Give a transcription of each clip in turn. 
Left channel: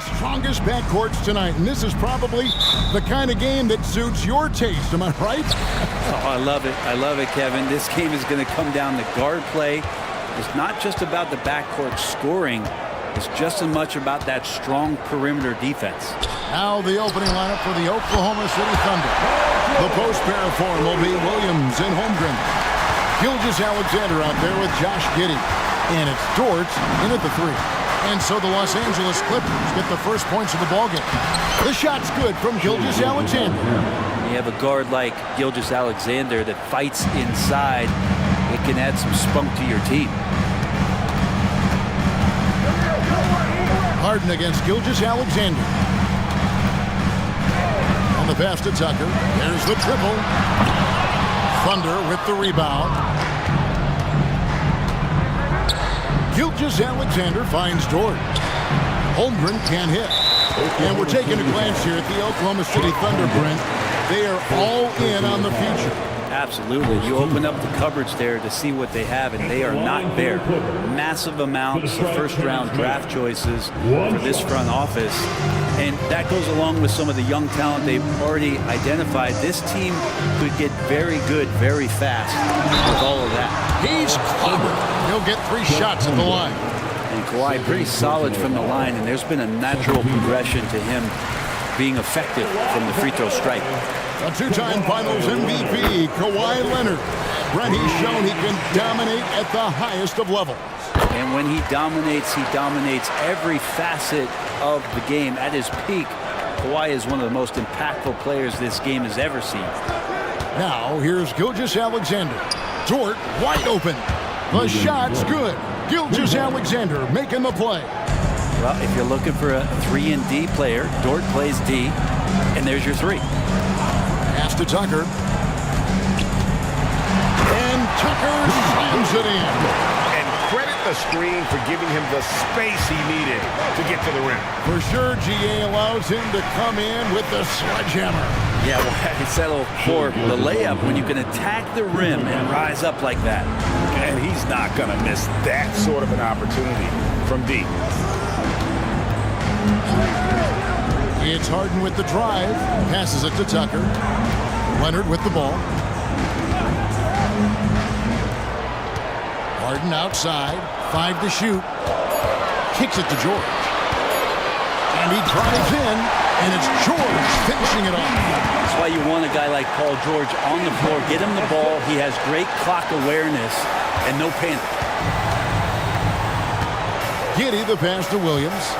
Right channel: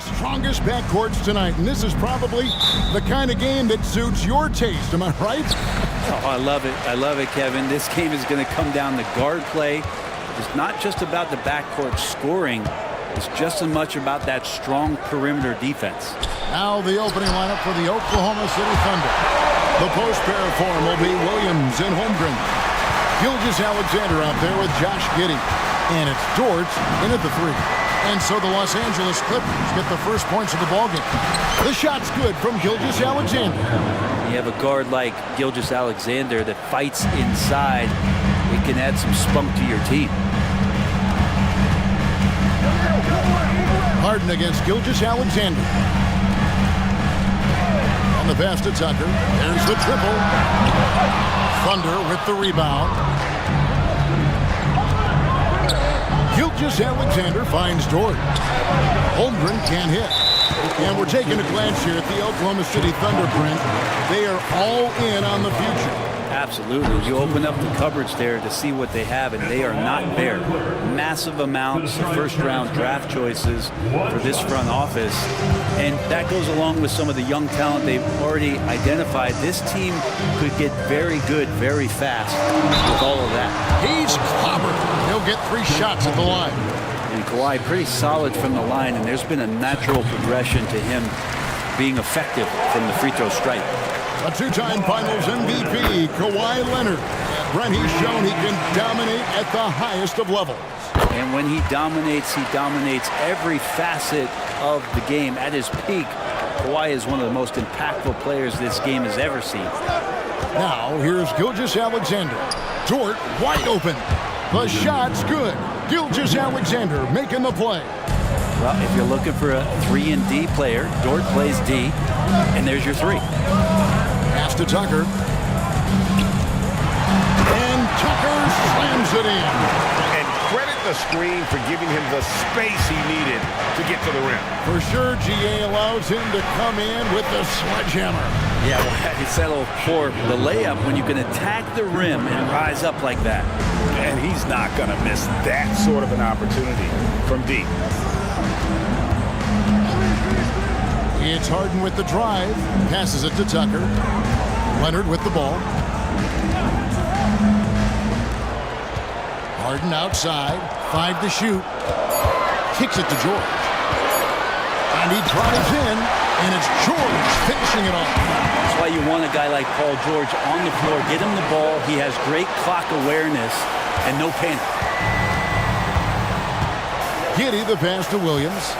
strongest backcourts tonight, and this is probably the kind of game that suits your taste. Am I right? Oh, I love it. I love it, Kevin. This game is going to come down to guard play. It's not just about the backcourt scoring. It's just as much about that strong perimeter defense. Now the opening lineup for the Oklahoma City Thunder. The post pair form will be Williams and Holmgren. Gilgeous-Alexander out there with Josh Giddey. And it's Dort in at the 3. And so the Los Angeles Clippers get the first points of the ballgame. The shot's good from Gilgeous-Alexander. You have a guard like Gilgeous-Alexander that fights inside. It can add some spunk to your team. Harden against Gilgeous-Alexander. And the pass to Tucker. There's the triple. Thunder with the rebound. Gilgeous-Alexander finds Dort. Holmgren can't hit. And we're taking a glance here at the Oklahoma City Thunder, Brent. They are all in on the future. Absolutely. You open up the cupboards there to see what they have, and they are not bare. Massive amounts of first-round draft choices for this front office. And that goes along with some of the young talent they've already identified. This team could get very good very fast with all of that. He's clobbered. He'll get 3 shots at the line. And Kawhi pretty solid from the line, and there's been a natural progression to him being effective from the free throw stripe. A 2-time Finals MVP, Kawhi Leonard. Brent, he's shown he can dominate at the highest of levels. And when he dominates every facet of the game. At his peak, Kawhi is one of the most impactful players this game has ever seen. Now, here's Gilgeous-Alexander. Dort wide open. The shot's good. Gilgeous-Alexander making the play. Well, if you're looking for a 3 and D player, Dort plays D, and there's your 3. Pass to Tucker. And Tucker slams it in. And credit the screen for giving him the space he needed to get to the rim. For sure, GA allows him to come in with the sledgehammer. Yeah, well, it's settled for the layup when you can attack the rim and rise up like that. And he's not going to miss that sort of an opportunity from deep. It's Harden with the drive. Passes it to Tucker. Leonard with the ball. Harden outside. 5 to shoot. Kicks it to George. And he drives in. And it's George finishing it off. That's why you want a guy like Paul George on the floor. Get him the ball. He has great clock awareness and no panic. Giddey the pass to Williams.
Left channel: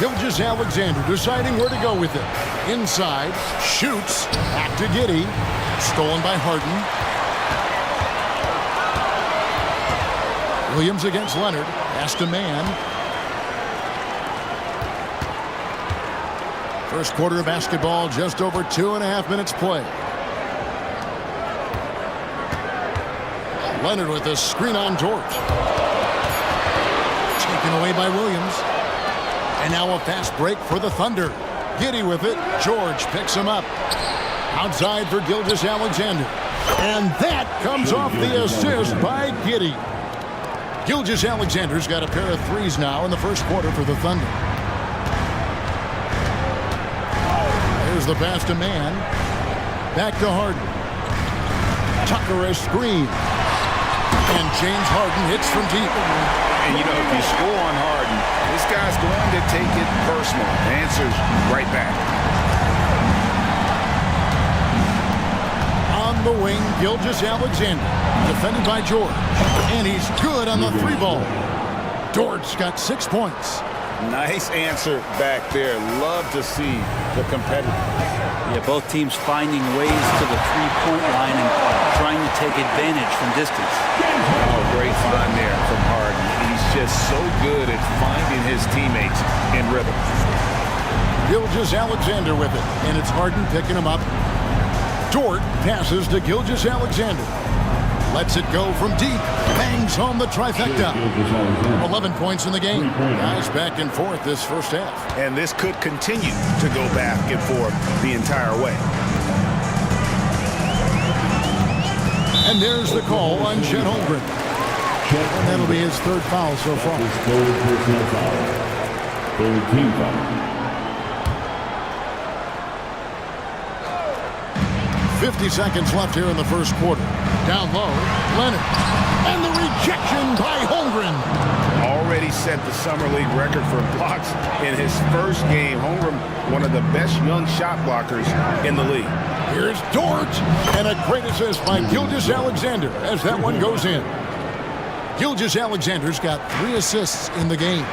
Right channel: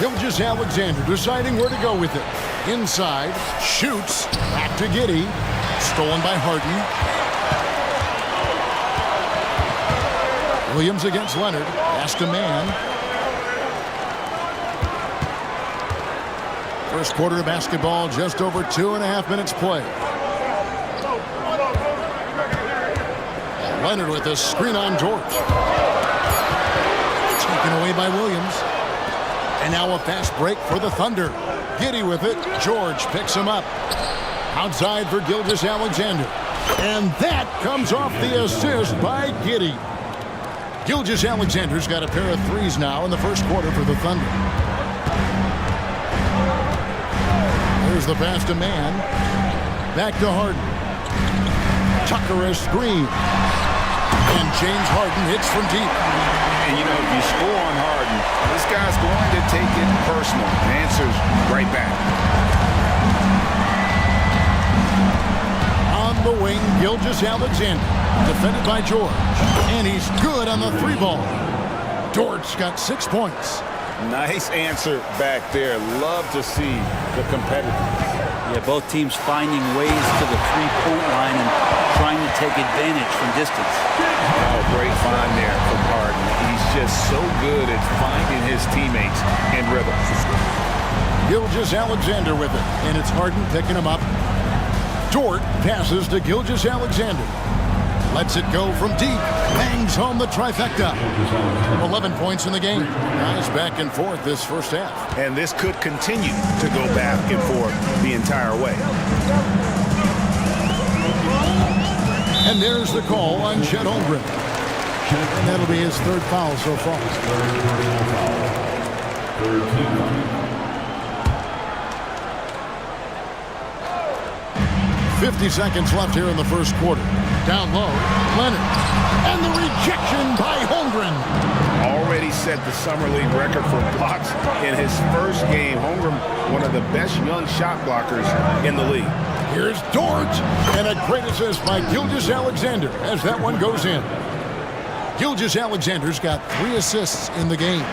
Gilgeous-Alexander deciding where to go with it. Inside, shoots, back to Giddey. Stolen by Harden. Williams against Leonard. Pass to man. First quarter of basketball, just over 2.5 minutes play. Leonard with a screen on Dort. Taken away by Williams. And now a fast break for the Thunder. Giddey with it. George picks him up. Outside for Gilgeous-Alexander. And that comes off the assist by Giddey. Gilgeous-Alexander's got a pair of 3s now in the first quarter for the Thunder. There's the pass to man. Back to Harden. Tucker a screen. And James Harden hits from deep. And, you know, if you score on Harden, this guy's going to take it personal. The answer's right back. On the wing, Gilgeous-Alexander. Defended by George. And he's good on the 3 ball. Dort's got 6 points. Nice answer back there. Love to see the competitiveness. Yeah, both teams finding ways to the 3-point line and trying to take advantage from distance. Oh, great find there from Harden. He's just so good at finding his teammates in rhythm. Gilgeous-Alexander with it, and it's Harden picking him up. Dort passes to Gilgeous-Alexander. Lets it go from deep. Bangs home the trifecta. 11 points in the game. Guys back and forth this first half. And this could continue to go back and forth the entire way. And there's the call on Chet Holmgren. And that'll be his third foul so far. His third personal foul. Third team foul. 50 seconds left here in the first quarter. Down low, Leonard. And the rejection by Holmgren. Already set the Summer League record for blocks in his first game. Holmgren, one of the best young shot blockers in the league. Here's Dort. And a great assist by Gilgeous-Alexander as that one goes in. Gilgeous-Alexander's got 3 assists in the game.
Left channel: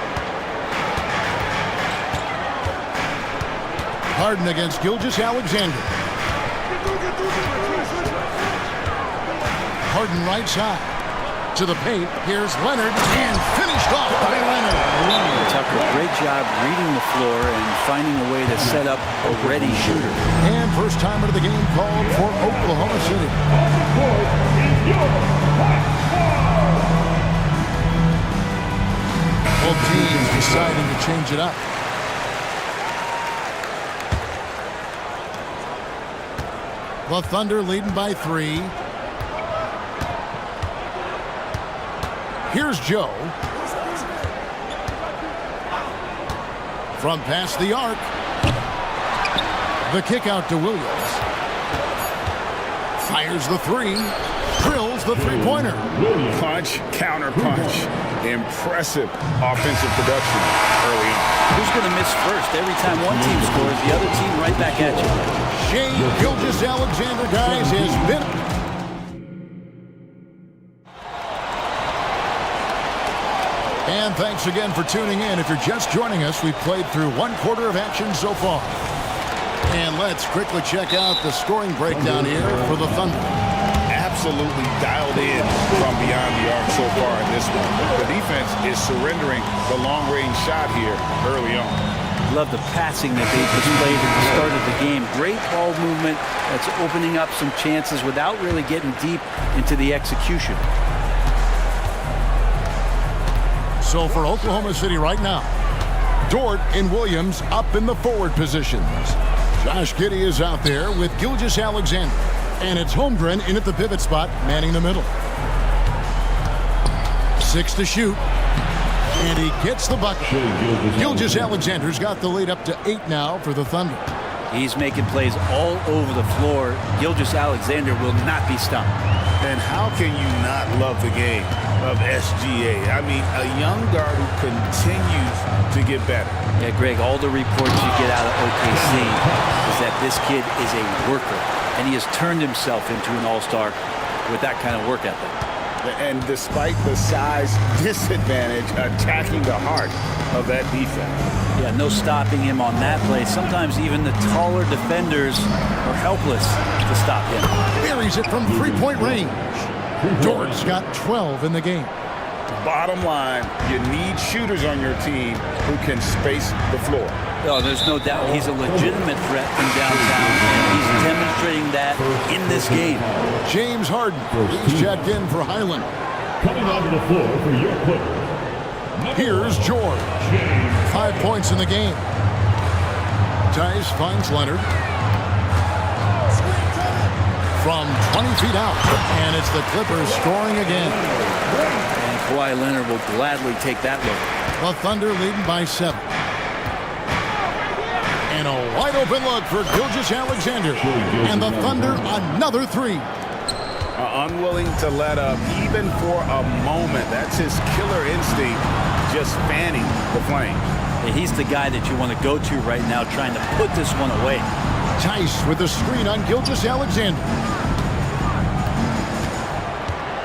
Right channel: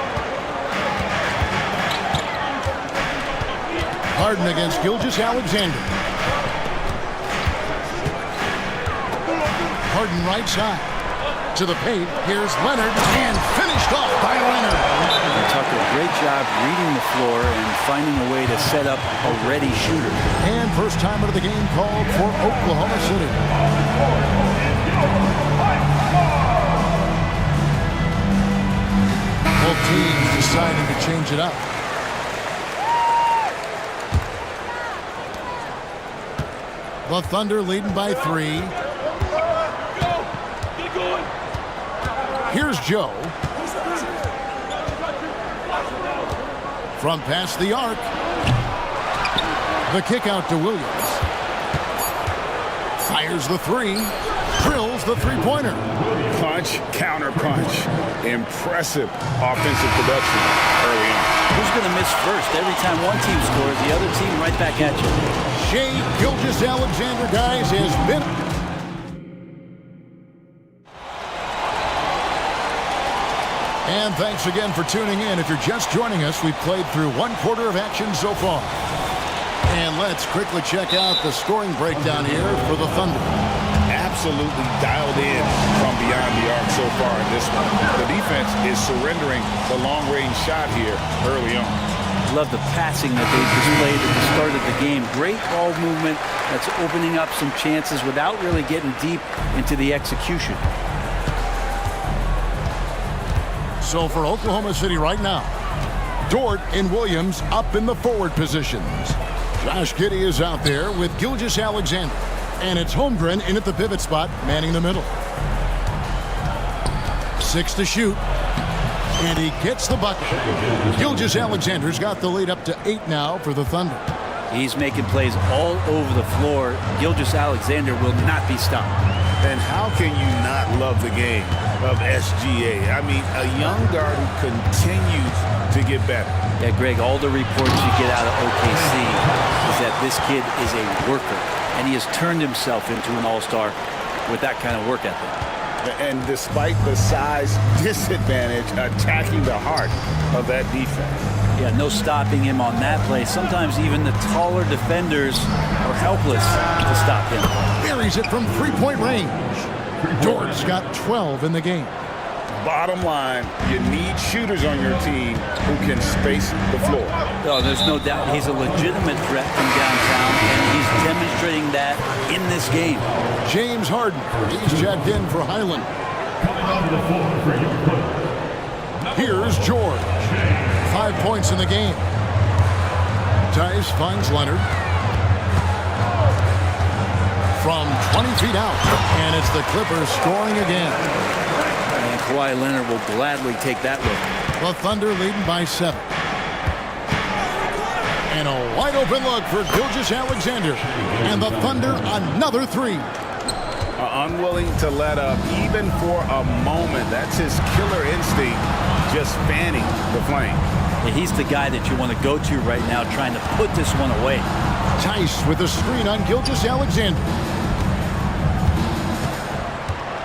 Harden against Gilgeous-Alexander. Harden right side. To the paint. Here's Leonard. And finished off by Leonard. Tucker, great job reading the floor and finding a way to set up a ready shooter. And first timer of the game called for Oklahoma City. Both teams deciding to change it up. The Thunder leading by 3. Here's Joe. From past the arc. The kick out to Williams. Fires the 3. Drills the three-pointer. Punch, counter punch. Impressive offensive production early on. Who's going to miss first? Every time one team scores, the other team right back at you. Shea Gilgeous-Alexander, guys, has been... And thanks again for tuning in. If you're just joining us, we've played through 1 quarter of action so far. And let's quickly check out the scoring breakdown here for the Thunder. Absolutely dialed in from beyond the arc so far in this one. The defense is surrendering the long-range shot here early on. Love the passing that they displayed at the start of the game. Great ball movement that's opening up some chances without really getting deep into the execution. So for Oklahoma City right now, Dort and Williams up in the forward positions. Josh Giddey is out there with Gilgeous-Alexander. And it's Holmgren in at the pivot spot, manning the middle. 6 to shoot. And he gets the bucket. Gilgeous-Alexander's got the lead up to 8 now for the Thunder. He's making plays all over the floor. Gilgeous-Alexander will not be stopped. And how can you not love the game of SGA? I mean, a young guard who continues to get better. Yeah, Greg, all the reports you get out of OKC is that this kid is a worker. And he has turned himself into an all-star with that kind of work ethic. And despite the size disadvantage, attacking the heart of that defense. Yeah, no stopping him on that play. Sometimes even the taller defenders are helpless to stop him. Buries it from three-point range. Dort's got 12 in the game. Bottom line, you need shooters on your team who can space the floor. Oh, there's no doubt he's a legitimate threat from downtown, and he's demonstrating that in this game. James Harden, he's checked in for Highland. Coming onto the floor for your player. Here's George. 5 points in the game. Tice finds Leonard. From 20 feet out, and it's the Clippers scoring again. And Kawhi Leonard will gladly take that look. The Thunder leading by 7. And a wide open look for Gilgeous-Alexander. And the Thunder another 3. Unwilling to let up even for a moment. That's his killer instinct, just fanning the flame. Yeah, he's the guy that you want to go to right now, trying to put this one away. Tice with a screen on Gilgeous-Alexander.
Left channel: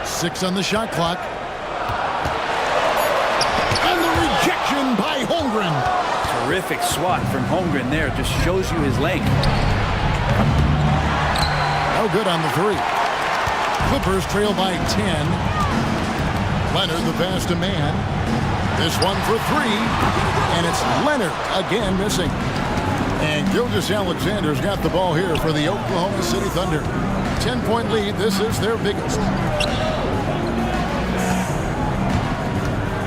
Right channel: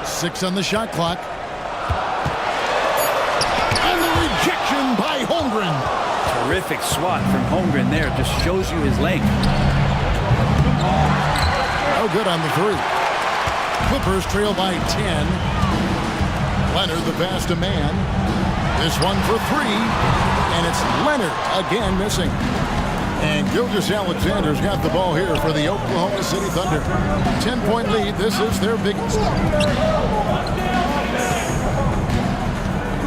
6 on the shot clock. And the rejection by Holmgren. Terrific swat from Holmgren there. Just shows you his length. No good on the 3. Clippers trail by 10. Leonard the pass to man. This one for 3. And it's Leonard again missing. And Gilgeous-Alexander's got the ball here for the Oklahoma City Thunder. 10-point lead. This is their biggest.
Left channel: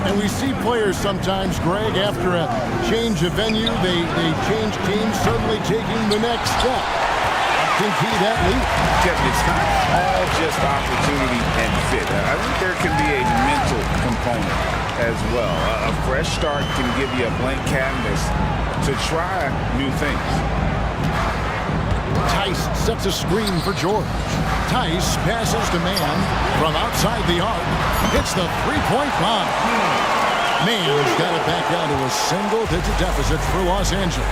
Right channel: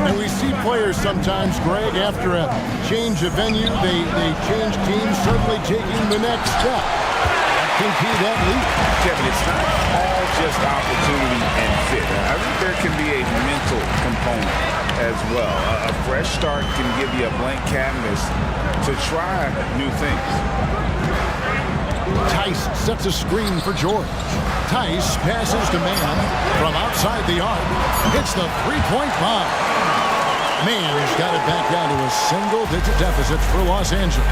And we see players sometimes, Greg, after a change of venue, they change teams, suddenly taking the next step. A can key that lead. Kevin, it's not all just opportunity and fit. I think there can be a mental component as well. A fresh start can give you a blank canvas to try new things. Tice sets a screen for George. Tice passes to Mann from outside the arc. Hits the three-point bomb. Mann's got it back down to a single-digit deficit for Los Angeles.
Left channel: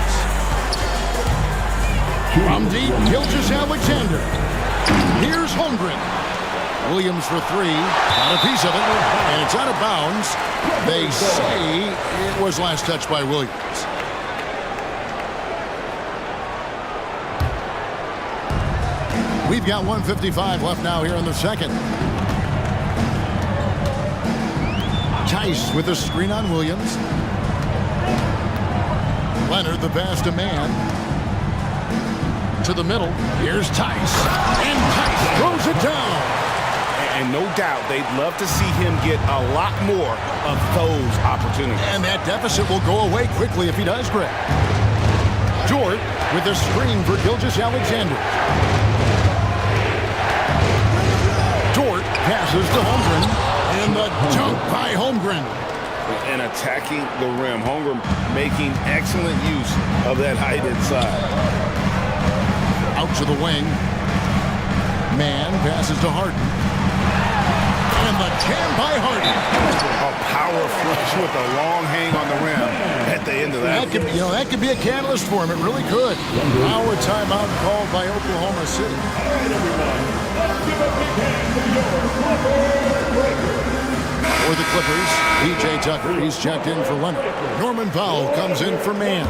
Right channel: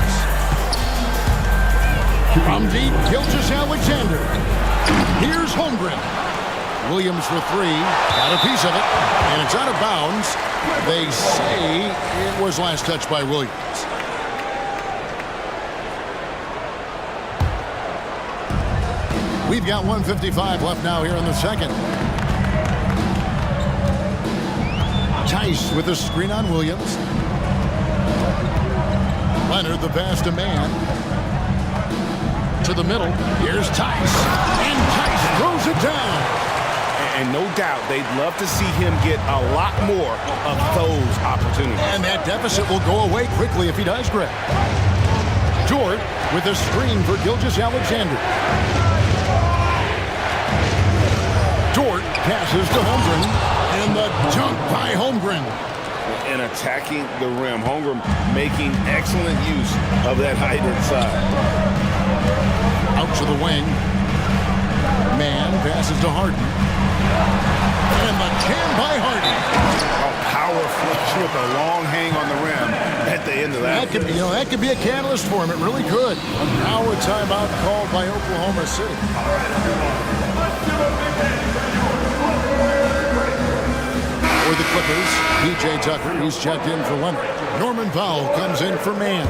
From deep, Gilgeous-Alexander. Here's Holmgren. Williams for three. Got a piece of it, and it's out of bounds. They say it was last touched by Williams. We've got 1:55 left now here in the second. Tice with a screen on Williams. Leonard the pass to Mann. To the middle. Here's Tice. And Tice throws it down. And no doubt they'd love to see him get a lot more of those opportunities. And that deficit will go away quickly if he does, Greg. George with a screen for Gilgeous-Alexander. Dort passes to Holmgren, and the dunk by Holmgren. And attacking the rim. Holmgren making excellent use of that height inside. Out to the wing. Mann passes to Harden. And the jam by Harden. A power flush with a long hang on the rim at the end of that. That could be a catalyst for him. It really could. Now a timeout called by Oklahoma City. For the Clippers, P.J. Tucker, he's checked in for Leonard. Norman Powell comes in for Mann.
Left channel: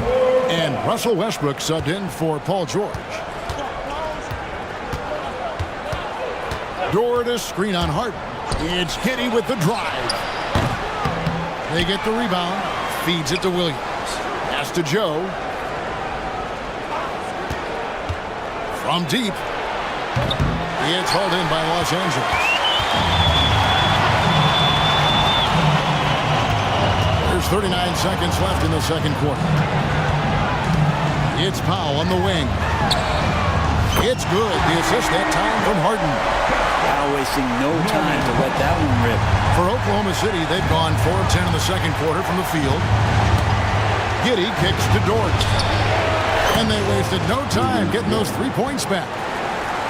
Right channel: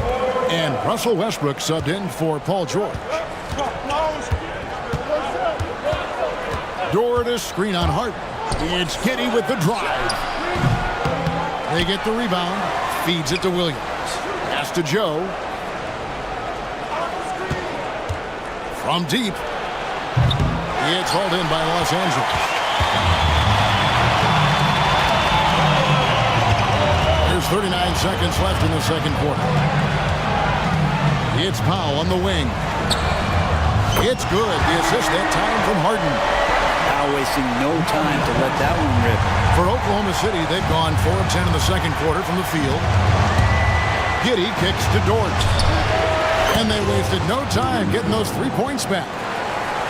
And Russell Westbrook subbed in for Paul George. Dort a screen on Harden. It's Giddey with the drive. They get the rebound. Feeds it to Williams. Pass to Joe. From deep. It's hauled in by Los Angeles. There's 39 seconds left in the second quarter. It's Powell on the wing. It's good. The assist that time from Harden. Powell wasting no time to let that one rip. For Oklahoma City, they've gone 4 of 10 in the second quarter from the field. Giddey kicks to Dort. And they wasted no time getting those 3 points back.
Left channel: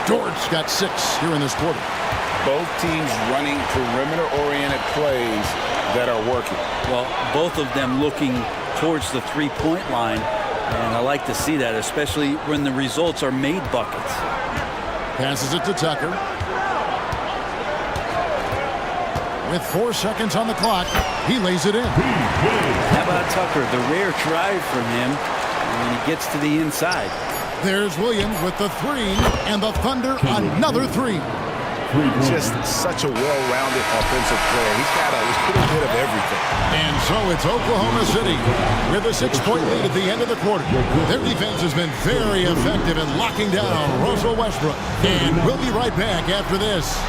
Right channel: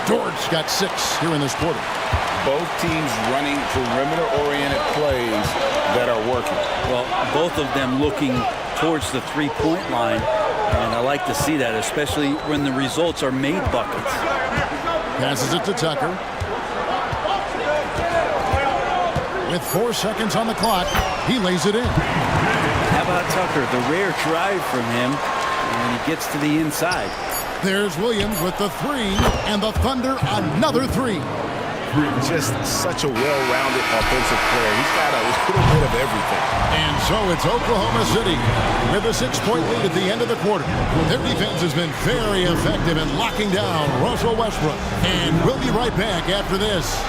Dort's got 6 here in this quarter. Both teams running perimeter-oriented plays that are working. Well, both of them looking towards the three-point line. And I like to see that, especially when the results are made buckets. Passes it to Tucker. With 4 seconds on the clock, he lays it in. How about Tucker? The rare drive from him, and he gets to the inside. There's Williams with the three, and the Thunder another three. Just such a well-rounded offensive player. He's got a little bit of everything. And so it's Oklahoma City with a 6-point lead at the end of the quarter. Their defense has been very effective in locking down Russell Westbrook. And we'll be right back after this.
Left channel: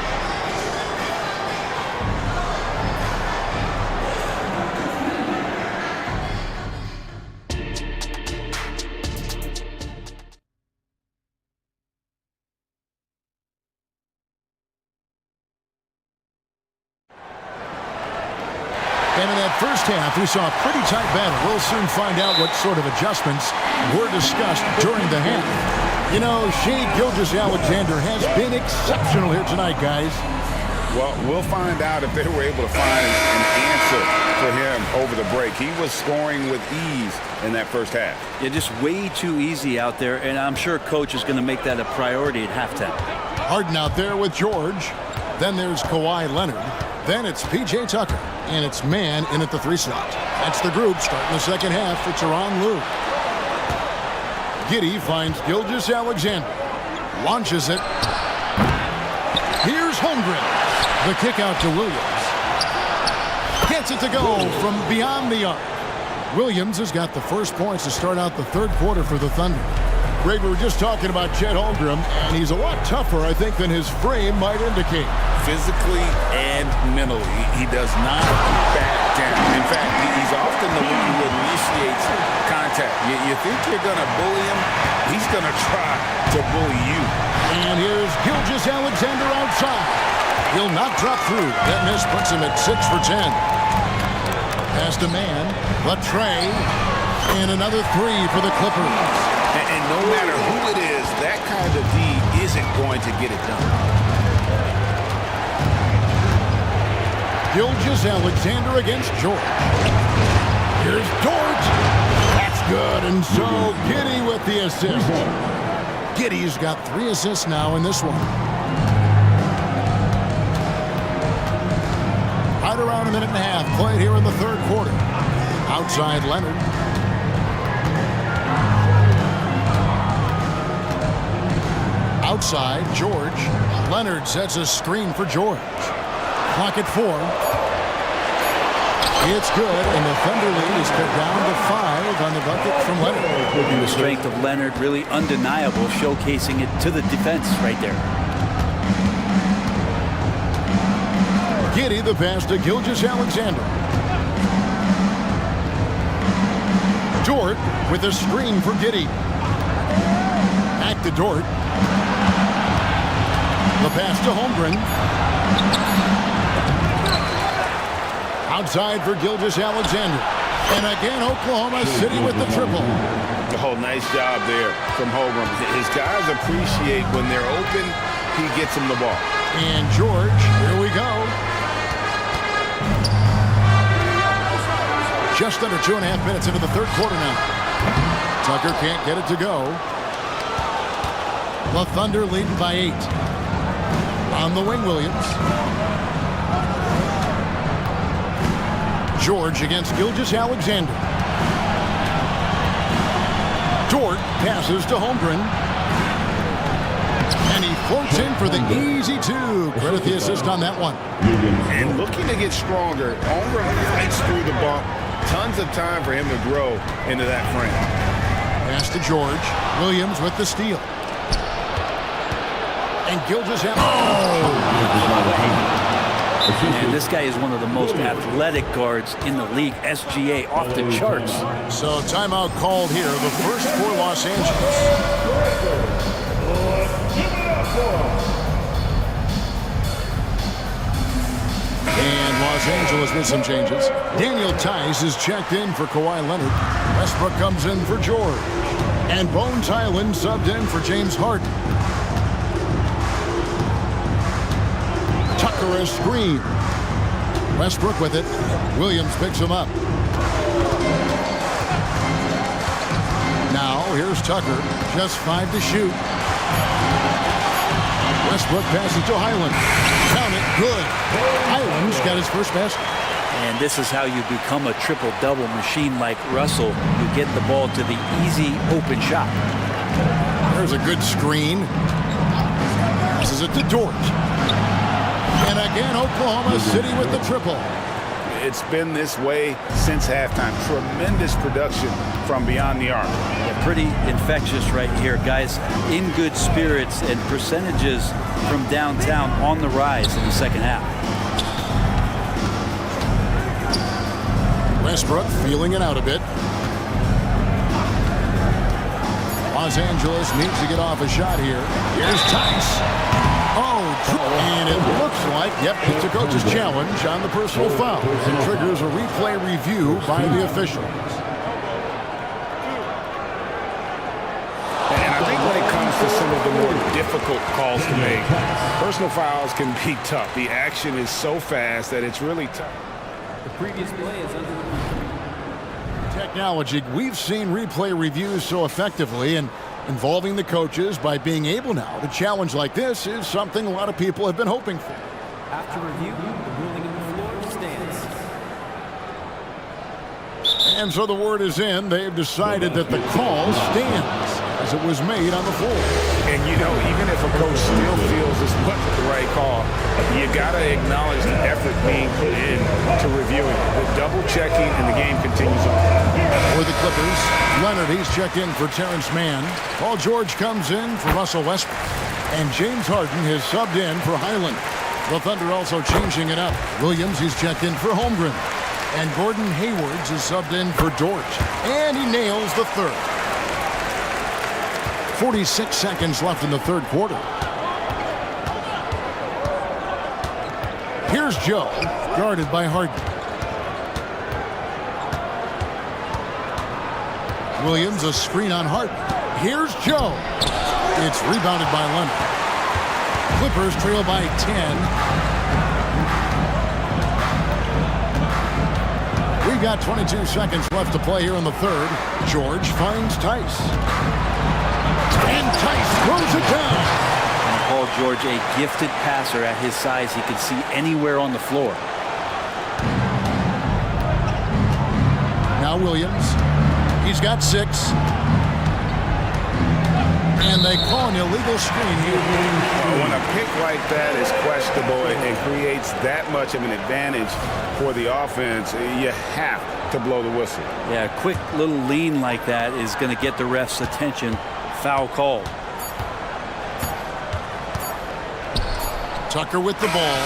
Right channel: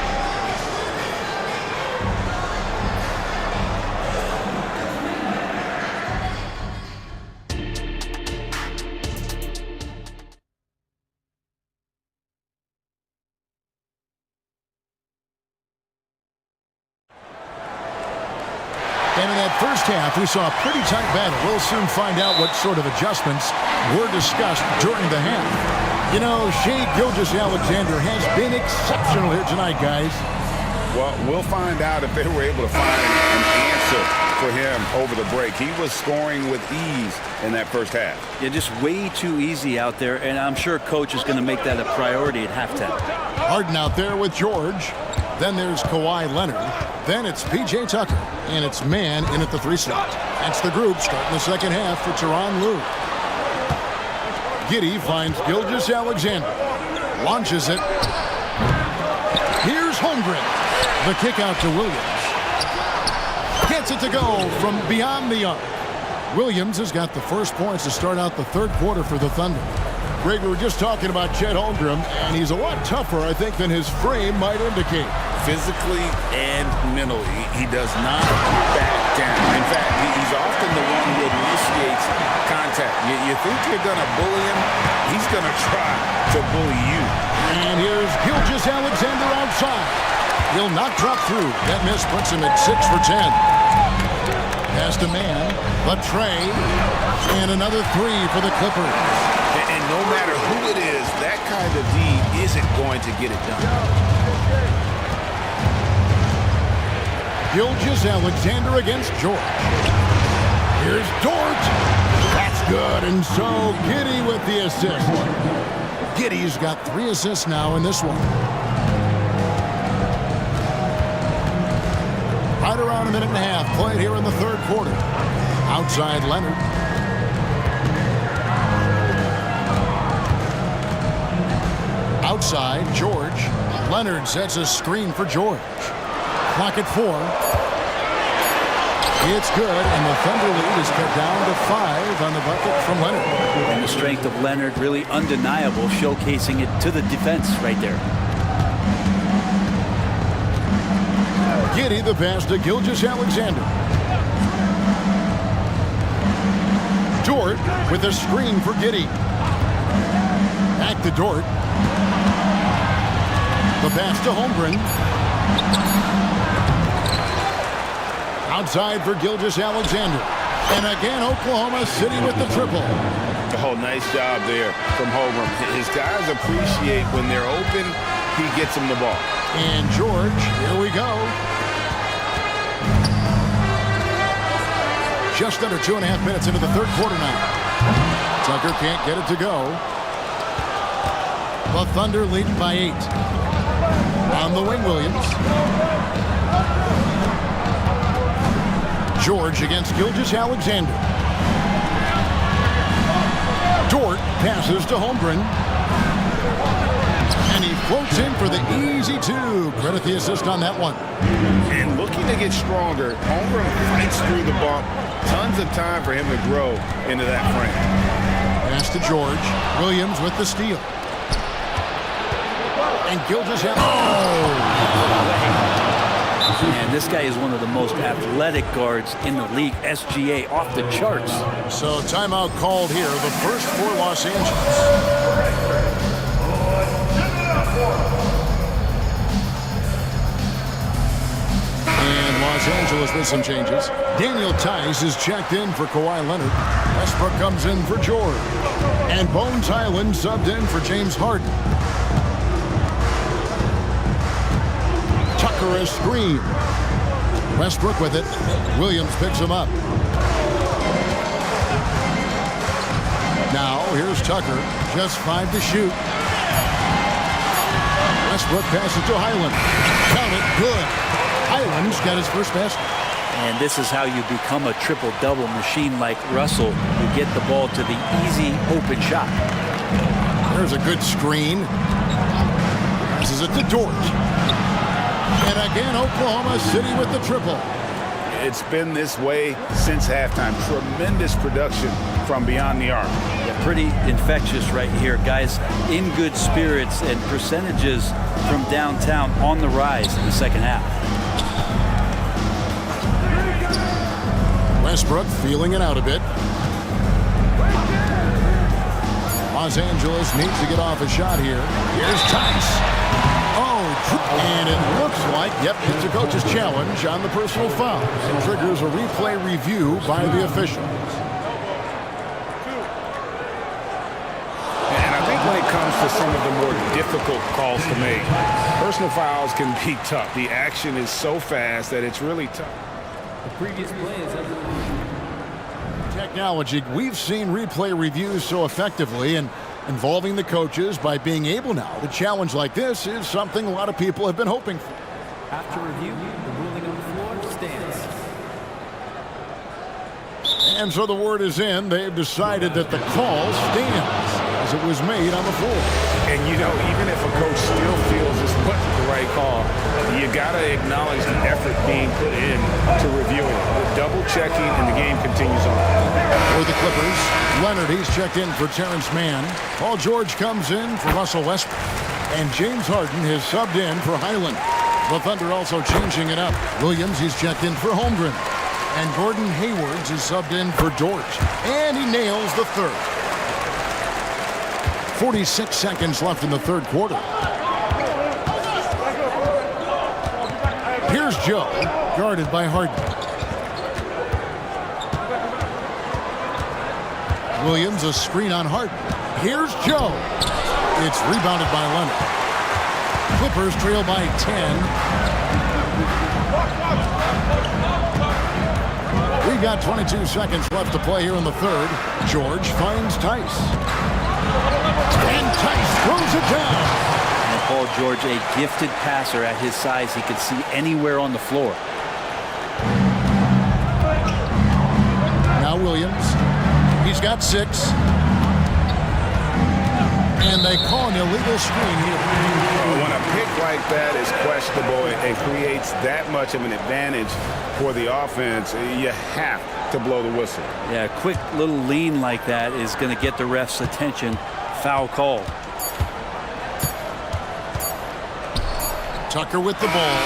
And in that first half, we saw a pretty tight battle. We'll soon find out what sort of adjustments were discussed during the half. You know, Shai Gilgeous-Alexander has been exceptional here tonight, guys. Well, we'll find out if they were able to find an answer for him over the break. He was scoring with ease in that first half. Yeah, just way too easy out there, and I'm sure Coach is going to make that a priority at halftime. Harden out there with George. Then there's Kawhi Leonard. Then it's P.J. Tucker. And it's Mann in at the 3 slot. That's the group starting the second half for Tyronn Lue. Giddey finds Gilgeous-Alexander. Launches it. Here's Holmgren. The kick out to Williams. Gets it to go from beyond the arc. Williams has got the first points to start out the third quarter for the Thunder. Greg, we were just talking about Chet Holmgren, and he's a lot tougher, I think, than his frame might indicate. Physically and mentally, he does not back down. In fact, he's often the one who initiates contact. You think you're going to bully him, he's going to try to bully you. And here's Gilgeous-Alexander outside. He'll not drop through. That miss puts him at 6 for 10. Past a man, but Trey, and another 3 for the Clippers. And no matter who it is, that kind of D isn't going to get it done. Gilgeous-Alexander against George. Here's Dort. That's good, and so Giddey with the assist. Giddey's got 3 assists now in this one. Right around a minute and a half played here in the third quarter. Outside Leonard. Outside George. Leonard sets a screen for George. Clock at 4. It's good, and the Thunder lead is cut down to 5 on the bucket from Leonard. And the strength of Leonard really undeniable, showcasing it to the defense right there. Giddey the pass to Gilgeous-Alexander. Dort with a screen for Giddey. Back to Dort. The pass to Holmgren. Outside for Gilgeous-Alexander. And again, Oklahoma City with the triple. Oh, nice job there from Holmgren. His guys appreciate when they're open, he gets them the ball. And George, here we go. Just under 2.5 minutes into the third quarter now. Tucker can't get it to go. The Thunder leading by 8. On the wing, Williams. George against Gilgeous-Alexander. Dort passes to Holmgren. And he floats in for the easy 2. Credit the assist on that one. And looking to get stronger, Holmgren fights through the bump. Tons of time for him to grow into that frame. Pass to George. Williams with the steal. And Gilgeous-Alexander. And this guy is one of the most athletic guards in the league. SGA off the charts. So timeout called here, the first for Los Angeles. And Los Angeles with some changes. Daniel Tice is checked in for Kawhi Leonard. Westbrook comes in for George. And Bones Highland subbed in for James Harden. Tucker a screen. Westbrook with it. Williams picks him up. Now here's Tucker. Just 5 to shoot. Westbrook passes to Highland. Count it. Good. Highland's got his first basket. And this is how you become a triple-double machine like Russell. You get the ball to the easy open shot. There's a good screen. Passes it to Dort. And again, Oklahoma City with the triple. It's been this way since halftime. Tremendous production from beyond the arc. Yeah, pretty infectious right here. Guys in good spirits and percentages from downtown on the rise in the second half. Westbrook feeling it out a bit. Los Angeles needs to get off a shot here. Here's Tice. Oh, and it looks like, yep, it's a coach's challenge on the personal foul and triggers a replay review by the officials. And I think when it comes to some of the more difficult calls to make, personal fouls can be tough. The action is so fast that it's really tough. The previous play is under review. Technology, we've seen replay reviews so effectively, and involving the coaches by being able now to challenge like this is something a lot of people have been hoping for. After review, the ruling on the floor stands. And so the word is in. They've decided that the call stands as it was made on the floor. And, you know, even if a coach still feels this wasn't the right call, you got to acknowledge the effort being put in to reviewing it. The double checking, and the game continues on. For the Clippers, Leonard, he's checked in for Terrence Mann. Paul George comes in for Russell Westbrook. And James Harden has subbed in for Highland. The Thunder also changing it up. Williams, he's checked in for Holmgren. And Gordon Haywards is subbed in for Dortch. And he nails the third. 46 seconds left in the third quarter. Here's Joe, guarded by Harden. Williams, a screen on Harden. Here's Joe. It's rebounded by Leonard. Clippers trail by 10. We've got 22 seconds left to play here in the third. George finds Tice. And Tice throws it down. And Paul George, a gifted passer at his size. He could see anywhere on the floor. Now Williams. He's got 6. And they call an illegal screen here. When a pick like that is questionable and creates that much of an advantage for the offense, you have to blow the whistle. Yeah, a quick little lean like that is going to get the ref's attention. Foul call. Tucker with the ball.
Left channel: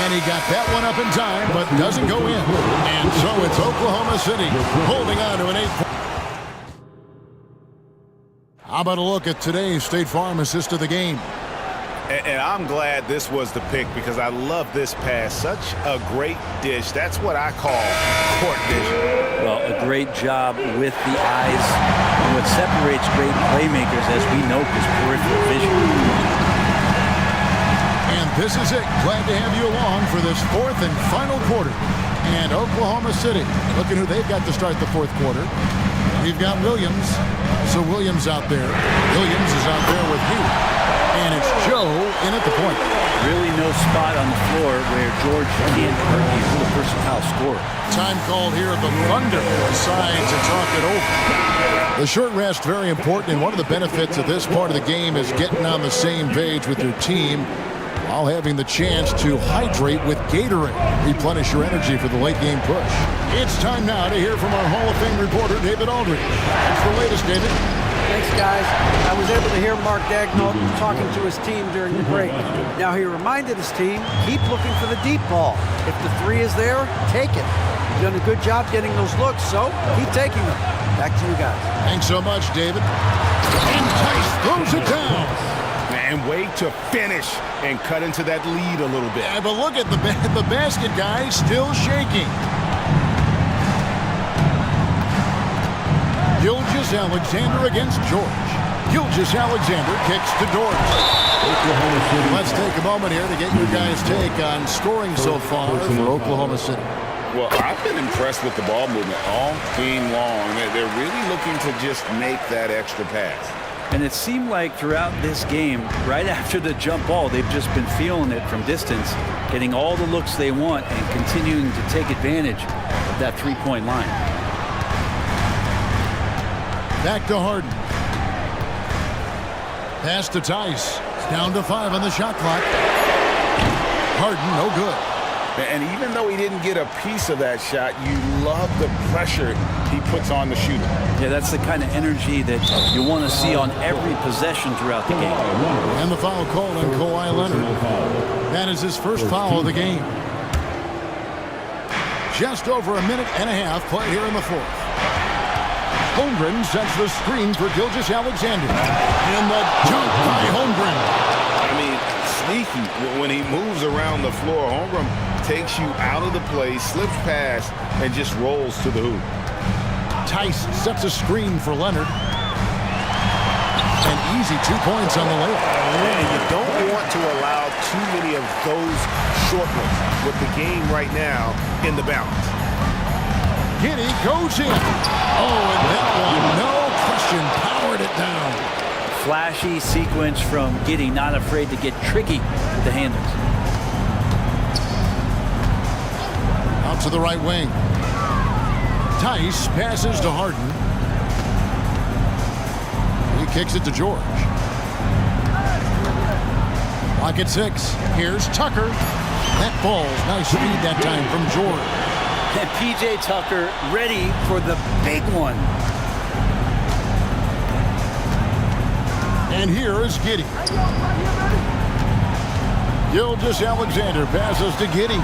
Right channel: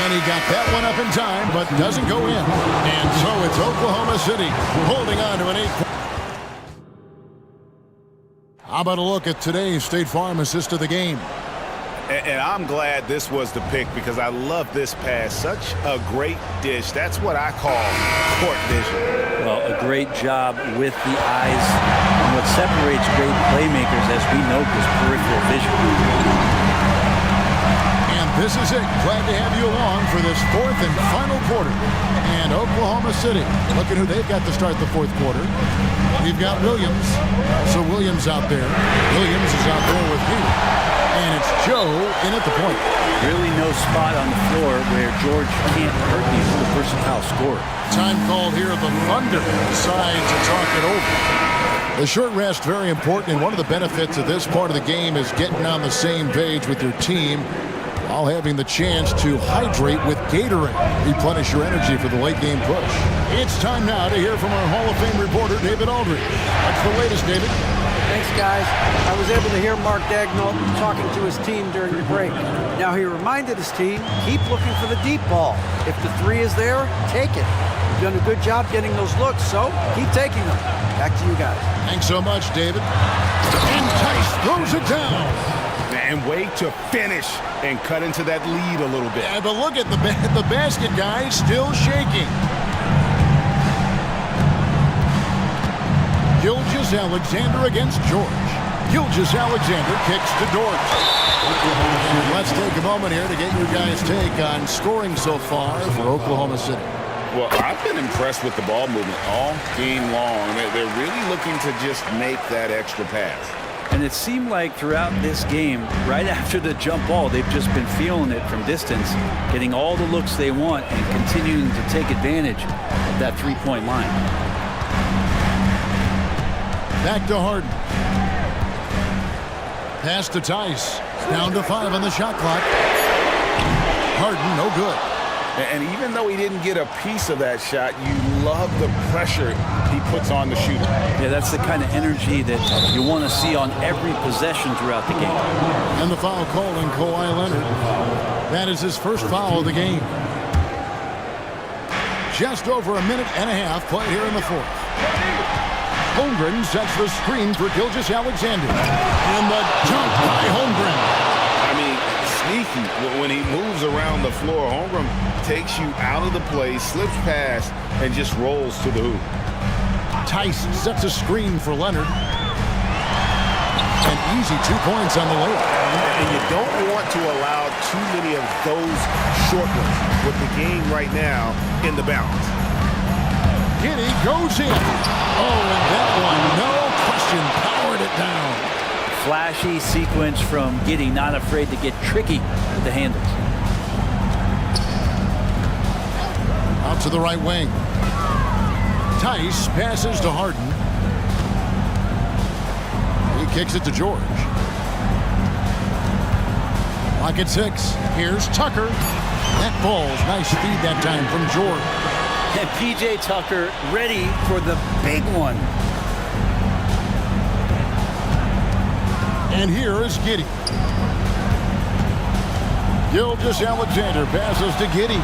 And he got that one up in time, but doesn't go in. And so it's Oklahoma City holding on to an 8-point. How about a look at today's State Farm assist of the game? And I'm glad this was the pick because I love this pass. Such a great dish. That's what I call court vision. Well, a great job with the eyes. And what separates great playmakers, as we know, is peripheral vision. And this is it. Glad to have you along for this fourth and final quarter. And Oklahoma City, looking who they've got to start the fourth quarter. We've got Williams. So Williams out there. Williams is out there with Hayward. And it's Joe in at the point. Really no spot on the floor where George can't hurt you with a versatile scorer. Time called here. The Thunder decide to talk it over. The short rest, very important. And one of the benefits of this part of the game is getting on the same page with your team while having the chance to hydrate with Gatorade. Replenish your energy for the late game push. It's time now to hear from our Hall of Fame reporter, David Aldridge. That's the latest, David. Thanks, guys. I was able to hear Mark Daigneault talking to his team during the break. Now, he reminded his team, keep looking for the deep ball. If the three is there, take it. You've done a good job getting those looks, so keep taking them. Back to you guys. Thanks so much, David. And Tice throws it down. And wait to finish and cut into that lead a little bit. Yeah, but look at the basket guy still shaking. Gilgeous-Alexander against George. Gilgeous-Alexander kicks to Dortch. Let's take a moment here to get your guys' take on scoring so far for Oklahoma City. Well, I've been impressed with the ball movement all game long. They're really looking to just make that extra pass. And it seemed like throughout this game, right after the jump ball, they've just been feeling it from distance, getting all the looks they want and continuing to take advantage of that three-point line. Back to Harden. Pass to Tice. Down to 5 on the shot clock. Harden, no good. And even though he didn't get a piece of that shot, you love the pressure he puts on the shooter. Yeah, that's the kind of energy that you want to see on every possession throughout the game. And the foul called on Kawhi Leonard. That is his first foul of the game. Just over a minute and a half played here in the fourth. Holmgren sets the screen for Gilgeous-Alexander. And the dunk by Holmgren. I mean, sneaky. When he moves around the floor, Holmgren takes you out of the play, slips past, and just rolls to the hoop. Tice sets a screen for Leonard. An easy 2 points on the layup. And you don't want to allow too many of those short ones with the game right now in the balance. Giddey goes in. Oh, and that one, no question, powered it down. Flashy sequence from Giddey, not afraid to get tricky with the handles. Out to the right wing. Tice passes to Harden. He kicks it to George. Clock at 6. Here's Tucker. That falls. Nice feed that time from George. And P.J. Tucker ready for the big one. And here is Giddey. Gilgeous-Alexander passes to Giddey.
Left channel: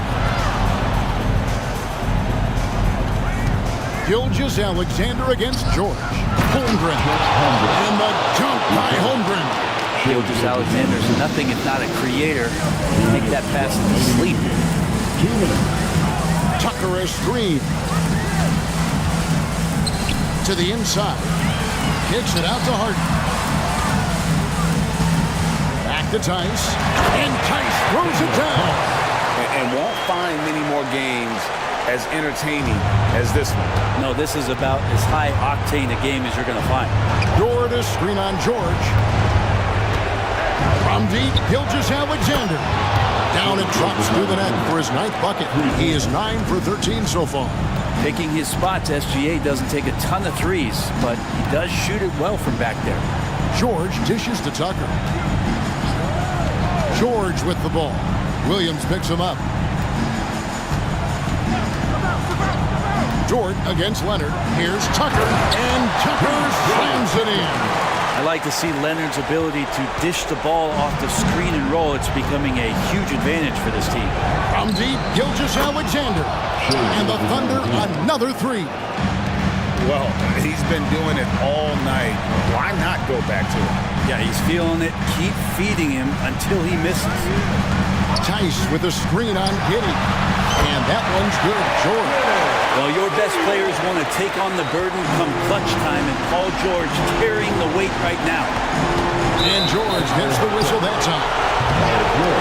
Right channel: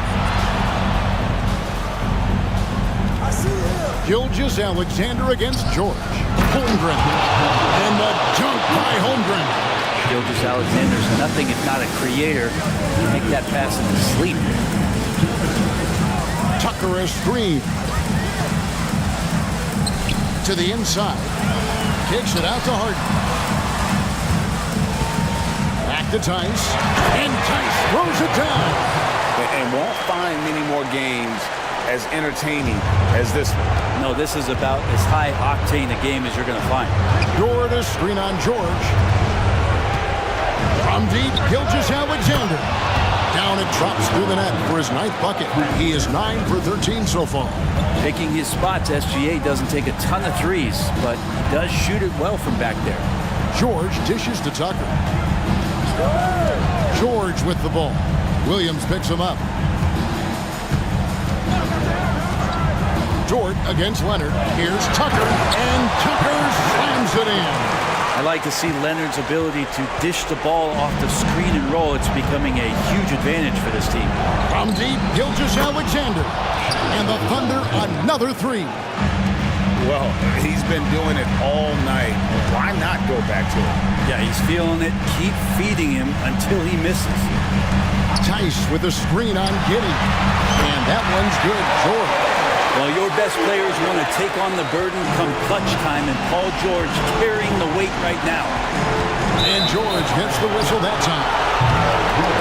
Gilgeous Alexander against George. Holmgren. And the dunk by Holmgren. Gilgeous Alexander's nothing if not a creator. He can make that pass in his sleep. Tucker a screen. To the inside. Kicks it out to Harden. Back to Tice. And Tice throws it down. And won't find many more games as entertaining as this one. No, this is about as high octane a game as you're going to find. Dort a screen on George. From deep, Gilgeous Alexander. Down it drops through the net for his 9th bucket. He is 9 for 13 so far. Picking his spots, SGA doesn't take a ton of threes, but he does shoot it well from back there. George dishes to Tucker. George with the ball. Williams picks him up. Dort against Leonard. Here's Tucker, and Tucker slams it in. I like to see Leonard's ability to dish the ball off the screen and roll. It's becoming a huge advantage for this team. From deep, Gilgeous Alexander. And the Thunder another 3. Well, he's been doing it all night. Why not go back to him? Yeah, he's feeling it. Keep feeding him until he misses. Tice with a screen on Giddey. And that one's good. George. Well, your best players want to take on the burden come clutch time, and Paul George carrying the weight right now. And George gets the whistle that time.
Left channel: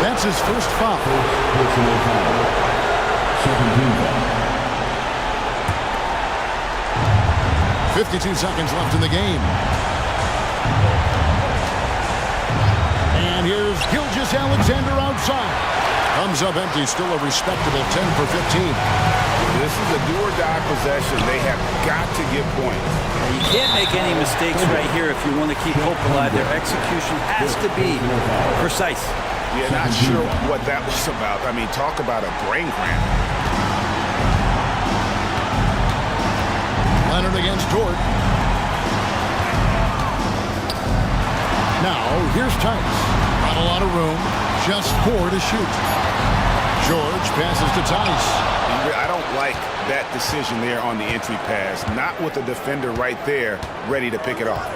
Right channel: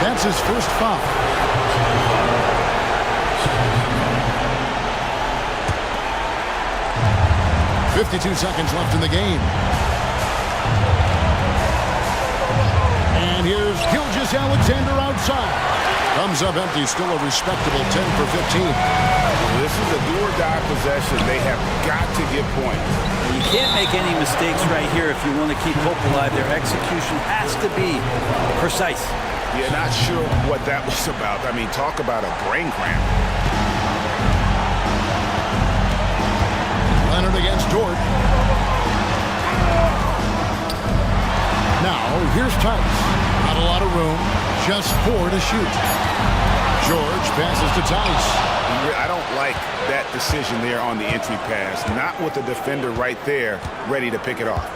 That's his first foul. 52 seconds left in the game. And here's Gilgeous Alexander outside. Comes up empty, still a respectable 10 for 15. This is a do-or-die possession. They have got to get points. Now, you can't make any mistakes right here if you want to keep hope alive. Their execution has to be precise. Yeah, not sure what that was about. I mean, talk about a brain cramp. Leonard against Dort. Now, here's Tice. Not a lot of room. Just 4 to shoot. George passes to Tice. I don't like that decision there on the entry pass. Not with the defender right there ready to pick it off.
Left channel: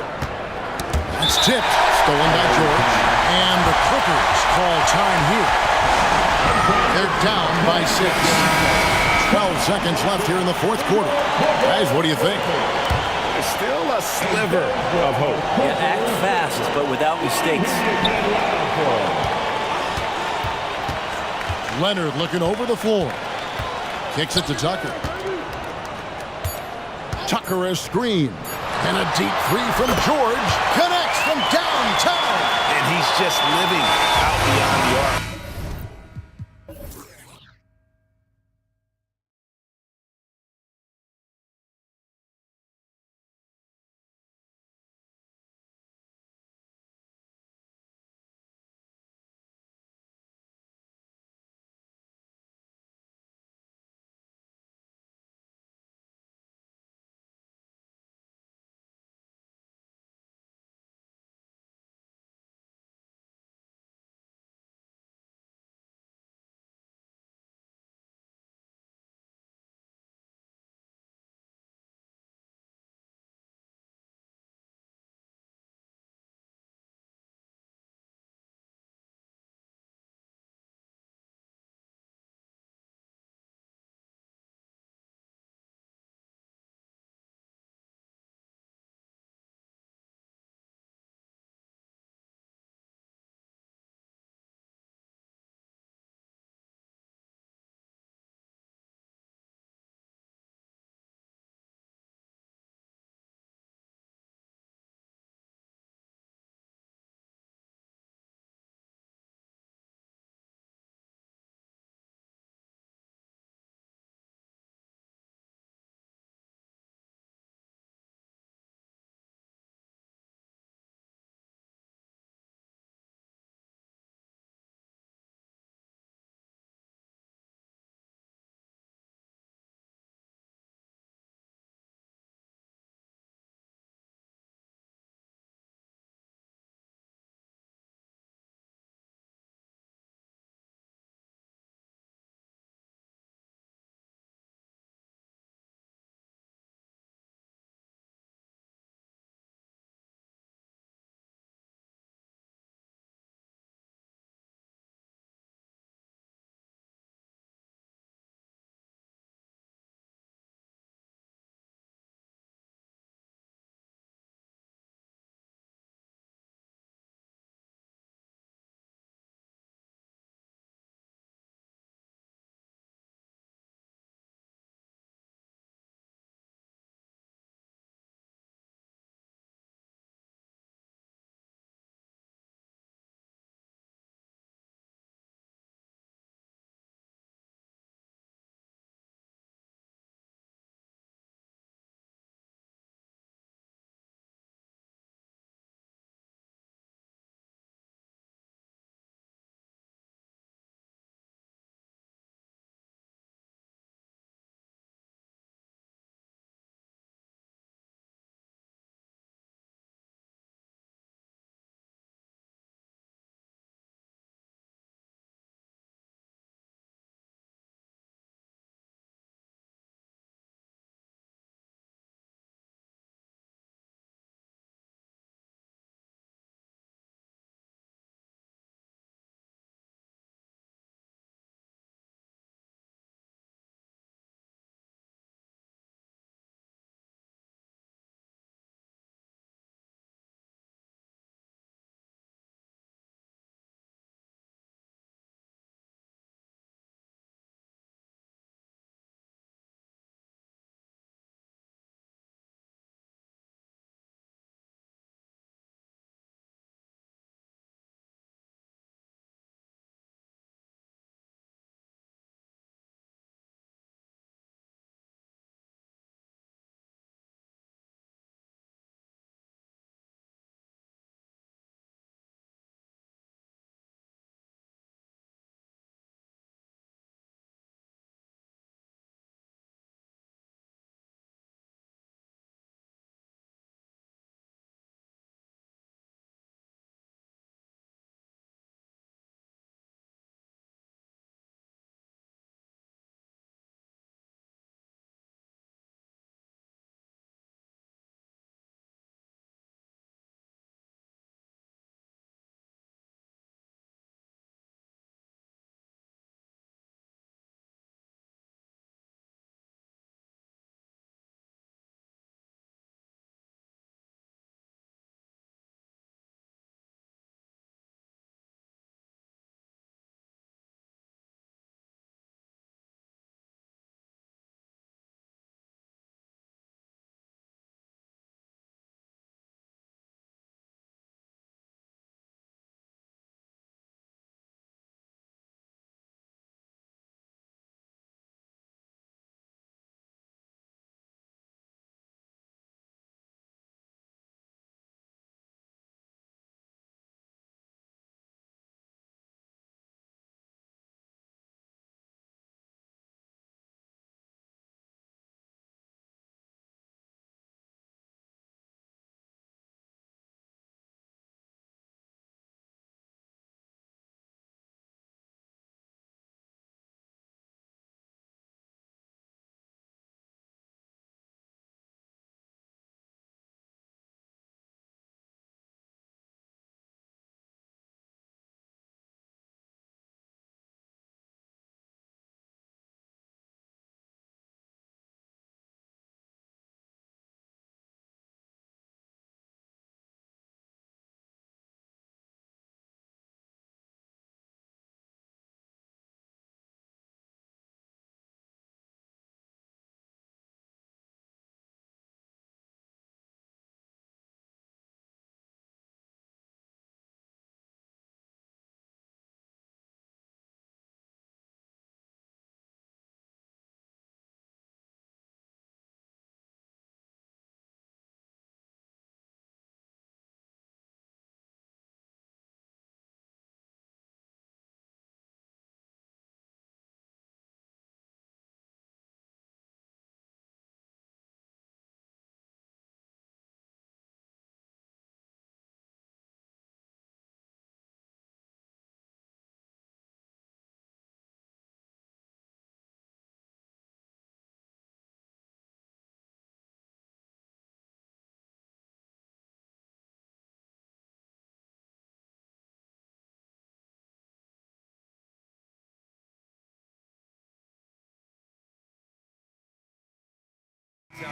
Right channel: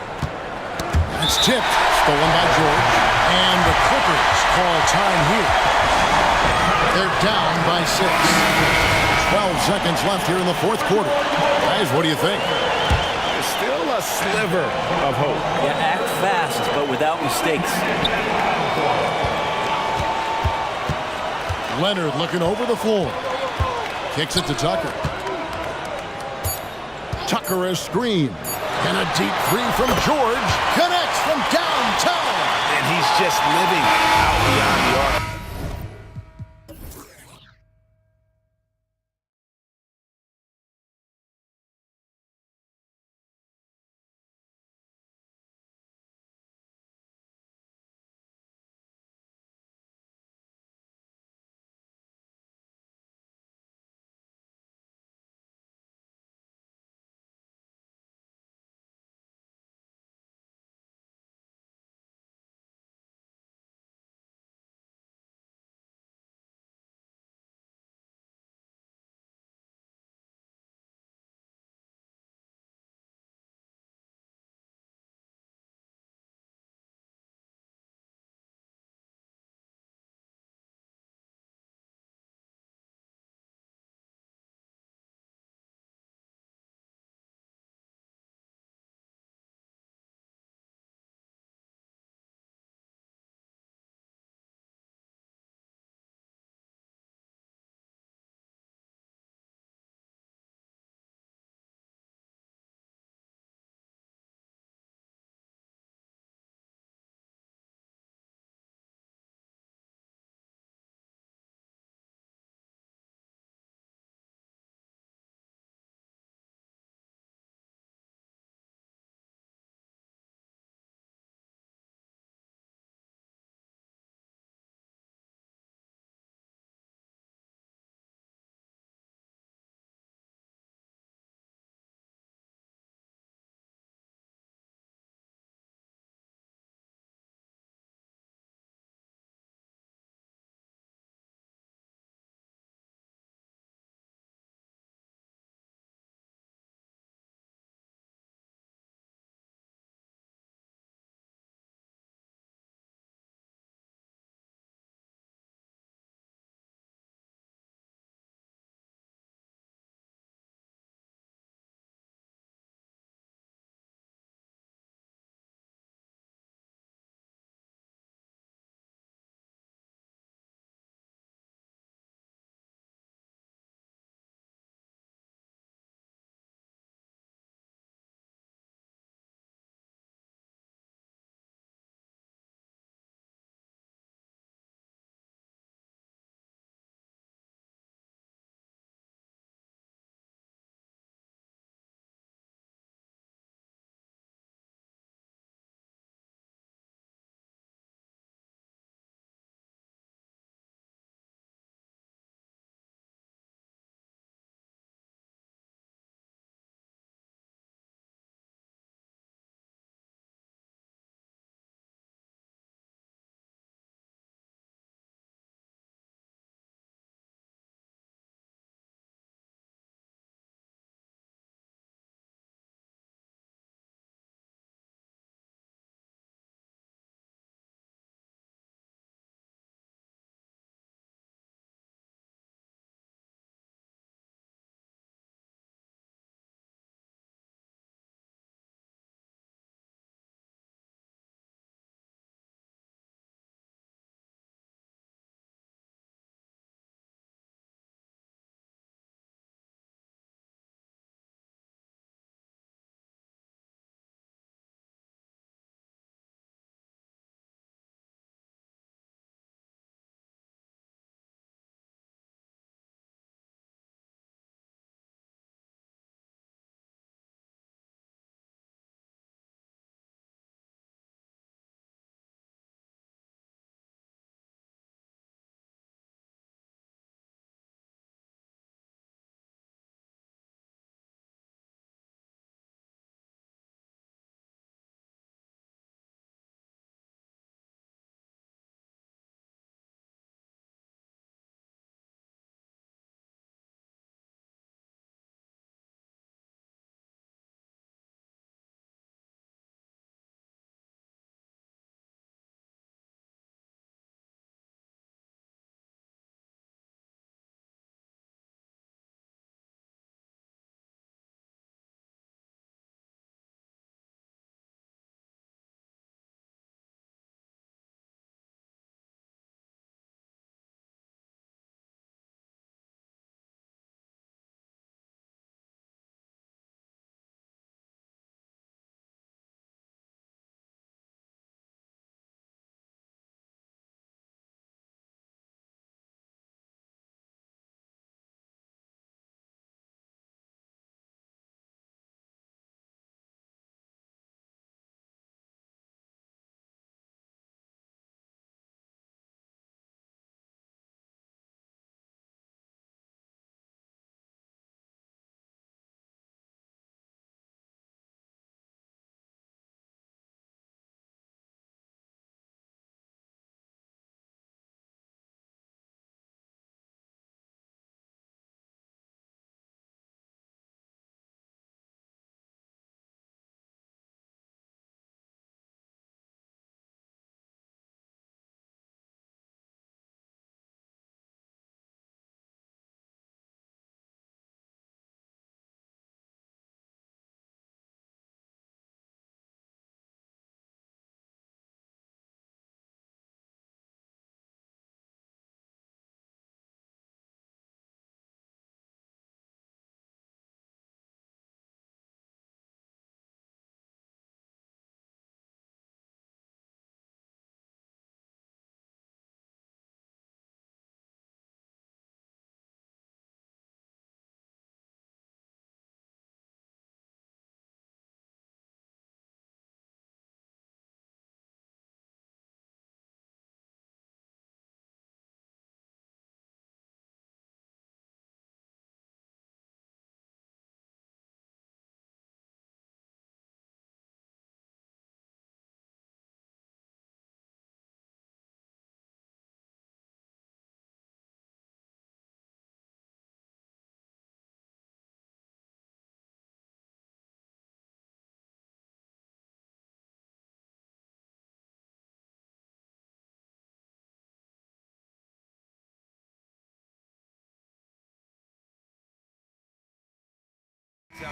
That's tipped. Stolen by George. And the Clippers call time here. They're down by 6. 12 seconds left here in the 4th quarter. Guys, what do you think? There's still a sliver of hope. Yeah, act fast, but without mistakes. Leonard looking over the floor. Kicks it to Tucker. Tucker a screen. And a deep 3 from George. Connects from downtown. And he's just living out beyond the arc.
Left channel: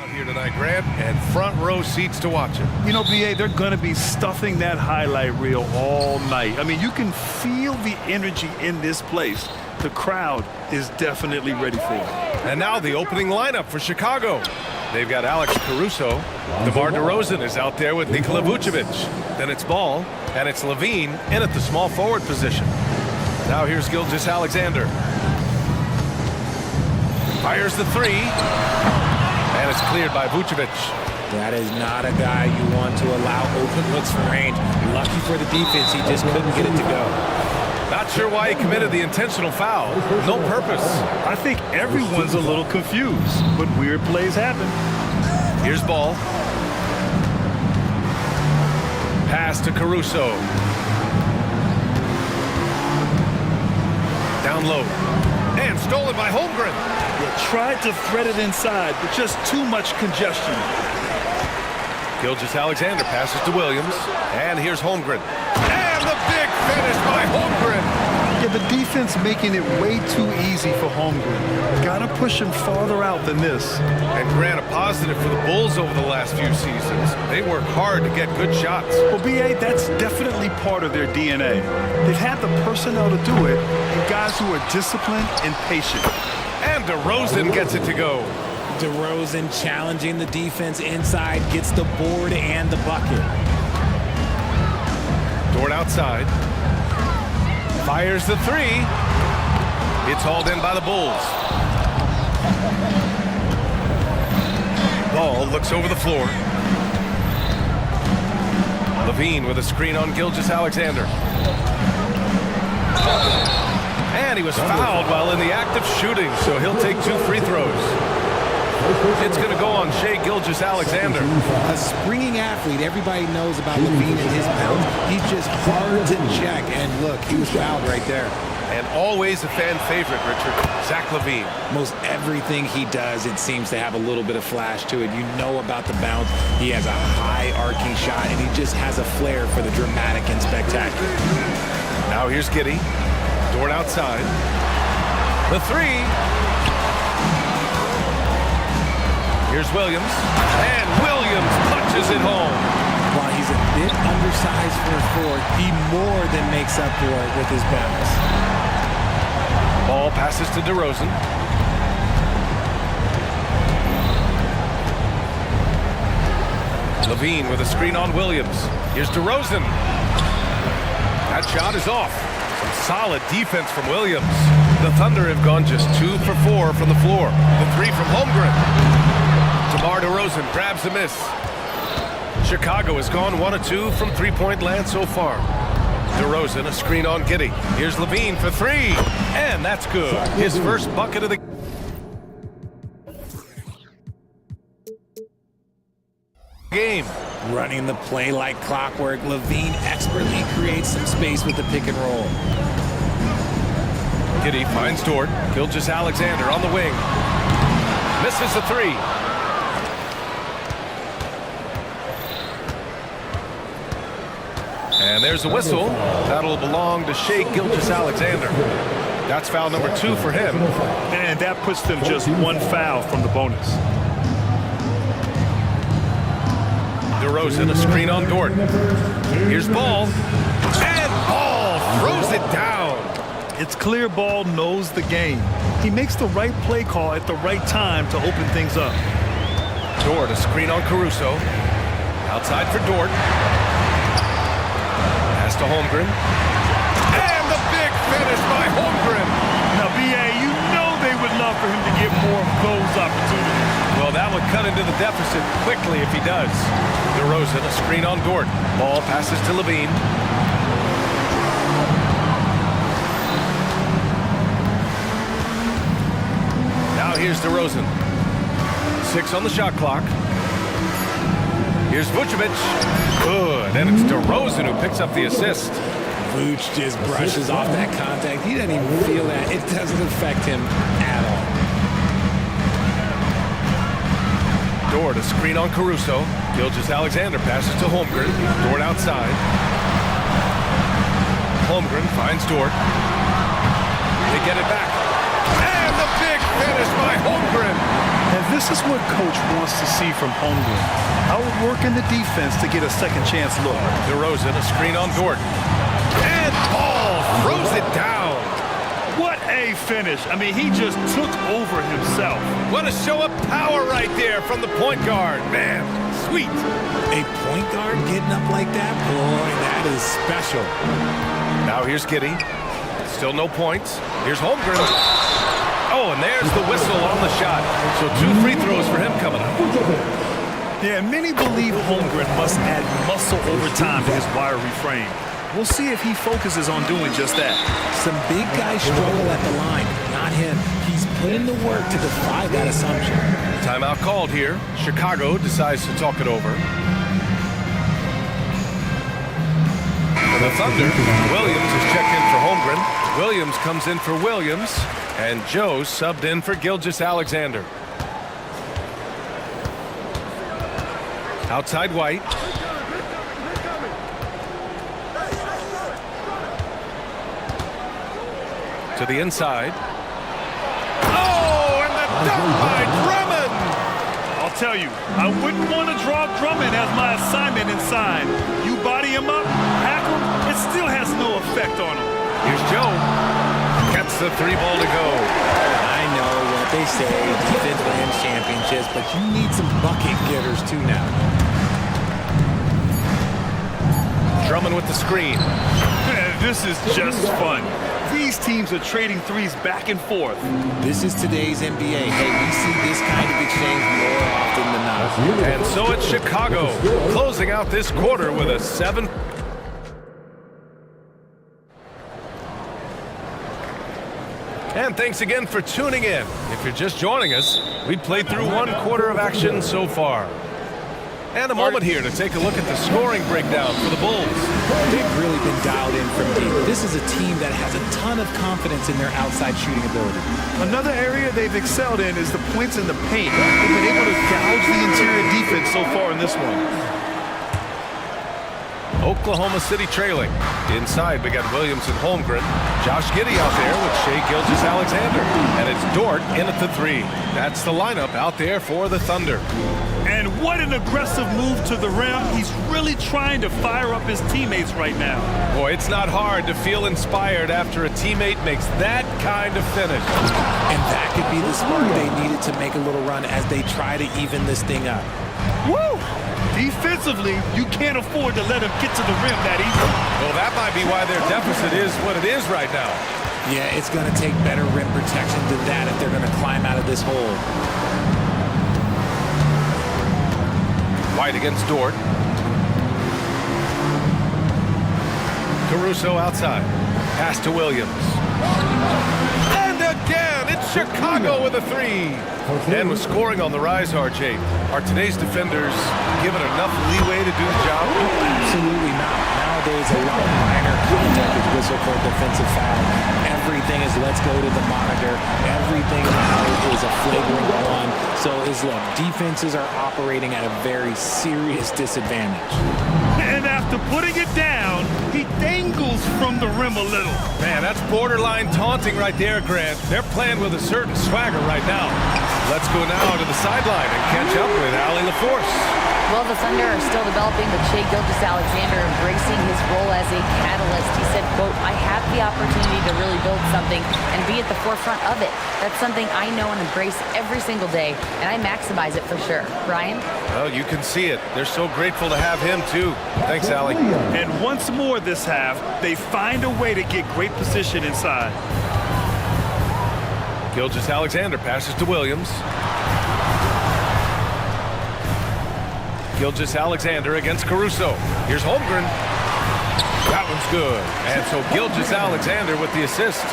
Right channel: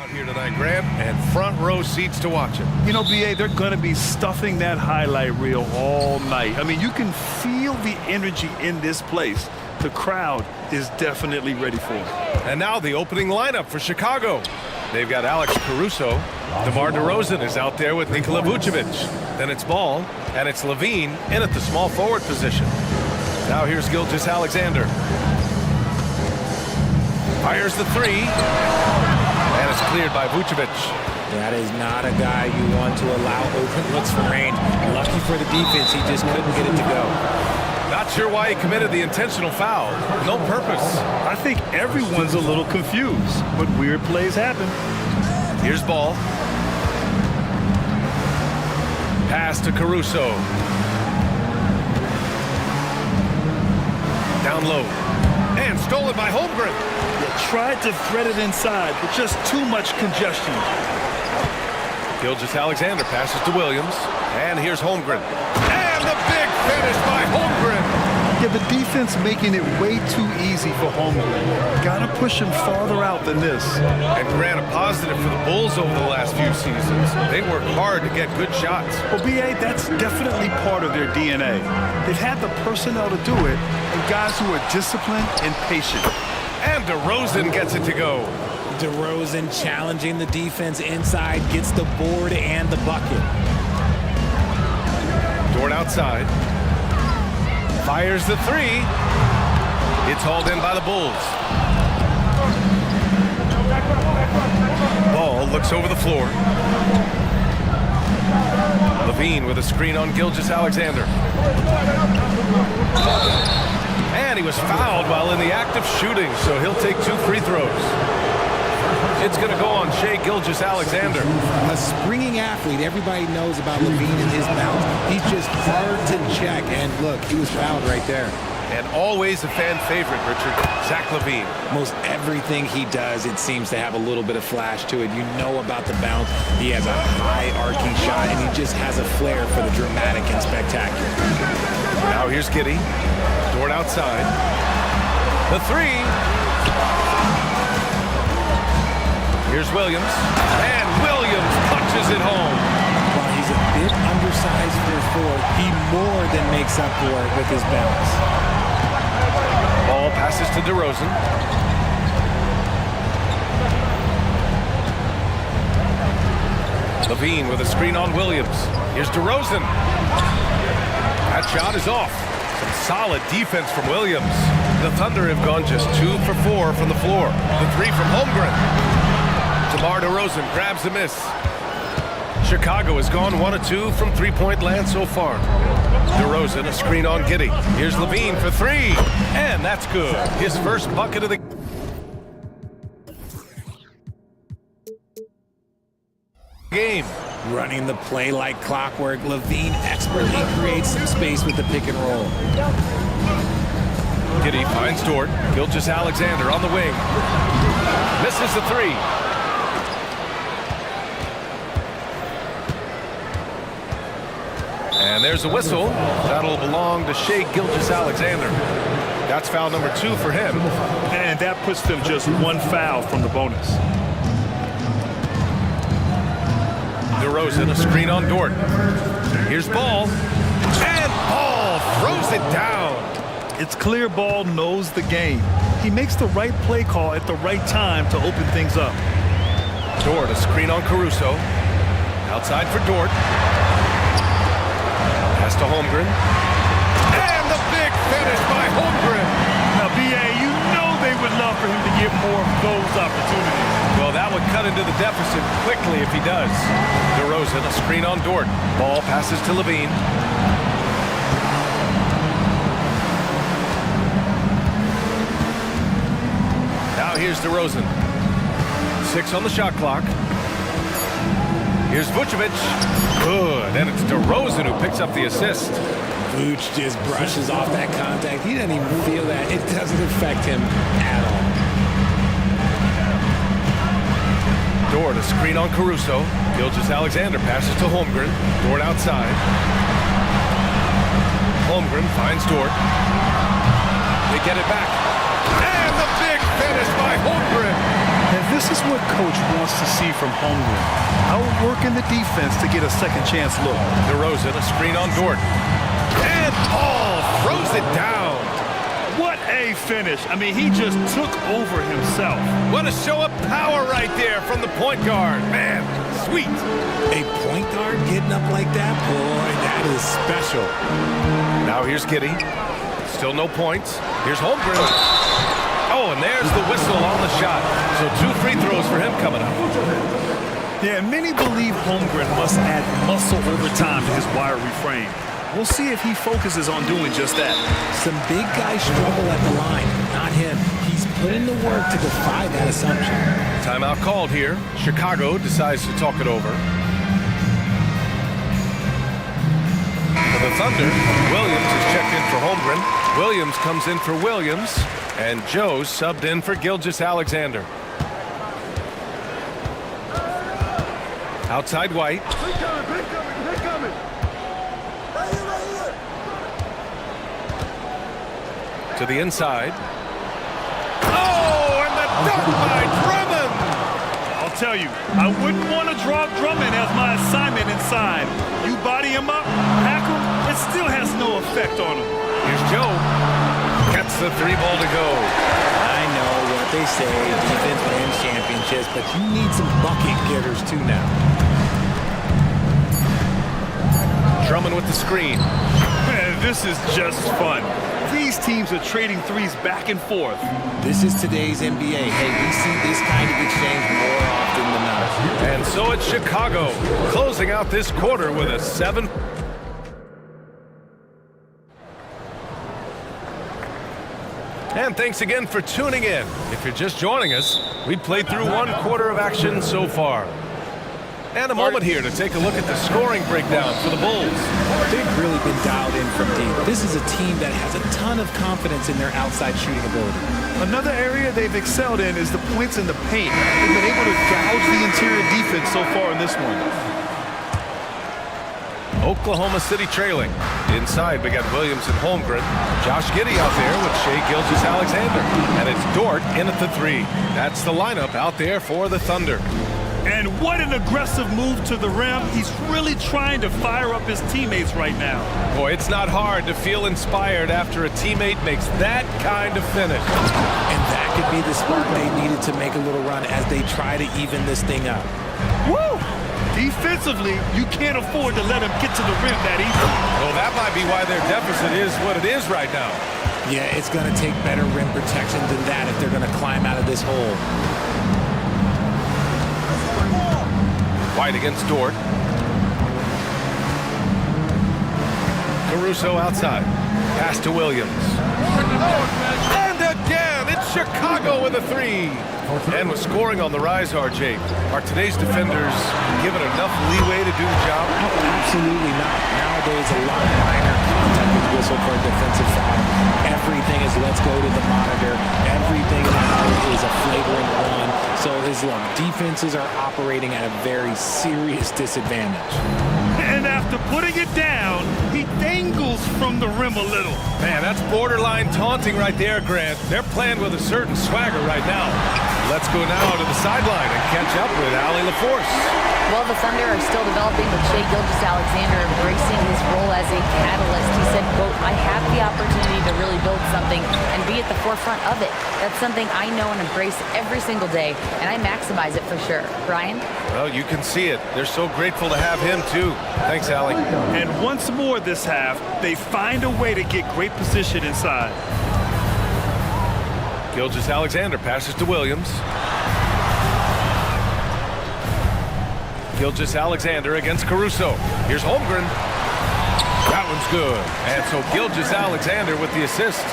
out here tonight, Grant, and front row seats to watch it. You know, BA, they're going to be stuffing that highlight reel all night. I mean, you can feel the energy in this place. The crowd is definitely ready for it. And now the opening lineup for Chicago. They've got Alex Caruso. DeMar DeRozan is out there with Nikola Vucevic. Then it's Ball, and it's Levine in at the small forward position. Now here's Gilgeous-Alexander. Fires the three, and it's cleared by Vucevic. That is not a guy you want to allow open looks from range. Lucky for the defense, he just couldn't get it to go. Not sure why he committed the intentional foul. No purpose. I think everyone's a little confused, but weird plays happen. Here's Ball. Pass to Caruso. Down low. And stolen by Holmgren. Yeah, tried to thread it inside, but just too much congestion. Gilgeous-Alexander passes to Williams. And here's Holmgren. And the big finish by Holmgren. Yeah, the defense making it way too easy for Holmgren. Gotta push him farther out than this. And Grant, a positive for the Bulls over the last few seasons. They work hard to get good shots. Well, BA, that's definitely part of their DNA. They've had the personnel to do it, and guys who are disciplined and patient. And DeRozan gets it to go. DeRozan challenging the defense inside, gets the board and the bucket. Dort outside. Fires the three. It's hauled in by the Bulls. Ball looks over the floor. Levine with a screen on Gilgeous-Alexander. And he was fouled while in the act of shooting, so he'll take 2 free throws. It's going to go on Shai Gilgeous-Alexander. A springing athlete. Everybody knows about Levine and his bounce. He's just hard to check. And look, he was fouled right there. And always a fan favorite, Richard, Zach LaVine. Most everything he does, it seems to have a little bit of flash to it. You know about the bounce. He has a high arcing shot, and he just has a flair for the dramatic and spectacular. Now here's Giddey. Dort outside. The three. Here's Williams. And Williams punches it home. While he's a bit undersized for a forward, he more than makes up for it with his bounce. Ball passes to DeRozan. Levine with a screen on Williams. Here's DeRozan. That shot is off. Some solid defense from Williams. The Thunder have gone just 2 for 4 from the floor. The three from Holmgren. DeMar DeRozan grabs the miss. Chicago has gone 1 of 2 from three-point land so far. DeRozan, a screen on Giddey. Here's Levine for three. And that's good. His first bucket of the game. Running the play like clockwork, Levine expertly creates some space with the pick and roll. Giddey finds Dort. Gilgeous-Alexander on the wing. Misses the three. And there's a whistle. That'll belong to Shai Gilgeous-Alexander. That's foul number 2 for him. And that puts them just 1 foul from the bonus. DeRozan, a screen on Dort. Here's Ball. And Ball throws it down. It's clear Ball knows the game. He makes the right play call at the right time to open things up. Dort, a screen on Caruso. Outside for Dort. Pass to Holmgren. And the big finish by Holmgren. Now, BA, you know they would love for him to get more of those opportunities. Well, that would cut into the deficit quickly if he does. DeRozan, a screen on Dort. Ball passes to Levine. Now here's DeRozan. 6 on the shot clock. Here's Vucevic. Good. And it's DeRozan who picks up the assist. Vooch just brushes off that contact. He doesn't even feel that. It doesn't affect him at all. Dort, a screen on Caruso. Gilgeous-Alexander passes to Holmgren. Dort outside. Holmgren finds Dort. They get it back. And the big finish by Holmgren. And this is what Coach wants to see from Holmgren. Outworking the defense to get a second chance look. DeRozan, a screen on Dort. And Paul throws it down. What a finish. I mean, he just took over himself. What a show of power right there from the point guard. Man, sweet. A point guard getting up like that? Boy, that is special. Now here's Giddey. Still no points. Here's Holmgren. Oh, and there's the whistle on the shot. So 2 free throws for him coming up. Yeah, many believe Holmgren must add muscle over time to his wiry frame. We'll see if he focuses on doing just that. Some big guys struggle at the line. Not him. He's put in the work to defy that assumption. Timeout called here. Chicago decides to talk it over. For the Thunder, Williams is checked in for Holmgren. Williams comes in for Williams. And Joe subbed in for Gilgeous-Alexander. Outside White. To the inside. Oh, and the dunk by Drummond! I'll tell you, I wouldn't want to draw Drummond as my assignment inside. You body him up, hack him, it still has no effect on him. Here's Joe. Gets the 3 ball to go. I know what they say, defense wins championships, but you need some bucket getters too now. Drummond with the screen. Man, this is just fun. These teams are trading threes back and forth. This is today's NBA. Hey, we see this kind of exchange more often than not. And so it's Chicago, closing out this quarter with a 7. And thanks again for tuning in. If you're just joining us, we've played through 1 quarter of action so far. And a moment here to take a look at the scoring breakdown for the Bulls. They've really been dialed in from deep. This is a team that has a ton of confidence in their outside shooting ability. Another area they've excelled in is the points in the paint. They've been able to gouge the interior defense so far in this one. Oklahoma City trailing. Inside, we got Williams and Holmgren. Josh Giddey out there with Shai Gilgeous-Alexander. And it's Dort in at the 3. That's the lineup out there for the Thunder. And what an aggressive move to the rim. He's really trying to fire up his teammates right now. Boy, it's not hard to feel inspired after a teammate makes that kind of finish. And that could be the spark they needed to make a little run as they try to even this thing up. Woo! Defensively, you can't afford to let him get to the rim that easily. Well, that might be why their deficit is what it is right now. Yeah, it's going to take better rim protection than that if they're going to climb out of this hole. White against Dort. Caruso outside. Pass to Williams. And again, it's Chicago with a 3. And with scoring on the rise, RJ, are today's defenders given enough leeway to do the job? Oh, absolutely not. Nowadays, a lot of minor contact is whistled for a defensive foul. Everything is let's go to the monitor. Everything now is a flagrant 1. So, look, defenses are operating at a very serious disadvantage. And after putting it down, he dangles from the rim a little. Man, that's borderline taunting right there, Grant. They're playing with a certain swagger right now. Let's go now to the sideline and catch up with Allie LaForce. Well, the Thunder are still developing, but Shai Gilgeous-Alexander embracing his role as a catalyst. He said, quote, I have the opportunity to really build something and be at the forefront of it. That's something I know and embrace every single day, and I maximize it for sure. Brian? Well, you can see it. They're so grateful to have him, too. Thanks, Allie. And once more this half, they find a way to get great position inside. Gilgeous-Alexander passes to Williams. Gilgeous-Alexander against Caruso. Here's Holmgren. That one's good. And so Gilgeous-Alexander with the assist.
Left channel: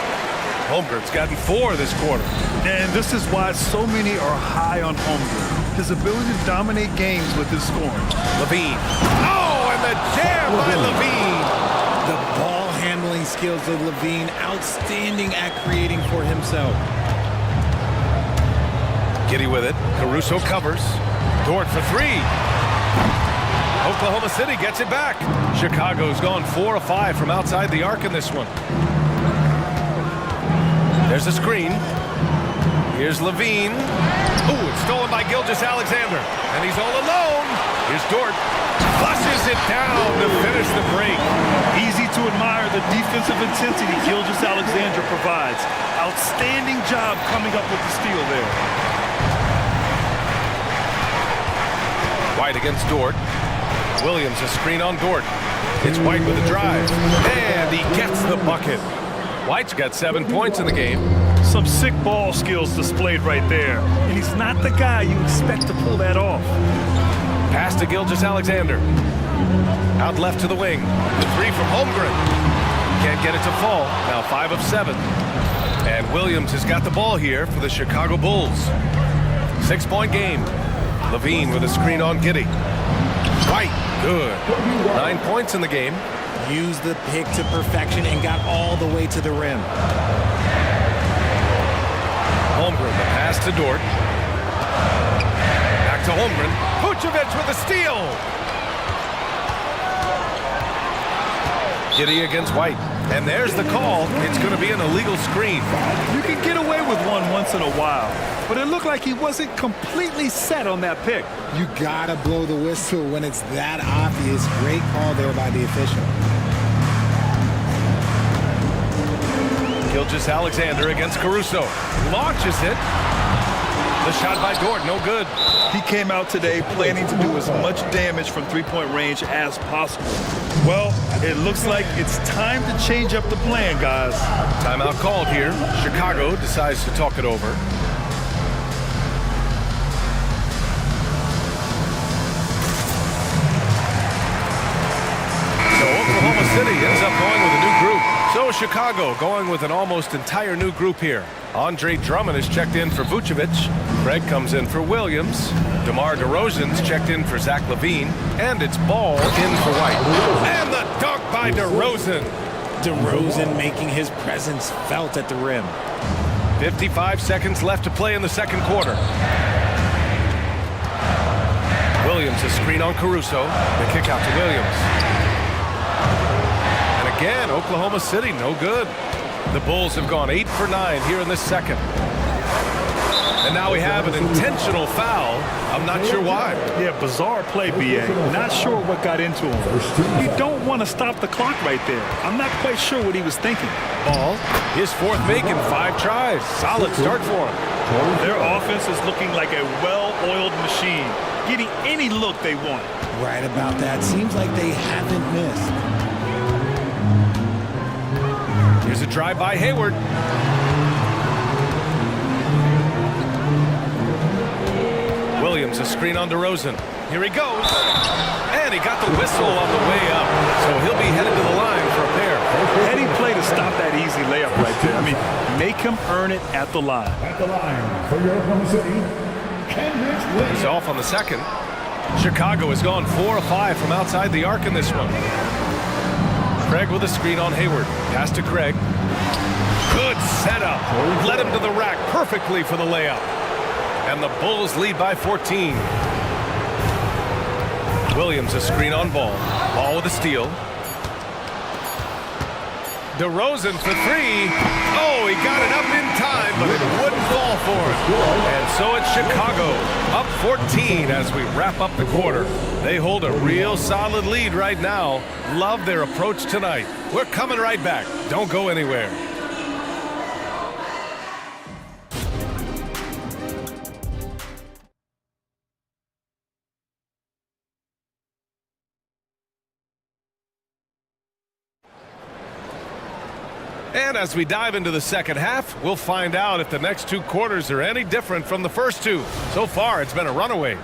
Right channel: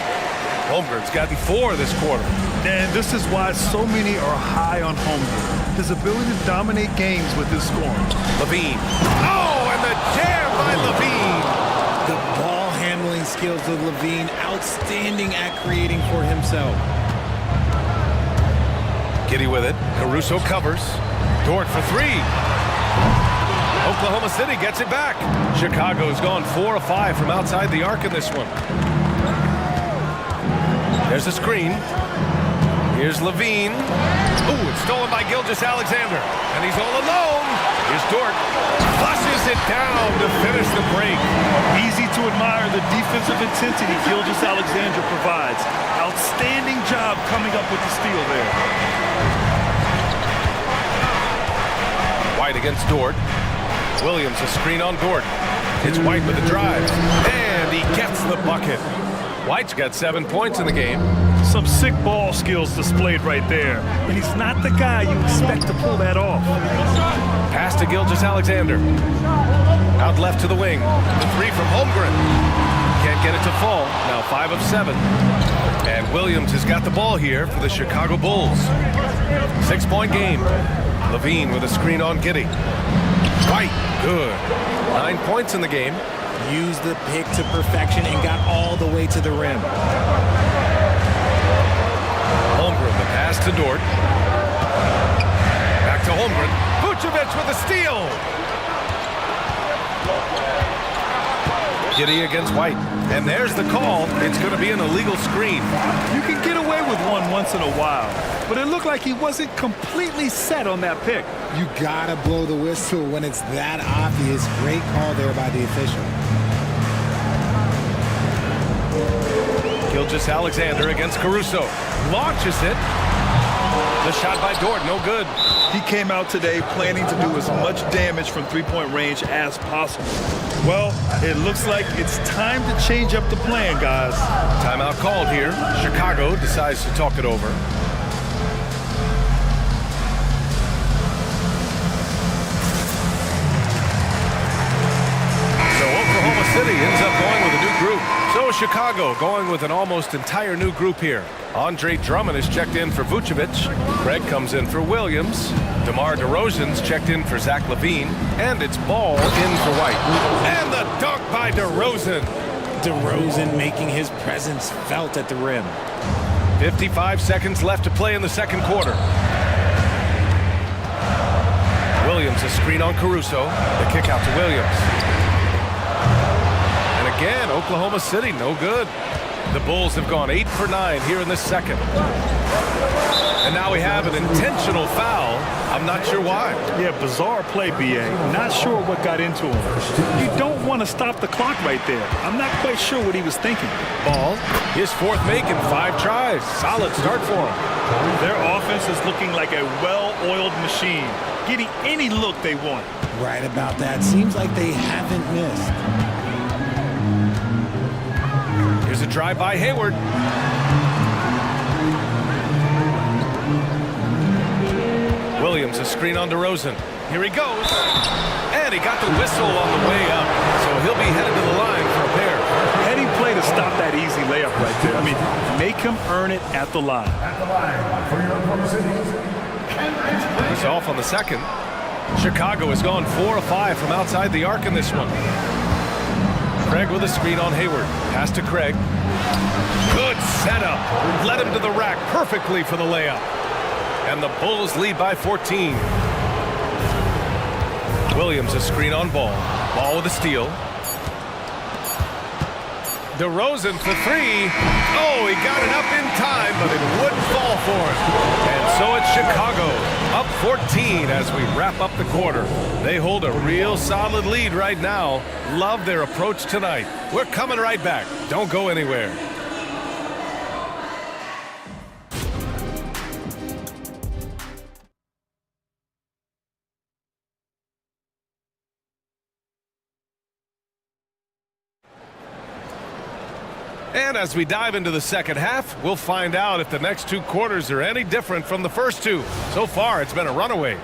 Holmgren's gotten 4 this quarter. And this is why so many are high on Holmgren. His ability to dominate games with his scoring. Levine. Oh, and the jam by Levine. The ball handling skills of Levine, outstanding at creating for himself. Giddey with it. Caruso covers. Dort for 3. Oklahoma City gets it back. Chicago's gone 4 of 5 from outside the arc in this one. There's a screen. Here's Levine. Ooh, it's stolen by Gilgeous-Alexander. And he's all alone. Here's Dort. Flushes it down to finish the break. Easy to admire the defensive intensity Gilgeous-Alexander provides. Outstanding job coming up with the steal there. White against Dort. Williams a screen on Dort. It's White with a drive. And he gets the bucket. White's got 7 points in the game. Some sick ball skills displayed right there. And he's not the guy you expect to pull that off. Pass to Gilgeous-Alexander. Out left to the wing. The three from Holmgren. Can't get it to fall. Now 5 of 7. And Williams has got the ball here for the Chicago Bulls. 6-point game. Levine with a screen on Giddey. White, good. 9 points in the game. Used the pick to perfection and got all the way to the rim. Holmgren, the pass to Dort. Back to Holmgren. Vucevic with a steal. Giddey against White. And there's the call. It's going to be an illegal screen. You can get away with one once in a while, but it looked like he wasn't completely set on that pick. You gotta blow the whistle when it's that obvious. Great call there by the official. Gilgeous-Alexander against Caruso. Launches it. The shot by Dort, no good. He came out today planning to do as much damage from three-point range as possible. Well, it looks like it's time to change up the plan, guys. Timeout called here. Chicago decides to talk it over. So Oklahoma City ends up going with a new group. So Chicago going with an almost entire new group here. Andre Drummond is checked in for Vucevic. Craig comes in for Williams. DeMar DeRozan's checked in for Zach LaVine. And it's Ball in for White. And the dunk by DeRozan. DeRozan making his presence felt at the rim. 55 seconds left to play in the second quarter. Williams a screen on Caruso. The kick out to Williams. And again, Oklahoma City, no good. The Bulls have gone 8 for 9 here in this second. And now we have an intentional foul. I'm not sure why. Yeah, bizarre play, B.A. Not sure what got into him. You don't want to stop the clock right there. I'm not quite sure what he was thinking. Ball, his fourth make in 5 tries. Solid start for him. Their offense is looking like a well-oiled machine, getting any look they want. Right about that. Seems like they haven't missed. Here's a drive by Hayward. Williams a screen on DeRozan. Here he goes. And he got the whistle on the way up. So he'll be headed to the line for a pair. Heady play to stop that easy layup right there. I mean, make him earn it at the line. At the line for your Oklahoma City, He's off on the second. Chicago has gone 4 of 5 from outside the arc in this one. Craig with a screen on Hayward. Pass to Craig. Good setup. Led him to the rack perfectly for the layup. And the Bulls lead by 14. Williams a screen on Ball. Ball with a steal. DeRozan for 3. Oh, he got it up in time, but it wouldn't fall for him. And so it's Chicago, up 14 as we wrap up the quarter. They hold a real solid lead right now. Love their approach tonight. We're coming right back. Don't go anywhere. And as we dive into the second half, we'll find out if the next 2 quarters are any different from the first 2. So far, it's been a runaway.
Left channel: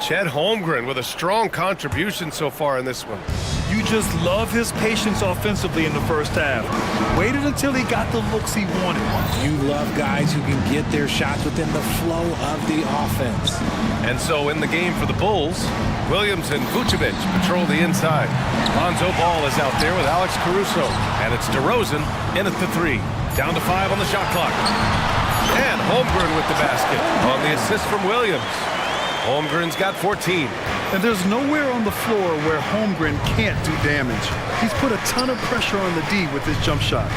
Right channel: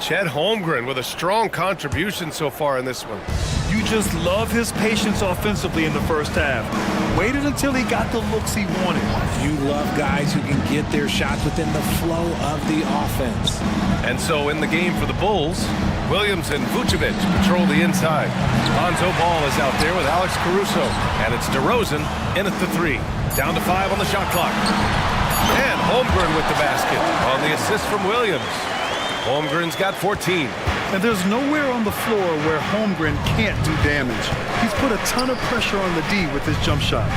Chet Holmgren with a strong contribution so far in this one. You just love his patience offensively in the first half. Waited until he got the looks he wanted. You love guys who can get their shots within the flow of the offense. And so in the game for the Bulls, Williams and Vucevic patrol the inside. Lonzo Ball is out there with Alex Caruso. And it's DeRozan in at the 3. Down to 5 on the shot clock. And Holmgren with the basket on the assist from Williams. Holmgren's got 14. And there's nowhere on the floor where Holmgren can't do damage. He's put a ton of pressure on the D with his jump shot.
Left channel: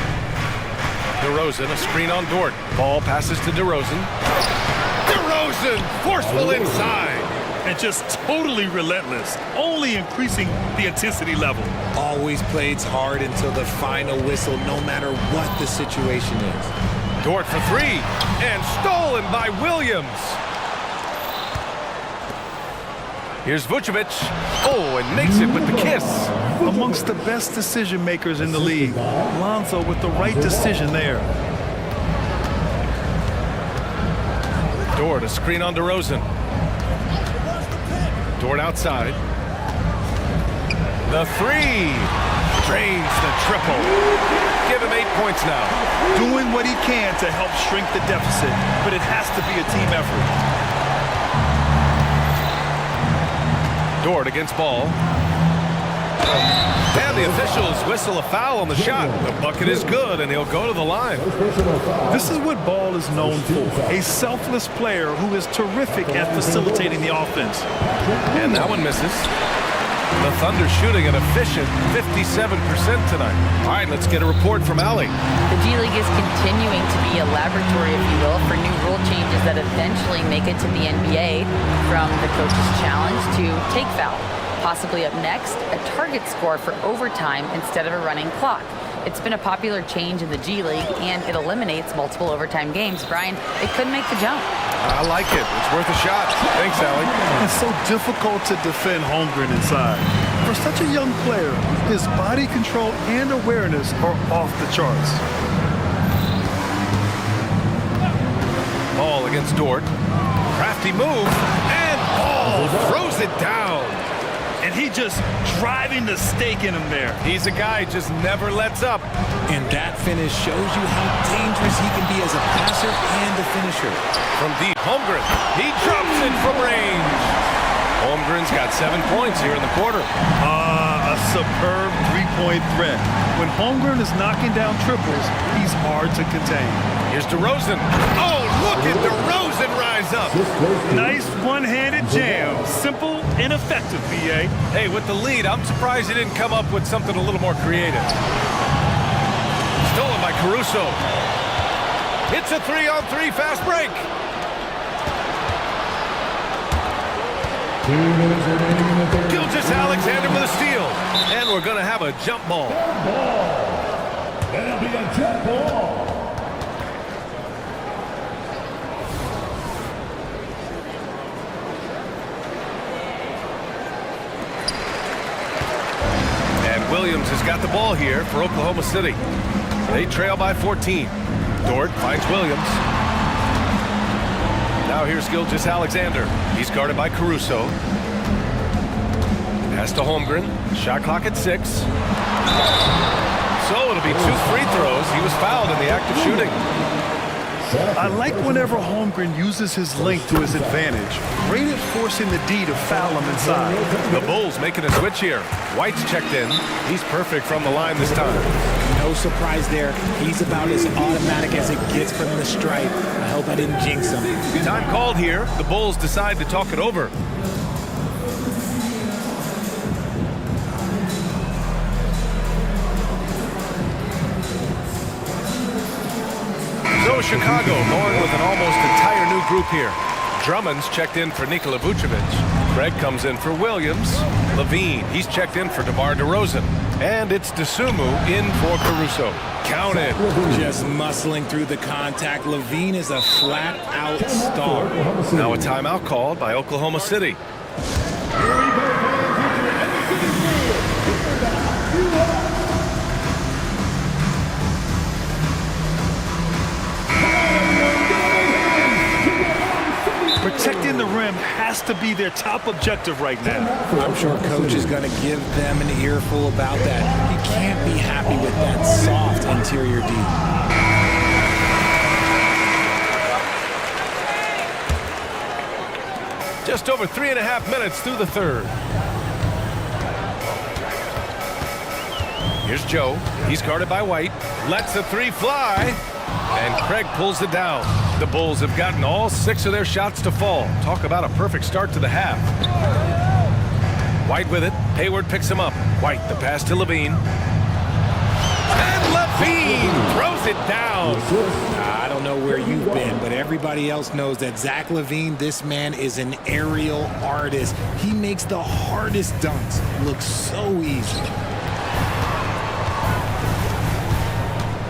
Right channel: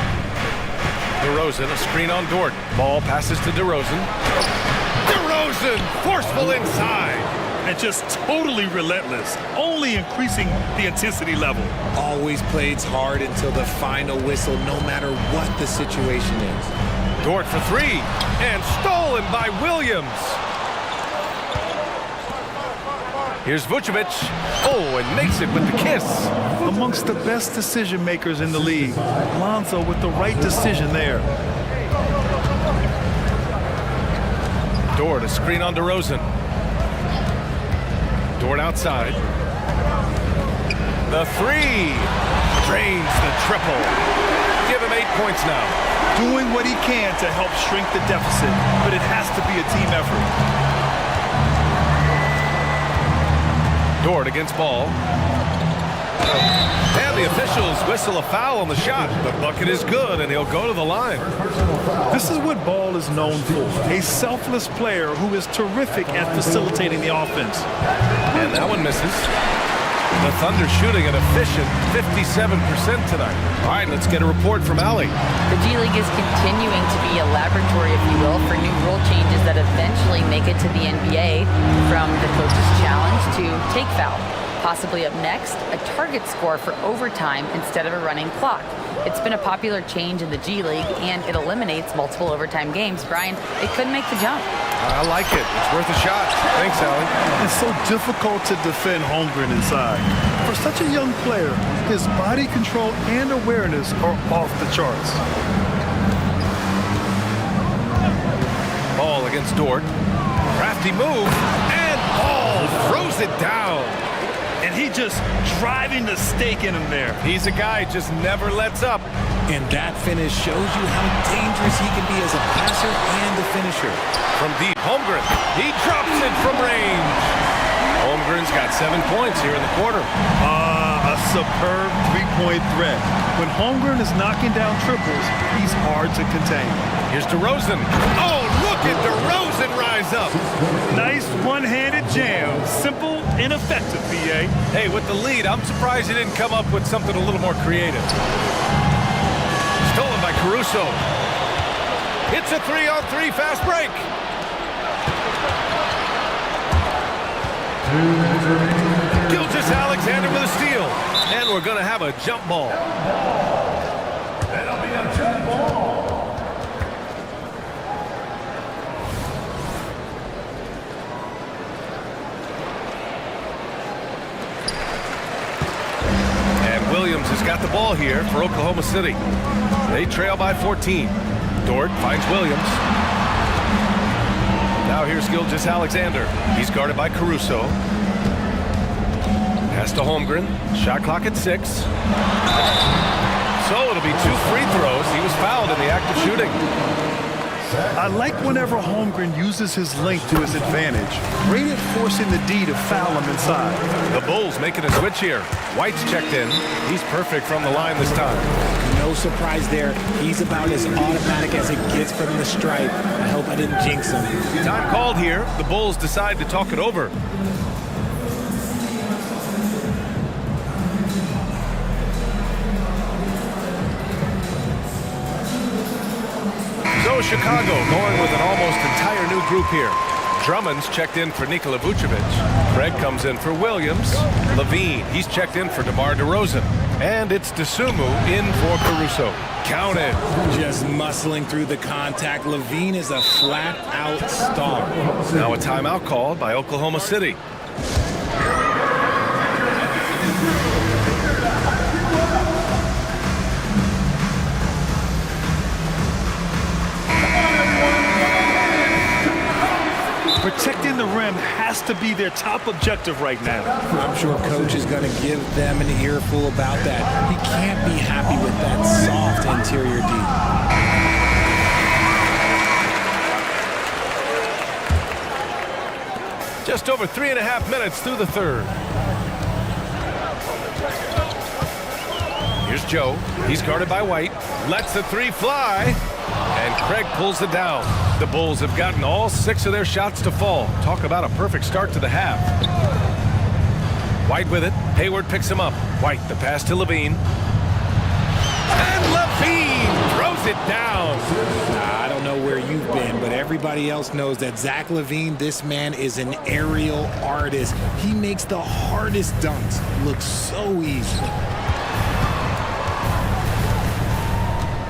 DeRozan, a screen on Dort. Ball passes to DeRozan. DeRozan DeRozan, forceful inside. And just totally relentless, only increasing the intensity level. Always plays hard until the final whistle, no matter what the situation is. Dort for three, and stolen by Williams. Here's Vucevic. Oh, and makes it with the kiss. Amongst the best decision makers in the league. Lonzo with the right decision there. Dort, a screen on DeRozan. Dort outside. The three. Drains the triple. Give him 8 points now. Doing what he can to help shrink the deficit, but it has to be a team effort. Dort against Ball. And the officials whistle a foul on the shot. The bucket is good, and he'll go to the line. This is what Ball is known for, a selfless player who is terrific at facilitating the offense. And that one misses. The Thunder shooting an efficient 57% tonight. All right, let's get a report from Allie. The G League is continuing to be a laboratory, if you will, for new rule changes that eventually make it to the NBA, from the coach's challenge to take foul. Possibly up next, a target score for overtime instead of a running clock. It's been a popular change in the G League, and it eliminates multiple overtime games. Brian, it could make the jump. I like it. It's worth a shot. Thanks, Allie. It's so difficult to defend Holmgren inside. For such a young player, his body control and awareness are off the charts. Ball against Dort. Crafty move, and Ball throws it down. And he just driving the stake in him there. He's a guy just never lets up. And that finish shows you how dangerous he can be as a passer and a finisher. From deep, Holmgren. He drops it from range. Holmgren's got 7 points here in the quarter. A superb three-point threat. When Holmgren is knocking down triples, he's hard to contain. Here's DeRozan. Oh, look at DeRozan rise up. Nice one-handed jam. Simple and effective, BA. Hey, with the lead, I'm surprised he didn't come up with something a little more creative. Stolen by Caruso. It's a 3-on-3 fast break. 2 minutes remaining in the third. Gilgeous-Alexander with a steal. And we're going to have a jump ball. That'll be a jump ball. And Williams has got the ball here for Oklahoma City. They trail by 14. Dort finds Williams. Now here's Gilgeous-Alexander. He's guarded by Caruso. Pass to Holmgren. Shot clock at 6. So it'll be 2 free throws. He was fouled in the act of shooting. I like whenever Holmgren uses his length to his advantage. Great at forcing the D to foul him inside. The Bulls making a switch here. White's checked in. He's perfect from the line this time. No surprise there. He's about as automatic as it gets from the stripe. I hope I didn't jinx him. Time called here. The Bulls decide to talk it over. So Chicago going with an almost entire new group here. Drummond's checked in for Nikola Vucevic. Craig comes in for Williams. Levine, he's checked in for DeMar DeRozan. And it's Desumu in for Caruso. Counted. Just muscling through the contact. Levine is a flat-out star. Now a timeout called by Oklahoma City. Protecting the rim has to be their top objective right now. I'm sure coach is going to give them an earful about that. He can't be happy with that soft interior D. Just over 3.5 minutes through the third. Here's Joe. He's guarded by White. Lets the 3 fly. And Craig pulls it down. The Bulls have gotten all 6 of their shots to fall. Talk about a perfect start to the half. White with it. Hayward picks him up. White, the pass to Levine. And Levine throws it down. I don't know where you've been, but everybody else knows that Zach LaVine, this man is an aerial artist. He makes the hardest dunks look so easy.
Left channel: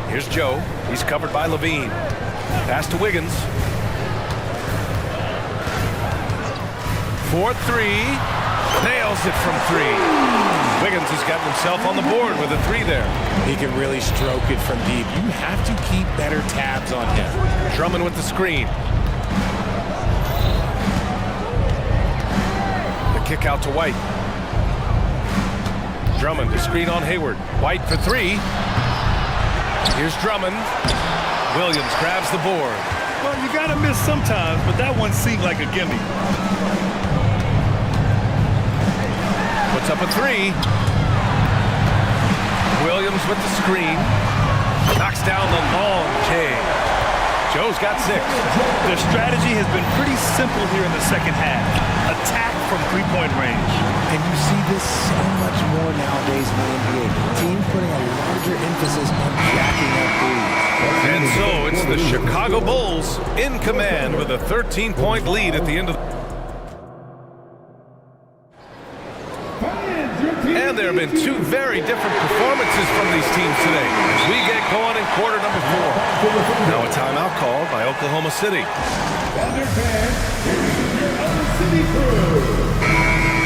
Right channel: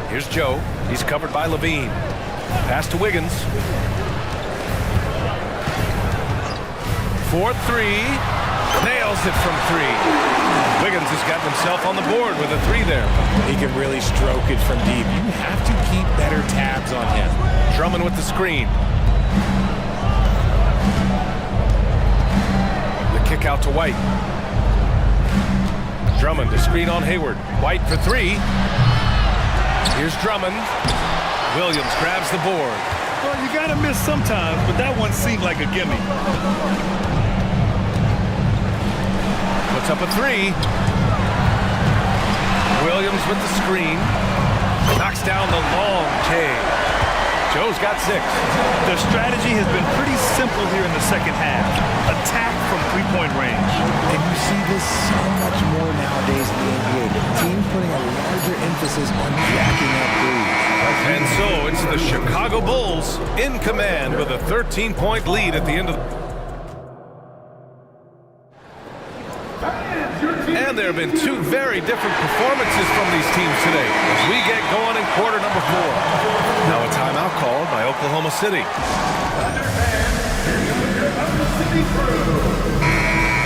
Here's Joe. He's covered by LaVine. Pass to Wiggins. 4-3. Nails it from 3. Wiggins has gotten himself on the board with a 3 there. He can really stroke it from deep. You have to keep better tabs on him. Drummond with the screen. The kick out to White. Drummond, the screen on Hayward. White for 3. Here's Drummond. Williams grabs the board. Well, you got to miss sometimes, but that one seemed like a gimme. Puts up a 3. Williams with the screen. Knocks down the long J. Joe's got 6. The strategy has been pretty simple here in the second half. Attack from three-point range. And you see this so much more nowadays in the NBA. Teams putting a larger emphasis on jacking up threes. And so it's the Chicago Bulls in command with a 13-point lead at the end of the... And there have been 2 very different performances from these teams today as we get going in quarter number 4. Now a timeout called by Oklahoma City.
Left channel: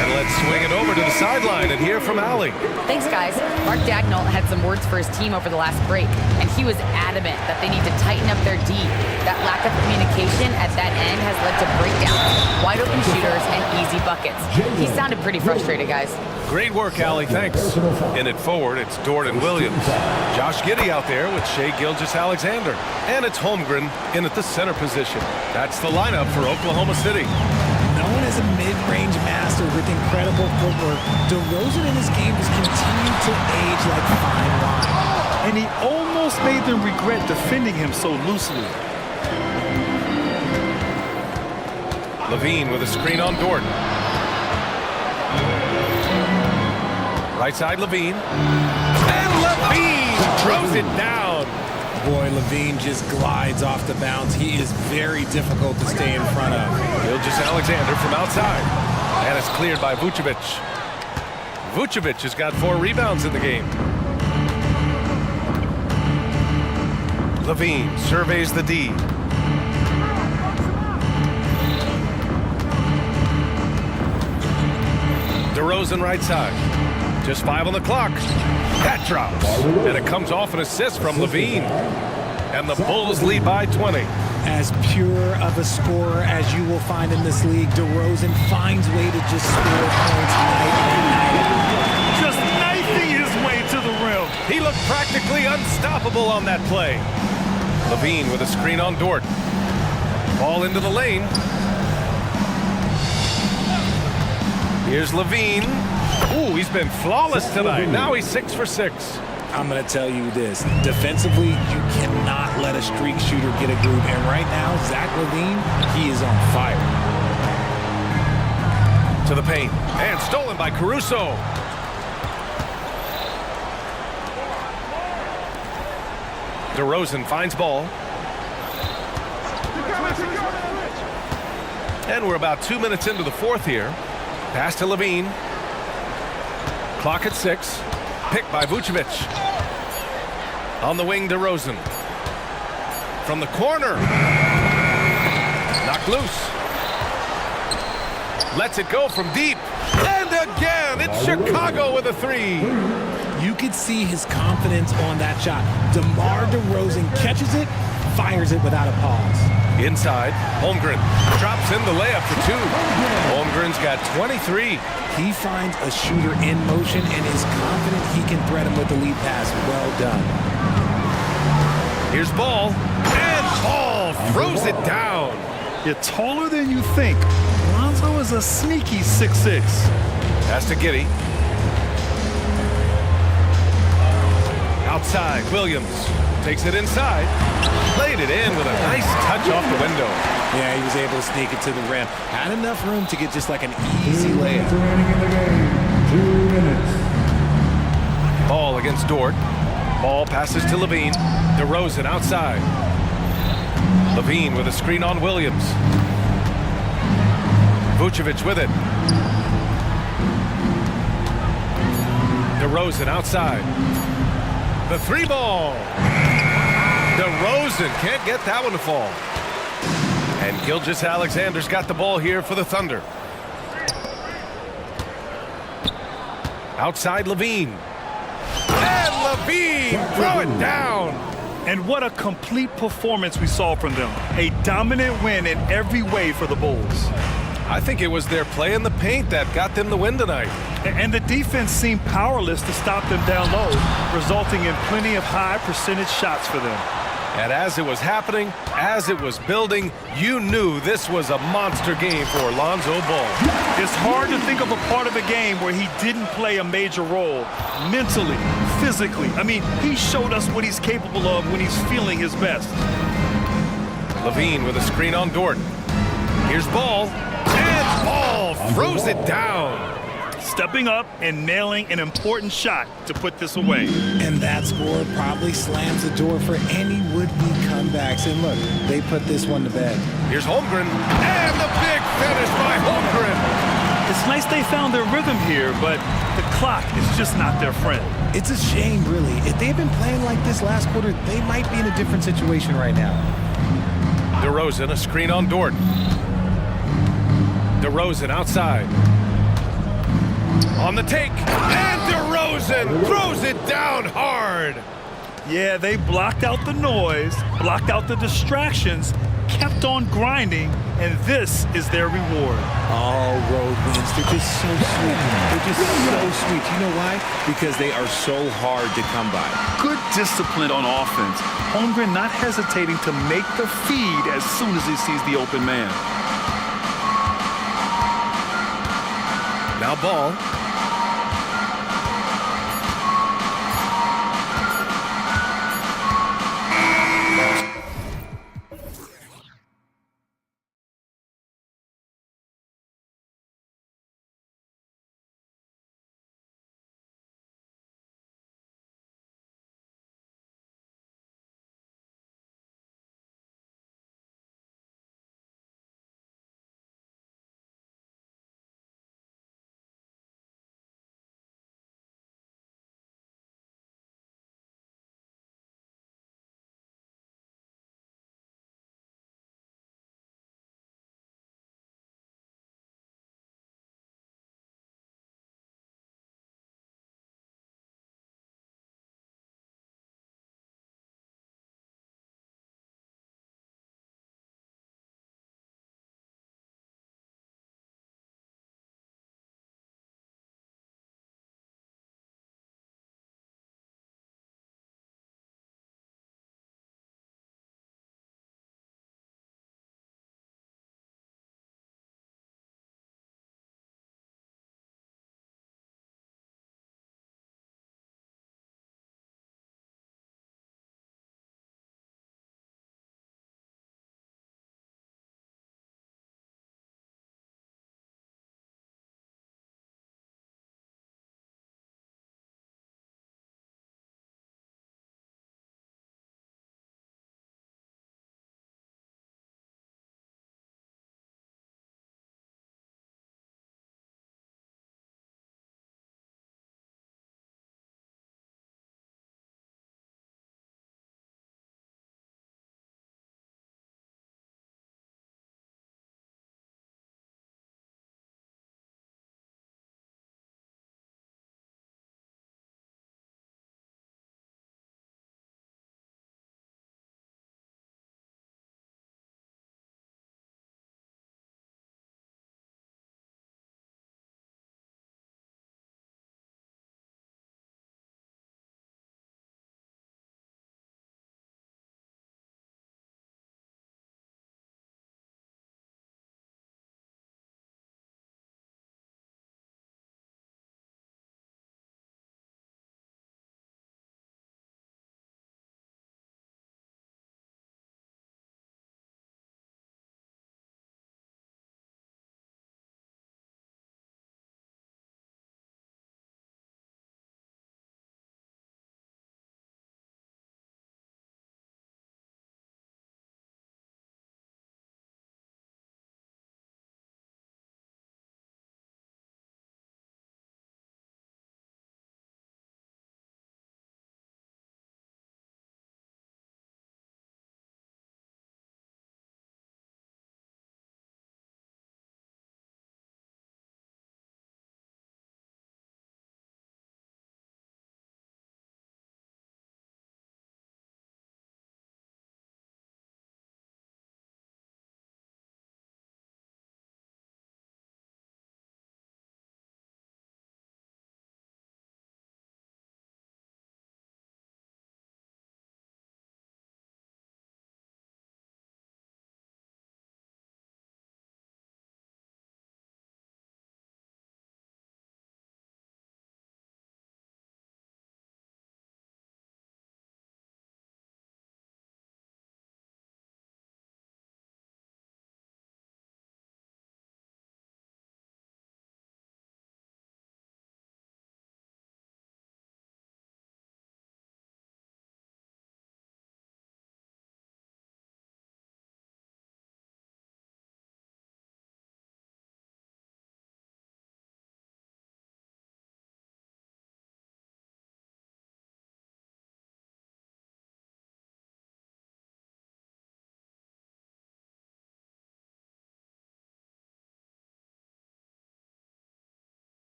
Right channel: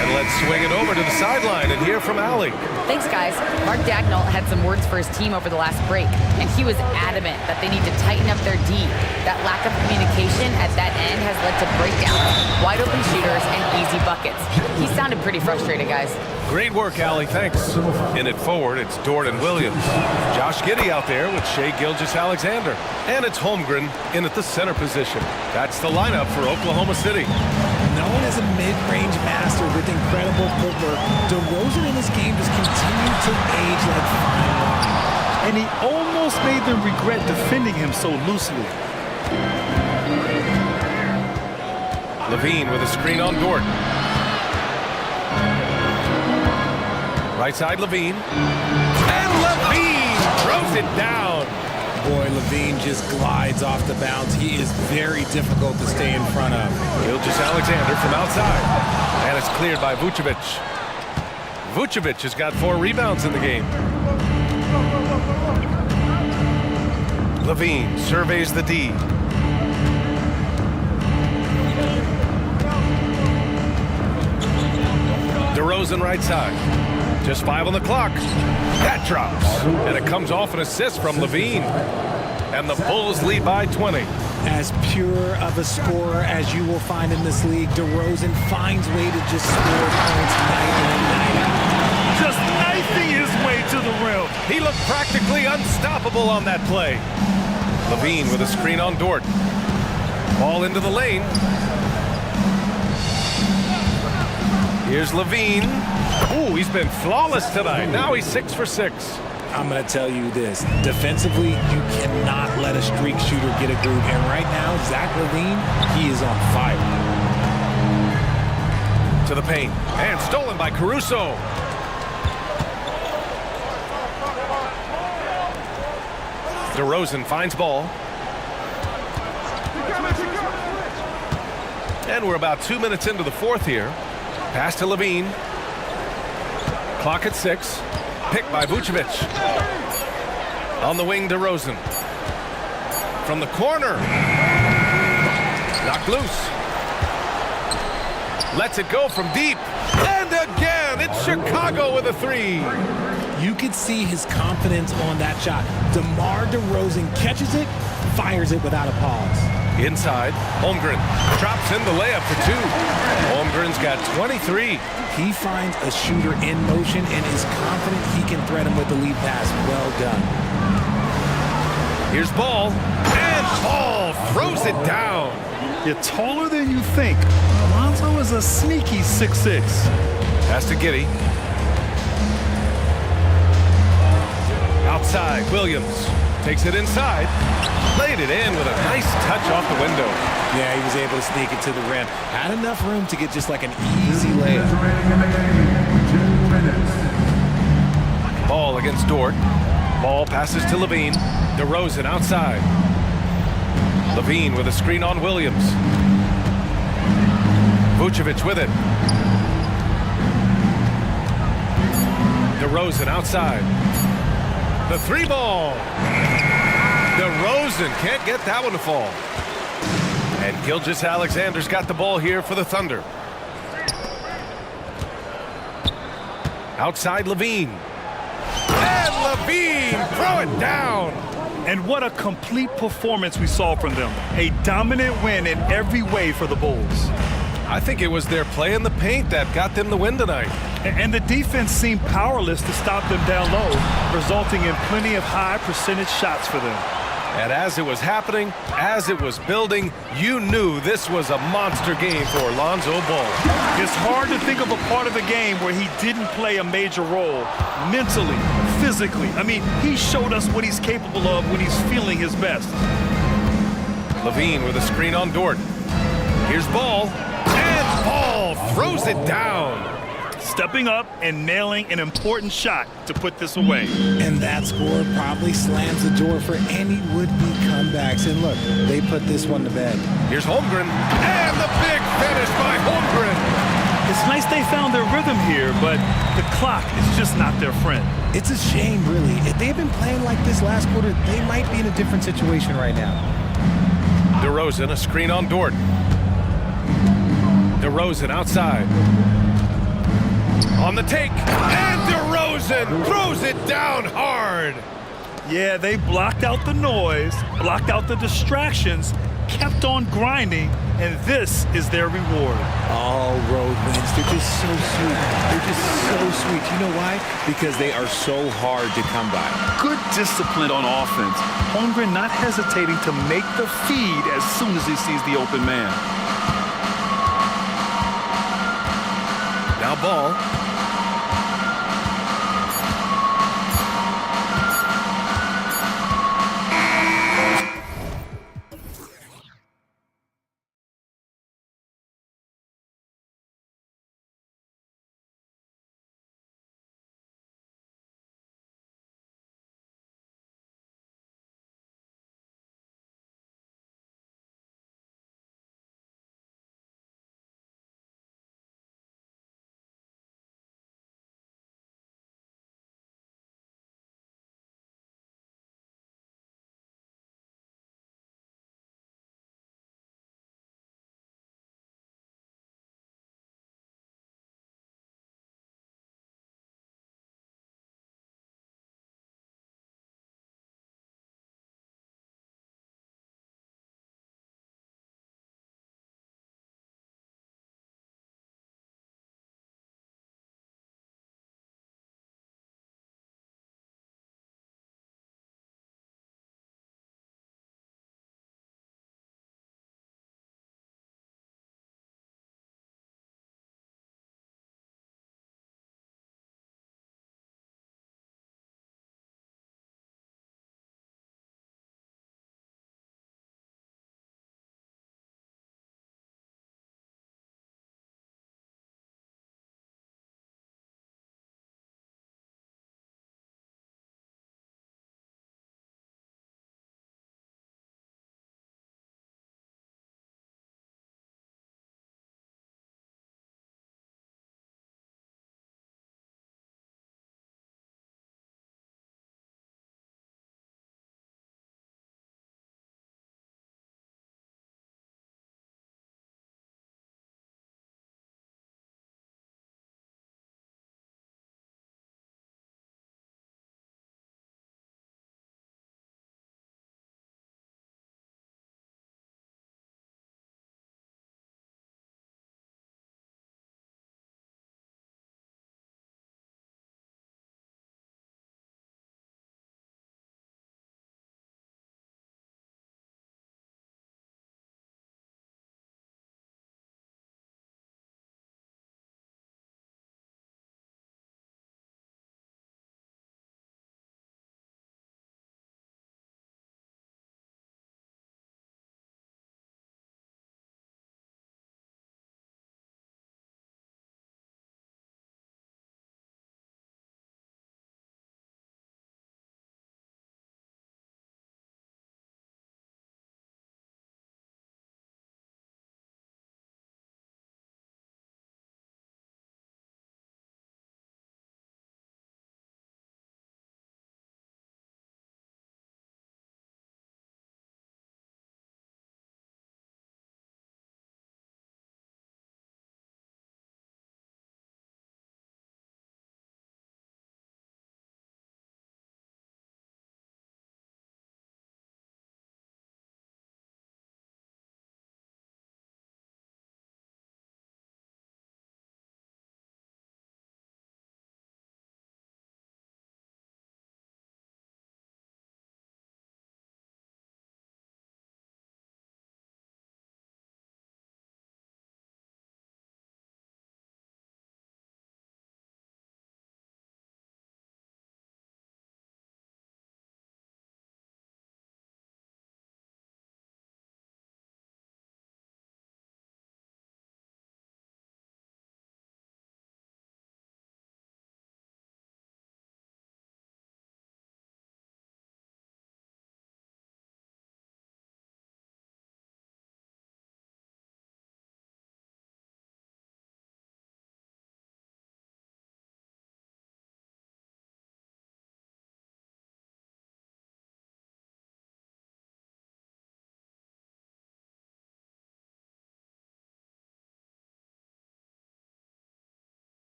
And let's swing it over to the sideline and hear from Allie. Thanks, guys. Mark Daigneault had some words for his team over the last break, and he was adamant that they need to tighten up their D. That lack of communication at that end has led to breakdowns, wide open shooters, and easy buckets. He sounded pretty frustrated, guys. Great work, Allie. Thanks. In it forward, it's Dort and Williams. Josh Giddey out there with Shai Gilgeous-Alexander. And it's Holmgren in at the center position. That's the lineup for Oklahoma City. Known as a mid-range master with incredible footwork, DeRozan in this game just continued to age like fine wine. And he almost made them regret defending him so loosely. LaVine with a screen on Dort. Right side, LaVine. And LaVine throws it down. Boy, LaVine just glides off the bounce. He is very difficult to stay in front of. Gilgeous-Alexander from outside. And it's cleared by Vucevic. Vucevic has got 4 rebounds in the game. LaVine surveys the D. DeRozan right side. Just 5 on the clock. That drops. And it comes off an assist from LaVine. And the Bulls lead by 20. As pure of a scorer as you will find in this league, DeRozan finds way to just score points night in, night out. Just knifing his way to the rim. He looked practically unstoppable on that play. LaVine with a screen on Dort. Ball into the lane. Here's LaVine. Ooh, he's been flawless tonight. Now he's 6 for 6. I'm going to tell you this. Defensively, you cannot let a streak shooter get a groove. And right now, Zach LaVine, he is on fire. To the paint. And stolen by Caruso. DeRozan finds ball. And we're about 2 minutes into the 4th here. Pass to LaVine. Clock at 6. Picked by Vucevic. On the wing, DeRozan. From the corner. Knocked loose. Lets it go from deep. And again, it's Chicago with a 3. You could see his confidence on that shot. DeMar DeRozan catches it, fires it without a pause. Inside, Holmgren drops in the layup for 2. Holmgren's got 23. He finds a shooter in motion and is confident he can thread him with the lead pass. Well done. Here's Ball. And Ball throws it down. You're taller than you think. Lonzo is a sneaky 6'6". Pass to Giddey. Outside, Williams takes it inside. Played it in with a nice touch off the window. Yeah, he was able to sneak it to the rim. Had enough room to get just like an easy layup. Remaining in the game, 2 minutes. Ball against Dort. Ball passes to Levine. DeRozan outside. Levine with a screen on Williams. Vucevic with it. DeRozan outside. The three ball. DeRozan can't get that one to fall. And Gilgeous-Alexander's got the ball here for the Thunder. Outside Levine. And Levine, throw it down. And what a complete performance we saw from them. A dominant win in every way for the Bulls. I think it was their play in the paint that got them the win tonight. And the defense seemed powerless to stop them down low, resulting in plenty of high percentage shots for them. And as it was happening, as it was building, you knew this was a monster game for Lonzo Ball. It's hard to think of a part of the game where he didn't play a major role, mentally, physically. I mean, he showed us what he's capable of when he's feeling his best. Levine with a screen on Dort. Here's Ball, and Ball throws it down. Stepping up and nailing an important shot to put this away. And that score probably slams the door for any would-be comebacks. And look, they put this one to bed. Here's Holmgren, and the big finish by Holmgren. It's nice they found their rhythm here, but the clock is just not their friend. It's a shame, really. If they had been playing like this last quarter, they might be in a different situation right now. DeRozan, a screen on Dort. DeRozan outside. On the take, and DeRozan throws it down hard. Yeah, they blocked out the noise, blocked out the distractions, kept on grinding, and this is their reward. All road wins, they're just so sweet. They're just so sweet. You know why? Because they are so hard to come by. Good discipline on offense. Holmgren not hesitating to make the feed as soon as he sees the open man. Now Ball.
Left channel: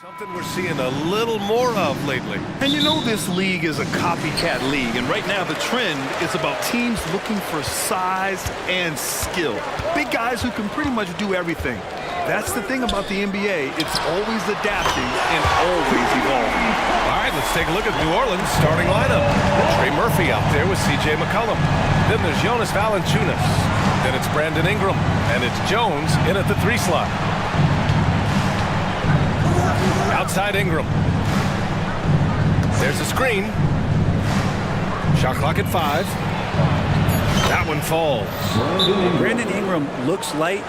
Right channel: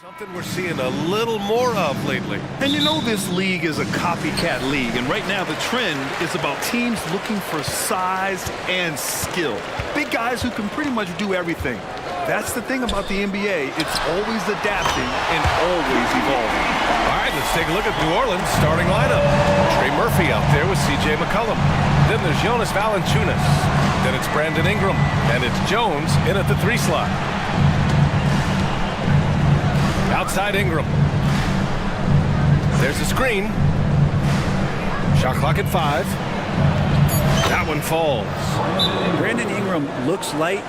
Something we're seeing a little more of lately. And you know this league is a copycat league, and right now the trend is about teams looking for size and skill. Big guys who can pretty much do everything. That's the thing about the NBA. It's always adapting and always evolving. All right, let's take a look at New Orleans' starting lineup. Trey Murphy out there with C.J. McCollum. Then there's Jonas Valanciunas. Then it's Brandon Ingram. And it's Jones in at the 3 slot. Outside Ingram. There's a screen. Shot clock at 5. That one falls. Brandon Ingram looks light,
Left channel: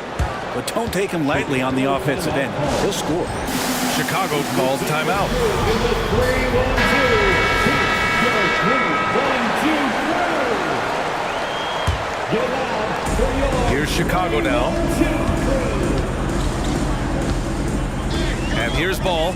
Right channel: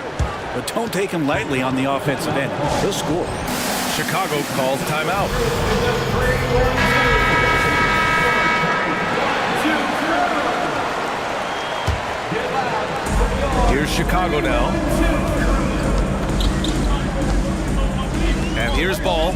but don't take him lightly on the offensive end. He'll score. Chicago calls timeout. Here's Chicago now. And here's Ball.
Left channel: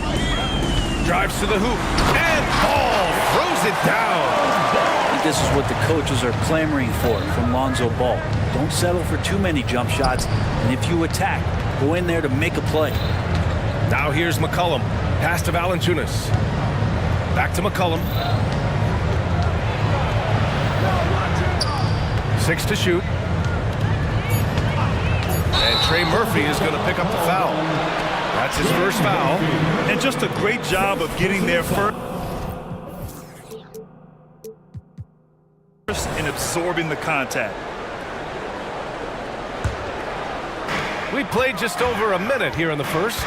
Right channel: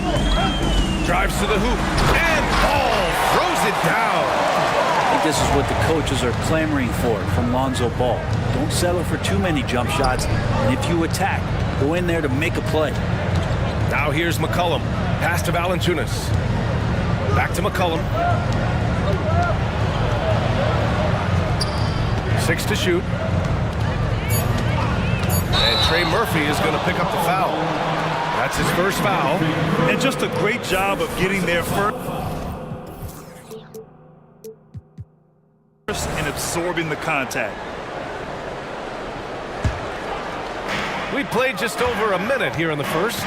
Drives to the hoop. And Ball throws it down. I think this is what the coaches are clamoring for from Lonzo Ball. Don't settle for too many jump shots. And if you attack, go in there to make a play. Now here's McCollum. Pass to Valanciunas. Back to McCollum. 6 to shoot. And Trey Murphy is going to pick up the foul. That's his first foul. And just a great job of getting there first and absorbing the contact. We played just over a minute here in the first.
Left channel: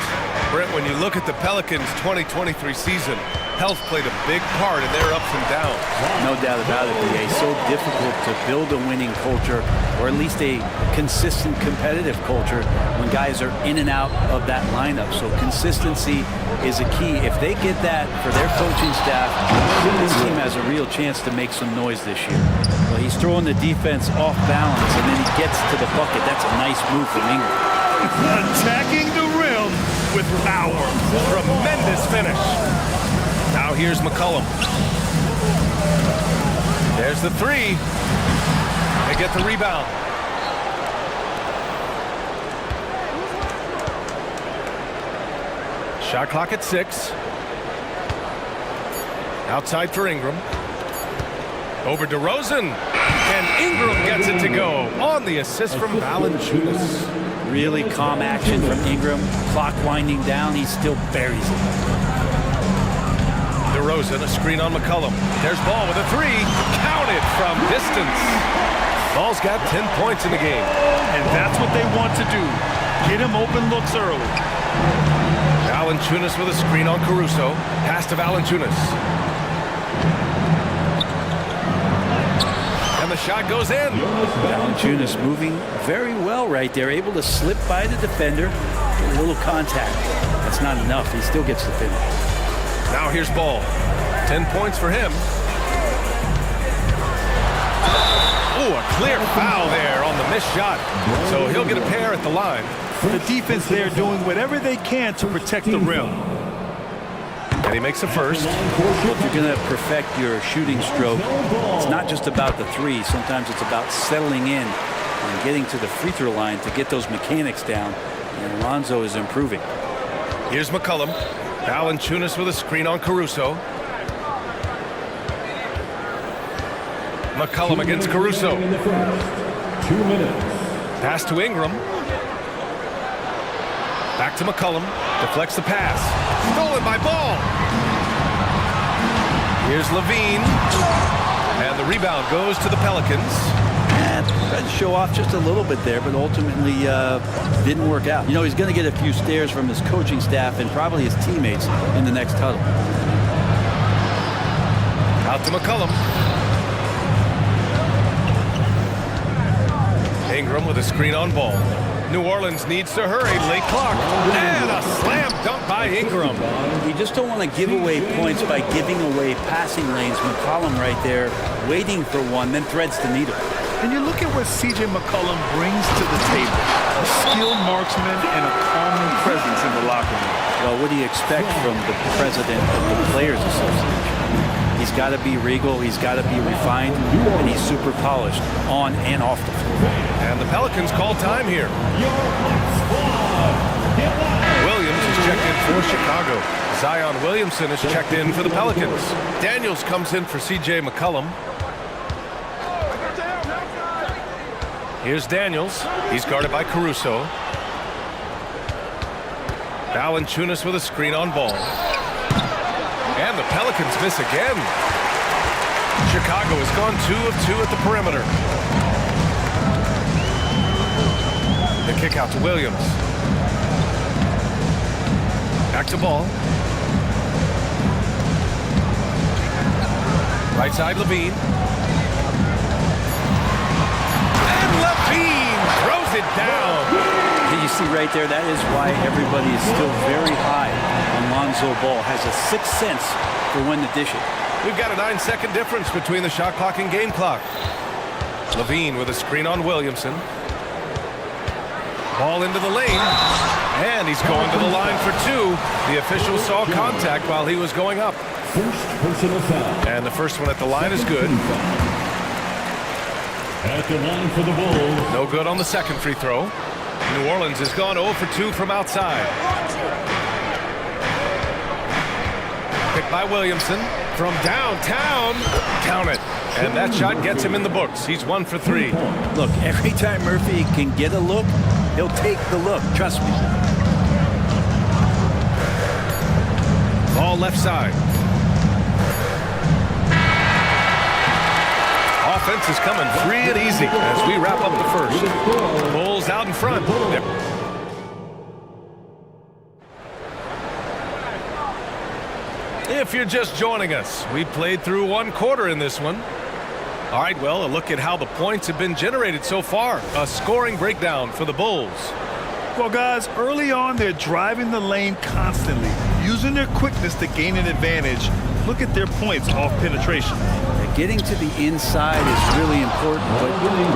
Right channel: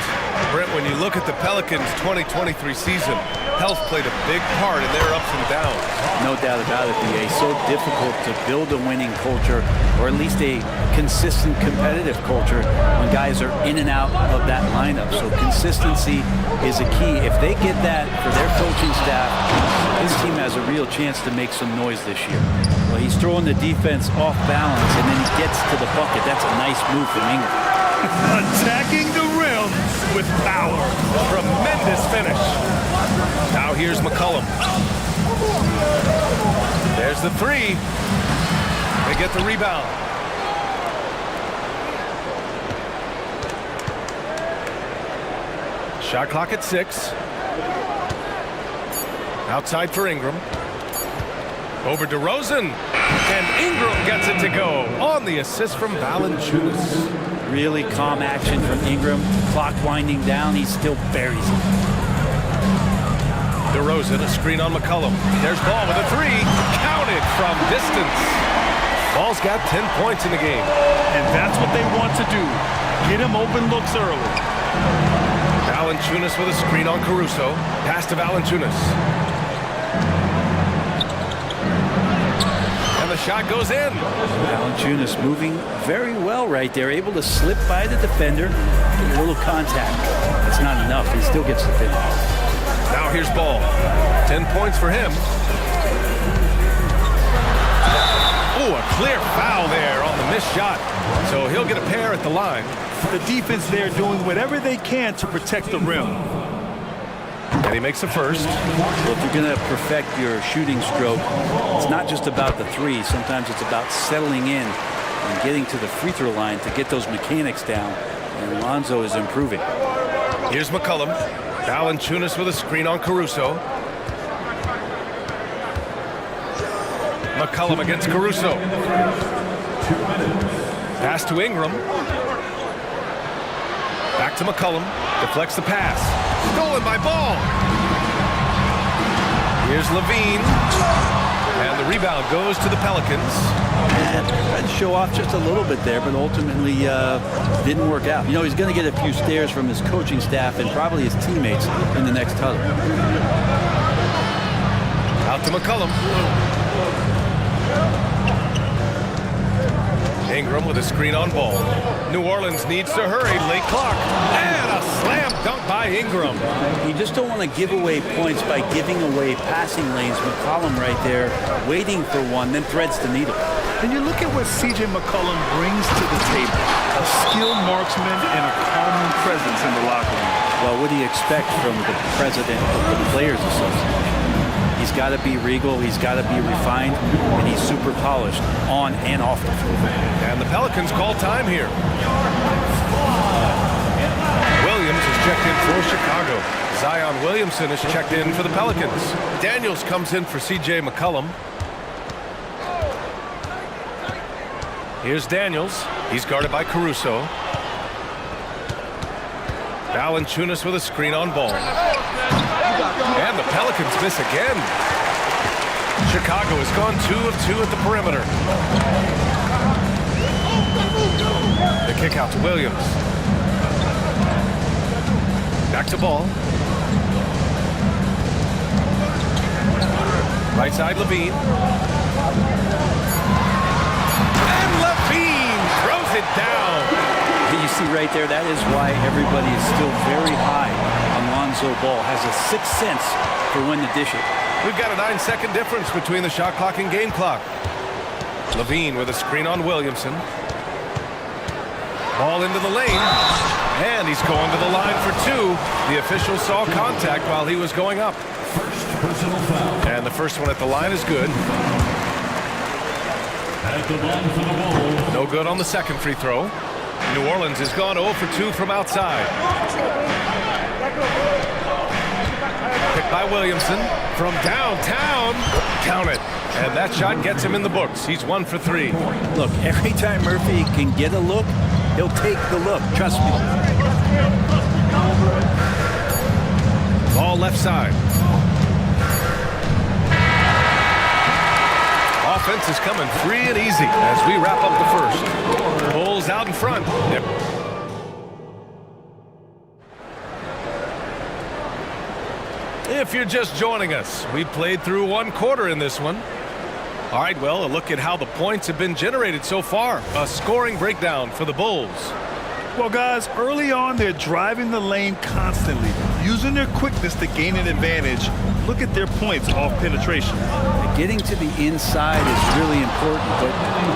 Brent, when you look at the Pelicans' 2023 season, health played a big part in their ups and downs. No doubt about it, B.A. So difficult to build a winning culture, or at least a consistent competitive culture, when guys are in and out of that lineup. So consistency is a key. If they get that for their coaching staff, this team has a real chance to make some noise this year. Well, he's throwing the defense off balance, and then he gets to the bucket. That's a nice move from Ingram. Attacking the rim with power. Tremendous finish. Now here's McCollum. There's the 3. They get the rebound. Shot clock at 6. Outside for Ingram. Over to Rosen. And Ingram gets it to go on the assist from Valanciunas. Really calm action from Ingram. Clock winding down, he still buries it. DeRozan, a screen on McCollum. There's Ball with a 3. Counted from distance. Ball's got 10 points in the game. And that's what they want to do. Get him open looks early. Valanciunas with a screen on Caruso. Pass to Valanciunas. And the shot goes in. Valanciunas moving very well right there, able to slip by the defender, get a little contact. That's not enough. He still gets the finish. Now here's Ball. 10 points for him. Oh, a clear foul there on the missed shot. So he'll get a pair at the line. The defense there doing whatever they can to protect the rim. And he makes the first. Well, if you're going to perfect your shooting stroke, it's not just about the 3. Sometimes it's about settling in and getting to the free throw line to get those mechanics down. And Lonzo is improving. Here's McCollum. Valanciunas with a screen on Caruso. McCollum against Caruso. 2 minutes. Pass to Ingram. Back to McCollum. Deflects the pass. Stolen by Ball. Here's Levine. And the rebound goes to the Pelicans. And tried to show off just a little bit there, but ultimately didn't work out. You know, he's going to get a few stares from his coaching staff and probably his teammates in the next huddle. Out to McCollum. Ingram with a screen on Ball. New Orleans needs to hurry. Late clock. And a slam dunk by Ingram. You just don't want to give away points by giving away passing lanes. McCollum right there waiting for one, then threads the needle. And you look at what C.J. McCollum brings to the table. A skilled marksman and a calming presence in the locker room. Well, what do you expect from the president of the Players Association? He's got to be regal, he's got to be refined, and he's super polished on and off the floor. And the Pelicans call time here. Williams is checked in for Chicago. Zion Williamson is checked in for the Pelicans. Daniels comes in for C.J. McCollum. Here's Daniels. He's guarded by Caruso. Valanciunas with a screen on ball. And the Pelicans miss again. Chicago has gone 2 of 2 at the perimeter. The kick out to Williams. Back to ball. Right side, Levine. And Levine throws it down. You see right there, that is why everybody is still very high on Lonzo Ball. Has a sixth sense for when to dish it. We've got a 9-second difference between the shot clock and game clock. Levine with a screen on Williamson. Ball into the lane. And he's going to the line for 2. The official saw contact while he was going up. First personal foul. And the first one at the line is good. At the line for the Bulls. No good on the second free throw. New Orleans has gone 0 for 2 from outside. Picked by Williamson from downtown. Count it. And that shot gets him in the books. He's 1 for 3. Look, every time Murphy can get a look, he'll take the look. Trust me. Ball left side. Offense is coming free and easy as we wrap up the first. Bulls out in front. Yep. If you're just joining us, we played through 1 quarter in this one. All right, well, a look at how the points have been generated so far. A scoring breakdown for the Bulls. Well, guys, early on, they're driving the lane constantly, using their quickness to gain an advantage. Look at their points off penetration. Getting to the inside is really important, but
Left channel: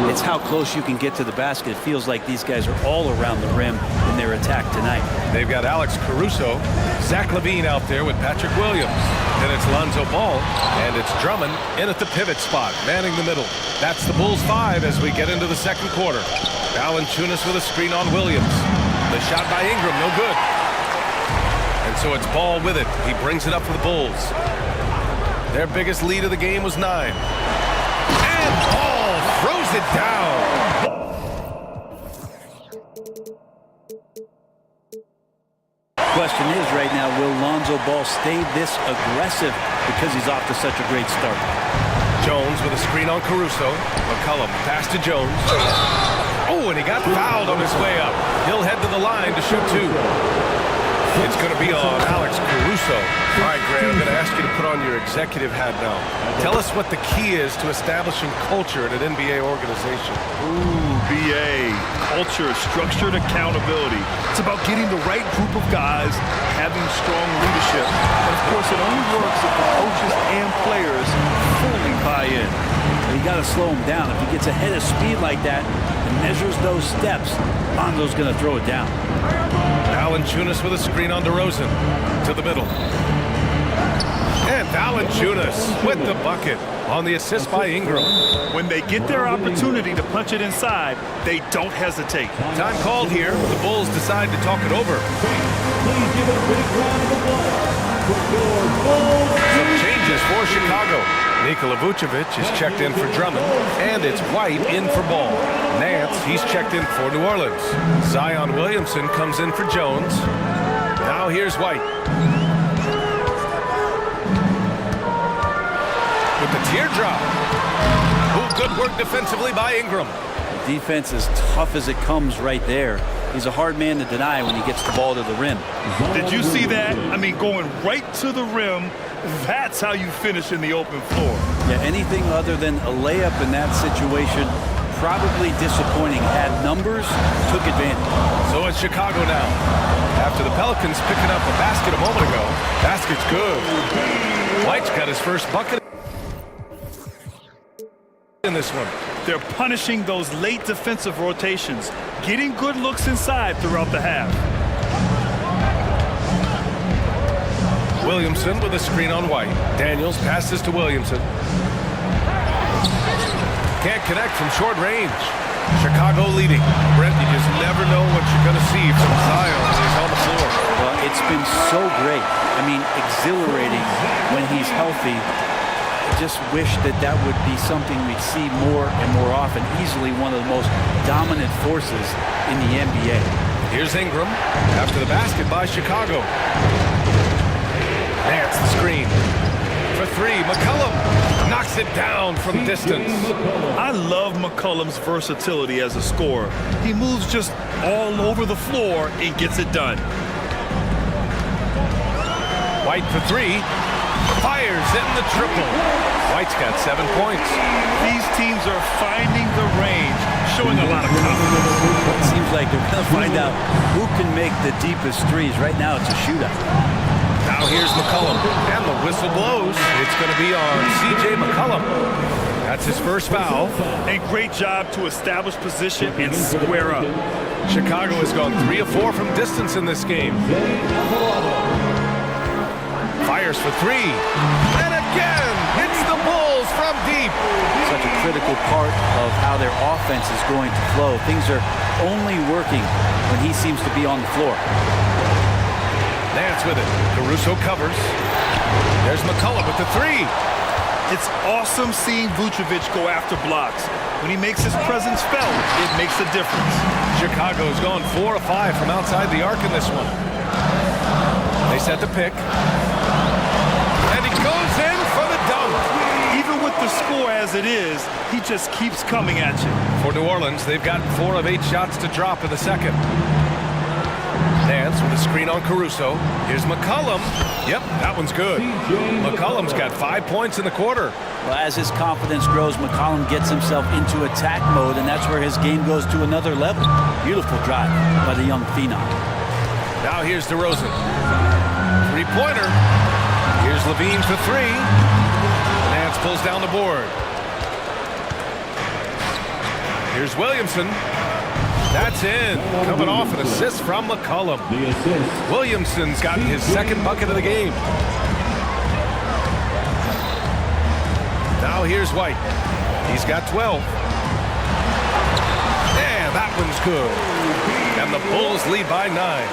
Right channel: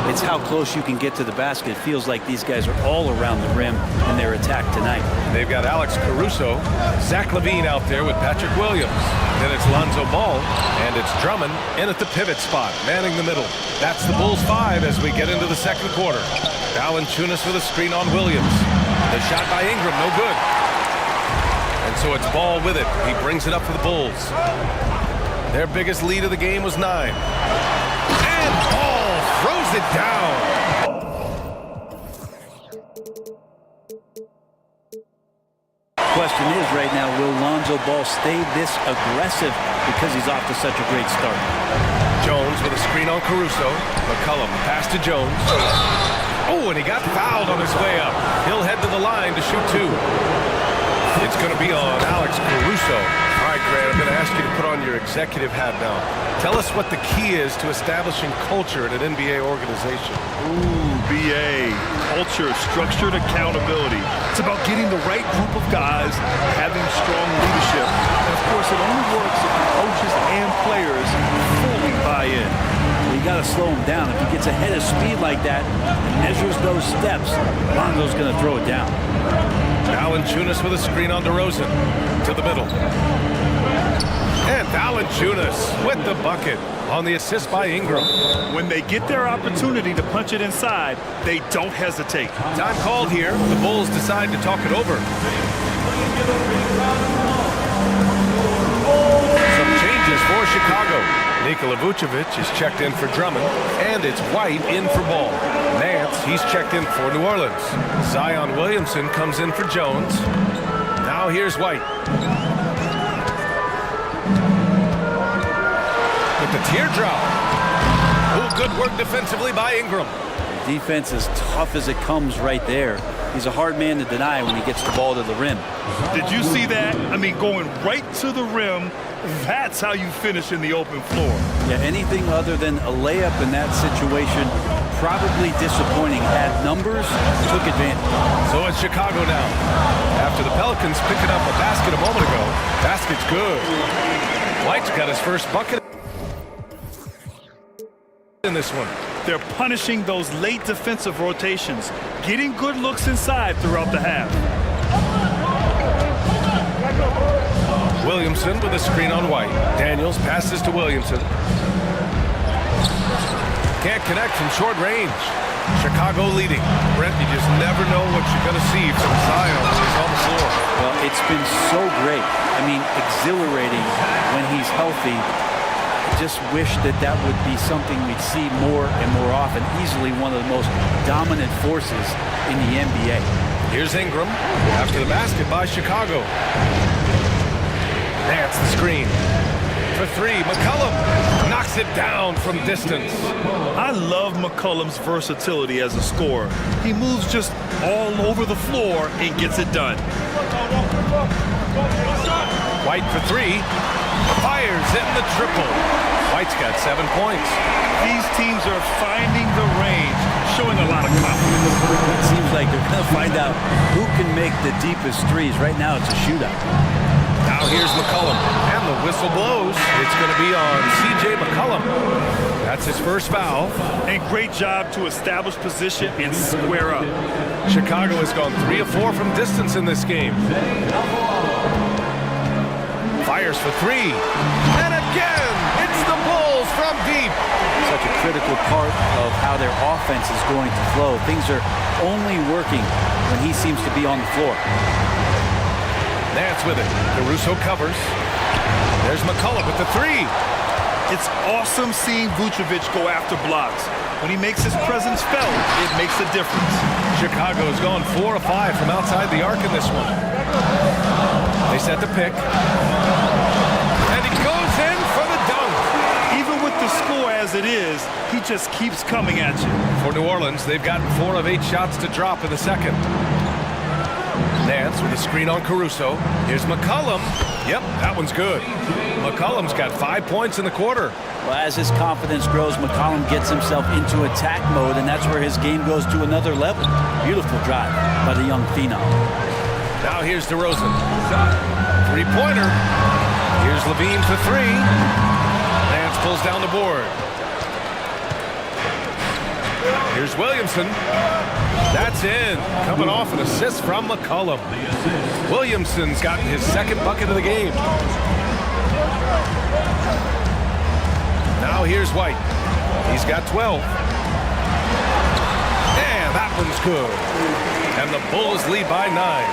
it's how close you can get to the basket. It feels like these guys are all around the rim in their attack tonight. They've got Alex Caruso, Zach LaVine out there with Patrick Williams. Then it's Lonzo Ball, and it's Drummond in at the pivot spot, manning the middle. That's the Bulls 5 as we get into the second quarter. Valanciunas with a screen on Williams. The shot by Ingram, no good. And so it's Ball with it. He brings it up for the Bulls. Their biggest lead of the game was 9. And Ball throws it down. Question is right now, will Lonzo Ball stay this aggressive because he's off to such a great start? Jones with a screen on Caruso. McCollum pass to Jones. Oh, and he got fouled on his way up. He'll head to the line to shoot 2. It's going to be on Alex Caruso. All right, Grant, I'm going to ask you to put on your executive hat now. Tell us what the key is to establishing culture in an NBA organization. Ooh, BA. Culture, structured accountability. It's about getting the right group of guys, having strong leadership. And, of course, it only works if the coaches and players fully buy in. Well, you got to slow him down. If he gets ahead of speed like that and measures those steps, Lonzo's going to throw it down. Valanciunas with a screen on DeRozan to the middle. And Valanciunas with the bucket on the assist by Ingram. When they get their opportunity to punch it inside, they don't hesitate. Time called here. The Bulls decide to talk it over. Some changes for Chicago. Nikola Vucevic is checked in for Drummond, and it's White in for Ball. Nance, he's checked in for New Orleans. Zion Williamson comes in for Jones. Now here's White. With the teardrop. Oh, good work defensively by Ingram. The defense is tough as it comes right there. He's a hard man to deny when he gets the ball to the rim. Did you see that? I mean, going right to the rim, that's how you finish in the open floor. Yeah, anything other than a layup in that situation, probably disappointing. Had numbers, took advantage. So it's Chicago now. After the Pelicans picking up a basket a moment ago, basket's good. White's got his first bucket in this one. They're punishing those late defensive rotations, getting good looks inside throughout the half. Williamson with a screen on White. Daniels passes to Williamson. Can't connect from short range. Chicago leading. Brent, you just never know what you're going to see from Zion when he's on the floor. Well, it's been so great. I mean, exhilarating when he's healthy. I just wish that that would be something we'd see more and more often. Easily one of the most dominant forces in the NBA. Here's Ingram after the basket by Chicago. Nance the screen. For three, McCollum knocks it down from distance. I love McCollum's versatility as a scorer. He moves just all over the floor and gets it done. White for three, fires in the triple. White's got 7 points. These teams are finding the range, showing a lot of confidence. It seems like they're going to find out who can make the deepest threes. Right now it's a shootout. Now here's McCollum, and the whistle blows. It's going to be on C.J. McCollum. That's his first foul. And great job to establish position and square up. Chicago has gone 3 of 4 from distance in this game. Fires for three. And again, it's the Bulls from deep. Such a critical part of how their offense is going to flow. Things are only working when he seems to be on the floor. Nance with it. Caruso covers. There's McCollum with the three. It's awesome seeing Vucevic go after blocks. When he makes his presence felt, it makes a difference. Chicago's gone 4 of 5 from outside the arc in this one. They set the pick. And he goes in for the dunk. Even with the score as it is, he just keeps coming at you. For New Orleans, they've gotten 4 of 8 shots to drop in the second. Nance with a screen on Caruso. Here's McCollum. Yep, that one's good. McCollum's got 5 points in the quarter. Well, as his confidence grows, McCollum gets himself into attack mode, and that's where his game goes to another level. Beautiful drive by the young phenom. Now here's DeRozan. Three-pointer. Here's Levine for three. Nance pulls down the board. Here's Williamson. That's in. Coming off an assist from McCollum. Williamson's gotten his second bucket of the game. Now here's White. He's got 12. And that one's good. And the Bulls lead by 9.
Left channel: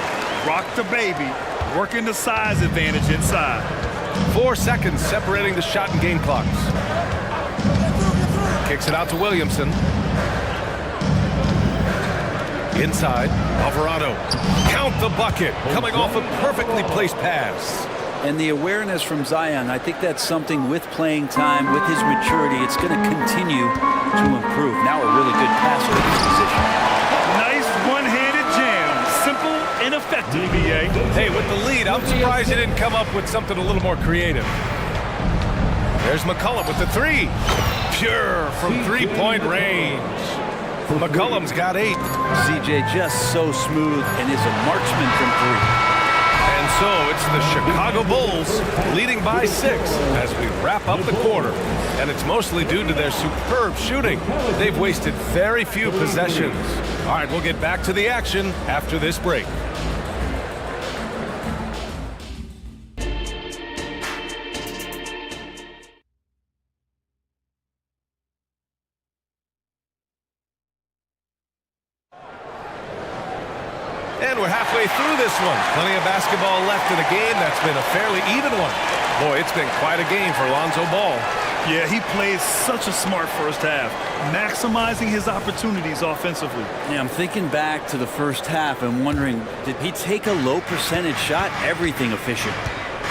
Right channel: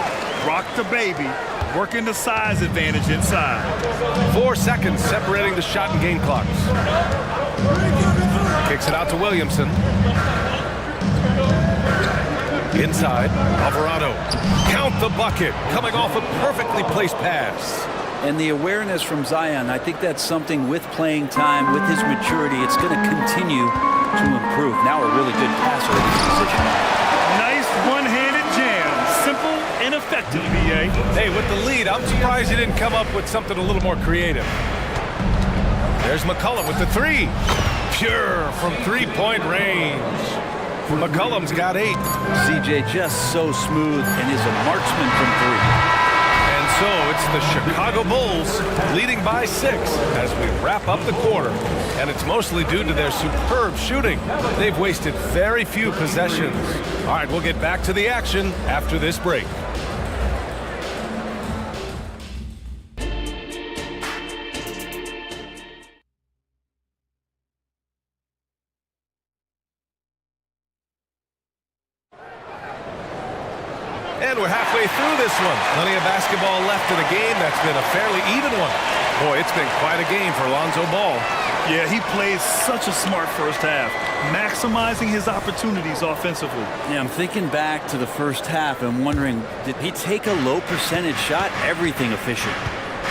Rock the baby. Working the size advantage inside. 4 seconds separating the shot and game clocks. Kicks it out to Williamson. Inside, Alvarado. Count the bucket, coming off a perfectly placed pass. And the awareness from Zion, I think that's something with playing time, with his maturity, it's going to continue to improve. Now a really good passer at his position. Nice one-handed jam. Simple and effective, B.A. Hey, with the lead, I'm surprised he didn't come up with something a little more creative. There's McCollum with the three. Pure from three-point range. McCollum's got 8. CJ just so smooth and is a marksman from 3. And so it's the Chicago Bulls leading by 6 as we wrap up the quarter. And it's mostly due to their superb shooting. They've wasted very few possessions. All right, we'll get back to the action after this break. And we're halfway through this one. Plenty of basketball left in a game that's been a fairly even one. Boy, it's been quite a game for Lonzo Ball. Yeah, he plays such a smart first half, maximizing his opportunities offensively. Yeah, I'm thinking back to the first half and wondering, did he take a low percentage shot? Everything efficient.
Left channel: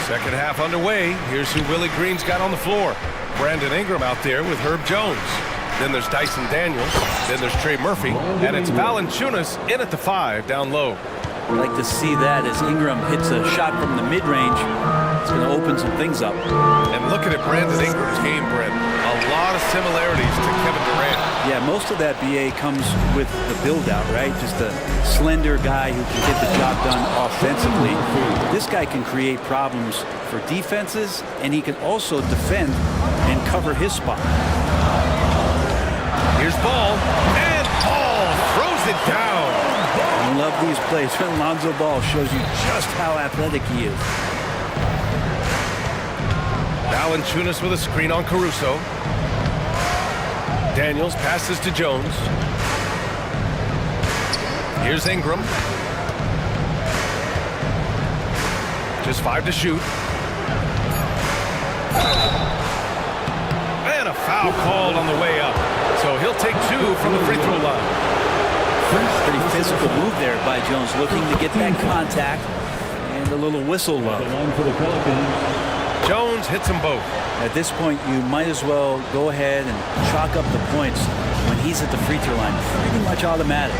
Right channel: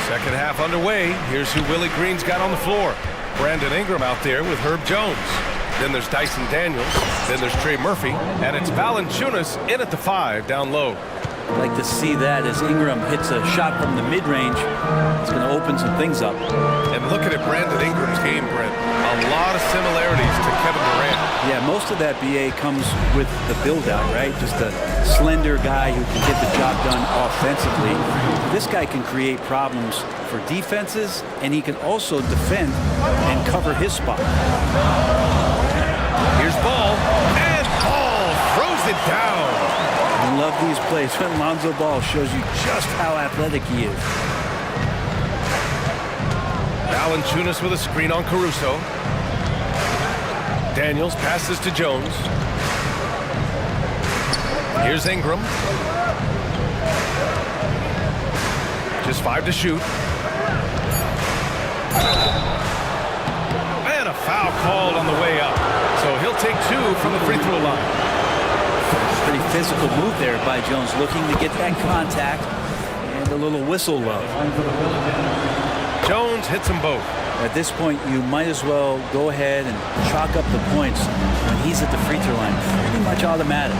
Second half underway. Here's who Willie Green's got on the floor. Brandon Ingram out there with Herb Jones. Then there's Dyson Daniels. Then there's Trey Murphy. And it's Valanciunas in at the 5 down low. I'd like to see that as Ingram hits a shot from the mid-range. It's going to open some things up. And looking at Brandon Ingram's game, Brent, a lot of similarities to Kevin Durant. Yeah, most of that, BA, comes with the build-out, right? Just a slender guy who can get the job done offensively. This guy can create problems for defenses, and he can also defend and cover his spot. Here's Ball, and Ball throws it down. I love these plays when Lonzo Ball shows you just how athletic he is. Valanciunas with a screen on Caruso. Daniels passes to Jones. Here's Ingram. Just 5 to shoot. And a foul called on the way up. So he'll take 2 from the free throw line. Pretty physical move there by Jones, looking to get that contact and a little whistle love. Jones hits them both. At this point, you might as well go ahead and chalk up the points when he's at the free throw line. Pretty much automatic.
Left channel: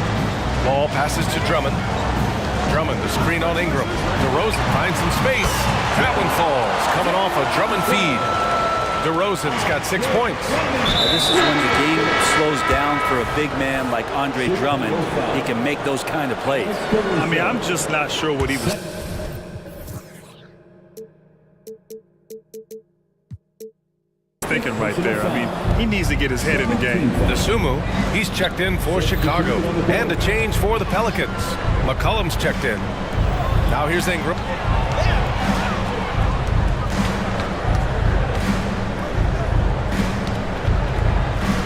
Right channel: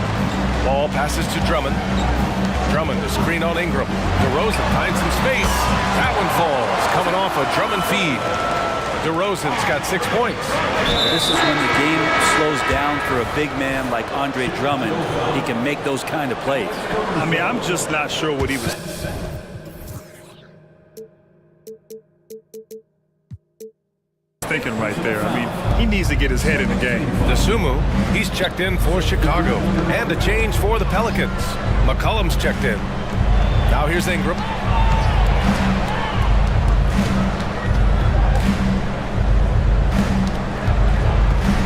Ball passes to Drummond. Drummond, the screen on Ingram. DeRozan finds some space. That one falls, coming off a Drummond feed. DeRozan's got 6 points. Now, this is when the game slows down for a big man like Andre Drummond. He can make those kind of plays. I mean, I'm just not sure what he was thinking right there. I mean, he needs to get his head in the game. Dosunmu, he's checked in for Chicago. And a change for the Pelicans. McCollum's checked in. Now here's Ingram.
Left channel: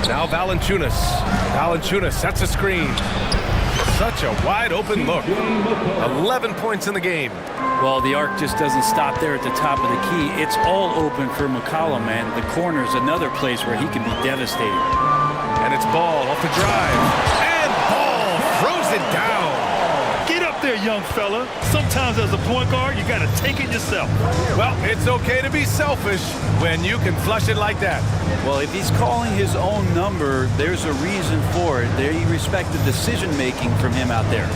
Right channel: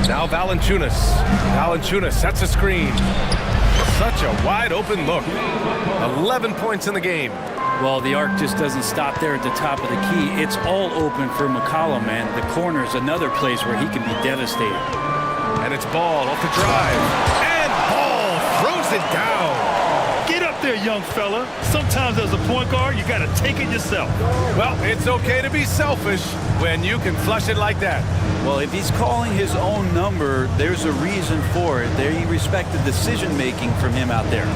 Now Valanciunas. Valanciunas sets a screen. Such a wide open look. 11 points in the game. Well, the arc just doesn't stop there at the top of the key. It's all open for McCollum, and the corner's another place where he can be devastating. And it's Ball off the drive. And Ball throws it down. Get up there, young fella. Sometimes as a point guard, you got to take it yourself. Well, it's okay to be selfish when you can flush it like that. Well, if he's calling his own number, there's a reason for it. They respect the decision-making from him out there.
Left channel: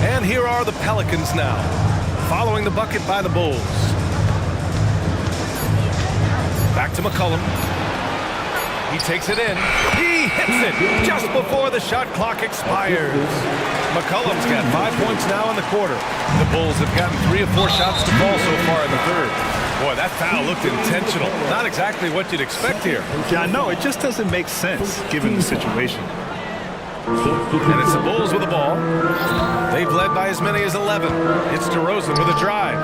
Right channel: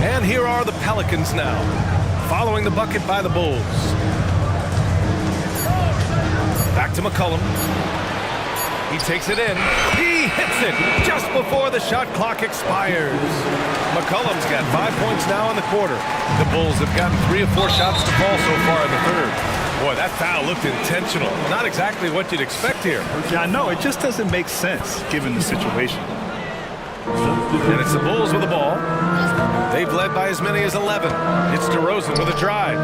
And here are the Pelicans now, following the bucket by the Bulls. Back to McCollum. He takes it in. He hits it just before the shot clock expires. McCollum's got 5 points now in the quarter. The Bulls have gotten 3 or 4 shots to fall so far in the third. Boy, that foul looked intentional. Not exactly what you'd expect here. Yeah, I know. It just doesn't make sense given the situation. And it's the Bulls with the ball. They've led by as many as 11. It's DeRozan with a drive.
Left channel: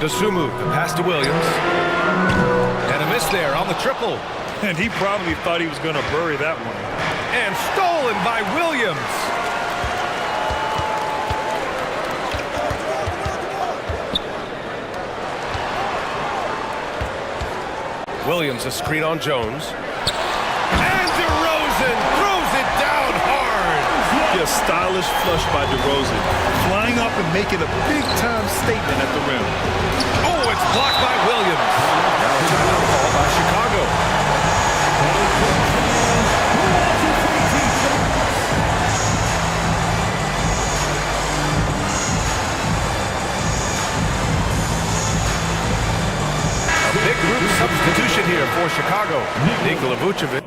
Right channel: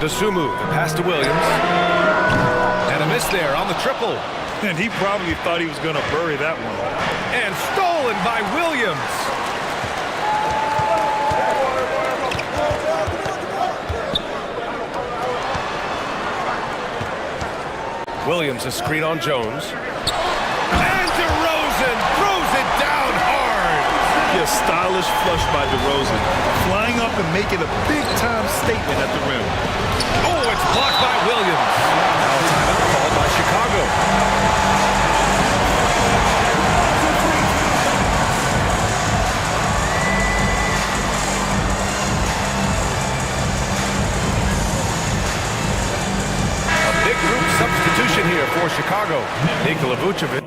Dosunmu, the pass to Williams. And a miss there on the triple. And he probably thought he was going to bury that one. And stolen by Williams. Williams a screen on Jones. And DeRozan throws it down hard. A stylish flush by DeRozan, flying up and making a big-time statement at the rim. Oh, it's blocked by Williams. Now a timeout called by Chicago. A big group substitution here for Chicago. Nikola Vucevic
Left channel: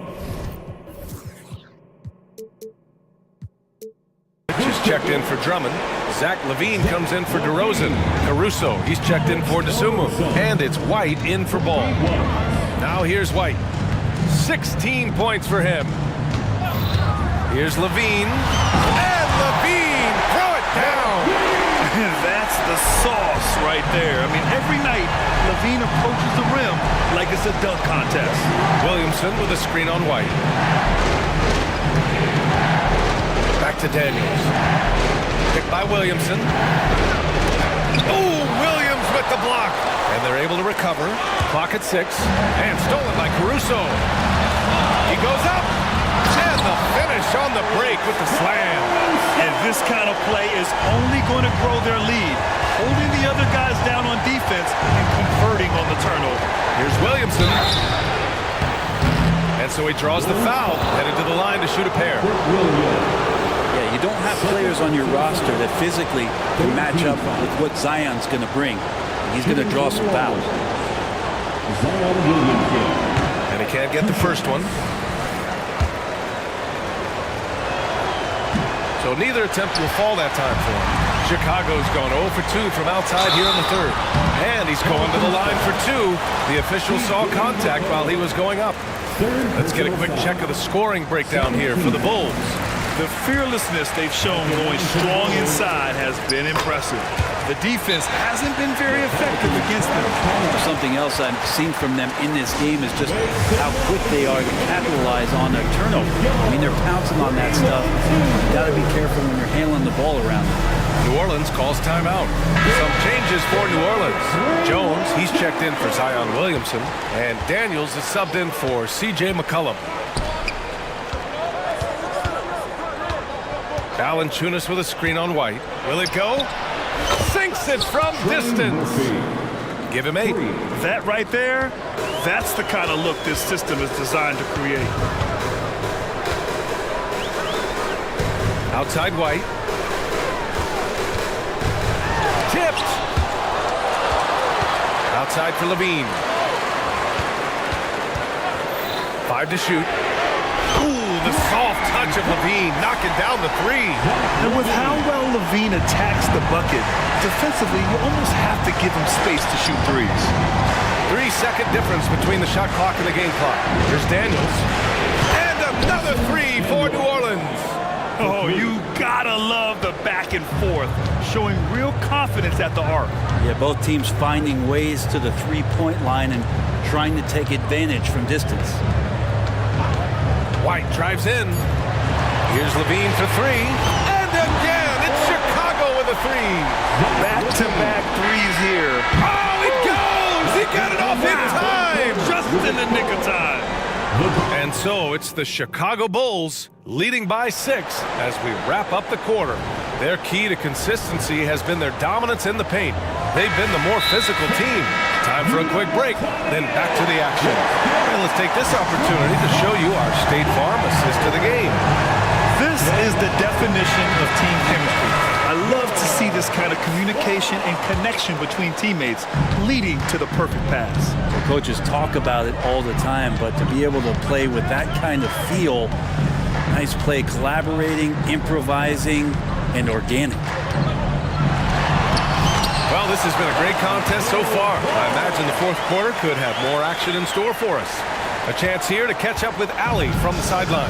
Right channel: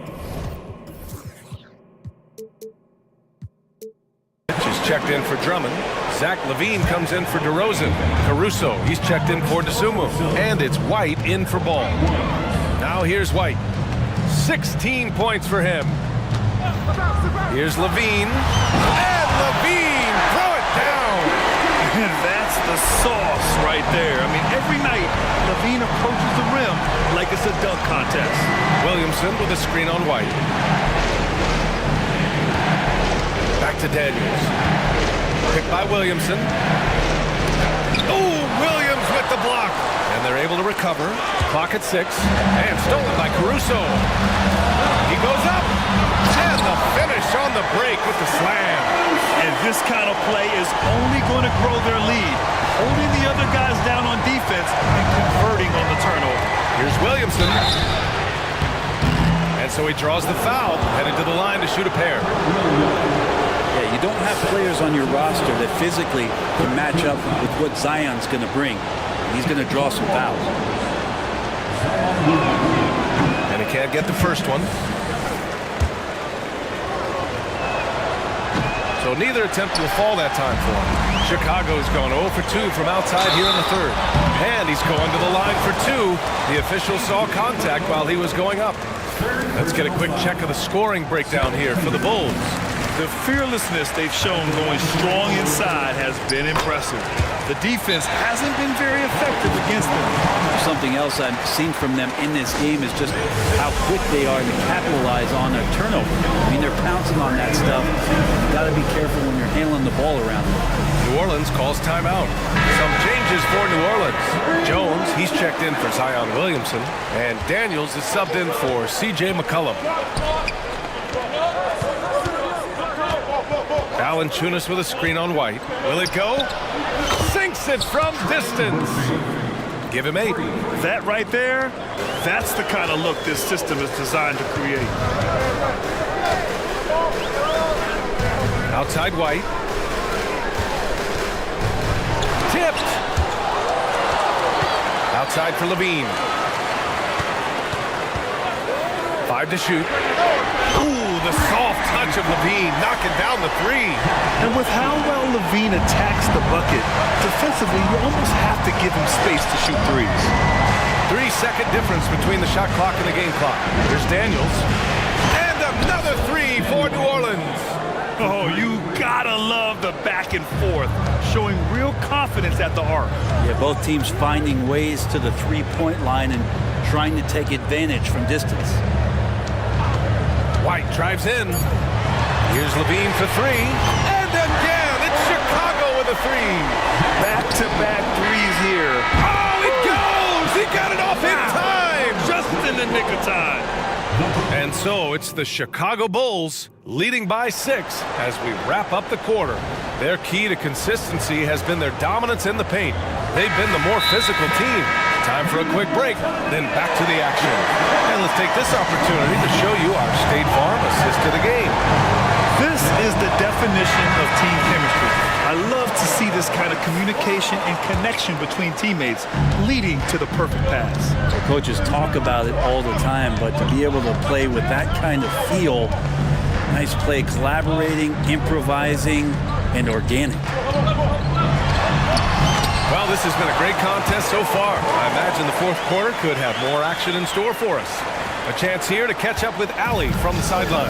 is checked in for Drummond. Zach LaVine comes in for DeRozan. Caruso, he's checked in for Dosunmu. And it's White in for Ball. Now here's White. 16 points for him. Here's LaVine. And LaVine, throw it down. And that's the sauce right there. I mean, every night, LaVine approaches the rim like it's a dunk contest. Williamson with a screen on White. Back to Daniels. Picked by Williamson. Oh, Williams with the block. And they're able to recover. Clock at 6. And stolen by Caruso. He goes up. And the finish on the break with the slam. And this kind of play is only going to grow their lead. Holding the other guys down on defense and converting on the turnover. Here's Williamson. And so he draws the foul. Headed to the line to shoot a pair. Yeah, you don't have players on your roster that physically can match up with what Zion's going to bring. And he's going to draw some fouls. And he can't get the first one. So neither attempt will fall that time for him. Chicago's gone 0 for 2 from outside here in the third. And he's going to the line for 2. The official saw contact while he was going up. Let's get a quick check of the scoring breakdown here for the Bulls. The fearlessness they've shown going strong inside has been impressive. The defense hasn't been very effective against them. Something else I've seen from them in this game is just how quick they are to capitalize on a turnover. I mean, they're pouncing on that stuff. You got to be careful when you're handling the ball around them. New Orleans calls timeout. Some changes for New Orleans. Jones, he's checked in for Zion Williamson, and Daniels is subbed in for C.J. McCollum. Valanciunas with a screen on White. Will it go? Sinks it from distance. Give him 8. That right there, that's the kind of look this system is designed to create. Outside White. Tipped. Outside for Levine. 5 to shoot. Ooh, the soft touch of Levine knocking down the 3. And with how well Levine attacks the bucket, defensively, you almost have to give him space to shoot threes. 3-second difference between the shot clock and the game clock. Here's Daniels. And another 3 for New Orleans. Oh, you gotta love the back and forth, showing real confidence at the arc. Yeah, both teams finding ways to the three-point line and trying to take advantage from distance. White drives in. Here's Levine for 3. And again, it's Chicago with a 3. Back-to-back threes here. Oh, it goes! He got it off in time! Just in the nick of time. And so it's the Chicago Bulls leading by 6 as we wrap up the quarter. Their key to consistency has been their dominance in the paint. They've been the more physical team. Time for a quick break, then back to the action. And let's take this opportunity to show you our State Farm assist to the game. This is the definition of team chemistry. I love to see this kind of communication and connection between teammates leading to the perfect pass. The coaches talk about it all the time, but to be able to play with that kind of feel, nice play, collaborating, improvising, and organic. Well, this has been a great contest so far. I imagine the fourth quarter could have more action in store for us. A chance here to catch up with Allie from the sideline.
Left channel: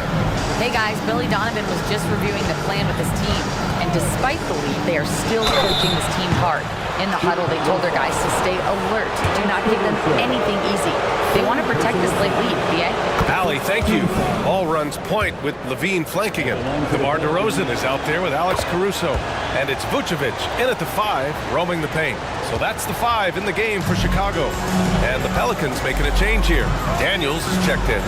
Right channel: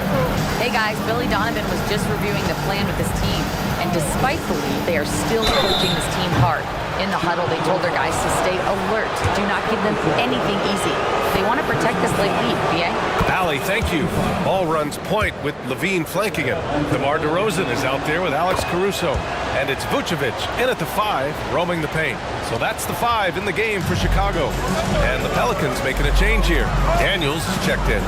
Hey guys, Billy Donovan was just reviewing the plan with his team, and despite the lead, they are still coaching this team hard. In the huddle, they told their guys to stay alert. Do not give them anything easy. They want to protect this late lead, B.A. Allie, thank you. Ball runs point with Levine flanking him. DeMar DeRozan is out there with Alex Caruso. And it's Vucevic in at the 5, roaming the paint. So that's the 5 in the game for Chicago. And the Pelicans making a change here. Daniels is checked in.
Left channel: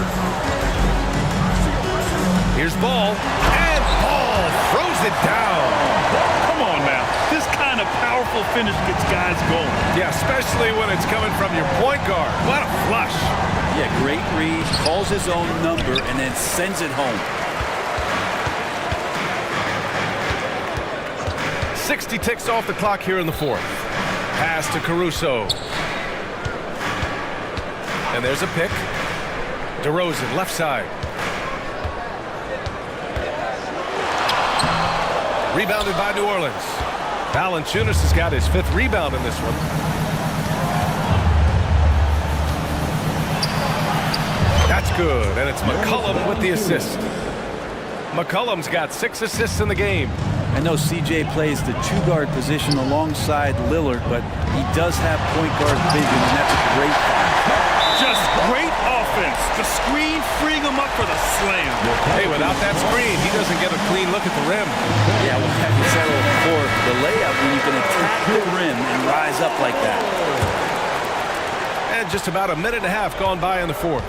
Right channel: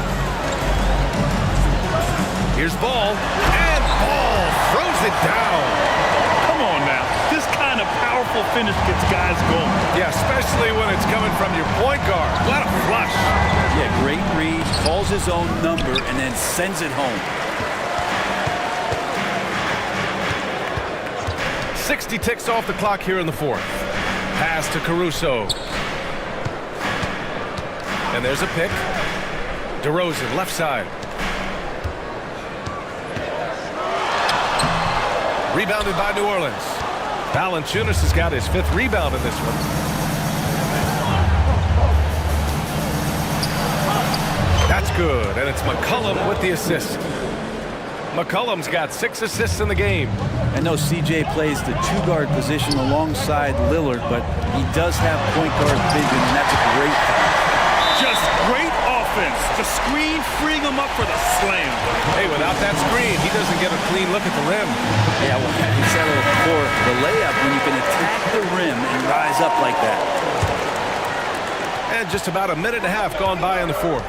Here's Ball. And Ball throws it down. Come on now. This kind of powerful finish gets guys going. Yeah, especially when it's coming from your point guard. What a flush. Yeah, great read, calls his own number, and then sends it home. 60 ticks off the clock here in the fourth. Pass to Caruso. And there's a pick. DeRozan, left side. Rebounded by New Orleans. Valanciunas has got his 5th rebound in this one. That's good, and it's McCollum with the assist. McCollum's got 6 assists in the game. I know CJ plays the 2-guard position alongside Lillard, but he does have point guard vision, and that's a great find. Just great offense. The screen freeing him up for the slam. Hey, without that screen, he doesn't get a clean look at the rim. Yeah, well, you settle for the layup when you can attack the rim and rise up like that. And just about a minute and a half gone by in the fourth.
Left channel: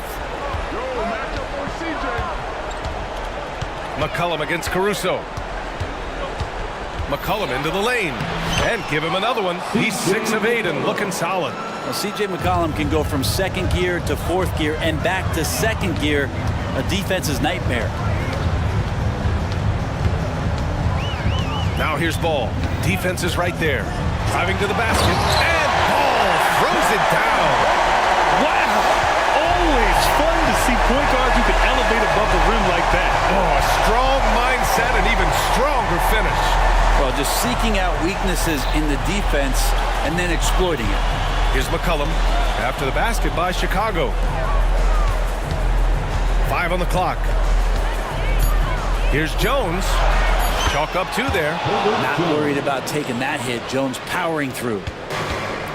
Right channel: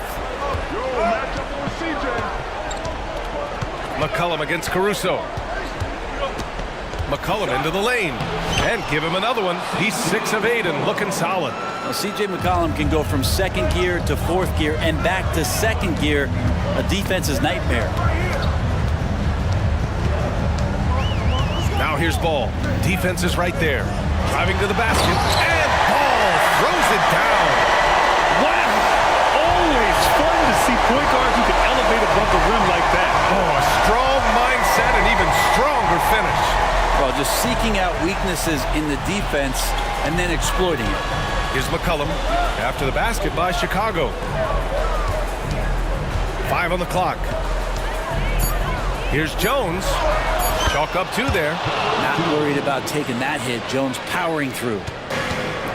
McCollum against Caruso. McCollum into the lane. And give him another one. He's 6 of 8 and looking solid. Well, C.J. McCollum can go from 2nd gear to 4th gear and back to 2nd gear, a defense's nightmare. Now here's Ball. Defense is right there. Driving to the basket. And Ball throws it down. Wow. Always fun to see point guards who can elevate above the rim like that. Oh, a strong mindset and even stronger finish. Well, just seeking out weaknesses in the defense and then exploiting it. Here's McCollum after the basket by Chicago. 5 on the clock. Here's Jones. Chalk up 2 there. Not worried about taking that hit. Jones powering through.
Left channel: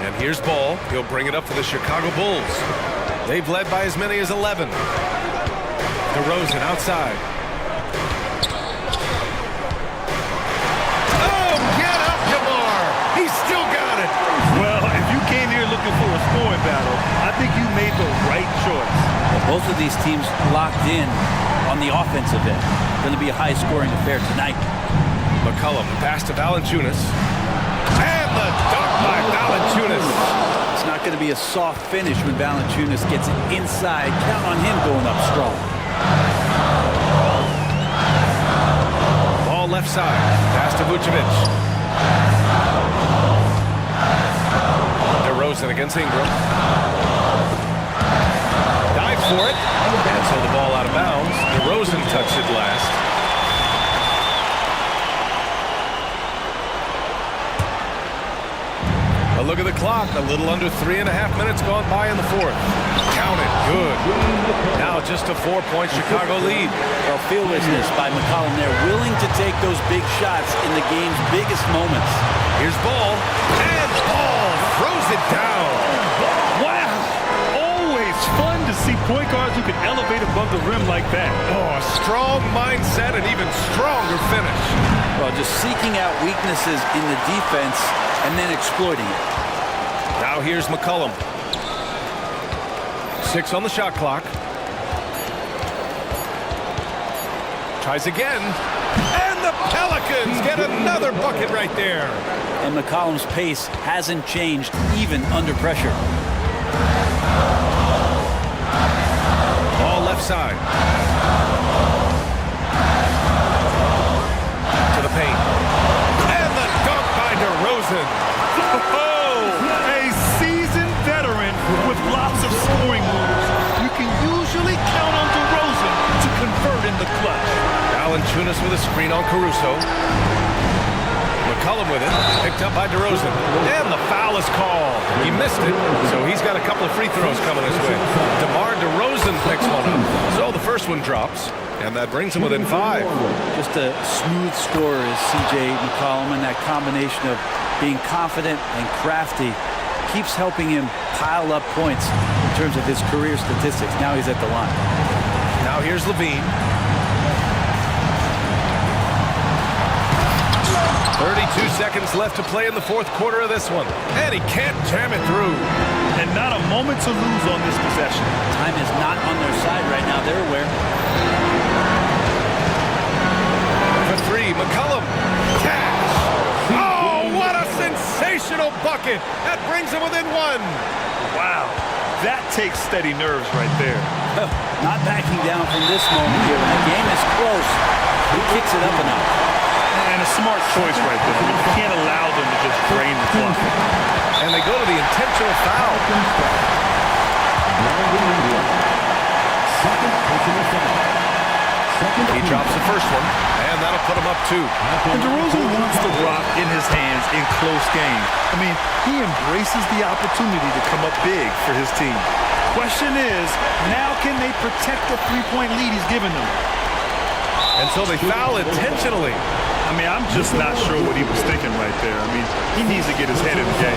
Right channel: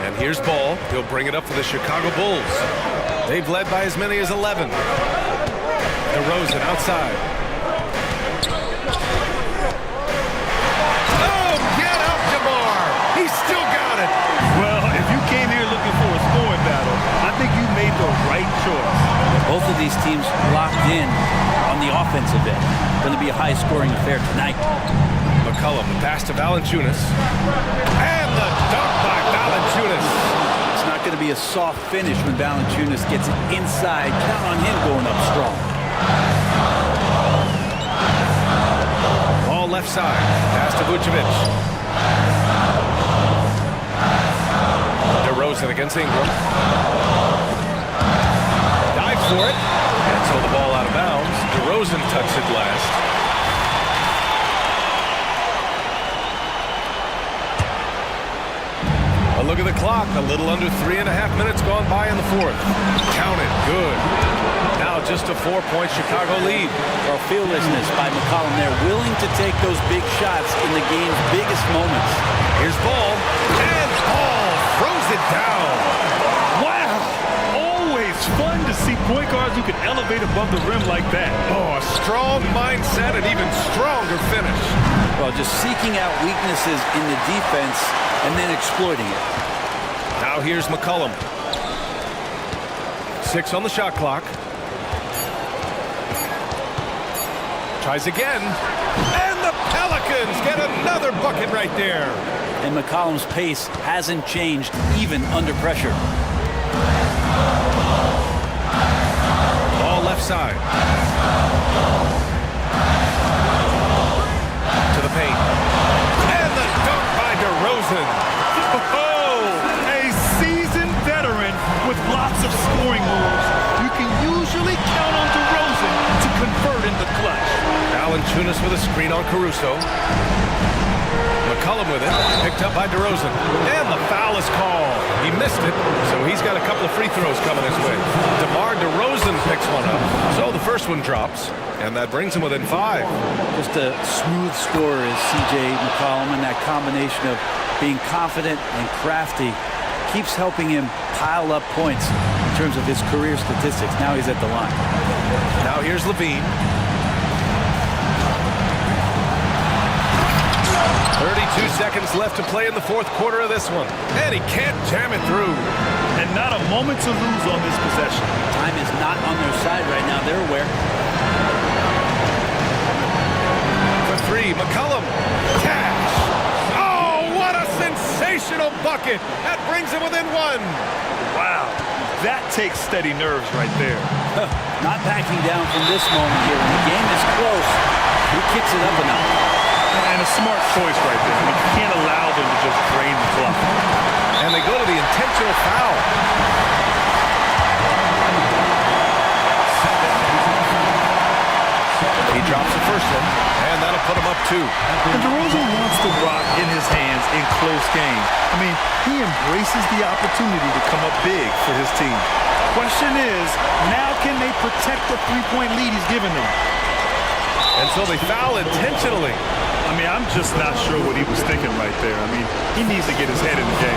And here's Ball. He'll bring it up for the Chicago Bulls. They've led by as many as 11. DeRozan outside. Oh, get up, DeMar. He's still got it. Well, if you came here looking for a scoring battle, I think you made the right choice. Yeah, both of these teams locked in on the offensive end. Going to be a high-scoring affair tonight. McCollum, the pass to Valanciunas. And the dunk by Valanciunas. It's not going to be a soft finish when Valanciunas gets it inside. Count on him going up strong. Ball left side. Pass to Vucevic. DeRozan against Ingram. Dives for it. And so the ball out of bounds. DeRozan touched it last. A look at the clock. A little under 3.5 minutes gone by in the fourth. Count it. Good. Now just a 4-point Chicago lead. Well, fearlessness by McCollum there, willing to take those big shots in the game's biggest moments. Here's Ball. And Ball throws it down. Wow! Always fun to see point guards who can elevate above the rim like that. Oh, a strong mindset and even stronger finish. Well, just seeking out weaknesses in the defense and then exploiting it. Now here's McCollum. 6 on the shot clock. Tries again. And the Pelicans get another bucket right there. And McCollum's pace hasn't changed even under pressure. Ball left side. To the paint. And the dunk by DeRozan. Oh, a seasoned veteran with lots of scoring moves. You can usually count on DeRozan to convert in the clutch. Valanciunas with a screen on Caruso. McCollum with it, picked up by DeRozan. And the foul is called. He missed it, so he's got a couple of free throws coming his way. DeMar DeRozan picks one up, so the first one drops, and that brings him within 5. Just a smooth scorer is C.J. McCollum, and that combination of being confident and crafty keeps helping him pile up points in terms of his career statistics. Now he's at the line. Now here's Levine. 32 seconds left to play in the fourth quarter of this one. And he can't jam it through. And not a moment to lose on this possession. Time is not on their side right now. They're aware. For 3, McCollum. Cash. Oh, what a sensational bucket. That brings him within 1. Wow. That takes steady nerves right there. Not backing down from this moment here. When the game is close, he kicks it up a notch. And a smart choice right there. I mean, you can't allow them to just drain the clock. And they go to the intentional foul. He drops the first one, and that'll put him up 2. And DeRozan wants the rock in his hands in close game. I mean, he embraces the opportunity to come up big for his team. Question is, now can they protect the 3-point lead he's given them? And so they foul intentionally. I mean, I'm just not sure what he was thinking right there. I mean, he needs to get his head in the game.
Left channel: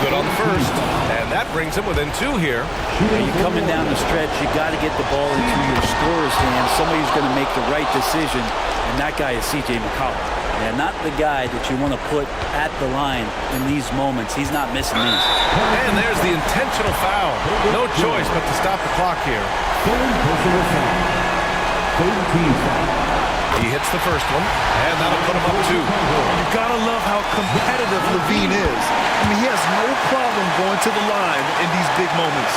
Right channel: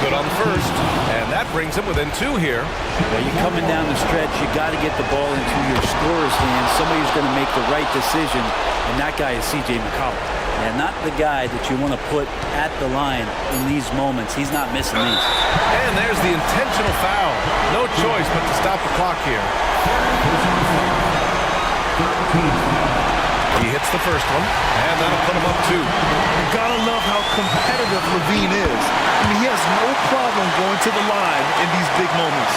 Good on the first, and that brings him within 2 here. Now you're coming down the stretch, you got to get the ball into your scorer's hands. Somebody who's going to make the right decision, and that guy is C.J. McCollum. Yeah, not the guy that you want to put at the line in these moments. He's not missing these. And there's the intentional foul. No choice but to stop the clock here. He hits the first one, and that'll put him up 2. You gotta love how competitive Levine is. I mean, he has no problem going to the line in these big moments.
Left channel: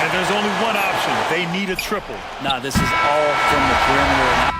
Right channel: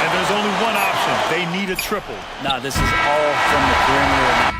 And there's only one option. They need a triple. Nah, this is all from the perimeter and out.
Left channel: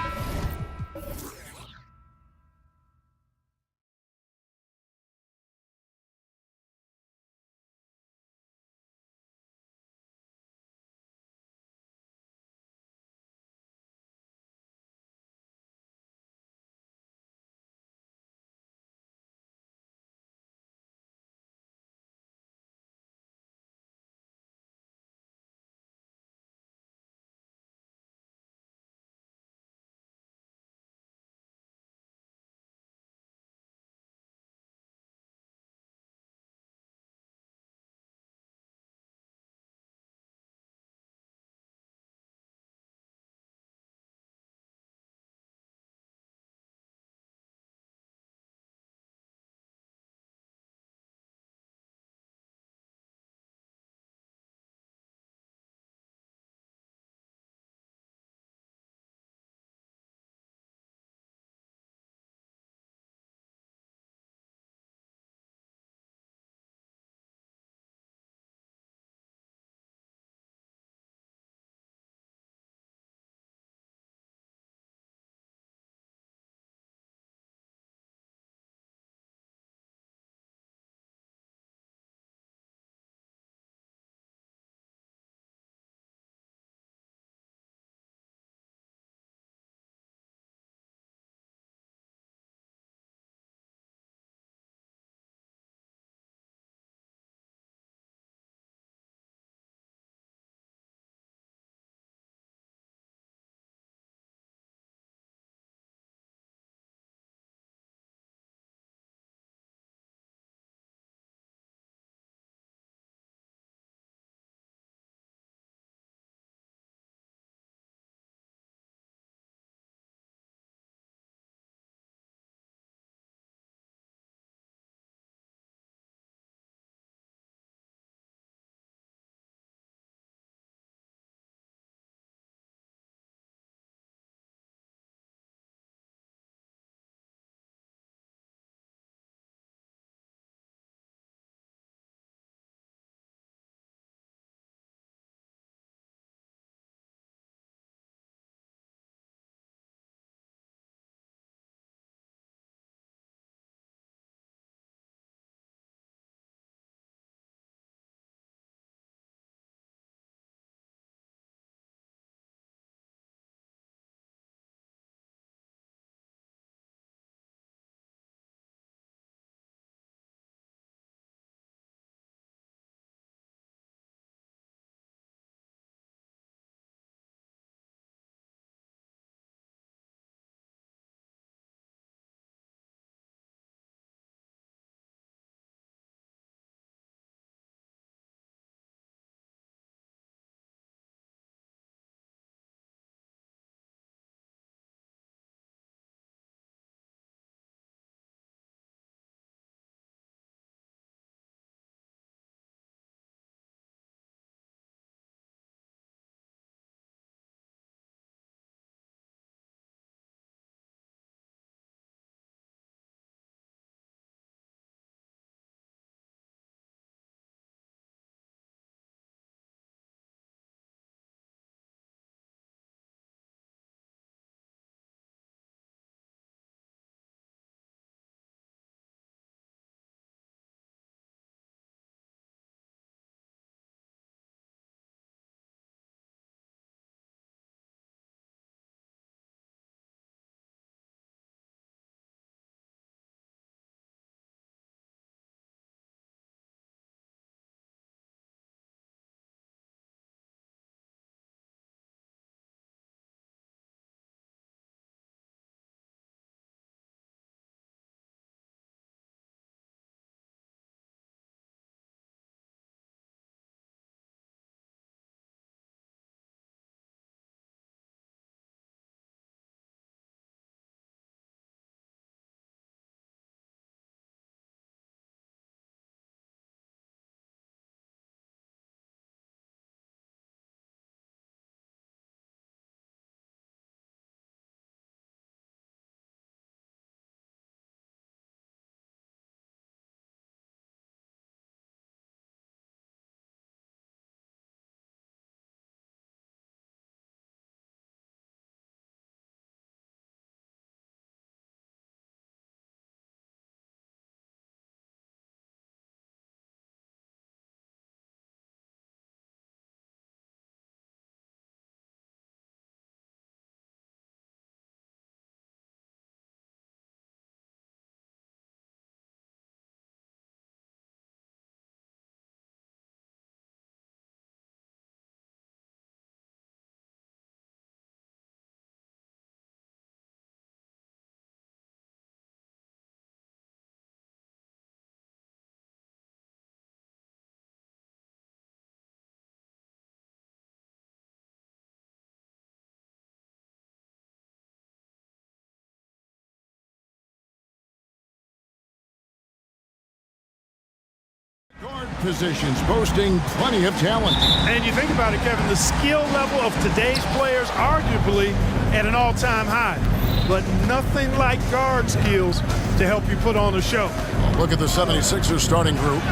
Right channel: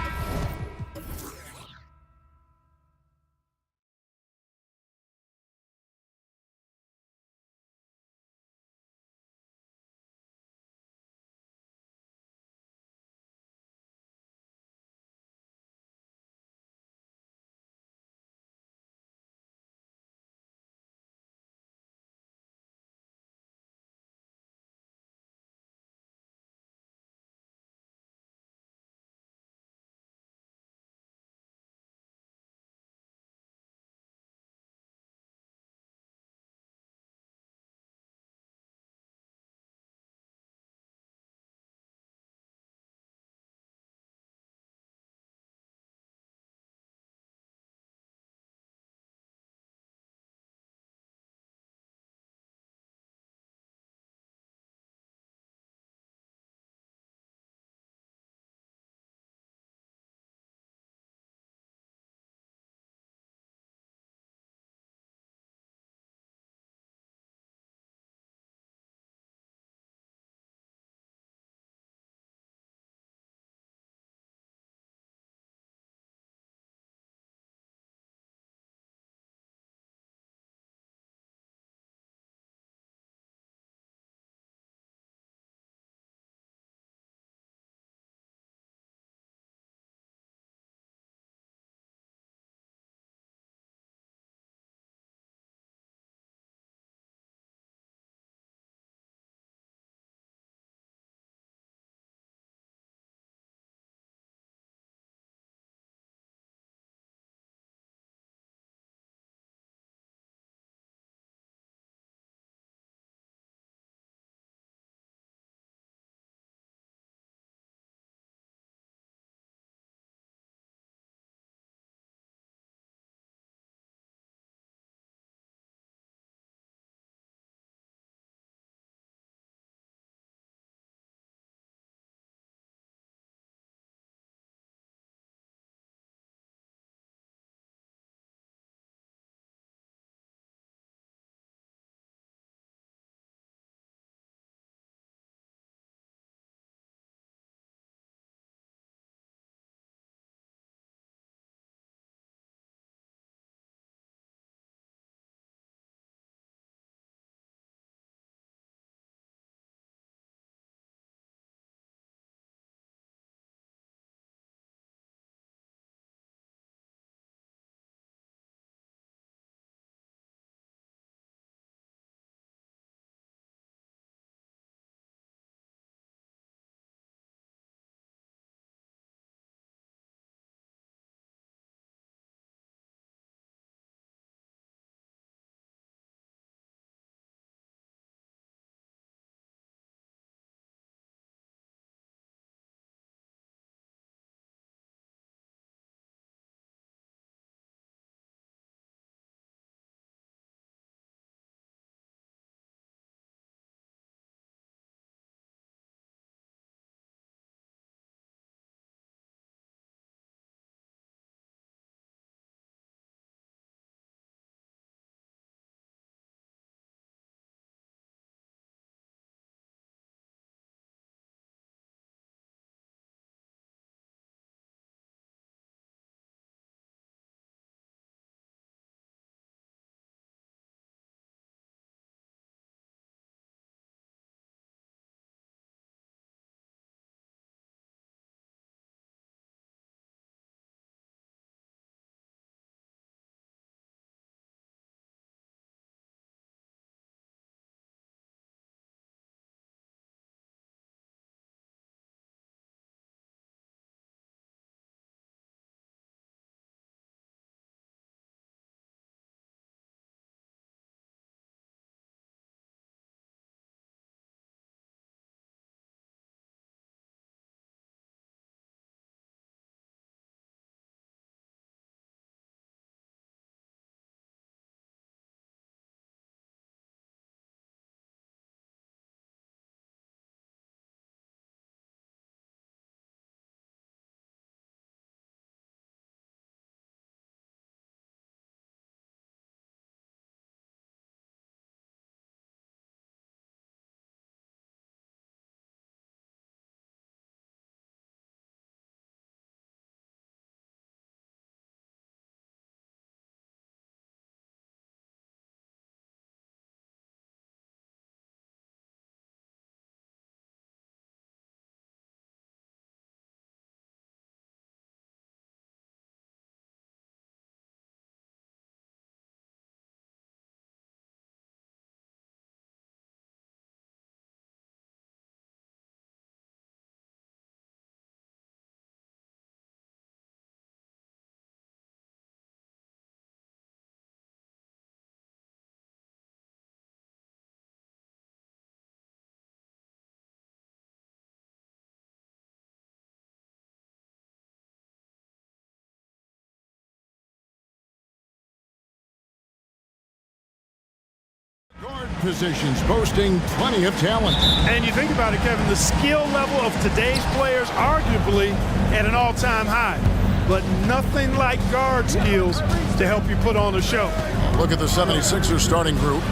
positions, boasting plenty of talent. And you think about it, Kevin, the skill level of today's players arguably at an all-time high. But nothing like guard skills to help you put on a show. Look at the 76ers starting group.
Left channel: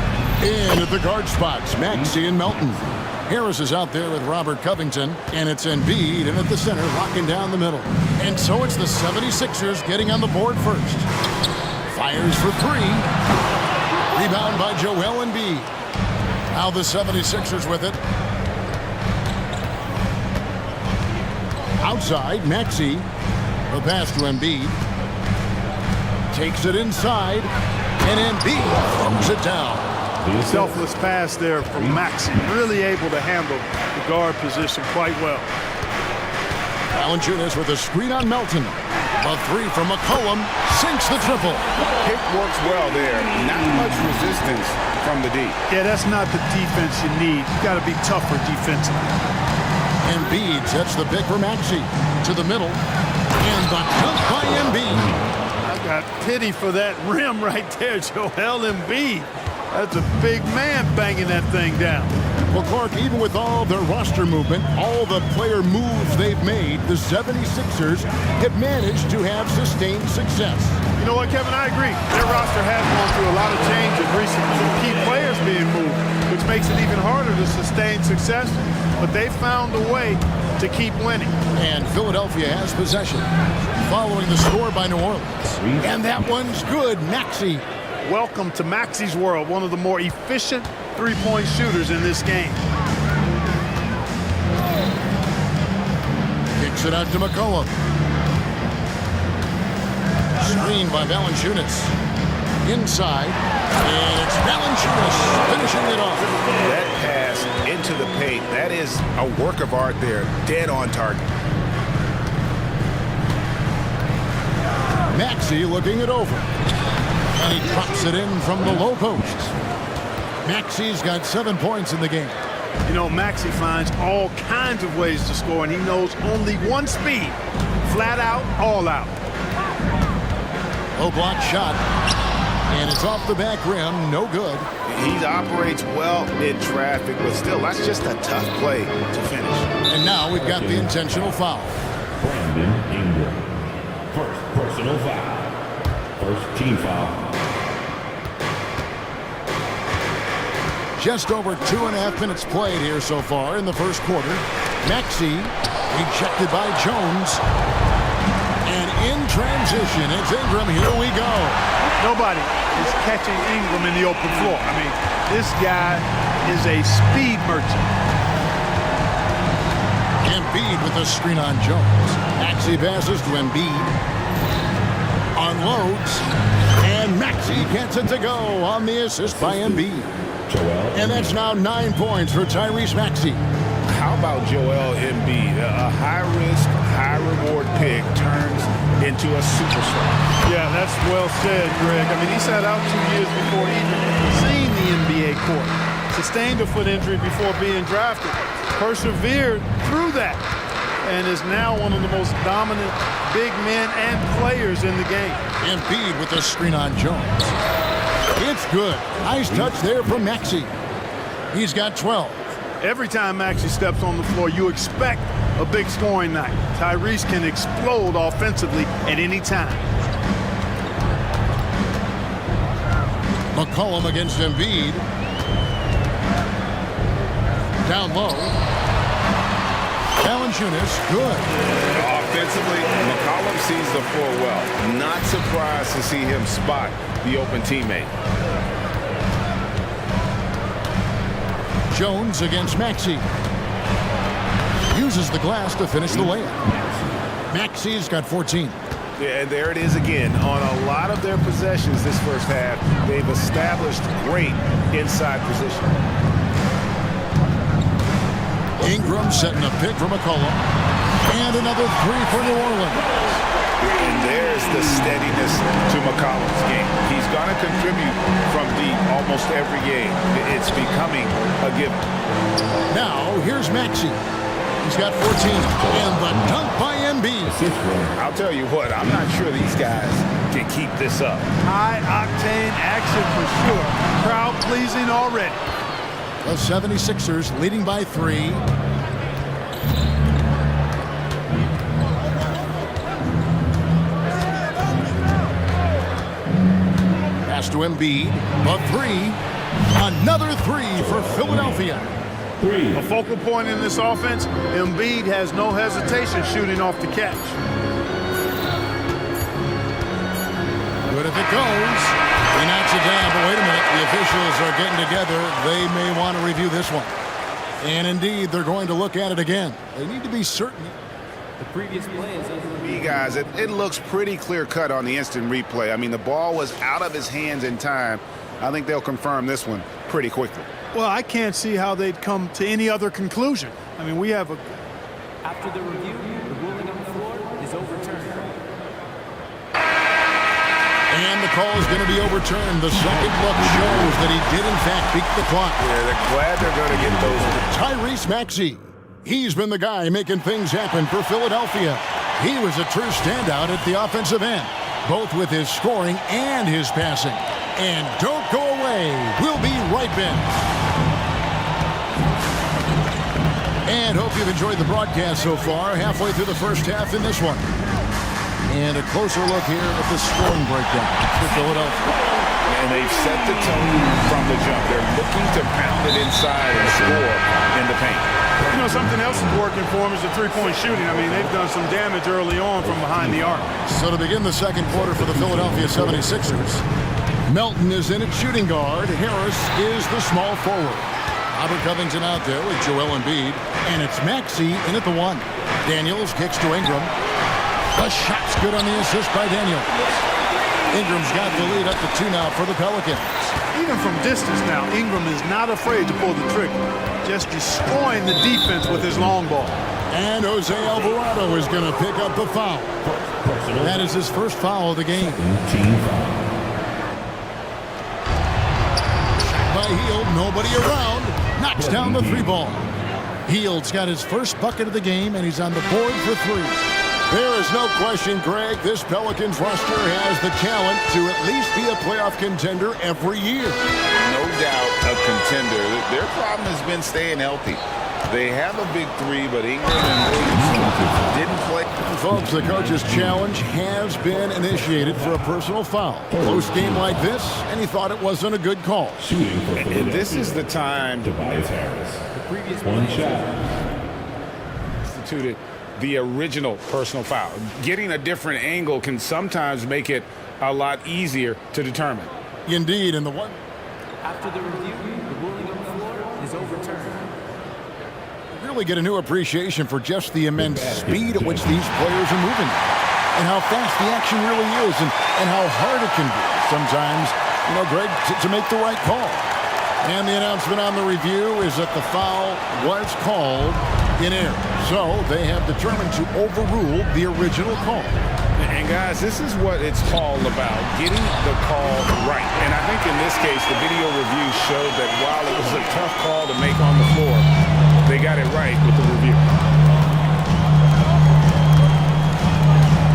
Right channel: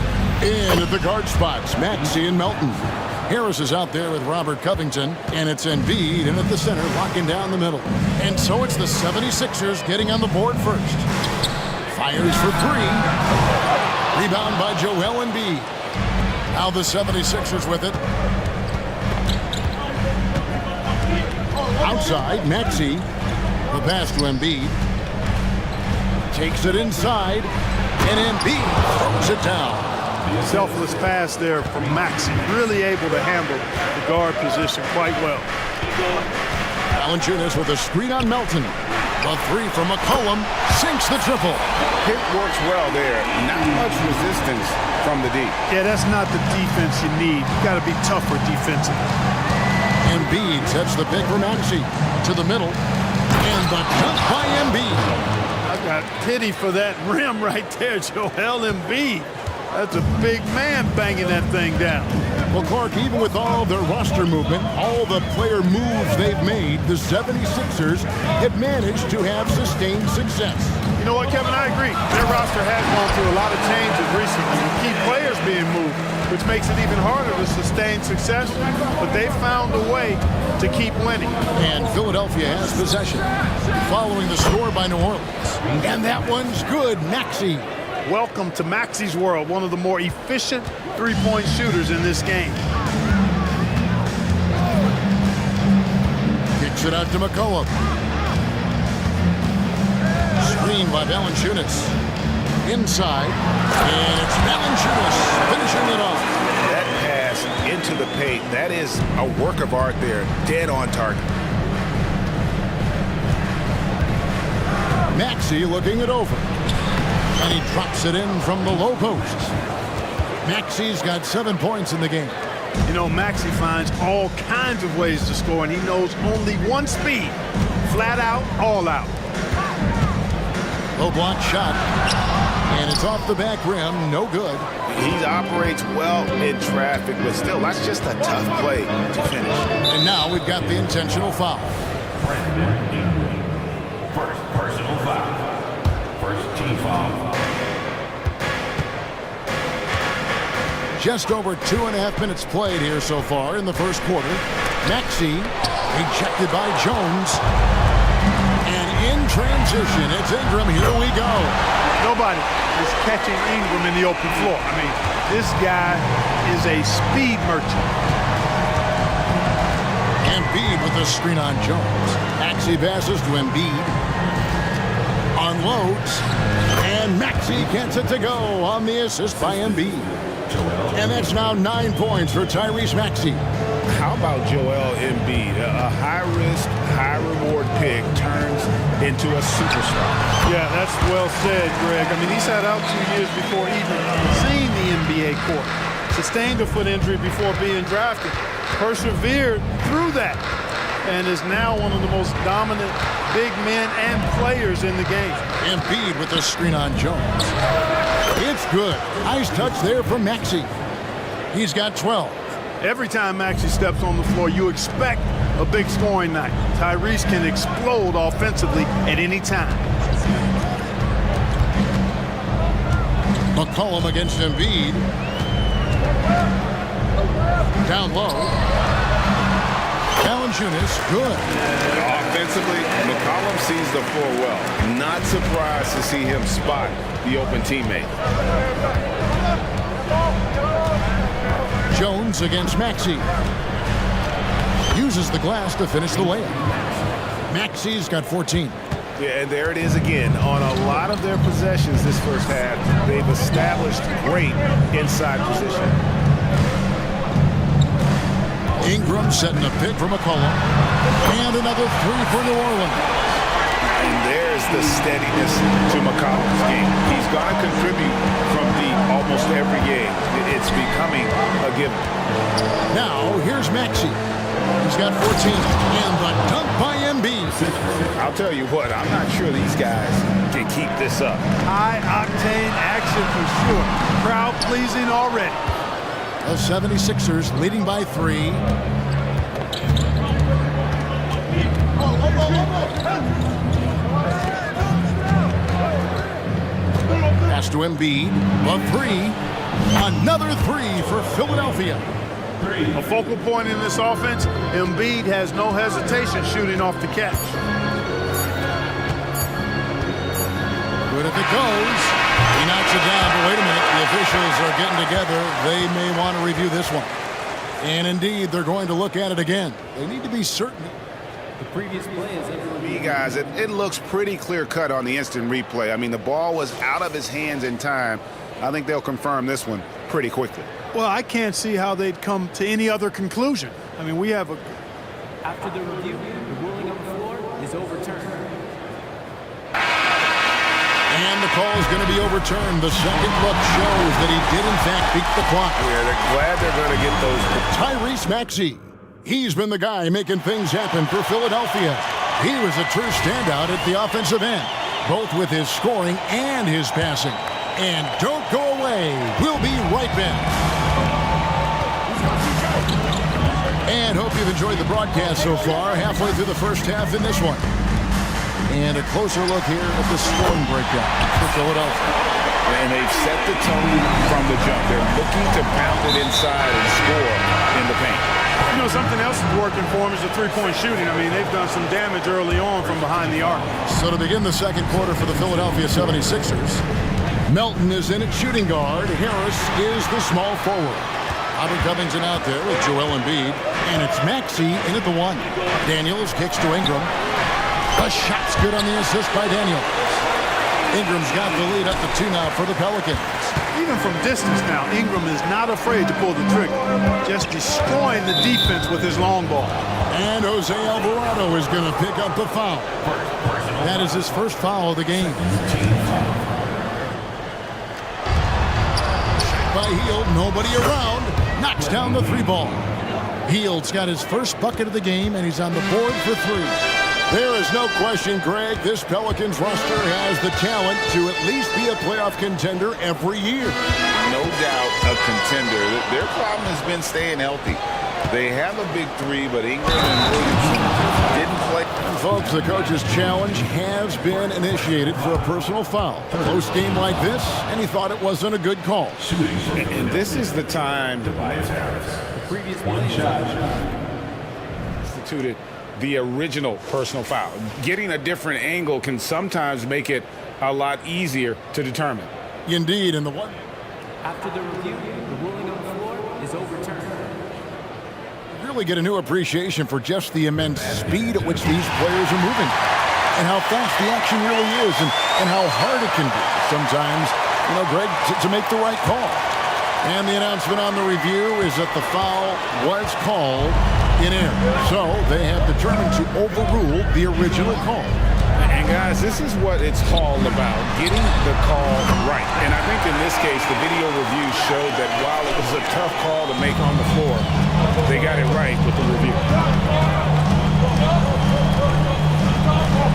In at the guard spots, Maxey and Melton. Harris is out there with Robert Covington, and it's Embiid in at the center, locking down the middle. And so it's the 76ers getting on the board first. Fires for three. Rebound by Joel Embiid. Now the 76ers with it. Outside, Maxey. The pass to Embiid. Takes it inside, and Embiid throws it down. Selfless pass there from Maxey. Really able to handle the guard position quite well. Valanciunas with a screen on Melton. The three from McCollum sinks the triple. Pick works well there. Not much resistance from the D. Yeah, that's not the defense you need. You got to be tougher defensively. Embiid sets the pick for Maxey to the middle. And the dunk by Embiid. I got pity for that rim right there, Joel Embiid. That's a big man banging that thing down. Well, Clark, even with all their roster movement, all the player moves they've made, the 76ers have managed to have sustained success. You know what, Kevin? I agree. Their roster has gone through a lot of changes recently with key players being moved, which makes it even harder to sustain success. But they've found a way to keep winning. And Philadelphia has possession, following the score by New Orleans. And that one's good, Maxey. Welcome to Maxey's world, one of the more efficient three-point shooters in this game. Kicks it out to McCollum. Screen by Valanciunas. Inside, and it's Valanciunas finishing it off. That pass into the paint, that is a work of art there, dead on target. Maxey looking it over. And he drops it in from the low post. Maxey's got 7 points in the game. You know, Maxey finds all kinds of ways to score, and he knows only one speed. Flat out, all out. Low block shot. And it's off the back rim, no good. He operates well in traffic, but still, that's just a tough play to finish. And now we've got the intentional foul. Brandon Ingram. First personal foul. First team foul. Just over 2.5 minutes played here so far in the first quarter. Maxey rejected by Jones. And in transition, it's Ingram. Here we go. Nobody is catching Ingram in the open floor. I mean, this guy is a speed merchant. Embiid with a screen on Jones. Maxey passes to Embiid. Unloads. And Maxey gets it to go on the assist by Embiid. And that's now 9 points for Tyrese Maxey. How about Joel Embiid? A high-risk, high-reward pick turns into a superstar. Yeah, that's well said, Greg. I mean, he sat out 2 years before even seeing the NBA court. Sustained a foot injury before being drafted. Persevered through that. And is now one of the most dominant big men and players in the game. Embiid with the screen on Jones. It's good. Nice touch there from Maxey. He's got 12. Every time Maxey steps on the floor, you expect a big scoring night. Tyrese can explode offensively at any time. McCollum against Embiid. Down low. Valanciunas, good. Offensively, McCollum sees the floor well. Not surprised to see him spot the open teammate. Jones against Maxey. Uses the glass to finish the layup. Maxey's got 14. Yeah, and there it is again. On a lot of their possessions this first half, they've established great inside position. Ingram setting a pick for McCollum. And another three for New Orleans. And there's the steadiness to McCollum's game. He's going to contribute from deep almost every game. It's becoming a given. Now, here's Maxey. He's got 14. And the dunk by Embiid. I'll tell you what, I'm not sure these guys can keep this up. High-octane action for sure. Crowd-pleasing already. The 76ers leading by 3. Pass to Embiid. The 3. Another 3 for Philadelphia. A focal point in this offense, Embiid has no hesitation shooting off the catch. Good if it goes. He knocks it down, but wait a minute. The officials are getting together. They may want to review this one. And indeed, they're going to look at it again. They need to be certain. The previous play is under review. Guys, it looks pretty clear-cut on the instant replay. I mean, the ball was out of his hands in time. I think they'll confirm this one pretty quickly. Well, I can't see how they'd come to any other conclusion. I mean, we have a... After the review, the ruling on the floor is overturned. And the call is going to be overturned. The second look shows that he did, in fact, beat the clock. Yeah, they're glad they're going to get those. Tyrese Maxey. He's been the guy making things happen for Philadelphia. He was a true standout at the offensive end, both with his scoring and his passing. And don't go away. We'll be right back. And hope you've enjoyed the broadcast so far. Halfway through the first half in this one. And a closer look here at the scoring breakdown for Philadelphia. And they've set the tone from the jump. They're looking to pound it inside and score in the paint. You know, something else is working for them is the three-point shooting. I mean, they've done some damage early on from behind the arc. So to begin the second quarter for the Philadelphia 76ers, Melton is in at shooting guard. Harris is the small forward. Robert Covington out there with Joel Embiid. And it's Maxey in at the 1. Daniels kicks to Ingram. The shot's good on the assist by Daniels. Ingram's got the lead up to 2 now for the Pelicans. Even from distance now, Ingram is not afraid to pull the trigger. Just destroying the defense with his long ball. And Jose Alvarado is going to pick up the foul. That is his first foul of the game. Shot by Hield, nobody around. Knocks down the 3-ball. Hield's got his first bucket of the game, and he's on the board for 3. There is no question, Greg, this Pelicans roster has the talent to at least be a playoff contender every year. No doubt a contender. Their problem has been staying healthy. They have a big 3, but Ingram and Williamson didn't play. And folks, the coach's challenge has been initiated for a personal foul. Close game like this, and he thought it wasn't a good call. And this is the time to The previous play instituted the original personal foul. Getting a different angle can sometimes make it a lot easier to determine. Indeed, and the one. After the review, the ruling on the floor is overturned. You really get a new appreciation for just the immense speed at which these players are moving and how fast the action really is and how hard it can be sometimes, you know, Greg, to make the right call. And the announcement on the review is that the foul was called in error. So they have determined to overrule the original call. And guys, this is what it's all about, getting the call right. And I think in this case, the video review showed that while it was a tough call to make on the floor, they got it right with the review.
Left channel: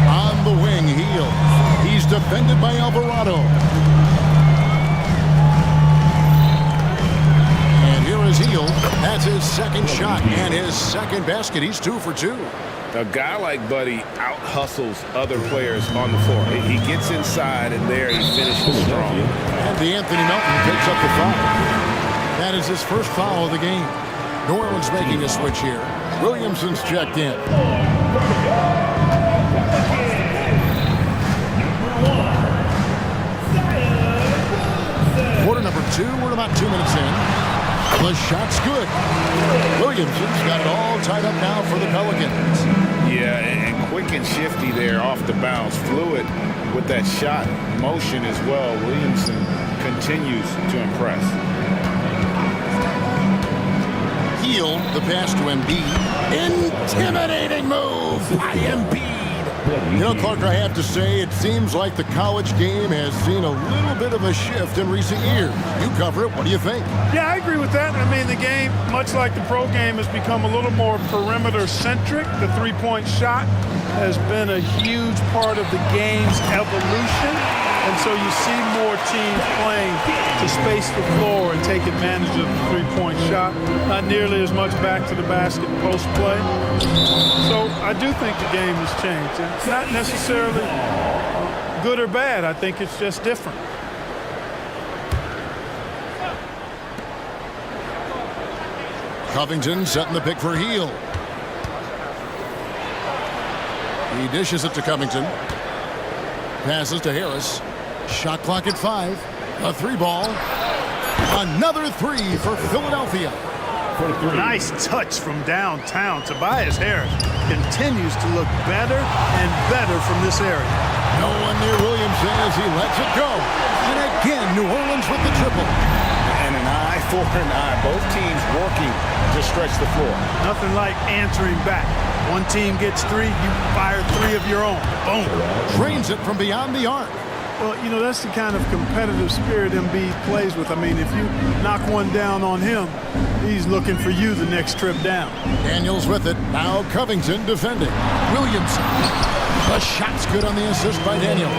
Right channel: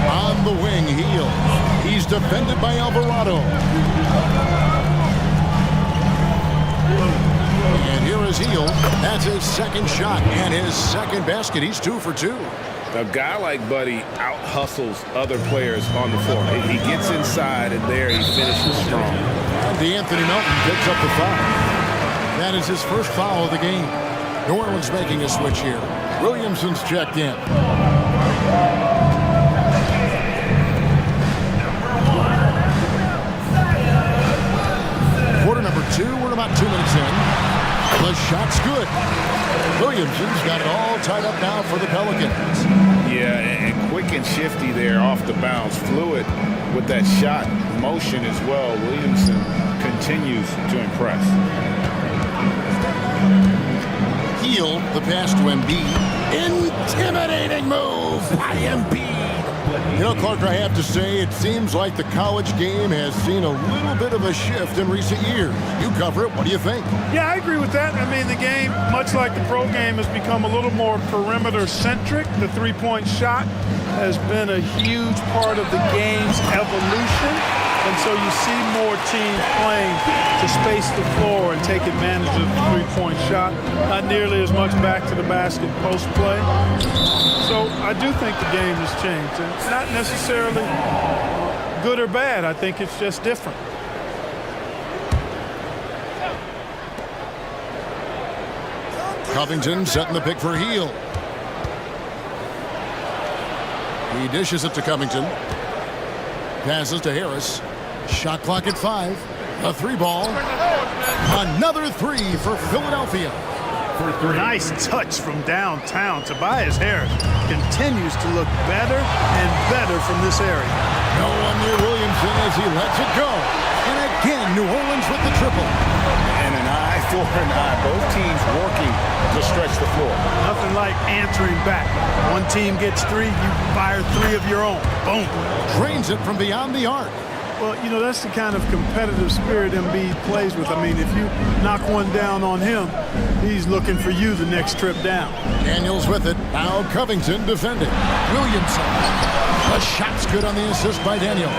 On the wing, Hield. He's defended by Alvarado. And here is Hield. That's his second shot and his second basket. He's 2 for 2. A guy like Buddy out-hustles other players on the floor. He gets inside, and there he finishes strong. And DeAnthony Melton picks up the foul. That is his first foul of the game. New Orleans making a switch here. Williamson's checked in. Quarter number 2. We're about 2 minutes in. The shot's good. Williamson's got it all tied up now for the Pelicans. Yeah, and quick and shifty there off the bounce. Fluid with that shot motion as well. Williamson continues to impress. Hield, the pass to Embiid. Intimidating move by Embiid. You know, Clark, I have to say, it seems like the college game has seen a little bit of a shift in recent years. You cover it. What do you think? Yeah, I agree with that. I mean, the game, much like the pro game, has become a little more perimeter-centric. The three-point shot has been a huge part of the game's evolution. And so you see more teams playing to space the floor and take advantage of the three-point shot. Not nearly as much back to the basket post play. So I do think the game has changed. And it's not necessarily good or bad. I think it's just different. Covington setting the pick for Heel. He dishes it to Covington. Passes to Harris. Shot clock at 5. A three ball. Another three for Philadelphia. Nice touch from downtown. Tobias Harris continues to look better and better from this area. No one near Williamson as he lets it go. And again, New Orleans with the triple. And an eye for an eye. Both teams working to stretch the floor. Nothing like answering back. One team gets 3, you fire 3 of your own. Boom. Drains it from beyond the arc. Well, you know, that's the kind of competitive spirit Embiid plays with. I mean, if you knock one down on him, he's looking for you the next trip down. Daniels with it. Now Covington defending. Williamson. The shot's good on the assist by Daniels.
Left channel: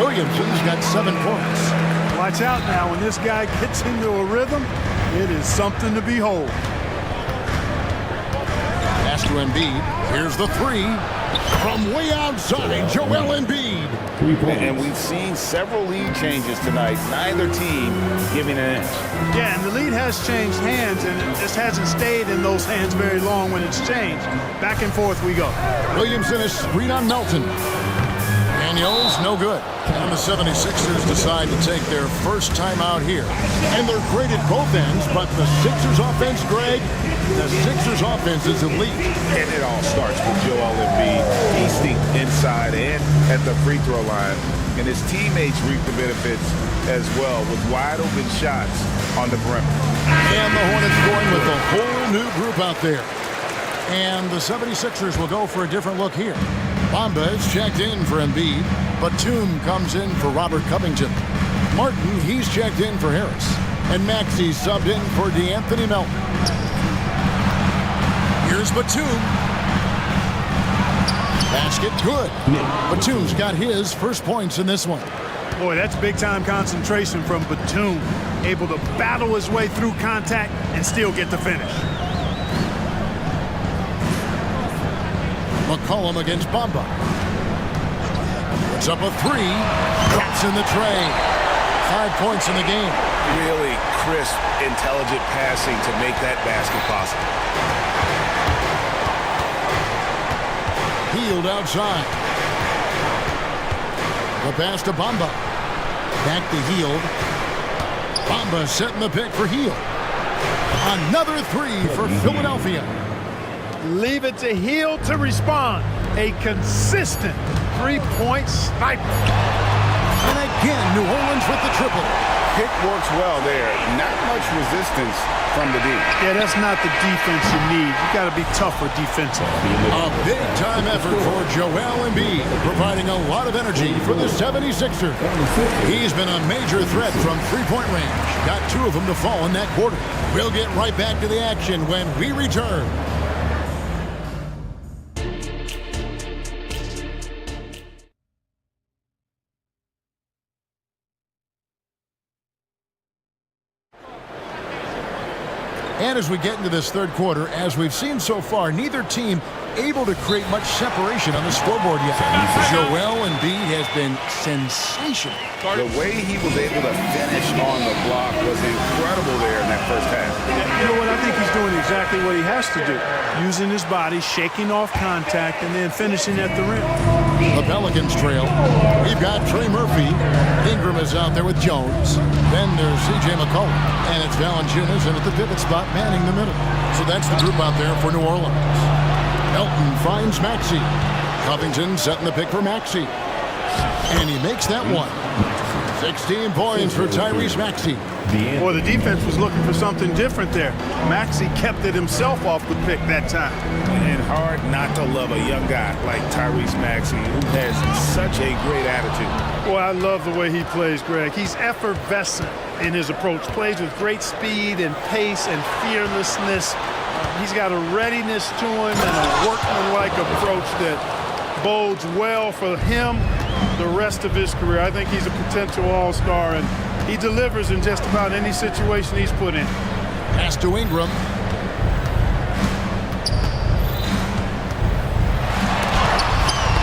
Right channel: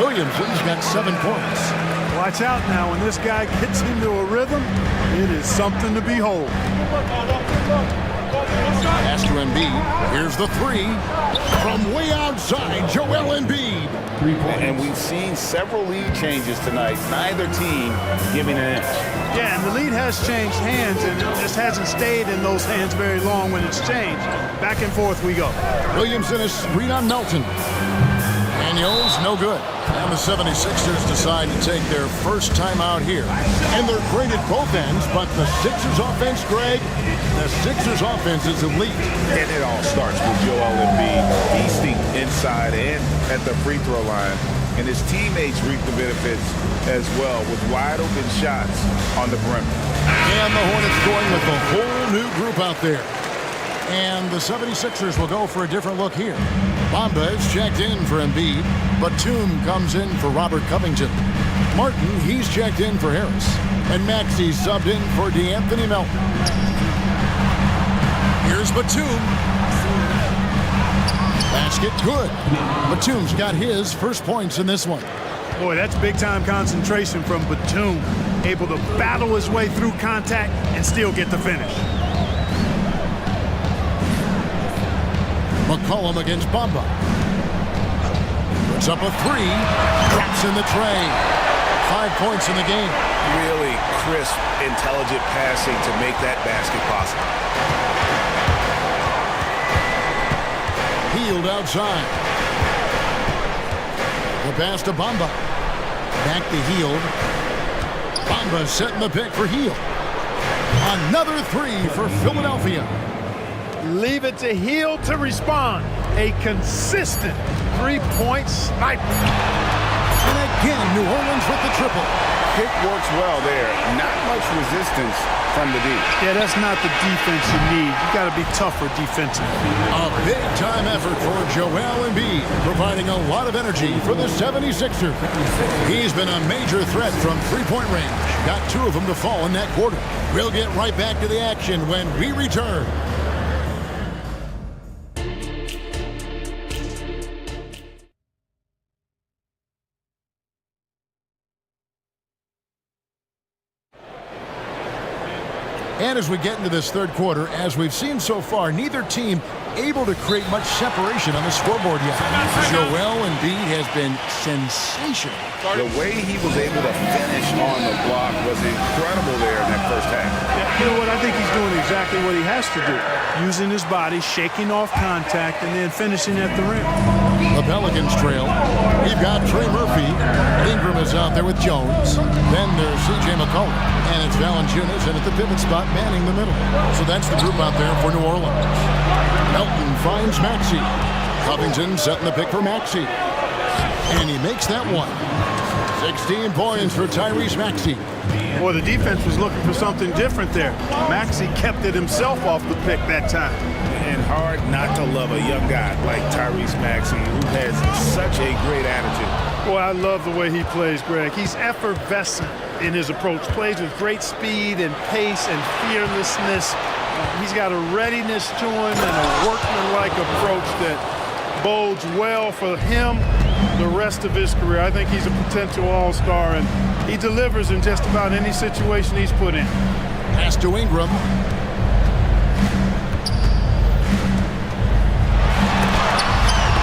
Williamson's got 7 points. Watch out now. When this guy gets into a rhythm, it is something to behold. Pass to Embiid. Here's the 3. From way outside, Joel Embiid. And we've seen several lead changes tonight. Neither team giving an inch. Yeah, and the lead has changed hands, and it just hasn't stayed in those hands very long when it's changed. Back and forth we go. Williamson is screen on Melton. Daniels, no good. And the 76ers decide to take their first time out here. And they're great at both ends, but the Sixers offense, Greg, the Sixers offense is elite. And it all starts with Joel Embiid feasting inside and at the free throw line. And his teammates reap the benefits as well with wide open shots on the perimeter. And the Hornets going with a whole new group out there. And the 76ers will go for a different look here. Bamba is checked in for Embiid. Batum comes in for Robert Covington. Martin, he's checked in for Harris. And Maxey subbed in for DeAnthony Melton. Here's Batum. Basket good. Batum's got his first points in this one. Boy, that's big-time concentration from Batum. Able to battle his way through contact and still get the finish. McCollum against Bamba. Puts up a 3. Drops in the tray. 5 points in the game. Really crisp, intelligent passing to make that basket possible. Healed outside. The pass to Bamba. Back to Healed. Bamba setting the pick for Healed. Another 3 for Philadelphia. Leave it to Hill to respond. A consistent three-point sniper. And again, New Orleans with the triple. Pick works well there. Not much resistance from the D. Yeah, that's not the defense you need. You got to be tougher defensively. A big-time effort for Joel Embiid, providing a lot of energy for the 76ers. He's been a major threat from three-point range. Got 2 of them to fall in that quarter. We'll get right back to the action when we return. And as we get into this third quarter, as we've seen so far, neither team able to create much separation on the scoreboard yet. Joel Embiid has been sensational. The way he was able to finish on the block was incredible there in that first half. Yeah, you know what? I think he's doing exactly what he has to do. Using his body, shaking off contact, and then finishing at the rim. The Pelicans trail. We've got Trey Murphy. Ingram is out there with Jones. Then there's C.J. McCollum. And it's Valanciunas in at the pivot spot, manning the middle. So that's the group out there for New Orleans. Melton finds Maxey. Covington setting the pick for Maxey. And he makes that one. 16 points for Tyrese Maxey. Boy, the defense was looking for something different there. Maxey kept it himself off the pick that time. And hard not to love a young guy like Tyrese Maxey, who has such a great attitude. Boy, I love the way he plays, Greg. He's effervescent in his approach. Plays with great speed and pace and fearlessness. He's got a readiness to him and a workmanlike approach that bodes well for him the rest of his career. I think he's a potential all-star, and he delivers in just about any situation he's put in. Pass to Ingram.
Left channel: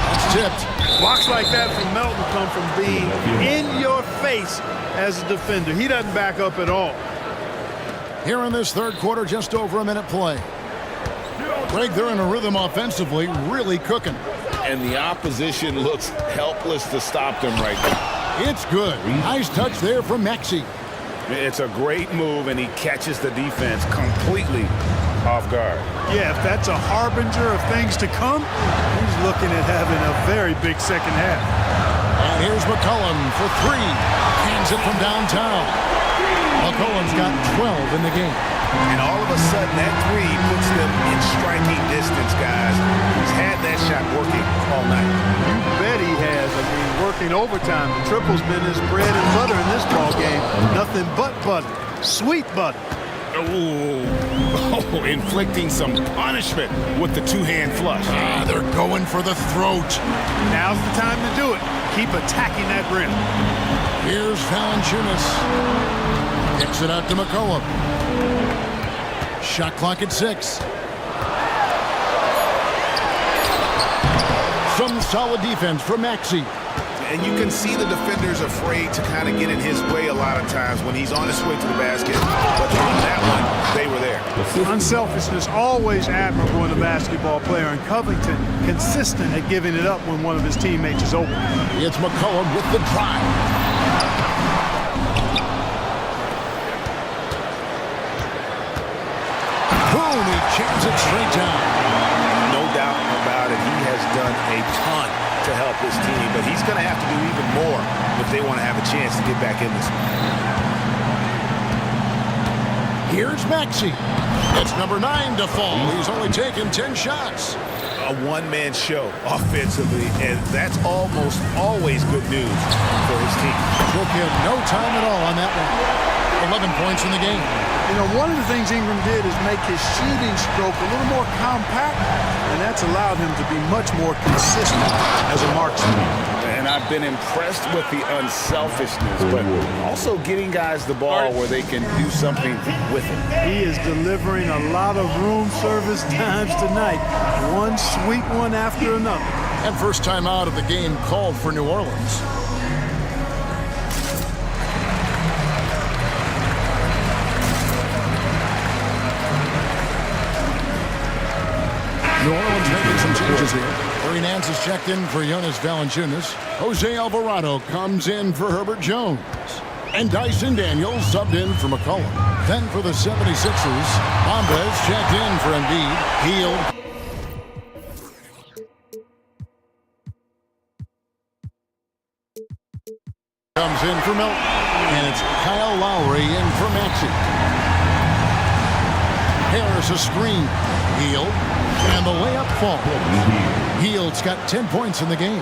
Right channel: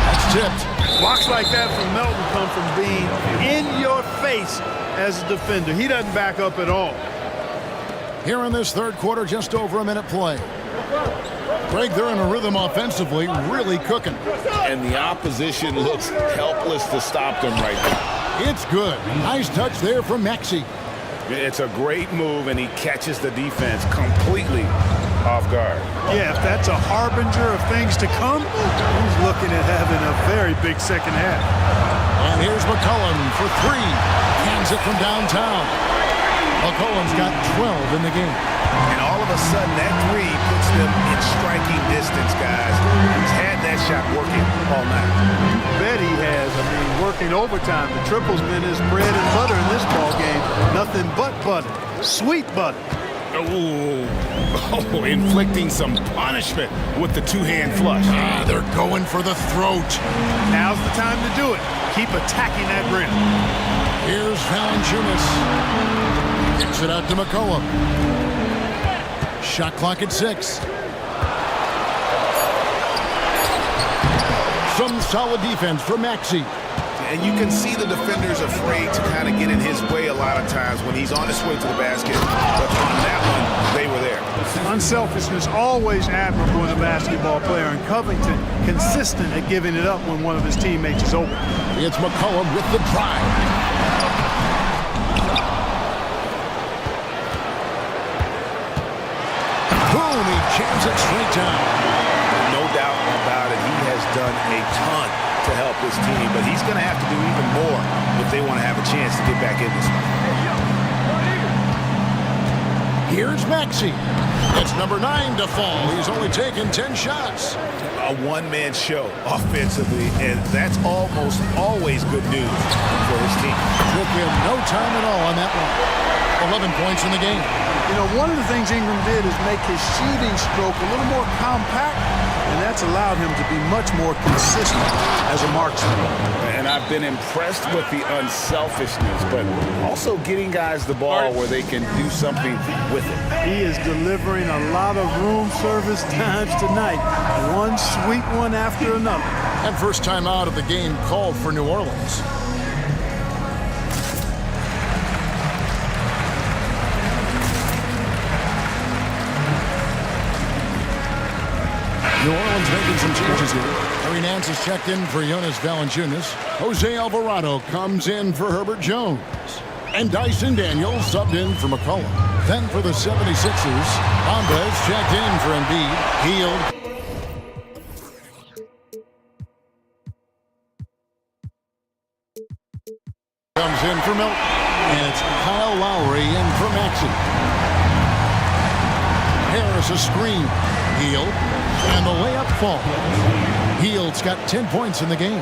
That's tipped. Blocks like that from Melton come from being in your face as a defender. He doesn't back up at all. Here in this third quarter, just over a minute play. Greg, they're in a rhythm offensively, really cooking. And the opposition looks helpless to stop them right now. It's good. Nice touch there from Maxey. It's a great move, and he catches the defense completely off guard. Yeah, if that's a harbinger of things to come, he's looking at having a very big second half. And here's McCollum for three. Cans it from downtown. McCollum's got 12 in the game. And all of a sudden, that three puts them in striking distance, guys. He's had that shot working all night. You bet he has. I mean, working overtime. The triple's been his bread and butter in this ball game. Nothing but butter. Sweet butter. Oh, inflicting some punishment with the two-hand flush. They're going for the throat. Now's the time to do it. Keep attacking that rim. Here's Valanciunas. Kicks it out to McCollum. Shot clock at 6. Some solid defense from Maxey. And you can see the defenders afraid to kind of get in his way a lot of times when he's on his way to the basket. But on that one, they were there. Unselfishness always admirable in a basketball player, and Covington consistent at giving it up when one of his teammates is open. It's McCollum with the drive. Boom, he jams it straight down. No doubt about it, he has done a ton to help his team, but he's going to have to do even more if they want to have a chance to get back in this. Here's Maxey. It's number 9 to fall. He's only taken 10 shots. A one-man show offensively, and that's almost always good news for his team. Took him no time at all on that one. 11 points in the game. You know, one of the things Ingram did is make his shooting stroke a little more compact, and that's allowed him to be much more consistent as a marksman. And I've been impressed with the unselfishness, but also getting guys the ball where they can do something with it. He is delivering a lot of room service times tonight. One sweet one after another. And first time out of the game called for New Orleans. New Orleans making some changes here. Harry Nance is checked in for Jonas Valanciunas. Jose Alvarado comes in for Herbert Jones. And Dyson Daniels subbed in for McCollum. Then for the 76ers, Bombas checked in for Embiid. Hield. Comes in for Milton. And it's Kyle Lowry in for Maxey. Harris a screen. Hield. And the layup falls. Hield's got 10 points in the game.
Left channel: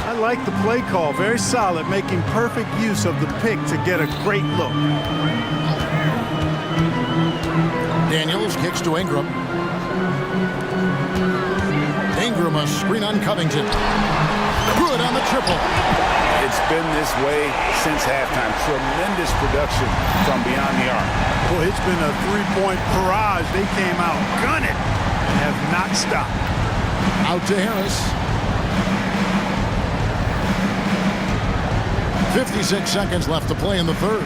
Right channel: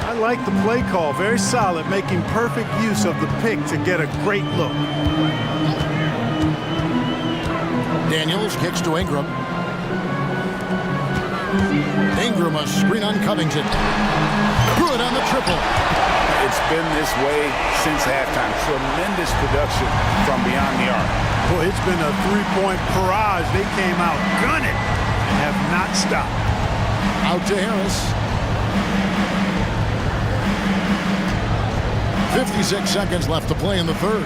I like the play call. Very solid, making perfect use of the pick to get a great look. Daniels kicks to Ingram. Ingram a screen on Covington. Good on the triple. It's been this way since halftime. Tremendous production from beyond the arc. Boy, it's been a three-point barrage. They came out gunning and have not stopped. Out to Harris. 56 seconds left to play in the third.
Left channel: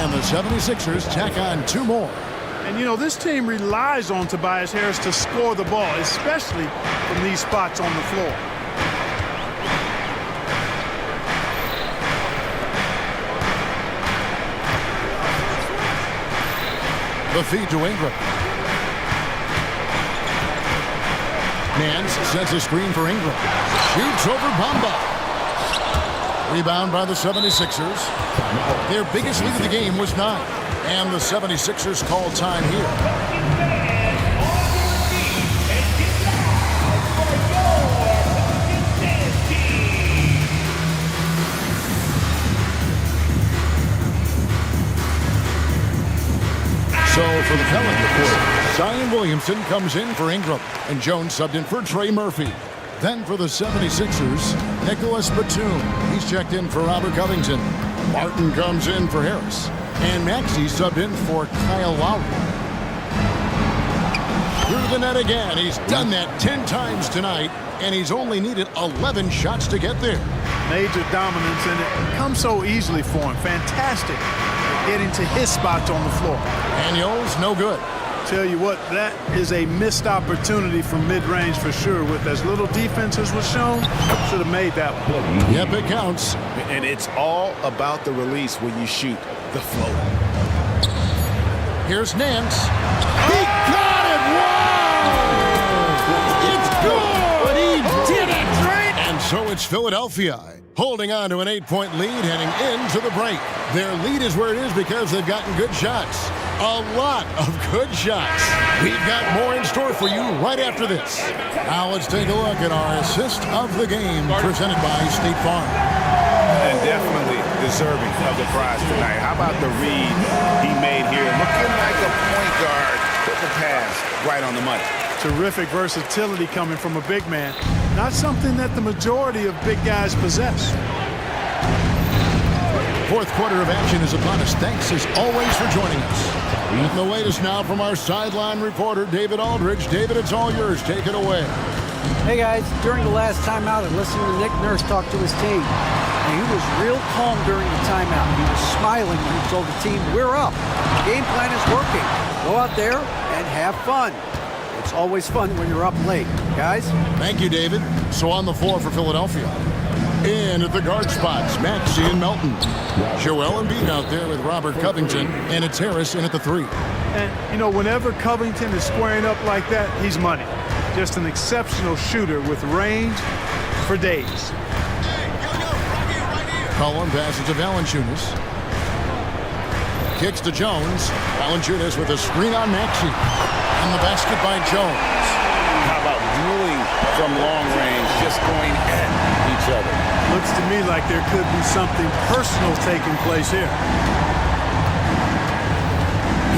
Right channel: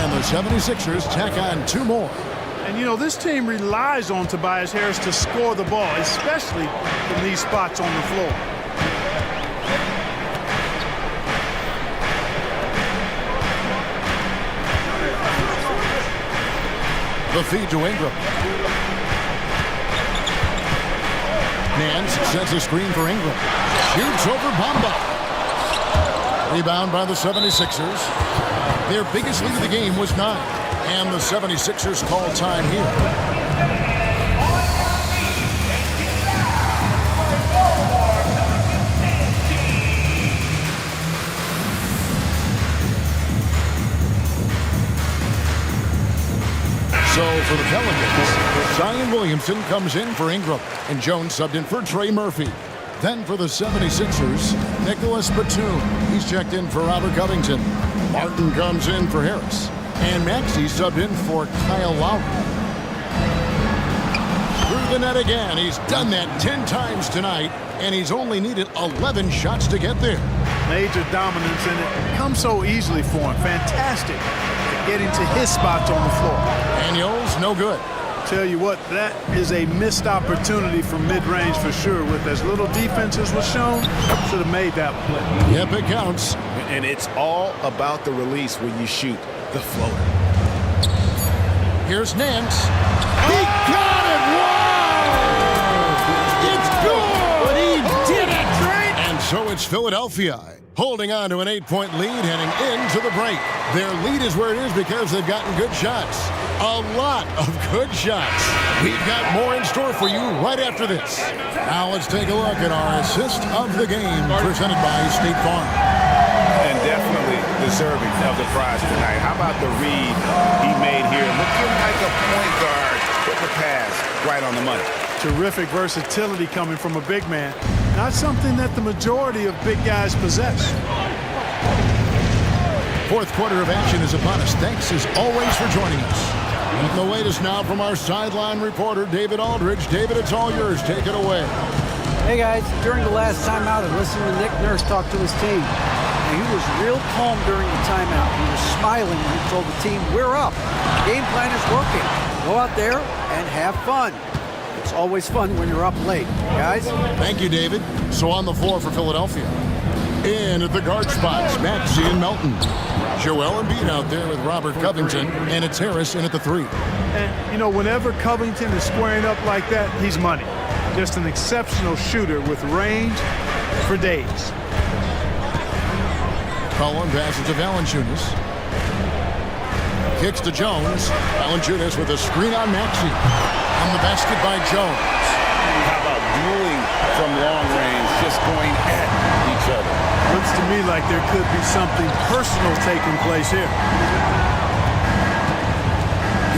And the 76ers tack on 2 more. And you know, this team relies on Tobias Harris to score the ball, especially from these spots on the floor. The feed to Ingram. Nance sets a screen for Ingram. Shoots over Bamba. Rebound by the 76ers. Their biggest lead of the game was 9. And the 76ers call time here. So for the Pelicans, Zion Williamson comes in for Ingram, and Jones subbed in for Trey Murphy. Then for the 76ers, Nicholas Batum. He's checked in for Robert Covington. Martin comes in for Harris. And Maxey subbed in for Kyle Lowry. Through the net again. He's done that 10 times tonight, and he's only needed 11 shots to get there. Major dominance, and it comes so easily for him. Fantastic at getting to his spots on the floor. Daniels, no good. Tell you what, that is a missed opportunity from mid-range for sure. With as little defense as was shown, should have made that one. Yep, it counts. And it's all about the release when you shoot the floater. Here's Nance. He got it! Whoa! It's good! He did it! And so it's Philadelphia holding on to an 8-point lead heading into the break. Their lead is where it is because they've gotten good shots. A lot of good shots. We've got more in store for you right after this. Now let's take a look at our assist of the game presented by State Farm. And definitely deserving of the prize tonight. How about the read he made here? Looking like a point guard, putting the pass right on the money. Terrific versatility coming from a big man. Not something that the majority of big guys possess. Fourth quarter of action is upon us. Thanks as always for joining us. And the latest now from our sideline reporter, David Aldridge. David, it's all yours. Take it away. Hey guys, during the last timeout, I listened to Nick Nurse talk to his team. And he was real calm during the timeout. He was smiling when he told the team, we're up. The game plan is working. Go out there and have fun. It's always fun when you're up late, guys. Thank you, David. So on the floor for Philadelphia. In at the guard spots, Maxey and Melton. Joel Embiid out there with Robert Covington, and it's Harris in at the 3. And, you know, whenever Covington is squaring up like that, he's money. Just an exceptional shooter with range for days. Cullen passes to Valanciunas. Kicks to Jones. Valanciunas with a screen on Maxey. On the basket by Jones. How about dueling from long range, just going at each other? Looks to me like there could be something personal taking place here.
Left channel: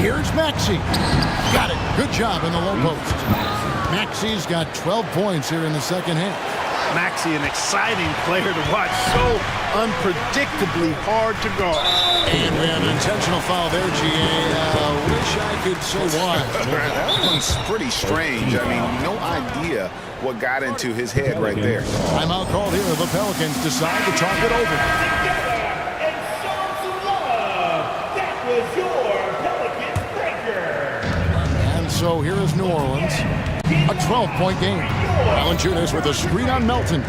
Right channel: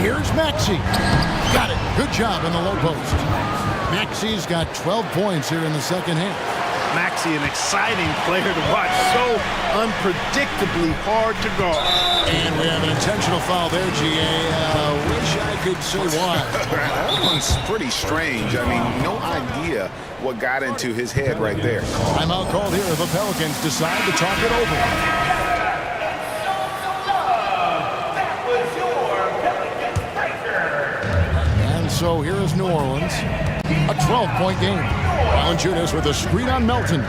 Here's Maxey. Got it. Good job in the low post. Maxey's got 12 points here in the second half. Maxey, an exciting player to watch. So unpredictably hard to guard. And we have an intentional foul there, GA. Wish I could say why. That one's pretty strange. I mean, no idea what got into his head right there. Timeout called here. The Pelicans decide to talk it over. And so here is New Orleans. A 12-point game. Valanciunas with a screen on Melton.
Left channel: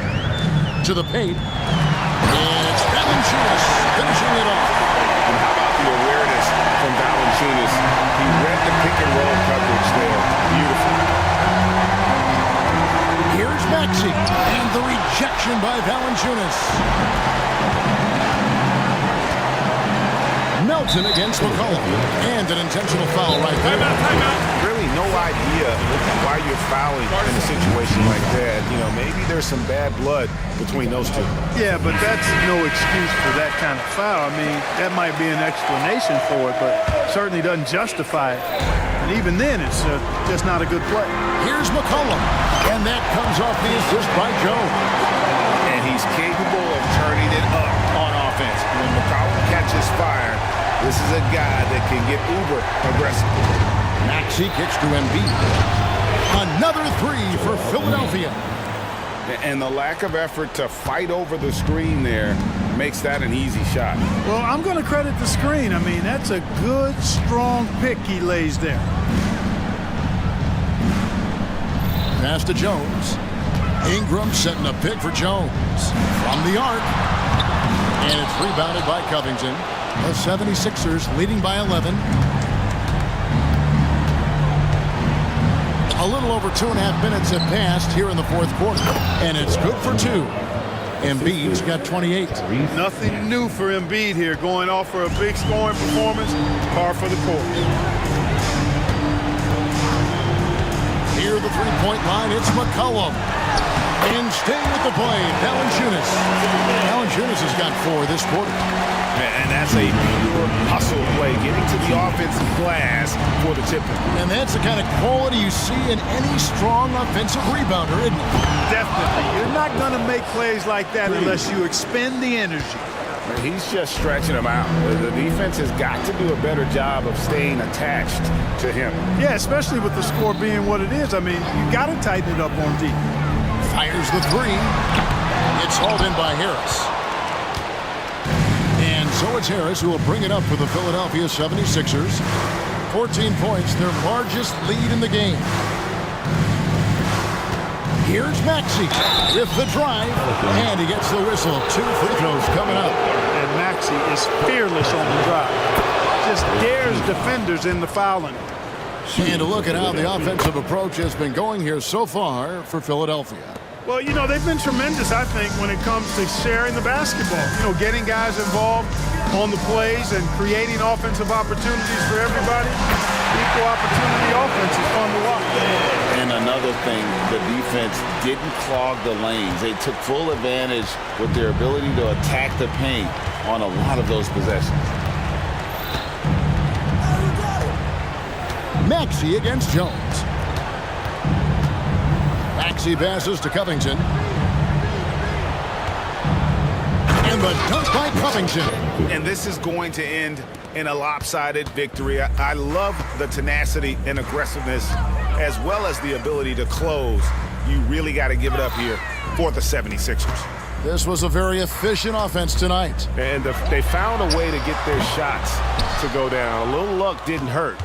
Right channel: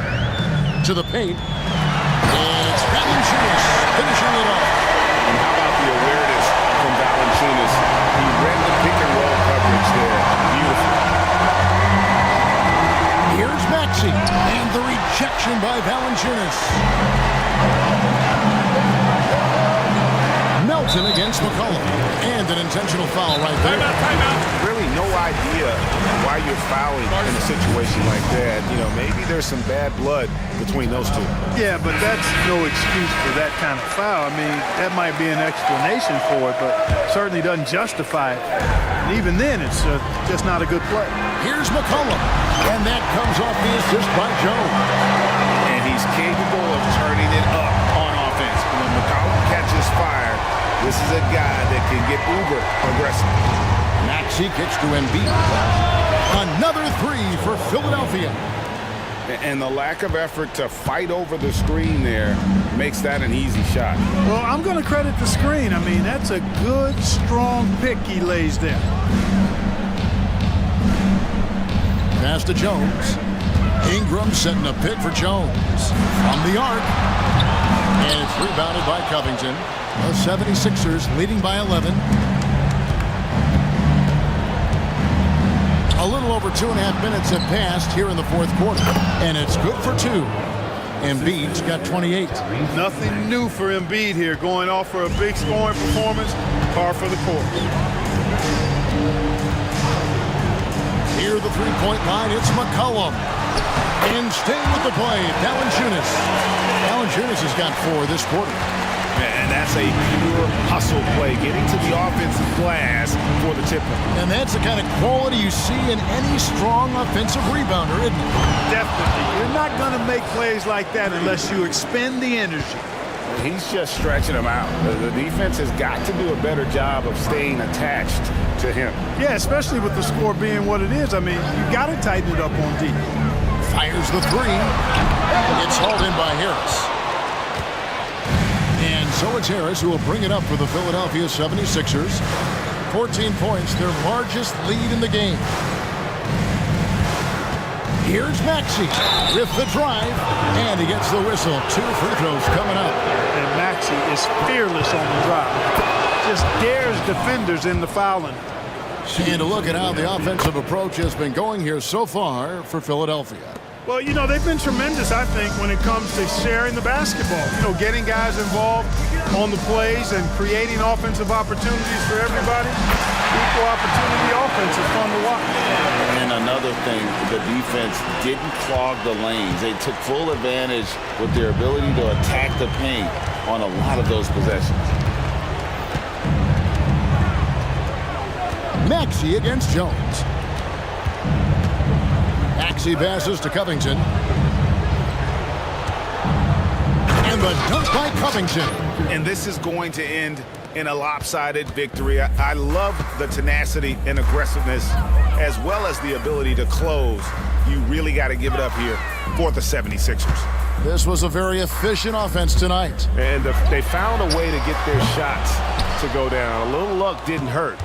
To the paint. And it's Valanciunas finishing it off. And how about the awareness from Valanciunas? He read the pick and roll coverage there. Beautiful. Here's Maxey. And the rejection by Valanciunas. Melton against McCollum. And an intentional foul right there. Timeout. Really no idea why you're fouling in a situation like that. You know, maybe there's some bad blood between those two. Yeah, but that's no excuse for that kind of foul. I mean, that might be an explanation for it, but certainly doesn't justify it. And even then, it's just not a good play. Here's McCollum. And that comes off the assist by Jones. And he's capable of turning it up on offense. When McCollum catches fire, this is a guy that can get uber aggressive. Maxey kicks to Embiid. Another 3 for Philadelphia. And the lack of effort to fight over the screen there makes that an easy shot. Well, I'm going to credit the screen. I mean, that's a good, strong pick he lays there. Pass to Jones. Ingram setting a pick for Jones. From the arc. And it's rebounded by Covington. The 76ers leading by 11. A little over 2.5 minutes have passed here in the fourth quarter. And it's good for 2. Embiid's got 28. Nothing new for Embiid here. Going off for a big scoring performance. Par for the course. Near the three-point line, it's McCollum. And staying with the play, Valanciunas. Valanciunas has got 4 this quarter. And that's a pure hustle play, getting to the offensive glass for the tip. And that's the kind of quality you see in any strong offensive rebounder, isn't it? Definitely. You're not going to make plays like that unless you expend the energy. He's just stretching them out. The defense has got to do a better job of staying attached to him. Yeah, especially with the score being what it is. I mean, you got to tighten it up on D. Fires the three. It's hauled in by Harris. And so it's Harris who will bring it up for the Philadelphia 76ers. 14 points, their largest lead in the game. Here's Maxey with the drive, and he gets the whistle. 2 free throws coming up. And Maxey is fearless on the drive. Just dares defenders in the fouling. And to look at how the offensive approach has been going here so far for Philadelphia. Well, you know, they've been tremendous, I think, when it comes to sharing the basketball. You know, getting guys involved on the plays and creating offensive opportunities for everybody. Equal opportunity offense is fun to watch. And another thing, the defense didn't clog the lanes. They took full advantage with their ability to attack the paint on a lot of those possessions. Maxey against Jones. Maxey passes to Covington. And the dunk by Covington. And this is going to end in a lopsided victory. I love the tenacity and aggressiveness as well as the ability to close. You really got to give it up here for the 76ers. This was a very efficient offense tonight. And they found a way to get their shots to go down. A little luck didn't hurt.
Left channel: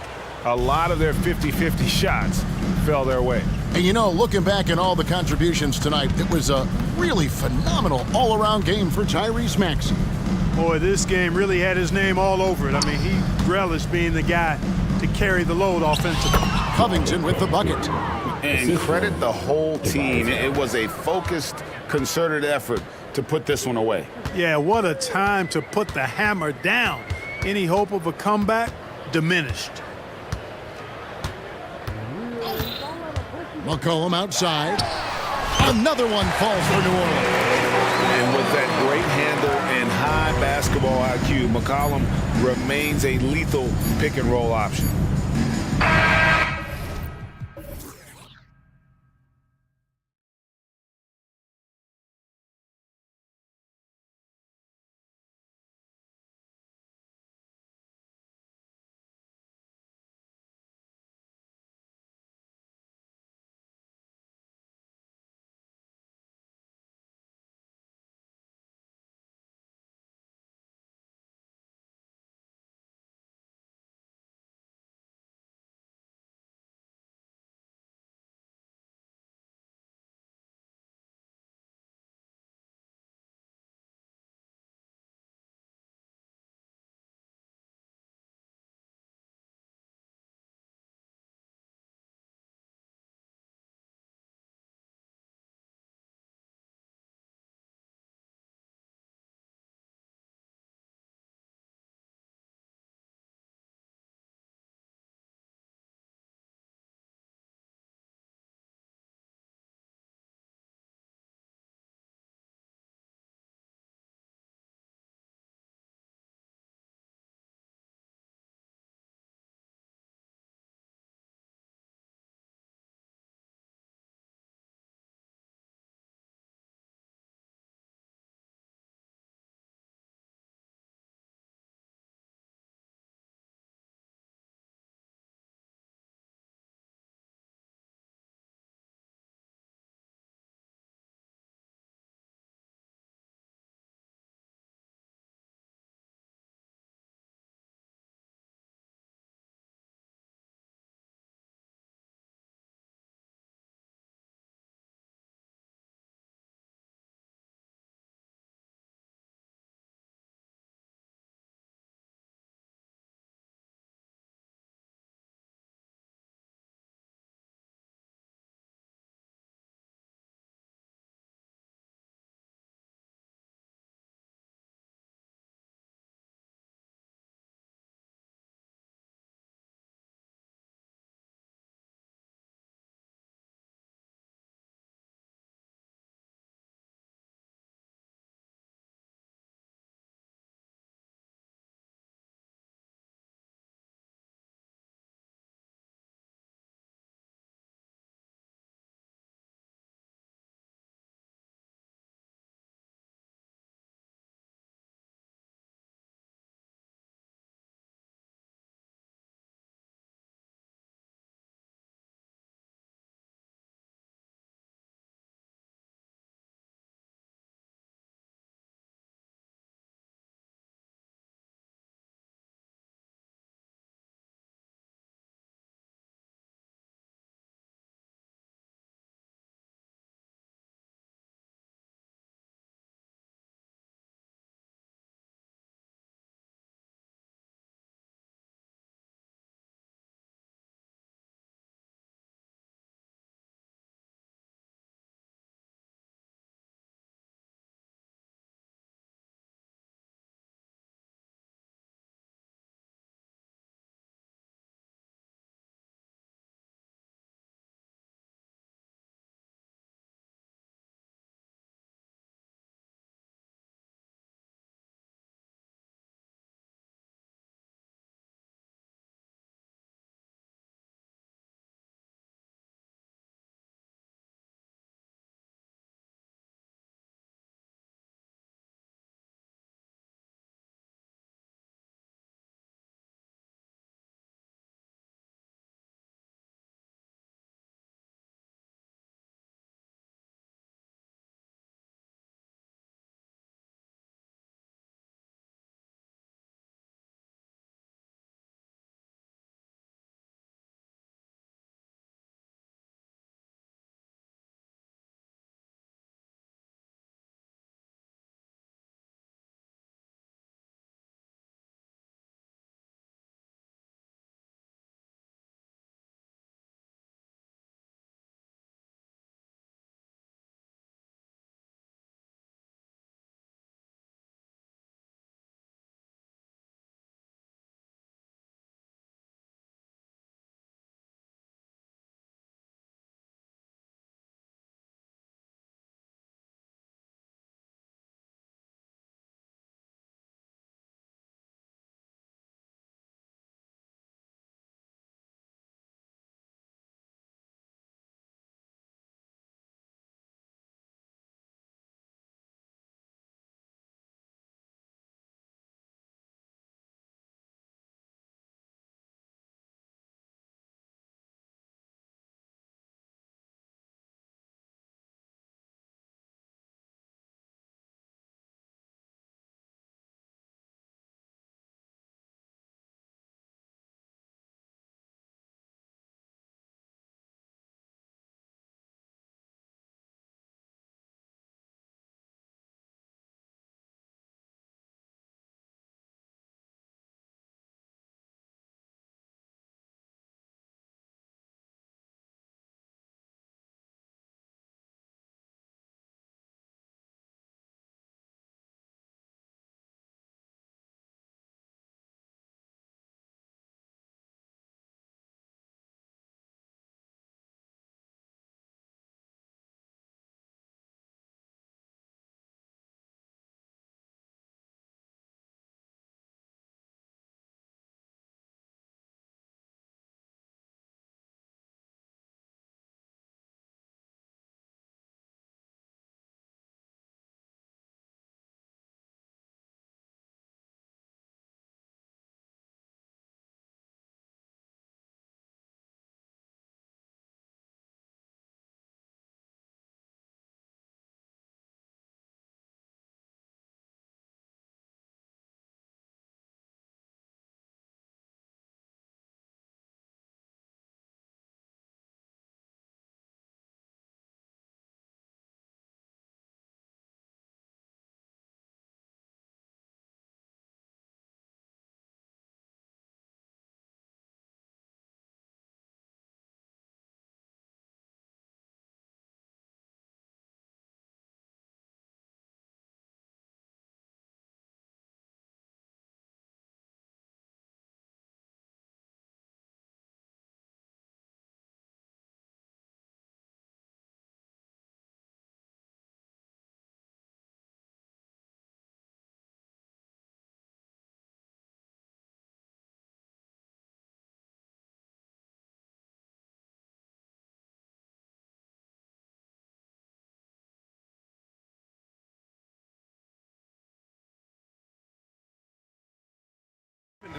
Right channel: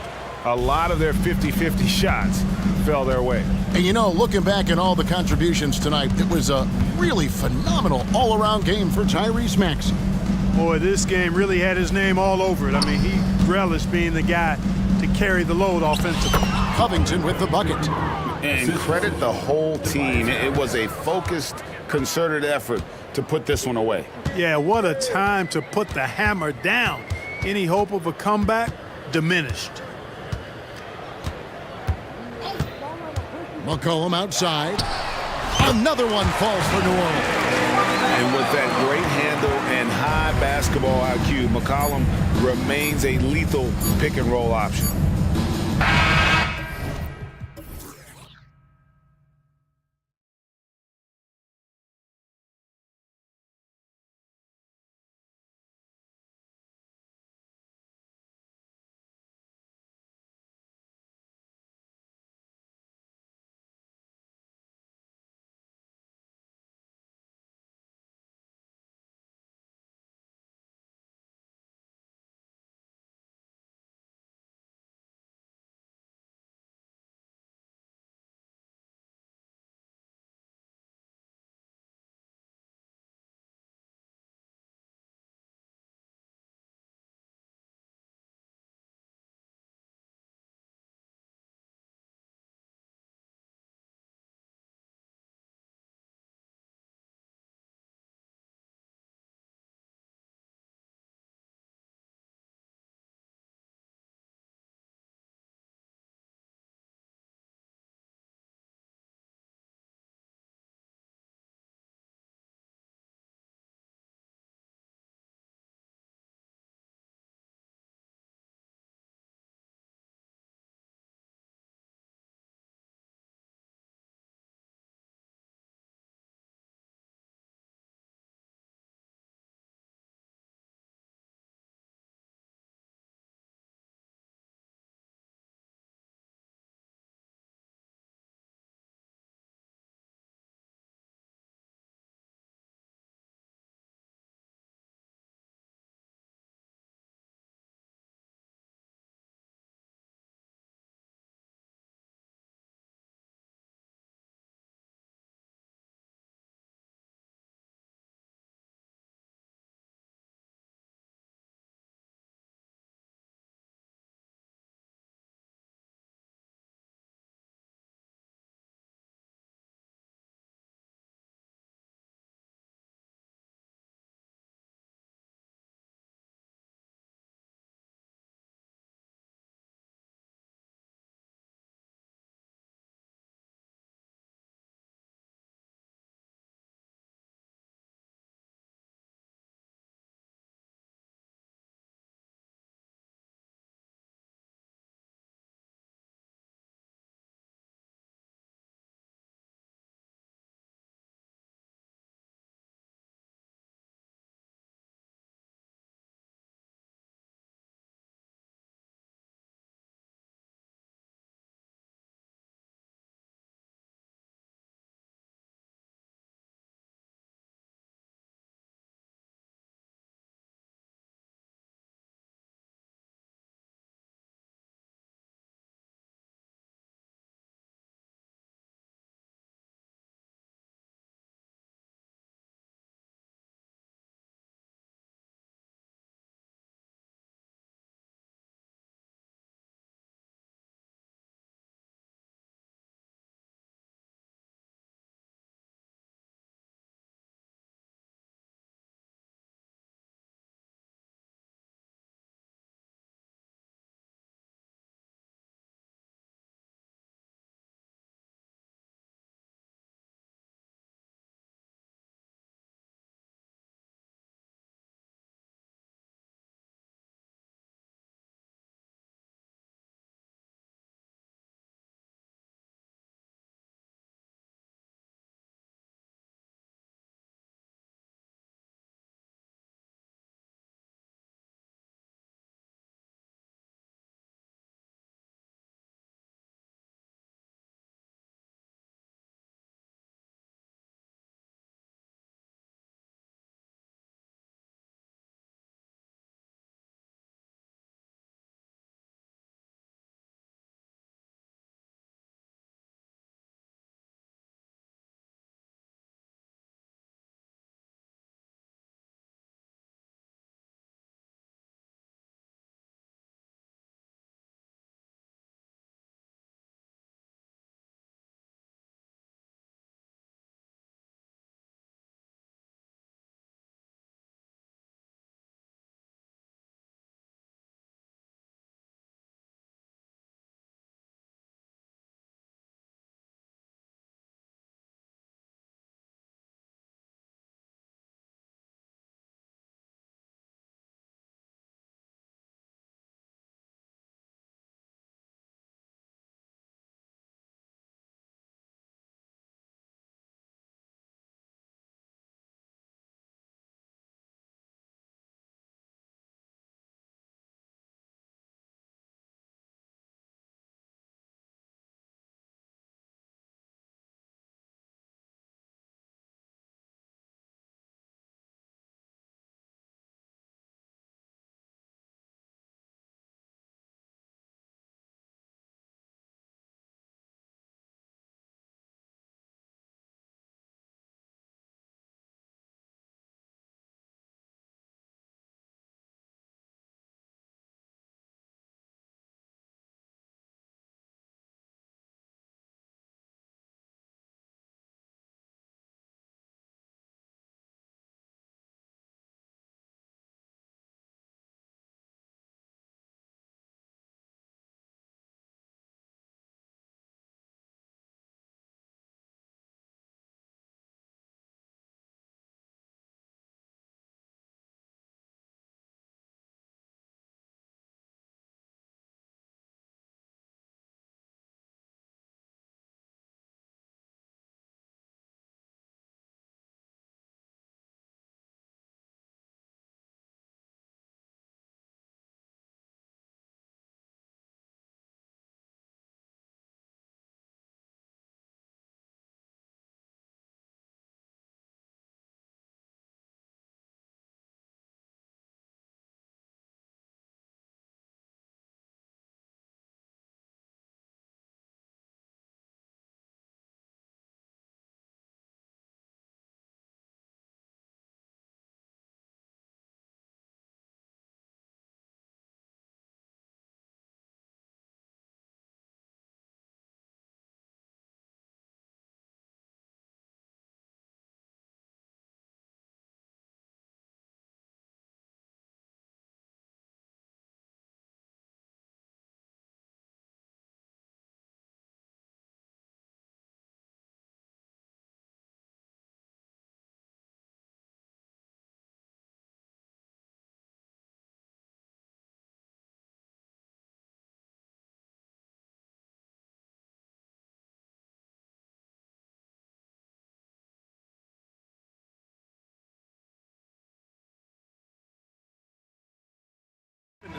A lot of their 50-50 shots fell their way. And you know, looking back at all the contributions tonight, it was a really phenomenal all-around game for Tyrese Maxey. Boy, this game really had his name all over it. I mean, he relished being the guy to carry the load offensively. Covington with the bucket. And credit the whole team. It was a focused, concerted effort to put this one away. Yeah, what a time to put the hammer down. Any hope of a comeback diminished. McCollum outside. Another one falls for New Orleans. And with that great handle and high basketball IQ, McCollum remains a lethal pick-and-roll option.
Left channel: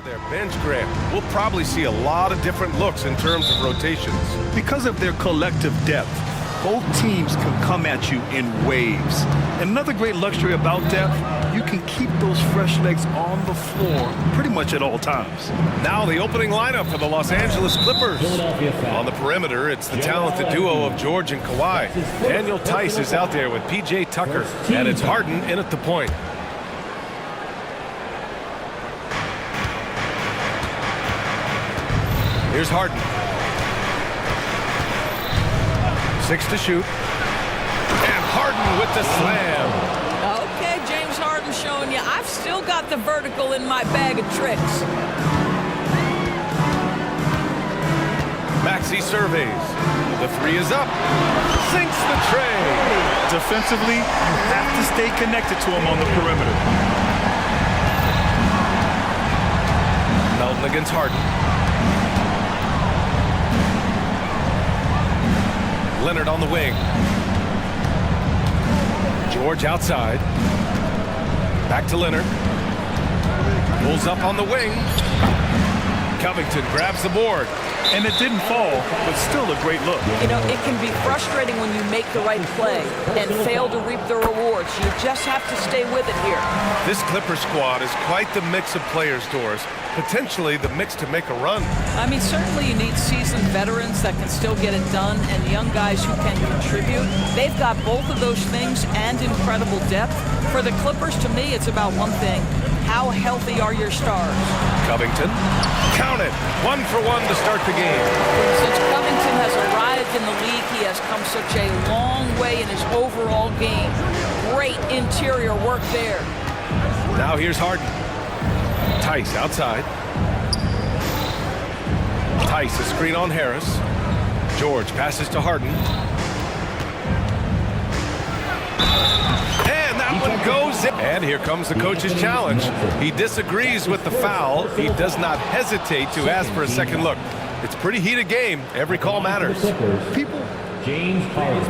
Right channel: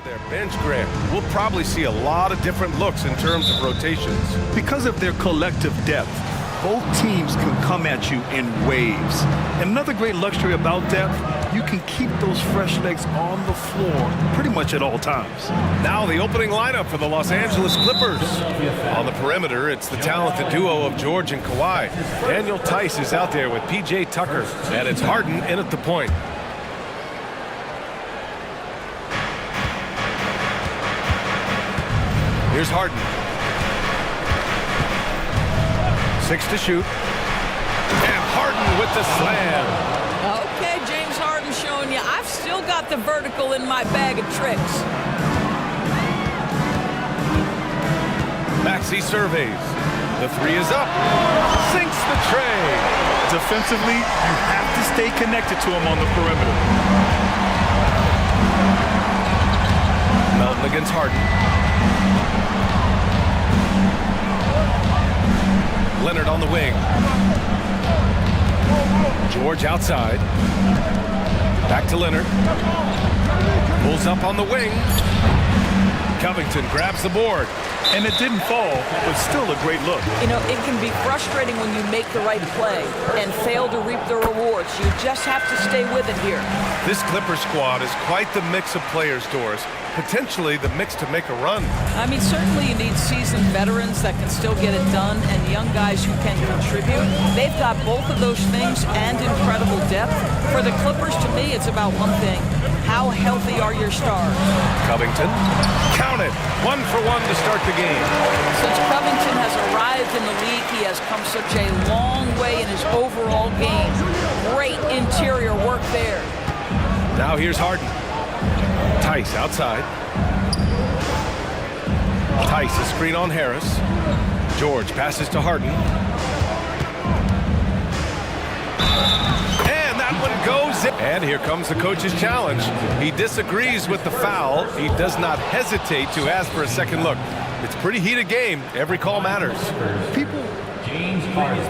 Their bench, Grant. We'll probably see a lot of different looks in terms of rotations. Because of their collective depth, both teams can come at you in waves. And another great luxury about depth, you can keep those fresh legs on the floor pretty much at all times. Now the opening lineup for the Los Angeles Clippers. On the perimeter, it's the talented duo of George and Kawhi. Daniel Tice is out there with P.J. Tucker, and it's Harden in at the point. Here's Harden. 6 to shoot. And Harden with the slam. Okay, James Harden showing you I've still got the vertical in my bag of tricks. Maxey surveys. The three is up. Sinks the tray. Defensively, you have to stay connected to him on the perimeter. Melton against Harden. Leonard on the wing. George outside. Back to Leonard. Pulls up on the wing. Covington grabs the board. And it didn't fall, but still a great look. You know, it can be frustrating when you make the right play and fail to reap the rewards. You just have to stay with it here. This Clipper squad is quite the mix of players, Doris. Potentially the mix to make a run. I mean, certainly you need seasoned veterans that can still get it done and young guys who can contribute. They've got both of those things and incredible depth. For the Clippers, to me, it's about one thing. How healthy are your stars? Covington, count it. 1 for 1 to start the game. Since Covington has arrived in the league, he has come such a long way in his overall game. Great interior work there. Now here's Harden. Tice outside. Tice, a screen on Harris. George passes to Harden. And that one goes in. And here comes the coach's challenge. He disagrees with the foul. He does not hesitate to ask for a second look. It's a pretty heated game. Every call matters. People, James Harden,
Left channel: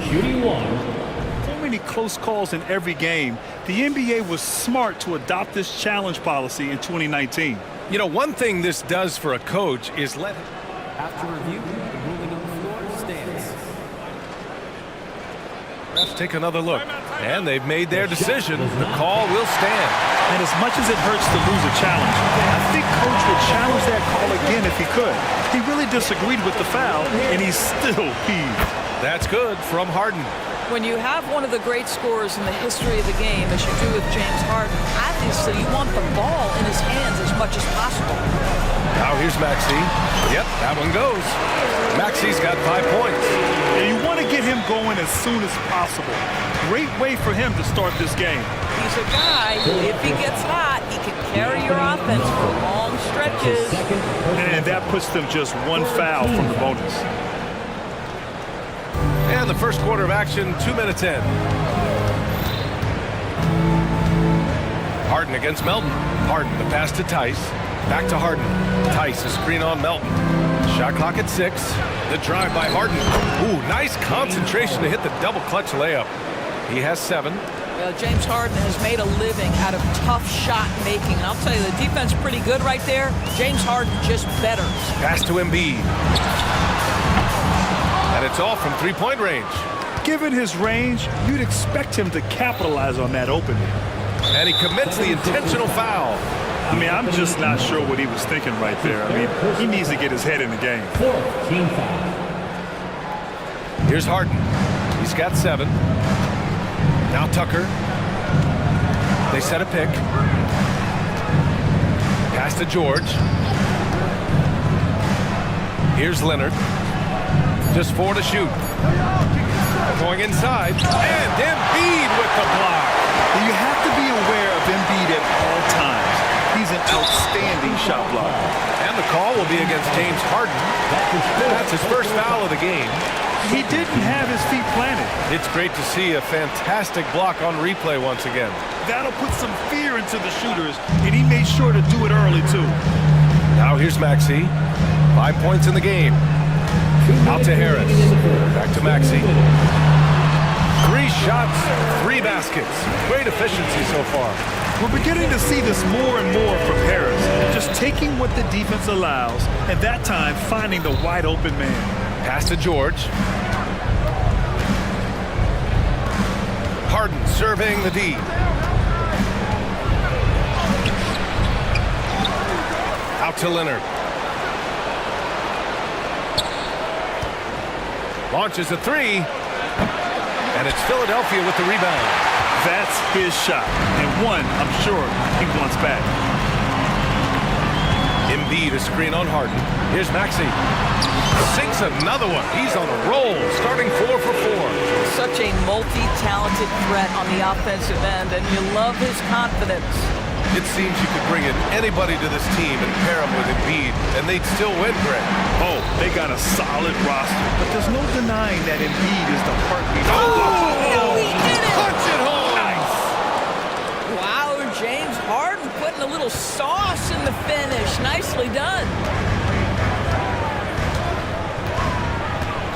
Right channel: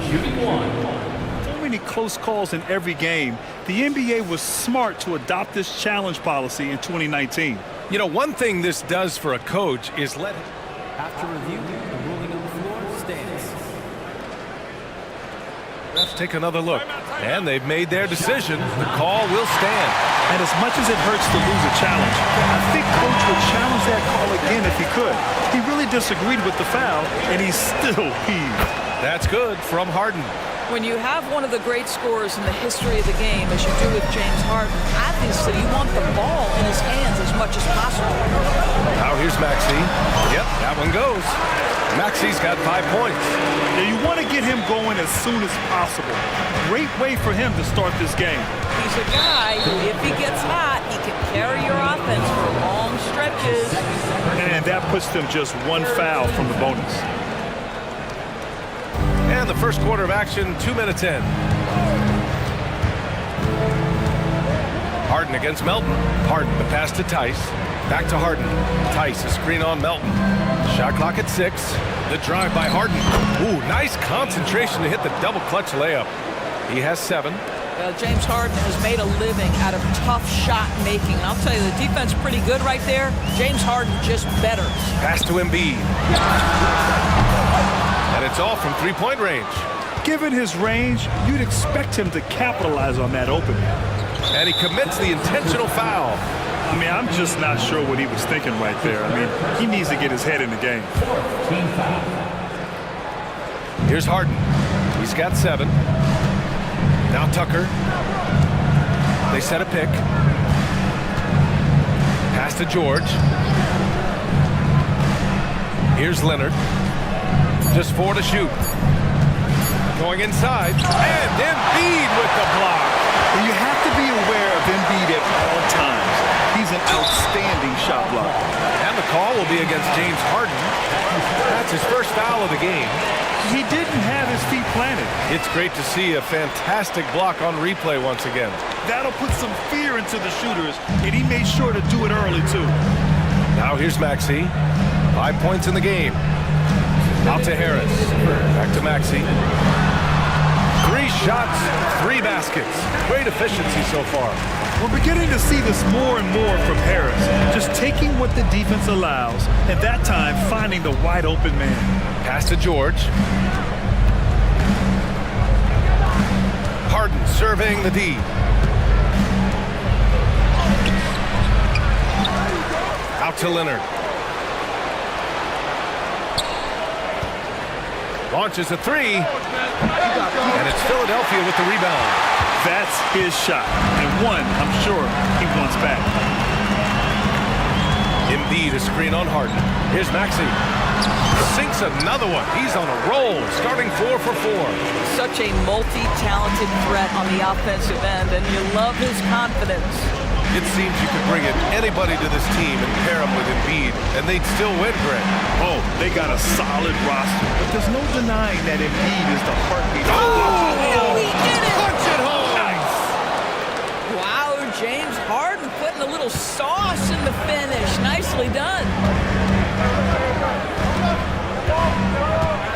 shooting 1. so many close calls in every game. The NBA was smart to adopt this challenge policy in 2019. You know, one thing this does for a coach is let him. After review, the ruling on the floor stands. Refs take another look, and they've made their decision. The call will stand. And as much as it hurts to lose a challenge, I think Coach would challenge that call again if he could. He really disagreed with the foul, and he's still peeved. That's good from Harden. When you have one of the great scorers in the history of the game, as you do with James Harden, obviously you want the ball in his hands as much as possible. Now here's Maxey. Yep, that one goes. Maxey's got 5 points. Yeah, you want to get him going as soon as possible. Great way for him to start this game. He's a guy who, if he gets hot, he can carry your offense for long stretches. And that puts them just one foul from the bonus. And the first quarter of action, 2 minutes in. Harden against Melton. Harden, the pass to Tice. Back to Harden. Tice, a screen on Melton. Shot clock at 6. The drive by Harden. Ooh, nice concentration to hit the double clutch layup. He has 7. James Harden has made a living out of tough shot making. And I'll tell you, the defense is pretty good right there. James Harden just better. Pass to Embiid. And it's all from 3-point range. Given his range, you'd expect him to capitalize on that opening. And he commits the intentional foul. I mean, I'm just not sure what he was thinking right there. I mean, he needs to get his head in the game. Team foul. Here's Harden. He's got 7. Now Tucker. They set a pick. Pass to George. Here's Leonard. Just 4 to shoot. Going inside. And Embiid with the block. You have to be aware of Embiid at all times. He's an outstanding shot blocker. And the call will be against James Harden. That's his first foul of the game. He didn't have his feet planted. It's great to see a fantastic block on replay once again. That'll put some fear into the shooters, and he made sure to do it early, too. Now here's Maxey. 5 points in the game. Out to Harris. Back to Maxey. 3 shots, 3 baskets. Great efficiency so far. We're beginning to see this more and more from Harris. Just taking what the defense allows, and that time finding the wide open man. Pass to George. Harden surveying the D. Out to Leonard. Launches a 3. And it's Philadelphia with the rebound. That's his shot. And one, I'm sure, he wants back. Embiid a screen on Harden. Here's Maxey. Sinks another one. He's on a roll, starting 4 for 4. Such a multi-talented threat on the offensive end, and you love his confidence. It seems you could bring in anybody to this team and pair them with Embiid, and they'd still win, Greg. Oh, they got a solid roster, but there's no denying that Embiid is the heartbeat. Oh, he did it! Punch it home! Nice! Wow, James Harden putting a little sauce in the finish. Nicely done.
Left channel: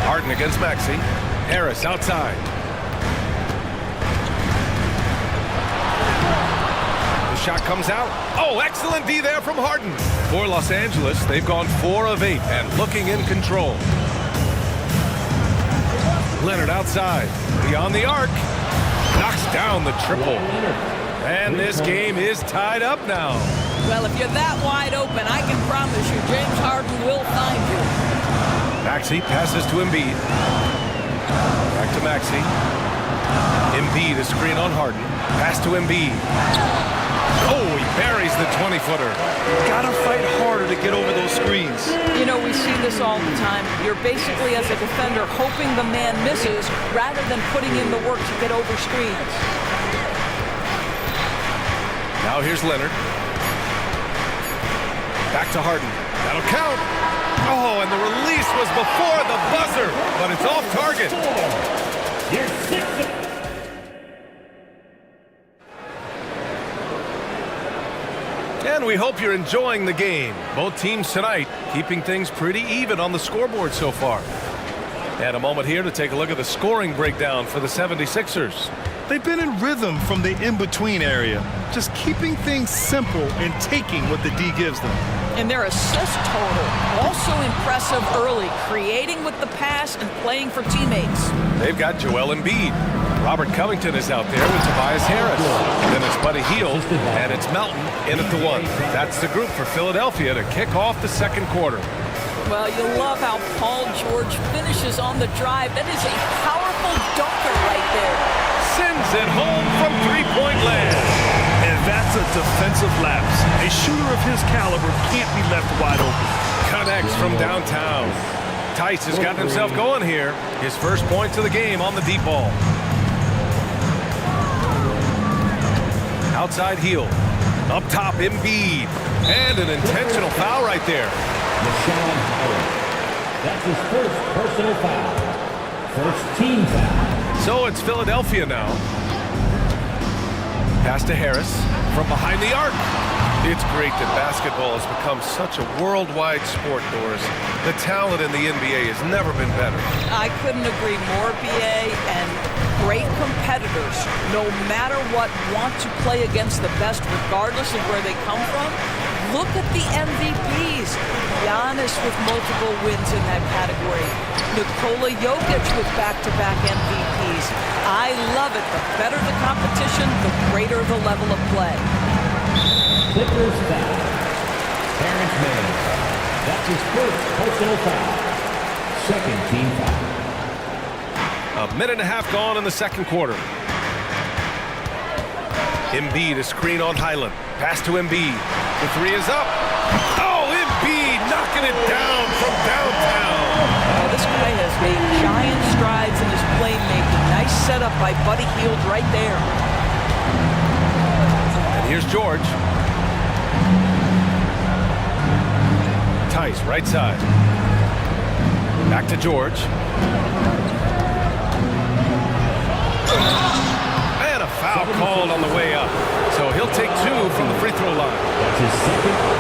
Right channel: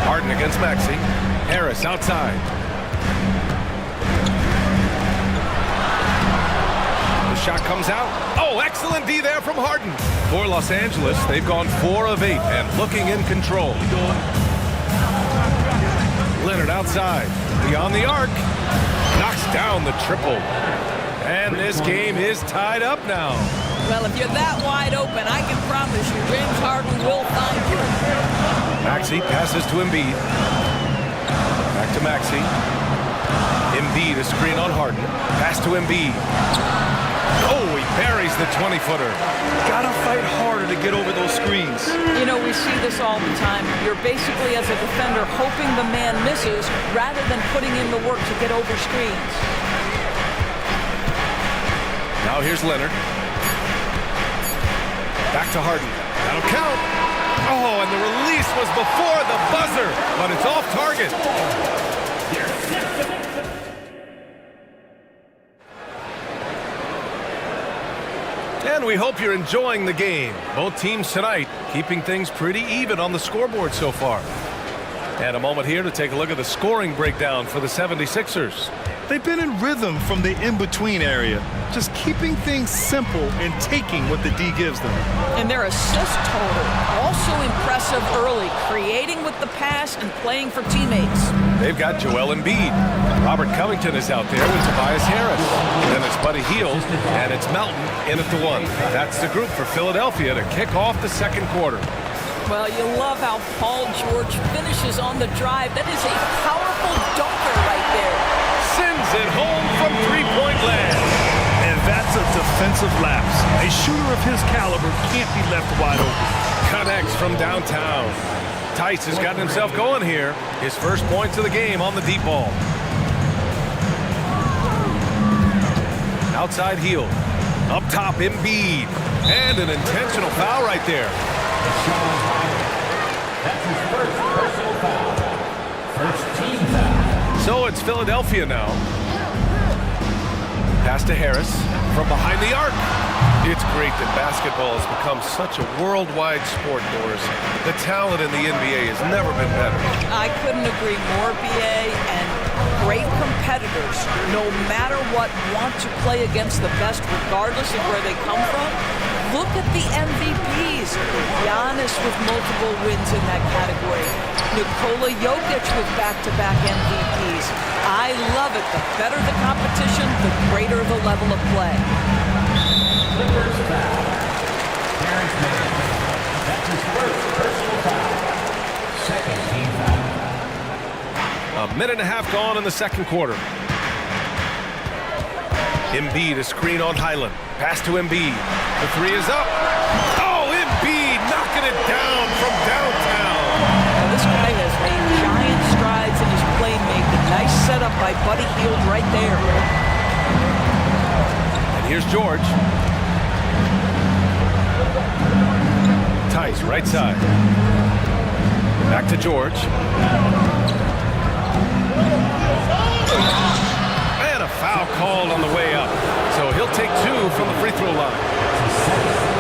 Harden against Maxey. Harris outside. The shot comes out. Oh, excellent D there from Harden. For Los Angeles, they've gone 4 of 8 and looking in control. Leonard outside. Beyond the arc. Knocks down the triple. And this game is tied up now. Well, if you're that wide open, I can promise you James Harden will find you. Maxey passes to Embiid. Back to Maxey. Embiid a screen on Harden. Pass to Embiid. Oh, he buries the 20-footer. Gotta fight harder to get over those screens. You know, we see this all the time. You're basically, as a defender, hoping the man misses rather than putting in the work to get over screens. Now here's Leonard. Back to Harden. That'll count. Oh, and the release was before the buzzer, but it's off target. And we hope you're enjoying the game. Both teams tonight keeping things pretty even on the scoreboard so far. And a moment here to take a look at the scoring breakdown for the 76ers. They've been in rhythm from the in-between area, just keeping things simple and taking what the D gives them. And their assist total, also impressive early, creating with the pass and playing for teammates. They've got Joel Embiid. Robert Covington is out there with Tobias Harris. Then it's Buddy Hield, and it's Melton in at the 1. That's the group for Philadelphia to kick off the second quarter. Well, you love how Paul George finishes on the drive. That is a powerful dunker right there. Sends it home from three-point land. And that's a defensive lapse. A shooter of his caliber can't be left wide open. Connects from downtown. Tice has gotten himself going here. His first points of the game on the deep ball. Outside Hield. Up top, Embiid. And an intentional foul right there. That's his first personal foul. First team foul. So it's Philadelphia now. Pass to Harris from behind the arc. It's great that basketball has become such a worldwide sport, Doris. The talent in the NBA has never been better. I couldn't agree more, BA, and great competitors, no matter what, want to play against the best regardless of where they come from. Look at the MVPs. Giannis with multiple wins in that category. Nikola Jokic with back-to-back MVPs. I love it. The better the competition, the greater the level of play. Clippers foul. Terrence Mann. That's his first personal foul. Second team foul. A minute and a half gone in the second quarter. Embiid a screen on Highland. Pass to Embiid. The 3 is up. Oh, Embiid knocking it down from downtown. Now, this guy has made giant strides in his playmaking. Nice setup by Buddy Hield right there. And here's George. Tice, right side. Back to George. And a foul called on the way up. So he'll take 2 from the free throw line.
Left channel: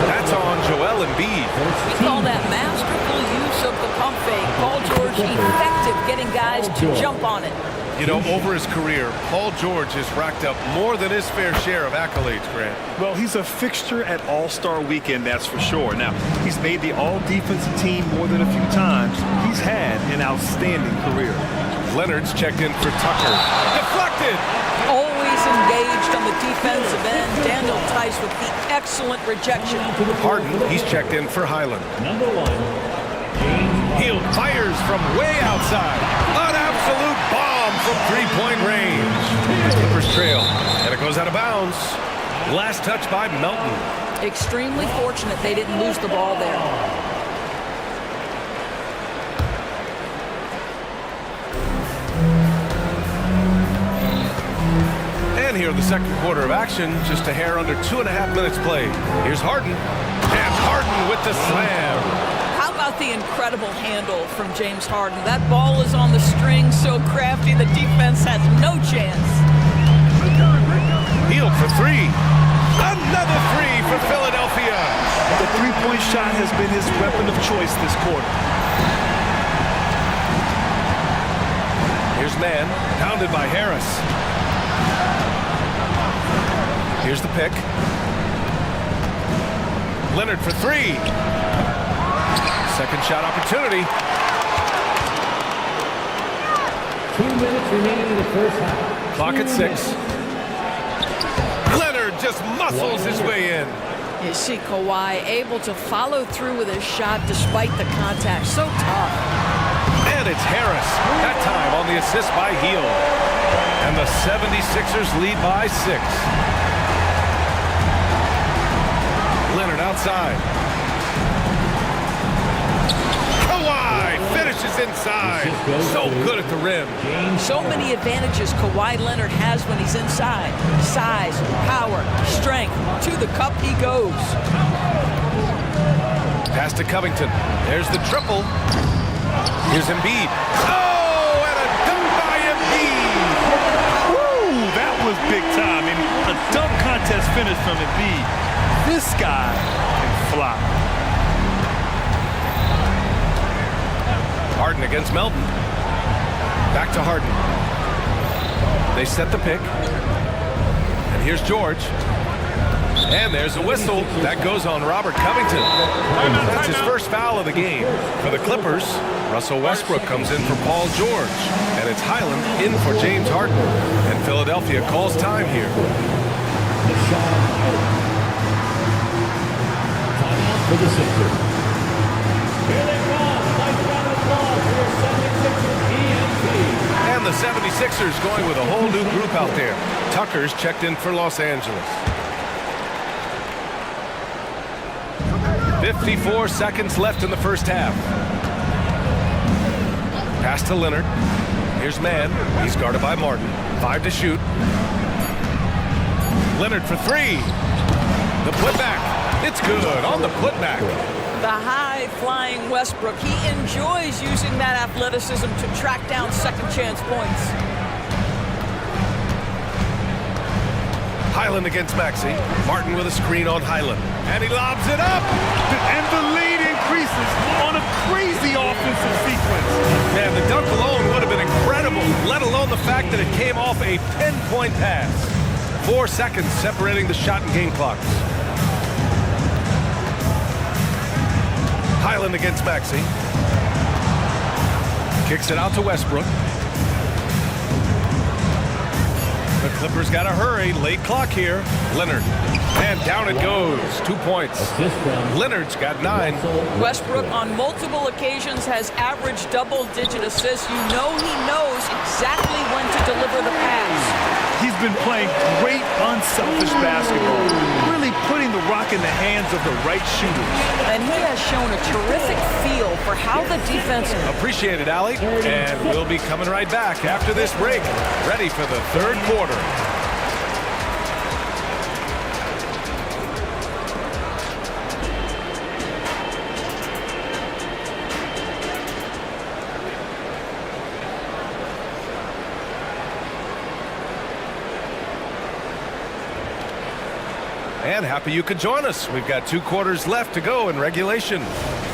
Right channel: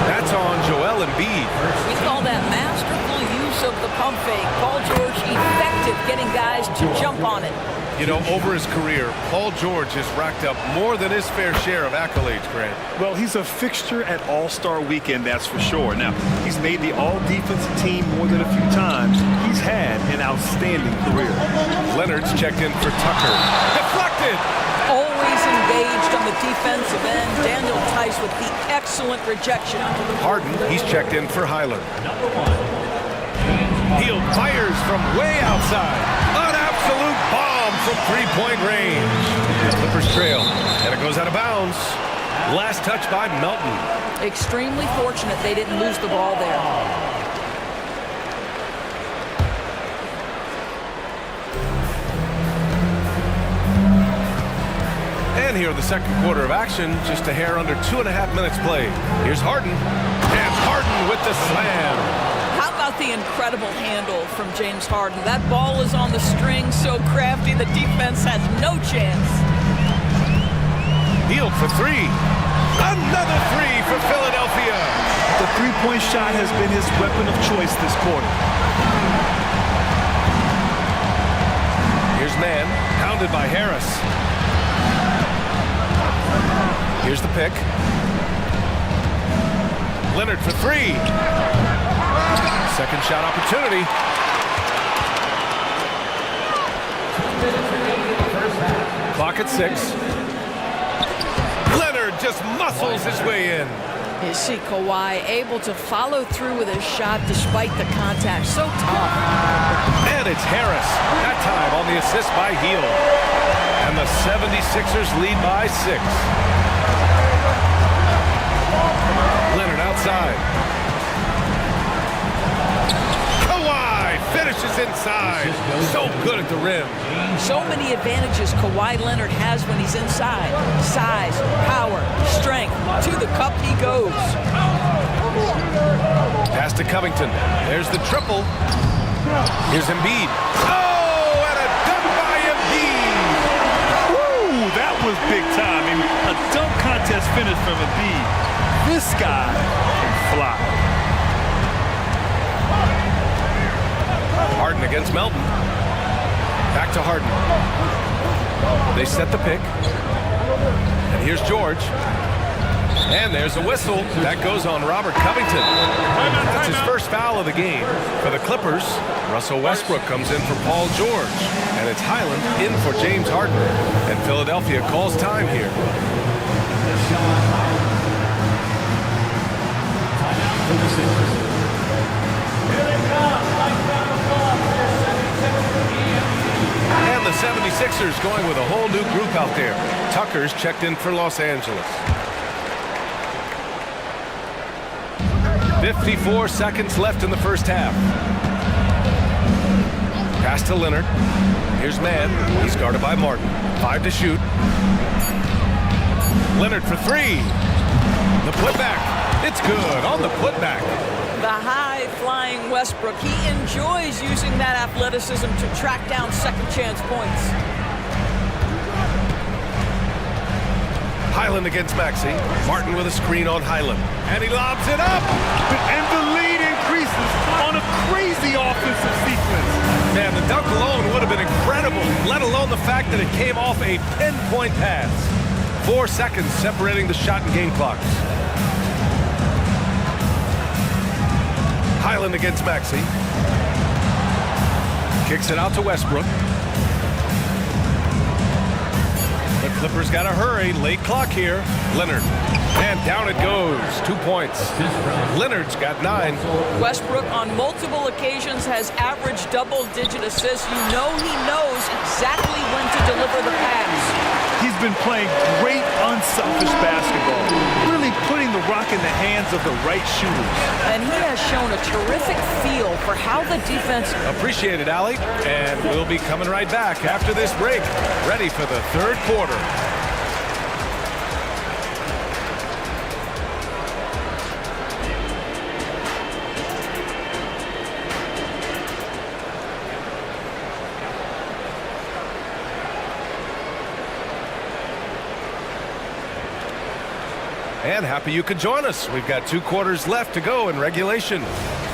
That's on Joel Embiid. We call that masterful use of the pump fake. Paul George effective getting guys to jump on it. You know, over his career, Paul George has racked up more than his fair share of accolades, Grant. Well, he's a fixture at All-Star Weekend, that's for sure. Now, he's made the all-defensive team more than a few times. He's had an outstanding career. Leonard's checked in for Tucker. Deflected! Always engaged on the defensive end. Daniel Tice with the excellent rejection. Harden, he's checked in for Highland. Number 1. Hield fires from way outside. An absolute bomb from three-point range. The Clippers trail, and it goes out of bounds. Last touch by Melton. Extremely fortunate they didn't lose the ball there. And here in the second quarter of action, just a hair under 2.5 minutes played. Here's Harden. And Harden with the slam. How about the incredible handle from James Harden? That ball is on the string, so crafty, the defense has no chance. Hield for three. Another three for Philadelphia. The three-point shot has been his weapon of choice this quarter. Here's Mann, pounded by Harris. Here's the pick. Leonard for three. Second shot opportunity. 2 minutes remaining in the first half. Clock at 6. Leonard just muscles his way in. You see Kawhi able to follow through with his shot despite the contact. So tough. And it's Harris, that time on the assist by Hield. And the 76ers lead by 6. Leonard outside. Kawhi finishes inside. So good at the rim. So many advantages Kawhi Leonard has when he's inside. Size, power, strength. To the cup he goes. Pass to Covington. There's the triple. Here's Embiid. Oh, and a dunk by Embiid. Woo, that was big time. I mean, a dunk contest finish from Embiid. This guy can fly. Harden against Melton. Back to Harden. They set the pick. And here's George. And there's a whistle. That goes on Robert Covington. That's his first foul of the game. For the Clippers, Russell Westbrook comes in for Paul George. And it's Highland in for James Harden. And Philadelphia calls time here. For the Sixers. Here they come. And the 76ers going with a whole new group out there. Tucker's checked in for Los Angeles. 54 seconds left in the first half. Pass to Leonard. Here's Mann. He's guarded by Martin. 5 to shoot. Leonard for three. The putback. It's good on the putback. The high-flying Westbrook. He enjoys using that athleticism to track down second-chance points. Highland against Maxey. Martin with a screen on Highland. And he lobs it up. And the lead increases on a crazy offensive sequence. Man, the dunk alone would have been incredible, let alone the fact that it came off a pinpoint pass. 4 seconds separating the shot and game clocks. Highland against Maxey. Kicks it out to Westbrook. The Clippers got to hurry. Late clock here. Leonard. And down it goes. 2 points. Leonard's got 9. Westbrook on multiple occasions has averaged double-digit assists. You know he knows exactly when to deliver the pass. He's been playing great, unselfish basketball, really putting the rock in the hands of the right shooters. And he has shown a terrific feel for how the defense... Appreciate it, Allie. And we'll be coming right back after this break, ready for the third quarter. And happy you could join us. We've got 2 quarters left to go in regulation.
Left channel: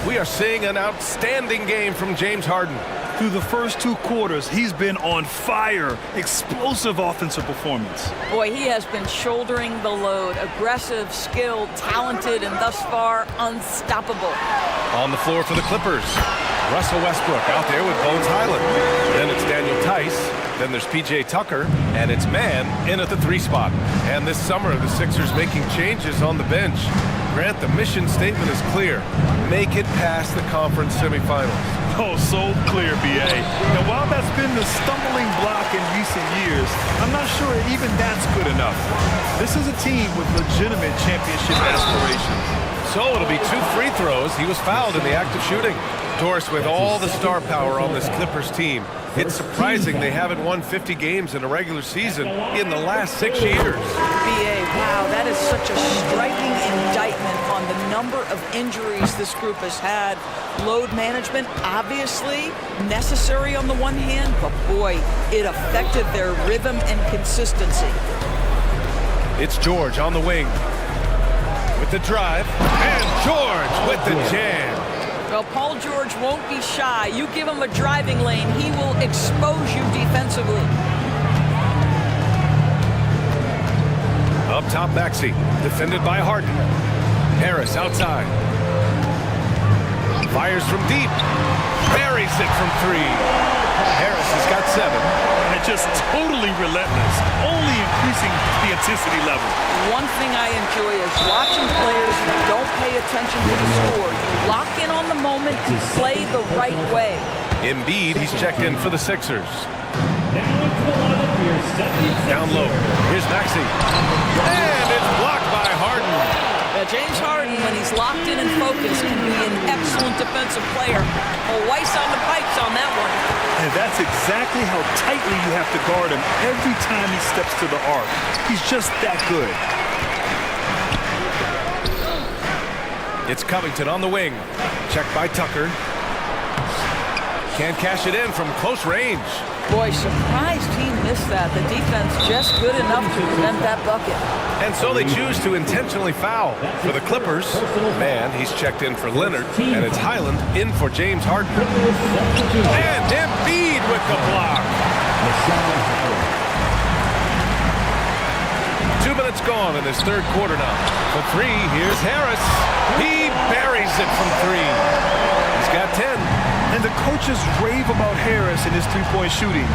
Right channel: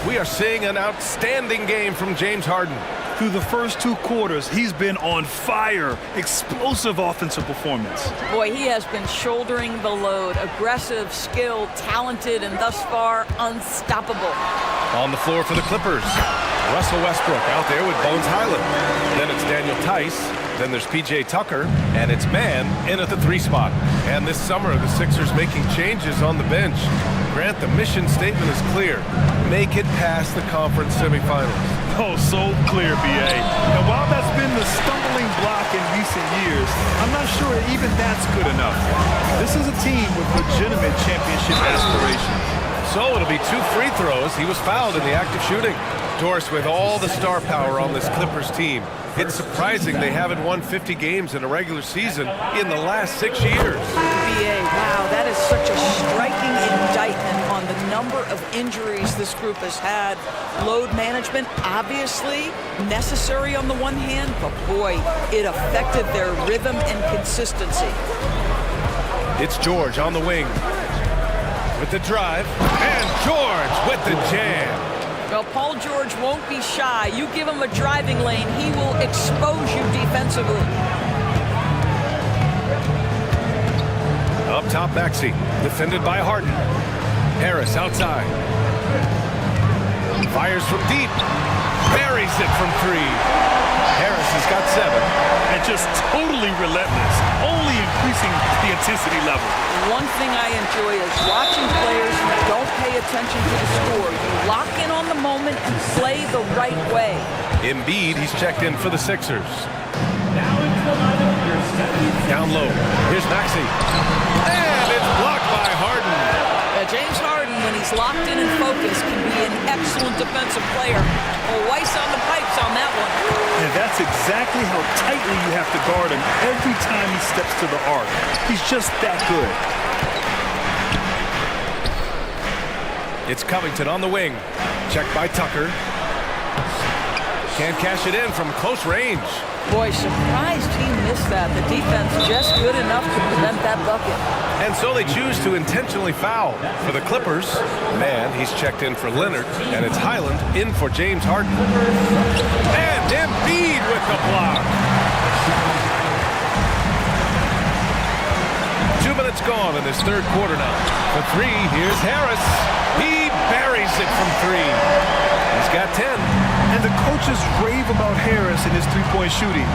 We are seeing an outstanding game from James Harden. Through the first 2 quarters, he's been on fire. Explosive offensive performance. Boy, he has been shouldering the load. Aggressive, skilled, talented, and thus far, unstoppable. On the floor for the Clippers, Russell Westbrook out there with Bones Highland. Then it's Daniel Tice. Then there's P.J. Tucker, and it's Mann in at the 3 spot. And this summer, the Sixers making changes on the bench. Grant, the mission statement is clear. Make it past the conference semifinals. Oh, so clear, B.A. Now, while that's been the stumbling block in recent years, I'm not sure even that's good enough. This is a team with legitimate championship aspirations. So it'll be 2 free throws. He was fouled in the act of shooting. Doris, with all the star power on this Clippers team, it's surprising they haven't won 50 games in a regular season in the last 6 years. BA, wow, that is such a striking indictment on the number of injuries this group has had. Load management, obviously necessary on the one hand, but boy, it affected their rhythm and consistency. It's George on the wing with the drive, and George with the jam. Well, Paul George won't be shy. You give him a driving lane, he will expose you defensively. Up top, Maxey, defended by Harden. Harris outside. Fires from deep. Buries it from 3. Harris has got 7. And just totally relentless, only increasing the intensity level. One thing I enjoy is watching players who don't pay attention to the score. You lock in on the moment and play the right way. Embiid, he's checked in for the Sixers. Down low, here's Maxey. And it's blocked by Harden. James Harden, when he's locked in and focused, can be an excellent defensive player. Weiss on the pipes on that one. And that's exactly how tightly you have to guard him every time he steps to the arc. He's just that good. It's Covington on the wing. Checked by Tucker. Can't cash it in from close range. Boy, surprised he missed that. The defense just good enough to prevent that bucket. And so they choose to intentionally foul. For the Clippers, Mann, he's checked in for Leonard, and it's Highland in for James Harden. And Embiid with the block. 2 minutes gone in this 3rd quarter now. For 3, here's Harris. He buries it from 3. He's got 10. And the coaches rave about Harris and his 3-point shooting.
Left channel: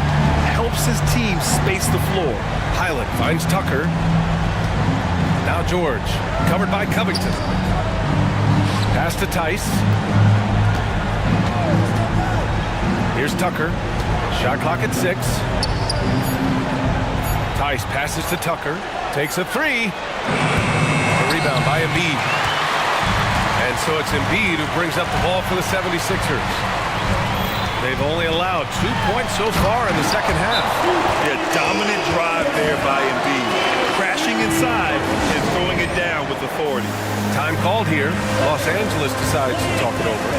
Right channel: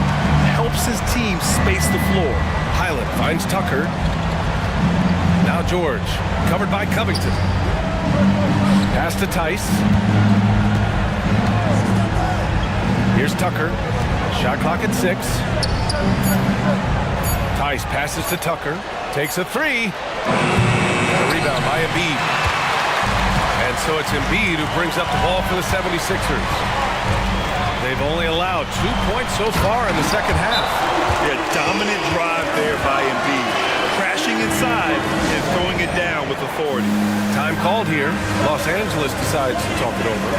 Helps his team space the floor. Highland finds Tucker. Now George, covered by Covington. Pass to Tice. Here's Tucker. Shot clock at 6. Tice passes to Tucker. Takes a 3. A rebound by Embiid. And so it's Embiid who brings up the ball for the 76ers. They've only allowed 2 points so far in the second half. Yeah, dominant drive there by Embiid. Crashing inside and throwing it down with authority. Time called here. Los Angeles decides to talk it over.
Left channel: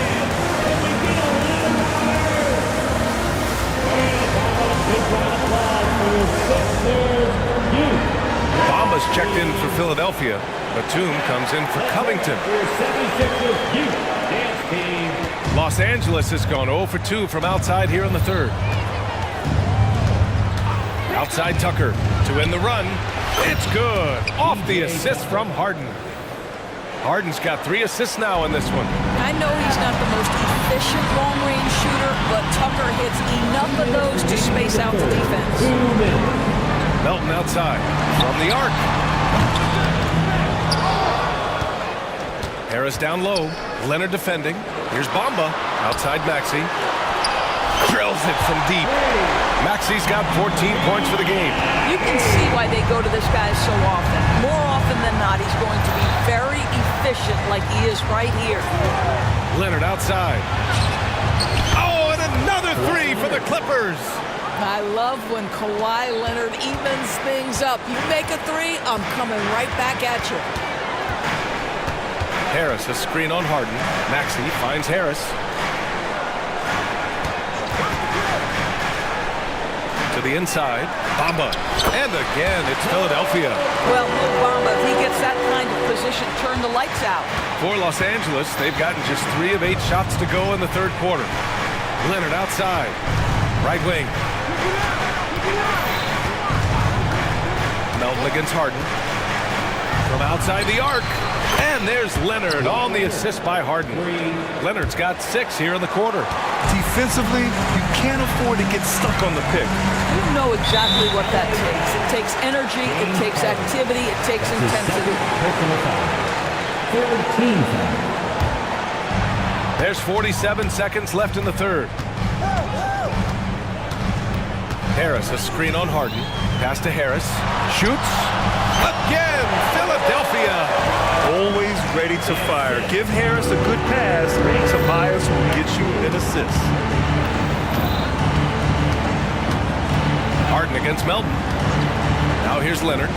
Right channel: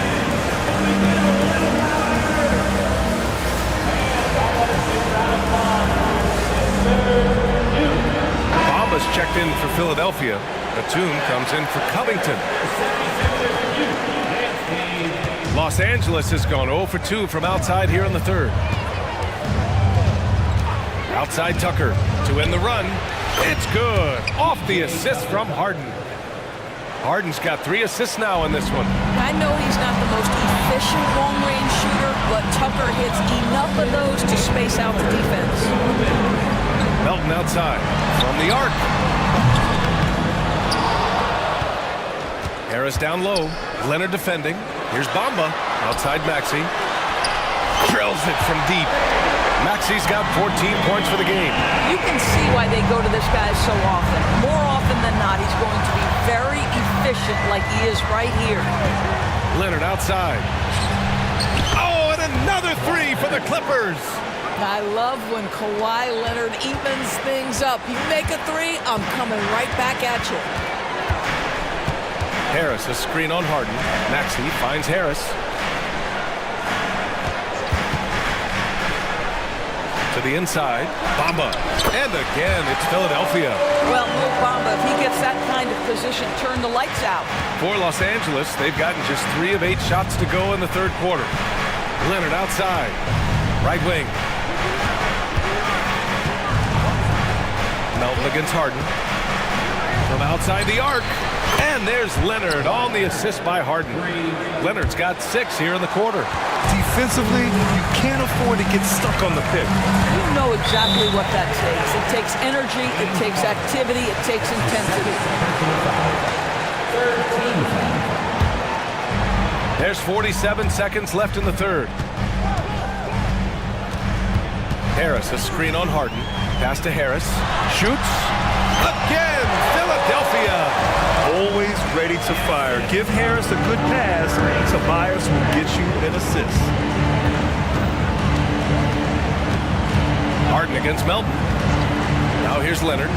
Bamba's checked in for Philadelphia. Batum comes in for Covington. Los Angeles has gone 0 for 2 from outside here in the 3rd. Outside Tucker to end the run. It's good. Off the assist from Harden. Harden's got 3 assists now in this one. I know he's not the most efficient long-range shooter, but Tucker hits enough of those to space out the defense. Melton outside from the arc. Harris down low. Leonard defending. Here's Bamba. Outside Maxey. Drills it from deep. Maxey's got 14 points for the game. You can see why they go to this guy so often. More often than not, he's going to be very efficient like he is right here. Leonard outside. Oh, and another 3 for the Clippers. I love when Kawhi Leonard evens things up. You make a 3, I'm coming right back at you. Harris, a screen on Harden. Maxey finds Harris. To the inside, Bamba. And again, it's Philadelphia. Well, Mo Bamba, if he gets that kind of position, turn the lights out. For Los Angeles, they've gotten just 3 of 8 shots to go in the 3rd quarter. Leonard outside. Right wing. Melton against Harden. From outside the arc. And there's Leonard on the assist by Harden. Leonard's got 6 here in the quarter. Defensively, you can't afford to get stuck on the pick. You know exactly what that takes. It takes energy, it takes activity, it takes intensity. Third team foul. There's 47 seconds left in the third. Harris, a screen on Harden. Pass to Harris. Shoots. Again, Philadelphia. Always ready to fire. Give Harris a good pass. Tobias will get you an assist. Harden against Melton. Now here's Leonard.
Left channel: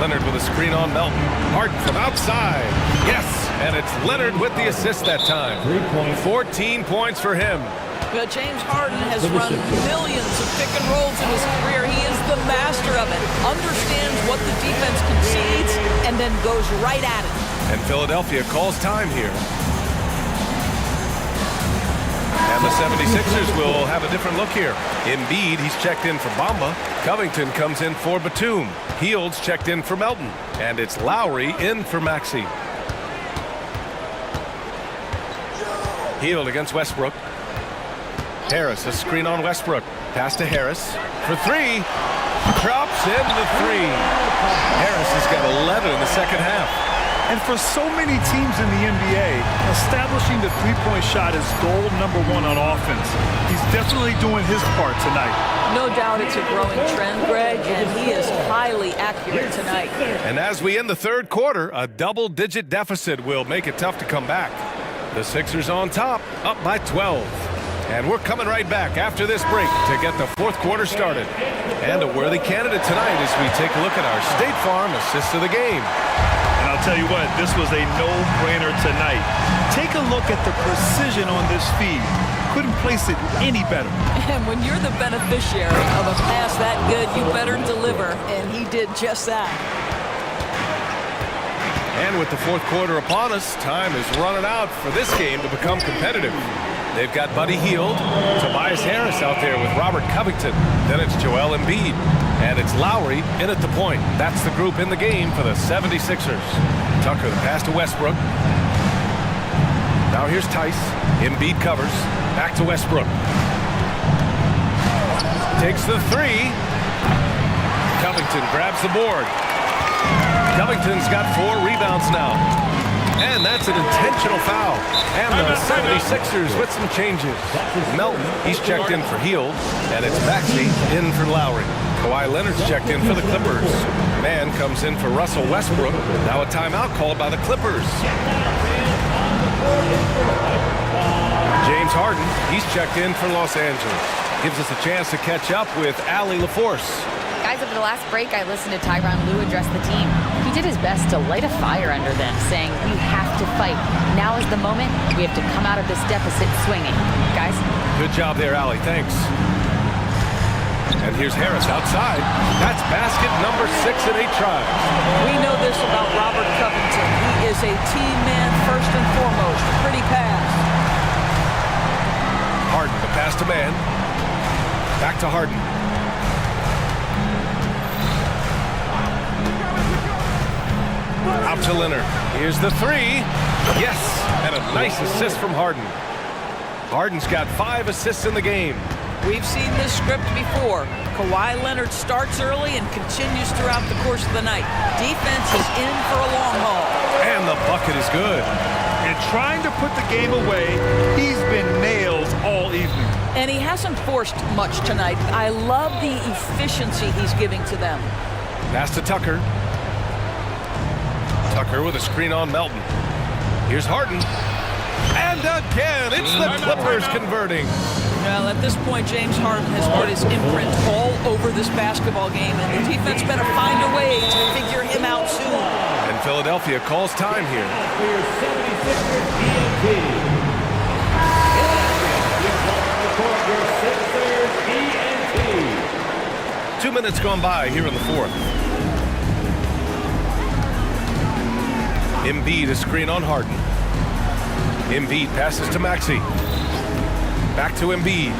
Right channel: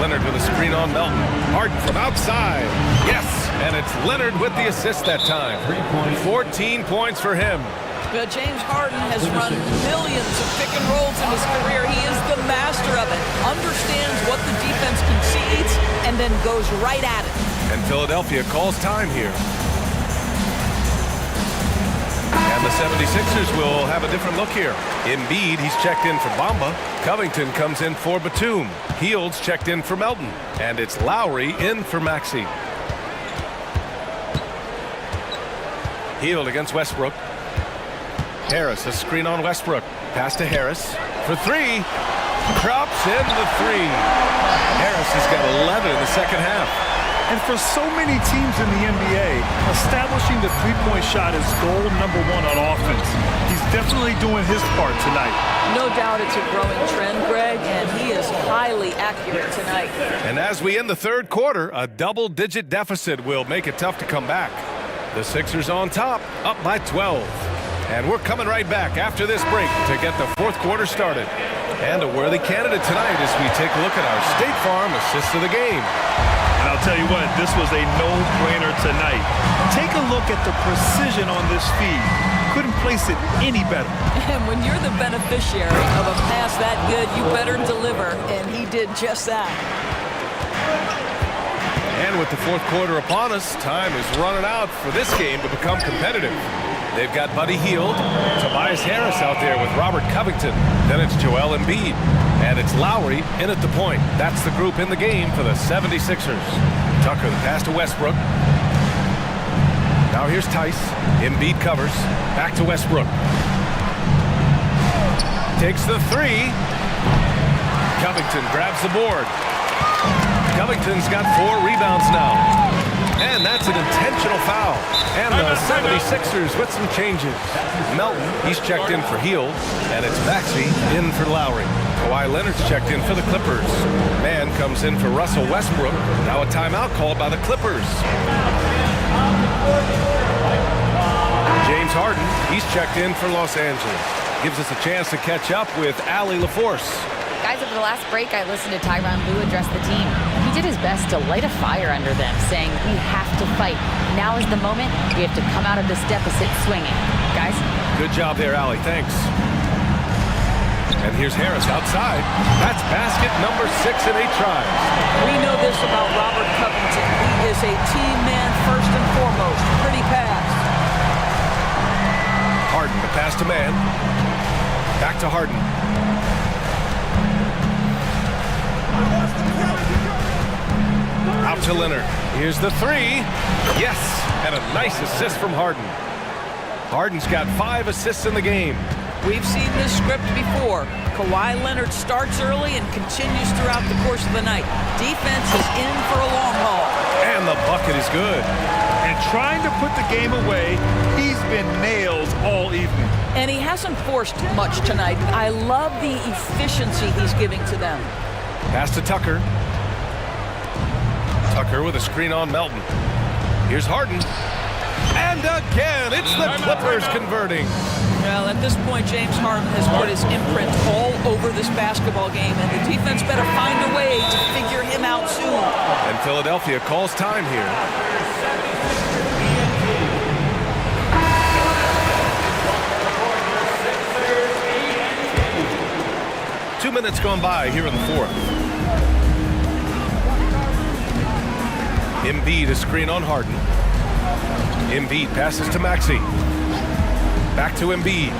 Leonard with a screen on Melton. Harden from outside. Yes, and it's Leonard with the assist that time. 14 points for him. Well, James Harden has run millions of pick and rolls in his career. He is the master of it. Understands what the defense concedes and then goes right at it. And Philadelphia calls time here. And the 76ers will have a different look here. Embiid, he's checked in for Bamba. Covington comes in for Batum. Heald's checked in for Melton. And it's Lowry in for Maxey. Hield against Westbrook. Harris, a screen on Westbrook. Pass to Harris for 3. Drops in the 3. Harris has got 11 in the second half. And for so many teams in the NBA, establishing the three-point shot is goal number 1 on offense. He's definitely doing his part tonight. No doubt it's a growing trend, Greg, and he is highly accurate tonight. And as we end the third quarter, a double-digit deficit will make it tough to come back. The Sixers on top, up by 12. And we're coming right back after this break to get the fourth quarter started. And a worthy candidate tonight as we take a look at our State Farm assist of the game. And I'll tell you what, this was a no-brainer tonight. Take a look at the precision on this feed. Couldn't place it any better. And when you're the beneficiary of a pass that good, you better deliver, and he did just that. And with the fourth quarter upon us, time is running out for this game to become competitive. They've got Buddy Hield, Tobias Harris out there with Robert Covington. Then it's Joel Embiid. And it's Lowry in at the point. That's the group in the game for the 76ers. Tucker, the pass to Westbrook. Now here's Tice. Embiid covers. Back to Westbrook. Takes the 3. Covington grabs the board. Covington's got 4 rebounds now. And that's an intentional foul. And the 76ers with some changes. Melton, he's checked in for Hield. And it's Maxey in for Lowry. Kawhi Leonard's checked in for the Clippers. Man comes in for Russell Westbrook. Now a timeout called by the Clippers. James Harden, he's checked in for Los Angeles. Gives us a chance to catch up with Allie LaForce. Guys, over the last break, I listened to Tyronn Lue address the team. He did his best to light a fire under them, saying, we have to fight. Now is the moment. We have to come out of this deficit swinging. Guys? Good job there, Allie. Thanks. And here's Harris outside. That's basket number 6 in 8 tries. We know this about Robert Covington. He is a team man first and foremost. Pretty pass. Harden, the pass to man. Back to Harden. Out to Leonard. Here's the 3. Yes, and a nice assist from Harden. Harden's got 5 assists in the game. We've seen this script before. Kawhi Leonard starts early and continues throughout the course of the night. Defense is in for a long haul. And the bucket is good. And trying to put the game away, he's been nails all evening. And he hasn't forced much tonight. I love the efficiency he's giving to them. Pass to Tucker. Tucker with a screen on Melton. Here's Harden. And again, it's the Clippers converting. Well, at this point, James Harden has put his imprint all over this basketball game, and the defense better find a way to figure him out soon. And Philadelphia calls time here. 2 minutes gone by here in the fourth. Embiid, a screen on Harden. Embiid passes to Maxey. Back to Embiid.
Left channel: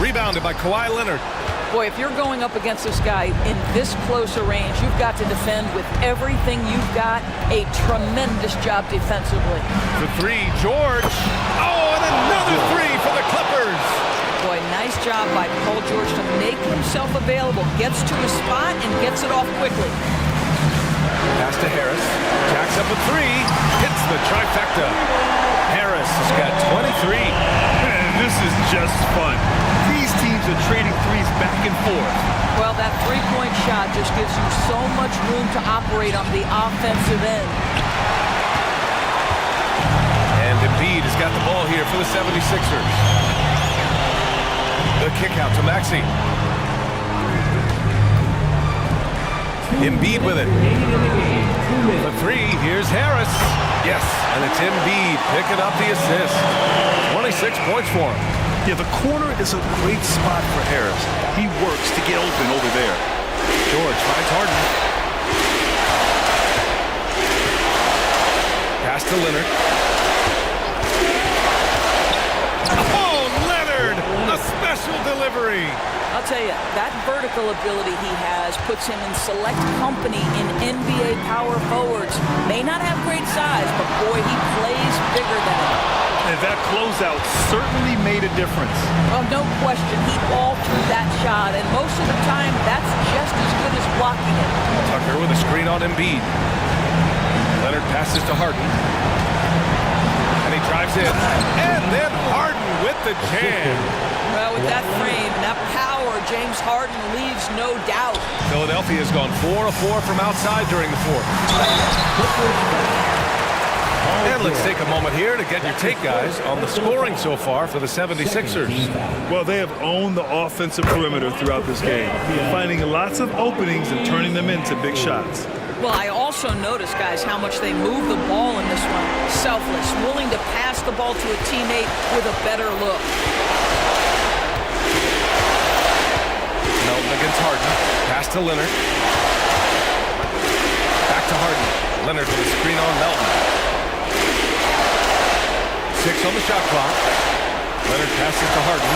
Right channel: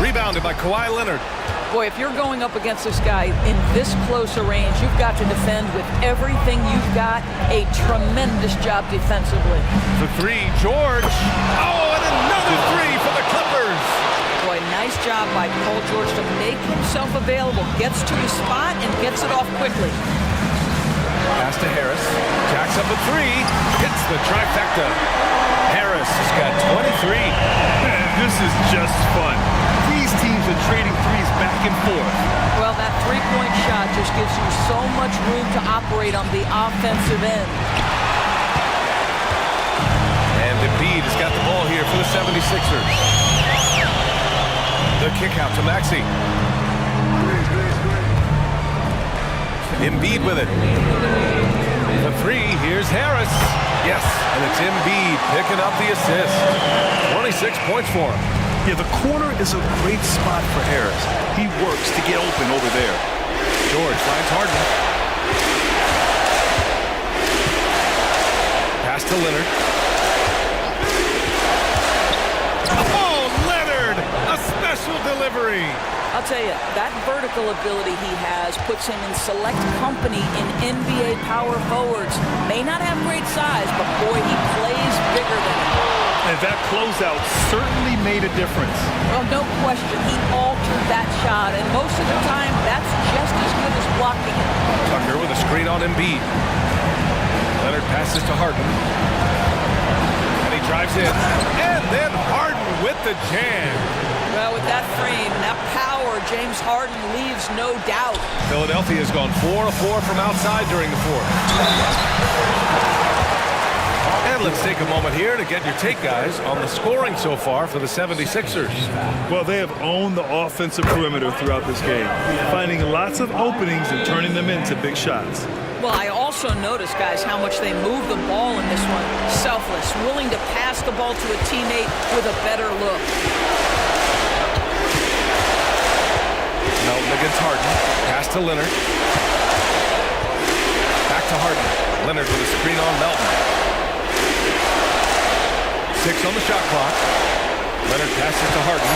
Rebounded by Kawhi Leonard. Boy, if you're going up against this guy in this close a range, you've got to defend with everything you've got. A tremendous job defensively. The three, George. Oh, and another three for the Clippers. Boy, nice job by Paul George to make himself available. Gets to his spot and gets it off quickly. Pass to Harris. Jacks up a three. Hits the trifecta. Harris has got 23. This is just fun. These teams are trading threes back and forth. Well, that three-point shot just gives you so much room to operate on the offensive end. And Embiid has got the ball here for the 76ers. The kick out to Maxey. Embiid with it. The three, here's Harris. Yes, and it's Embiid picking up the assist. 26 points for him. Yeah, the corner is a great spot for Harris. He works to get open over there. George finds Harden. Pass to Leonard. Oh, Leonard! A special delivery. I'll tell you, that vertical ability he has puts him in select company in NBA power forwards. May not have great size, but boy, he plays bigger than it. And that closeout certainly made a difference. Well, no question. He altered that shot, and most of the time, that's just as good as blocking it. Tucker with a screen on Embiid. Leonard passes to Harden. And he drives in. And then Harden with the jam. Well, with that frame and that power, James Harden leaves no doubt. Philadelphia has gone 4 of 4 from outside during the fourth. And let's take a moment here to get your take, guys, on the scoring so far for the 76ers. Well, they have owned the offensive perimeter throughout this game, finding lots of openings and turning them into big shots. Well, I also noticed, guys, how much they move the ball in this one. Selfless, willing to pass the ball to a teammate with a better look. Melton against Harden. Pass to Leonard. Back to Harden. Leonard with a screen on Melton. 6 on the shot clock. Leonard passes to Harden.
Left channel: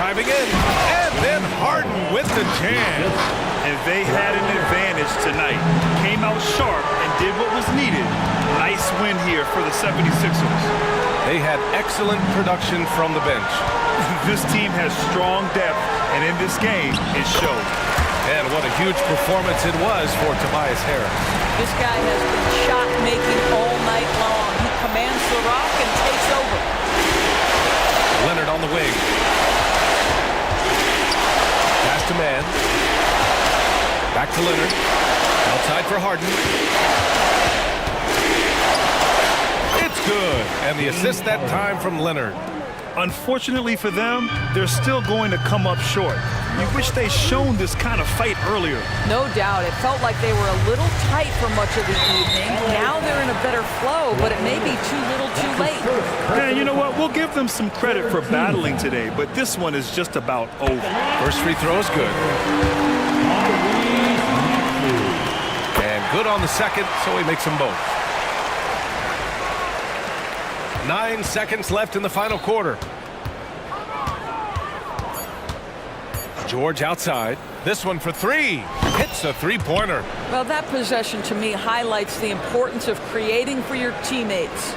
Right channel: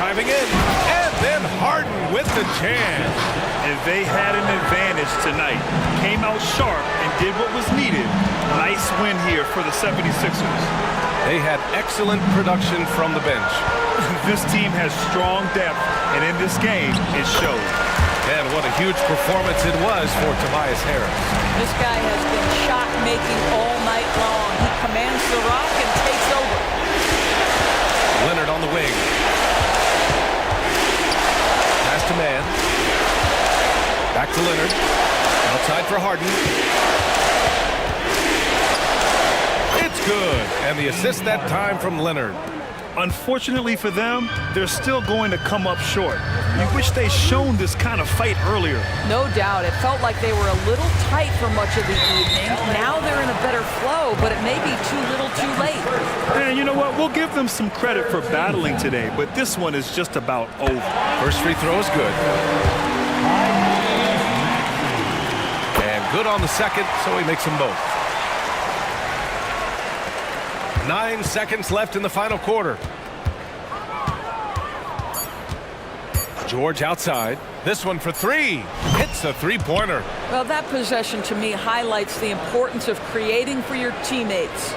Driving in. And then Harden with the jam. And they had an advantage tonight. Came out sharp and did what was needed. Nice win here for the 76ers. They had excellent production from the bench. This team has strong depth, and in this game, it showed. And what a huge performance it was for Tobias Harris. This guy has been shot-making all night long. He commands the rock and takes over. Leonard on the wing. Pass to Mann. Back to Leonard. Outside for Harden. It's good. And the assist that time from Leonard. Unfortunately for them, they're still going to come up short. You wish they'd shown this kind of fight earlier. No doubt. It felt like they were a little tight for much of the evening. Now they're in a better flow, but it may be too little too late. And you know what? We'll give them some credit for battling today, but this one is just about over. First free throw is good. And good on the second, so he makes them both. 9 seconds left in the final quarter. George outside. This one for three. Hits a three-pointer. Well, that possession to me highlights the importance of creating for your teammates.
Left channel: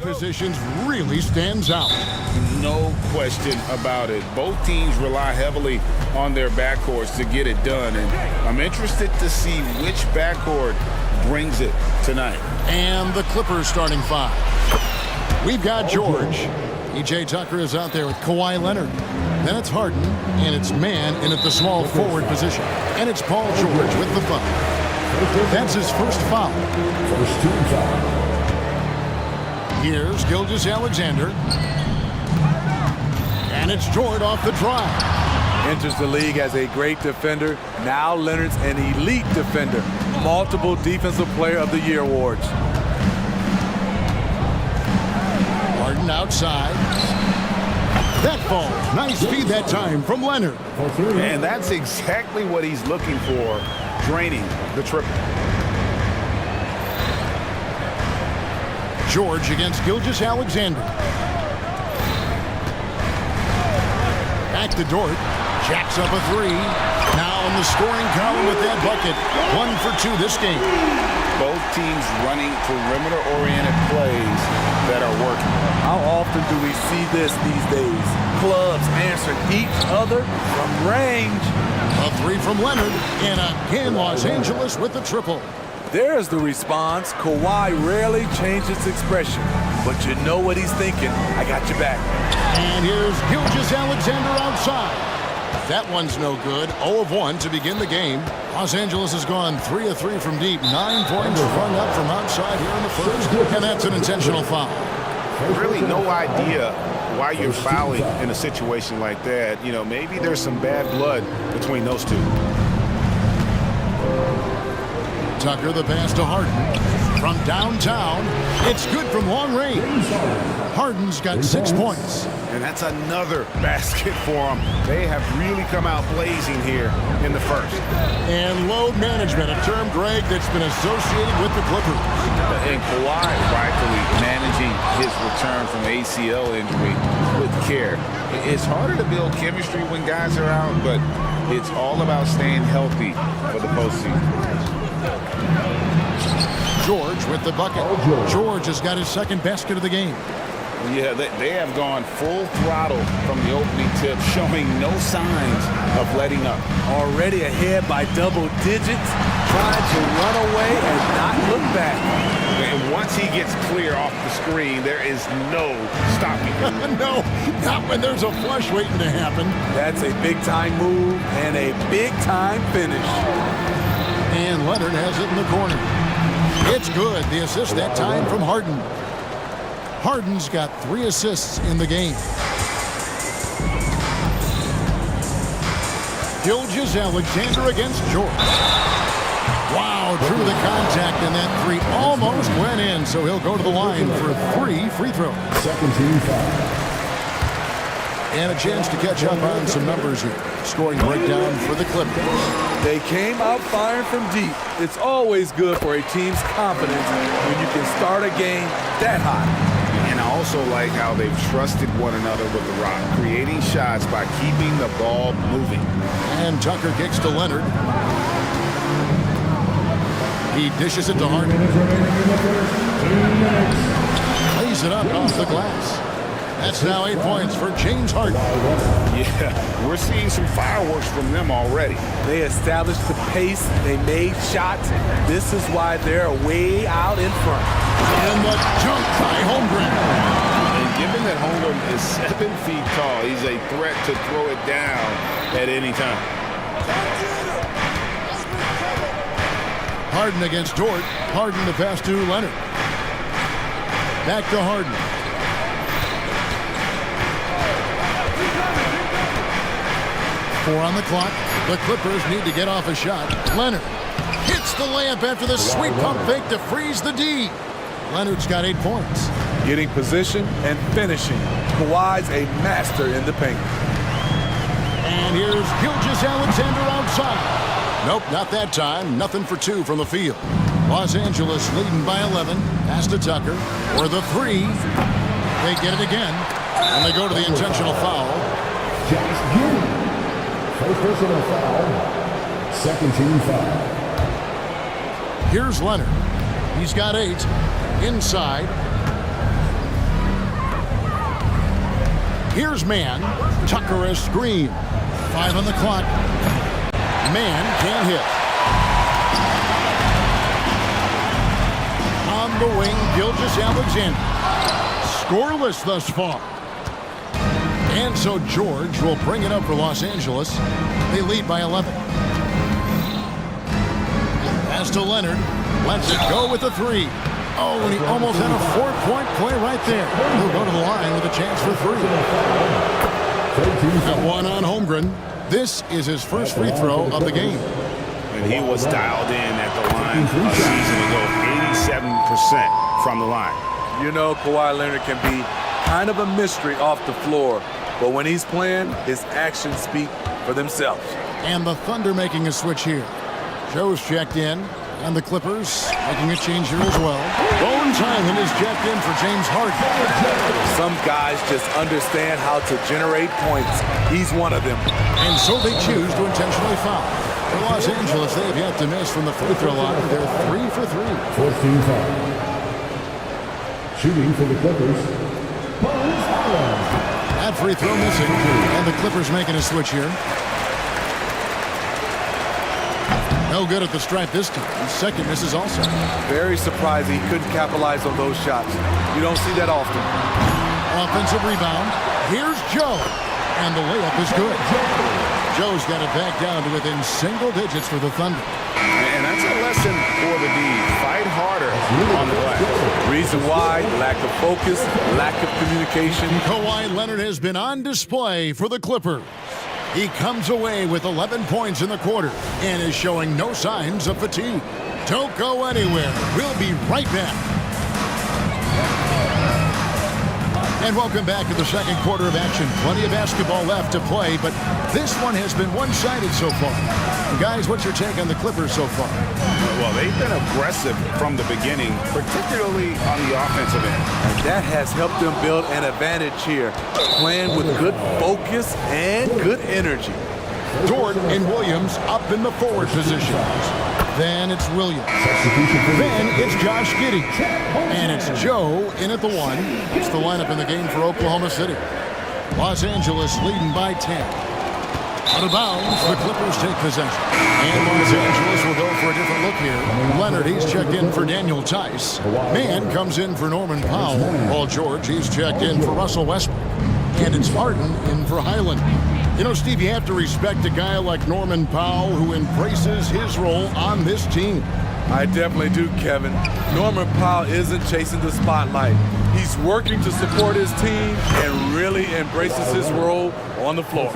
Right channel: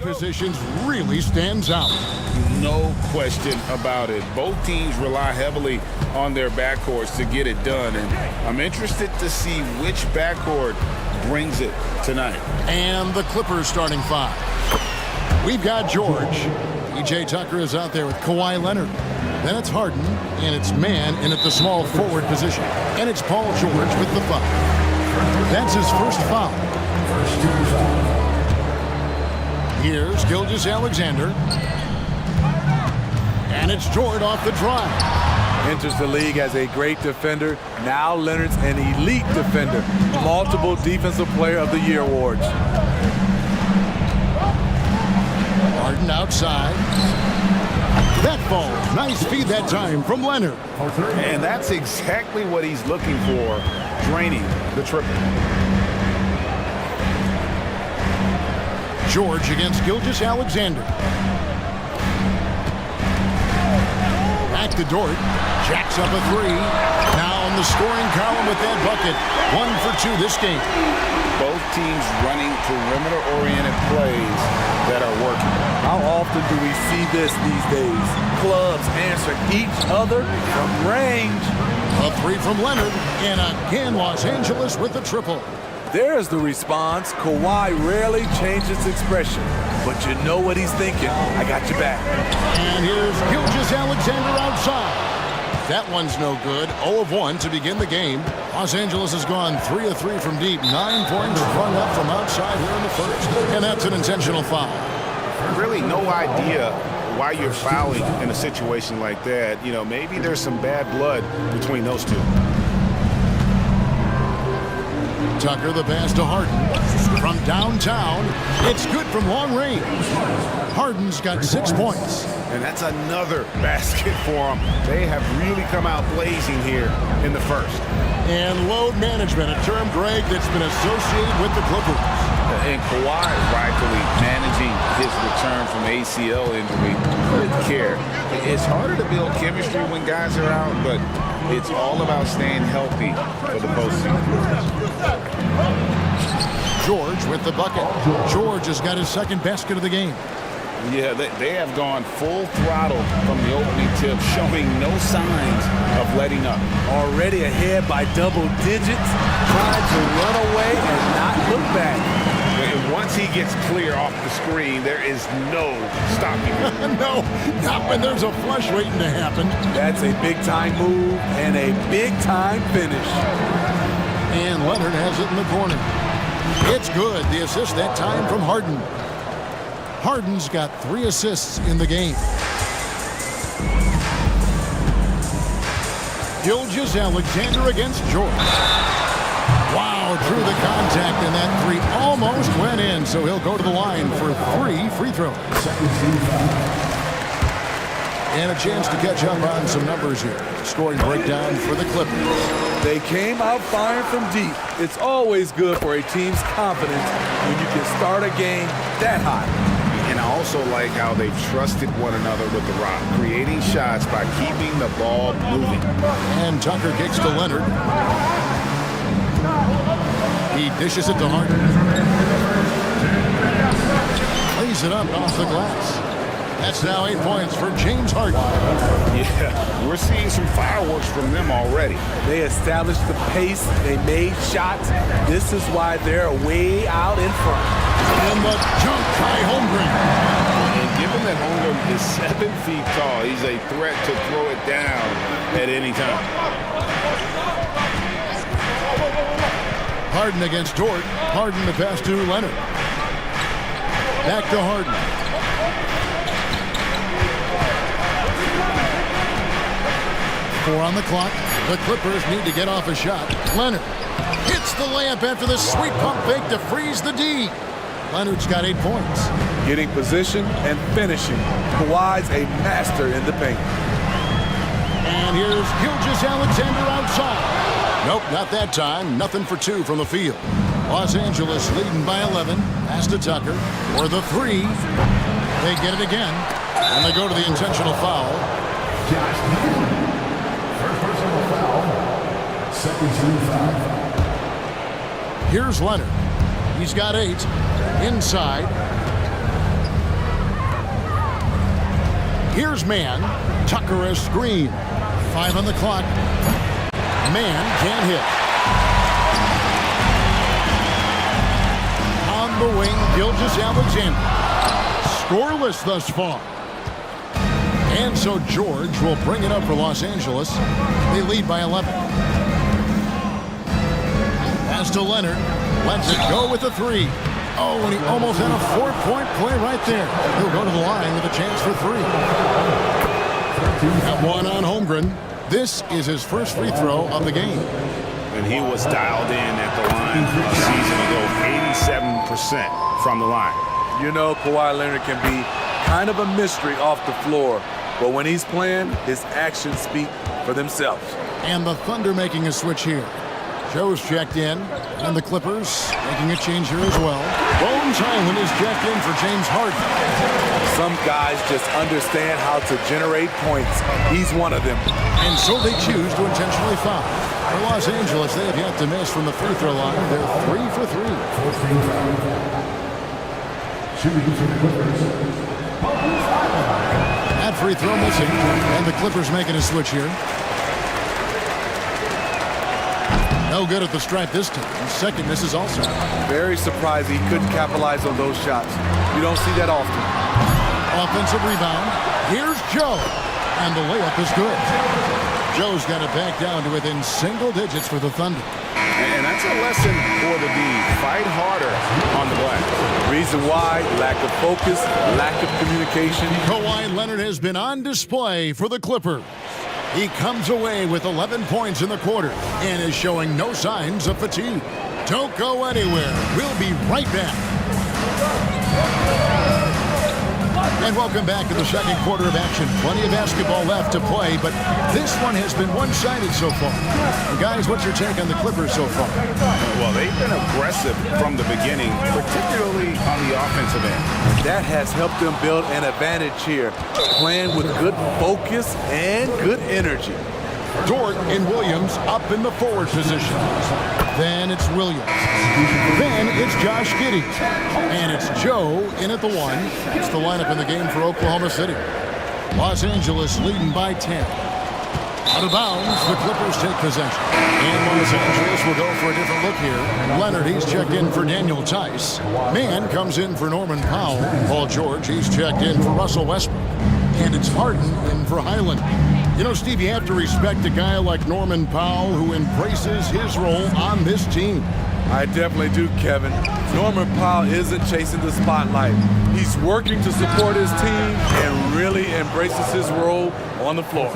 Positions really stands out. No question about it. Both teams rely heavily on their backcourts to get it done, and I'm interested to see which backcourt brings it tonight. And the Clippers starting five. We've got George. PJ Tucker is out there with Kawhi Leonard. Then it's Harden, and it's man in at the small forward position. And it's Paul George with the foul. That's his first foul. First team foul. Here's Gilgeous-Alexander. And it's Jordan off the drive. Enters the league as a great defender. Now Leonard's an elite defender. Multiple Defensive Player of the Year awards. Harden outside. That falls. Nice feed that time from Leonard. And that's exactly what he's looking for, draining the triple. George against Gilgeous-Alexander. Back to Dort. Jacks up a three. Now in the scoring column with that bucket. 1 for 2 this game. Both teams running perimeter-oriented plays that are working. How often do we see this these days? Clubs answering each other from range. A three from Leonard. And again, Los Angeles with the triple. There's the response. Kawhi rarely changes expression, but you know what he's thinking. I got your back. And here's Gilgeous-Alexander outside. That one's no good. 0 of 1 to begin the game. Los Angeles has gone 3 of 3 from deep. 9 points rung up from outside here in the first. And that's an intentional foul. Really no idea why you're fouling in a situation like that. You know, maybe there's some bad blood between those two. Tucker, the pass to Harden. From downtown, it's good from long range. Harden's got 6 points. And that's another basket for them. They have really come out blazing here in the first. And load management, a term, Greg, that's been associated with the Clippers. And Kawhi rightfully managing his return from ACL injury with care. It's harder to build chemistry when guys are out, but it's all about staying healthy for the postseason. George with the bucket. George has got his second basket of the game. Yeah, they have gone full throttle from the opening tip, showing no signs of letting up. Already ahead by double digits, trying to run away and not look back. And once he gets clear off the screen, there is no stopping him. No, not when there's a flush waiting to happen. That's a big-time move and a big-time finish. And Leonard has it in the corner. It's good. The assist that time from Harden. Harden's got 3 assists in the game. Gilgeous-Alexander against George. Wow, through the contact, and that 3 almost went in, so he'll go to the line for 3 free throws. And a chance to catch up on some numbers here. Scoring breakdown for the Clippers. They came out firing from deep. It's always good for a team's confidence when you can start a game that hot. And I also like how they've trusted one another with the rock, creating shots by keeping the ball moving. And Tucker kicks to Leonard. He dishes it to Harden. Plays it up off the glass. That's now 8 points for James Harden. Yeah, we're seeing some fireworks from them already. They established the pace. They made shots. This is why they're way out in front. And the jump by Holmgren. And given that Holmgren is 7 feet tall, he's a threat to throw it down at any time. Harden against Dort. Harden the pass to Leonard. Back to Harden. Four on the clock. The Clippers need to get off a shot. Leonard hits the layup after the sweet pump fake to freeze the D. Leonard's got 8 points. Getting position and finishing. Kawhi's a master in the paint. And here's Gilgeous-Alexander outside. Nope, not that time. Nothing for 2 from the field. Los Angeles leading by 11. Pass to Tucker. For the 3. They get it again. And they go to the intentional foul. First personal foul. Second team foul. Here's Leonard. He's got 8. Inside. Here's Mann. Tucker a screen. 5 on the clock. Mann can't hit. On the wing, Gilgeous-Alexander. Scoreless thus far. And so George will bring it up for Los Angeles. They lead by 11. Pass to Leonard. Lets it go with the 3. Oh, and he almost had a 4-point play right there. He'll go to the line with a chance for 3. At 1 on Holmgren. This is his first free throw of the game. And he was dialed in at the line a season ago, 87% from the line. You know, Kawhi Leonard can be kind of a mystery off the floor, but when he's playing, his actions speak for themselves. And the Thunder making a switch here. Joe's checked in, and the Clippers making a change here as well. Bones Highland is checked in for James Harden. Some guys just understand how to generate points. He's one of them. And so they choose to intentionally foul. For Los Angeles, they have yet to miss from the free throw line. They're 3 for 3. 14 foul. Shooting for the Clippers. That free throw missing, and the Clippers making a switch here. No good at the stripe this time. Second misses also. Very surprised he couldn't capitalize on those shots. You don't see that often. Offensive rebound. Here's Joe. And the layup is good. Joe's got it back down to within single digits for the Thunder. And that's a lesson for the D. Fight harder on the glass. Reason why, lack of focus, lack of communication. Kawhi Leonard has been on display for the Clippers. He comes away with 11 points in the quarter and is showing no signs of fatigue. Don't go anywhere. We'll be right back. And welcome back to the second quarter of action. Plenty of basketball left to play, but this one has been one-sided so far. And guys, what's your take on the Clippers so far? Well, they've been aggressive from the beginning, particularly on the offensive end. And that has helped them build an advantage here, playing with good focus and good energy. Dort and Williams up in the forward positions. Then it's Williams. Then it's Josh Giddey. And it's Joe in at the 1. It's the lineup in the game for Oklahoma City. Los Angeles leading by 10. Out of bounds, the Clippers take possession. And Los Angeles will go for a different look here. Leonard, he's checked in for Daniel Tice. Mann comes in for Norman Powell. Paul George, he's checked in for Russell Westbrook. And it's Harden in for Highland. You know, Steve, you have to respect a guy like Norman Powell who embraces his role on this team. I definitely do, Kevin. Norman Powell isn't chasing the spotlight. He's working to support his team and really embraces his role on the floor.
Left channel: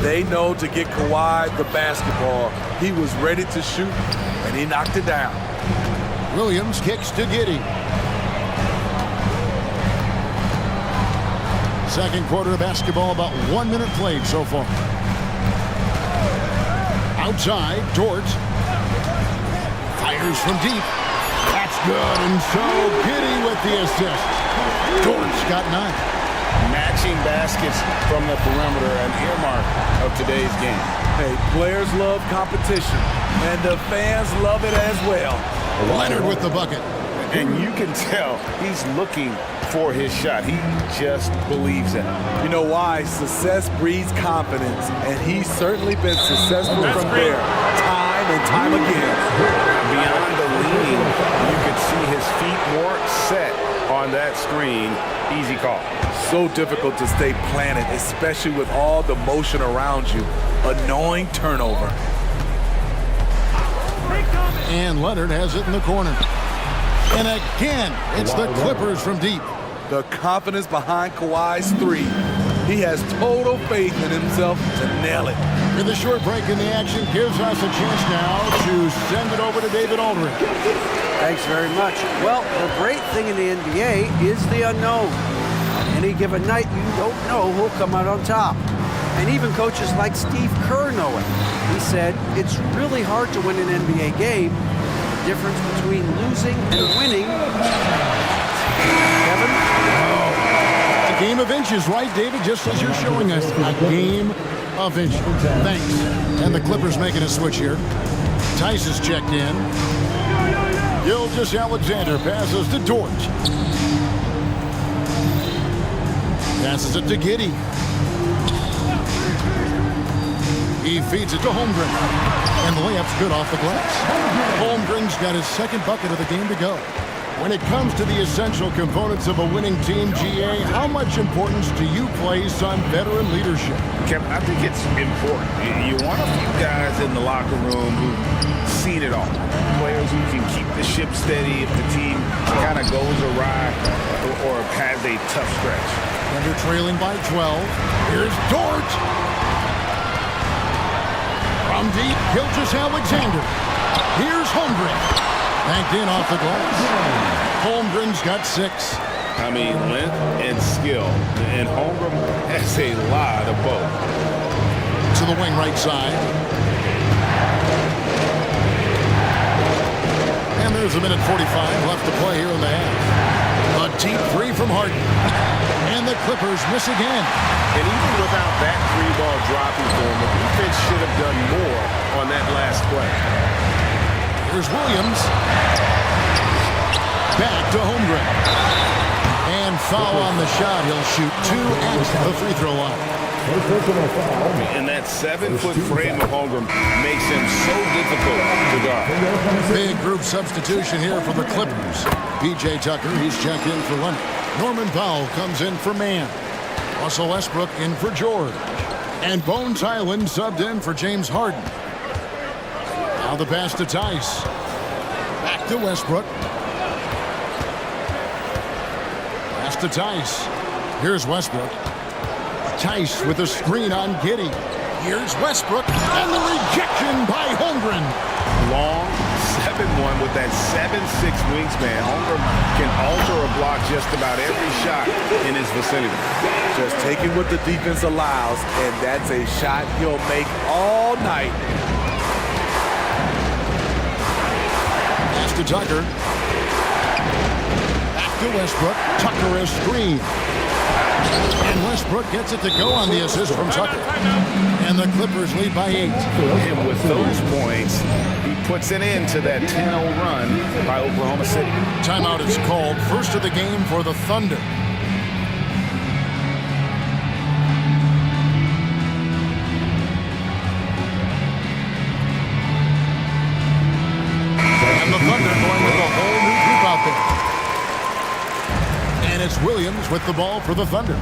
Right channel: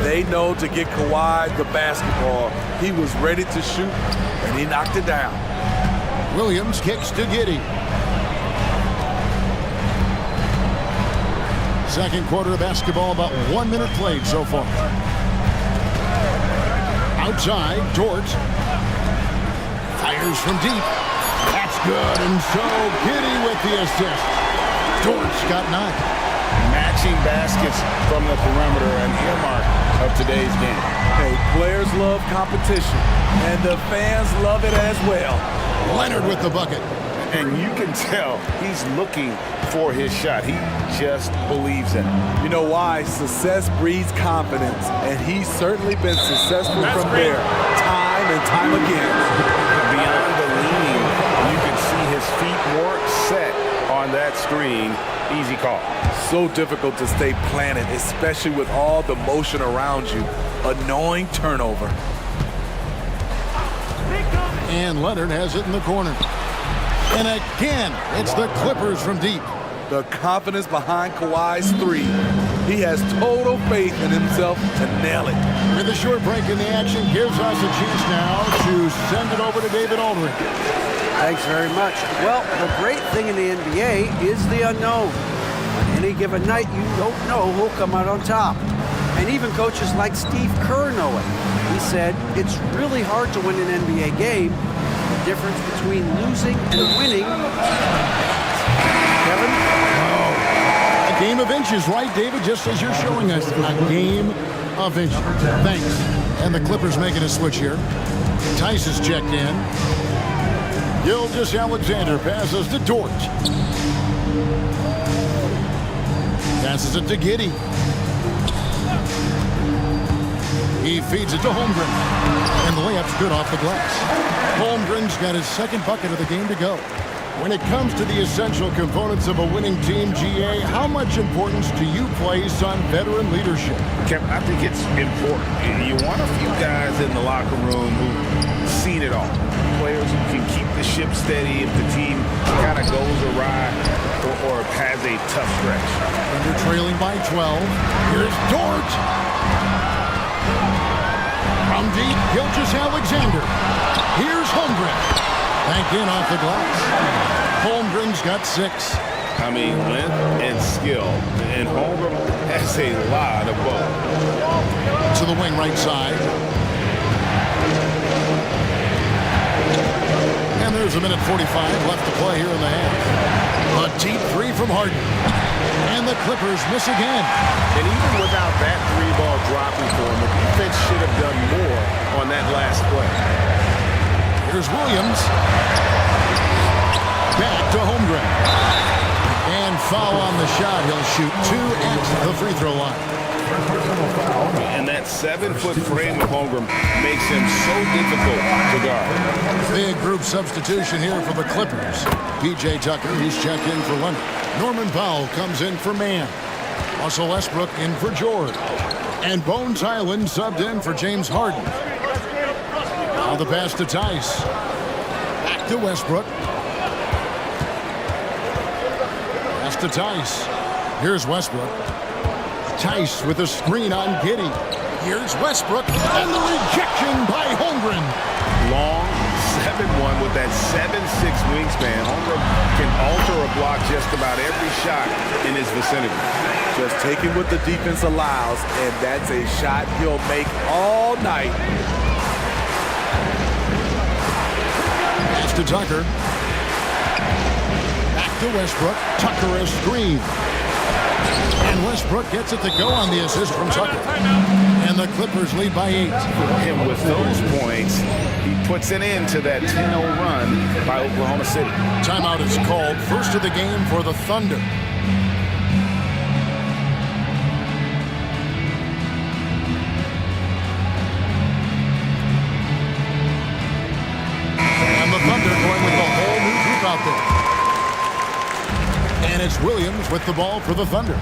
They know to get Kawhi the basketball. He was ready to shoot, and he knocked it down. Williams kicks to Giddey. Second quarter of basketball, about 1 minute played so far. Outside, Dort. Fires from deep. That's good, and so Giddey with the assist. Dort's got 9. Matching baskets from the perimeter, an earmark of today's game. Hey, players love competition, and the fans love it as well. Leonard with the bucket. And you can tell he's looking for his shot. He just believes in it. You know why? Success breeds confidence, and he's certainly been successful from there, time and time again. Beyond the leaning, you could see his feet more set on that screen. Easy call. So difficult to stay planted, especially with all the motion around you. Annoying turnover. And Leonard has it in the corner. And again, it's the Clippers from deep. The confidence behind Kawhi's 3. He has total faith in himself to nail it. With a short break in the action, gives us a chance now to send it over to David Aldridge. Thanks very much. Well, the great thing in the NBA is the unknown. On any given night, you don't know who'll come out on top. And even coaches like Steve Kerr know it. He said, it's really hard to win an NBA game. The difference between losing and winning. Kevin? Oh, a game of inches, right, David? Just as you're showing us, a game of inches. Thanks. And the Clippers making a switch here. Tice is checked in. Gilgeous-Alexander passes to Dort. Passes it to Giddey. He feeds it to Holmgren. And the layup's good off the glass. Holmgren's got his second bucket of the game to go. When it comes to the essential components of a winning team, GA, how much importance do you place on veteran leadership? Kevin, I think it's important. You want a few guys in the locker room who've seen it all. Players who can keep the ship steady if the team kind of goes awry or has a tough stretch. Thunder trailing by 12. Here's Dort. From deep, Gilgeous-Alexander. Here's Holmgren. Banked in off the glass. Holmgren's got 6. I mean, length and skill. And Holmgren has a lot of both. To the wing right side. And there's a minute 45 left to play here in the half. A deep 3 from Harden. And the Clippers miss again. And even without that 3-ball dropping for him, the defense should have done more on that last play. Here's Williams. Back to Holmgren. And foul on the shot. He'll shoot 2 at the free throw line. And that 7-foot frame of Holmgren makes him so difficult to guard. Big group substitution here for the Clippers. P.J. Tucker, he's checked in for Leonard. Norman Powell comes in for Mann. Russell Westbrook in for George. And Bones Highland subbed in for James Harden. Now the pass to Tice. Back to Westbrook. Pass to Tice. Here's Westbrook. Tice with a screen on Giddey. Here's Westbrook. And the rejection by Holmgren. Long 7-1 with that 7'6" wingspan. Holmgren can alter a block just about every shot in his vicinity. Just taking what the defense allows, and that's a shot he'll make all night. Pass to Tucker. Back to Westbrook. Tucker a screen. And Westbrook gets it to go on the assist from Tucker. And the Clippers lead by 8. And with those points, he puts an end to that 10-0 run by Oklahoma City. Timeout is called. First of the game for the Thunder. And the Thunder going with a whole new group out there. And it's Williams with the ball for the Thunder.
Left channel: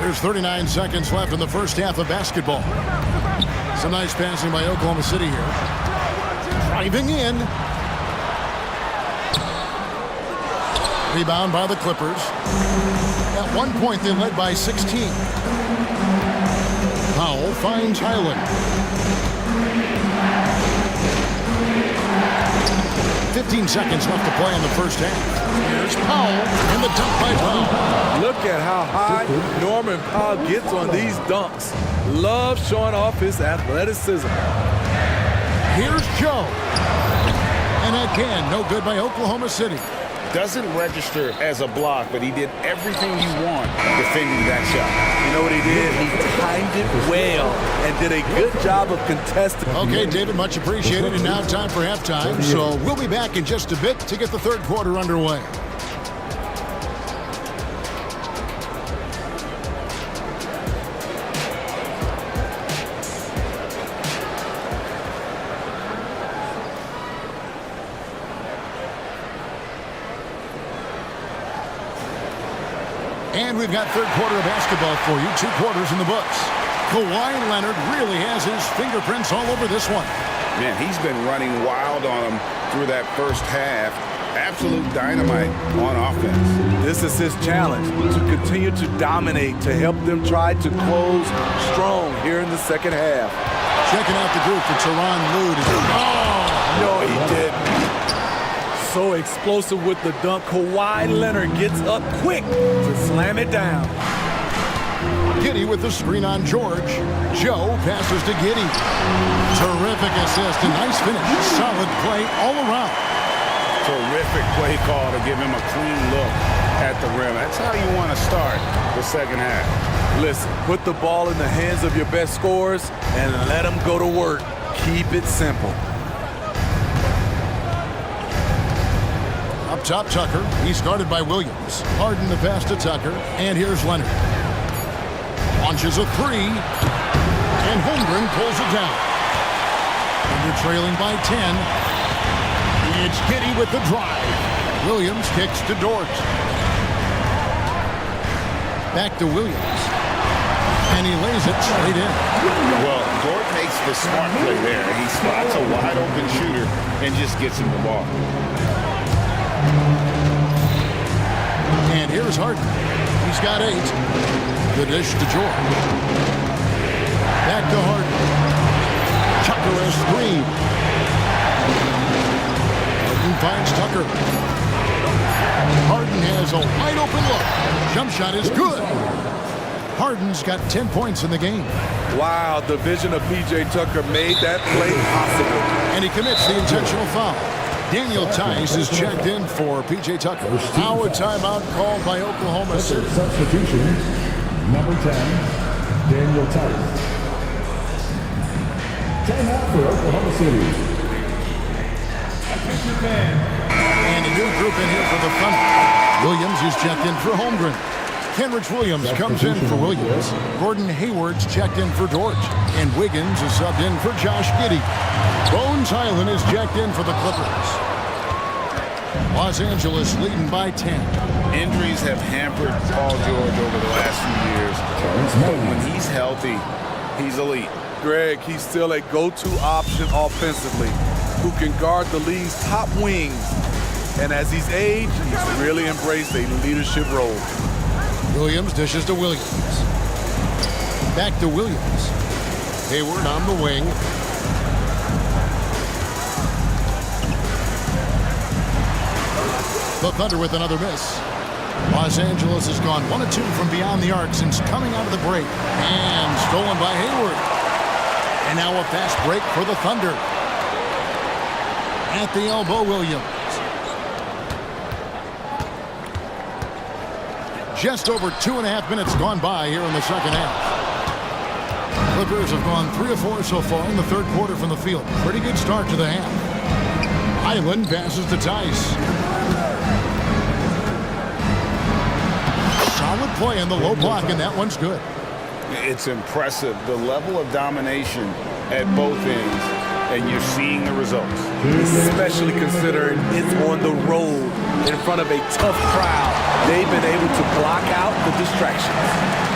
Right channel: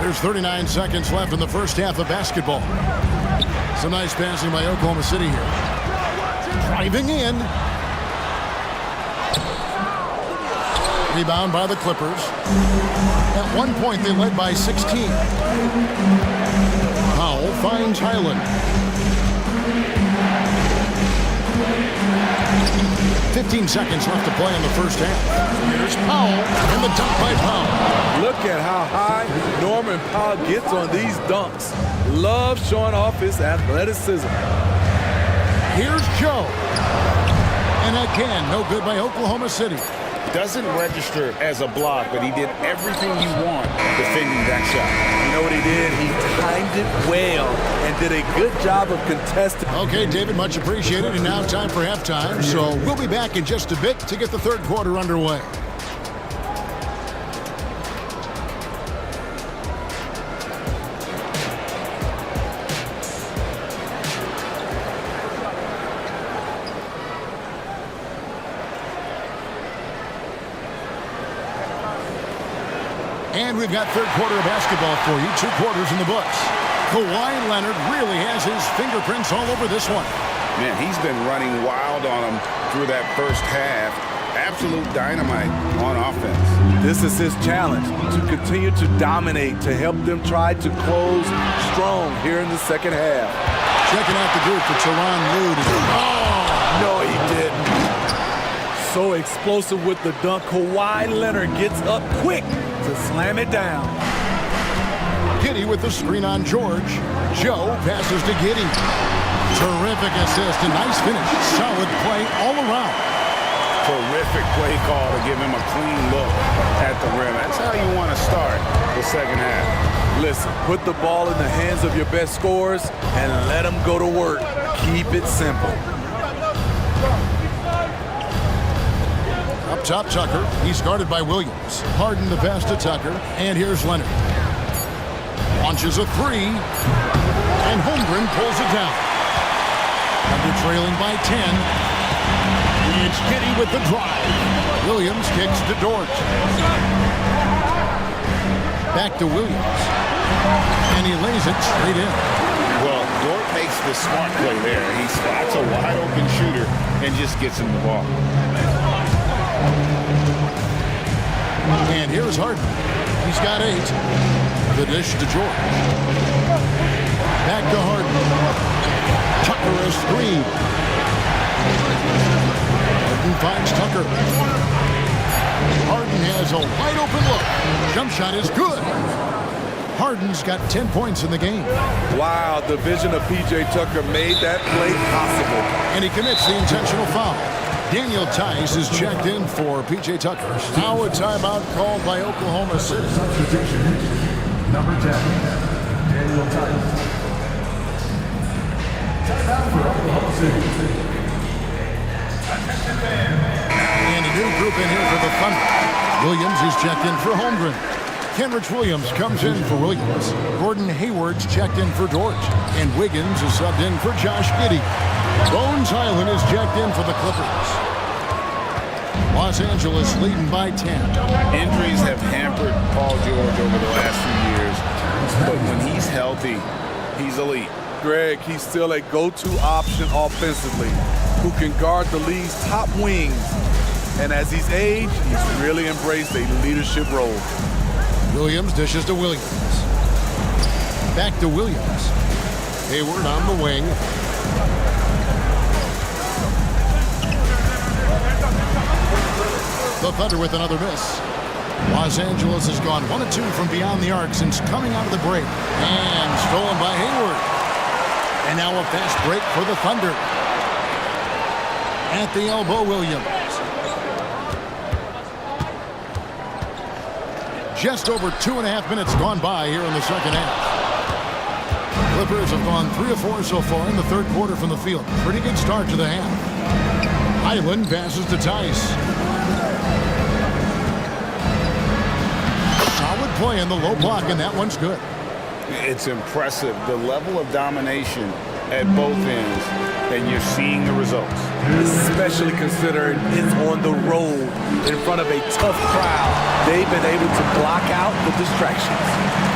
There's 39 seconds left in the first half of basketball. Some nice passing by Oklahoma City here. Driving in. Rebound by the Clippers. At one point, they led by 16. Powell finds Highland. 15 seconds left to play in the first half. Here's Powell, and the dunk by Powell. Look at how high Norman Powell gets on these dunks. Loves showing off his athleticism. Here's Joe. And again, no good by Oklahoma City. Doesn't register as a block, but he did everything you want defending that shot. You know what he did? He timed it well and did a good job of contesting. Okay, David, much appreciated. And now time for halftime. So we'll be back in just a bit to get the third quarter underway. And we've got third quarter of basketball for you. 2 quarters in the books. Kawhi Leonard really has his fingerprints all over this one. Man, he's been running wild on him through that first half. Absolute dynamite on offense. This is his challenge, to continue to dominate, to help them try to close strong here in the second half. Checking out the group for Tyronn Lue. Oh, no, he didn't. So explosive with the dunk. Kawhi Leonard gets up quick to slam it down. Giddey with the screen on George. Joe passes to Giddey. Terrific assist, a nice finish. Solid play all around. Terrific play call to give him a clean look at the rim. That's how you want to start the second half. Listen, put the ball in the hands of your best scorers and let them go to work. Keep it simple. Up top, Tucker. He's guarded by Williams. Harden the pass to Tucker. And here's Leonard. Launches a three. And Holmgren pulls it down. Thunder trailing by 10. It's Giddey with the drive. Williams kicks to Dort. Back to Williams. And he lays it straight in. Well, Dort makes the smart play there. He spots a wide open shooter and just gets him the ball. And here's Harden. He's got 8. The dish to George. Back to Harden. Tucker a screen. Harden finds Tucker. Harden has a wide open look. Jump shot is good. Harden's got 10 points in the game. Wow, the vision of P.J. Tucker made that play possible. And he commits the intentional foul. Daniel Tice is checked in for P.J. Tucker. Now a timeout called by Oklahoma City. Substitution, number 10, Daniel Tice. Timeout for Oklahoma City. And a new group in here for the Thunder. Williams is checked in for Holmgren. Kenrich Williams comes in for Williams. Gordon Hayward's checked in for Dort. And Wiggins is subbed in for Josh Giddey. Bones Highland is checked in for the Clippers. Los Angeles leading by 10. Injuries have hampered Paul George over the last few years, but when he's healthy, he's elite. Greg, he's still a go-to option offensively who can guard the league's top wings. And as he's aged, he's really embraced a leadership role. Williams dishes to Williams. Back to Williams. Hayward on the wing. The Thunder with another miss. Los Angeles has gone 1 of 2 from beyond the arc since coming out of the break. And stolen by Hayward. And now a fast break for the Thunder. At the elbow, Williams. Just over 2.5 minutes gone by here in the second half. Clippers have gone 3 of 4 so far in the third quarter from the field. Pretty good start to the half. Highland passes to Tice. Solid play in the low block, and that one's good. It's impressive, the level of domination at both ends, and you're seeing the results. Especially considering it's on the road in front of a tough crowd. They've been able to block out the distractions.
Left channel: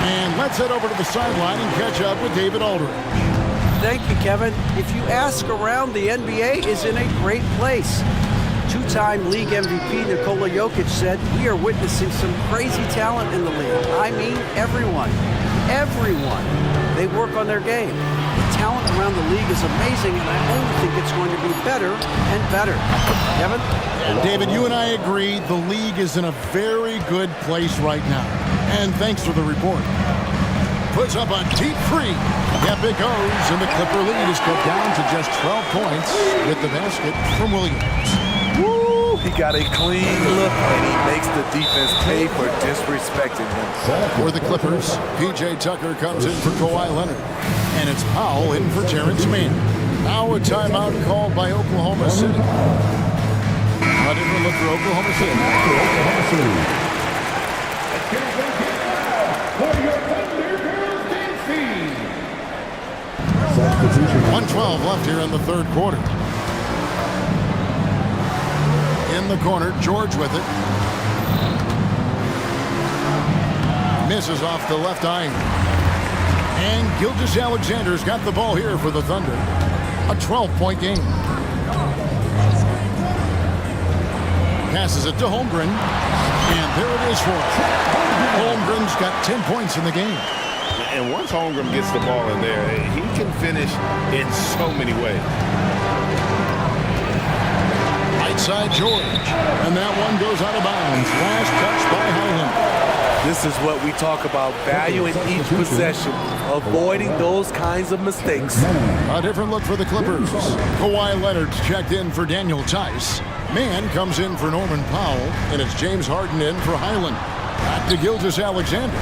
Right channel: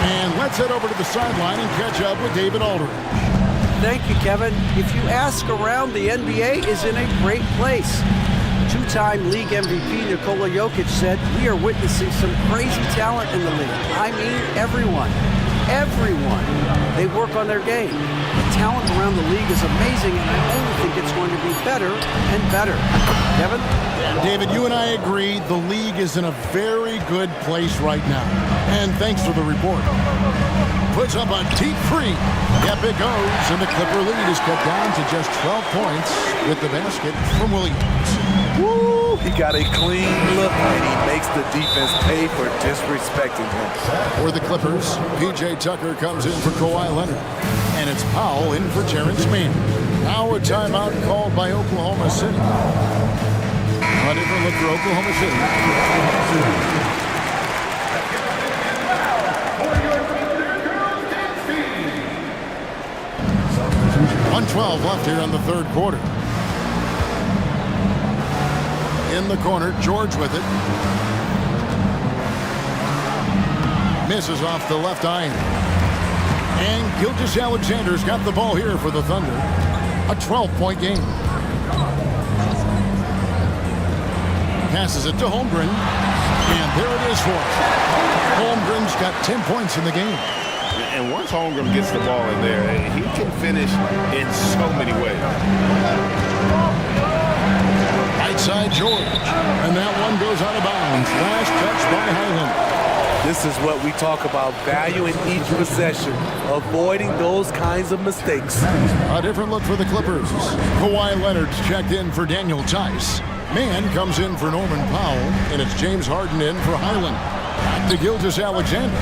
And let's head over to the sideline and catch up with David Aldridge. Thank you, Kevin. If you ask around, the NBA is in a great place. Two-time league MVP Nikola Jokic said, "We are witnessing some crazy talent in the league." I mean, everyone. Everyone. They work on their game. The talent around the league is amazing, and I only think it's going to be better and better. Kevin? And David, you and I agree the league is in a very good place right now. And thanks for the report. Puts up a deep three. Yep, it goes, and the Clipper lead is cut down to just 12 points with the basket from Williams. Woo! He got a clean look, and he makes the defense pay for disrespecting him. For the Clippers, P.J. Tucker comes in for Kawhi Leonard. And it's Powell in for Terrence Mann. Now a timeout called by Oklahoma City. A different look for Oklahoma City. 1:12 left here in the third quarter. In the corner, George with it. Misses off the left iron. And Gilgeous-Alexander's got the ball here for the Thunder. A 12-point game. Passes it to Holmgren. And there it is for him. Holmgren's got 10 points in the game. And once Holmgren gets the ball in there, he can finish in so many ways. Right side, George. And that one goes out of bounds. Last touch by Highland. This is what we talk about, value in each possession, avoiding those kinds of mistakes. A different look for the Clippers. Kawhi Leonard's checked in for Daniel Tice. Mann comes in for Norman Powell, and it's James Harden in for Highland. Back to Gilgeous-Alexander.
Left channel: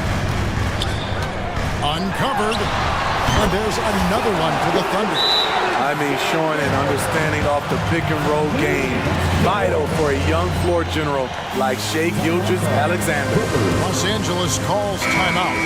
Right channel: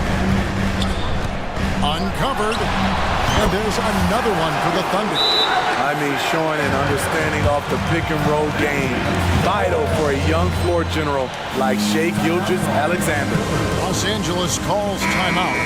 Uncovered, and there's another one for the Thunder. I mean, showing an understanding off the pick-and-roll game. Vital for a young floor general like Shai Gilgeous-Alexander. Los Angeles calls timeout.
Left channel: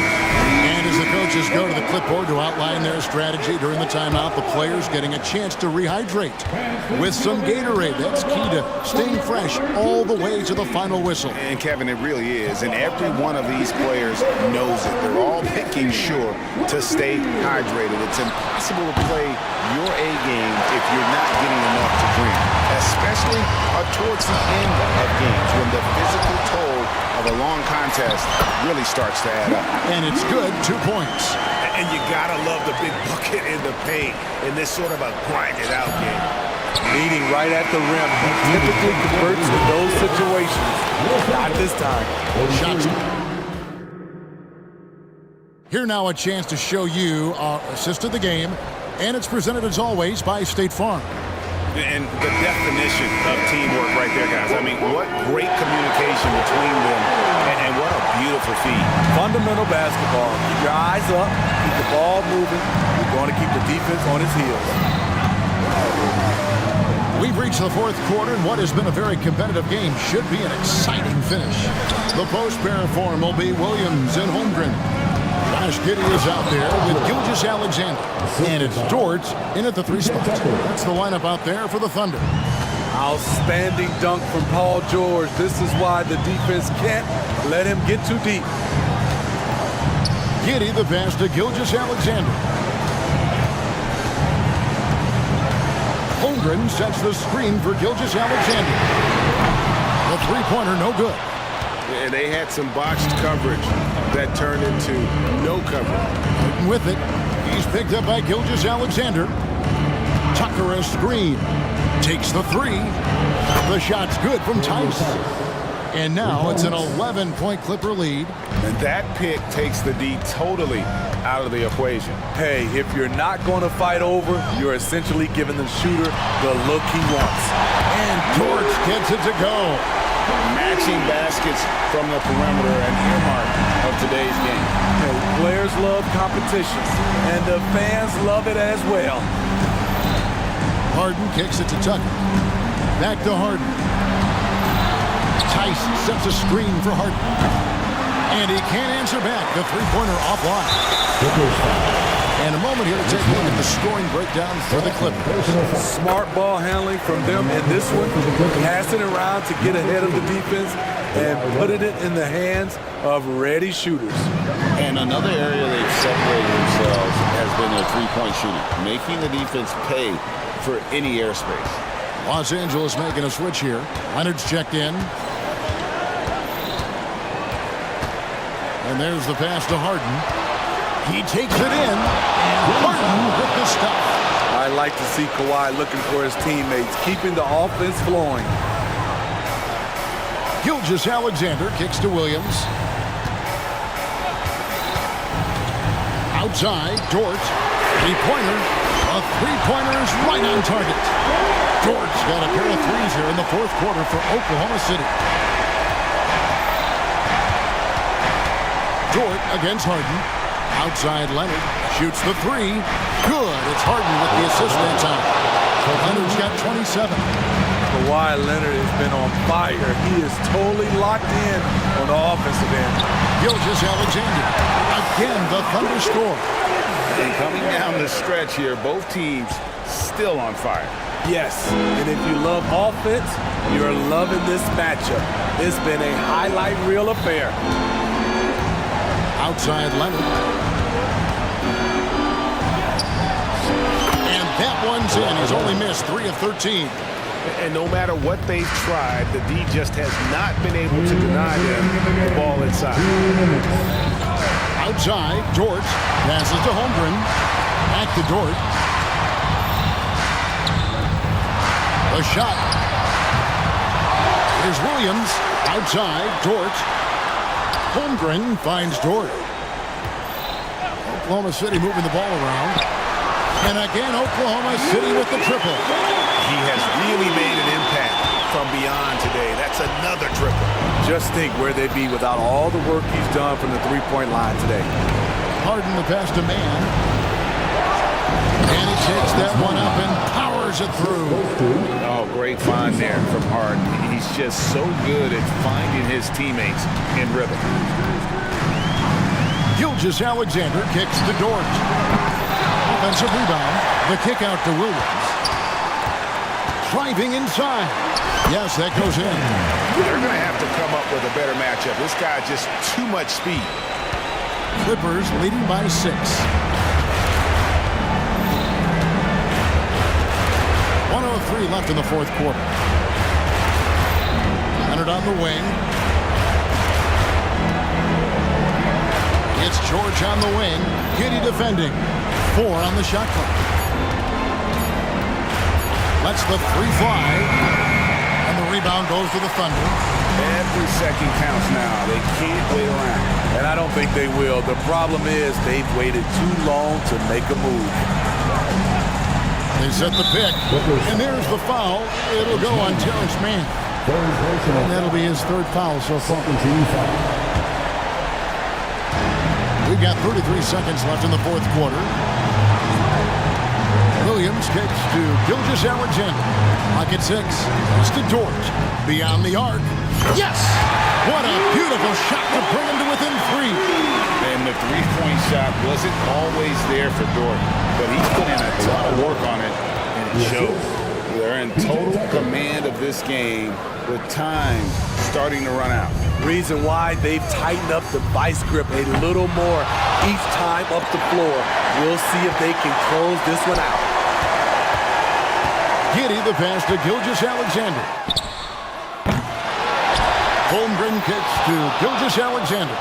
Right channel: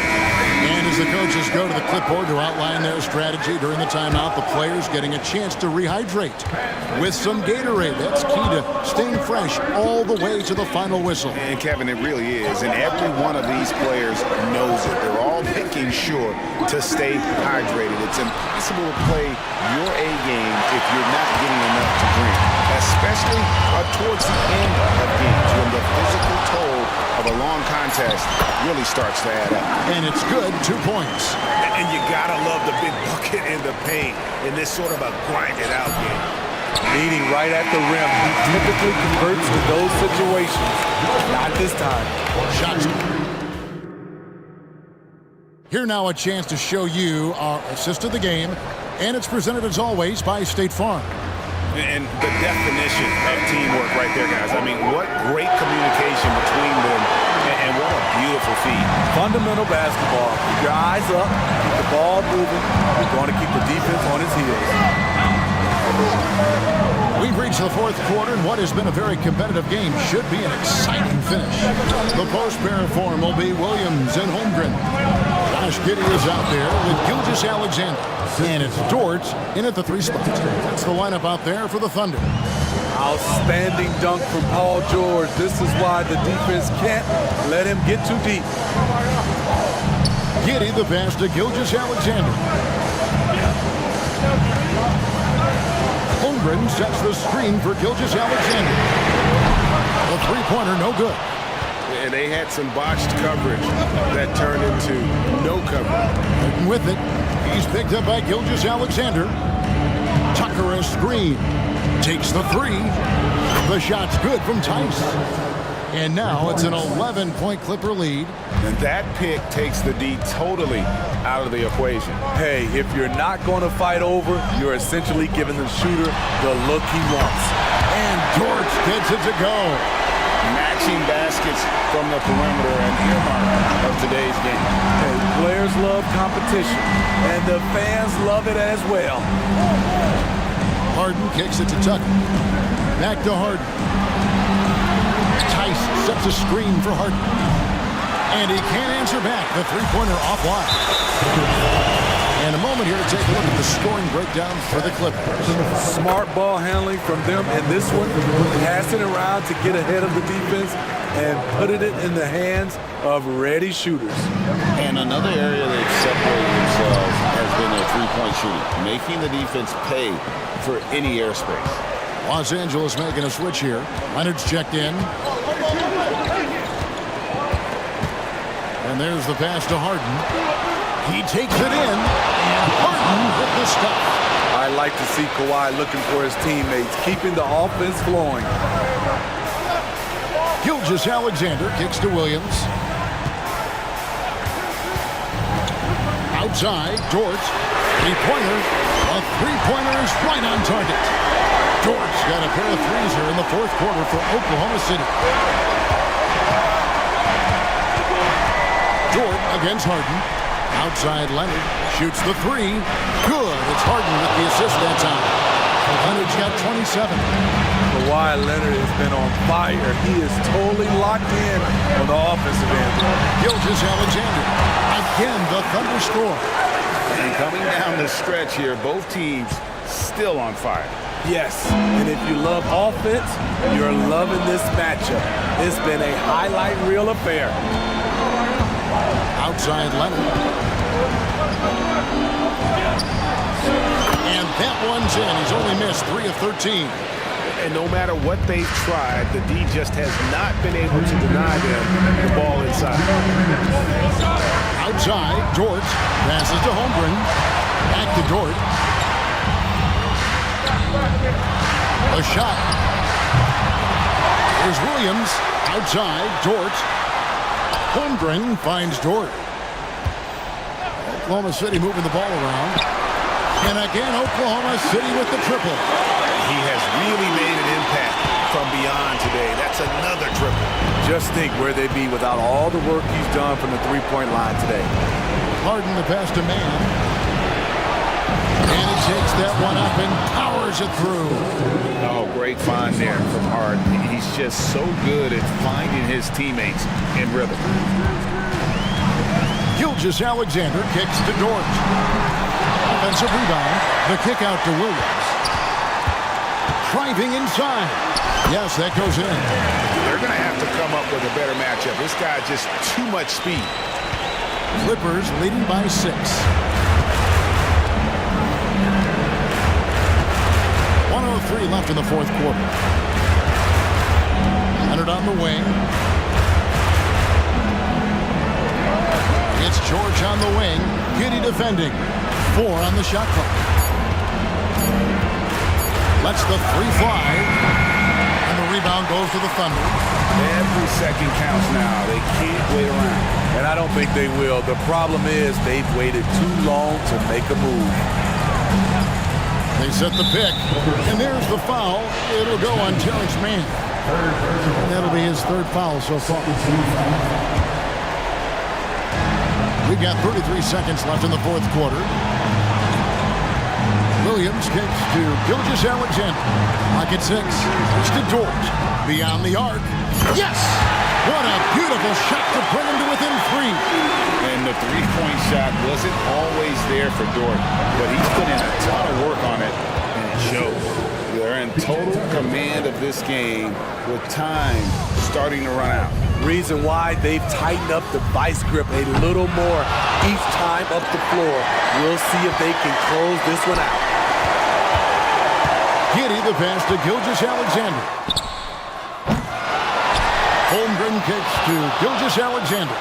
And as the coaches go to the clipboard to outline their strategy during the timeout, the players getting a chance to rehydrate with some Gatorade. That's key to staying fresh all the way to the final whistle. And Kevin, it really is. And every one of these players knows it. They're all making sure to stay hydrated. It's impossible to play your A game if you're not getting enough to drink, especially towards the end of games when the physical toll of a long contest really starts to add up. And it's good, 2 points. And you gotta love the big bucket in the paint in this sort of a grind-it-out game. Leading right at the rim, he typically converts to those situations. Not this time. Shots. Here now a chance to show you our assist of the game, and it's presented as always by State Farm. And the definition of teamwork right there, guys. I mean, what great communication between them, and what a beautiful feed. Fundamental basketball. Keep your eyes up, keep the ball moving. You're going to keep the defense on his heels. We've reached the fourth quarter, and what has been a very competitive game should be an exciting finish. The post pair form will be Williams and Holmgren. Josh Giddey is out there with Gilgeous-Alexander. And it's Dort in at the 3 spot. That's the lineup out there for the Thunder. Outstanding dunk from Paul George. This is why the defense can't let him get too deep. Giddey the pass to Gilgeous-Alexander. Holmgren sets the screen for Gilgeous-Alexander. The three-pointer no good. And they had some botched coverage that turned into no coverage. And with it, he's picked up by Gilgeous-Alexander. Tucker a screen. Takes the 3. The shot's good from Tice. And now it's an 11-point Clipper lead. And that pick takes the D totally out of the equation. Hey, if you're not going to fight over, you're essentially giving the shooter the look he wants. And Dort gets it to go. Matching baskets from the perimeter, an earmark of today's game. Hey, players love competition, and the fans love it as well. Harden kicks it to Tucker. Back to Harden. Tice sets a screen for Harden. And he can't answer back. The three-pointer offline. And a moment here to take a look at the scoring breakdown for the Clippers. Smart ball handling from them in this one. Passing around to get ahead of the defense and putting it in the hands of ready shooters. And another area they've separated themselves has been their three-point shooting, making the defense pay for any airspace. Los Angeles making a switch here. Leonard's checked in. And there's the pass to Harden. He takes it in, and Harden with the stuff. I like to see Kawhi looking for his teammates, keeping the offense flowing. Gilgeous-Alexander kicks to Williams. Outside, Dort. Three-pointer. A three-pointer is right on target. Dort's got a pair of threes here in the fourth quarter for Oklahoma City. Dort against Harden. Outside Leonard. Shoots the 3. Good. It's Harden with the assist that time. Leonard's got 27. Kawhi Leonard has been on fire. He is totally locked in on the offensive end. Gilgeous-Alexander. Again, the Thunder score. And coming down the stretch here, both teams still on fire. Yes, and if you love offense, you're loving this matchup. It's been a highlight reel affair. Outside Leonard. And that one's in. He's only missed 3 of 13. And no matter what they've tried, the D just has not been able to deny them the ball inside. Outside, Dort passes to Holmgren. Back to Dort. A shot. Here's Williams. Outside, Dort. Holmgren finds Dort. Oklahoma City moving the ball around. And again, Oklahoma City with the triple. He has really made an impact from beyond today. That's another triple. Just think where they'd be without all the work he's done from the three-point line today. Harden the pass to Mann. And he takes that one up and powers it through. Oh, great find there from Harden. He's just so good at finding his teammates in rhythm. Gilgeous-Alexander kicks to Dort. Offensive rebound. The kick out to Williams. Driving inside. Yes, that goes in. They're going to have to come up with a better matchup. This guy just too much speed. Clippers leading by 6. 1:03 left in the fourth quarter. Leonard on the wing. It's George on the wing. Giddey defending. 4 on the shot clock. Lets the 3 fly. And the rebound goes to the Thunder. Every second counts now. They can't wait around. And I don't think they will. The problem is they've waited too long to make a move. They set the pick. And there's the foul. It'll go on Terrence Mann. And that'll be his 3rd foul so far. We've got 33 seconds left in the fourth quarter. Williams kicks to Gilgeous-Alexander. Lock at 6. It's to Dort. Beyond the arc. Yes! What a beautiful shot to bring him to within 3. And the three-point shot wasn't always there for Dort, but he's put in a ton of work on it, and it shows. They're in total command of this game with time starting to run out. Reason why they've tightened up the vice grip a little more each time up the floor. We'll see if they can close this one out. Giddey the pass to Gilgeous-Alexander. Holmgren kicks to Gilgeous-Alexander.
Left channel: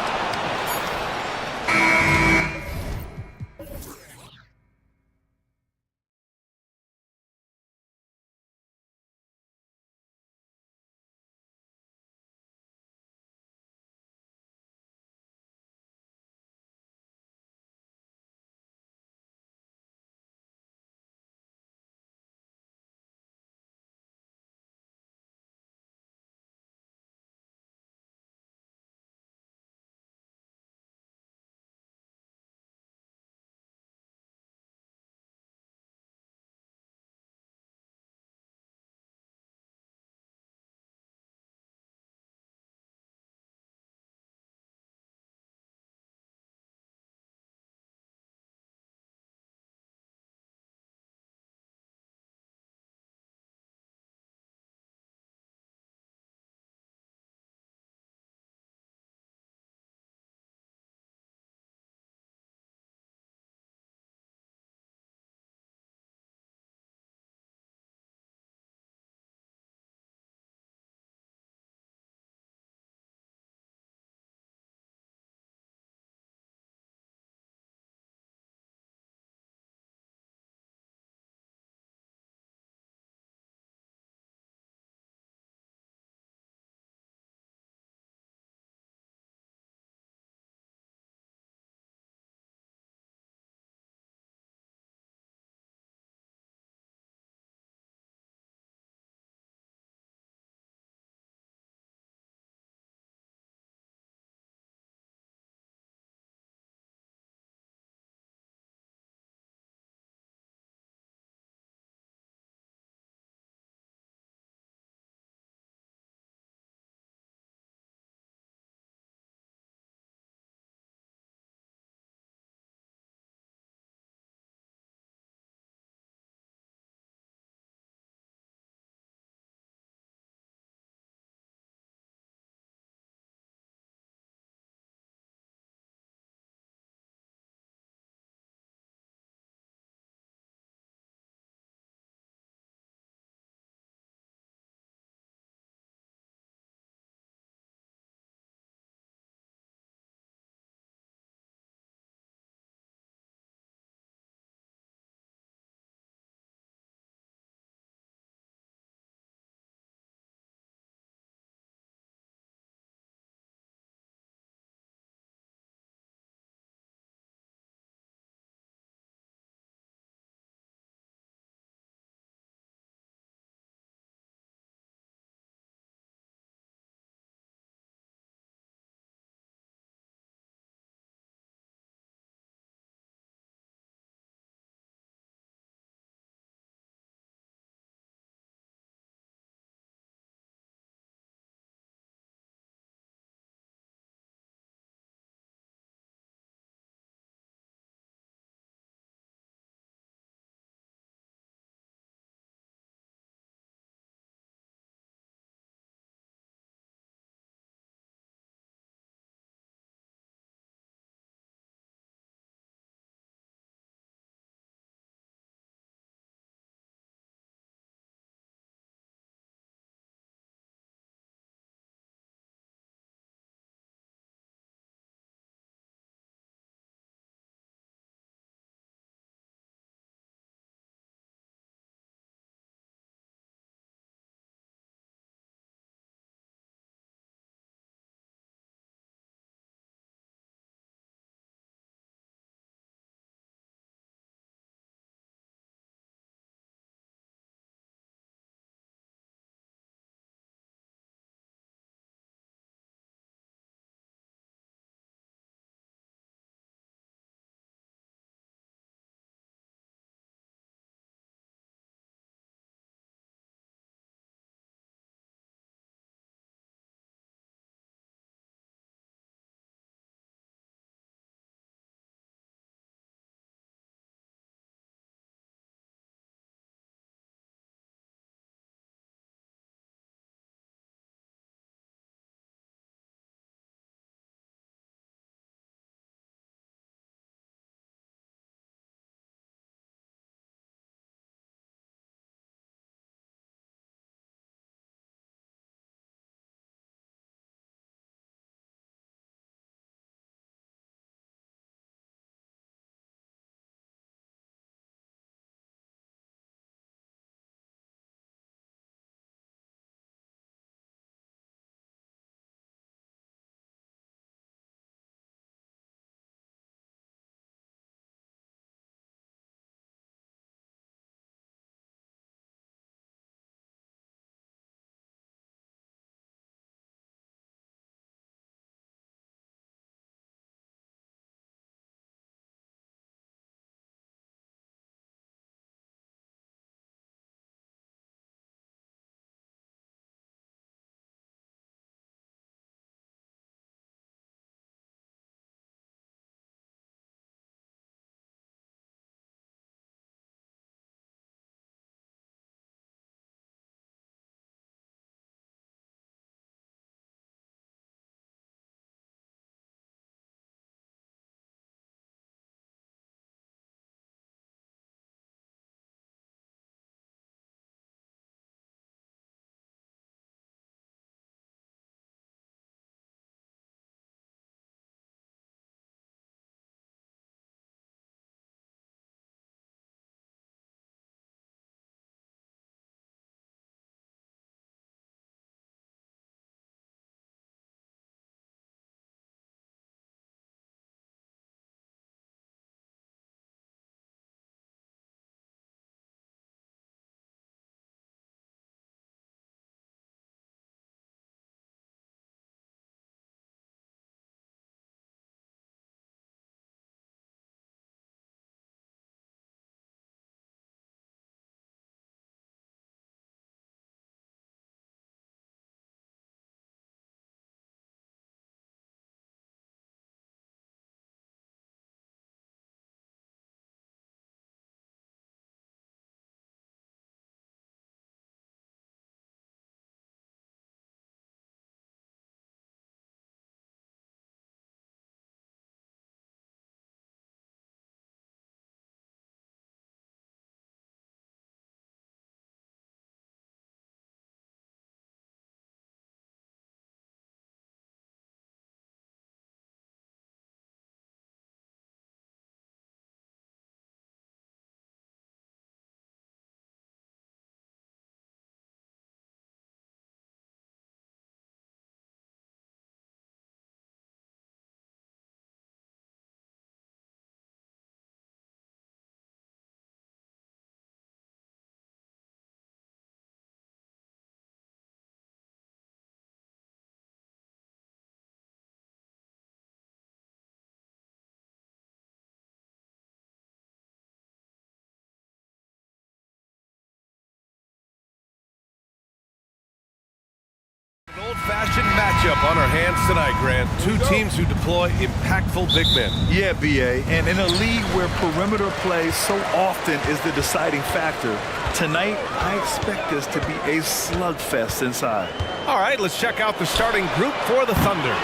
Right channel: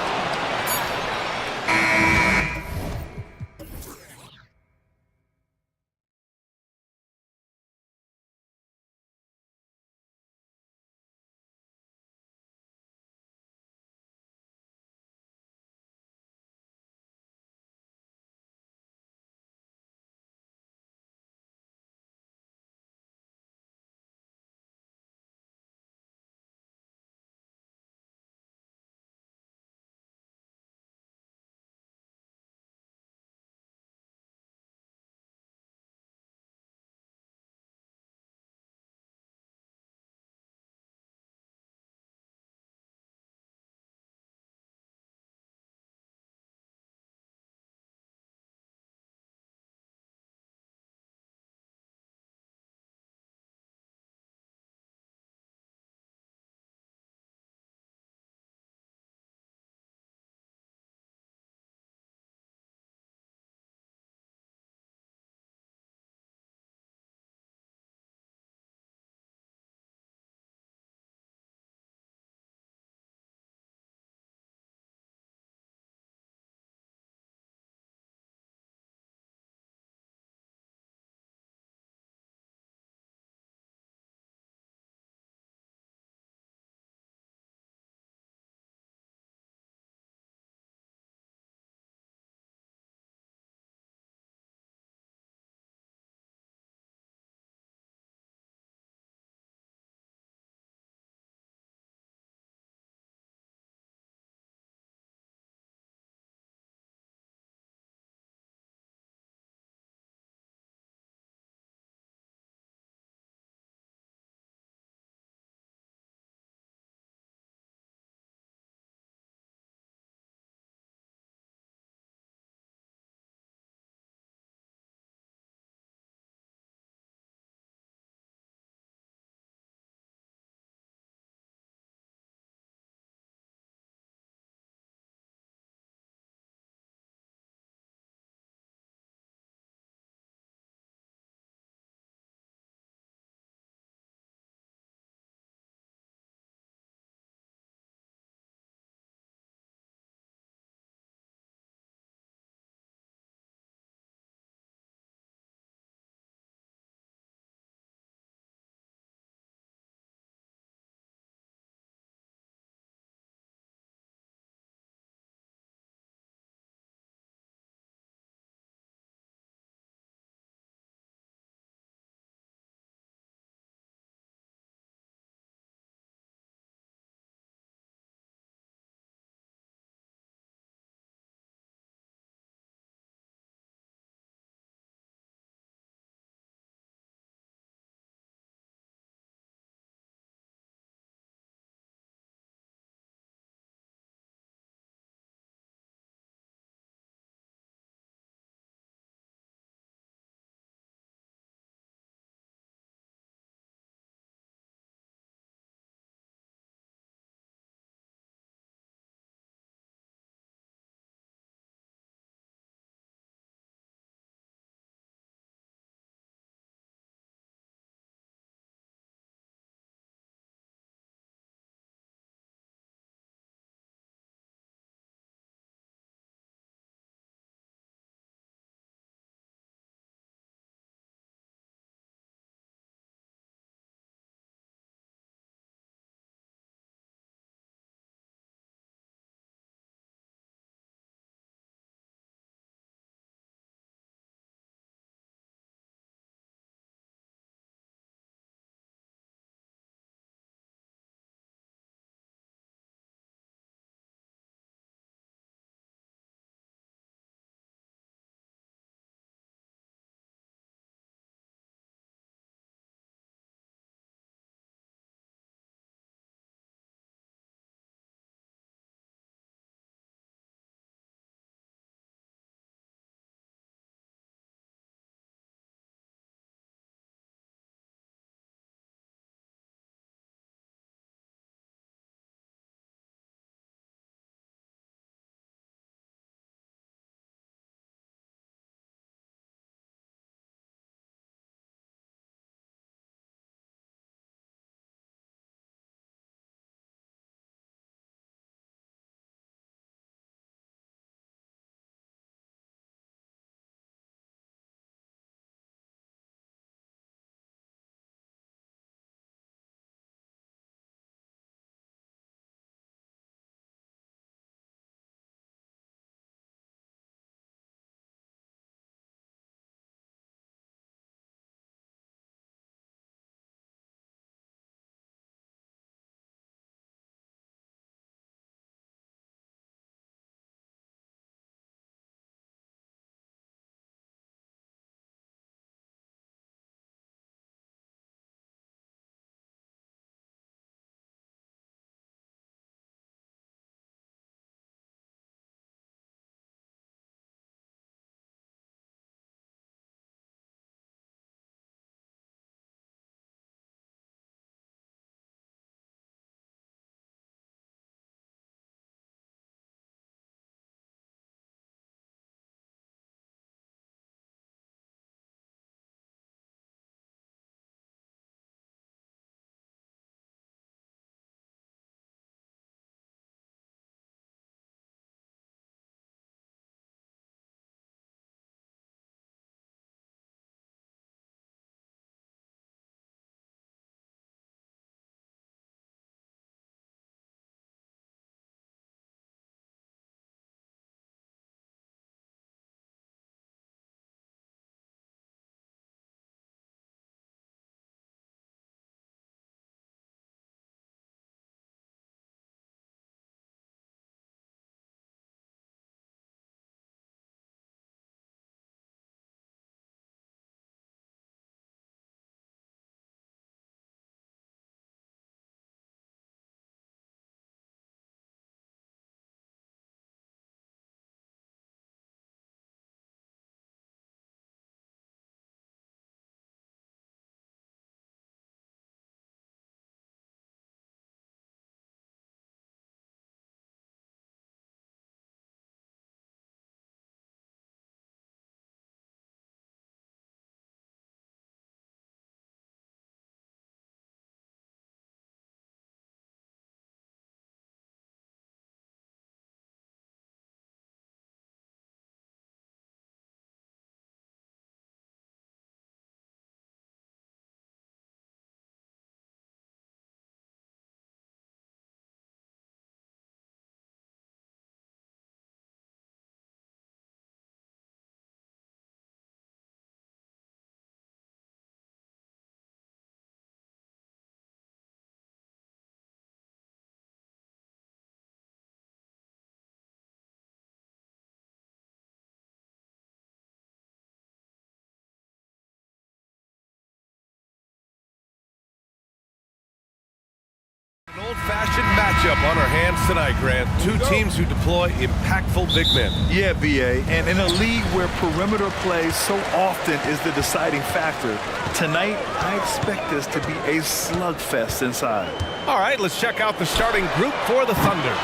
old-fashioned matchup on our hands tonight, Grant. Two teams who deploy impactful big men. Yeah, B.A., and in a league where perimeter play so often is the deciding factor, tonight I expect this to be a slugfest inside. All right, let's check out the starting group for the Thunder.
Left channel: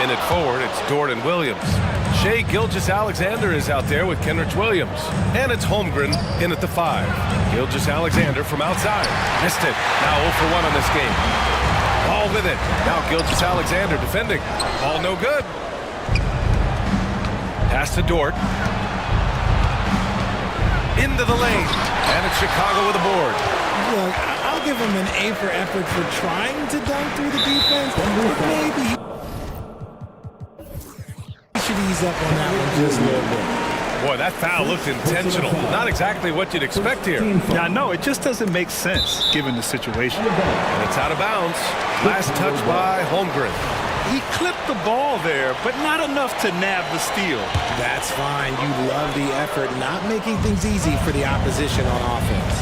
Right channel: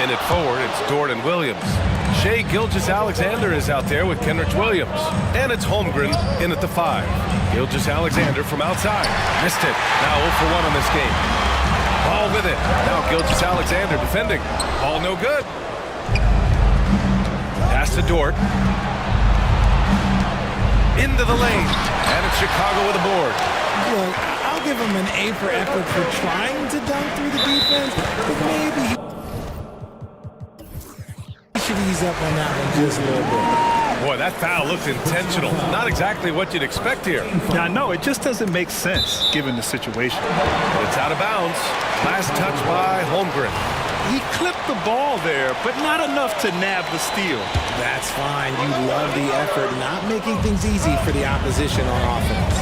In at forward, it's Dort and Williams. Shai Gilgeous-Alexander is out there with Kenrich Williams. And it's Holmgren in at the 5. Gilgeous-Alexander from outside. Missed it. Now 0 for 1 on this game. Ball with it. Now Gilgeous-Alexander defending. Ball no good. Pass to Dort. Into the lane. And it's Chicago with a board. Look, I'll give him an A for effort for trying to dunk through the defense, but maybe he should ease up on that one just a little bit. Boy, that foul looked intentional. Not exactly what you'd expect here. Yeah, I know. It just doesn't make sense given the situation. And it's out of bounds. Last touch by Holmgren. He clipped the ball there, but not enough to nab the steal. That's fine. You love the effort, not making things easy for the opposition on offense.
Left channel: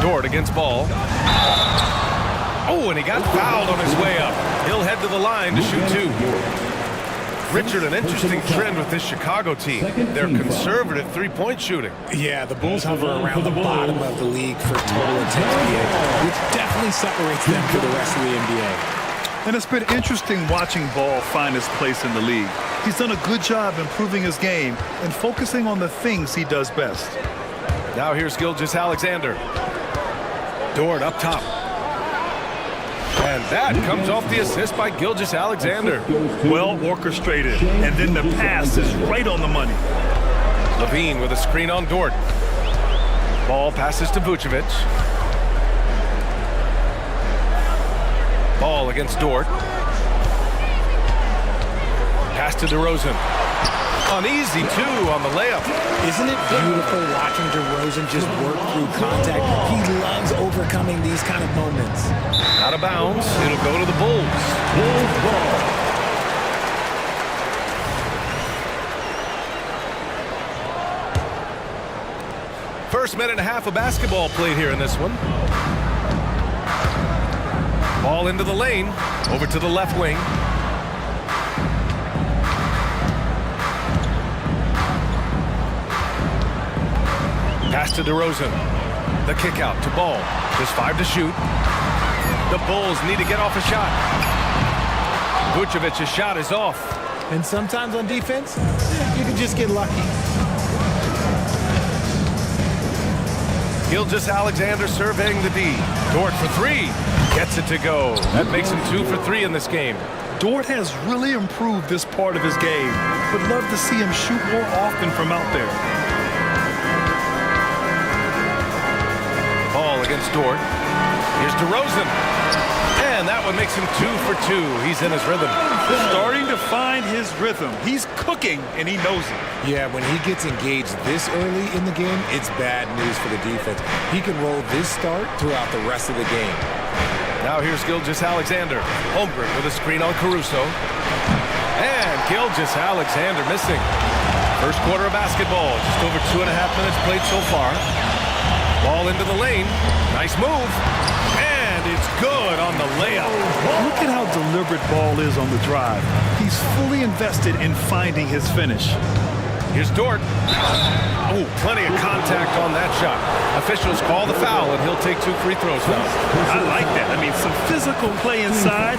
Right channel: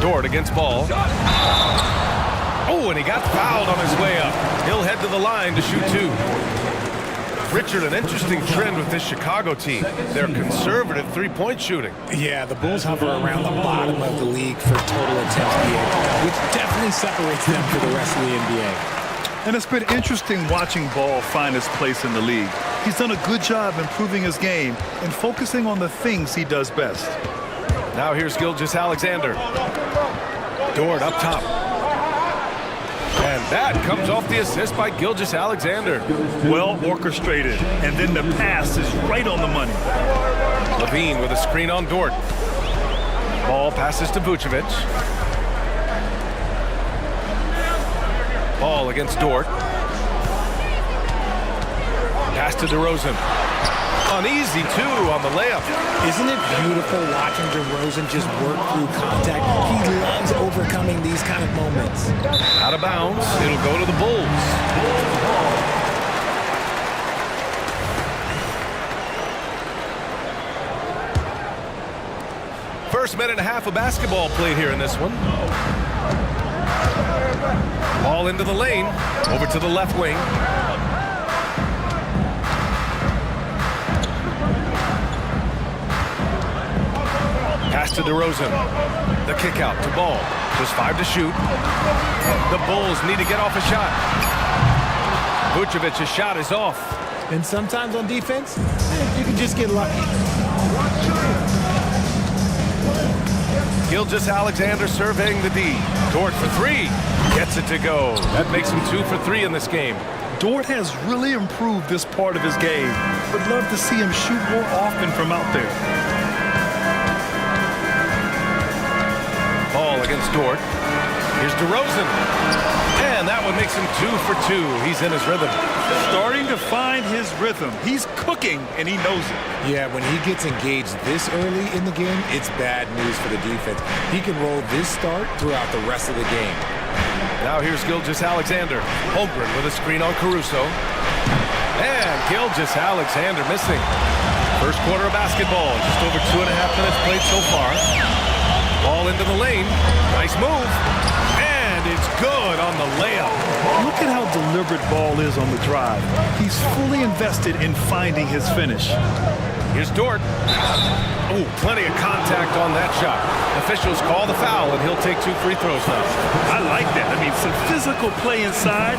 Dort against Ball. Oh, and he got fouled on his way up. He'll head to the line to shoot 2. Richard, an interesting trend with this Chicago team. They're conservative three-point shooting. Yeah, the Bulls hover around the bottom of the league for total attempts, BA, which definitely separates them for the rest of the NBA. And it's been interesting watching Ball find his place in the league. He's done a good job improving his game and focusing on the things he does best. Now here's Gilgeous-Alexander. Dort up top. And that comes off the assist by Gilgeous-Alexander. Well orchestrated. And then the pass is right on the money. Levine with a screen on Dort. Ball passes to Vucevic. Ball against Dort. Pass to DeRozan. Uneasy, too, on the layup. Isn't it beautiful watching DeRozan just work through contact? He loves overcoming these kind of moments. Out of bounds. It'll go to the Bulls. First minute and a half of basketball played here in this one. Ball into the lane. Over to the left wing. Pass to DeRozan. The kick out to Ball. Just 5 to shoot. The Bulls need to get off a shot. Vucevic's shot is off. And sometimes on defense, you can just get lucky. Gilgeous-Alexander surveying the D. Dort for 3. Gets it to go. That makes him 2 for 3 in this game. Dort has really improved this part of his game, but love to see him shoot more often from out there. Ball against Dort. Here's DeRozan. And that one makes him 2 for 2. He's in his rhythm. Starting to find his rhythm. He's cooking, and he knows it. Yeah, when he gets engaged this early in the game, it's bad news for the defense. He can roll this start throughout the rest of the game. Now here's Gilgeous-Alexander. Holmgren with a screen on Caruso. And Gilgeous-Alexander missing. First quarter of basketball. Just over 2.5 minutes played so far. Ball into the lane. Nice move. And it's good on the layup. Look at how deliberate Ball is on the drive. He's fully invested in finding his finish. Here's Dort. Oh, plenty of contact on that shot. Officials call the foul, and he'll take 2 free throws now. I like that. I mean, some physical play inside.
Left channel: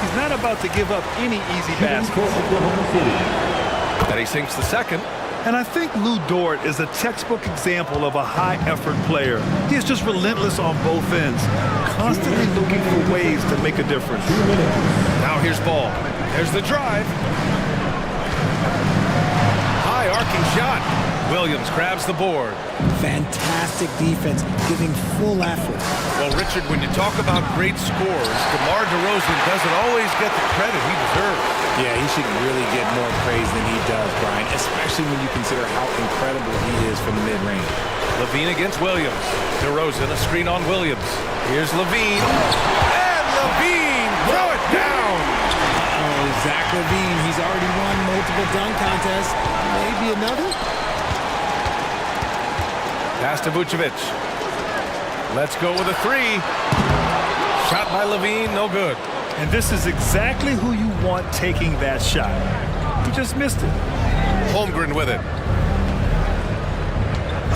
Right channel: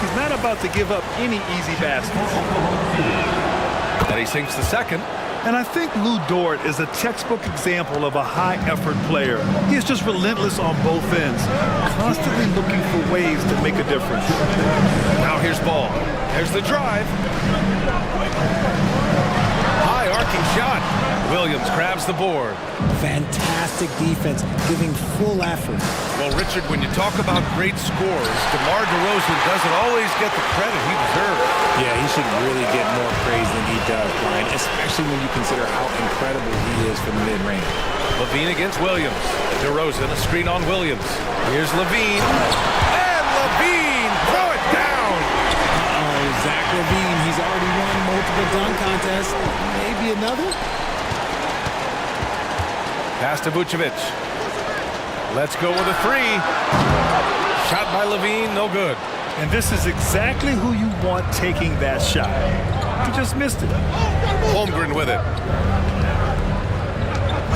He's not about to give up any easy baskets. And he sinks the second. And I think Lou Dort is a textbook example of a high-effort player. He is just relentless on both ends, constantly looking for ways to make a difference. Now here's Ball. There's the drive. High arcing shot. Williams grabs the board. Fantastic defense, giving full effort. Well, Richard, when you talk about great scores, DeMar DeRozan doesn't always get the credit he deserves. Yeah, he should really get more praise than he does, Brian, especially when you consider how incredible he is from the mid-range. Levine against Williams. DeRozan, a screen on Williams. Here's Levine. And Levine, throw it down. Uh-oh, Zach LaVine, he's already won multiple dunk contests. Maybe another? Pass to Vucevic. Let's go with a three. Shot by LaVine, no good. And this is exactly who you want taking that shot. He just missed it. Holmgren with it.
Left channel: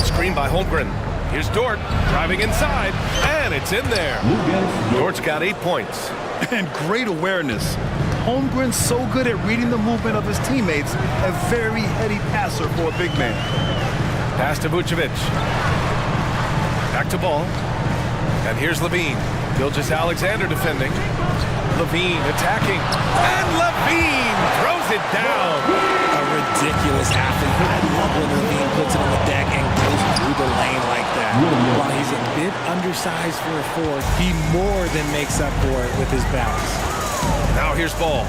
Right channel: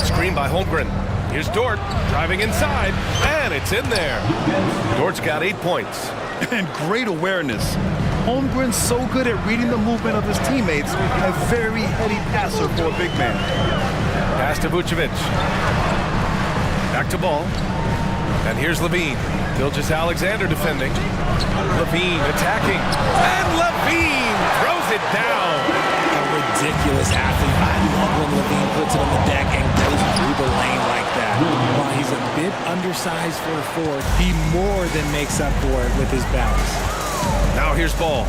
Screen by Holmgren. Here's Dort driving inside, and it's in there. Dort's got 8 points. And great awareness. Holmgren's so good at reading the movement of his teammates. A very heady passer for a big man. Pass to Vucevic. Back to Ball. And here's LaVine. Gilgeous-Alexander defending. LaVine attacking. And LaVine throws it down. A ridiculous athlete. I love when LaVine puts it on the deck and goes through the lane like that. While he's a bit undersized for a forward, he more than makes up for it with his bounce. Now here's Ball.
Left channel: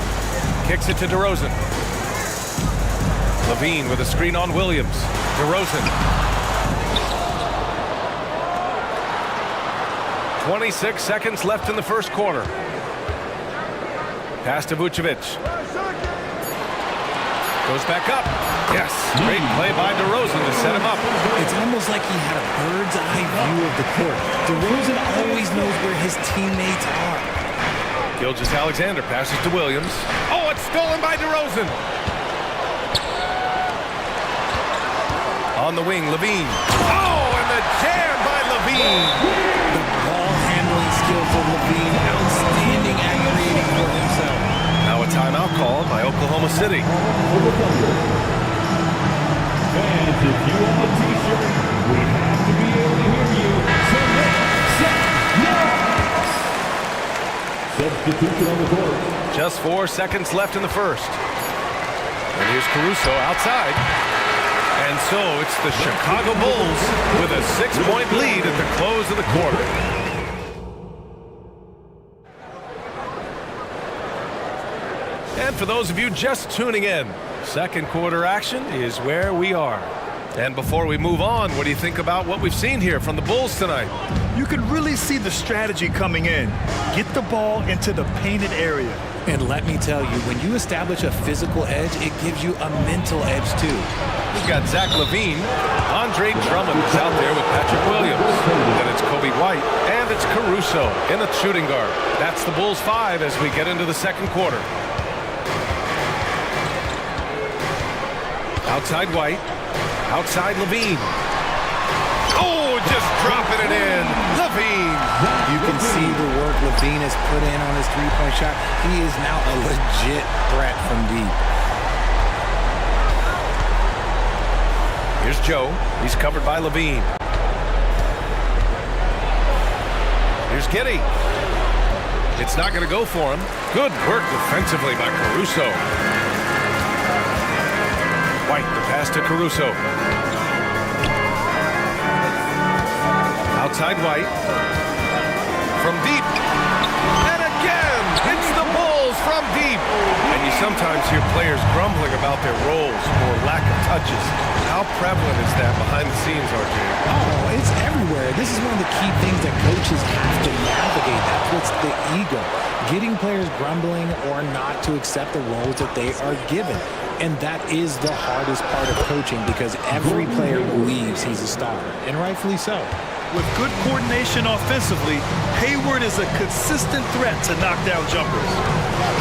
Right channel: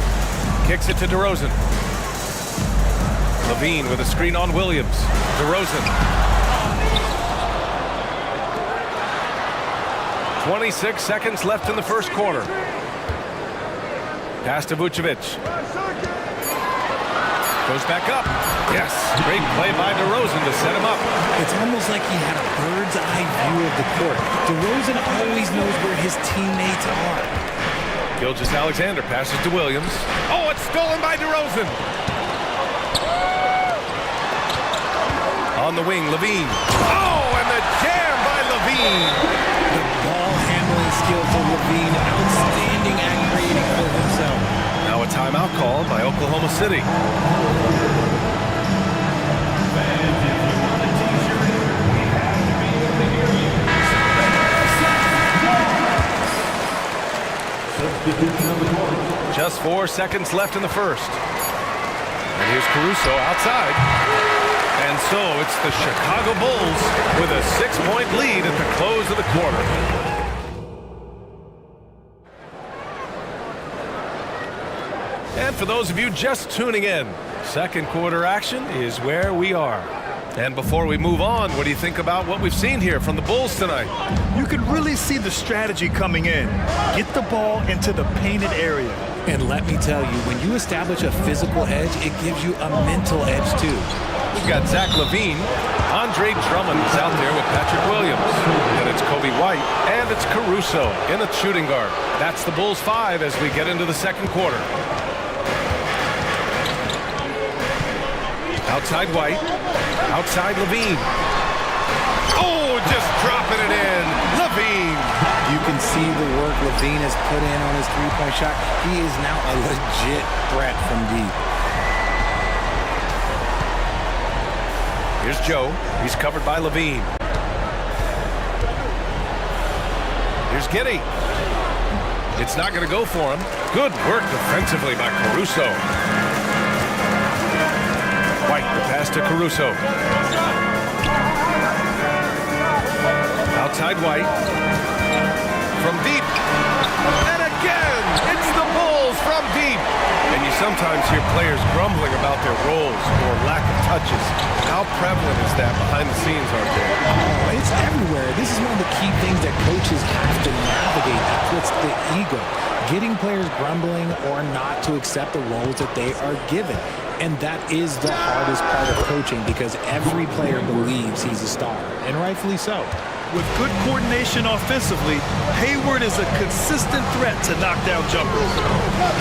Kicks it to DeRozan. LaVine with a screen on Williams. DeRozan. 26 seconds left in the first quarter. Pass to Vucevic. Goes back up. Yes, great play by DeRozan to set him up. It's almost like he had a bird's eye view of the court. DeRozan always knows where his teammates are. Gilgeous-Alexander passes to Williams. Oh, it's stolen by DeRozan. On the wing, LaVine. Oh, and the jam by LaVine. The ball handling skills of LaVine, outstanding at creating for himself. Now a timeout called by Oklahoma City. Fans, if you want a t-shirt, we have to be able to hear you. Substitution on the court. Just 4 seconds left in the first. And here's Caruso outside. And so it's the Chicago Bulls with a 6-point lead at the close of the quarter. And for those of you just tuning in, second quarter action is where we are. And before we move on, what do you think about what we've seen here from the Bulls tonight? You can really see the strategy coming in. Get the ball into the painted area. And let me tell you, when you establish a physical edge, it gives you a mental edge too. We've got Zach LaVine. Andre Drummond is out there with Patrick Williams. Then it's Kobe White, and it's Caruso in a shooting guard. That's the Bulls 5 as we get into the second quarter. Outside White. Outside LaVine. Oh, just dropping it in. LaVine. You can see the work LaVine has put in on his three-point shot. He is now a legit threat from deep. Here's Joe. He's covered by LaVine. Here's Giddey. It's not going to go for him. Good work defensively by Caruso. White, the pass to Caruso. Outside White. From deep. And again, it's the Bulls from deep. And you sometimes hear players grumbling about their roles or lack of touches. How prevalent is that behind the scenes, RJ? Oh, it's everywhere. This is one of the key things that coaches have to navigate. That's what's the ego. Getting players grumbling or not to accept the roles that they are given. And that is the hardest part of coaching because every player believes he's a star, and rightfully so. With good coordination offensively, Hayward is a consistent threat to knock down jumpers.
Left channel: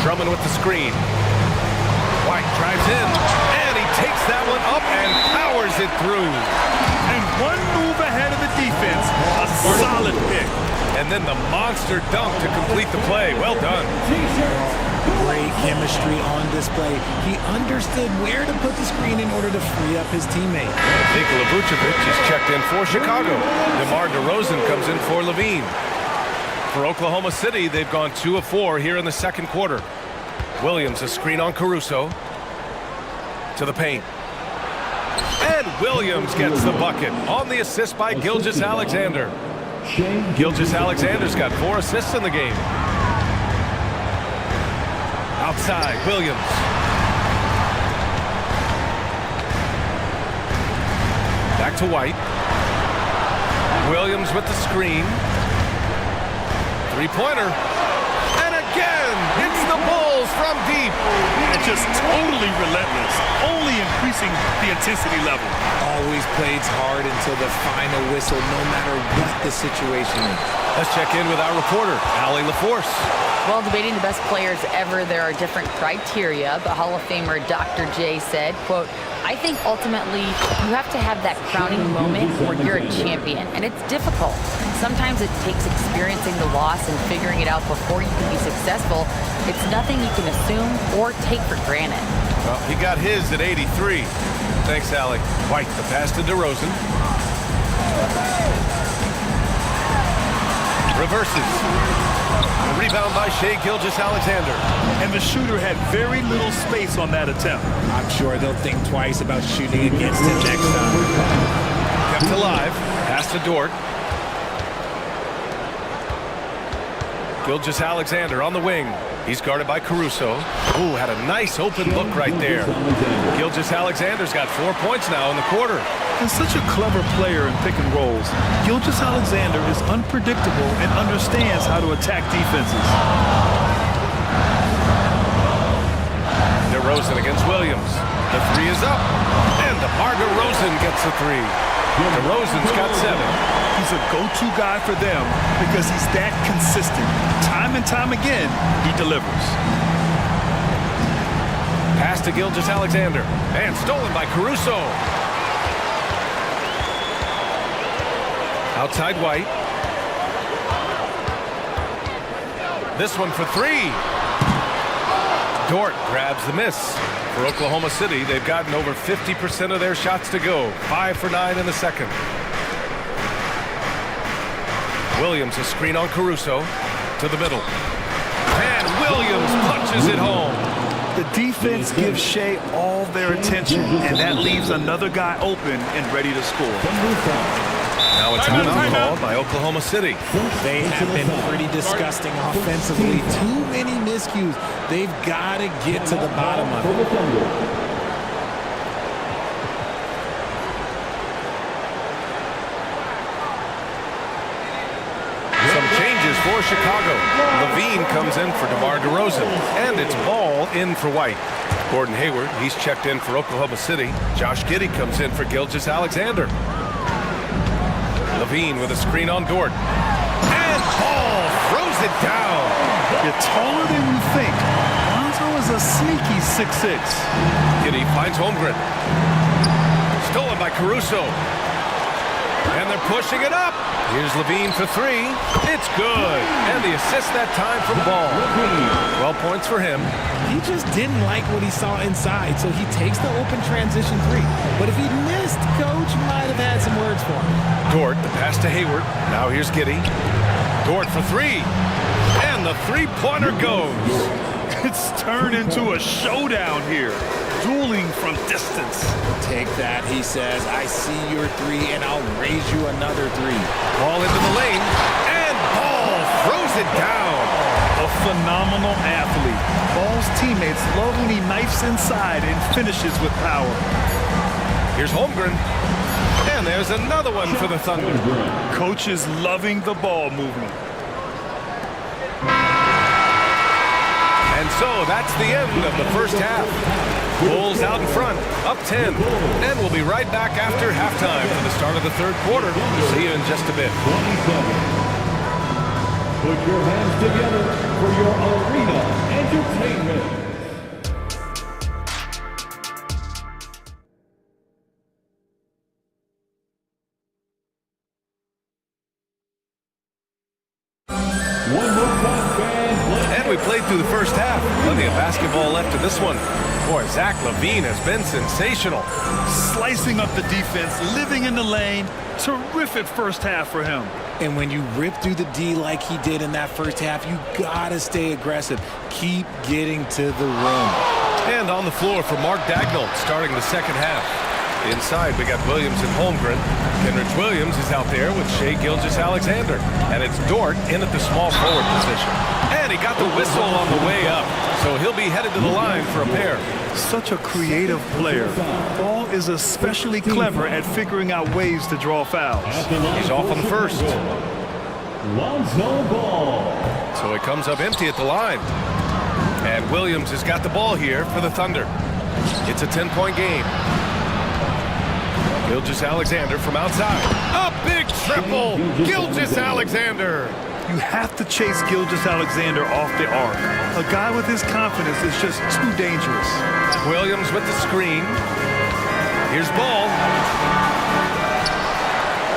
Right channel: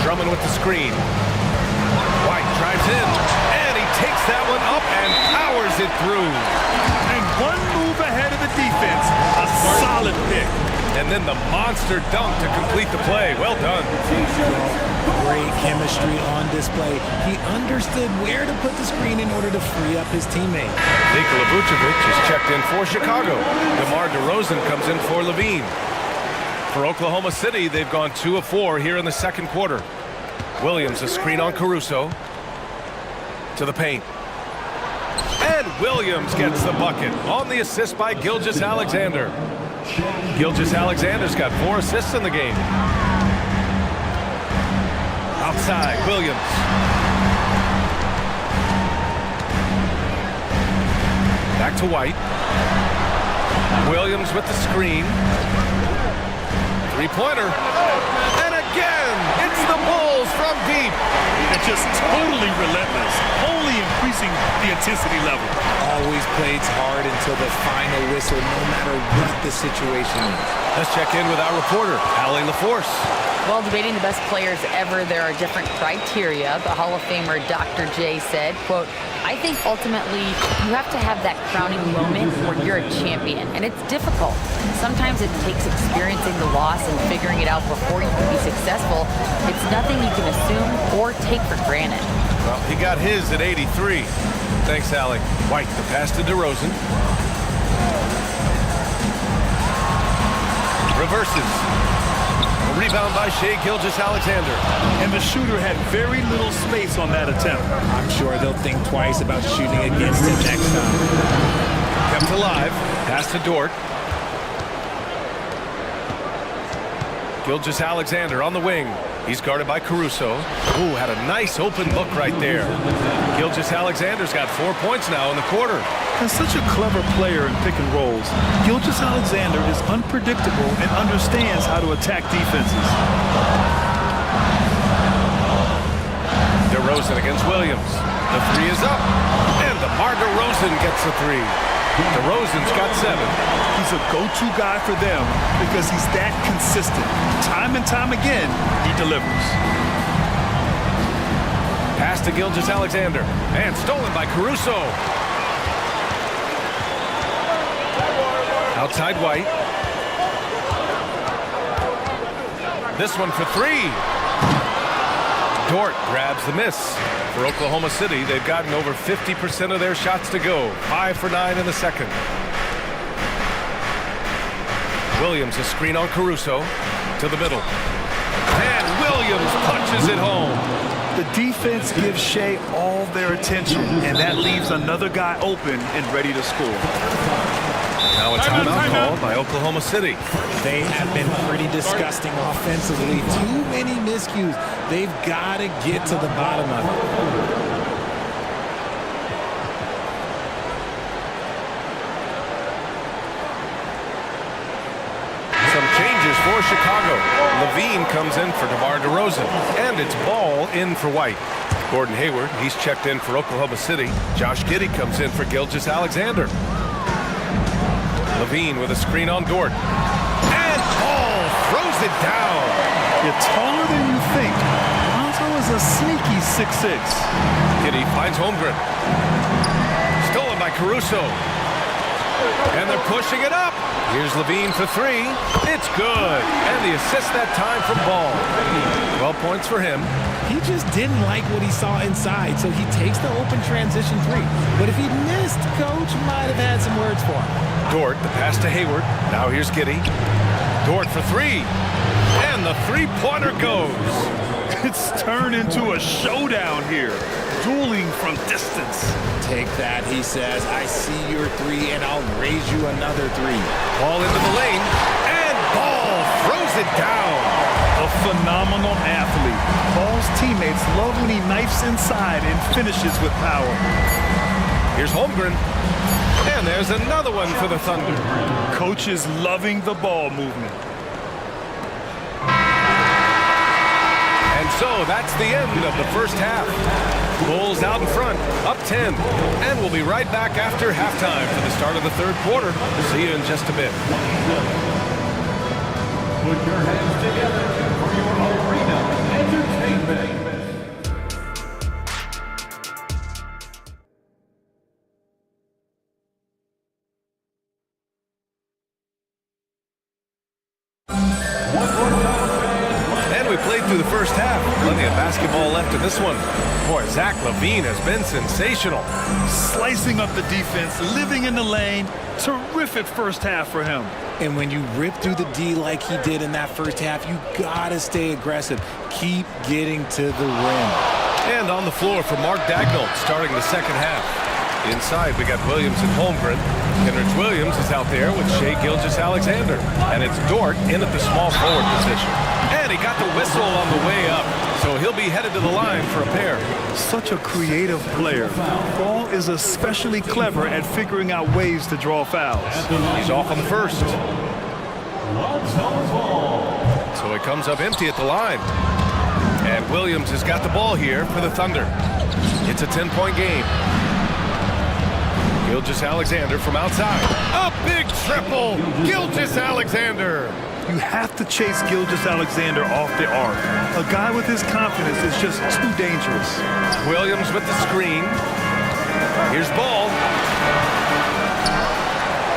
Drummond with the screen. White drives in, and he takes that one up and powers it through. And one move ahead of the defense, a solid pick. And then the monster dunk to complete the play. Well done. Great chemistry on display. He understood where to put the screen in order to free up his teammate. Nikola Vucevic is checked in for Chicago. DeMar DeRozan comes in for LaVine. For Oklahoma City, they've gone 2 of 4 here in the second quarter. Williams, a screen on Caruso. To the paint. And Williams gets the bucket on the assist by Gilgeous-Alexander. Gilgeous-Alexander's got 4 assists in the game. Outside, Williams. Back to White. Williams with the screen. Three-pointer. And again. It's the Bulls from deep. And just totally relentless, only increasing the intensity level. Always plays hard until the final whistle, no matter what the situation is. Let's check in with our reporter, Allie LaForce. Well, debating the best players ever, there are different criteria, but Hall of Famer Dr. J said, quote, I think ultimately you have to have that crowning moment where you're a champion, and it's difficult. Sometimes it takes experiencing the loss and figuring it out before you can be successful. It's nothing you can assume or take for granted. Well, he got his at 83. Thanks, Allie. White, the pass to DeRozan. Reverses. A rebound by Shai Gilgeous-Alexander. And the shooter had very little space on that attempt. I'm sure they'll think twice about shooting against him next time. Kept alive. Pass to Dort. Gilgeous-Alexander on the wing. He's guarded by Caruso. Ooh, had a nice open look right there. Gilgeous-Alexander's got 4 points now in the quarter. And such a clever player in pick and rolls, Gilgeous-Alexander is unpredictable and understands how to attack defenses. DeRozan against Williams. The three is up. And DeMar DeRozan gets a three. DeRozan's got 7. He's a go-to guy for them because he's that consistent. Time and time again, he delivers. Pass to Gilgeous-Alexander. And stolen by Caruso. Outside White. This one for 3. Dort grabs the miss. For Oklahoma City, they've gotten over 50% of their shots to go. 5 for 9 in the second. Williams a screen on Caruso to the middle. And Williams punches it home. The defense gives Shai all their attention, and that leaves another guy open and ready to score. Now a timeout called by Oklahoma City. They have been pretty disgusting offensively. Too many miscues. They've got to get to the bottom of it. Some changes for Chicago. Levine comes in for DeMar DeRozan. And it's Ball in for White. Gordon Hayward, he's checked in for Oklahoma City. Josh Giddey comes in for Gilgeous-Alexander. Levine with a screen on Dort. And Ball throws it down. You're taller than you think. Lonzo is a sneaky 6'6". Giddey finds Holmgren. Stolen by Caruso. And they're pushing it up. Here's Levine for 3. It's good. And the assist that time from Ball. 12 points for him. He just didn't like what he saw inside, so he takes the open transition 3. But if he missed, Coach might have had some words for him. Dort, the pass to Hayward. Now here's Giddey. Dort for 3. And the three-pointer goes. It's turned into a showdown here. Dueling from distance. Take that, he says. I see your 3, and I'll raise you another 3. Ball into the lane. And Ball throws it down. A phenomenal athlete. Ball's teammates love when he knifes inside and finishes with power. Here's Holmgren. And there's another one for the Thunder. Coach is loving the ball movement. And so that's the end of the first half. Bulls out in front, up 10. And we'll be right back after halftime for the start of the third quarter. See you in just a bit. Put your hands together for your arena entertainment. And we played through the first half. Plenty of basketball left in this one. Boy, Zach LaVine has been sensational. Slicing up the defense, living in the lane. Terrific first half for him. And when you rip through the D like he did in that first half, you gotta stay aggressive. Keep getting to the rim. And on the floor for Mark Daigneault starting the second half. Inside, we got Williams and Holmgren. Kenrich Williams is out there with Shai Gilgeous-Alexander. And it's Dort in at the small forward position. And he got the whistle on the way up. So he'll be headed to the line for a pair. Such a creative player. Ball is especially clever at figuring out ways to draw fouls. He's off on the first. Lonzo Ball. So it comes up empty at the line. And Williams has got the ball here for the Thunder. It's a 10-point game. Gilgeous-Alexander from outside. A big triple! Gilgeous-Alexander! You have to chase Gilgeous-Alexander off the arc. A guy with his confidence is just too dangerous. Williams with the screen. Here's Ball.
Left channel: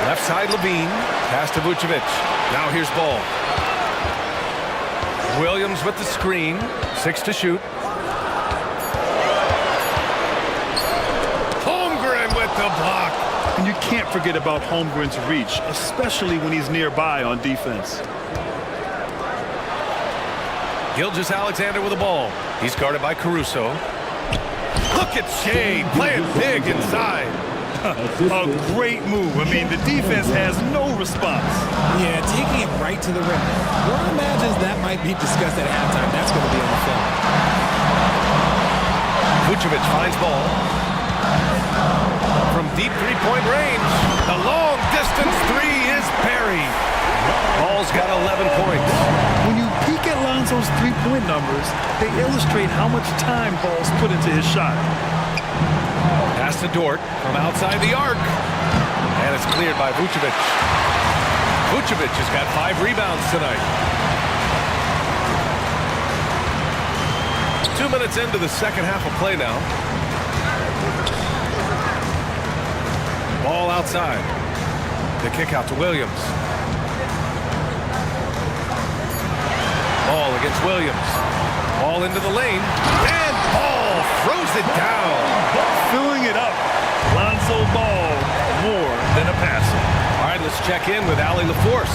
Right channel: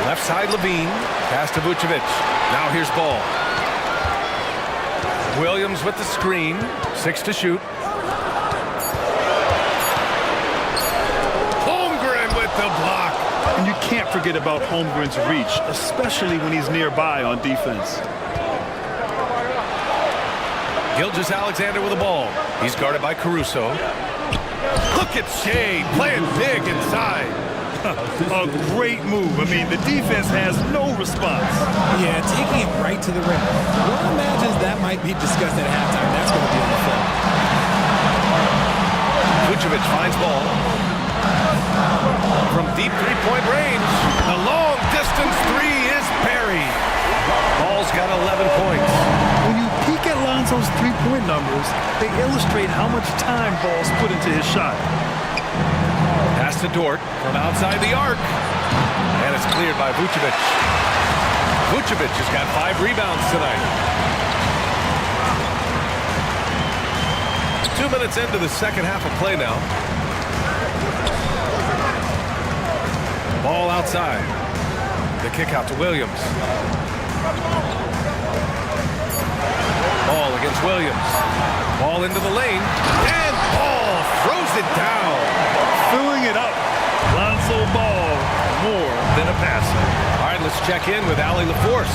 Left side Levine. Pass to Vucevic. Now here's Ball. Williams with the screen. 6 to shoot. Holmgren with the block. And you can't forget about Holmgren's reach, especially when he's nearby on defense. Gilgeous-Alexander with the ball. He's guarded by Caruso. Look at Shea playing big inside. A great move. I mean, the defense has no response. Yeah, taking it right to the rim. One imagines that might be discussed at halftime. That's going to be on the film. Vucevic finds Ball. From deep three-point range, the long-distance three is buried. Ball's got 11 points. When you peek at Lonzo's three-point numbers, they illustrate how much time Ball's put into his shot. Pass to Dort from outside the arc. And it's cleared by Vucevic. Vucevic has got 5 rebounds tonight. 2 minutes into the second half of play now. Ball outside. The kick out to Williams. Ball against Williams. Ball into the lane. And Ball throws it down. Filling it up. Lonzo Ball, more than a passer. All right, let's check in with Allie LaForce.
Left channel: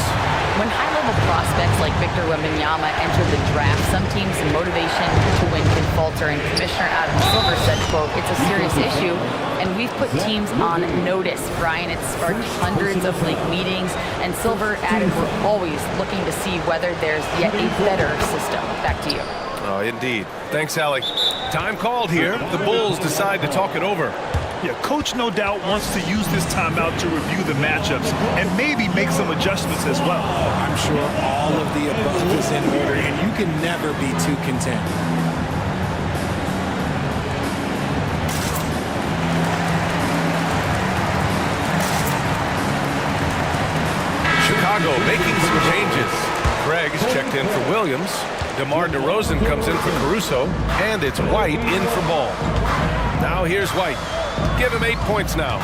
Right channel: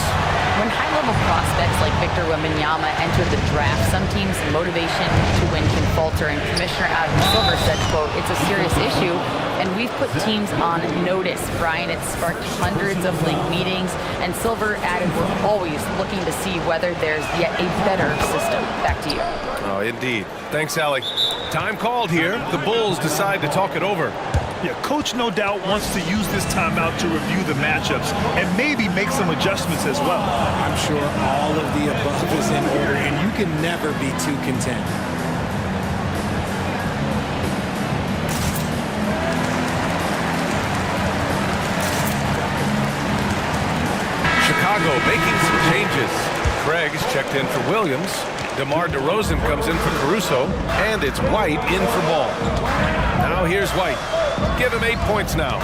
When high-level prospects like Victor Wembanyama enter the draft, some teams' motivation to win can falter, and Commissioner Adam Silver said, quote, "It's a serious issue, and we've put teams on notice." Brian, it's sparked hundreds of league meetings, and Silver added, "We're always looking to see whether there's yet a better system." Back to you. Oh, indeed. Thanks, Allie. Time called here. The Bulls decide to talk it over. Yeah, Coach no doubt wants to use this timeout to review the matchups and maybe make some adjustments as well. I'm sure all of the above is in order, and you can never be too content. Chicago making some changes. Craig is checked in for Williams. DeMar DeRozan comes in for Caruso. And it's White in for Ball. Now here's White. Give him 8 points now.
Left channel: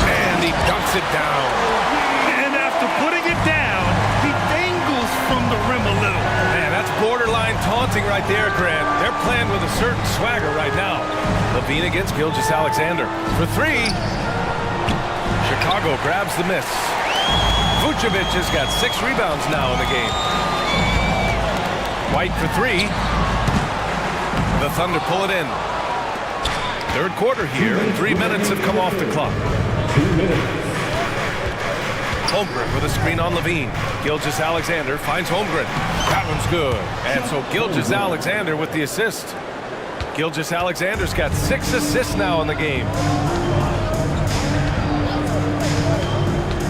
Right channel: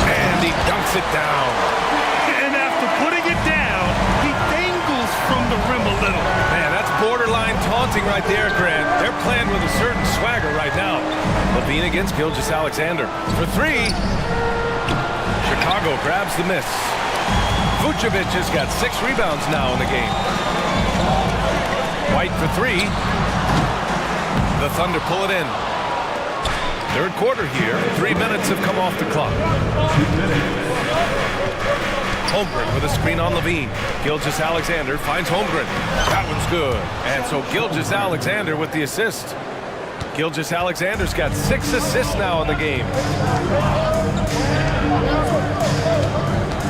And he dunks it down. And after putting it down, he dangles from the rim a little. Man, that's borderline taunting right there, Grant. They're playing with a certain swagger right now. Levine against Gilgeous-Alexander. For 3. Chicago grabs the miss. Vucevic has got 6 rebounds now in the game. White for 3. The Thunder pull it in. Third quarter here, and 3 minutes have come off the clock. Holmgren with a screen on Levine. Gilgeous-Alexander finds Holmgren. That one's good. And so Gilgeous-Alexander with the assist. Gilgeous-Alexander's got 6 assists now in the game.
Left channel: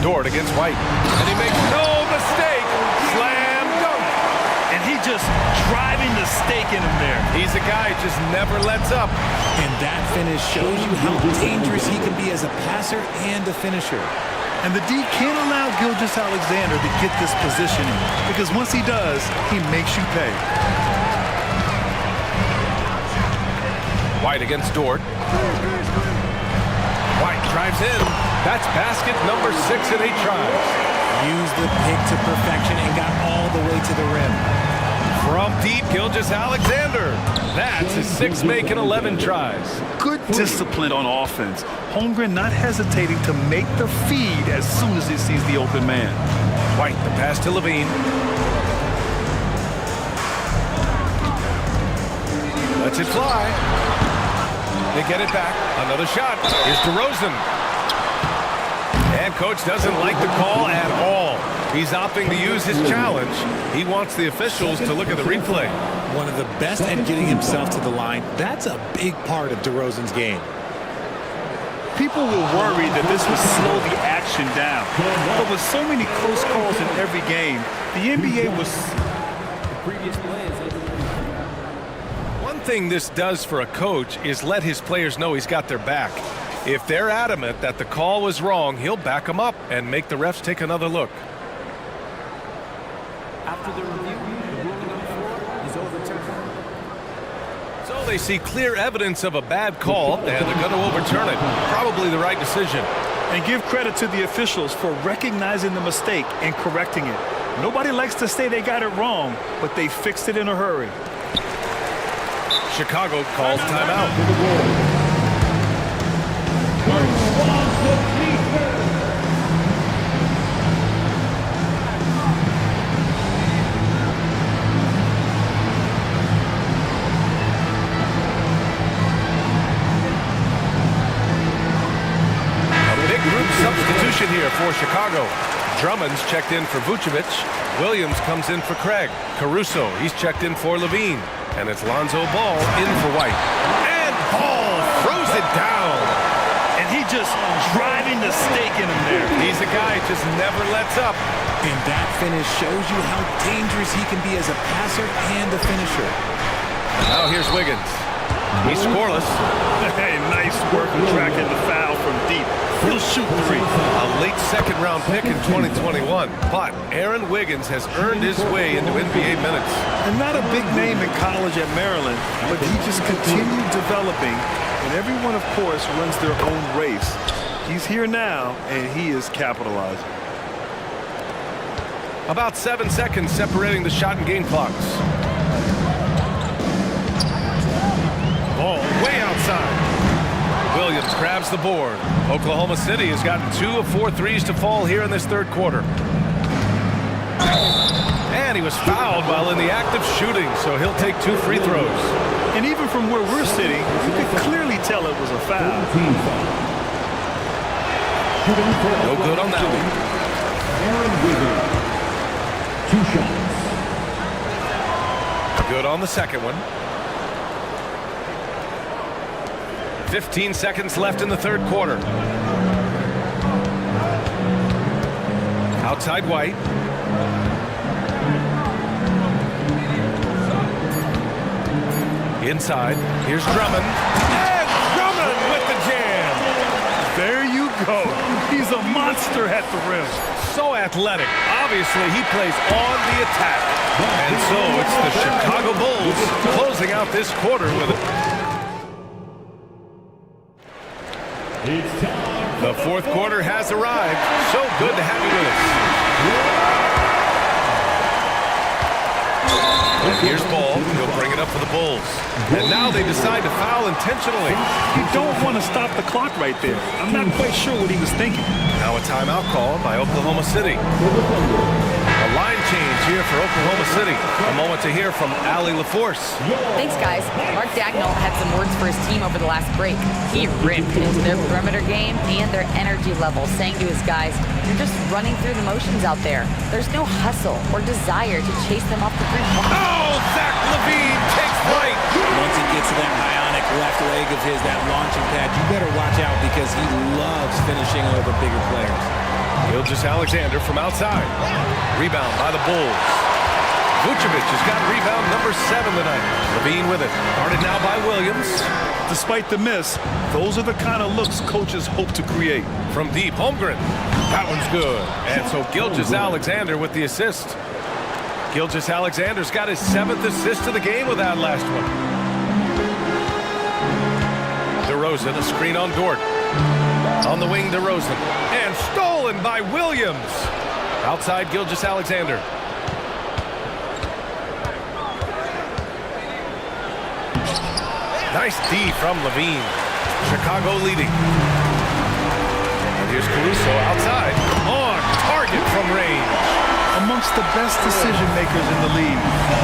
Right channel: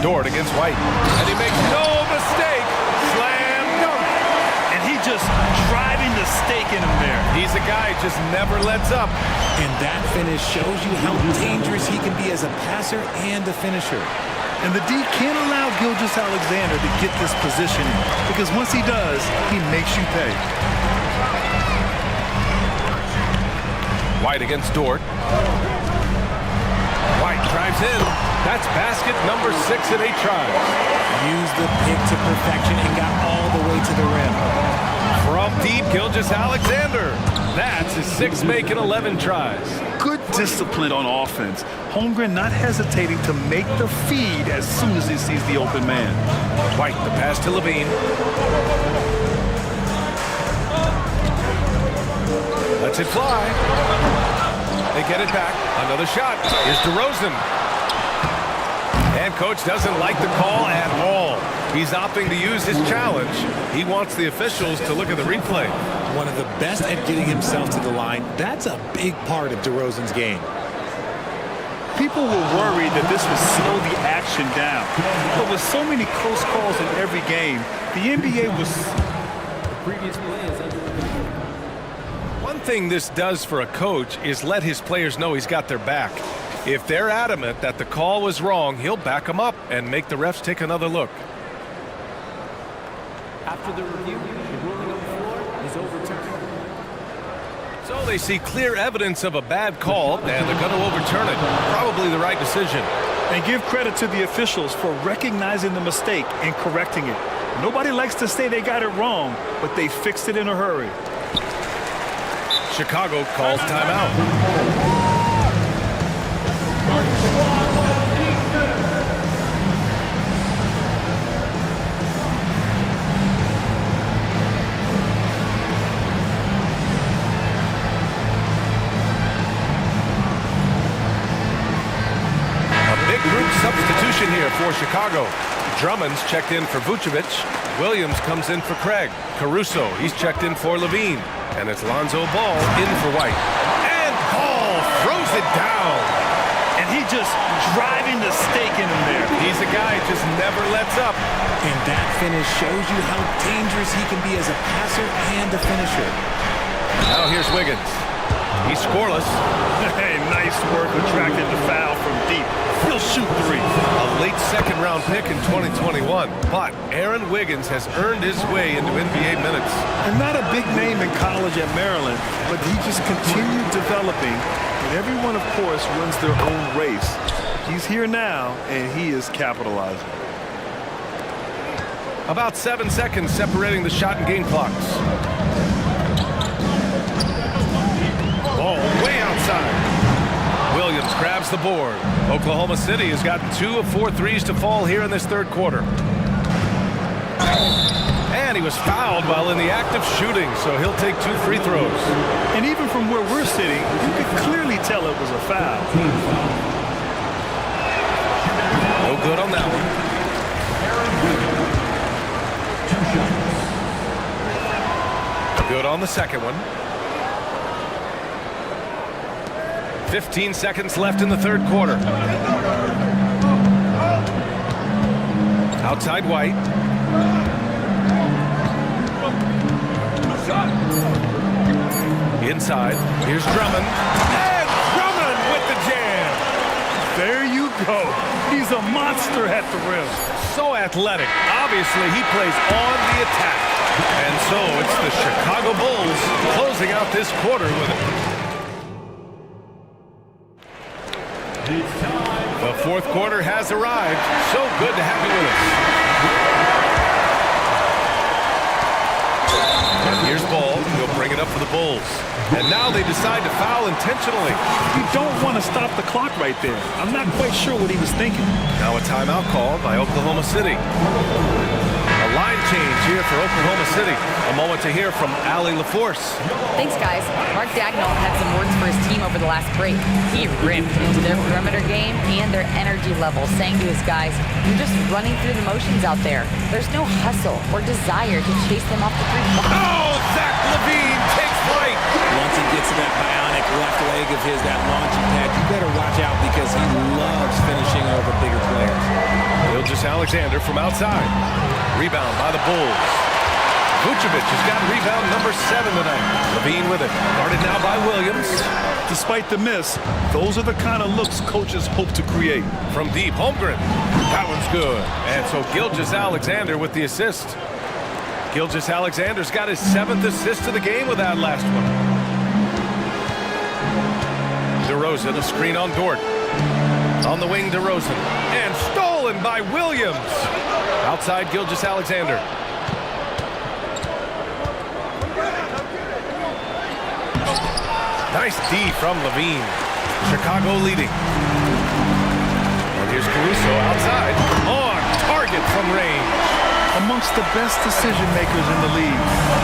Dort against White. And he makes no mistake. Slam dunk. And he just driving the stake in him there. He's a guy who just never lets up. And that finish shows you how dangerous he can be as a passer and a finisher. And the D can't allow Gilgeous-Alexander to get this positioning, because once he does, he makes you pay. White against Dort. White drives in. That's basket number 6 in 8 tries. Used the pick to perfection and got all the way to the rim. From deep, Gilgeous-Alexander. That's his 6th make in 11 tries. Good discipline on offense. Holmgren not hesitating to make the feed as soon as he sees the open man. White, the pass to Levine. Lets it fly. They get it back. Another shot. Here's DeRozan. And coach doesn't like the call at all. He's opting to use his challenge. He wants the officials to look at the replay. One of the best at getting himself to the line. That's a big part of DeRozan's game. People were worried that this would slow the action down. But with so many close calls in every game, the NBA was Previous play is under review. One thing this does for a coach is let his players know he's got their back. If they're adamant that the call was wrong, he'll back them up and make the refs take another look. After the review, the ruling on the floor is overturned. So they see clear evidence of a bad call, and they're going to overturn it. Probably the right decision. And give credit to the officials for recognizing the mistake and correcting it. Nobody likes to say they got it wrong, but they fixed it in a hurry. Chicago calls timeout. Big group substitution here for Chicago. Drummond's checked in for Vucevic. Williams comes in for Craig. Caruso, he's checked in for Levine. And it's Lonzo Ball in for White. And Ball throws it down. And he just driving the stake in him there. He's a guy who just never lets up. And that finish shows you how dangerous he can be as a passer and a finisher. Now here's Wiggins. He's scoreless. Hey, nice work attracting the foul from deep. He'll shoot three. A late second-round pick in 2021. But Aaron Wiggins has earned his way into NBA minutes. And not a big name in college at Maryland, but he just continued developing. And everyone, of course, runs their own race. He's here now, and he is capitalizing. About 7 seconds separating the shot and game clocks. Ball way outside. Williams grabs the board. Oklahoma City has gotten 2 of 4 threes to fall here in this third quarter. And he was fouled while in the act of shooting, so he'll take 2 free throws. And even from where we're sitting, you could clearly tell it was a foul. No good on that one. Aaron Wiggins, 2 shots. Good on the second one. 15 seconds left in the third quarter. Outside White. Inside. Here's Drummond. And Drummond with the jam. There you go. He's a monster at the rim. So athletic. Obviously, he plays on the attack. And so it's the Chicago Bulls closing out this quarter with it. The fourth quarter has arrived. So good to have you with us. And here's Ball. He'll bring it up for the Bulls. And now they decide to foul intentionally. You don't want to stop the clock right there. I'm not quite sure what he was thinking. Now a timeout called by Oklahoma City. A line change here for Oklahoma City. A moment to hear from Allie LaForce. Thanks, guys. Mark Dagnall had some words for his team over the last break. He ripped into their perimeter game and their energy level, saying to his guys, you're just running through the motions out there. There's no hustle or desire to chase them off the three-point. Oh, Zach LaVine takes flight. Once he gets to that bionic left leg of his, that launching pad, you better watch out because he loves finishing over bigger players. Gilgeous-Alexander from outside. Rebound by the Bulls. Vucevic has got rebound number 7 tonight. LaVine with it. Guarded now by Williams. Despite the miss, those are the kind of looks coaches hope to create. From deep, Holmgren. That one's good. And so Gilgeous-Alexander with the assist. Gilgeous-Alexander's got his 7th assist of the game with that last one. DeRozan, a screen on Dort. On the wing, DeRozan. And stolen by Williams. Outside Gilgeous-Alexander. Nice D from LaVine. Chicago leading. And here's Caruso outside. On target from range. Amongst the best decision makers in the league.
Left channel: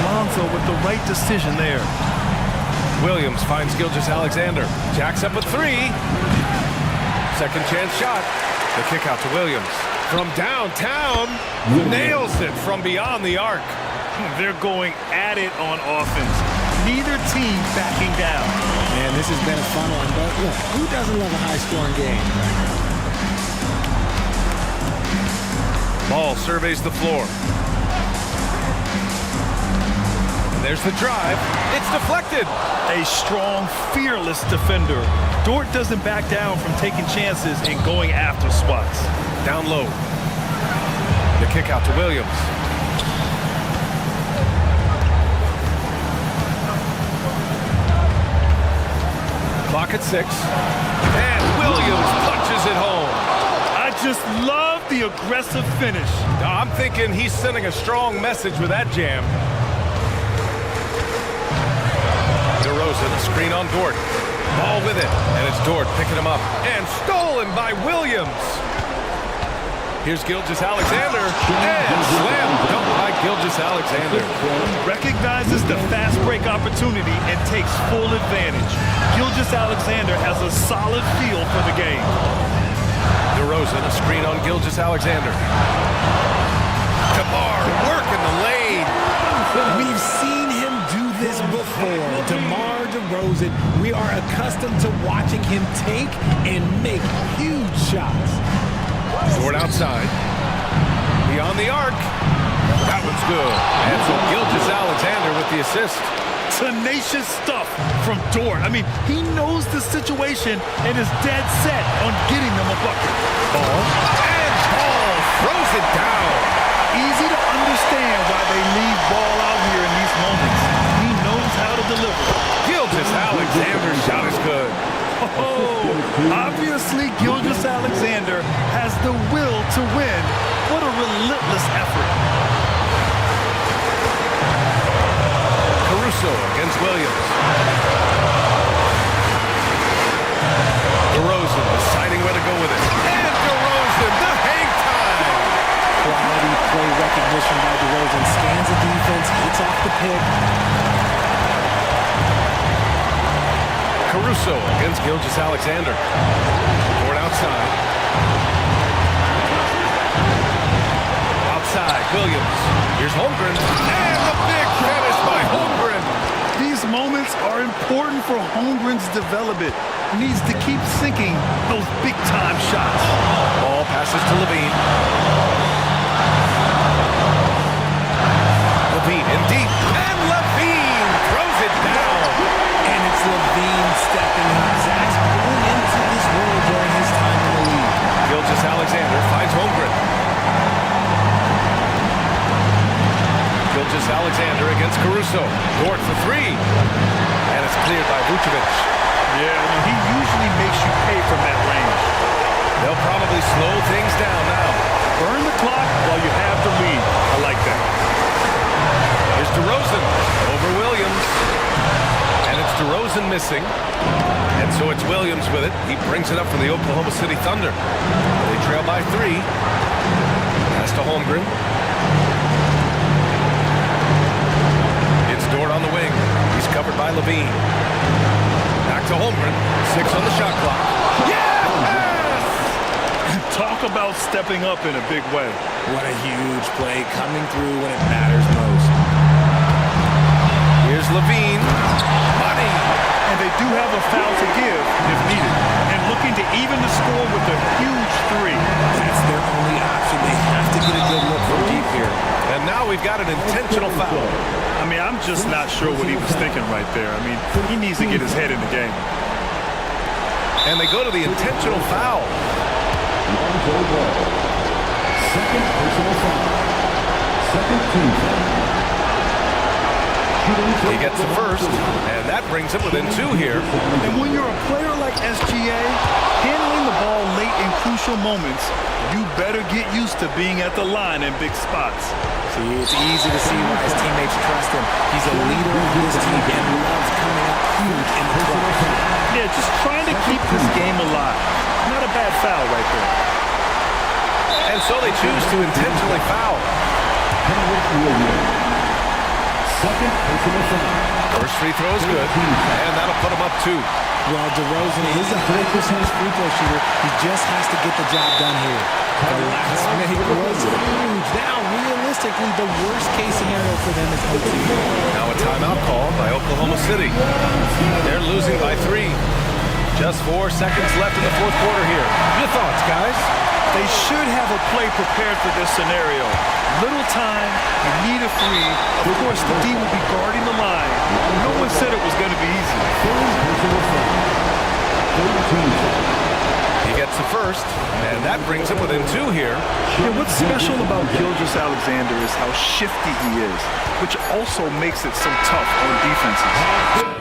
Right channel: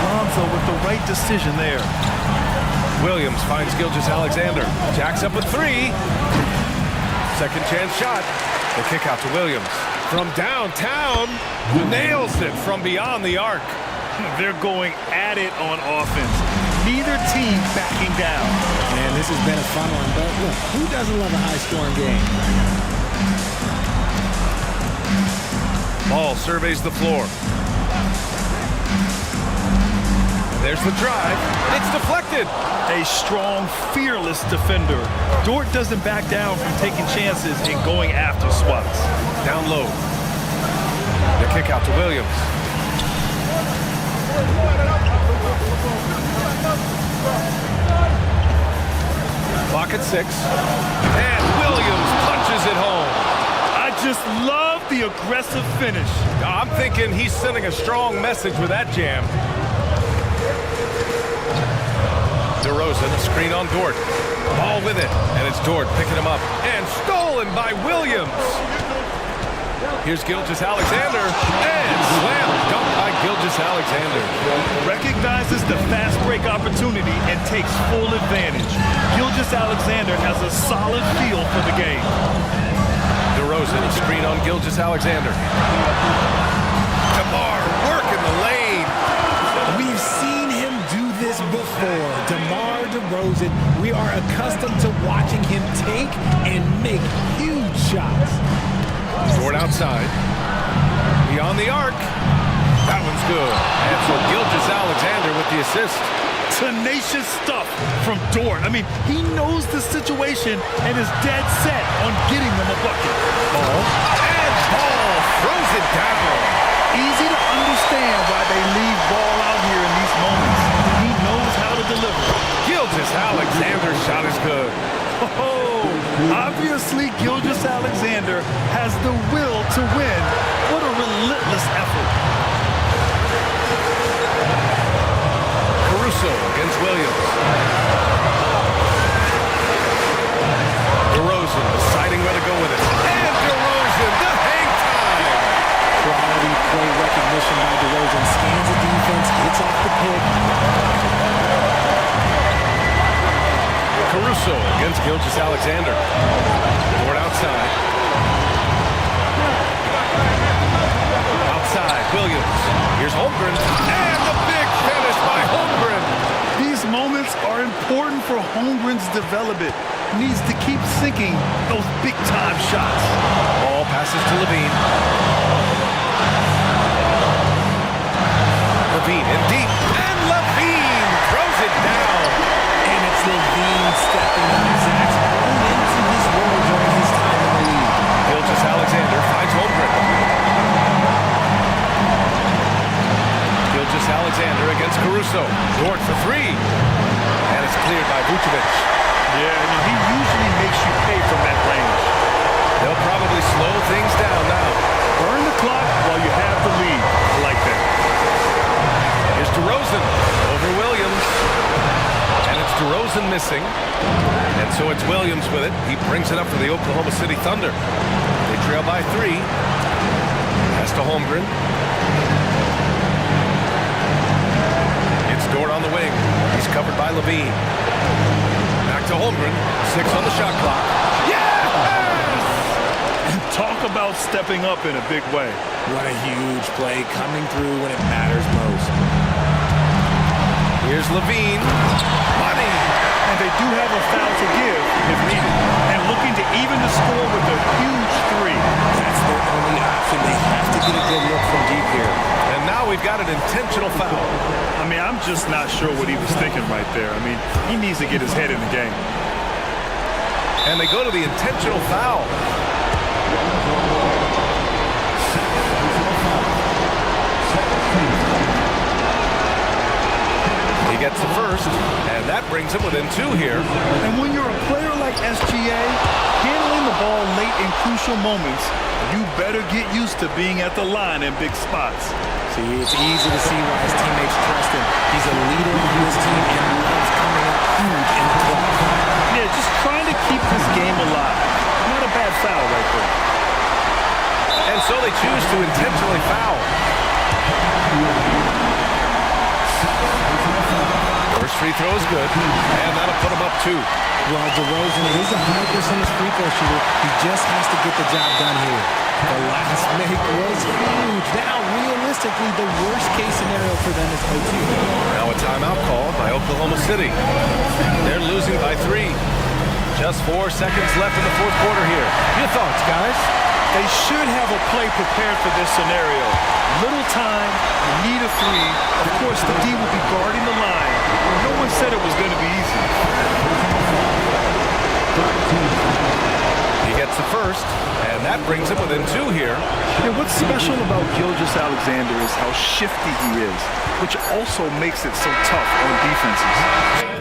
Lonzo with the right decision there. Williams finds Gilgeous-Alexander. Jacks up a 3. Second chance shot. The kick out to Williams. From downtown, nails it from beyond the arc. They're going at it on offense. Neither team backing down. Man, this has been a fun one, but look, who doesn't love a high-scoring game? Ball surveys the floor. there's the drive. It's deflected. A strong, fearless defender. Dort doesn't back down from taking chances and going after swats. Down low. The kick out to Williams. Clock at 6. And Williams punches it home. I just love the aggressive finish. I'm thinking he's sending a strong message with that jam. DeRozan, a screen on Dort. Ball with it, and it's Dort picking him up. And stolen by Williams. Here's Gilgeous-Alexander, and slam dunk by Gilgeous-Alexander. Recognizes the fast break opportunity and takes full advantage. Gilgeous-Alexander has a solid feel for the game. DeRozan, a screen on Gilgeous-Alexander. DeMar working the lane. We've seen him do this before. DeMar DeRozan, we are accustomed to watching him take and make huge shots. Dort outside. Beyond the arc. That one's good. And so Gilgeous-Alexander with the assist. Tenacious stuff from Dort. I mean, he knows the situation and is dead set on getting them a bucket. Ball. And Ball throws it down. Easy to understand why they leave Ball out here in these moments. He knows how to deliver. Gilgeous-Alexander's shot is good. Oh, obviously Gilgeous-Alexander has the will to win. What a relentless effort. Caruso against Williams. DeRozan deciding where to go with it. And DeRozan, the hang time. Quality play recognition by DeRozan. Scans the defense, hits off the pick. Caruso against Gilgeous-Alexander. Dort outside. Outside, Williams. Here's Holmgren. And the big finish by Holmgren. These moments are important for Holmgren's development. He needs to keep sinking those big-time shots. Ball passes to Levine. Levine in deep. And Levine throws it down. And it's Levine stepping up. Zach's grown into this role during his time in the league. Gilgeous-Alexander finds Holmgren. Gilgeous-Alexander against Caruso. Dort for 3. And it's cleared by Vucevic. Yeah, you know, he usually makes you pay from that range. They'll probably slow things down now. Burn the clock while you have the lead. I like that. Here's DeRozan over Williams. And it's DeRozan missing. And so it's Williams with it. He brings it up for the Oklahoma City Thunder. They trail by 3. Pass to Holmgren. It's Dort on the wing. He's covered by Levine. Back to Holmgren. 6 on the shot clock. Yes! And talk about stepping up in a big way. What a huge play coming through when it matters most. Here's Levine. Money. And they do have a foul to give if needed. And looking to even the score with a huge 3. That's their only option. They have to get a good look from deep here. And now we've got an intentional foul. I mean, I'm just not sure what he was thinking right there. I mean, he needs to get his head in the game. And they go to the intentional foul. Second personal foul. Second team foul. He gets the first, and that brings him within 2 here. And when you're a player like SGA, handling the ball late in crucial moments, you better get used to being at the line in big spots. See, it's easy to see why his teammates trust him. He's a leader on this team and loves coming up huge in the clutch. Yeah, just trying to keep this game alive. Not a bad foul right there. And so they choose to intentionally foul. First free throw is good, and that'll put him up 2. Well, DeRozan is a high percentage free throw shooter. He just has to get the job done here. The last make was huge. Now, realistically, the worst case scenario for them is OT. Now a timeout called by Oklahoma City. They're losing by 3. Just 4 seconds left in the 4th quarter here. Your thoughts, guys? They should have a play prepared for this scenario. Little time, you need a three. Of course, the D will be guarding the line. No one said it was going to be easy. He gets the first, and that brings him within 2 here. Yeah, what's special about Gilgeous-Alexander is how shifty he is, which also makes it so tough on defenses.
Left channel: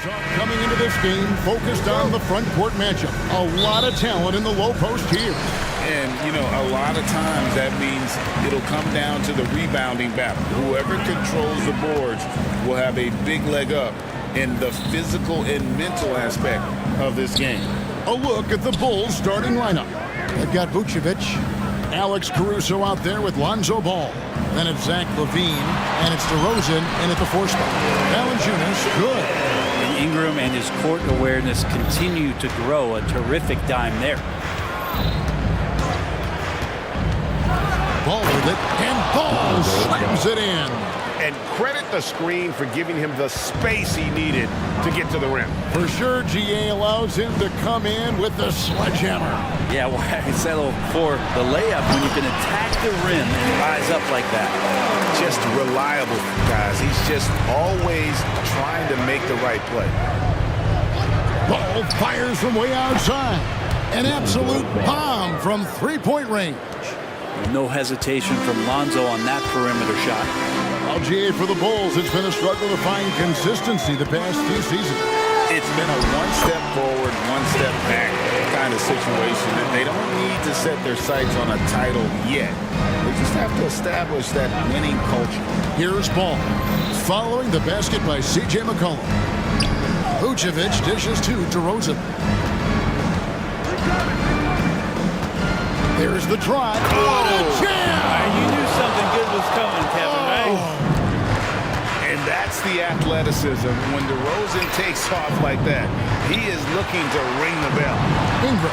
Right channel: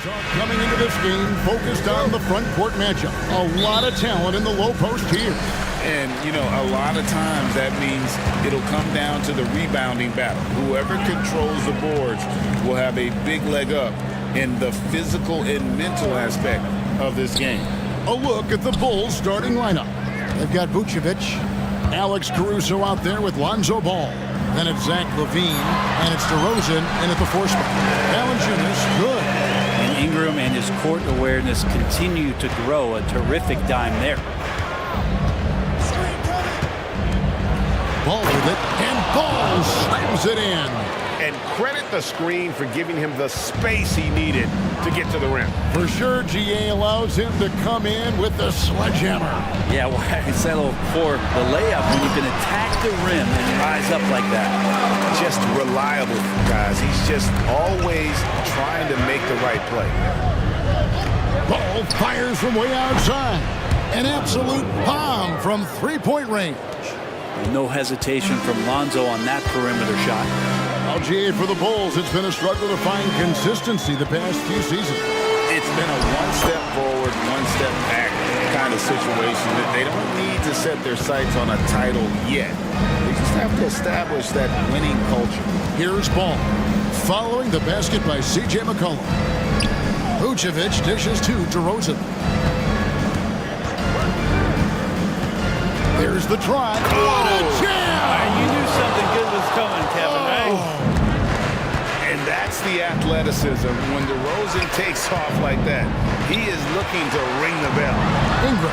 talk coming into this game focused on the front court matchup. A lot of talent in the low post here. And, you know, a lot of times that means it'll come down to the rebounding battle. Whoever controls the boards will have a big leg up in the physical and mental aspect of this game. A look at the Bulls starting lineup. They've got Vucevic, Alex Caruso out there with Lonzo Ball. Then it's Zach LaVine, and it's DeRozan in at the 4 spot. Valanciunas, good. And Ingram and his court awareness continue to grow. A terrific dime there. Ball with it, and Ball slams it in. And credit the screen for giving him the space he needed to get to the rim. For sure, GA allows him to come in with the sledgehammer. Yeah, why settle for the layup when you can attack the rim and rise up like that? Just reliable, guys. He's just always trying to make the right play. Ball fires from way outside. An absolute bomb from three-point range. No hesitation from Lonzo on that perimeter shot. LGA for the Bulls, it's been a struggle to find consistency the past few seasons. It's been a one step forward, one step back kind of situation. That they don't need to set their sights on a title yet. They just have to establish that winning culture. Here's Ball, following the basket by C.J. McCollum. Vucevic dishes to DeRozan. There's the try. What a jam! You knew something good was coming, Kevin, right? And that's the athleticism. When DeRozan takes off like that, he is looking to ring the bell. Ingram.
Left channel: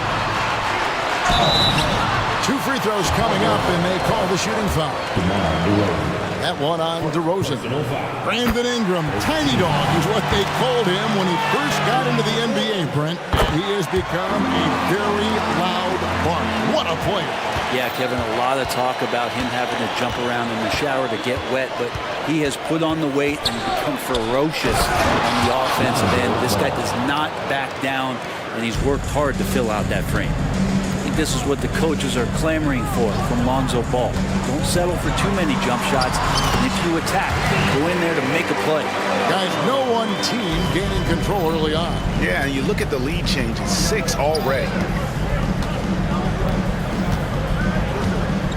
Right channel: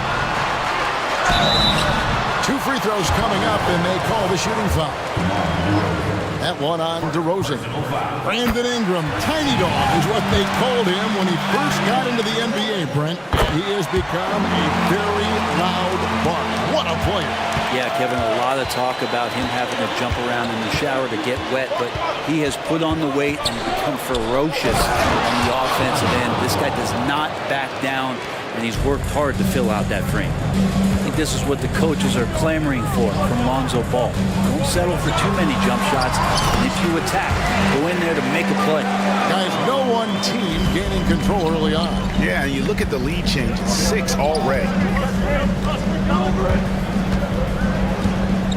2 free throws coming up, and they call the shooting foul. That one on DeRozan. Brandon Ingram, tiny dog is what they called him when he first got into the NBA, Brent. He has become a very loud bark. What a player. Yeah, Kevin, a lot of talk about him having to jump around in the shower to get wet, but he has put on the weight and become ferocious on the offensive end. This guy does not back down, and he's worked hard to fill out that frame. I think this is what the coaches are clamoring for from Lonzo Ball. Don't settle for too many jump shots, and if you attack, go in there to make a play. Guys, no one team gaining control early on. Yeah, and you look at the lead changes, 6 already.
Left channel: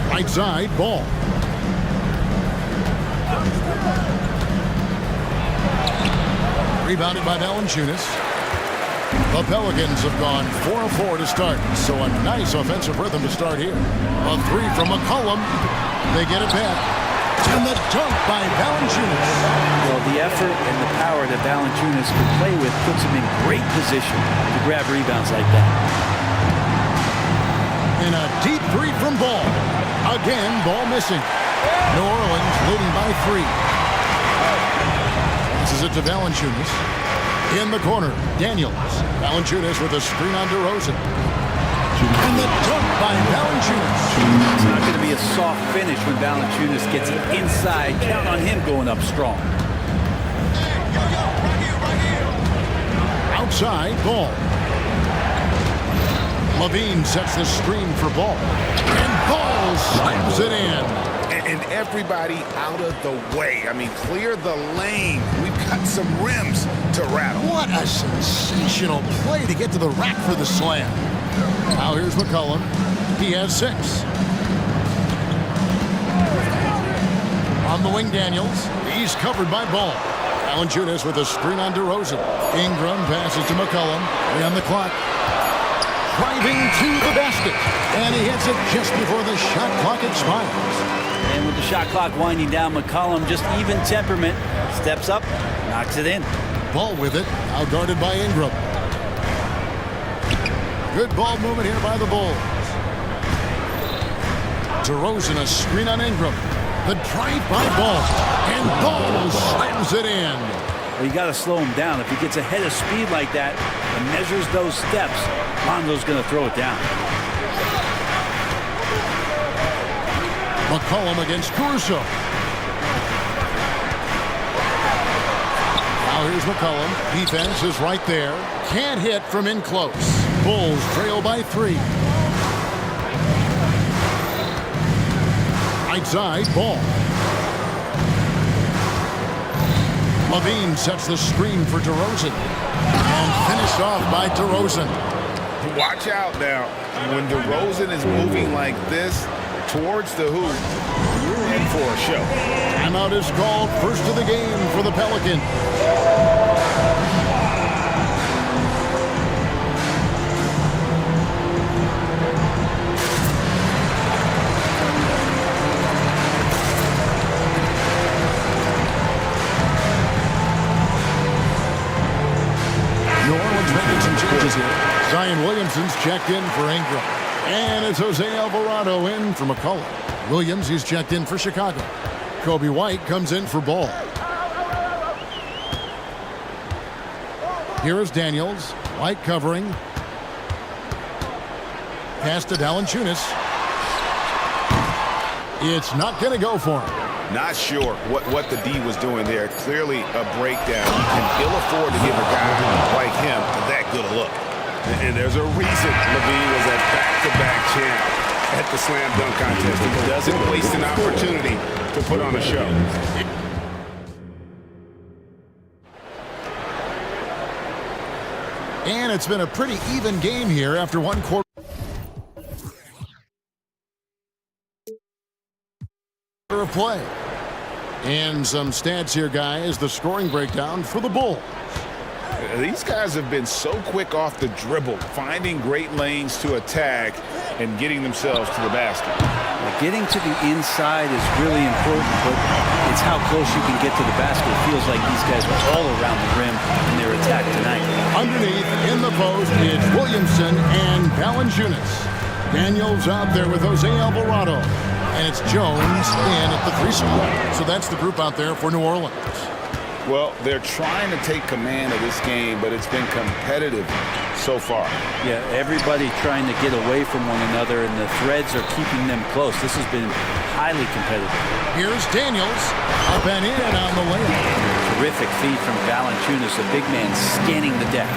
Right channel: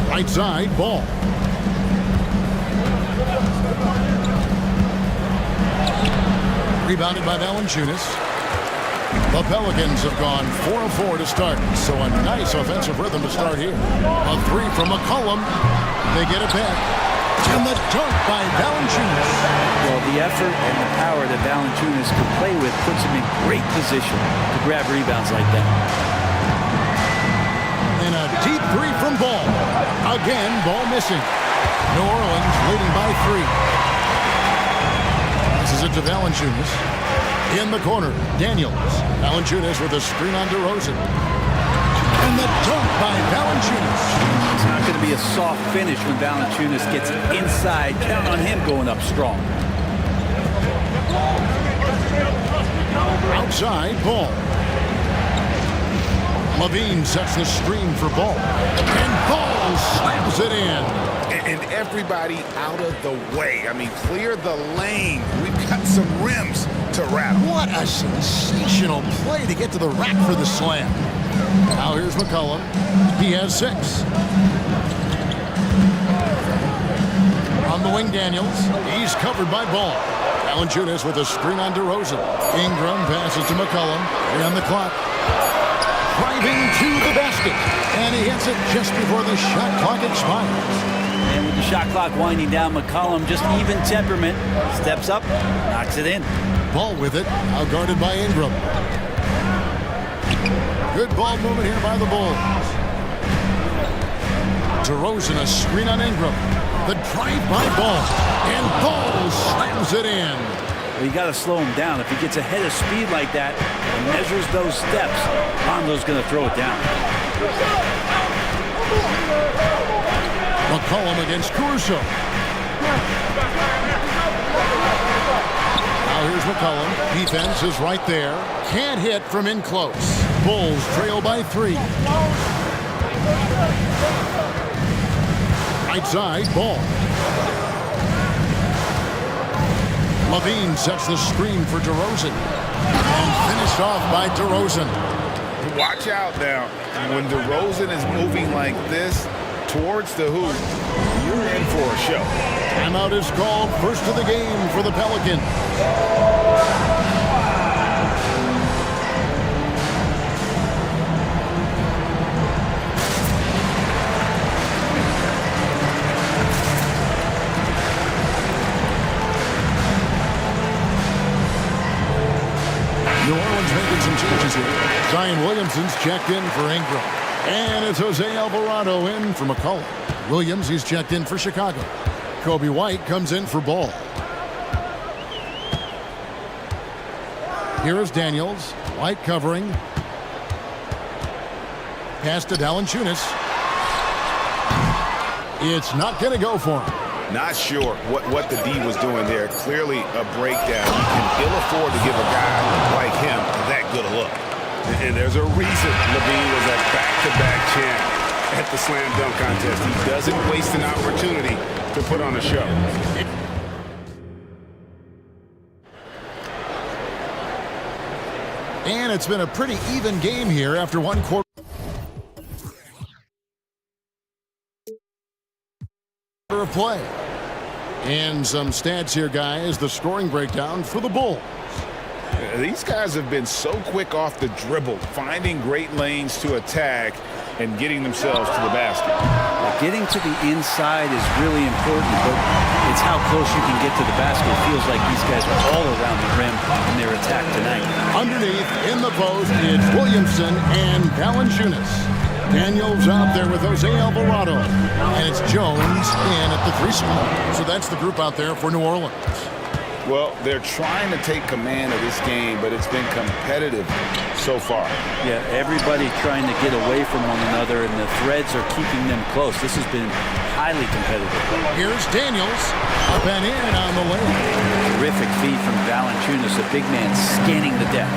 Right side, Ball. Rebounded by Valanciunas. The Pelicans have gone 4 of 4 to start, so a nice offensive rhythm to start here. A 3 from McCollum. They get it back. And the dunk by Valanciunas. Well, the effort and the power that Valanciunas can play with puts him in great position to grab rebounds like that. And a deep 3 from Ball. Again, Ball missing. New Orleans leading by 3. Passes it to Valanciunas. In the corner, Daniels. Valanciunas with a screen on DeRozan. And the dunk by Valanciunas. It's not going to be a soft finish when Valanciunas gets it inside. Count on him going up strong. Outside, Ball. LaVine sets the screen for Ball. And Ball slams it in. And everybody out of the way. I mean, clear the lane. We've got some rims to rattle. What a sensational play to get to the rack for the slam. Now here's McCollum. He has 6. On the wing, Daniels. He's covered by Ball. Valanciunas with a screen on DeRozan. Ingram passes to McCollum. On the clock. Driving to the basket. And he hits it just before the shot clock expires. And with the shot clock winding down, McCollum, just even temperament, steps up, knocks it in. Ball with it, now guarded by Ingram. Good ball movement here by the Bulls. DeRozan, a screen on Ingram. The drive by Ball. And Ball slams it in. Well, you got to slow him down. If he gets ahead of speed like that and measures those steps, Lonzo's going to throw it down. McCollum against Caruso. Now here's McCollum. Defense is right there. Can't hit from in close. Bulls trail by 3. Right side, Ball. LaVine sets the screen for DeRozan. And finished off by DeRozan. Watch out now. When DeRozan is moving like this towards the hoop, you're in for a show. Timeout is called. First of the game for the Pelicans. New Orleans making some changes here. Zion Williamson's checked in for Ingram. And it's Jose Alvarado in for McCollum. Williams, he's checked in for Chicago. Kobe White comes in for Ball. Here is Daniels. White covering. Pass to Valanciunas. It's not going to go for him. Not sure what the D was doing there. Clearly a breakdown. You can ill afford to give a guy like him that good a look. And there's a reason LaVine was a back-to-back champ at the slam dunk contest. He doesn't waste an opportunity to put on a show. And it's been a pretty even game here after one quarter of play. And some stats here, guys. The scoring breakdown for the Bulls. These guys have been so quick off the dribble, finding great lanes to attack and getting themselves to the basket. Getting to the inside is really important, but it's how close you can get to the basket. It feels like these guys are all around the rim in their attack tonight. Underneath, in the post, it's Williamson and Valanciunas. Daniels out there with Jose Alvarado. And it's Jones in at the 3 spot. So that's the group out there for New Orleans. Well, they're trying to take command of this game, but it's been competitive so far. Yeah, everybody trying to get away from one another, and the threads are keeping them close. This has been highly competitive. Here's Daniels, up and in on the layup. Terrific feed from Valanciunas, a big man scanning the deck.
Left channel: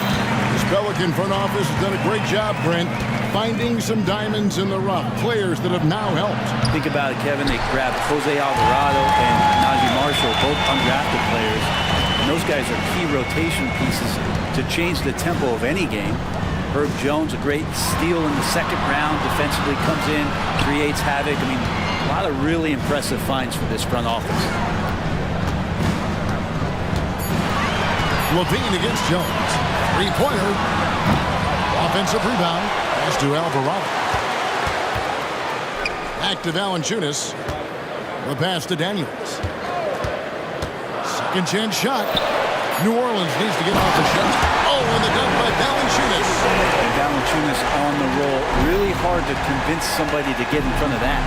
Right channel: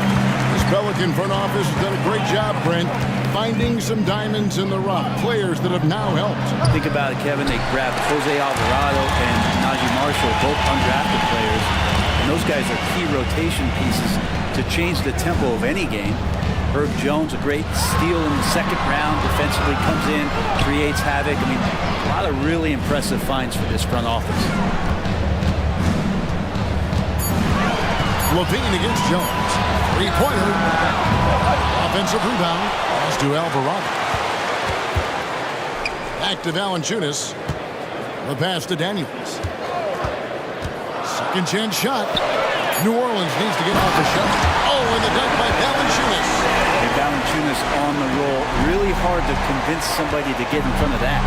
This Pelican front office has done a great job, Brent, finding some diamonds in the rough, players that have now helped. Think about it, Kevin. They grabbed Jose Alvarado and Najee Marshall, both undrafted players. And those guys are key rotation pieces to change the tempo of any game. Herb Jones, a great steal in the second round, defensively comes in, creates havoc. I mean, a lot of really impressive finds for this front office. LaVine against Jones. Three-pointer. Offensive rebound. Pass to Alvarado. Back to Valanciunas. The pass to Daniels. Second chance shot. New Orleans needs to get off the shot. Oh, and the dunk by Valanciunas. And Valanciunas on the roll. Really hard to convince somebody to get in front of that.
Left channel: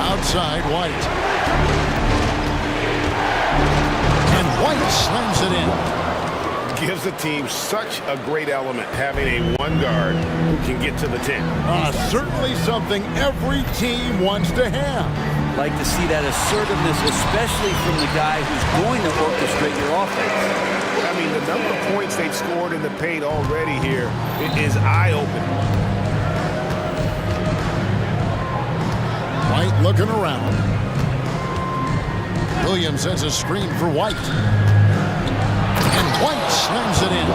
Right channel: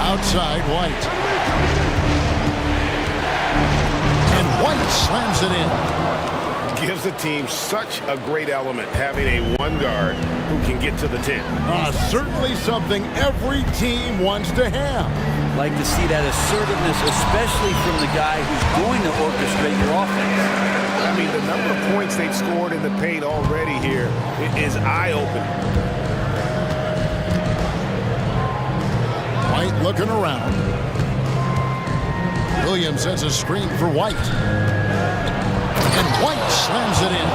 Outside, White. And White slams it in. Gives the team such a great element, having a one guard who can get to the 10. Certainly something every team wants to have. Like to see that assertiveness, especially from the guy who's going to orchestrate your offense. I mean, the number of points they've scored in the paint already here is eye-opening. White looking around. Williams sends a screen for White. And White slams it in.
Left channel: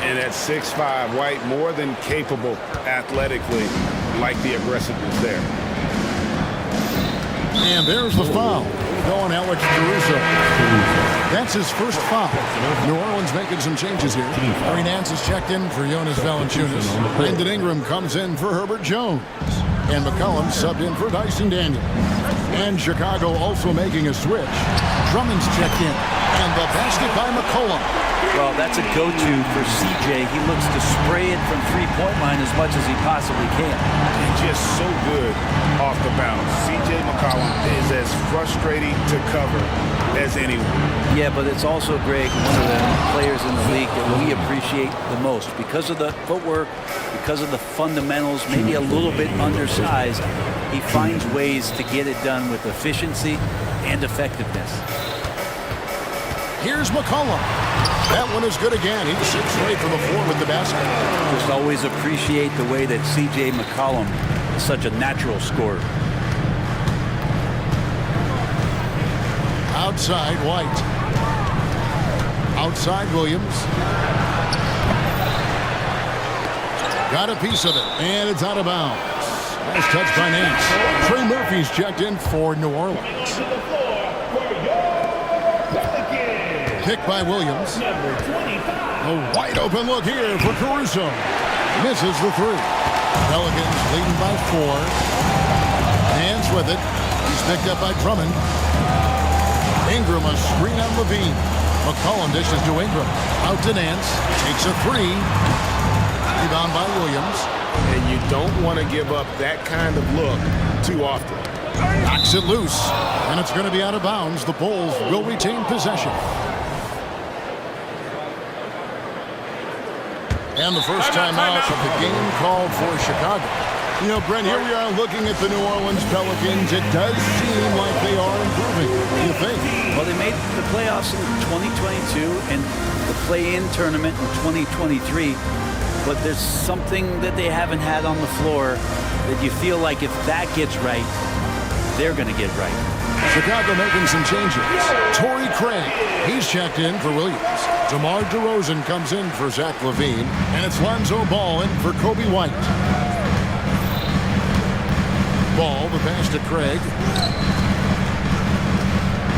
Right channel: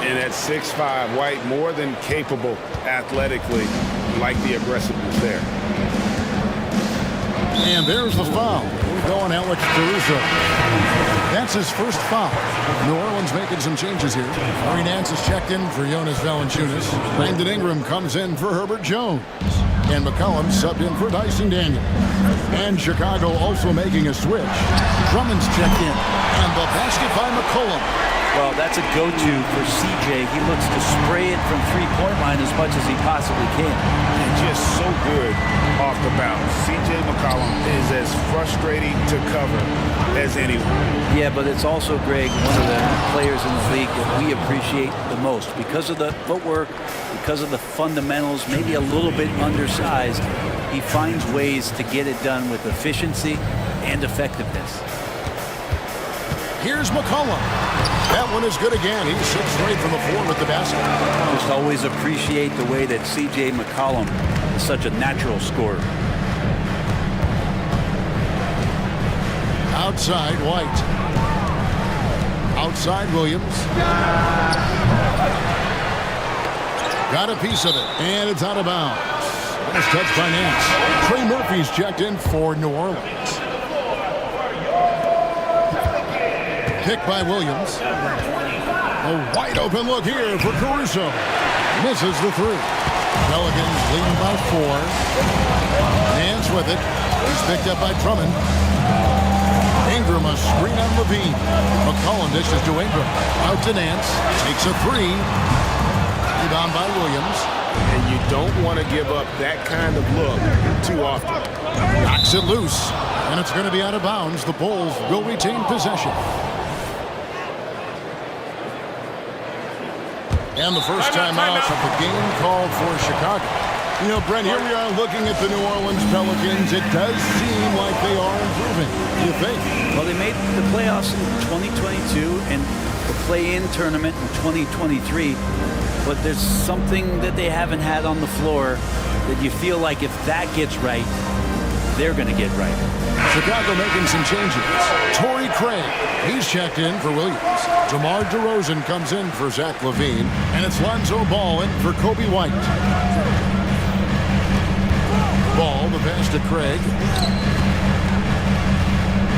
And at 6'5", White more than capable athletically, like the aggressiveness there. And there's the foul. Going Alex Caruso. That's his first foul. New Orleans making some changes here. Larry Nance is checked in for Jonas Valanciunas. Brandon Ingram comes in for Herbert Jones. And McCollum subbed in for Dyson Daniels. And Chicago also making a switch. Drummond's checked in. And the basket by McCollum. Well, that's a go-to for CJ. He looks to spray it from three-point line as much as he possibly can. And just so good off the bounce. CJ McCollum is as frustrating to cover as anyone. Yeah, but it's also, Greg, one of the players in the league that we appreciate the most. Because of the footwork, because of the fundamentals, maybe a little bit undersized, he finds ways to get it done with efficiency and effectiveness. Here's McCollum. That one is good again. He's 6 straight from the floor with the basket. Just always appreciate the way that CJ McCollum is such a natural scorer. Outside, White. Outside Williams. Got a piece of it, and it's out of bounds. Nice touch by Nance. Trey Murphy's checked in for New Orleans. Pick by Williams. A wide open look here for Caruso. Misses the three. Pelicans leading by 4. Nance with it. He's picked up by Drummond. Ingram a screen on Levine. McCollum dishes to Ingram. Out to Nance. Takes a 3. Rebound by Williams. And you don't want to give up that kind of look too often. Knocks it loose. And it's going to be out of bounds. The Bulls will retain possession. And the first timeout of the game called for Chicago. You know, Brent, here we are looking at the New Orleans Pelicans. It does seem like they are improving. What do you think? Well, they made the playoffs in 2022 and the play-in tournament in 2023. But there's something that they haven't had on the floor that you feel like if that gets right, they're going to get right. Chicago making some changes. Torrey Craig, he's checked in for Williams. DeMar DeRozan comes in for Zach LaVine. And it's Lonzo Ball in for Kobe White. Ball, the pass to Craig.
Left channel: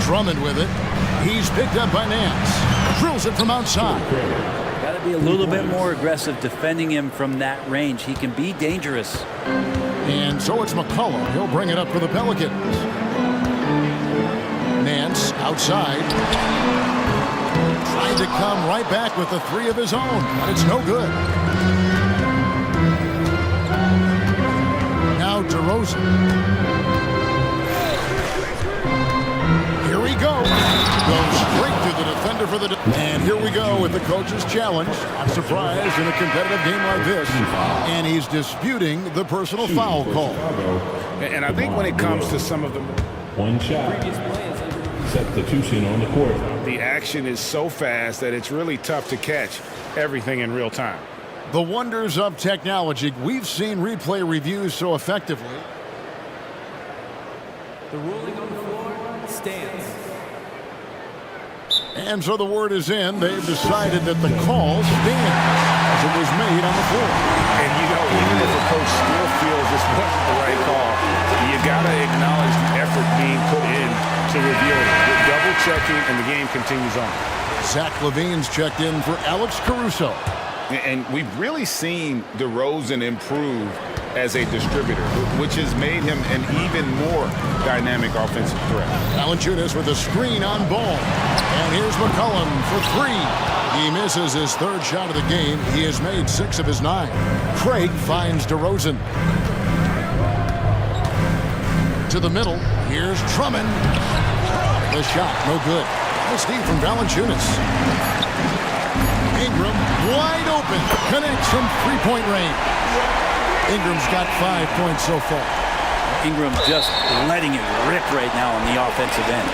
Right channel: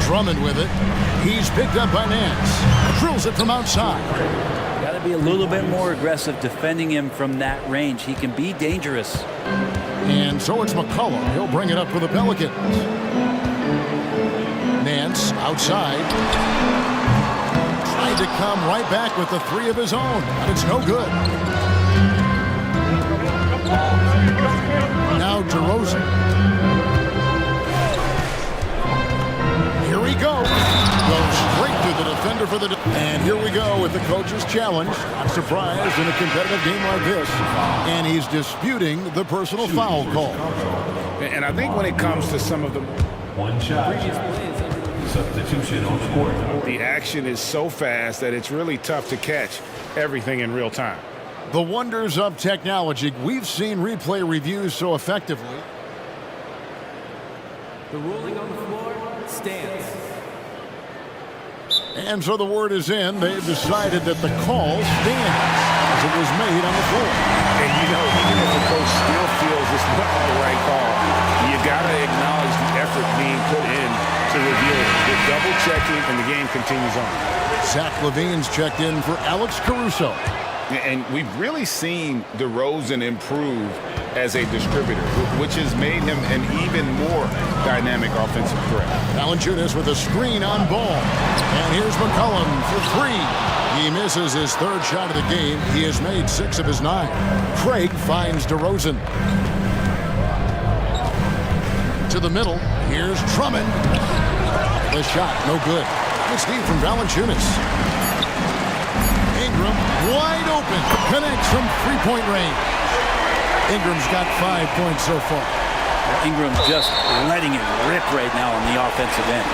Drummond with it. He's picked up by Nance. Drills it from outside. Got to be a little bit more aggressive defending him from that range. He can be dangerous. And so it's McCollum. He'll bring it up for the Pelicans. Nance outside. Tried to come right back with the 3 of his own, but it's no good. Now DeRozan. Here we go. Goes straight to the defender for the... And here we go with the coach's challenge. I'm surprised in a competitive game like this. And he's disputing the personal foul call. And I think when it comes to some of the... One shot. Previous play is under Substitution on the court. The action is so fast that it's really tough to catch everything in real time. The wonders of technology. We've seen replay reviews so effectively. The ruling on the floor stands. And so the word is in. They've decided that the call stands as it was made on the floor. And, you know, even if a coach still feels this wasn't the right call, you got to acknowledge the effort being put in to review it. With double checking, and the game continues on. Zach LaVine's checked in for Alex Caruso. And we've really seen DeRozan improve as a distributor, which has made him an even more dynamic offensive threat. Valanciunas with a screen on Ball. And here's McCollum for 3. He misses his 3rd shot of the game. He has made 6 of his 9. Craig finds DeRozan. To the middle. Here's Drummond. The shot, no good. Nice steal from Valanciunas. Ingram, wide open, connects from 3-point range. Ingram's got 5 points so far. Ingram just letting it rip right now on the offensive end.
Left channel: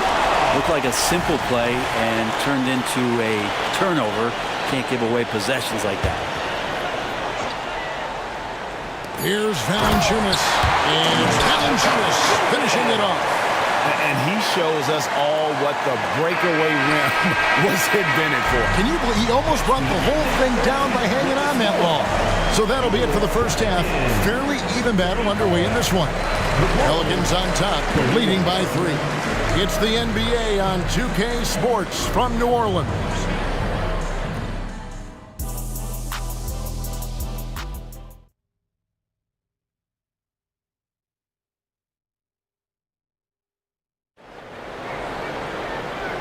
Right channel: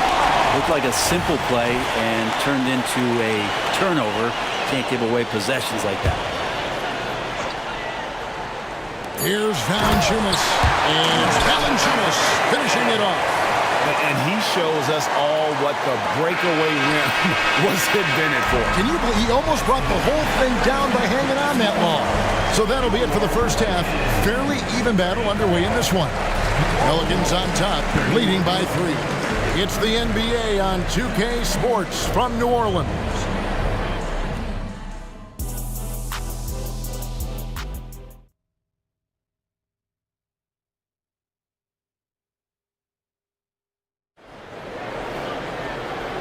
Looked like a simple play and turned into a turnover. Can't give away possessions like that. Here's Valanciunas, and it's Valanciunas finishing it off. And he shows us all what the breakaway rim was invented for. Can you believe he almost brought the whole thing down by hanging on that long? So that'll be it for the first half. Fairly even battle underway in this one. Pelicans on top, leading by 3. It's the NBA on 2K Sports from New Orleans.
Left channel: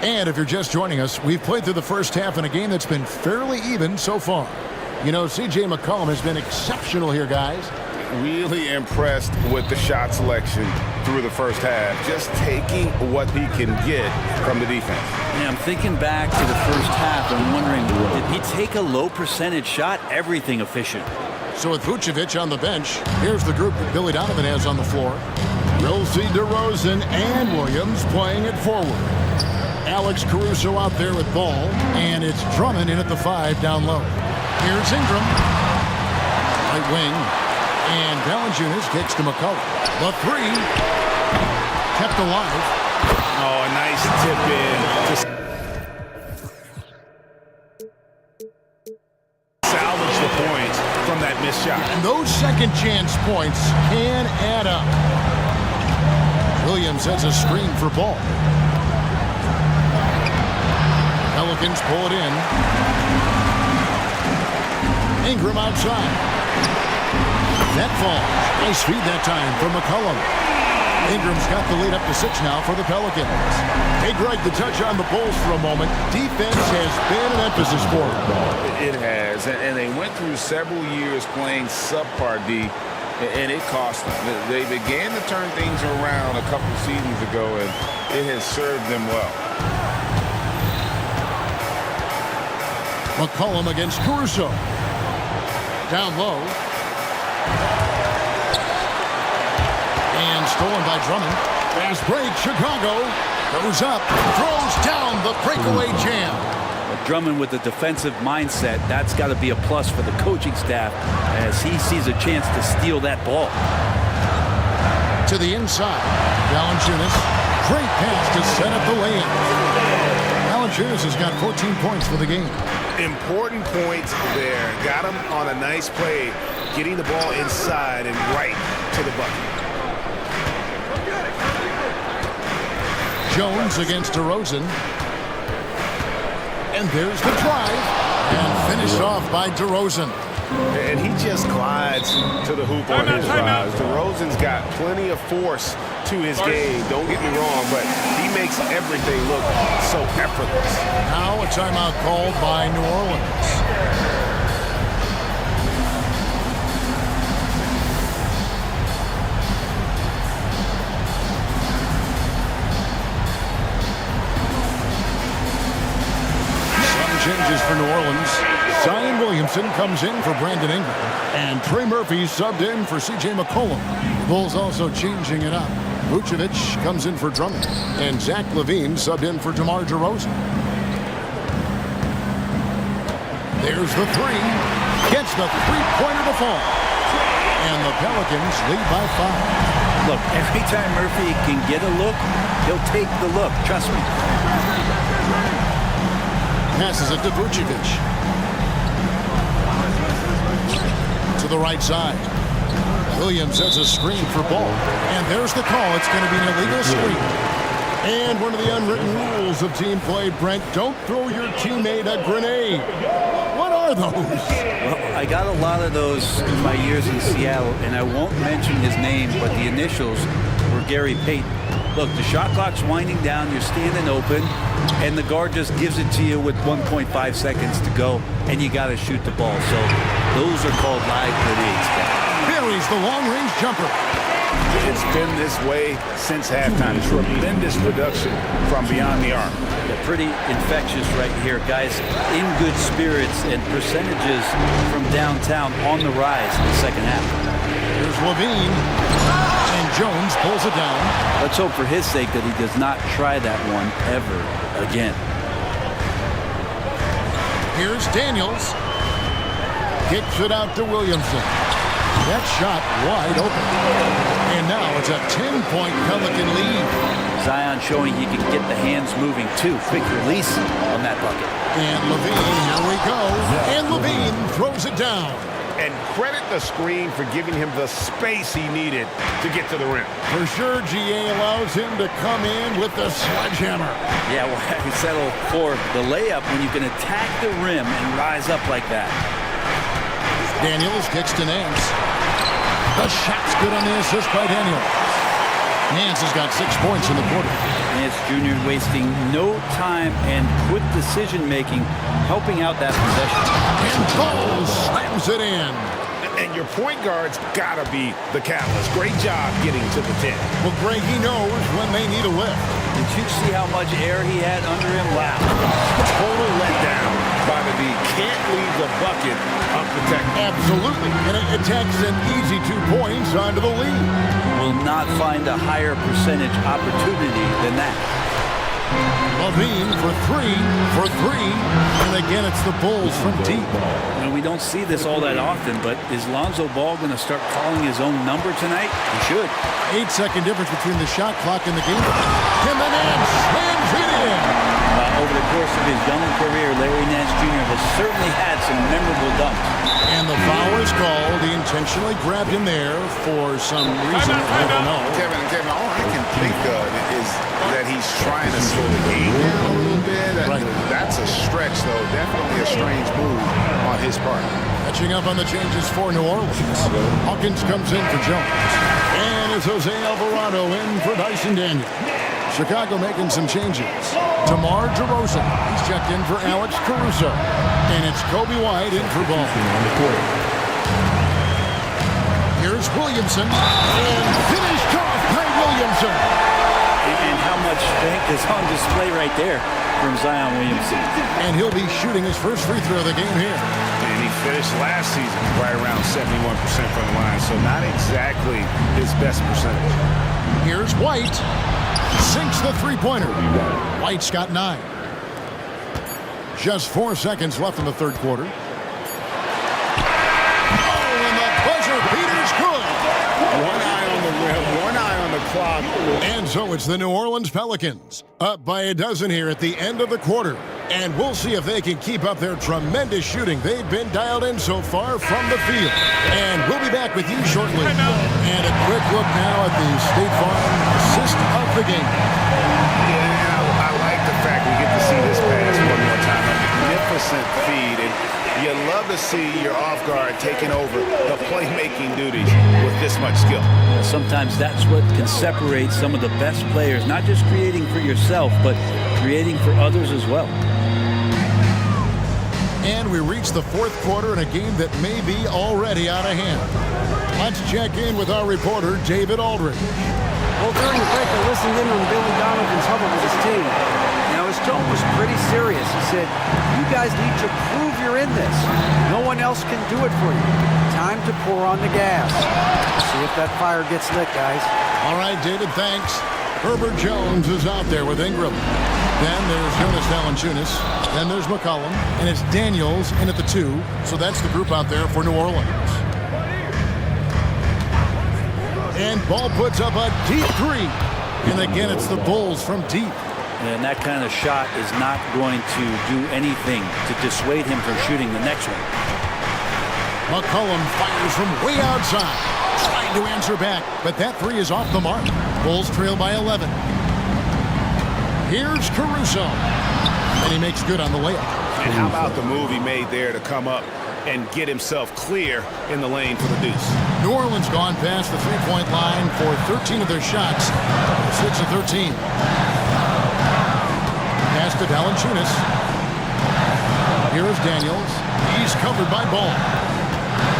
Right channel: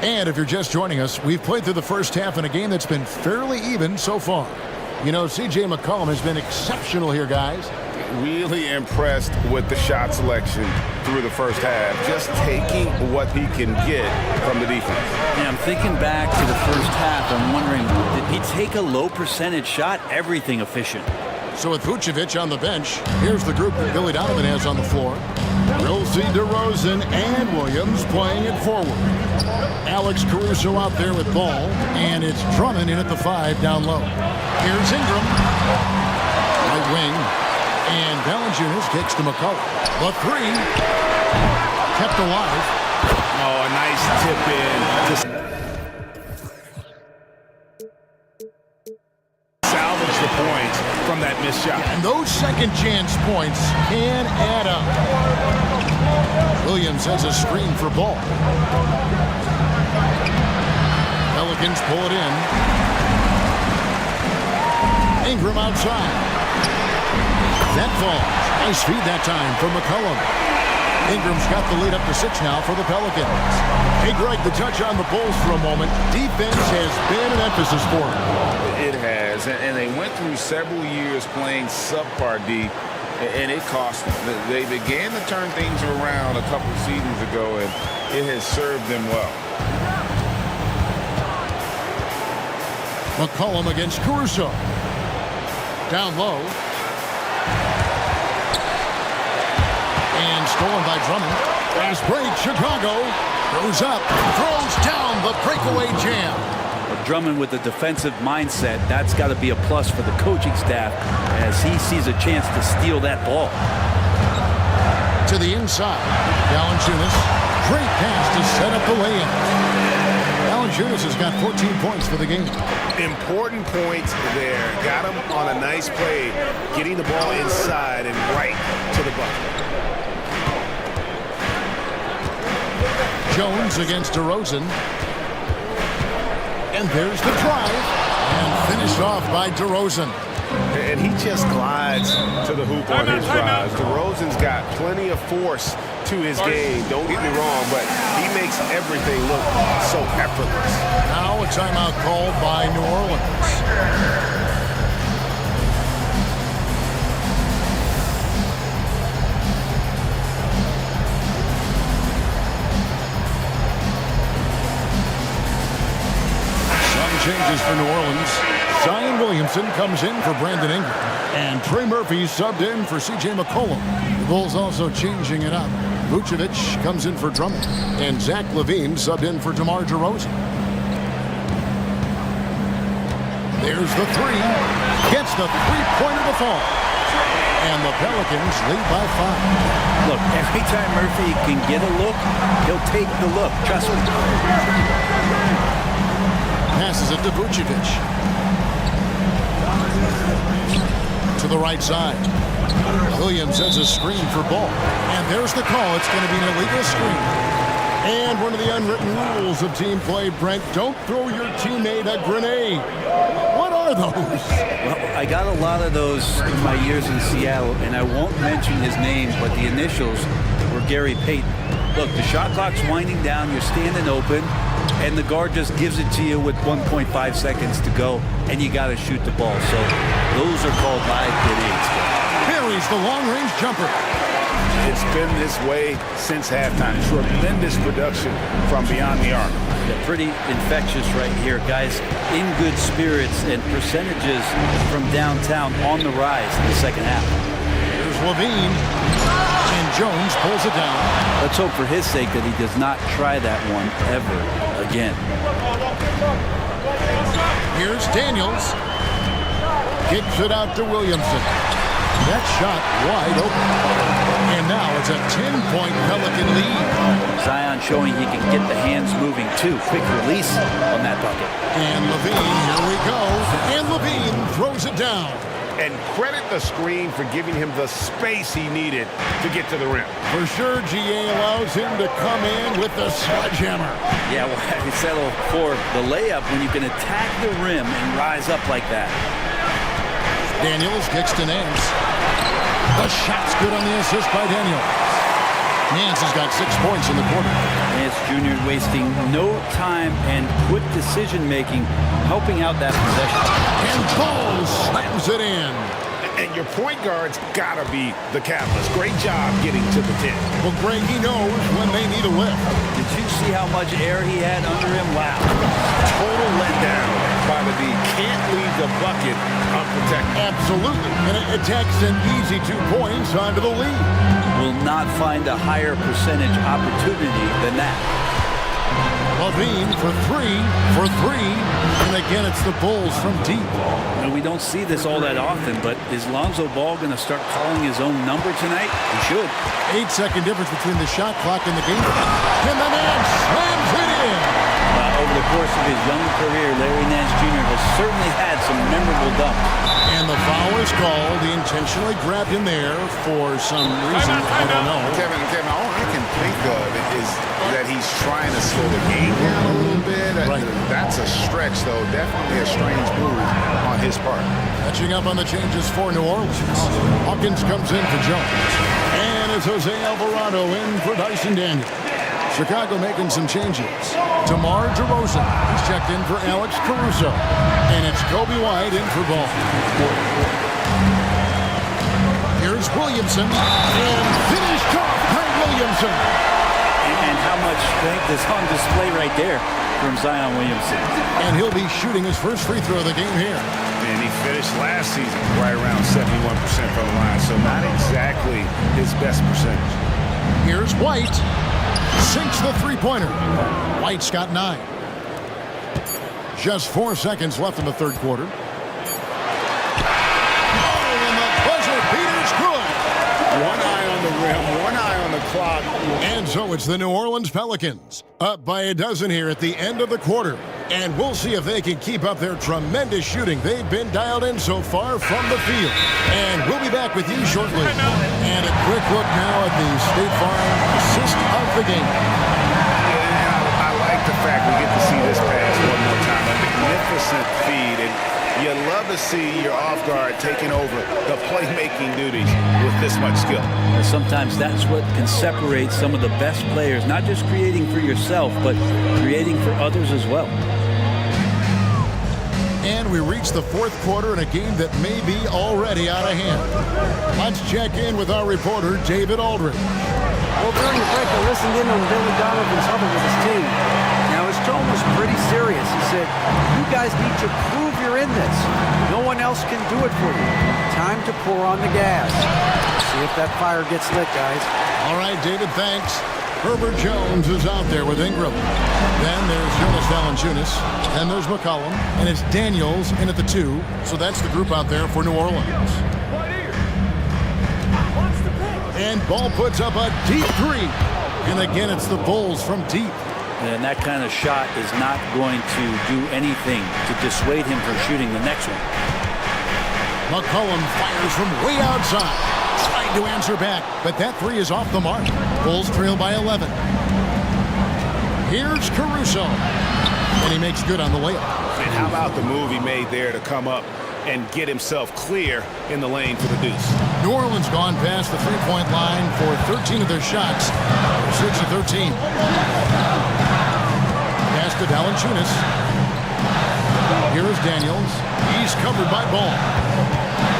And if you're just joining us, we've played through the first half in a game that's been fairly even so far. You know, C.J. McCollum has been exceptional here, guys. Really impressed with the shot selection through the first half. Just taking what he can get from the defense. Yeah, I'm thinking back to the first half. I'm wondering, did he take a low percentage shot? Everything efficient. So with Vucevic on the bench, here's the group that Billy Donovan has on the floor. We'll see DeRozan and Williams playing it forward. Alex Caruso out there with Ball, and it's Drummond in at the 5 down low. Here's Ingram, right wing, and Valanciunas kicks to McCollum. The 3 kept alive. Oh, a nice tip in. salvage the points from that missed shot. And those second chance points can add up. Williams has a screen for ball. Pelicans pull it in. Ingram outside. That falls. Nice feed that time from McCollum. Ingram's got the lead up to 6 now for the Pelicans. Hey, Greg, the touch on the Bulls for a moment. Defense has been an emphasis for them. It has, and they went through several years playing subpar D, and it cost them. They began to turn things around a couple seasons ago, and it has served them well. McCollum against Caruso. Down low. And stolen by Drummond. Fast break, Chicago. Goes up, throws down the breakaway jam. But Drummond with the defensive mindset, that's got to be a plus for the coaching staff as he sees a chance to steal that ball. To the inside. Valanciunas. Great pass to set up the lay-in. Valanciunas has got 14 points for the game. Important points there. Got him on a nice play, getting the ball inside and right to the bucket. Jones against DeRozan. And there's the drive. And finished off by DeRozan. And he just glides to the hoop on his drives. DeRozan's got plenty of force to his game. Don't get me wrong, but he makes everything look so effortless. Now a timeout called by New Orleans. Some changes for New Orleans. Zion Williamson comes in for Brandon Ingram. And Trey Murphy subbed in for C.J. McCollum. The Bulls also changing it up. Vucevic comes in for Drummond. And Zach LaVine subbed in for DeMar DeRozan. There's the three. Gets the three-pointer to fall. And the Pelicans lead by 5. Look, every time Murphy can get a look, he'll take the look. Trust me. Passes it to Vucevic. To the right side. Williams has a screen for ball. And there's the call. It's going to be an illegal screen. And one of the unwritten rules of team play, Brent, don't throw your teammate a grenade. What are those? Well, I got a lot of those in my years in Seattle, and I won't mention his name, but the initials were Gary Payton. Look, the shot clock's winding down, you're standing open, and the guard just gives it to you with 1.5 seconds to go, and you got to shoot the ball. So those are called live grenades, Kevin. Buries the long-range jumper. It's been this way since halftime. Tremendous production from beyond the arc. Yeah, pretty infectious right here. Guys in good spirits and percentages from downtown on the rise in the second half. Here's LaVine. And Jones pulls it down. Let's hope for his sake that he does not try that one ever again. Here's Daniels. Kicks it out to Williamson. That shot wide open. And now it's a 10-point Pelican lead. Zion showing he can get the hands moving too. Quick release on that bucket. And LaVine, here we go. And LaVine throws it down. And credit the screen for giving him the space he needed to get to the rim. For sure, GA allows him to come in with the sledgehammer. Yeah, well, I settle for the layup when you can attack the rim and rise up like that. Daniels kicks to Nance. The shot's good on the assist by Daniels. Nance has got 6 points in the quarter. Nance Jr. wasting no time and quick decision-making, helping out that possession. And Bulls slams it in. And your point guard's got to be the catalyst. Great job getting to the 10. Well, Greg, he knows when they need a lift. Did you see how much air he had under him? Wow. Total letdown by the D. Can't leave the bucket unprotected. Absolutely. And it takes an easy 2 points onto the lead. Will not find a higher percentage opportunity than that. LaVine for three. And again, it's the Bulls from deep. And we don't see this all that often, but is Lonzo Ball going to start calling his own number tonight? He should. 8-second difference between the shot clock and the game. And the man slams it in. Over the course of his young career, Larry Nance Jr. has certainly had some memorable dumps. And the foul is called. He intentionally grabbed him there for some reason. I don't know. Kevin, all I can think of is that he's trying to slow the game down a little bit. Right. That's a stretch, though. Definitely a strange move on his part. Catching up on the changes for New Orleans. Hawkins comes in for Jones. And it's Jose Alvarado in for Dyson Daniel. Chicago making some changes. DeMar DeRozan, he's checked in for Alex Caruso. And it's Kobe White in for Ball. Here's Williamson. And finished off by Williamson. And how much strength is on display right there from Zion Williamson. And he'll be shooting his first free throw of the game here. And he finished last season right around 71% from the line, so not exactly his best percentage. Here's White. Sinks the three-pointer. White's got 9. Just 4 seconds left in the third quarter. Oh, and the buzzer beater's good. One eye on the rim, one eye on the clock. And so it's the New Orleans Pelicans, up by a dozen here at the end of the quarter. And we'll see if they can keep up their tremendous shooting. They've been dialed in so far from the field. And we'll be back with you shortly. And a quick look now at the State Farm assist of the game. Yeah, and I like the fact we get to see this pass one more time. A magnificent feed. And you love to see your off guard taking over the playmaking duties with this much skill. Sometimes that's what can separate some of the best players, not just creating for yourself, but creating for others as well. And we reach the fourth quarter in a game that may be already out of hand. Let's check in with our reporter, David Aldridge. Well, during the break, I listened in on Billy Donovan's huddle with his team. Now, his tone was pretty serious. He said, you guys need to prove you're in this. No one else can do it for you. Time to pour on the gas. See if that fire gets lit, guys. All right, David, thanks. Herbert Jones is out there with Ingram. Then there's Jonas Valanciunas. Then there's McCollum. And it's Daniels in at the 2. So that's the group out there for New Orleans. And Ball puts up a deep 3. And again, it's the Bulls from deep. And that kind of shot is not going to do anything to dissuade him from shooting the next one. McCollum fires from way outside. Trying to answer back, but that 3 is off the mark. Bulls trail by 11. Here's Caruso. And he makes good on the layup. And how about the move he made there to come up and get himself clear in the lane for the deuce? New Orleans gone past the three-point line for 13 of their shots. 6 of 13. Pass to Valanciunas. Here is Daniels. He's covered by Ball.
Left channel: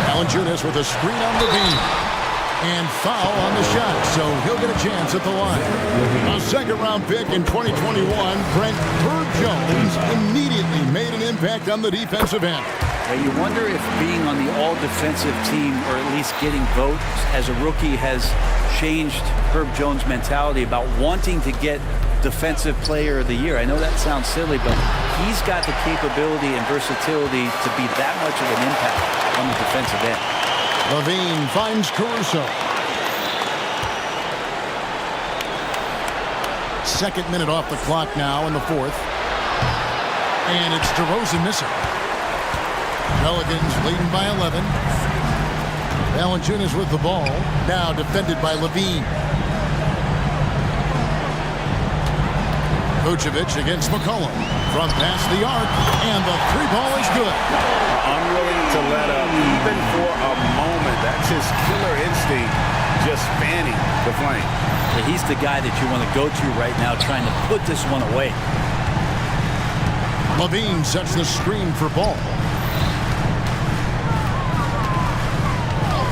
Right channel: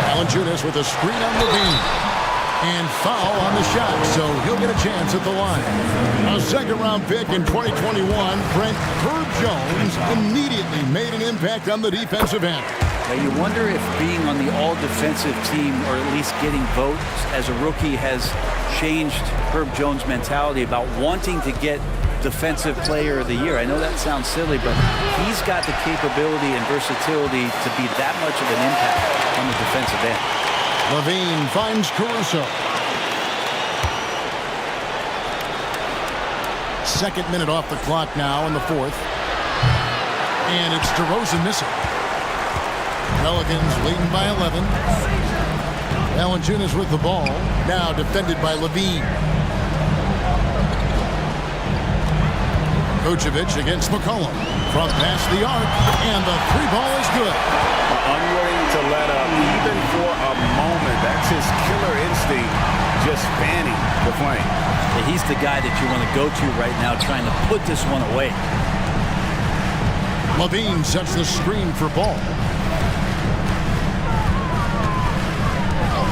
Valanciunas with a screen on Levine. And foul on the shot, so he'll get a chance at the line. A second-round pick in 2021, Brent Herb Jones immediately made an impact on the defensive end. Now you wonder if being on the all-defensive team, or at least getting votes as a rookie, has changed Herb Jones' mentality about wanting to get Defensive Player of the Year. I know that sounds silly, but he's got the capability and versatility to be that much of an impact on the defensive end. Levine finds Caruso. Second minute off the clock now in the fourth. And it's DeRozan missing. Pelicans leading by 11. Valanciunas with the ball. Now defended by Levine. Vucevic against McCollum. From past the arc. And the 3-ball is good. Unwilling to let up even for a moment. That's his killer instinct, just fanning the flame. Yeah, he's the guy that you want to go to right now, trying to put this one away. Levine sets the screen for Ball.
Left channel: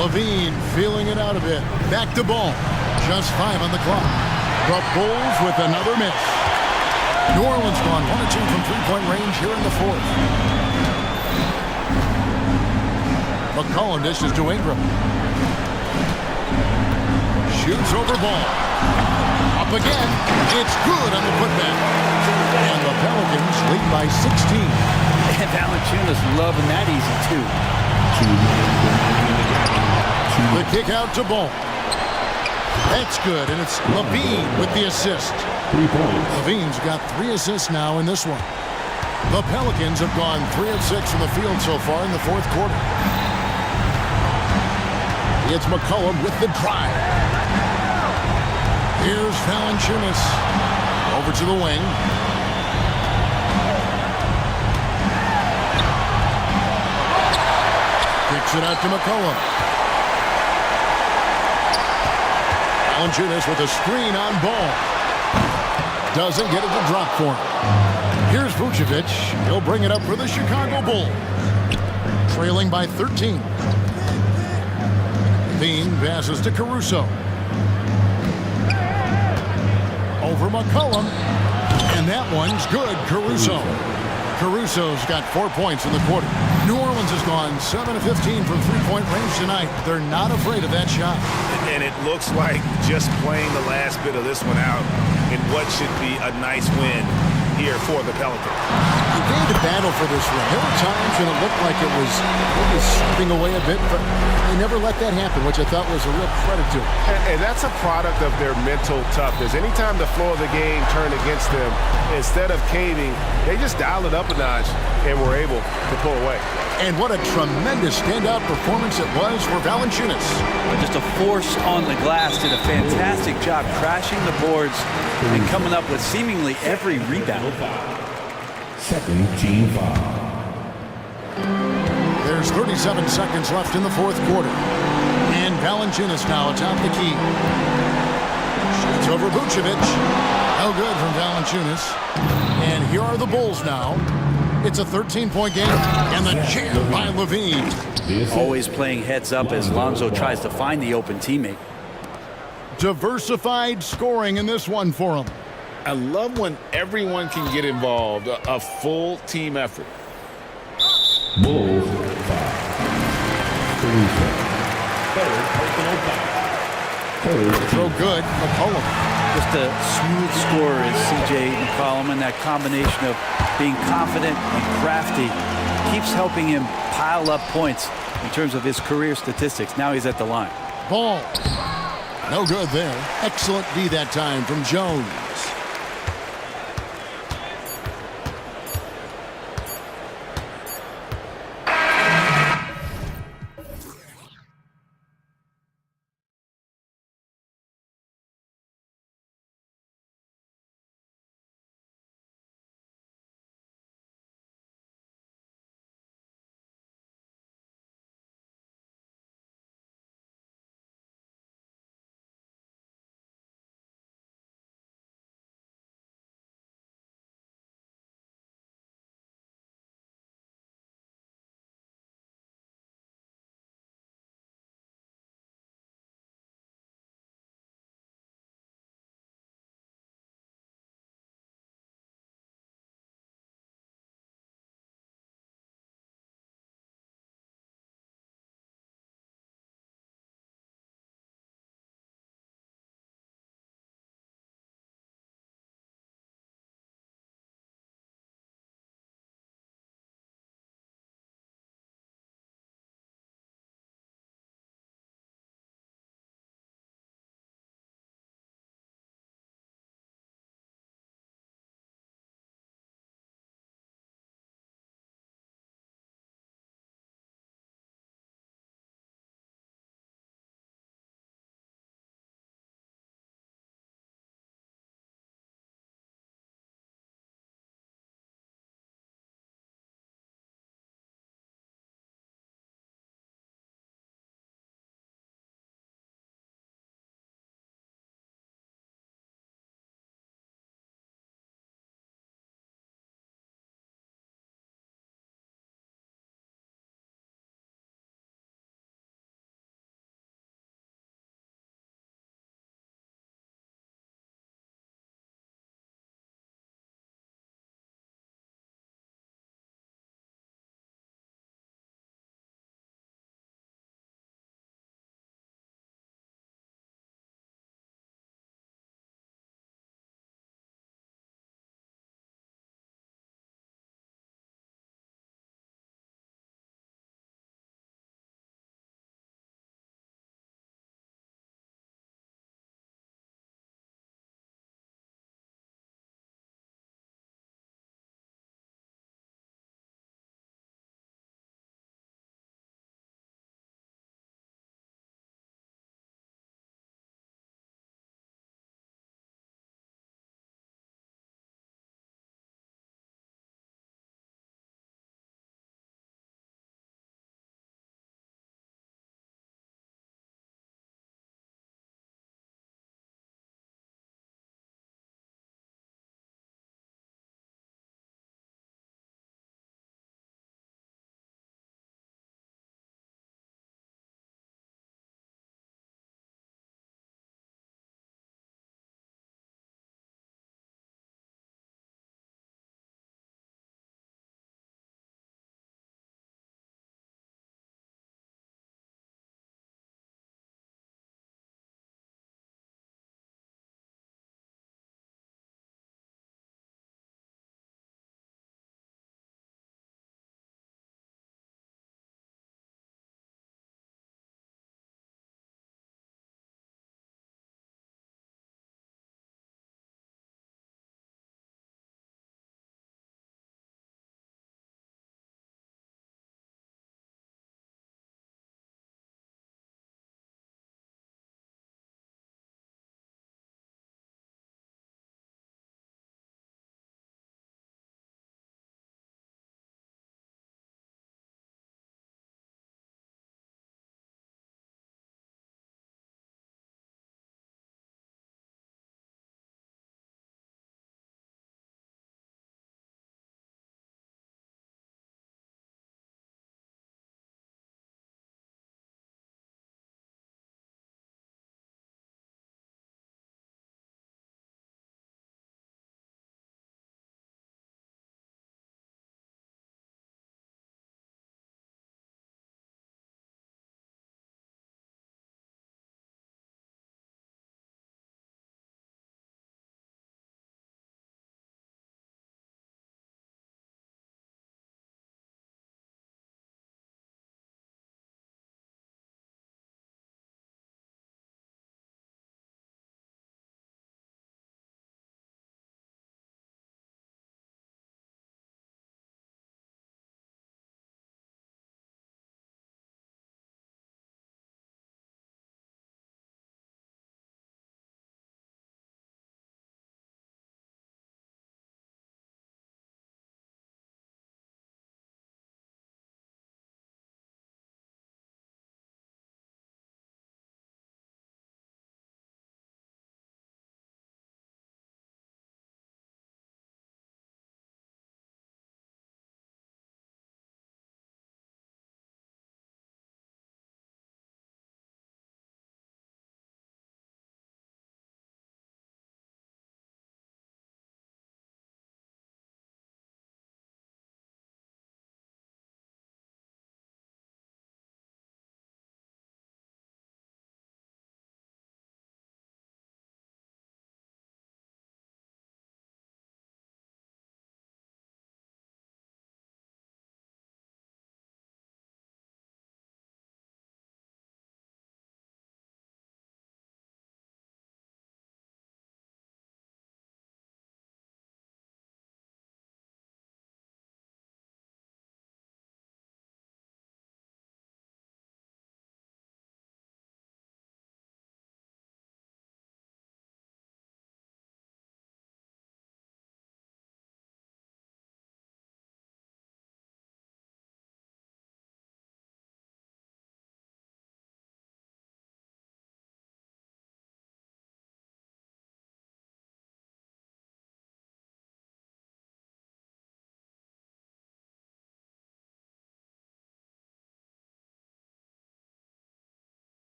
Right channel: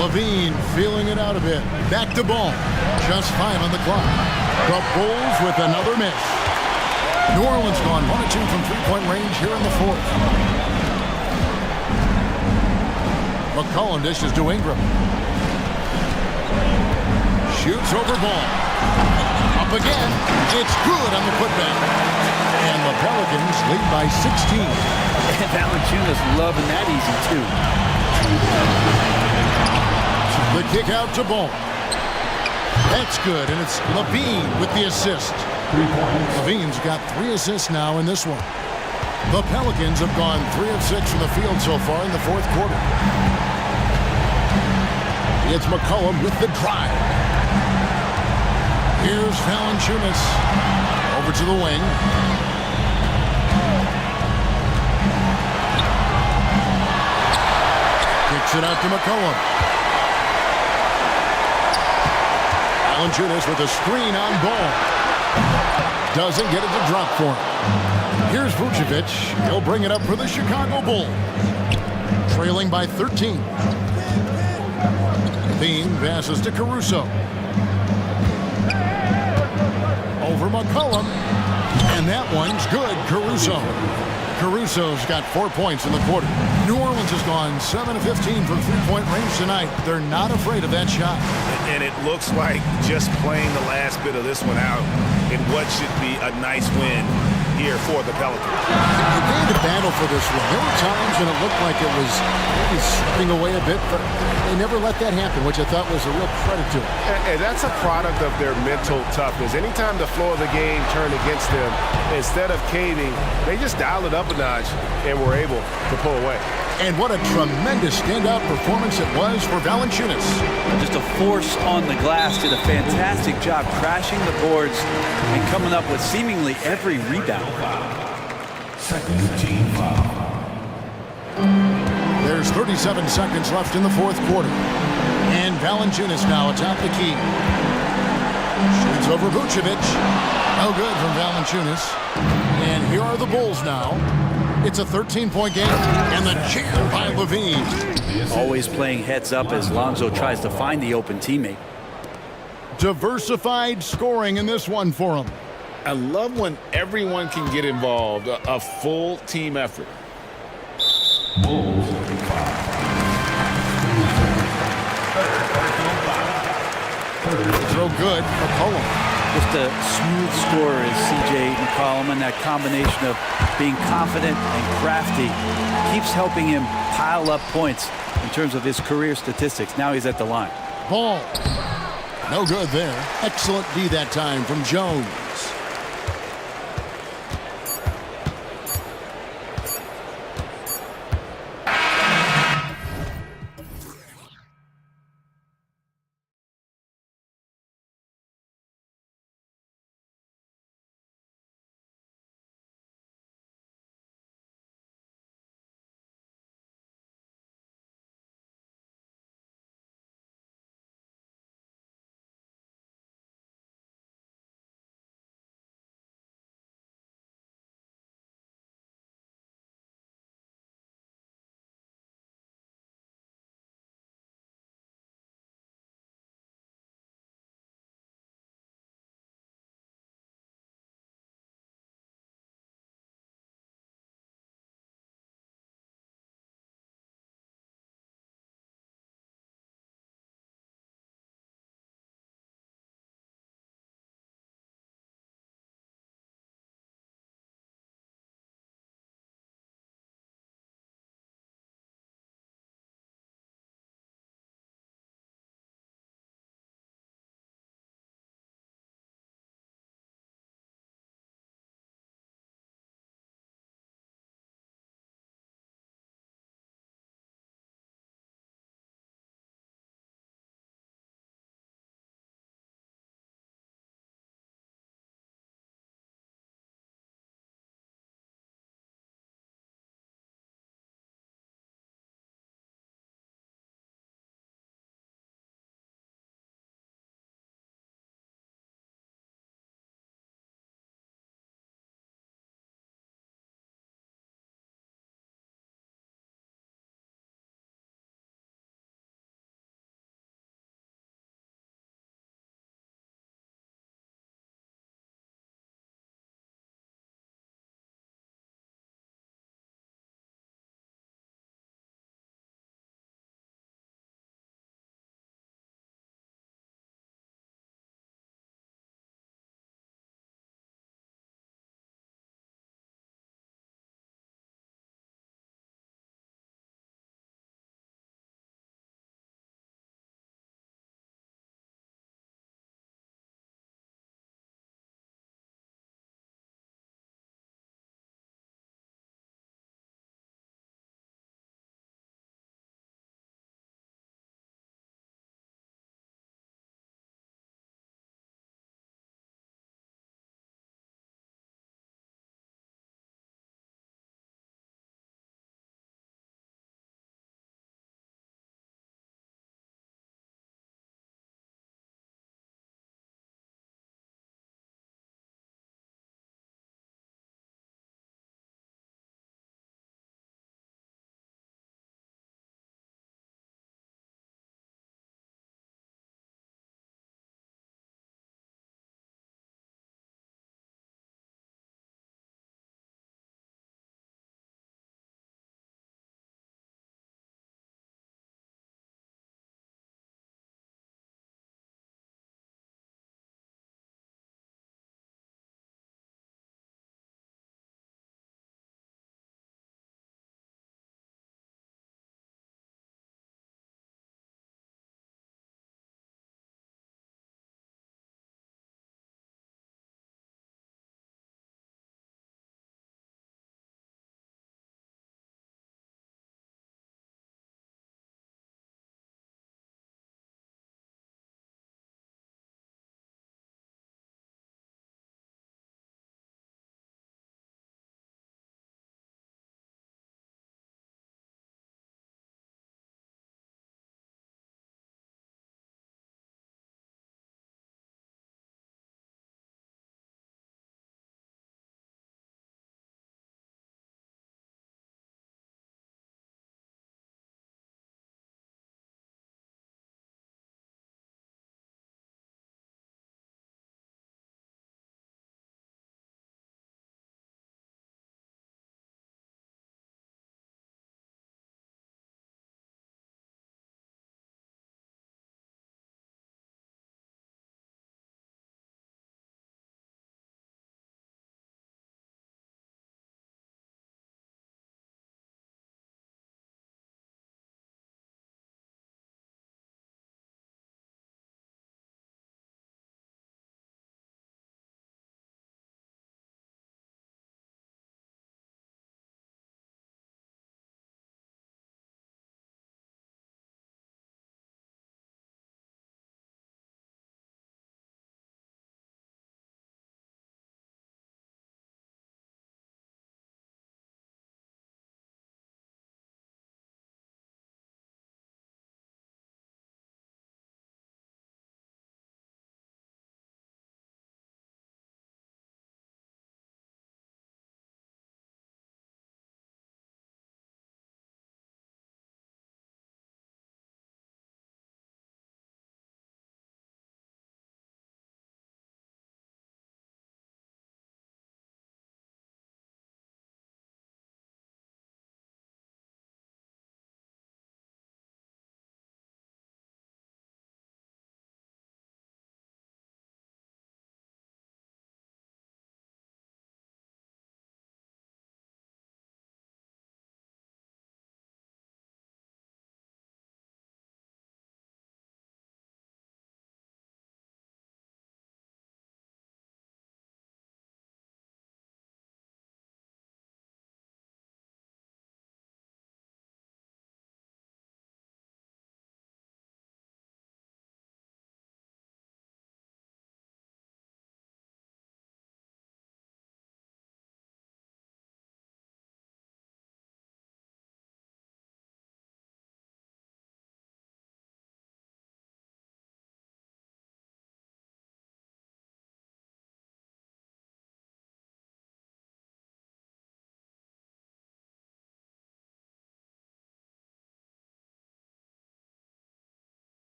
Levine feeling it out a bit. Back to Ball. Just 5 on the clock. The Bulls with another miss. New Orleans gone 1 of 2 from three-point range here in the fourth. McCollum dishes to Ingram. Shoots over Ball. Up again. It's good on the putback. And the Pelicans lead by 16. And Valanciunas loving that easy, too. The kick out to Ball. That's good, and it's Levine with the assist. 3 points. Levine's got 3 assists now in this one. The Pelicans have gone 3 of 6 from the field so far in the fourth quarter. It's McCollum with the drive. Here's Valanciunas over to the wing. Kicks it out to McCollum. Valanciunas with a screen on ball. Doesn't get it to drop for him. Here's Vucevic. He'll bring it up for the Chicago Bulls. Trailing by 13. Levine passes to Caruso. Over McCollum. And that one's good, Caruso. Caruso's got 4 points in the quarter. New Orleans has gone 7 of 15 from three-point range tonight. They're not afraid of that shot. And it looks like just playing the last bit of this one out in what should be a nice win here for the Pelicans. They had to battle for this one. There were times when it looked like it was maybe slipping away a bit, but they never let that happen, which I thought was a real credit to them. And that's a product of their mental toughness. Anytime the flow of the game turned against them, instead of caving, they just dialed it up a notch and were able to pull away. And what a tremendous standout performance it was for Valanciunas. Just a force on the glass, did a fantastic job crashing the boards and coming up with seemingly every rebound. Second team foul. There's 37 seconds left in the fourth quarter. And Valanciunas now atop the key. Shoots over Vucevic. No good from Valanciunas. And here are the Bulls now. It's a 13-point game, and the jam by Levine. Always playing heads up as Lonzo tries to find the open teammate. Diversified scoring in this one for him. I love when everyone can get involved, a full team effort. Bulls 5. Third personal foul. Throw good, McCollum. Just a smooth scorer is C.J. McCollum, and that combination of being confident and crafty keeps helping him pile up points in terms of his career statistics. Now he's at the line. Ball. No good there. Excellent D that time from Jones.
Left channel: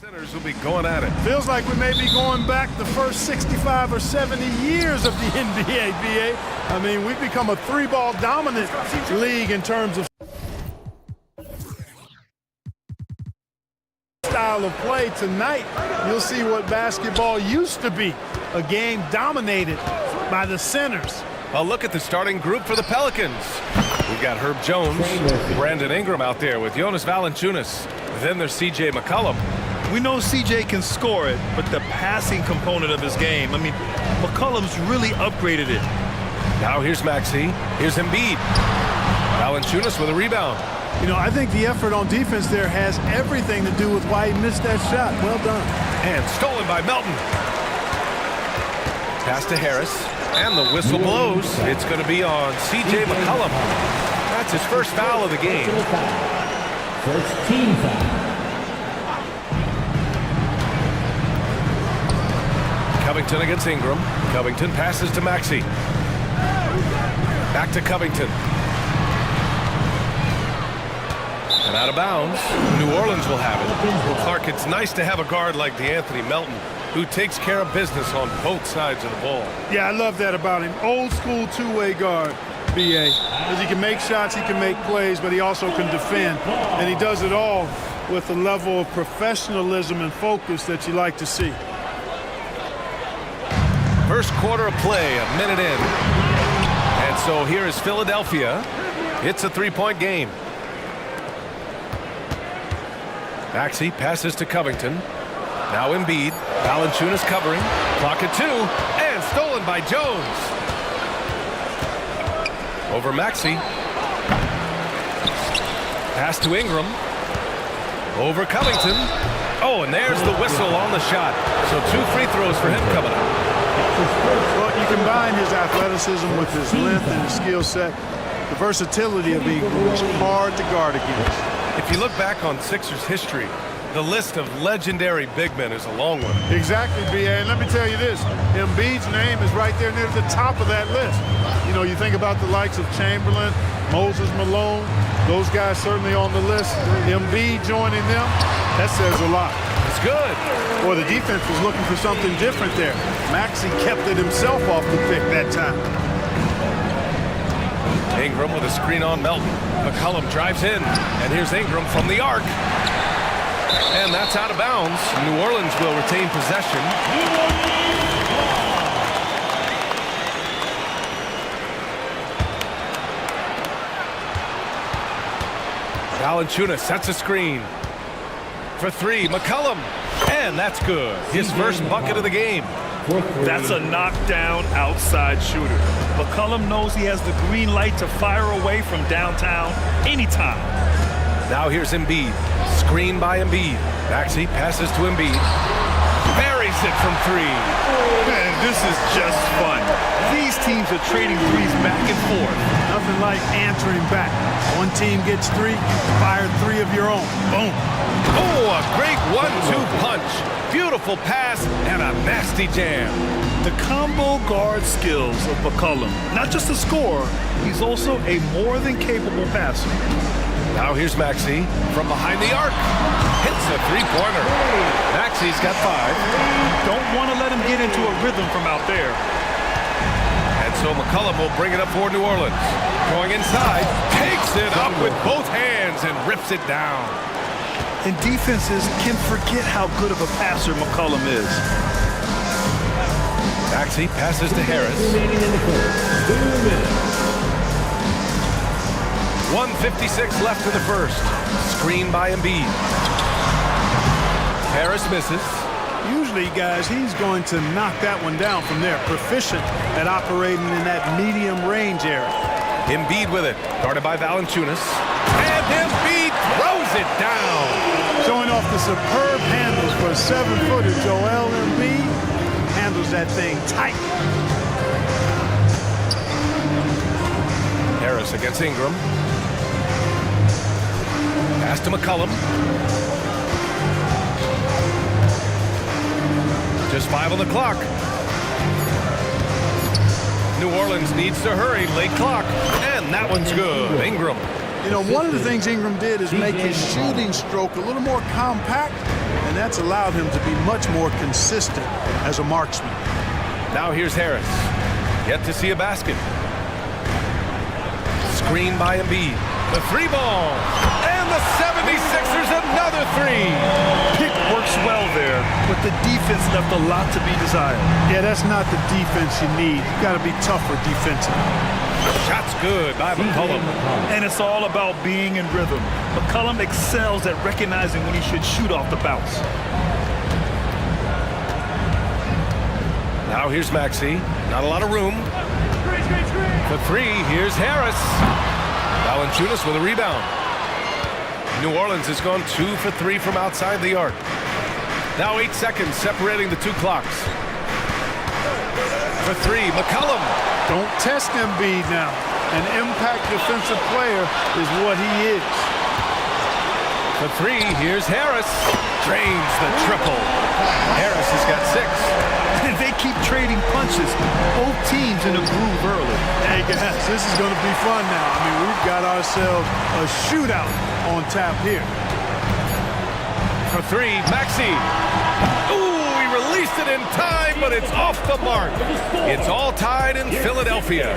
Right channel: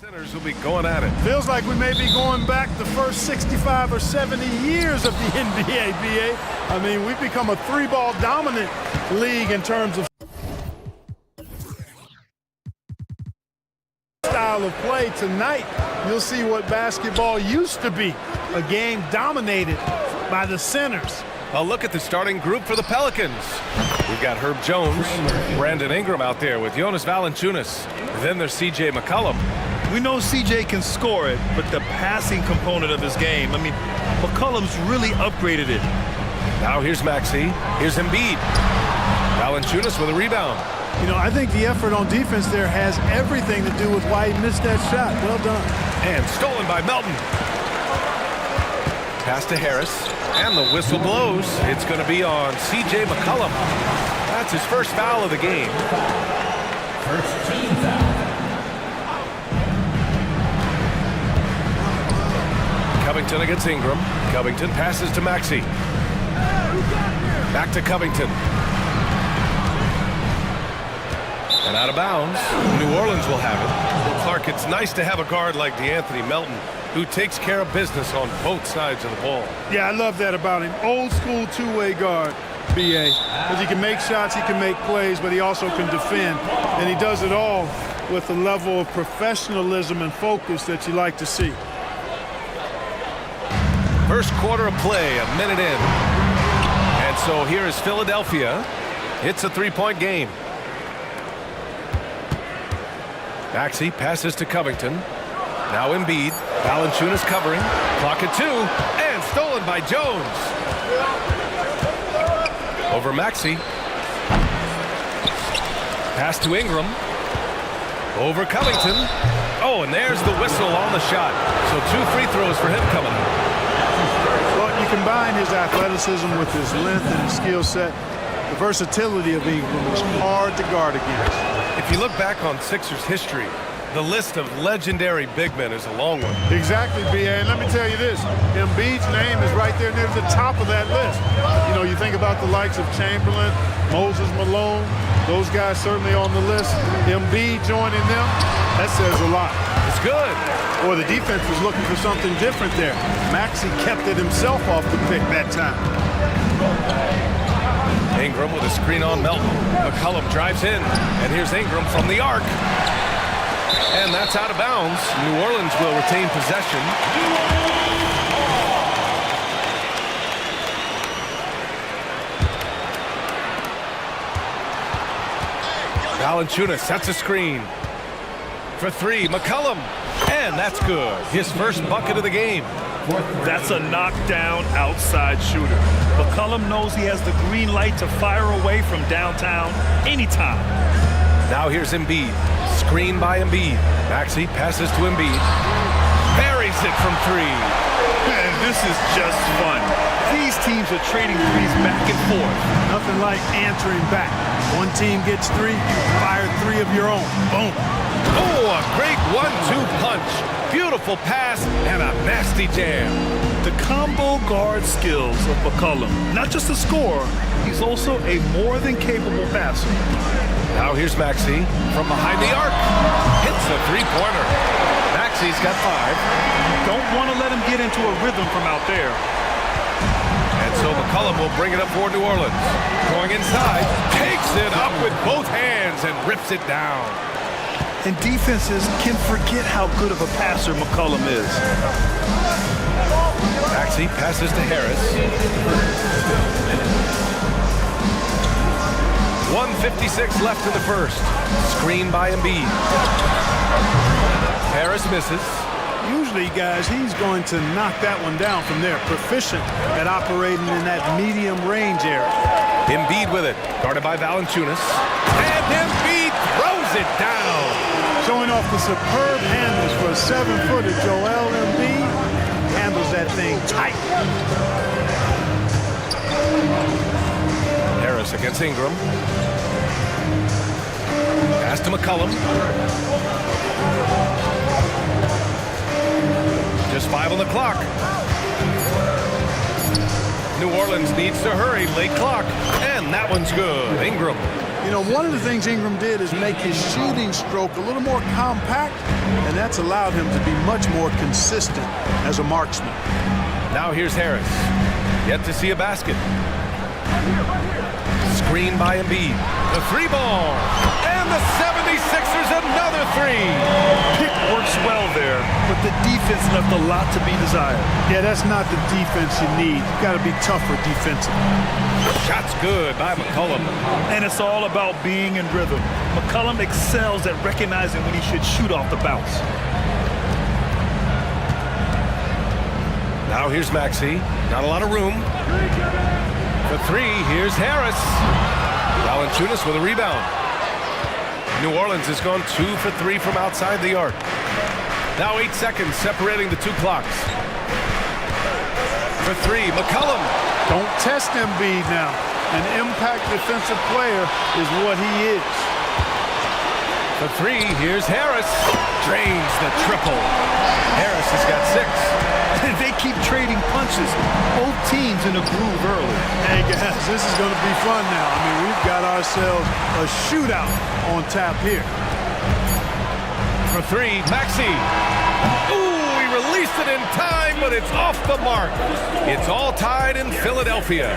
Centers will be going at it. Feels like we may be going back the first 65 or 70 years of the NBA, BA. I mean, we've become a three-ball dominant league in terms of style of play. Tonight, you'll see what basketball used to be, a game dominated by the centers. A look at the starting group for the Pelicans. We've got Herb Jones, Brandon Ingram out there with Jonas Valanciunas. Then there's C.J. McCollum. We know CJ can score it, but the passing component of his game, I mean, McCollum's really upgraded it. Now here's Maxey. Here's Embiid. Valanciunas with a rebound. You know, I think the effort on defense there has everything to do with why he missed that shot. Well done. And stolen by Melton. Pass to Harris. And the whistle blows. It's going to be on C.J. McCollum. That's his first foul of the game. First team foul. Covington against Ingram. Covington passes to Maxey. Back to Covington. And out of bounds. New Orleans will have it. Well, Clark, it's nice to have a guard like DeAnthony Melton who takes care of business on both sides of the ball. Yeah, I love that about him. Old school two-way guard, BA. Because he can make shots, he can make plays, but he also can defend. And he does it all with a level of professionalism and focus that you like to see. First quarter of play, a minute in. And so here is Philadelphia. It's a three-point game. Maxey passes to Covington. Now Embiid. Valanciunas covering. Clock at 2. And stolen by Jones. Over Maxey. Pass to Ingram. Over Covington. Oh, and there's the whistle on the shot. So 2 free throws for him coming up. Well, you combine his athleticism with his length and his skill set. The versatility of Ingram is hard to guard against. If you look back on Sixers history, the list of legendary big men is a long one. Exactly, B.A. And let me tell you this, Embiid's name is right there near the top of that list. You know, you think about the likes of Chamberlain, Moses Malone, those guys certainly on the list. Embiid joining them, that says a lot. It's good. Boy, the defense was looking for something different there. Maxey kept it himself off the pick that time. Ingram with a screen on Melton. McCollum drives in, and here's Ingram from the arc. And that's out of bounds. New Orleans will retain possession. Valanciunas sets a screen. For 3, McCollum. And that's good. His first bucket of the game. That's a knockdown outside shooter. McCollum knows he has the green light to fire away from downtown anytime. Now here's Embiid. Screen by Embiid. Maxey passes to Embiid. Buries it from 3. Man, this is just fun. These teams are trading threes back and forth. Nothing like answering back. One team gets 3, you fire 3 of your own. Boom. Oh, a great 1-2 punch. Beautiful pass and a nasty jam. The combo guard skills of McCollum. Not just a scorer, he's also a more than capable passer. Now here's Maxey from behind the arc. Hits a three-pointer. Maxey's got 5. You don't want to let him get into a rhythm from out there. And so McCollum will bring it up for New Orleans. Going inside, takes it up with both hands and rips it down. And defenses can forget how good of a passer McCollum is. Maxey passes to Harris. 1:56 left in the first. Screen by Embiid. Harris misses. Usually, guys, he's going to knock that one down from there. Proficient at operating in that medium range area. Embiid with it. Guarded by Valanciunas. And Embiid throws it down. Showing off the superb handles for a 7-footer. Joel Embiid handles that thing tight. Harris against Ingram. Pass to McCollum. Just 5 on the clock. New Orleans needs to hurry. Late clock. And that one's good. Ingram. You know, one of the things Ingram did is make his shooting stroke a little more compact, and that's allowed him to be much more consistent as a marksman. Now here's Harris. Yet to see a basket. Screen by Embiid. The three ball. And the 76ers another three. Pick works well there, but the defense left a lot to be desired. Yeah, that's not the defense you need. You got to be tougher defensively. Shot's good by McCollum. And it's all about being in rhythm. McCollum excels at recognizing when he should shoot off the bounce. Now here's Maxey. Not a lot of room. For three, here's Harris. Valanciunas with a rebound. New Orleans has gone 2 for 3 from outside the arc. Now 8 seconds separating the two clocks. For three, McCollum. Don't test Embiid now. An impact defensive player is what he is. For three, here's Harris. Drains the triple. Harris has got 6. And they keep trading punches. Both teams in a groove early. Hey guys, this is going to be fun now. I mean, we've got ourselves a shootout on tap here. For three, Maxey. Ooh, he released it in time, but it's off the mark. It's all tied in Philadelphia.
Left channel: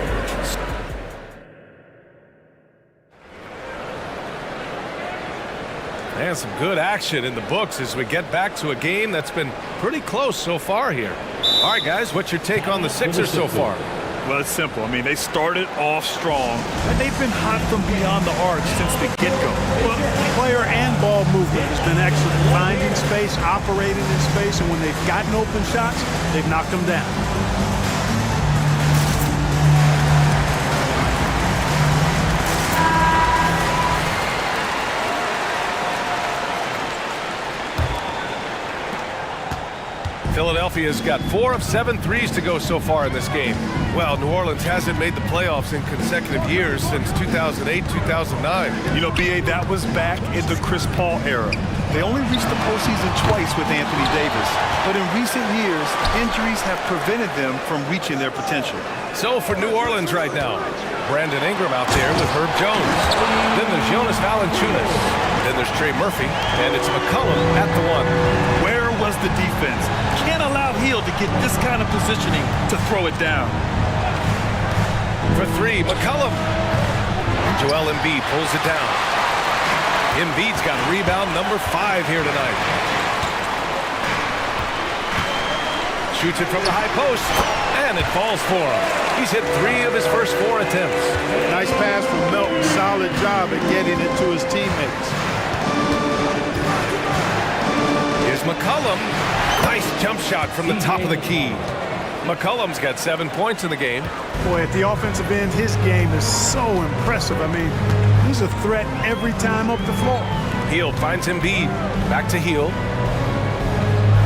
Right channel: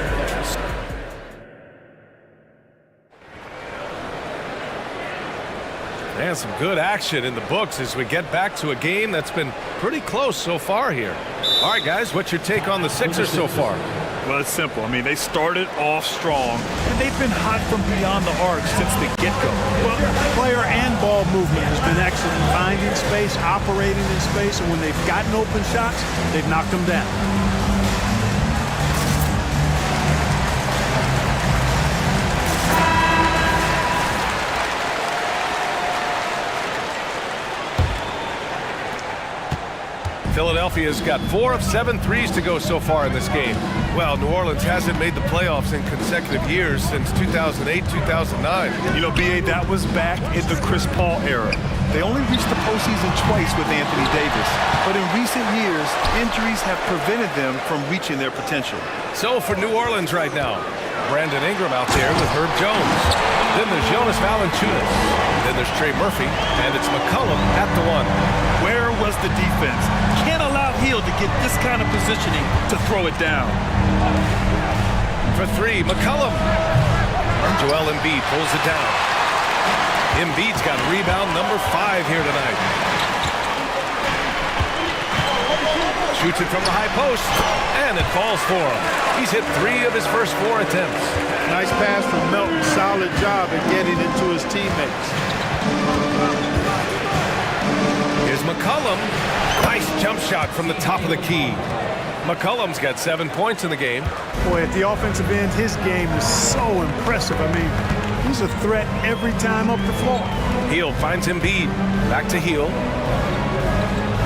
And some good action in the books as we get back to a game that's been pretty close so far here. All right, guys, what's your take on the Sixers so far? Well, it's simple. I mean, they started off strong, and they've been hot from beyond the arc since the get-go. Well, player and ball movement has been excellent. Finding space, operating in space, and when they've gotten open shots, they've knocked them down. Philadelphia's got 4 of 7 threes to go so far in this game. Well, New Orleans hasn't made the playoffs in consecutive years since 2008, 2009. You know, B.A., that was back in the Chris Paul era. They only reached the postseason twice with Anthony Davis. But in recent years, injuries have prevented them from reaching their potential. So for New Orleans right now, Brandon Ingram out there with Herb Jones. Then there's Jonas Valanciunas. Then there's Trey Murphy, and it's McCollum at the 1. Where was the defense? Can't allow Hill to get this kind of positioning to throw it down. For three, McCollum. Joel Embiid pulls it down. Embiid's got rebound number 5 here tonight. Shoots it from the high post, and it falls for him. He's hit 3 of his first 4 attempts. Nice pass from Melton. Solid job at getting it to his teammates. Here's McCollum. Nice jump shot from the top of the key. McCollum's got 7 points in the game. Boy, at the offensive end, his game is so impressive. I mean, he's a threat every time up the floor. Hield finds Embiid. Back to Hield.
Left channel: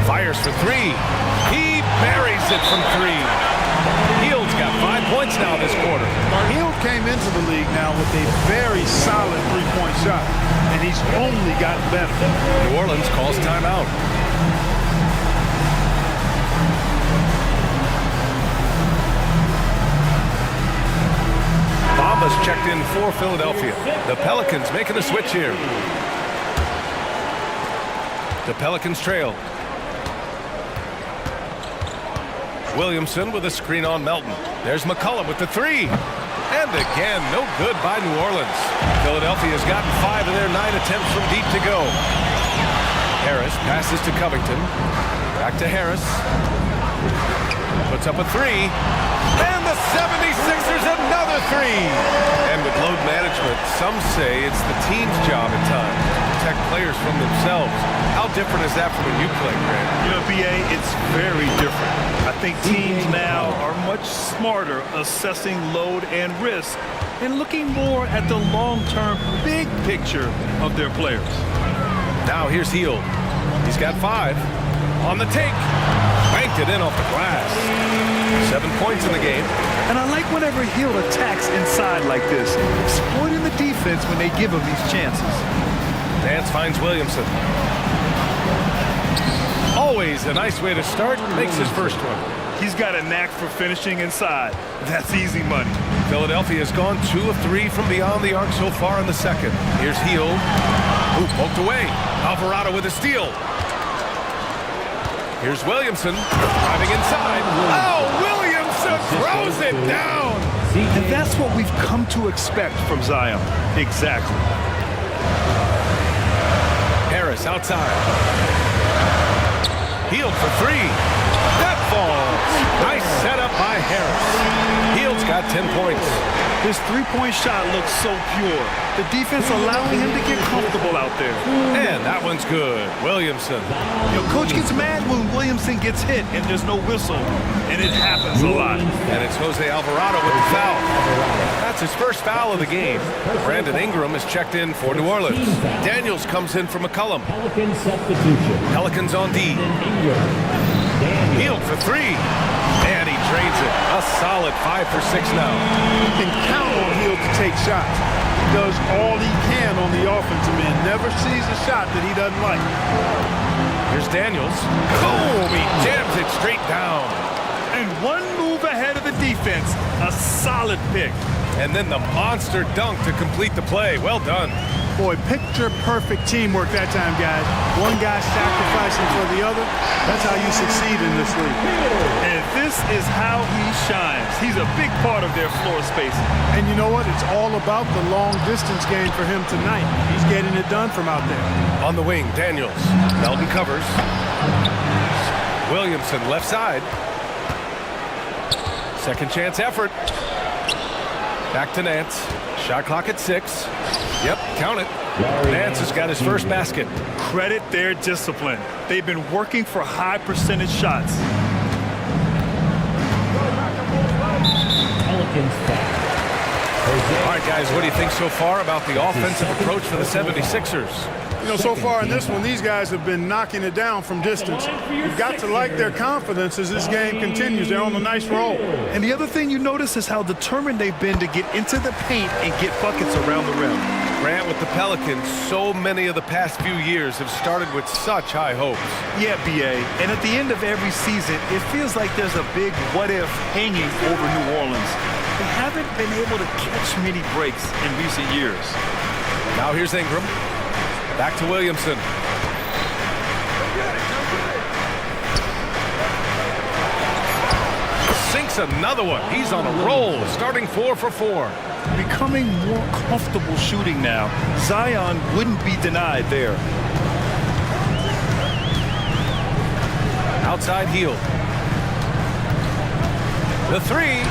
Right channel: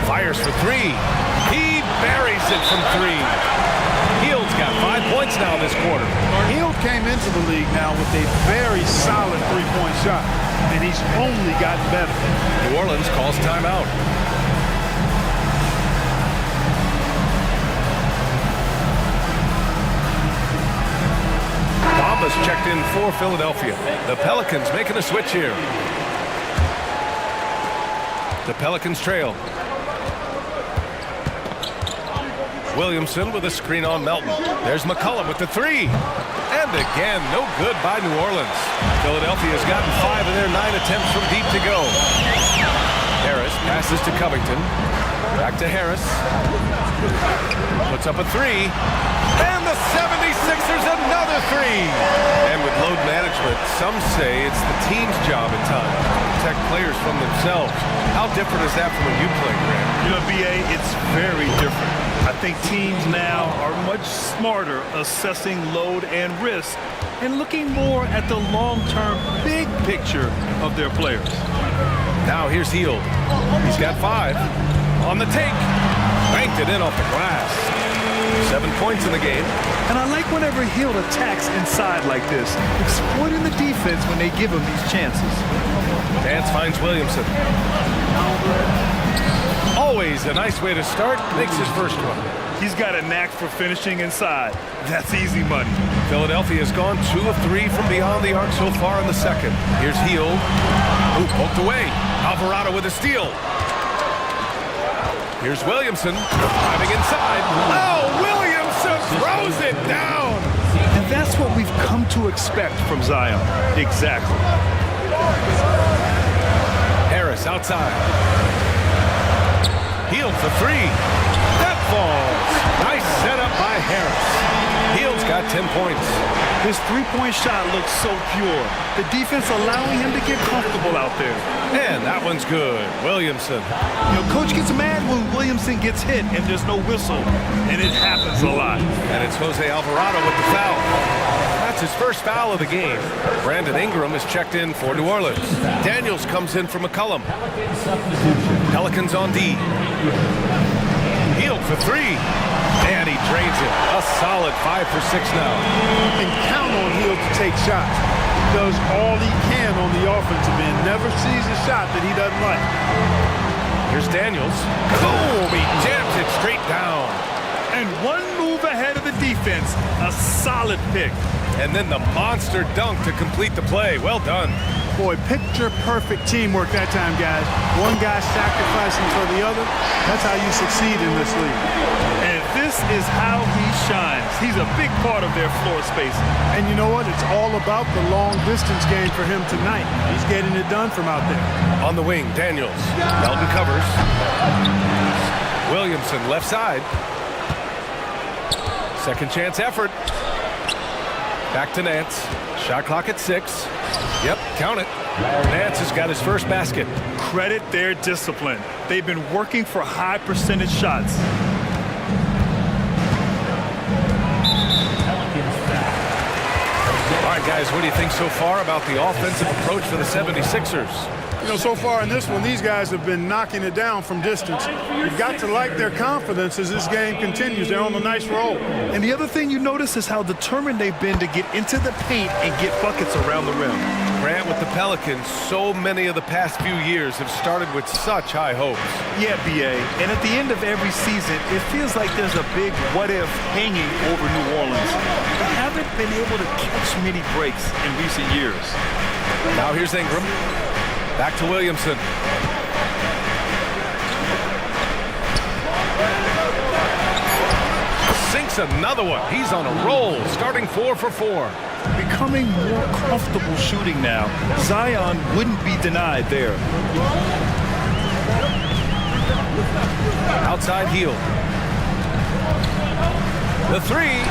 Fires for 3. He buries it from 3. Hield's got 5 points now this quarter. Hield came into the league now with a very solid three-point shot, and he's only gotten better. New Orleans calls timeout. Bamba's checked in for Philadelphia. The Pelicans making a switch here. The Pelicans trail. Williamson with a screen on Melton. There's McCollum with the 3. And again, no good by New Orleans. Philadelphia's gotten 5 of their 9 attempts from deep to go. Harris passes to Covington. Back to Harris. Puts up a 3. And the 76ers another 3. And with load management, some say it's the team's job at times to protect players from themselves. How different is that from when you play, Grant? You know, B.A., it's very different. I think teams now are much smarter assessing load and risk and looking more at the long-term big picture of their players. Now here's Hield. He's got 5. On the take. Banked it in off the glass. 7 points in the game. And I like whenever Hield attacks inside like this, exploiting the defense when they give him these chances. Dance finds Williamson. Always a nice way to start. Makes his first one. He's got a knack for finishing inside. That's easy money. Philadelphia has gone 2 of 3 from beyond the arc so far in the second. Here's Hield. Ooh, poked away. Alvarado with a steal. Here's Williamson driving inside. Oh, Williamson throws it down. And that's what we've come to expect from Zion. Exactly. Harris outside. Hield for 3. That falls. Nice setup by Harris. Hield's got 10 points. His three-point shot looks so pure. The defense allowing him to get comfortable out there. And that one's good. Williamson. You know, coach gets mad when Williamson gets hit and there's no whistle. And it happens a lot. And it's Jose Alvarado with the foul. That's his first foul of the game. Brandon Ingram is checked in for New Orleans. Daniels comes in for McCollum. Pelicans on D. Hield for 3. And he drains it. A solid 5 for 6 now. You can count on Hield to take shots. He does all he can on the offensive end. Never sees a shot that he doesn't like. Here's Daniels. Boom! He jams it straight down. And one move ahead of the defense. A solid pick. And then the monster dunk to complete the play. Well done. Boy, picture-perfect teamwork that time, guys. One guy sacrificing for the other. That's how you succeed in this league. And this is how he shines. He's a big part of their floor spacing. And you know what? It's all about the long-distance game for him tonight. He's getting it done from out there. On the wing, Daniels. Melton covers. Williamson left side. Second chance effort. Back to Nance. Shot clock at 6. Yep, count it. Nance has got his first basket. Credit their discipline. They've been working for high percentage shots. All right, guys, what do you think so far about the offensive approach for the 76ers? You know, so far in this one, these guys have been knocking it down from distance. You've got to like their confidence as this game continues. They're on a nice roll. And the other thing you notice is how determined they've been to get into the paint and get buckets around the rim. Grant, with the Pelicans, so many of the past few years have started with such high hopes. Yeah, B.A. And at the end of every season, it feels like there's a big what-if hanging over New Orleans. They haven't been able to catch many breaks in recent years. Now here's Ingram. Back to Williamson. Sinks another one. He's on a roll, starting 4 for 4. Becoming more comfortable shooting now. Zion wouldn't be denied there. Outside Hield. The 3.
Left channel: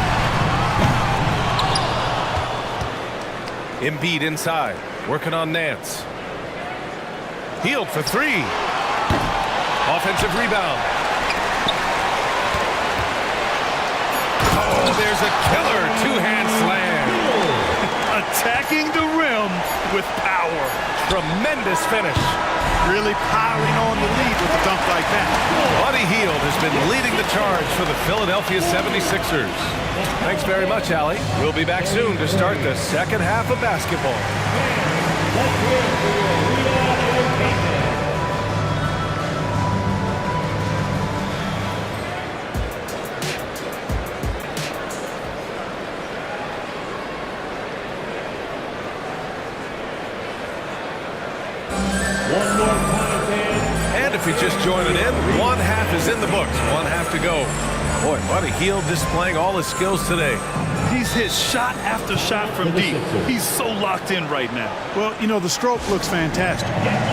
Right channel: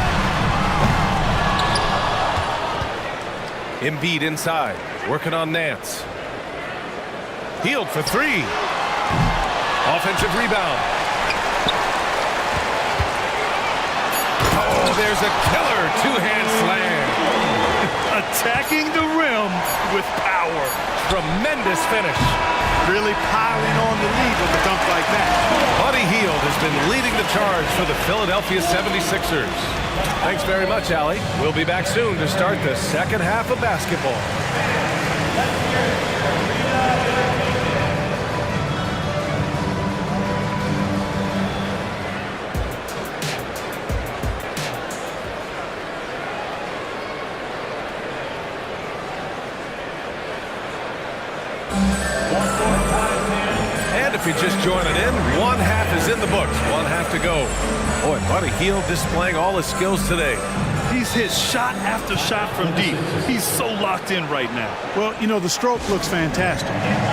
Embiid inside, working on Nance. Hield for 3. Offensive rebound. Oh, there's a killer two-hand slam. Attacking the rim with power. Tremendous finish. Really piling on the lead with a dunk like that. Buddy Hield has been leading the charge for the Philadelphia 76ers. Thanks very much, Allie. We'll be back soon to start the second half of basketball. And if you're just joining in, one half is in the books. One half to go. Boy, Buddy Hield displaying all his skills today. He's hit shot after shot from deep. He's so locked in right now. Well, you know, the stroke looks fantastic.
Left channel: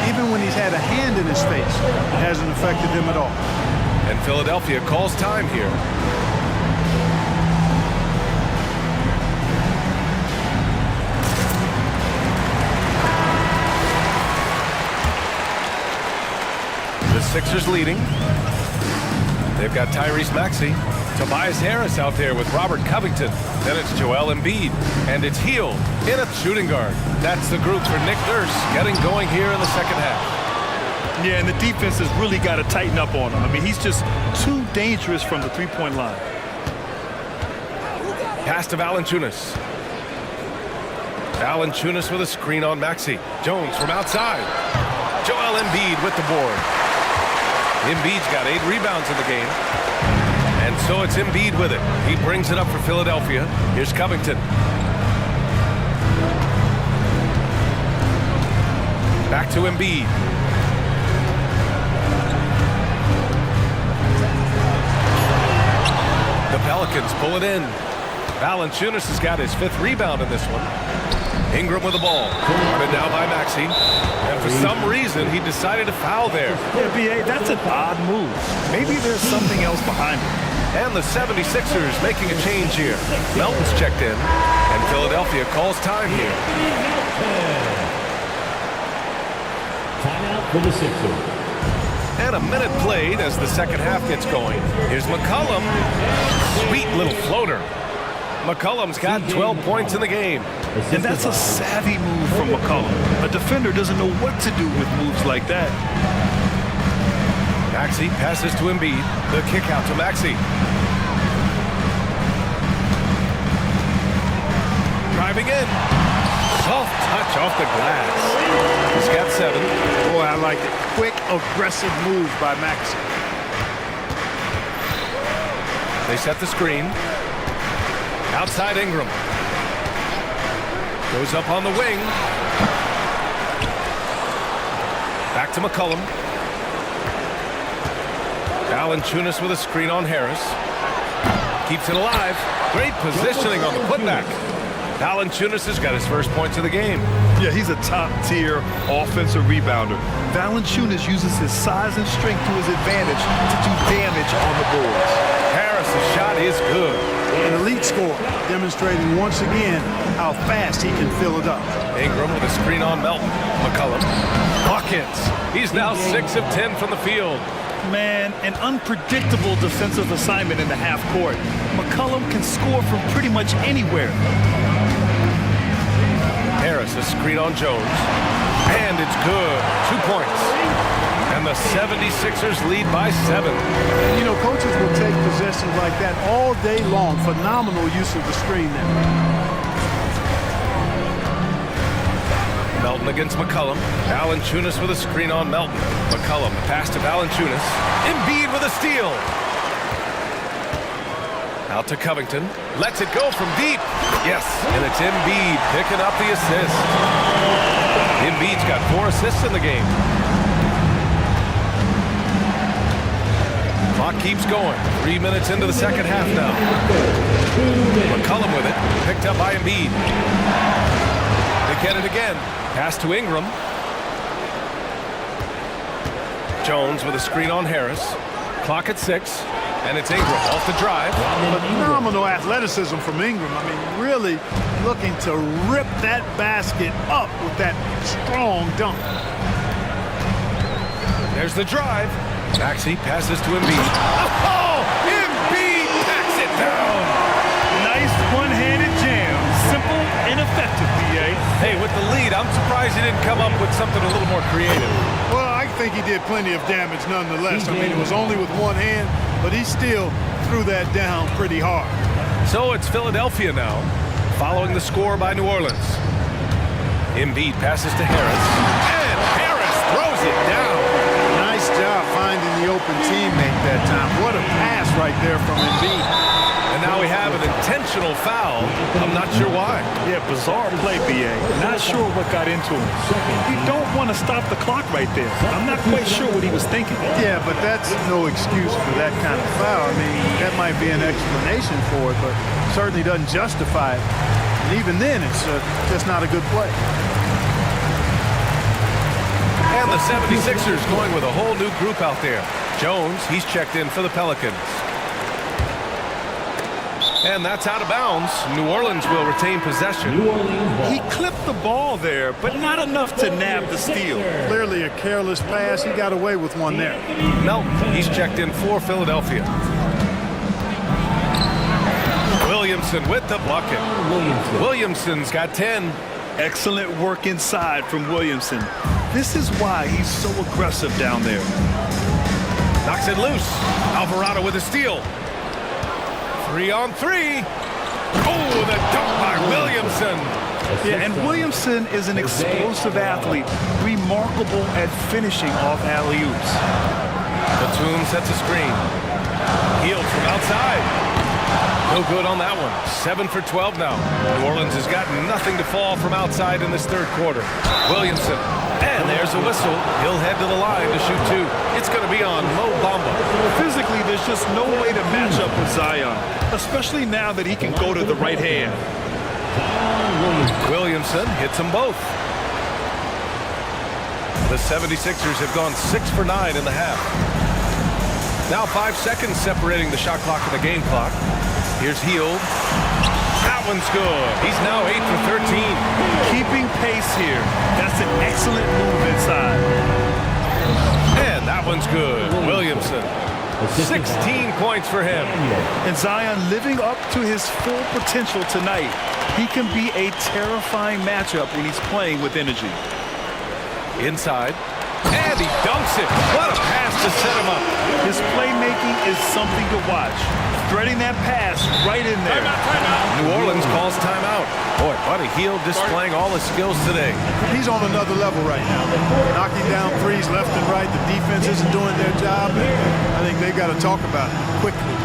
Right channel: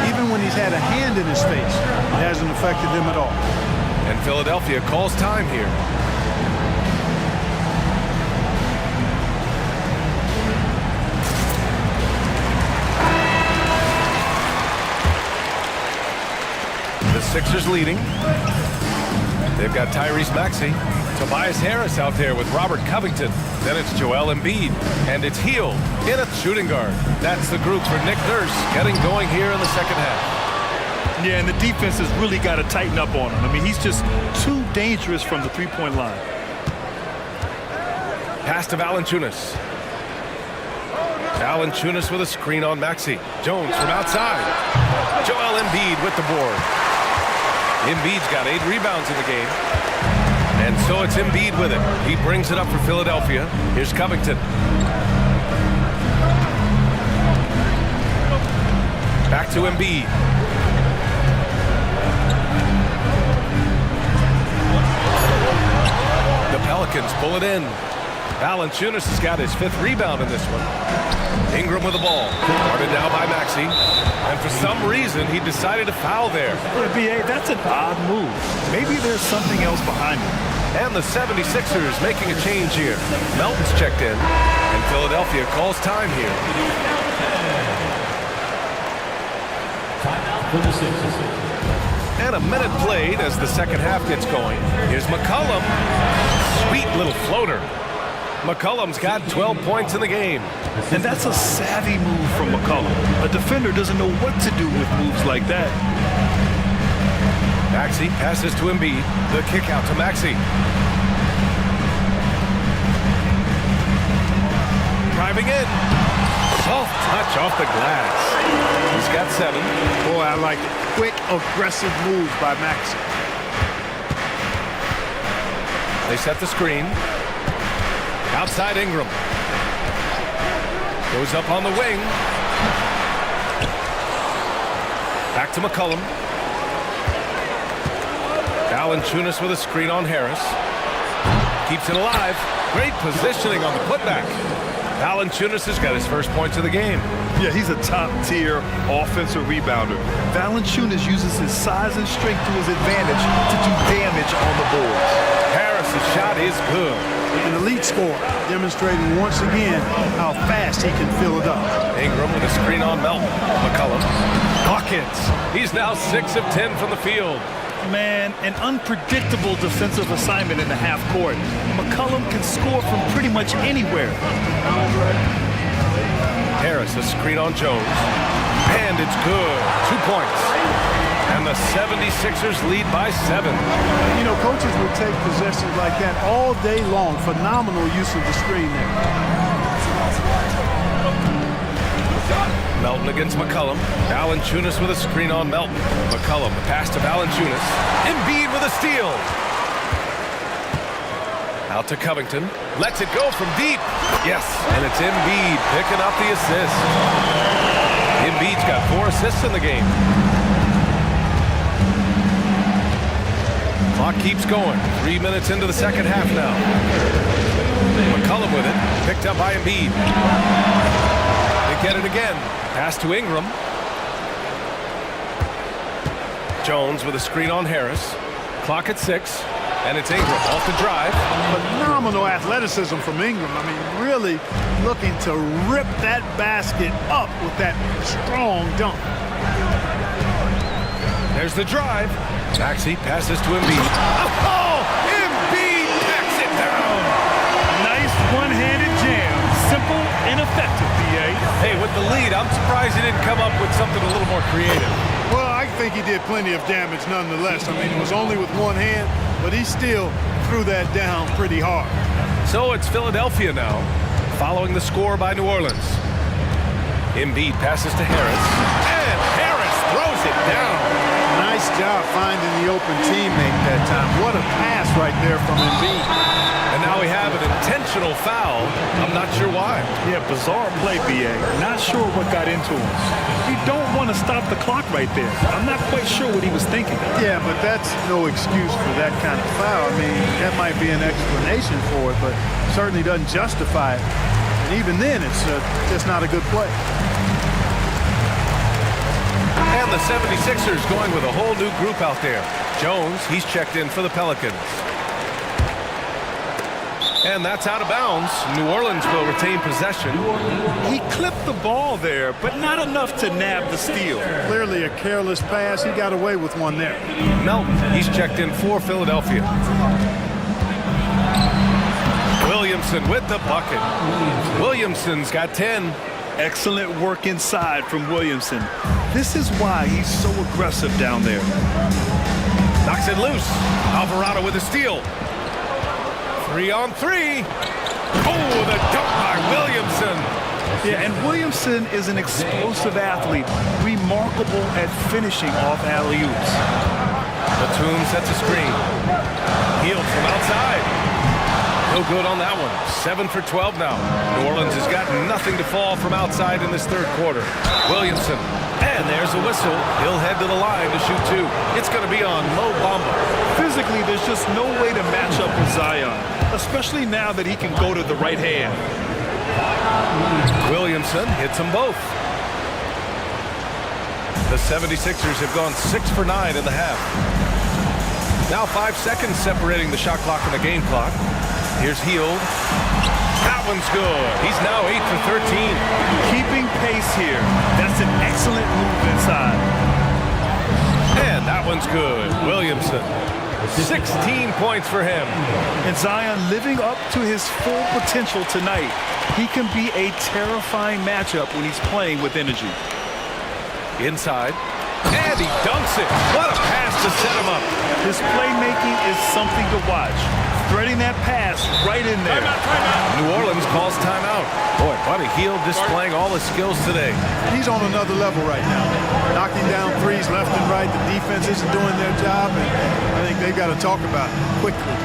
Even when he's had a hand in his face, it hasn't affected him at all. And Philadelphia calls time here. The Sixers leading. They've got Tyrese Maxey. Tobias Harris out there with Robert Covington. Then it's Joel Embiid. And it's Hield in a shooting guard. That's the group for Nick Nurse getting going here in the second half. Yeah, and the defense has really got to tighten up on him. I mean, he's just too dangerous from the three-point line. Pass to Valanciunas. Valanciunas with a screen on Maxey. Jones from outside. Joel Embiid with the board. Embiid's got 8 rebounds in the game. And so it's Embiid with it. He brings it up for Philadelphia. Here's Covington. Back to Embiid. The Pelicans pull it in. Valanciunas has got his 5th rebound in this one. Ingram with the ball. Guarded now by Maxey. And for some reason, he decided to foul there. Yeah, B.A., that's an odd move. Maybe there's something else behind it. And the 76ers making a change here. Melton's checked in, and Philadelphia calls time here. Timeout for the Sixers. And a minute played as the second half gets going. Here's McCollum. Sweet little floater. McCollum's got 12 points in the game. And that's a savvy move from McCollum. A defender doesn't know what to do with moves like that. Maxey passes to Embiid. The kick out to Maxey. Driving in. Soft touch off the glass. He's got 7. Boy, I like it. Quick, aggressive move by Maxey. They set the screen. Outside Ingram. Goes up on the wing. Back to McCollum. Valanciunas with a screen on Harris. Keeps it alive. Great positioning on the putback. Valanciunas has got his first points of the game. Yeah, he's a top-tier offensive rebounder. Valanciunas uses his size and strength to his advantage to do damage on the boards. Harris's shot is good. An elite scorer, demonstrating once again how fast he can fill it up. Ingram with a screen on Melton. McCollum. Buckets. He's now 6 of 10 from the field. Man, an unpredictable defensive assignment in the half court. McCollum can score from pretty much anywhere. Harris, a screen on Jones. And it's good. 2 points. And the 76ers lead by 7. You know, coaches will take possessions like that all day long. Phenomenal use of the screen there. Melton against McCollum. Valanciunas with a screen on Melton. McCollum, the pass to Valanciunas. Embiid with a steal. Out to Covington. Lets it go from deep. Yes, and it's Embiid picking up the assist. Embiid's got 4 assists in the game. Clock keeps going. 3 minutes into the second half now. McCollum with it. Picked up by Embiid. They get it again. Pass to Ingram. Jones with a screen on Harris. Clock at 6. And it's Ingram off the drive. Phenomenal athleticism from Ingram. I mean, really looking to rip that basket up with that strong dunk. There's the drive. Maxey passes to Embiid. Oh, Embiid packs it down. Nice one-handed jam. Simple and effective, B.A. Hey, with the lead, I'm surprised he didn't come up with something a little more creative. Well, I think he did plenty of damage nonetheless. I mean, it was only with one hand, but he still threw that down pretty hard. So it's Philadelphia now, following the score by New Orleans. Embiid passes to Harris, and Harris throws it down. Nice job finding the open teammate that time. What a pass right there from Embiid. And now we have an intentional foul. I'm not sure why. Yeah, bizarre play, B.A. Not sure what got into him. You don't want to stop the clock right there. I'm not quite sure what he was thinking. Yeah, but that's no excuse for that kind of foul. I mean, that might be an explanation for it, but certainly doesn't justify it. And even then, it's just not a good play. And the 76ers going with a whole new group out there. Jones, he's checked in for the Pelicans. And that's out of bounds. New Orleans will retain possession. He clipped the ball there, but not enough to nab the steal. Clearly a careless pass. He got away with one there. Melton, he's checked in for Philadelphia. Williamson with the bucket. Williamson's got 10. Excellent work inside from Williamson. This is why he's so aggressive down there. Knocks it loose. Alvarado with a steal. 3-on-3. Oh, the dunk by Williamson. Yeah, and Williamson is an explosive athlete, remarkable at finishing off alley-oops. Batum sets a screen. Healed from outside. No good on that one. 7 for 12 now. New Orleans has got nothing to fall from outside in this third quarter. Williamson. And there's a whistle. He'll head to the line to shoot 2. It's going to be on Mo Bamba. Physically, there's just no way to match up with Zion, especially now that he can go to the right hand. Williamson hits them both. The 76ers have gone 6 for 9 in the half. Now 5 seconds separating the shot clock and the game clock. Here's Hield. That one's good. He's now 8 for 13. Keeping pace here. That's an excellent move inside. And that one's good. Williamson. 16 points for him. And Zion living up to his full potential tonight. He can be a terrifying matchup when he's playing with energy. Inside. And he dunks it. What a pass to set him up. His playmaking is something to watch. Threading that pass right in there. Timeout. New Orleans calls timeout. Boy, Buddy Hield displaying all his skills today. He's on another level right now. Knocking down threes left and right. The defense isn't doing their job, and I think they've got to talk about it quickly.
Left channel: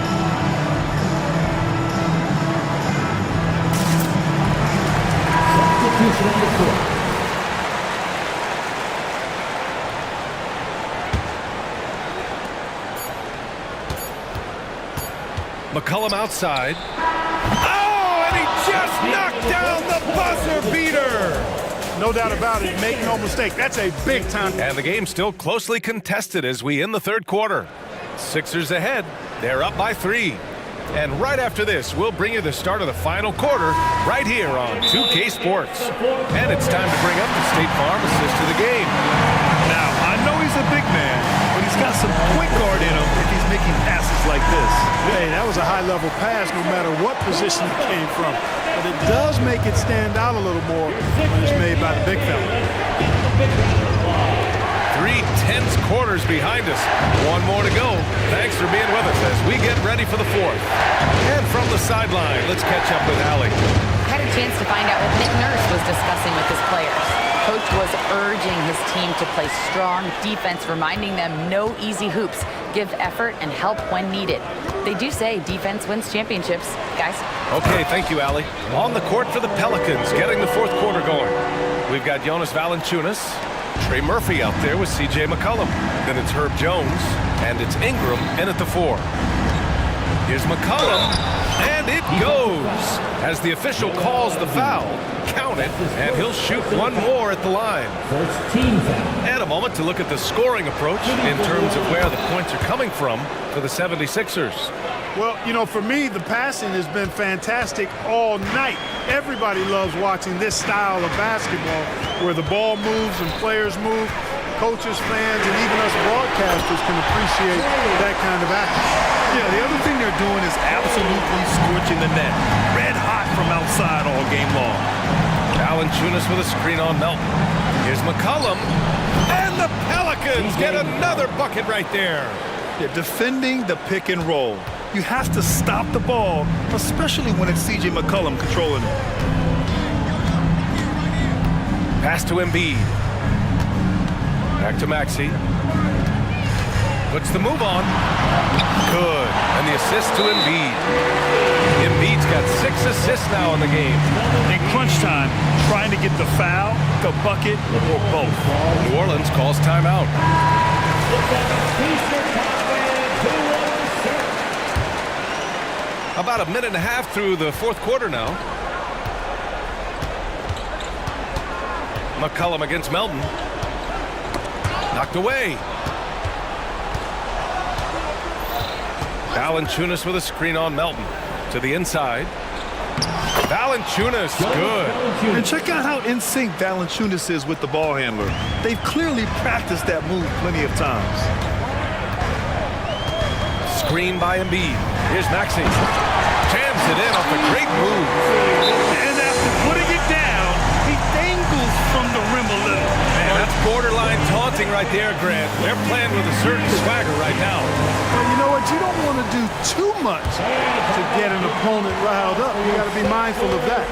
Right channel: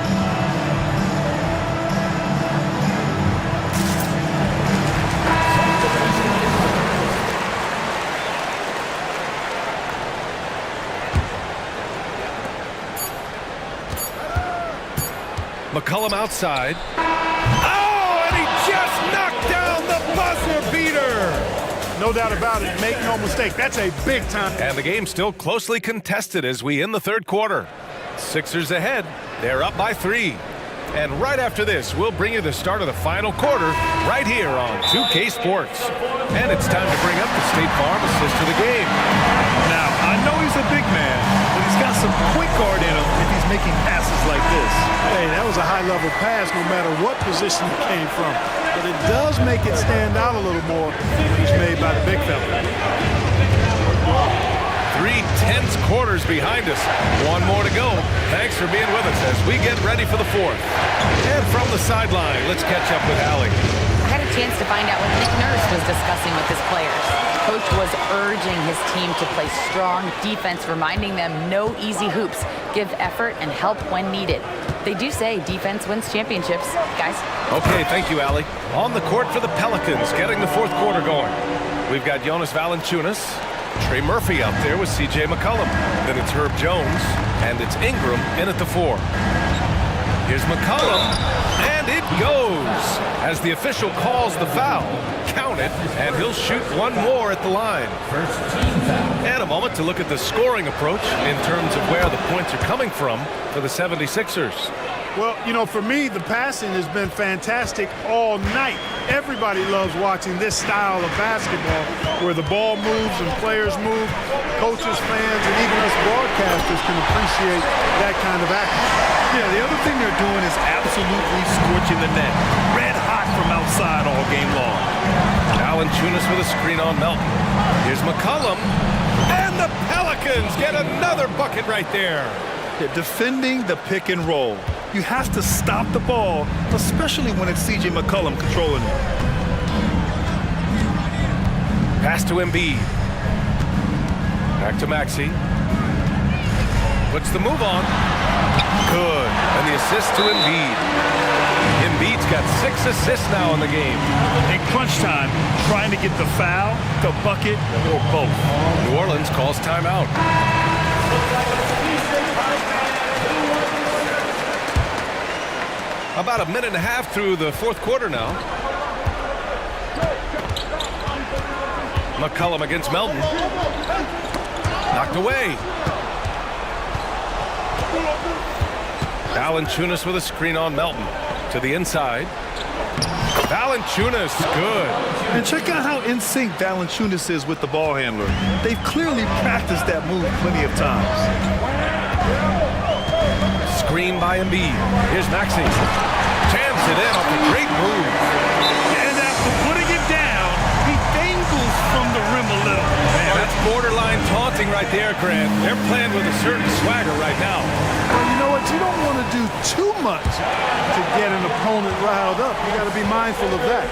McCollum outside. Oh, and he just knocked down the buzzer beater. No doubt about it. Make no mistake. That's a big time. And the game's still closely contested as we end the third quarter. Sixers ahead. They're up by 3. And right after this, we'll bring you the start of the final quarter right here on 2K Sports. And it's time to bring up the State Farm assist to the game. Now, I know he's a big man, but he's got some point guard in him if he's making passes like this. Hey, that was a high-level pass no matter what position it came from. But it does make it stand out a little more when it's made by the big fella. 3 tense quarters behind us. One more to go. Thanks for being with us as we get ready for the fourth. And from the sideline, let's catch up with Allie. I had a chance to find out what Nick Nurse was discussing with his players. Coach was urging his team to play strong defense, reminding them no easy hoops, give effort and help when needed. They do say defense wins championships, guys. Okay, thank you, Allie. On the court for the Pelicans, getting the fourth quarter going. We've got Jonas Valanciunas, Trey Murphy out there with C.J. McCollum. Then it's Herb Jones, and it's Ingram in at the 4. Here's McCollum, and it goes. As the official calls the foul, count it, and he'll shoot one more at the line. First team foul. And a moment to look at the scoring approach in terms of where the points are coming from for the 76ers. Well, you know, for me, the passing has been fantastic all night. Everybody loves watching this style of basketball where the ball moves and players move. Coaches, fans, and even us broadcasters can appreciate that kind of action. Yeah, the other thing they're doing is absolutely scorching the net. Red hot from outside all game long. Valanciunas with a screen on Melton. Here's McCollum. And the Pelicans get another bucket right there. They're defending the pick and roll. You have to stop the ball, especially when it's C.J. McCollum controlling it. Pass to Embiid. Back to Maxey. Puts the move on. Good. And the assist to Embiid. Embiid's got 6 assists now in the game. In crunch time, trying to get the foul, the bucket, or both. New Orleans calls timeout. About a minute and a half through the fourth quarter now. McCollum against Melton. Knocked away. Valanciunas with a screen on Melton. To the inside. Valanciunas, good. And check out how in sync Valanciunas is with the ball handler. They've clearly practiced that move plenty of times. Screen by Embiid. Here's Maxey. Jams it in off a great move. And after putting it down, he dangles from the rim a little. Man, that's borderline taunting right there, Grant. They're playing with a certain swagger right now. Well, you know what? You don't want to do too much to get an opponent riled up. You got to be mindful of that.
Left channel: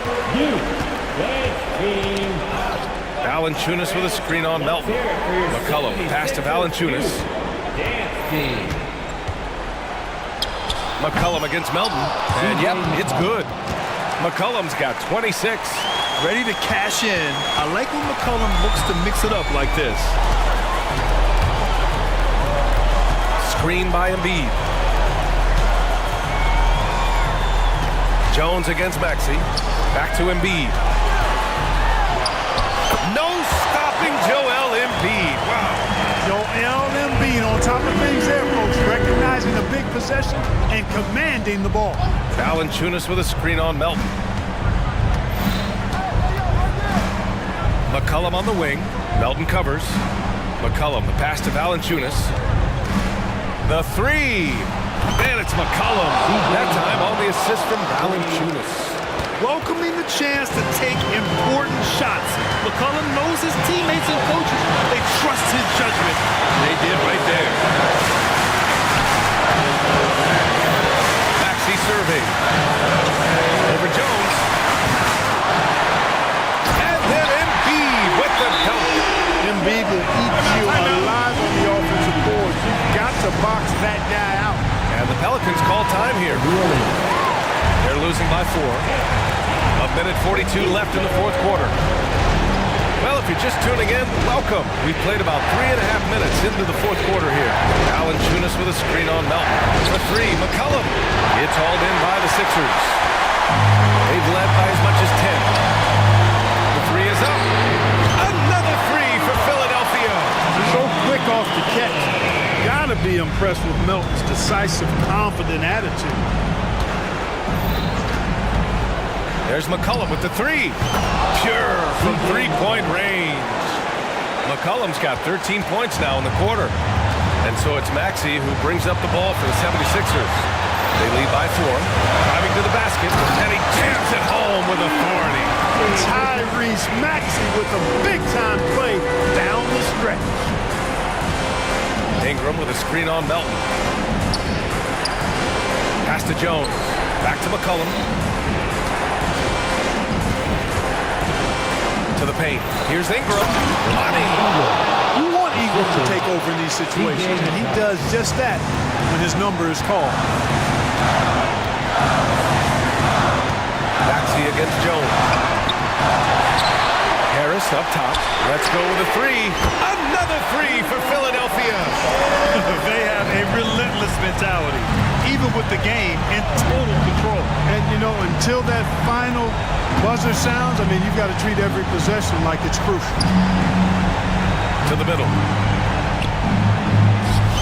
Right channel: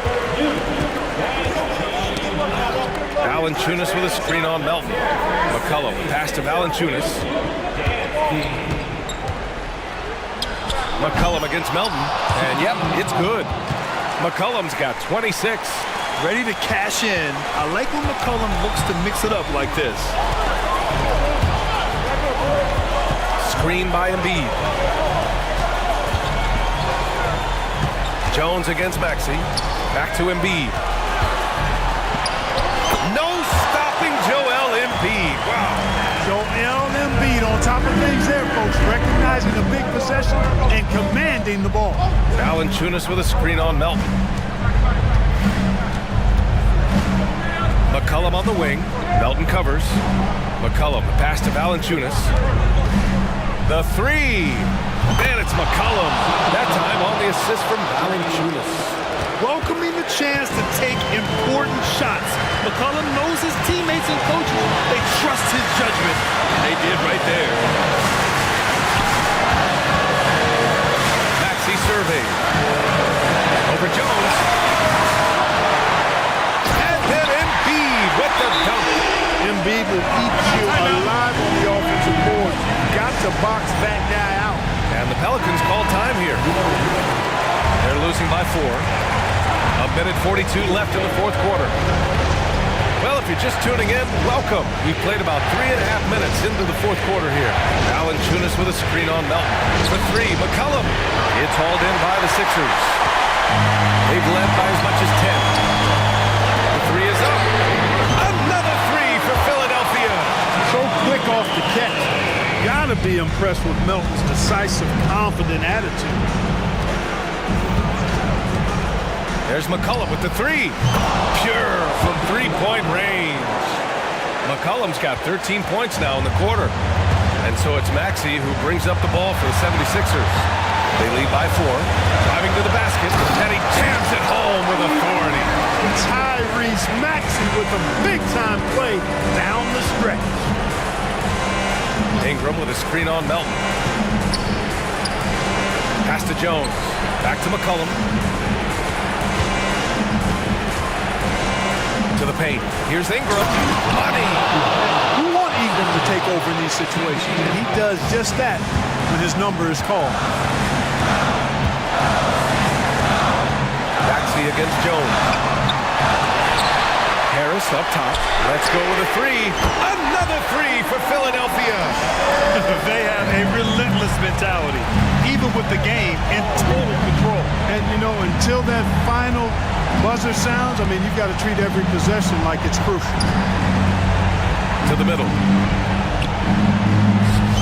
Valanciunas with a screen on Melton. McCollum, pass to Valanciunas. McCollum against Melton. And yep, it's good. McCollum's got 26. Ready to cash in. I like when McCollum looks to mix it up like this. Screen by Embiid. Jones against Maxey. Back to Embiid. No stopping Joel Embiid. Wow. Joel Embiid on top of things there, folks. Recognizing a big possession and commanding the ball. Valanciunas with a screen on Melton. McCollum on the wing. Melton covers. McCollum, the pass to Valanciunas. The three. And it's McCollum. That time on the assist from Valanciunas. Welcoming the chance to take important shots. McCollum knows his teammates and coaches. They trust his judgment. And they did right there. Maxey surveyed. Over Jones. And then Embiid with the dunk. Embiid will eat you alive on the offensive boards. You've got to box that guy out. And the Pelicans call time here. They're losing by 4. A minute 42 left in the fourth quarter. Well, if you're just tuning in, welcome. We've played about 3.5 minutes into the fourth quarter here. Valanciunas with a screen on Melton. For 3, McCollum. It's hauled in by the Sixers. They've led by as much as 10. The 3 is up. Another 3 for Philadelphia. So quick off the catch. Gotta be impressed with Melton's decisive, confident attitude. There's McCollum with the 3. Pure from three-point range. McCollum's got 13 points now in the quarter. And so it's Maxey who brings up the ball for the 76ers. They lead by 4. Driving to the basket, and he jams it home with authority. Tyrese Maxey with a big-time play down the stretch. Ingram with a screen on Melton. Pass to Jones. Back to McCollum. To the paint. Here's Ingram. Money. You want Ingram to take over in these situations, and he does just that when his number is called. Maxey against Jones. Harris up top. Let's go with a 3. Another 3 for Philadelphia. They have a relentless mentality, even with the game in total control. And, you know, until that final buzzer sounds, I mean, you've got to treat every possession like it's crucial. To the middle.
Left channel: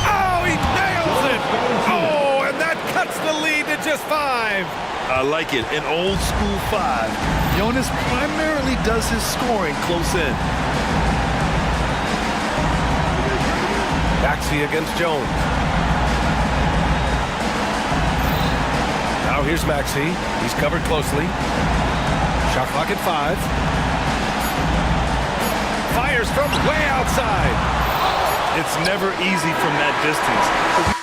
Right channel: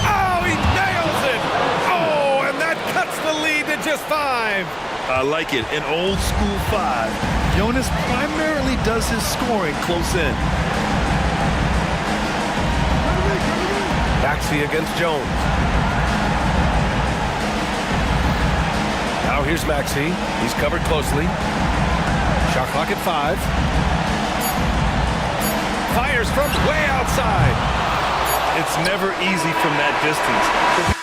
Oh, he nails it! Oh, and that cuts the lead to just 5. I like it. An old school 5. Jonas primarily does his scoring close in. Maxey against Jones. Now here's Maxey. He's covered closely. Shot clock at 5. Fires from way outside. It's never easy from that distance.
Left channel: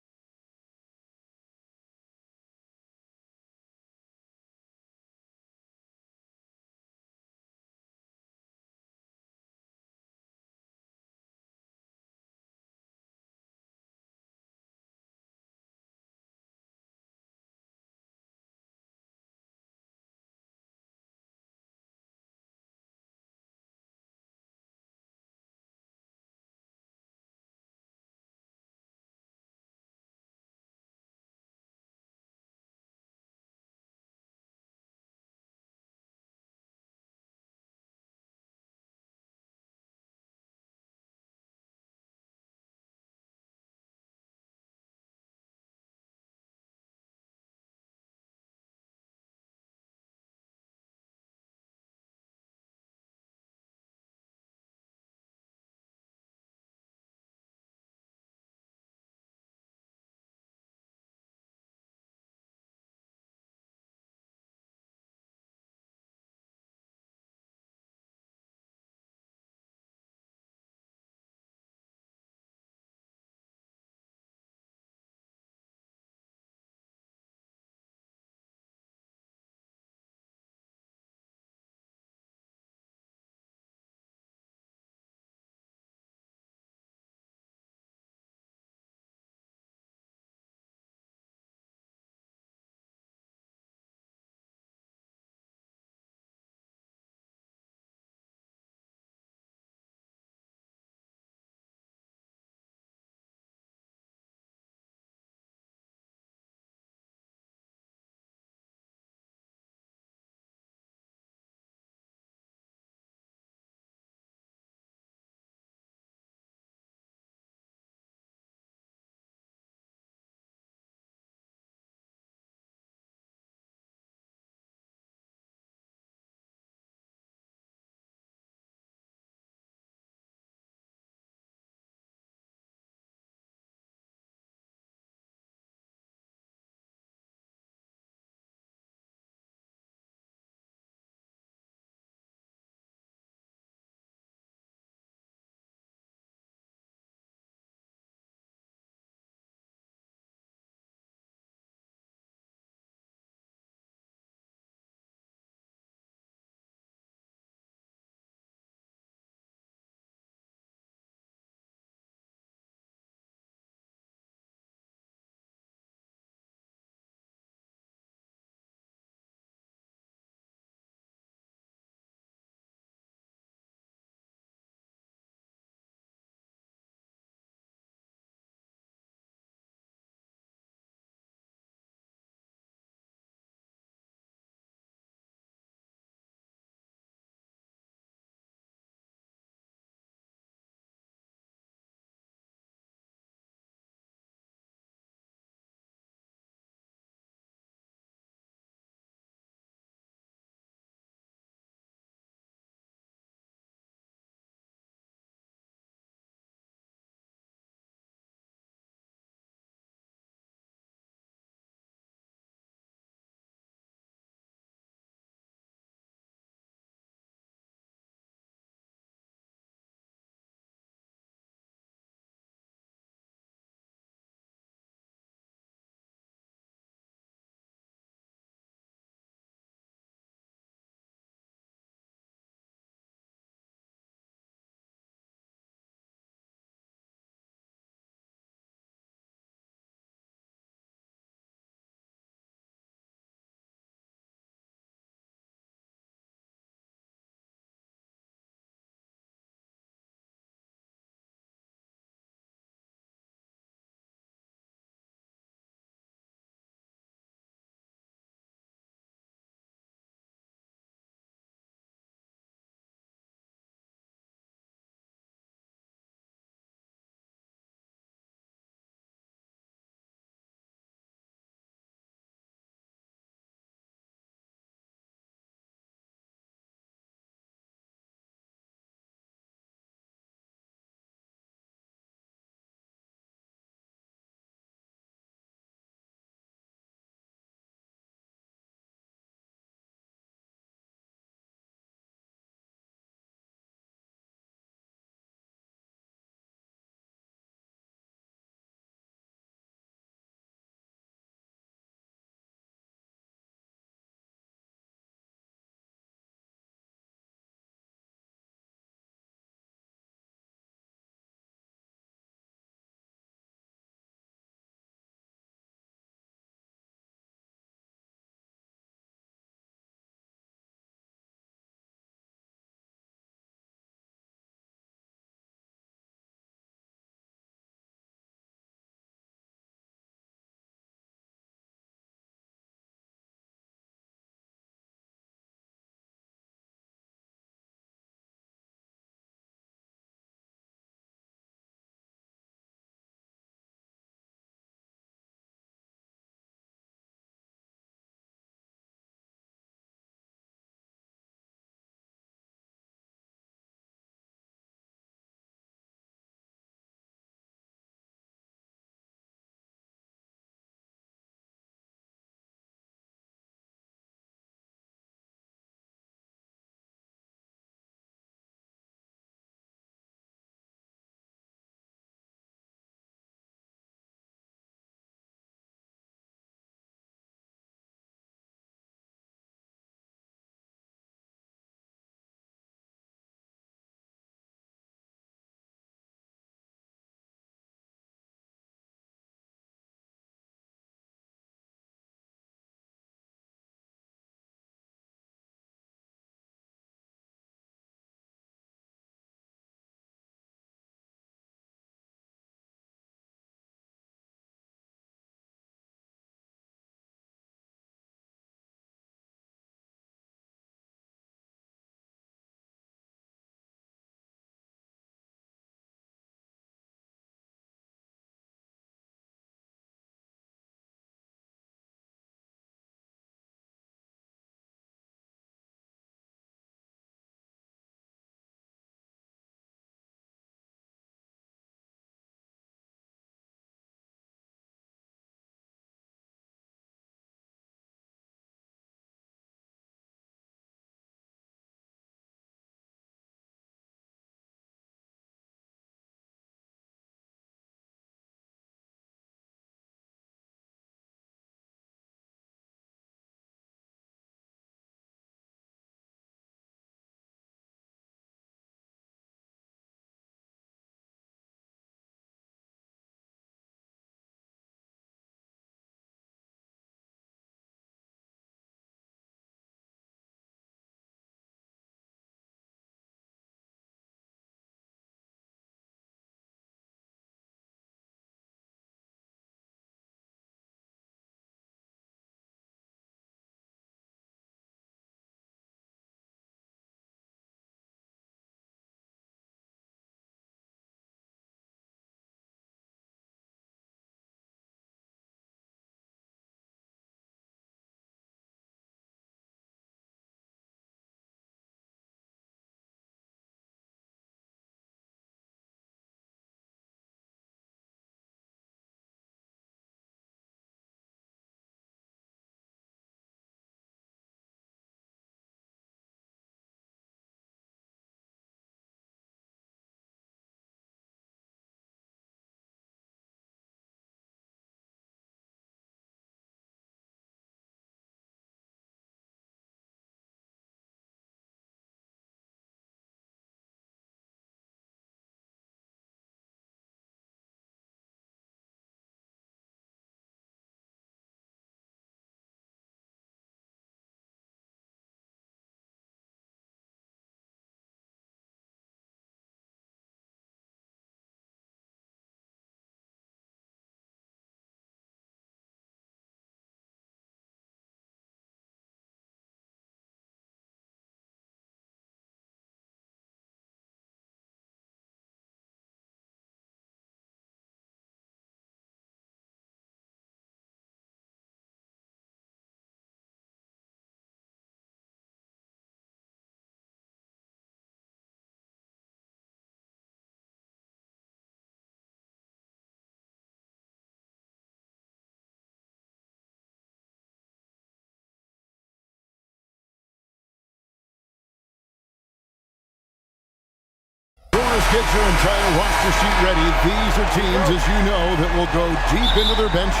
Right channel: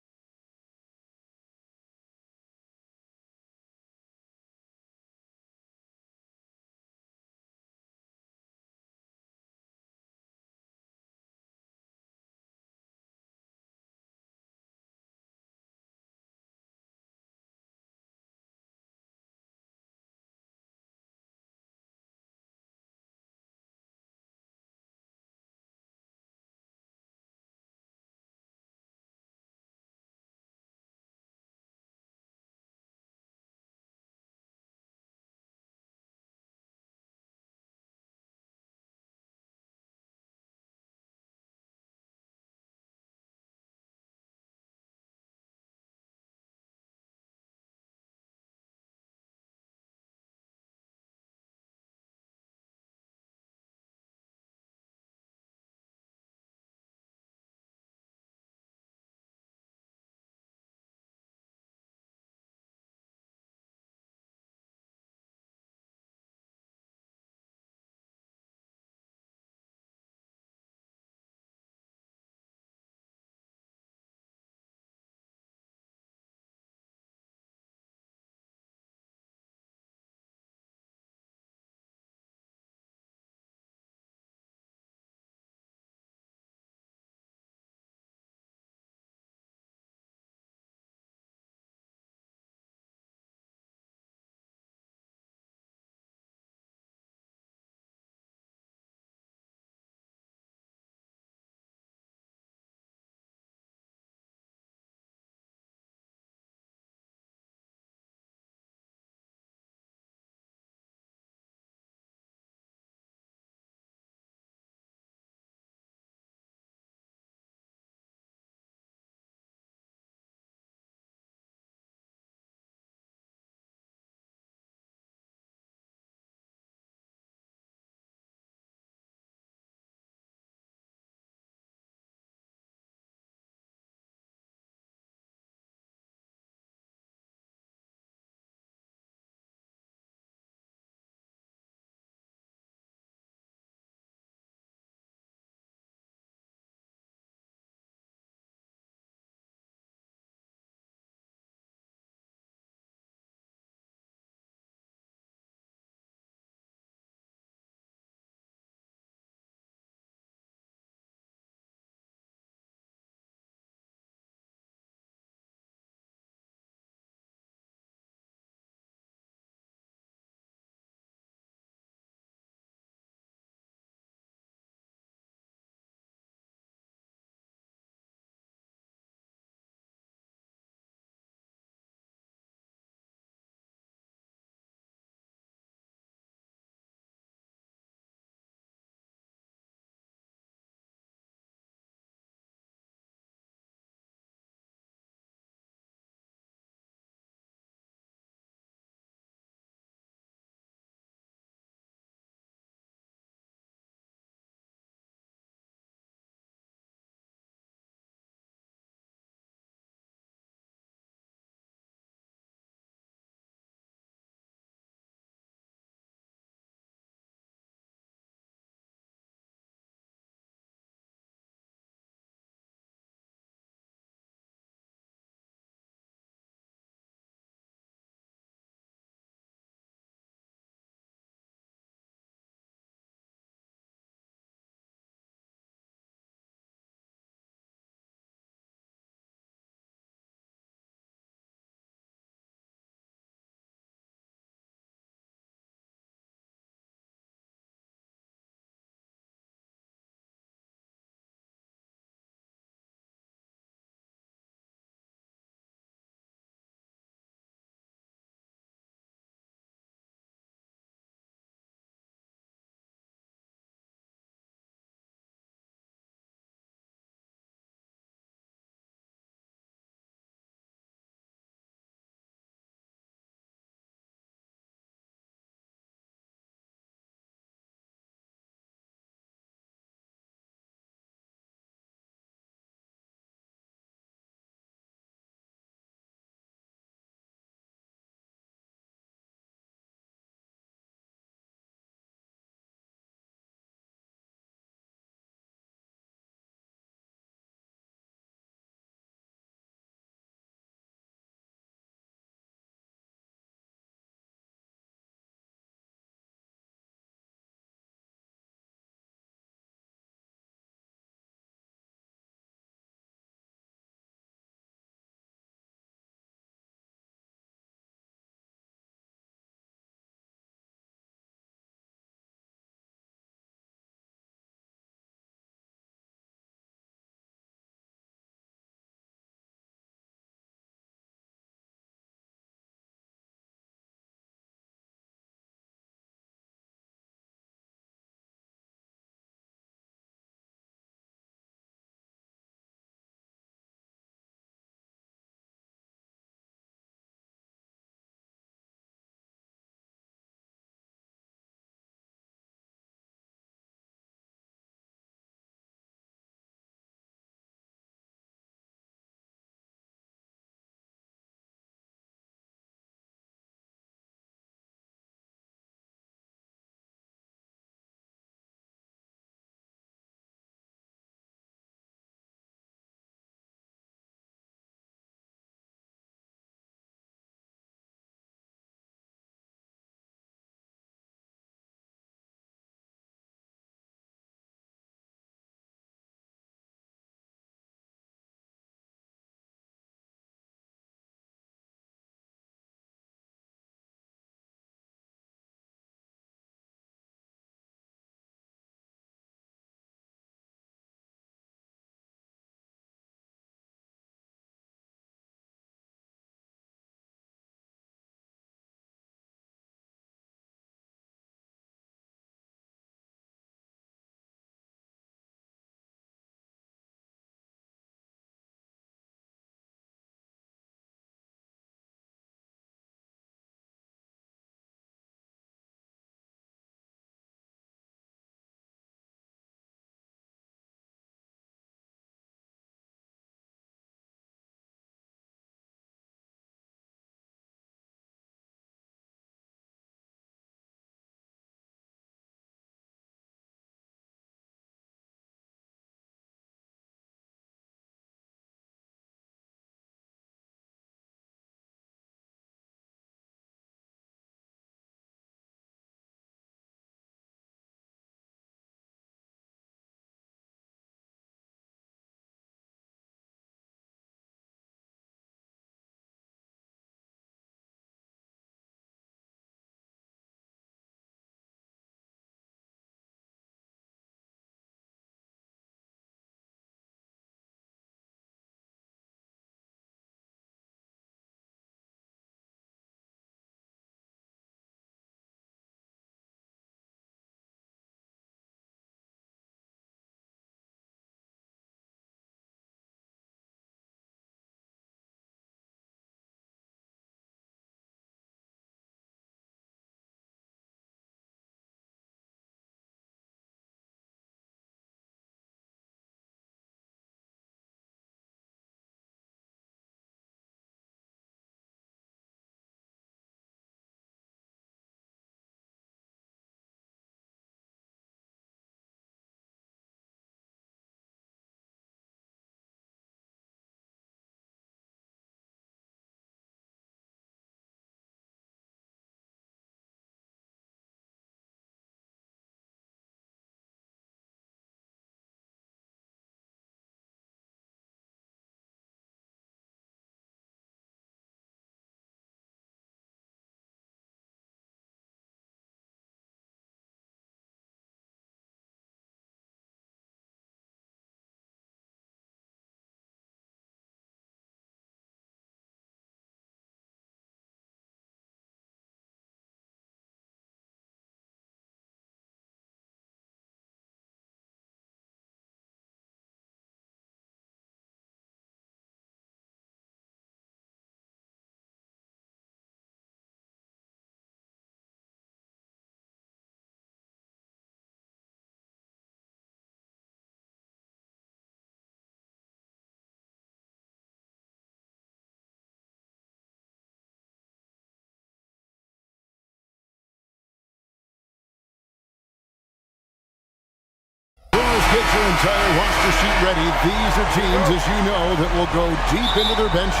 Bulls get your entire roster sheet ready. These are teams, as you know, that will go deep into their benches.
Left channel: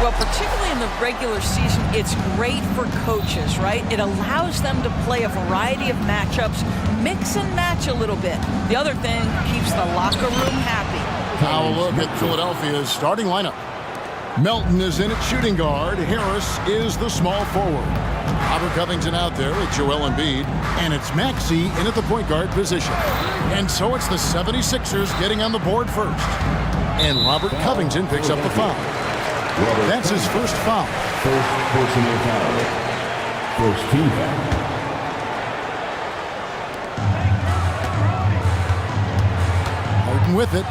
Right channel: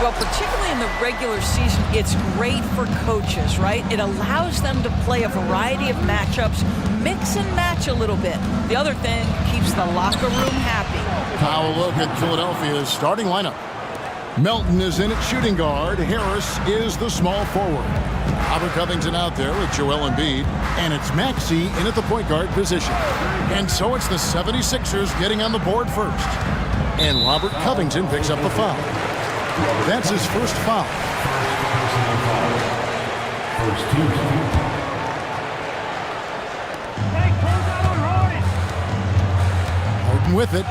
Well, particularly in the regular season, it's great for coaches, right? It allows them to play a variety of matchups, mix and match a little bit. The other thing keeps the locker room happy. Now a look at Philadelphia's starting lineup. Melton is in at shooting guard. Harris is the small forward. Robert Covington out there with Joel Embiid. And it's Maxey in at the point guard position. And so it's the 76ers getting on the board first. And Robert Covington picks up the foul. That's his first foul. First personal foul. First team foul. Harden with it.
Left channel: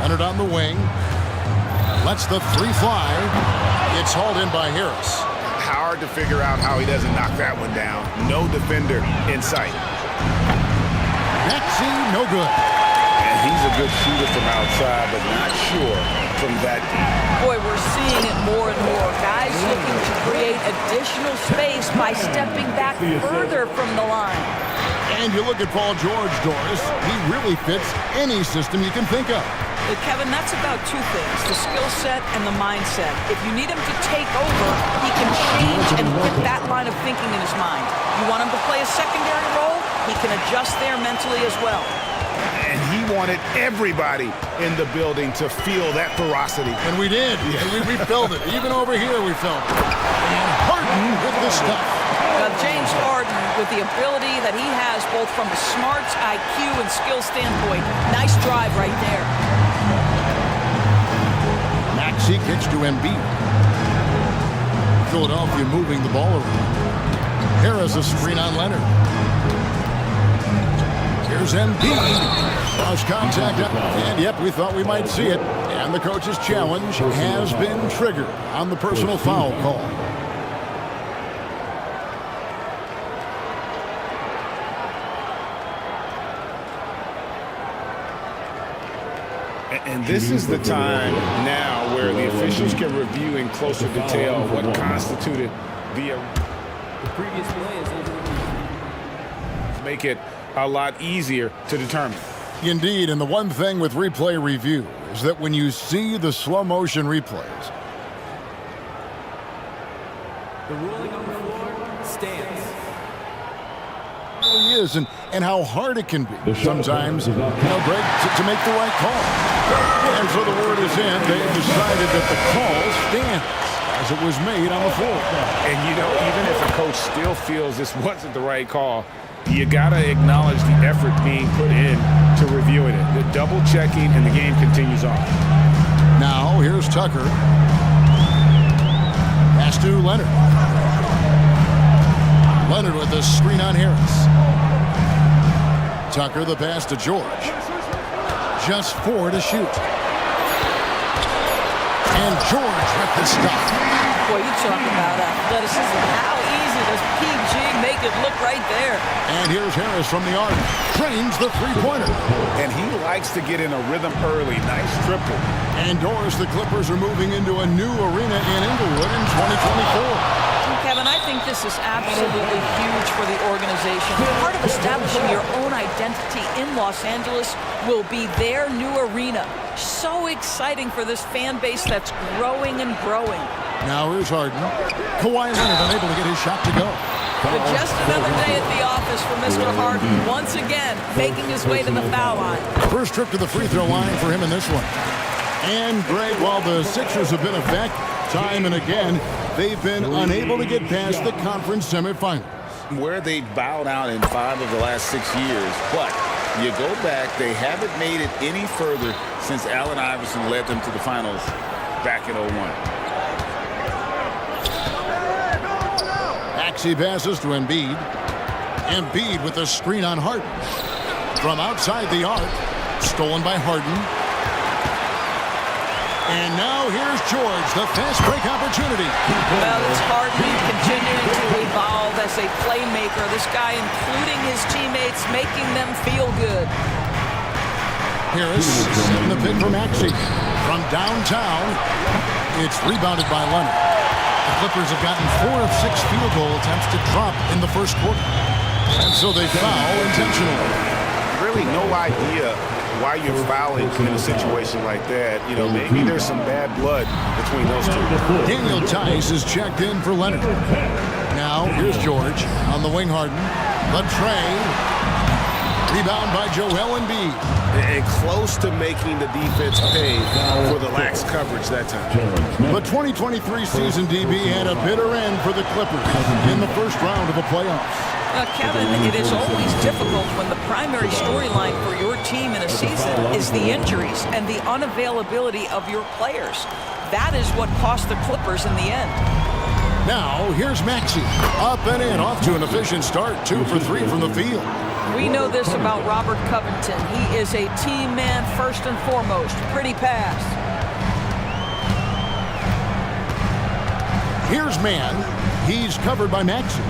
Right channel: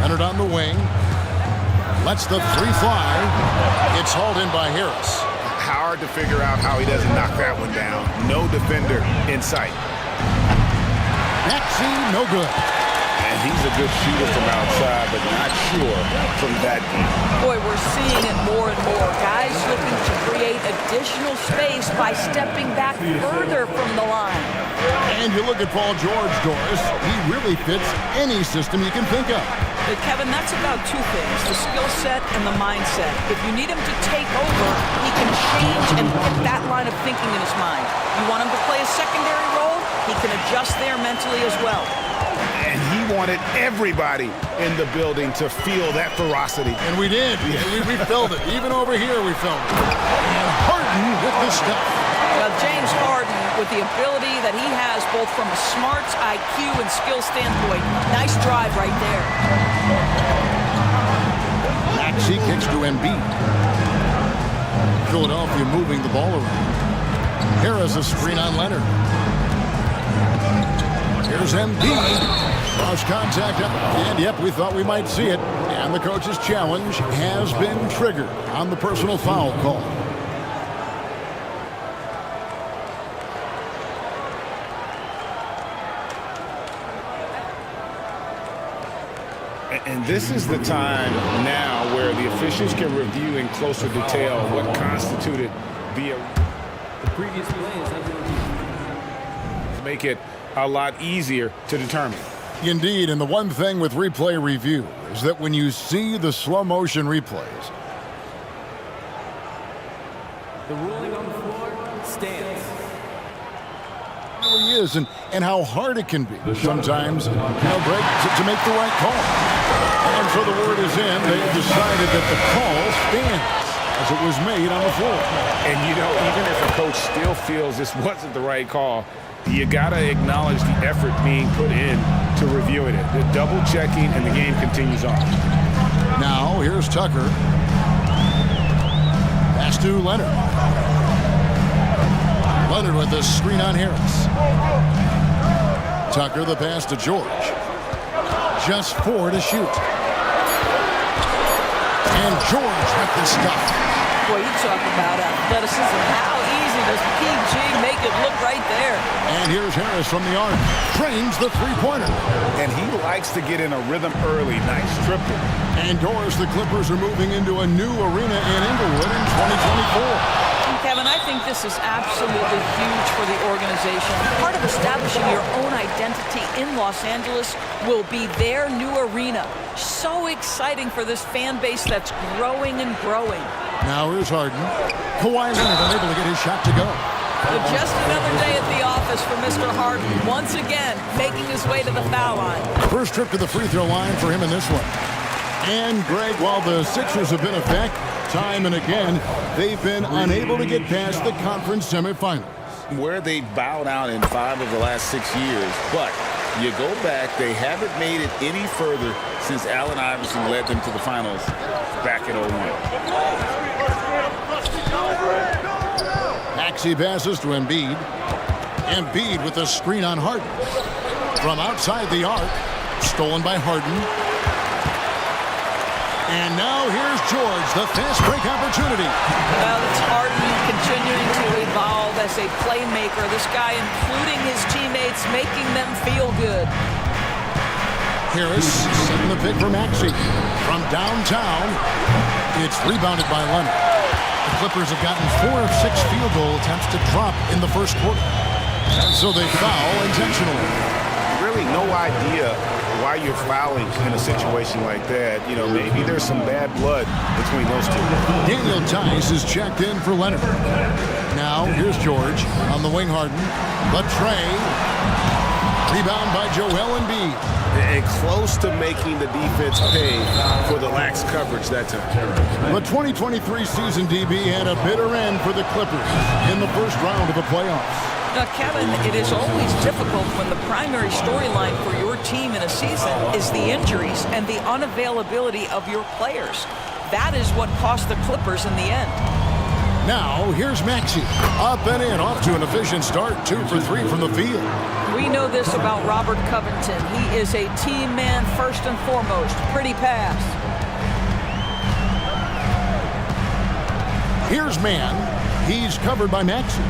Leonard on the wing. Lets the three fly. It's hauled in by Harris. Hard to figure out how he doesn't knock that one down. No defender in sight. Maxey, no good. And he's a good shooter from outside, but not sure from that deep. Boy, we're seeing it more and more. Guys looking to create additional space by stepping back further from the line. And you look at Paul George, Doris. He really fits any system you can think of. Kevin, that's about two things, the skill set and the mindset. If you need him to take over, he can change and fit that line of thinking in his mind. You want him to play a secondary role, he can adjust there mentally as well. And he wanted everybody in the building to feel that ferocity. And we did. Yeah. And we felt it. Even over here, we felt it. And Harden with the stuff. James Harden, with the ability that he has both from a smarts, IQ, and skill standpoint, nice drive right there. Maxey kicks to Embiid. Philadelphia moving the ball around. Harris a screen on Leonard. Here's Embiid. Cross contact up. And yep, we thought we might see it. And the coach's challenge has been triggered on the personal foul call. And this is the time now where the officials can review in closer detail what constituted the previous play is under review. Make it a lot easier to determine. Indeed, and the one thing with replay review is that when you see the slow motion replays, the ruling on the floor stands. It really is, and how hard it can be sometimes, Greg, to make the right call. And so the word is in. They've decided that the call stands as it was made on the floor. And, even if a coach still feels this wasn't the right call, you got to acknowledge the effort being put in to reviewing it. The double checking, and the game continues on. Now, here's Tucker. Pass to Leonard. Leonard with the screen on Harris. Tucker the pass to George. Just 4 to shoot. And George with the stop. Boy, you talk about athleticism. How easy does PG make it look right there? And here's Harris from the arc. Trains the three-pointer. And he likes to get in a rhythm early. Nice triple. And Doris, the Clippers are moving into a new arena in Inglewood in 2024. Kevin, I think this is absolutely huge for the organization. Part of establishing your own identity in Los Angeles will be their new arena. So exciting for this fan base that's growing and growing. Now here's Harden. Kawhi Leonard unable to get his shot to go. But just another day at the office for Mr. Harden. Once again, making his way to the foul line. First trip to the free throw line for him in this one. And Greg, while the Sixers have been a fact, time and again, they've been unable to get past the conference semifinals. Where they bowed out in 5 of the last 6 years, but you go back, they haven't made it any further since Allen Iverson led them to the finals back in 01. Maxey passes to Embiid. Embiid with the screen on Harden. From outside the arc, stolen by Harden. And now here's George, the fast break opportunity. Well, it's Harden continuing to evolve as a playmaker. This guy, including his teammates, making them feel good. Harris setting the pick for Maxey. From downtown, it's rebounded by Leonard. The Clippers have gotten 4 of 6 field goal attempts to drop in the first quarter. And so they foul intentionally. Really no idea why you're fouling in a situation like that. You know, maybe there's some bad blood between those two. Daniel Tice is checked in for Leonard. Now, here's George on the wing. Harden. The tray. Rebound by Joel Embiid. And close to making the defense pay for the lax coverage that time. The 2023 season, DB, had a bitter end for the Clippers in the first round of the playoffs. Now, Kevin, it is always difficult when the primary storyline for your team in a season is the injuries and the unavailability of your players. That is what cost the Clippers in the end. Now, here's Maxey. Up and in, off to an efficient start. 2 for 3 from the field. We know this about Robert Covington. He is a team man first and foremost. Pretty pass. Here's Mann. He's covered by Maxey.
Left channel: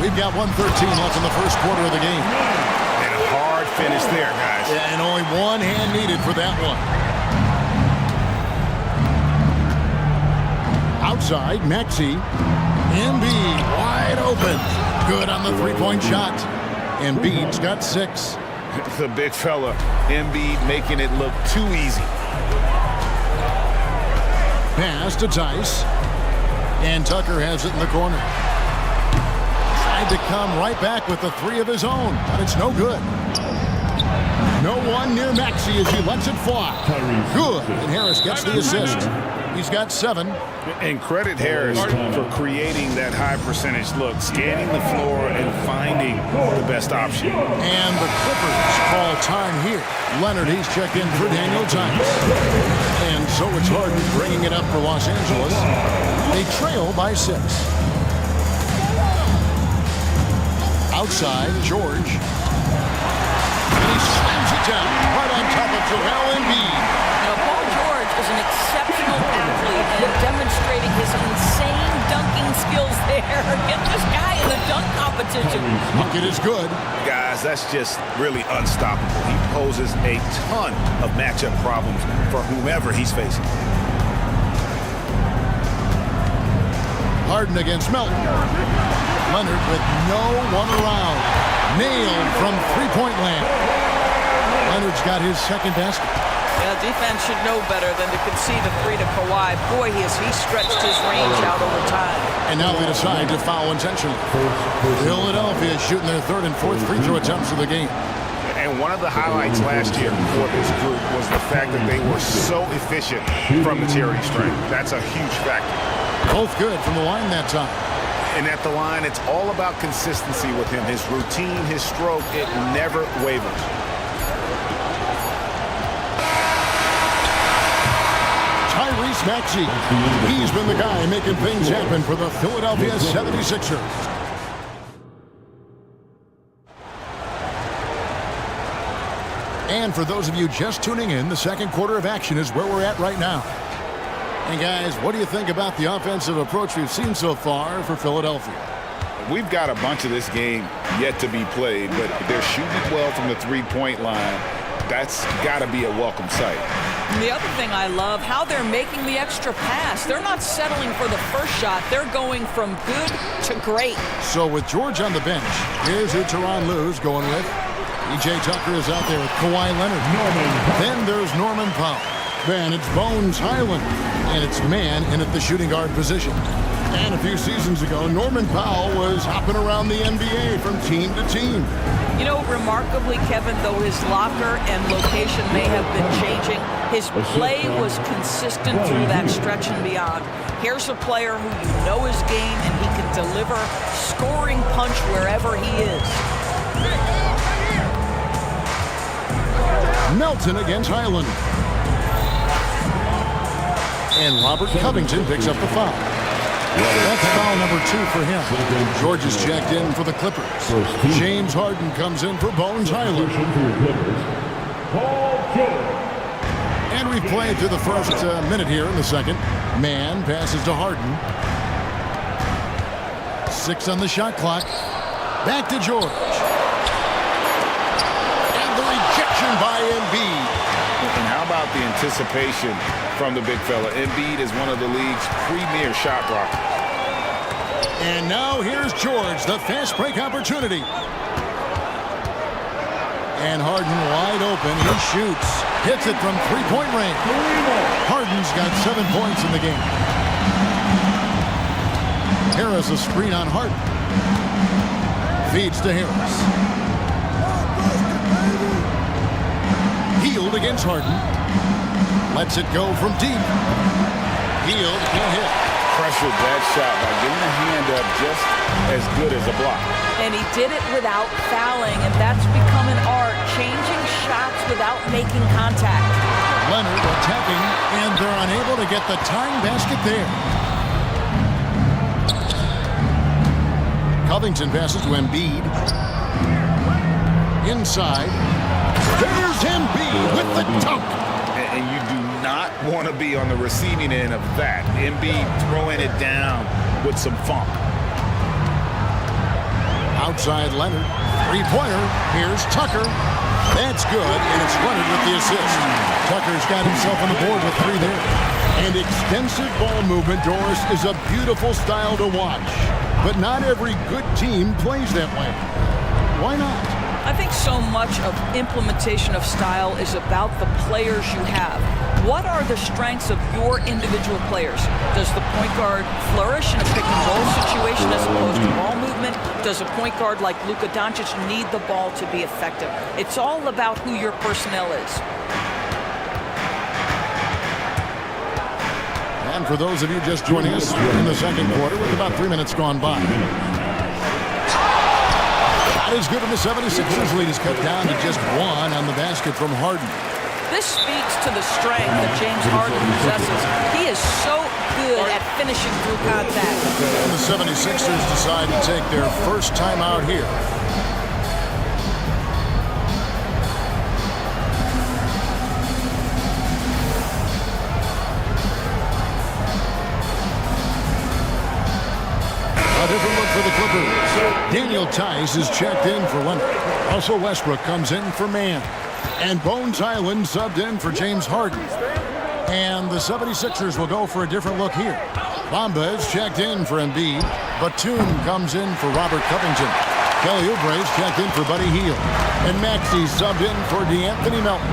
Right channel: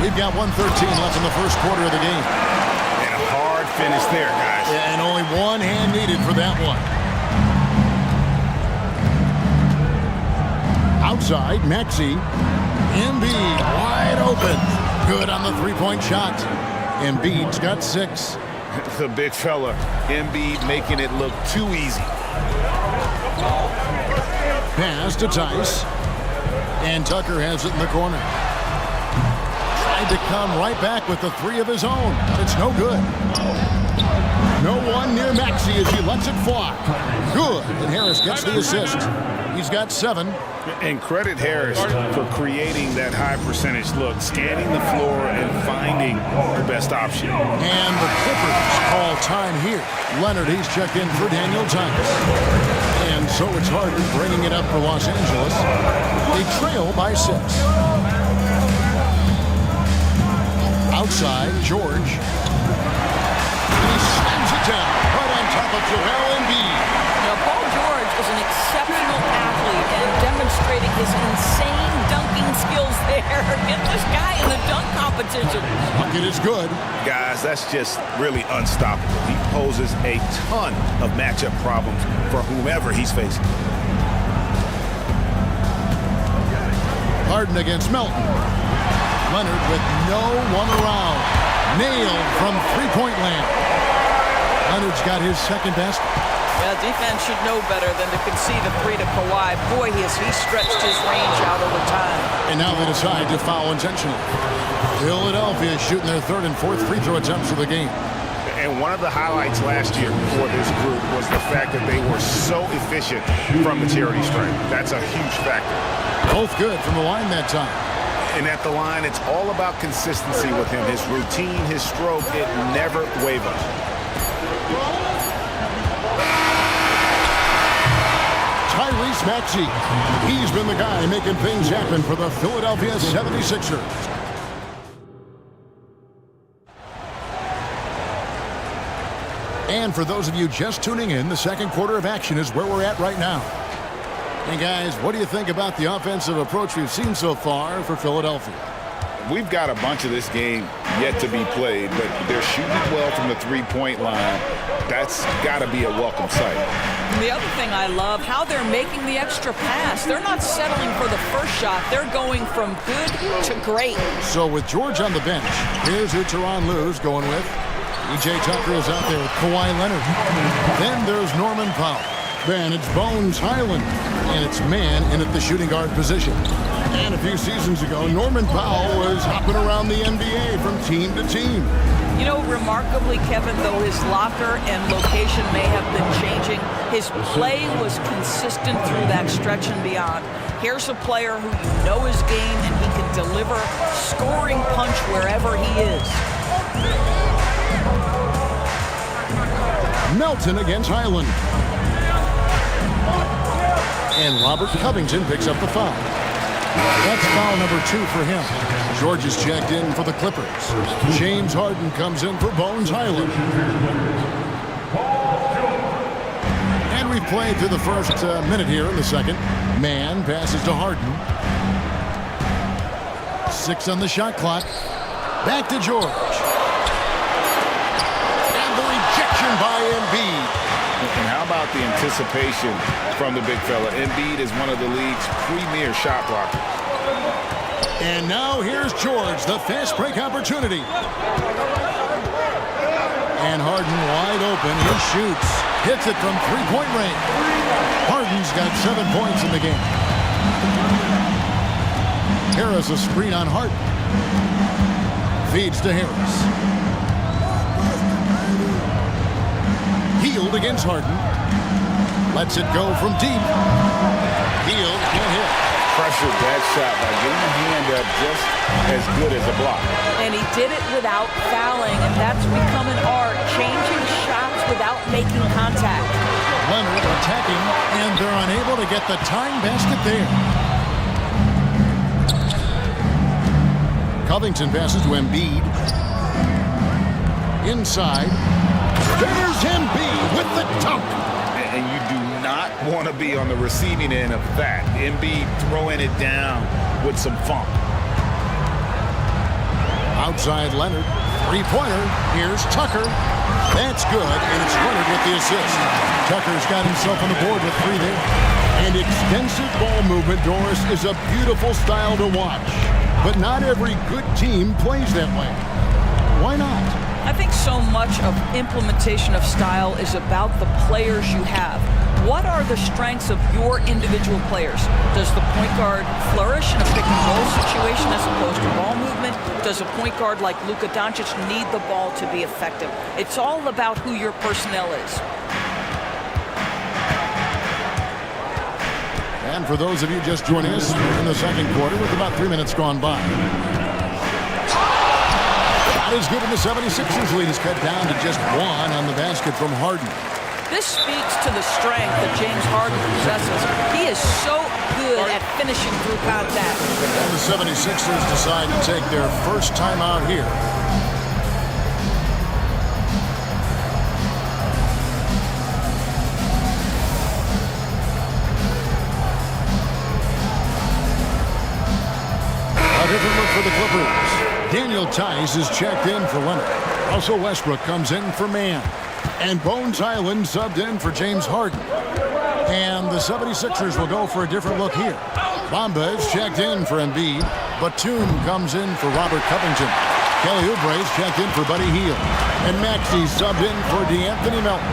We've got 1:13 left in the first quarter of the game. And a hard finish there, guys. Yeah, and only one hand needed for that one. Outside, Maxey. Embiid wide open. Good on the three-point shot. Embiid's got 6. The big fella, Embiid, making it look too easy. Pass to Tice. And Tucker has it in the corner. Tried to come right back with the 3 of his own, but it's no good. No one near Maxey as he lets it fly. Good, and Harris gets the assist. He's got 7. And credit Harris for creating that high percentage look, scanning the floor and finding the best option. And the Clippers call time here. Leonard, he's checked in for Daniel Tice. And so it's Harden bringing it up for Los Angeles. They trail by 6. Outside, George. And he slams it down right on top of Joel Embiid. Now, Paul George is an exceptional athlete and demonstrating his insane dunking skills there. Get this guy in the dunk competition. Bucket is good. Guys, that's just really unstoppable. He poses a ton of matchup problems for whomever he's facing. Harden against Melton. Leonard with no one around. Nailed from three-point land. Leonard's got his second basket. Yeah, defense should know better than to concede a 3 to Kawhi. Boy, he stretched his range out over time. And now they decide to foul intentionally. Philadelphia is shooting their 3rd and 4th free throw attempts of the game. And one of the highlights last year for this group was the fact that they were so efficient from the charity stripe. That's a huge factor. Both good from the line that time. And at the line, it's all about consistency with him. His routine, his stroke, it never wavers. Tyrese Maxey. He's been the guy making things happen for the Philadelphia 76ers. And for those of you just tuning in, the second quarter of action is where we're at right now. And guys, what do you think about the offensive approach we've seen so far for Philadelphia? We've got a bunch of this game yet to be played, but they're shooting it well from the three-point line. That's got to be a welcome sight. And the other thing I love, how they're making the extra pass. They're not settling for the first shot. They're going from good to great. So with George on the bench, here's who Tyronn Lue's going with. E.J. Tucker is out there with Kawhi Leonard. Then there's Norman Powell. Then it's Bones Highland. And it's Mann in at the shooting guard position. And a few seasons ago, Norman Powell was hopping around the NBA from team to team. You know, remarkably, Kevin, though his locker and location may have been changing, his play was consistent through that stretch and beyond. Here's a player who you know his game, and he can deliver scoring punch wherever he is. Melton against Highland. And Robert Covington picks up the foul. That's foul number 2 for him. George is checked in for the Clippers. James Harden comes in for Bones Highland. And we've played through the first minute here in the second. Mann passes to Harden. 6 on the shot clock. Back to George. And the rejection by Embiid. And how about the anticipation from the big fella? Embiid is one of the league's premier shot blockers. And now here's George, the fast break opportunity. And Harden wide open. He shoots. Hits it from three-point range. Harden's got 7 points in the game. Harris a screen on Harden. Feeds to Harris. Healed against Harden. Lets it go from deep. Healed, can't hit. Pressured that shot by getting a hand up just as good as a block. And he did it without fouling, and that's become an art, changing shots without making contact. Leonard attacking, and they're unable to get the tying basket there. Covington passes to Embiid. Inside. There's Embiid with the dunk. And you do not want to be on the receiving end of that. Embiid throwing it down with some funk. Outside Leonard. Three-pointer. Here's Tucker. That's good, and it's Leonard with the assist. Tucker's got himself on the board with 3 there. And extensive ball movement, Doris, is a beautiful style to watch. But not every good team plays that way. Why not? I think so much of implementation of style is about the players you have. What are the strengths of your individual players? Does the point guard flourish in a pick and roll situation as opposed to ball movement? Does a point guard like Luka Doncic need the ball to be effective? It's all about who your personnel is. And for those of you just joining us, we're in the second quarter with about 3 minutes gone by. Shot is good, and the 76ers lead is cut down to just 1 on the basket from Harden. This speaks to the strength that James Harden possesses. He is so good at finishing through contact. And the 76ers decide to take their first time out here. A different look for the Clippers. Daniel Tice is checked in for Leonard. Russell Westbrook comes in for Mann. And Bones Island subbed in for James Harden. And the 76ers will go for a different look here. Bamba is checked in for Embiid. Batum comes in for Robert Covington. Kelly Oubre is checked in for Buddy Hield. And Maxey subbed in for DeAnthony Melton.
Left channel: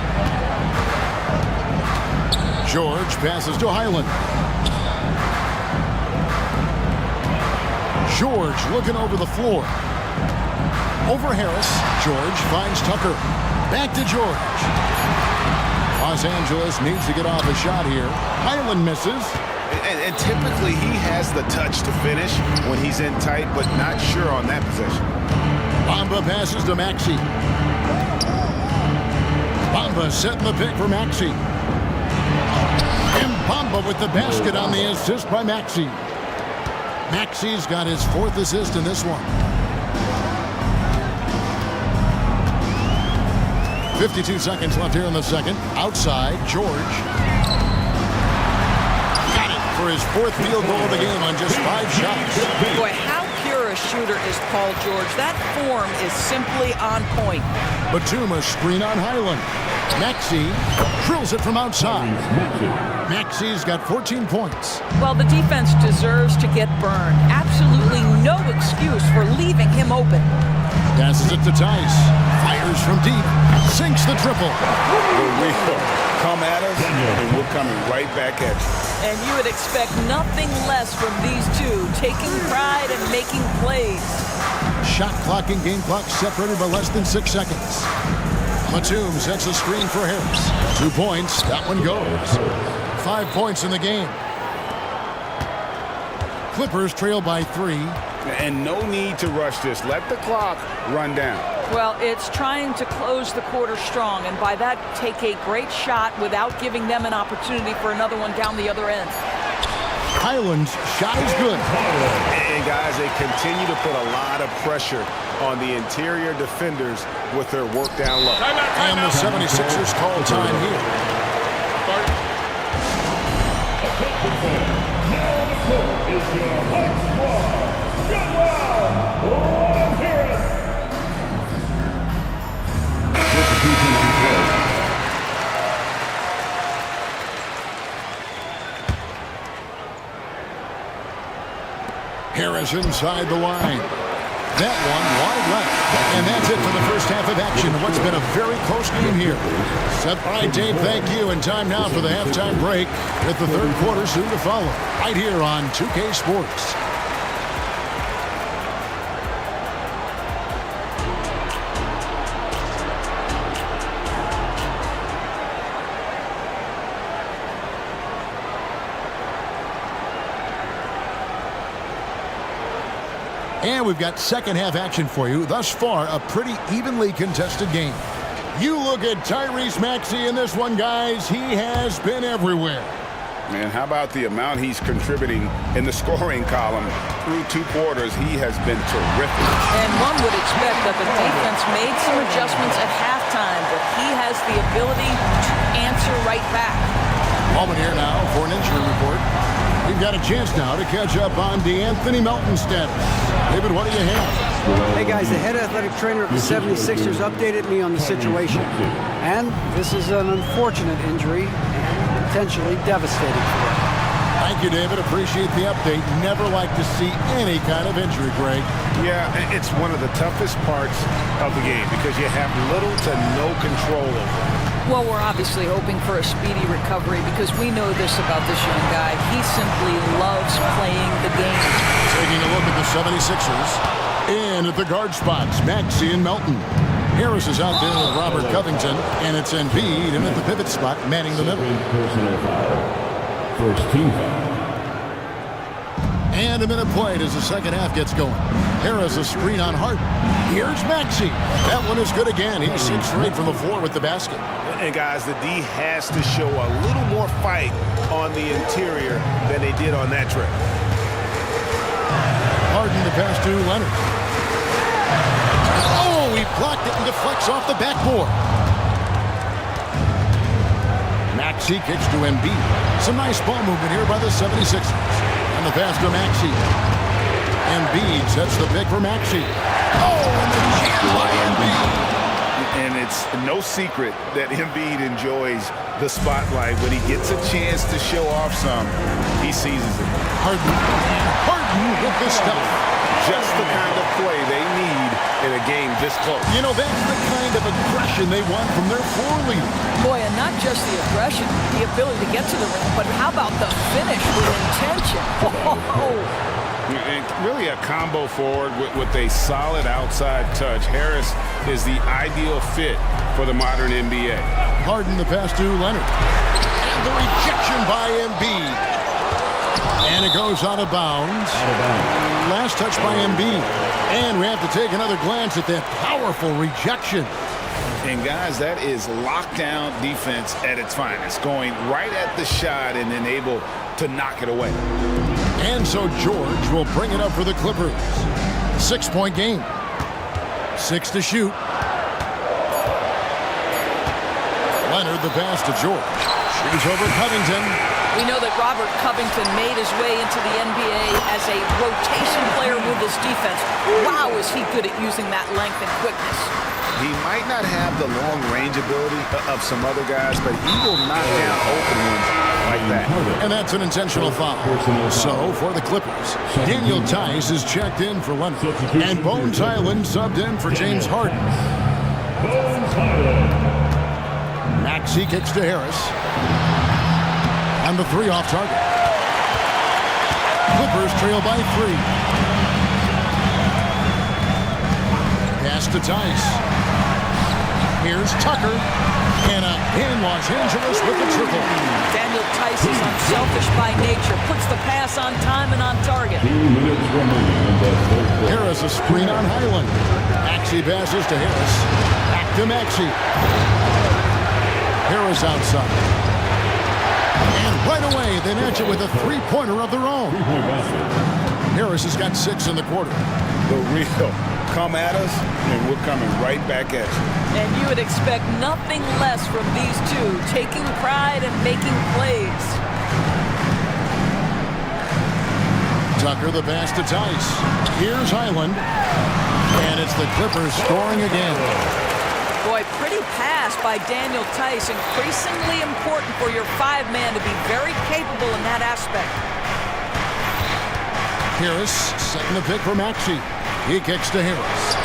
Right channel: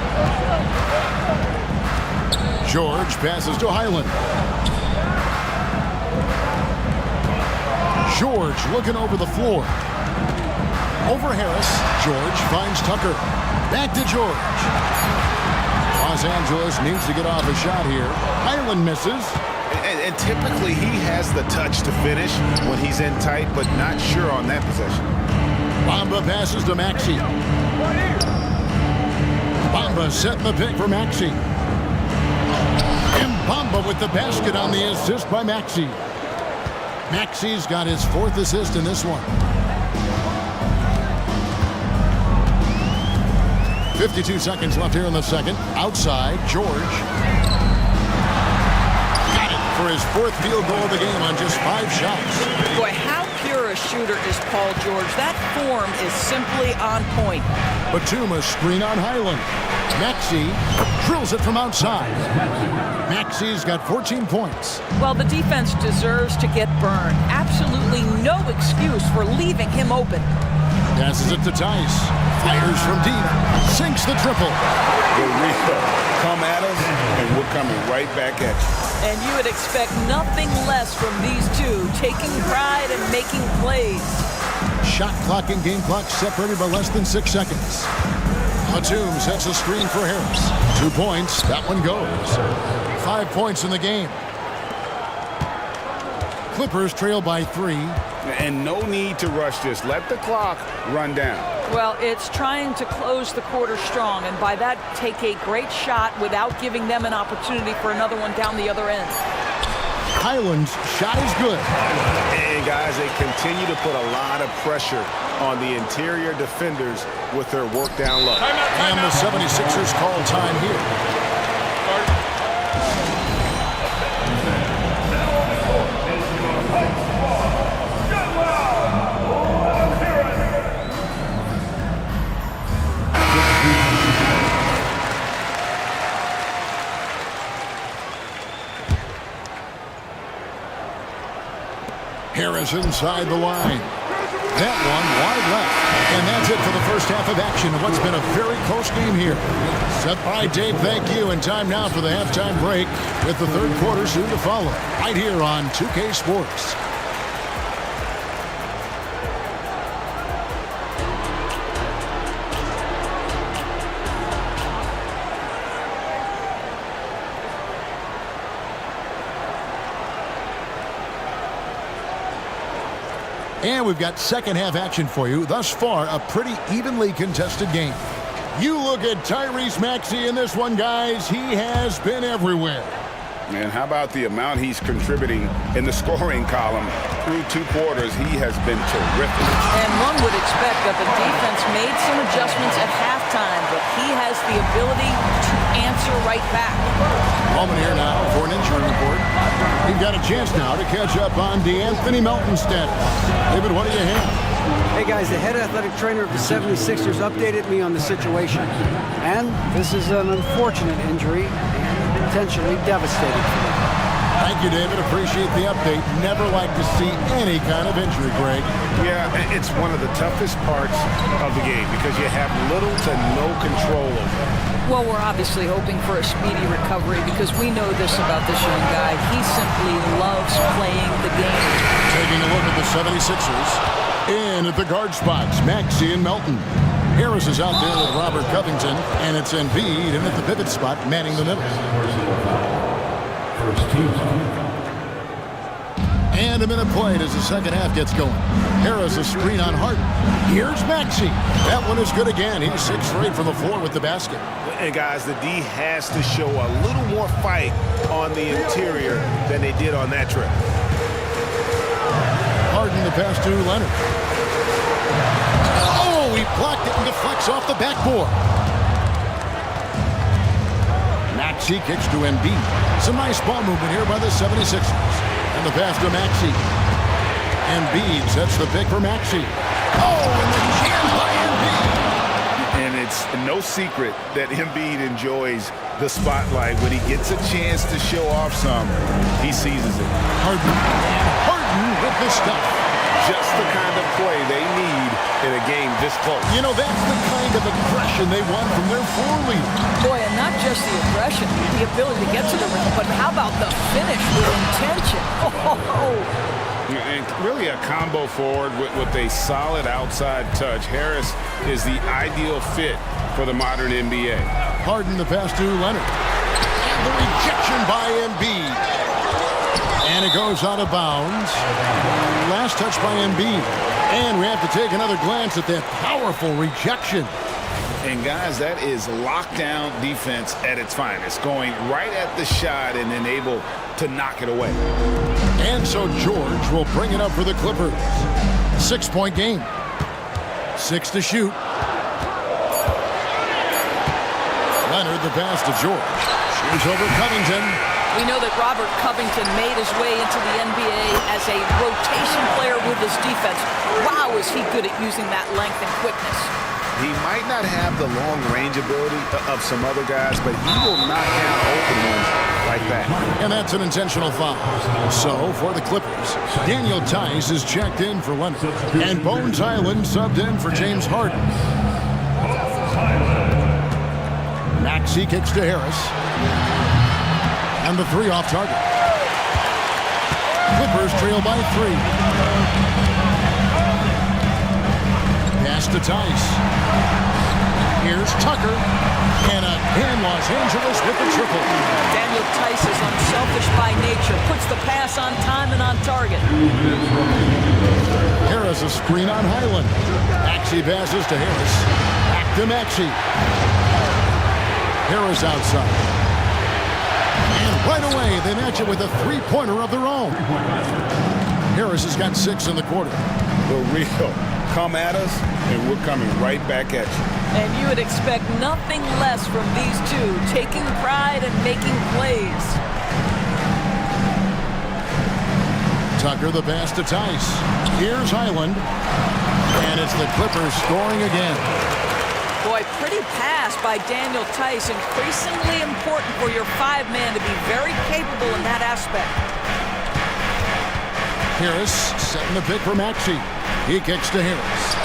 George passes to Highland. George looking over the floor. Over Harris. George finds Tucker. Back to George. Los Angeles needs to get off a shot here. Highland misses. And typically he has the touch to finish when he's in tight, but not sure on that possession. Bamba passes to Maxey. Bamba setting the pick for Maxey. And Bamba with the basket on the assist by Maxey. Maxey's got his 4th assist in this one. 52 seconds left here in the second. Outside, George. Got it for his 4th field goal of the game on just 5 shots. Boy, how pure a shooter is Paul George. That form is simply on point. Batum a screen on Highland. Maxey drills it from outside. Maxey's got 14 points. Well, the defense deserves to get burned. Absolutely no excuse for leaving him open. Passes it to Tice. Fires from deep. Sinks the triple. The real come at us, and we're coming right back at you. And you would expect nothing less from these two, taking pride and making plays. Shot clock and game clock separated by less than 6 seconds. Batum sets a screen for Harris. 2 points. That one goes. 5 points in the game. Clippers trail by 3. And no need to rush this. Let the clock run down. Well, it's trying to close the quarter strong, and by that, take a great shot without giving them an opportunity for another one down the other end. Highland's shot is good. And guys, they continue to put a lot of pressure on the interior defenders with their work down low. And the 76ers call time here. Harris inside the line. That one wide left. And that's it for the first half of action of what's been a very close game here. All right, Dave, thank you. And time now for the halftime break with the third quarter soon to follow. Right here on 2K Sports. And we've got second half action for you. Thus far, a pretty evenly contested game. You look at Tyrese Maxey in this one, guys. He has been everywhere. Man, how about the amount he's contributing in the scoring column through 2 quarters? He has been terrific. And one would expect that the defense made some adjustments at halftime, but he has the ability to answer right back. Moment here now for an injury report. We've got a chance now to catch up on DeAnthony Melton's status. David, what do you have? Hey guys, the head athletic trainer of the 76ers updated me on the situation. And this is an unfortunate injury and potentially devastating for them. Thank you, David. Appreciate the update. Never like to see any kind of injury, Greg. Yeah, it's one of the toughest parts of the game because you have little to no control over it. Well, we're obviously hoping for a speedy recovery because we know this about this young guy. He simply loves playing the game. Taking a look at the 76ers. In at the guard spots, Maxey and Melton. Harris is out there with Robert Covington, and it's Embiid in at the pivot spot, manning the middle. First team. And a minute played as the second half gets going. Harris a screen on Hart. Here's Maxey. That one is good again. He's 6 for 8 from the floor with the basket. And guys, the D has to show a little more fight on the interior than they did on that trip. Harden the pass to Leonard. Oh, he blocked it and deflects off the backboard. Maxey kicks to Embiid. Some nice ball movement here by the 76ers. And the pass to Maxey. Embiid sets the pick for Maxey. Oh, and the jam by Embiid. And it's no secret that Embiid enjoys the spotlight. When he gets a chance to show off some, he seizes it. Harden with the stuff. Just the kind of play they need in a game this close. You know, that's the kind of aggression they want from their floor leader. Boy, and not just the aggression, the ability to get to the rim, but how about the finish with intention? Oh. And really a combo forward with a solid outside touch. Harris is the ideal fit for the modern NBA. Harden the pass to Leonard. And the rejection by Embiid. And it goes out of bounds. Last touch by Embiid. And we have to take another glance at that powerful rejection. And guys, that is lockdown defense at its finest. Going right at the shot and then able to knock it away. And so George will bring it up for the Clippers. 6-point game. 6 to shoot. Leonard the pass to George. Shoots over Covington. We know that Robert Covington made his way into the NBA as a rotation player with his defense. Wow, is he good at using that length and quickness. He might not have the long-range ability of some other guys, but he will knock down open ones like that. And that's an intentional foul. So, for the Clippers, Daniel Tice is checked in for Leonard. And Bones Highland subbed in for James Harden. Maxey kicks to Harris. And the 3 off target. Clippers trail by 3. Pass to Tice. Here's Tucker. And again, Los Angeles with the triple. Daniel Tice is unselfish by nature. Puts the pass on time and on target. 2 minutes remaining. Harris a screen on Highland. Maxey passes to Harris. Back to Maxey. Harris outside. And right away, they match it with a 3-pointer of their own. Harris has got 6 in the quarter. The real come at us, and we're coming right back at you. And you would expect nothing less from these two, taking pride and making plays. Tucker the pass to Tice. Here's Highland. And it's the Clippers scoring again. Boy, pretty pass by Daniel Tice. Increasingly important for your 5-man to be very capable in that aspect. Harris setting the pick for Maxey. He kicks to Harris.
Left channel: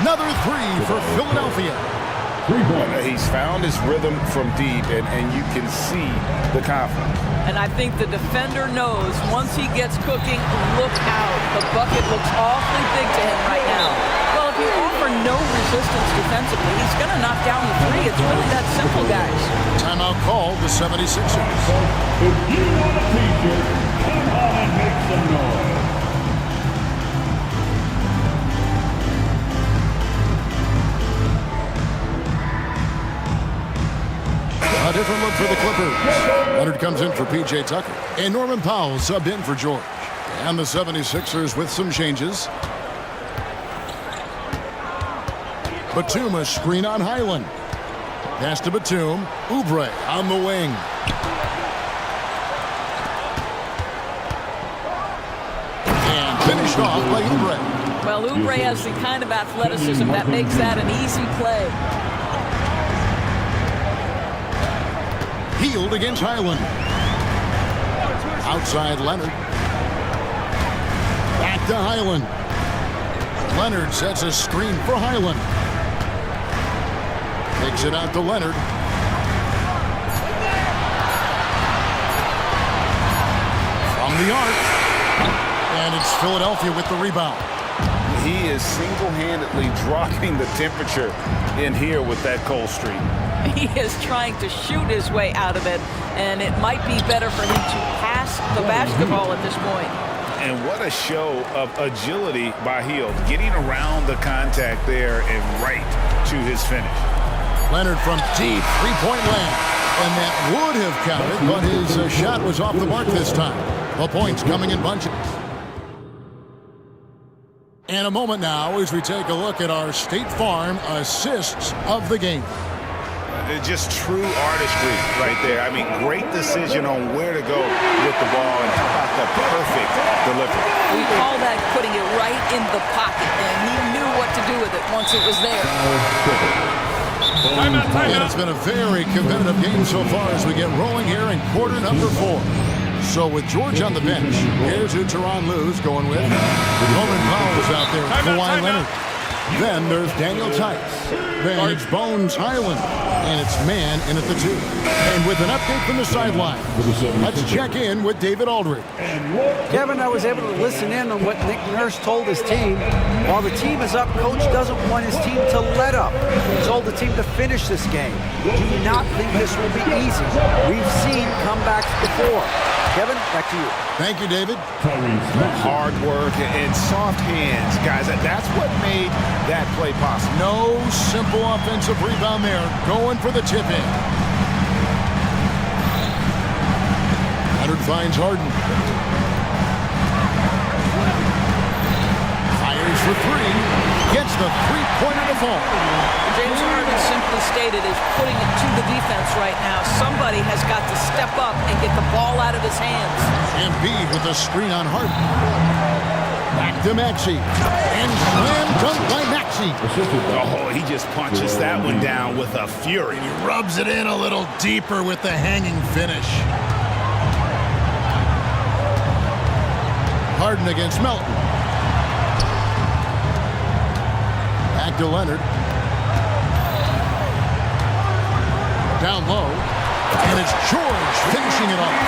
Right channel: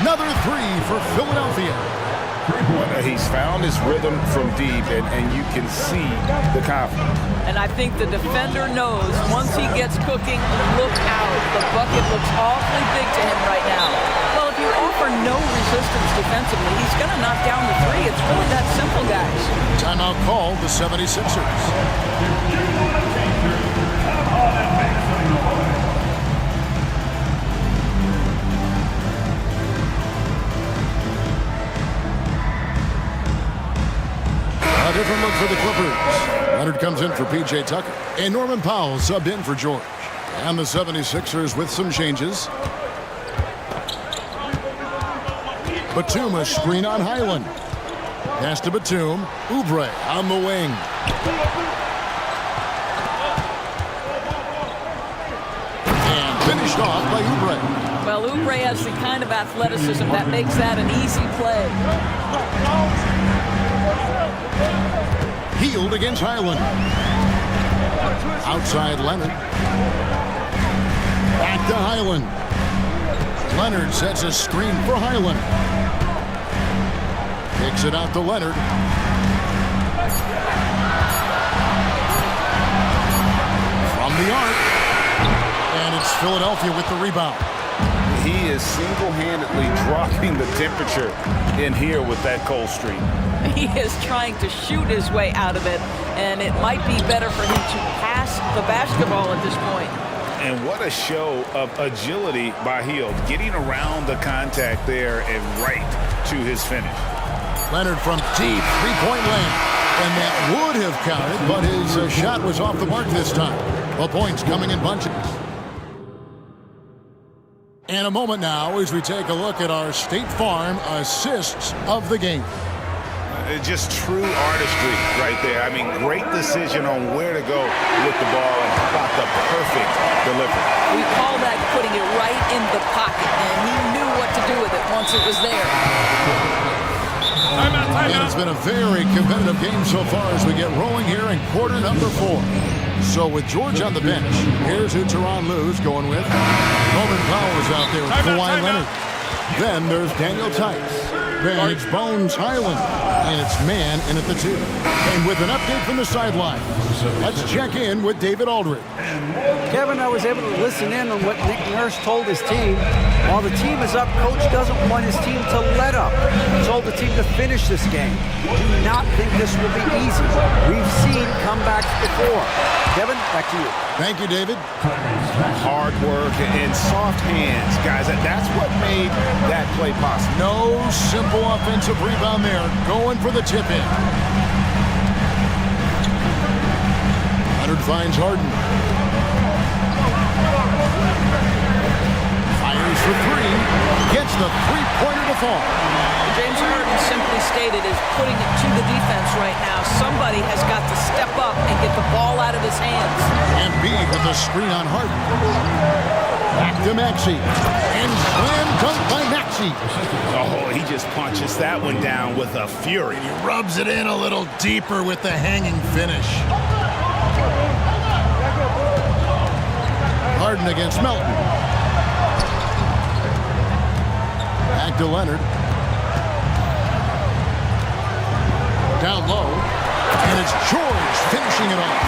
Another three for Philadelphia. He's found his rhythm from deep, and you can see the confidence. And I think the defender knows once he gets cooking, look out. The bucket looks awfully big to him right now. Well, if you offer no resistance defensively, he's going to knock down the three. It's really that simple, guys. Timeout called the 76ers. If you want a t-shirt, come on and make some noise. A different look for the Clippers. Leonard comes in for P.J. Tucker. And Norman Powell subbed in for George. And the 76ers with some changes. Batum a screen on Highland. Pass to Batum. Oubre on the wing. And finished off by Oubre. Well, Oubre has the kind of athleticism that makes that an easy play. Healed against Highland. Outside Leonard. Back to Highland. Leonard sets a screen for Highland. Kicks it out to Leonard. From the arc. And it's Philadelphia with the rebound. He is single-handedly dropping the temperature in here with that cold streak. He is trying to shoot his way out of it, and it might be better for him to pass the basketball at this point. And what a show of agility by Hield, getting around the contact there and right to his finish. Leonard from deep, three-point land. And that would have counted, but his shot was off the mark this time. The points coming in bunches. And a moment now as we take a look at our State Farm assists of the game. Just true artistry right there. I mean, great decision on where to go with the ball, and how about the perfect delivery? We call that putting it right in the pocket, and he knew what to do with it once it was there. Timeout. And it's been a very competitive game so far as we get rolling here in quarter number 4. So with George on the bench, here's who Tyronn Lue's going with. Norman Powell is out there with Kawhi Leonard. Then there's Daniel Tice. Then it's Bones Highland. And it's man in at the 2. And with an update from the sideline, let's check in with David Aldridge. Kevin, I was able to listen in on what Nick Nurse told his team. While the team is up, Coach doesn't want his team to let up. He told the team to finish this game. Do not think this will be easy. We've seen comebacks before. Kevin, back to you. Thank you, David. Hard work and soft hands, guys. That's what made that play possible. No simple offensive rebound there. Going for the tip in. Leonard finds Harden. Fires for 3. Gets the three-pointer to fall. James Harden simply stated is putting it to the defense right now. Somebody has got to step up and get the ball out of his hands. Embiid with the screen on Harden. Back to Maxey. And slam dunk by Maxey. Oh, he just punches that one down with a fury. And he rubs it in a little deeper with the hanging finish. Harden against Melton. Back to Leonard. Down low, and it's George finishing it off.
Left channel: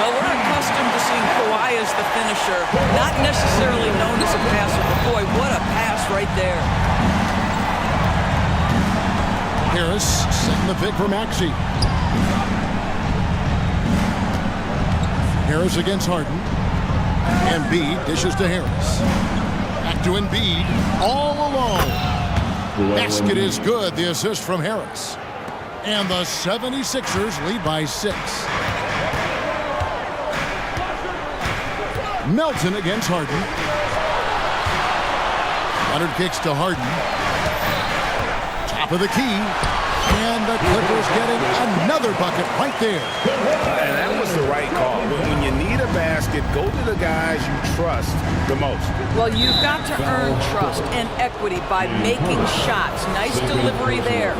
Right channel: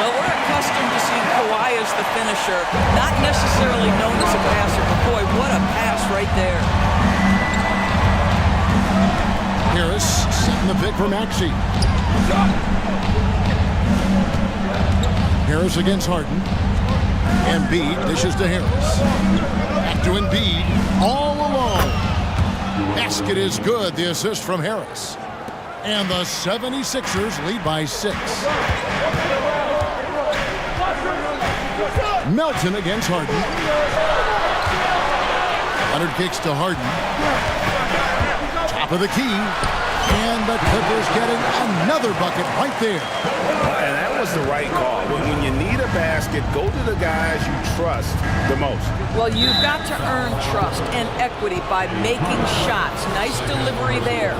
Well, we're accustomed to seeing Kawhi as the finisher, not necessarily known as a passer, but boy, what a pass right there. Harris setting the pick for Maxey. Harris against Harden. Embiid dishes to Harris. Back to Embiid, all alone. Basket is good, the assist from Harris. And the 76ers lead by 6. Melton against Harden. Leonard kicks to Harden. Top of the key. And the Clippers getting another bucket right there. And that was the right call. When you need a basket, go to the guys you trust the most. Well, you've got to earn trust and equity by making shots. Nice delivery there.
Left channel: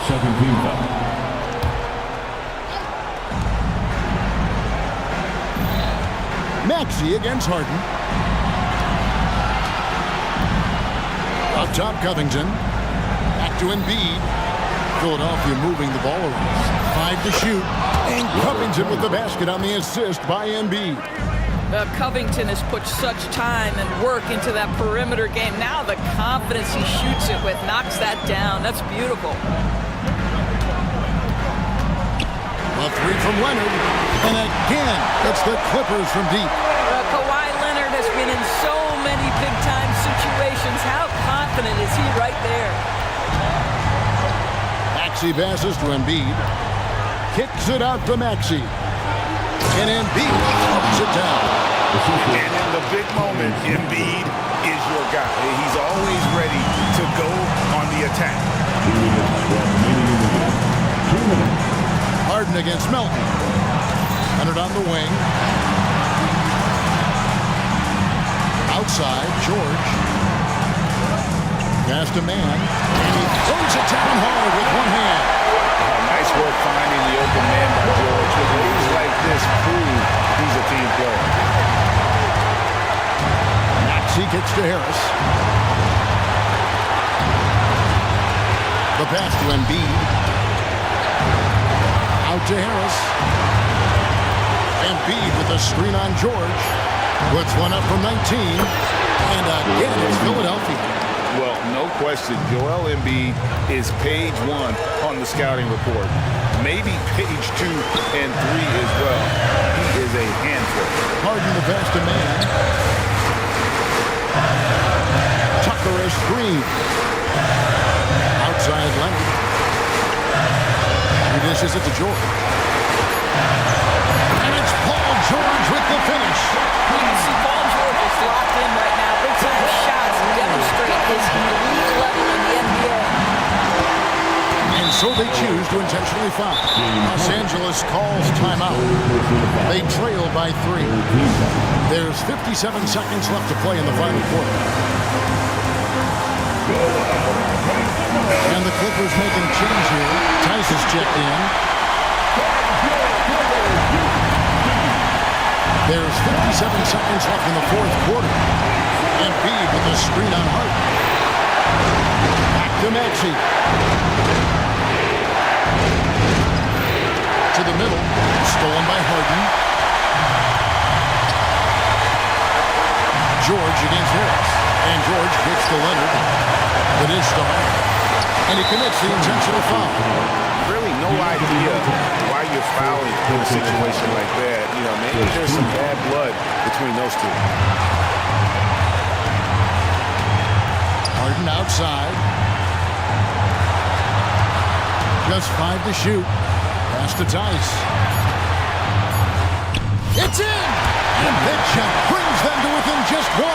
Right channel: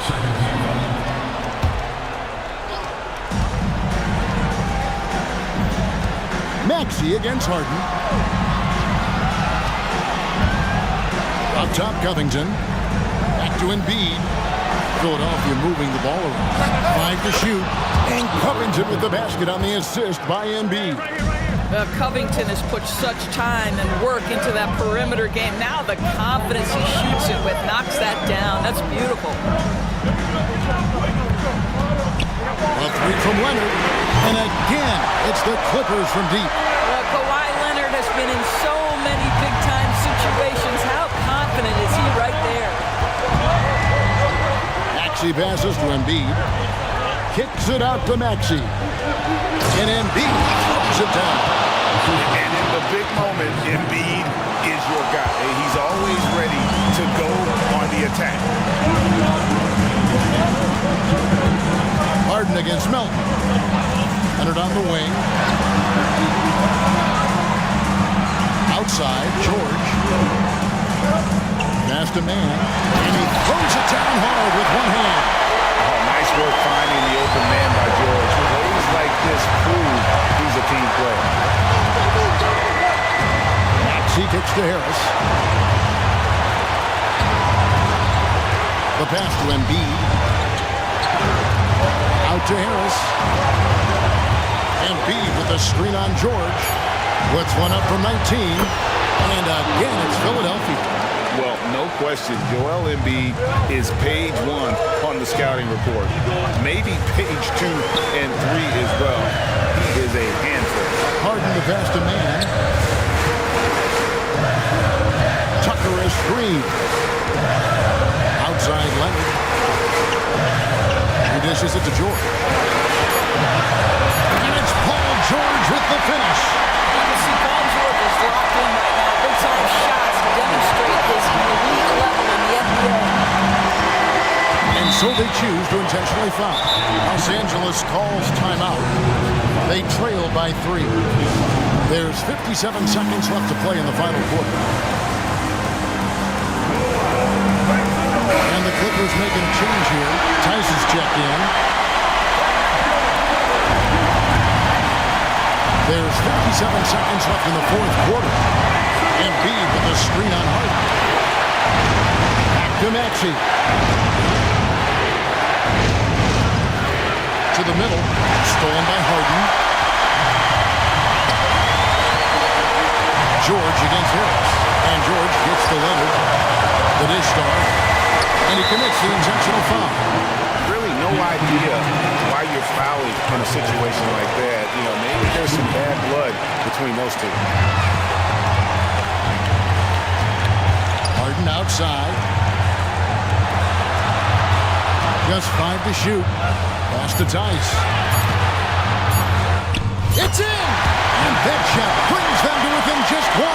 Second team. Maxey against Harden. Up top, Covington. Back to Embiid. Philadelphia moving the ball around. 5 to shoot. And Covington with the basket on the assist by Embiid. Covington has put such time and work into that perimeter game. Now the confidence he shoots it with knocks that down. That's beautiful. A three from Leonard. And again, it's the Clippers from deep. Kawhi Leonard has been in so many big-time situations. How confident is he right there? Maxey passes to Embiid. Kicks it out to Maxey. And Embiid throws it down. And in the big moment, Embiid is your guy. He's always ready to go on the attack. Harden against Melton. Leonard on the wing. Outside, George. Pass to man. And he throws it down hard with one hand. Oh, nice work finding the open man by George. Plays like this prove he's a team player. Maxey kicks to Harris. The pass to Embiid. Out to Harris. Embiid with a screen on George. Puts one up from 19. And again, it's Philadelphia. Well, no question, Joel Embiid is page 1 on the scouting report. Maybe page 2 and 3 as well. He is a handful. Harden the pass to man. Tucker a screen. Outside Leonard. He dishes it to George. And it's Paul George with the finish. You can see Paul George is locked in right now. Big-time shots demonstrate his elite level in the NBA. And so they choose to intentionally foul. Los Angeles calls timeout. They trail by 3. There's 57 seconds left to play in the final quarter. And the Clippers making a change here. Tice is checked in. There's 57 seconds left in the fourth quarter. Embiid with a screen on Harden. Back to Maxey. To the middle. Stolen by Harden. George against Harris. And George kicks to Leonard. The dish to Harden. And he commits the intentional foul. Really no idea why you're fouling in a situation like that. You know, maybe there's some bad blood between those two. Harden outside. Just 5 to shoot. Pass to Tice. It's in! And that shot brings them to within just 1.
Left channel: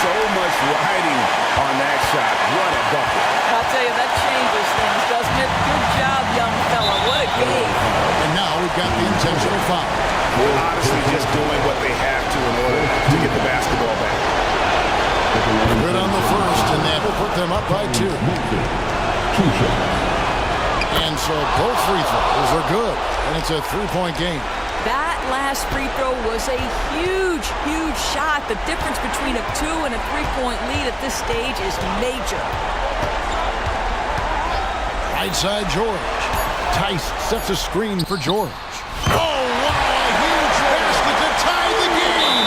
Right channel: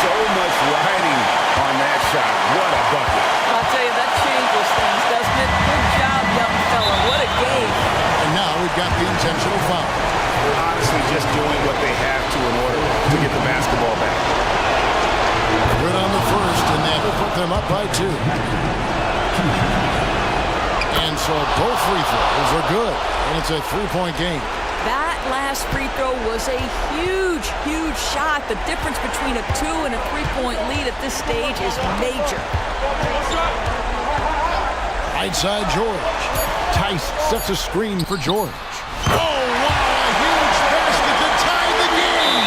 So much riding on that shot. What a bucket. I'll tell you, that changes things, doesn't it? Good job, young fella. What a game. And now we've got the intentional foul. Honestly, just doing what they have to in order to get the basketball back. Good on the first, and that will put them up by 2. And so both free throws are good, and it's a 3-point game. That last free throw was a huge, huge shot. The difference between a 2 and a 3-point lead at this stage is major. Right side, George. Tice sets a screen for George. Oh, wow, a huge basket to tie the game.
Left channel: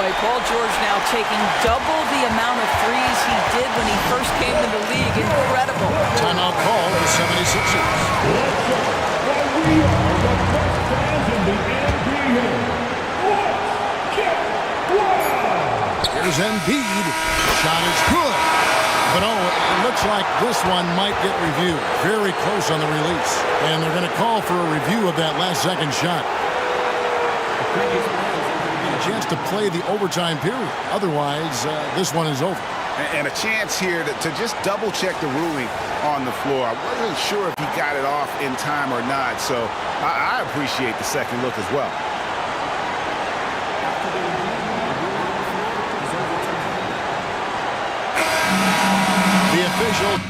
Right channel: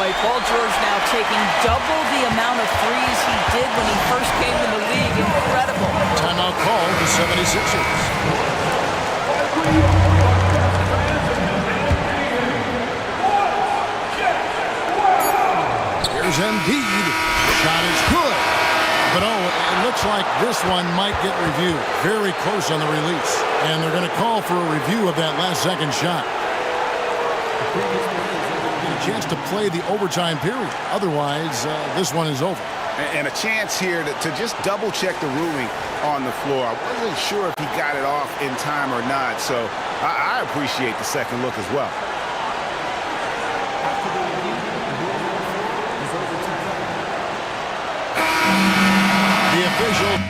Boy, Paul George now taking double the amount of threes he did when he first came in the league. Incredible. Timeout called the 76ers. Here's Embiid. Shot is good. But it looks like this one might get reviewed. Very close on the release. And they're going to call for a review of that last second shot. Get a chance to play the overtime period. Otherwise, this one is over. And a chance here to just double check the ruling on the floor. I wasn't sure if he got it off in time or not. So I appreciate the second look as well. After the review, the ruling on the floor is overturned. The official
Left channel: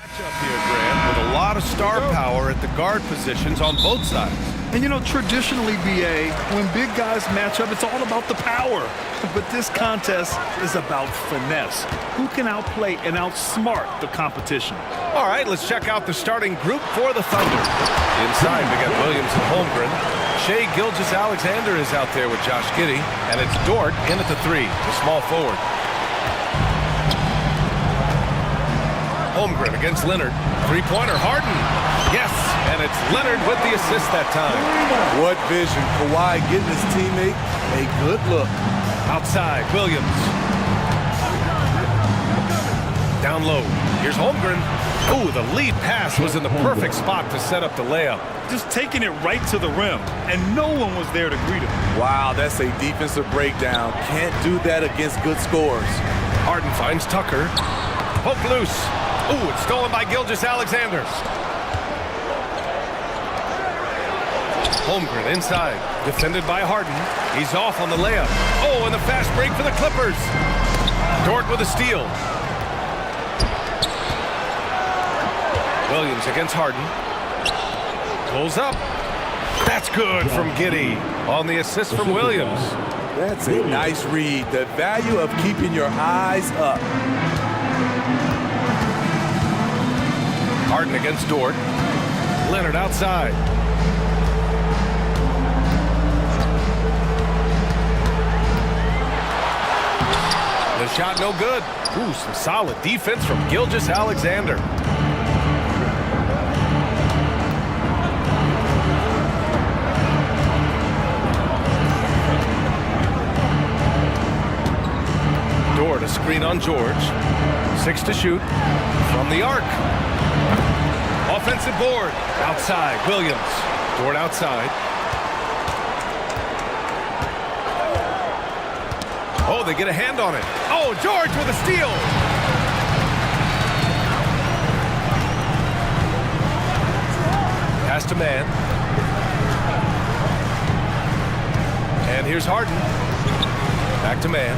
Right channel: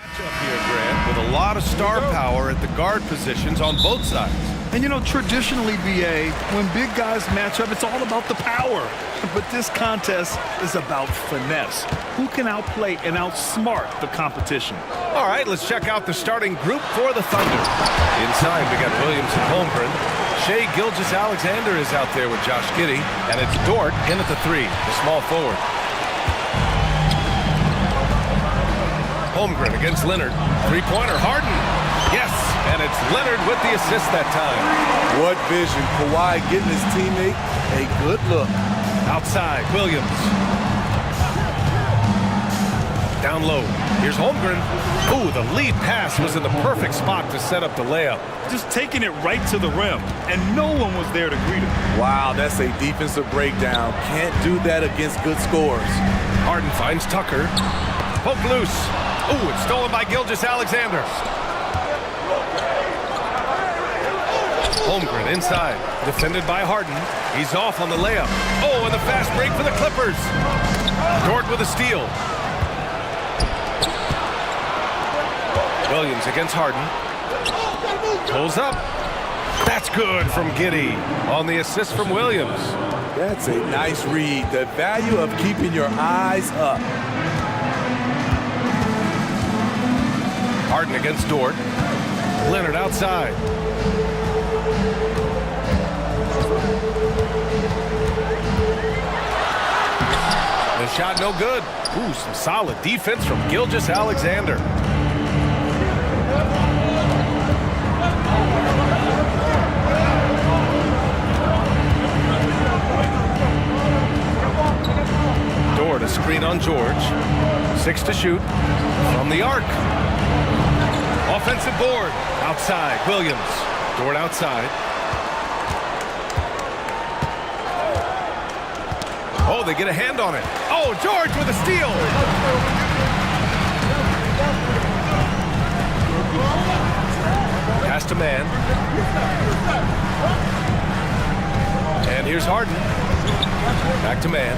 Matchup here, Grant, with a lot of star power at the guard positions on both sides. And you know, traditionally, BA, when big guys match up, it's all about the power. But this contest is about finesse. Who can outplay and outsmart the competition? All right, let's check out the starting group for the Thunder. Inside, we got Williams and Holmgren. Shai Gilgeous-Alexander is out there with Josh Giddey. And it's Dort in at the 3, the small forward. Holmgren against Leonard. Three-pointer, Harden. Yes, and it's Leonard with the assist that time. What vision. Kawhi getting his teammate a good look. Outside, Williams. Down low. Here's Holmgren. Ooh, the lead pass was in the perfect spot to set up the layup. Just taking it right to the rim, and no one was there to greet him. Wow, that's a defensive breakdown. Can't do that against good scores. Harden finds Tucker. Poke loose. Ooh, it's stolen by Gilgeous-Alexander. Holmgren inside, defended by Harden. He's off on the layup. Oh, and the fast break for the Clippers. Dort with a steal. Williams against Harden. Pulls up. That's good from Giddey on the assist from Williams. That's a nice read. The value of keeping your eyes up. Harden against Dort. Leonard outside. The shot no good. Ooh, some solid defense from Gilgeous-Alexander. Dort, a screen on George. 6 to shoot from the arc. Offensive board. Outside, Williams. Dort outside. Oh, they get a hand on it. Oh, George with a steal. Pass to man. And here's Harden. Back to man.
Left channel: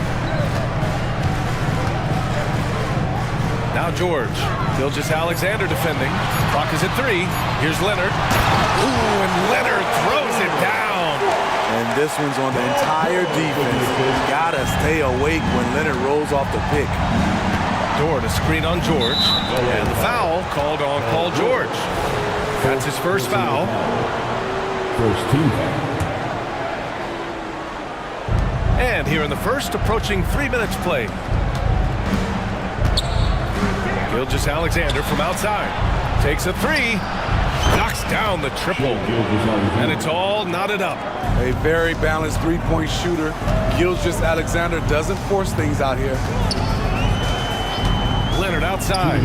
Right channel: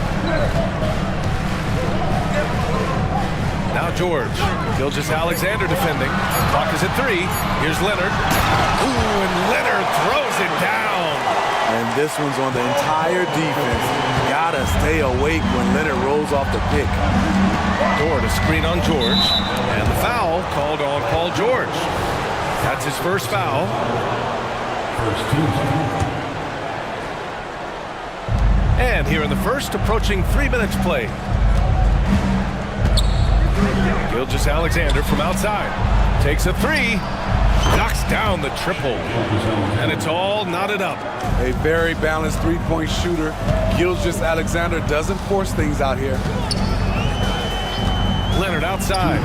Now George. Gilgeous-Alexander defending. Clock is at 3. Here's Leonard. Ooh, and Leonard throws it down. And this one's on the entire defense. Gotta stay awake when Leonard rolls off the pick. Dort, a screen on George. And the foul called on Paul George. That's his first foul. First team. And here in the first, approaching 3 minutes played. Gilgeous-Alexander from outside. Takes a 3. Knocks down the triple. And it's all knotted up. A very balanced three-point shooter. Gilgeous-Alexander doesn't force things out here. Leonard outside.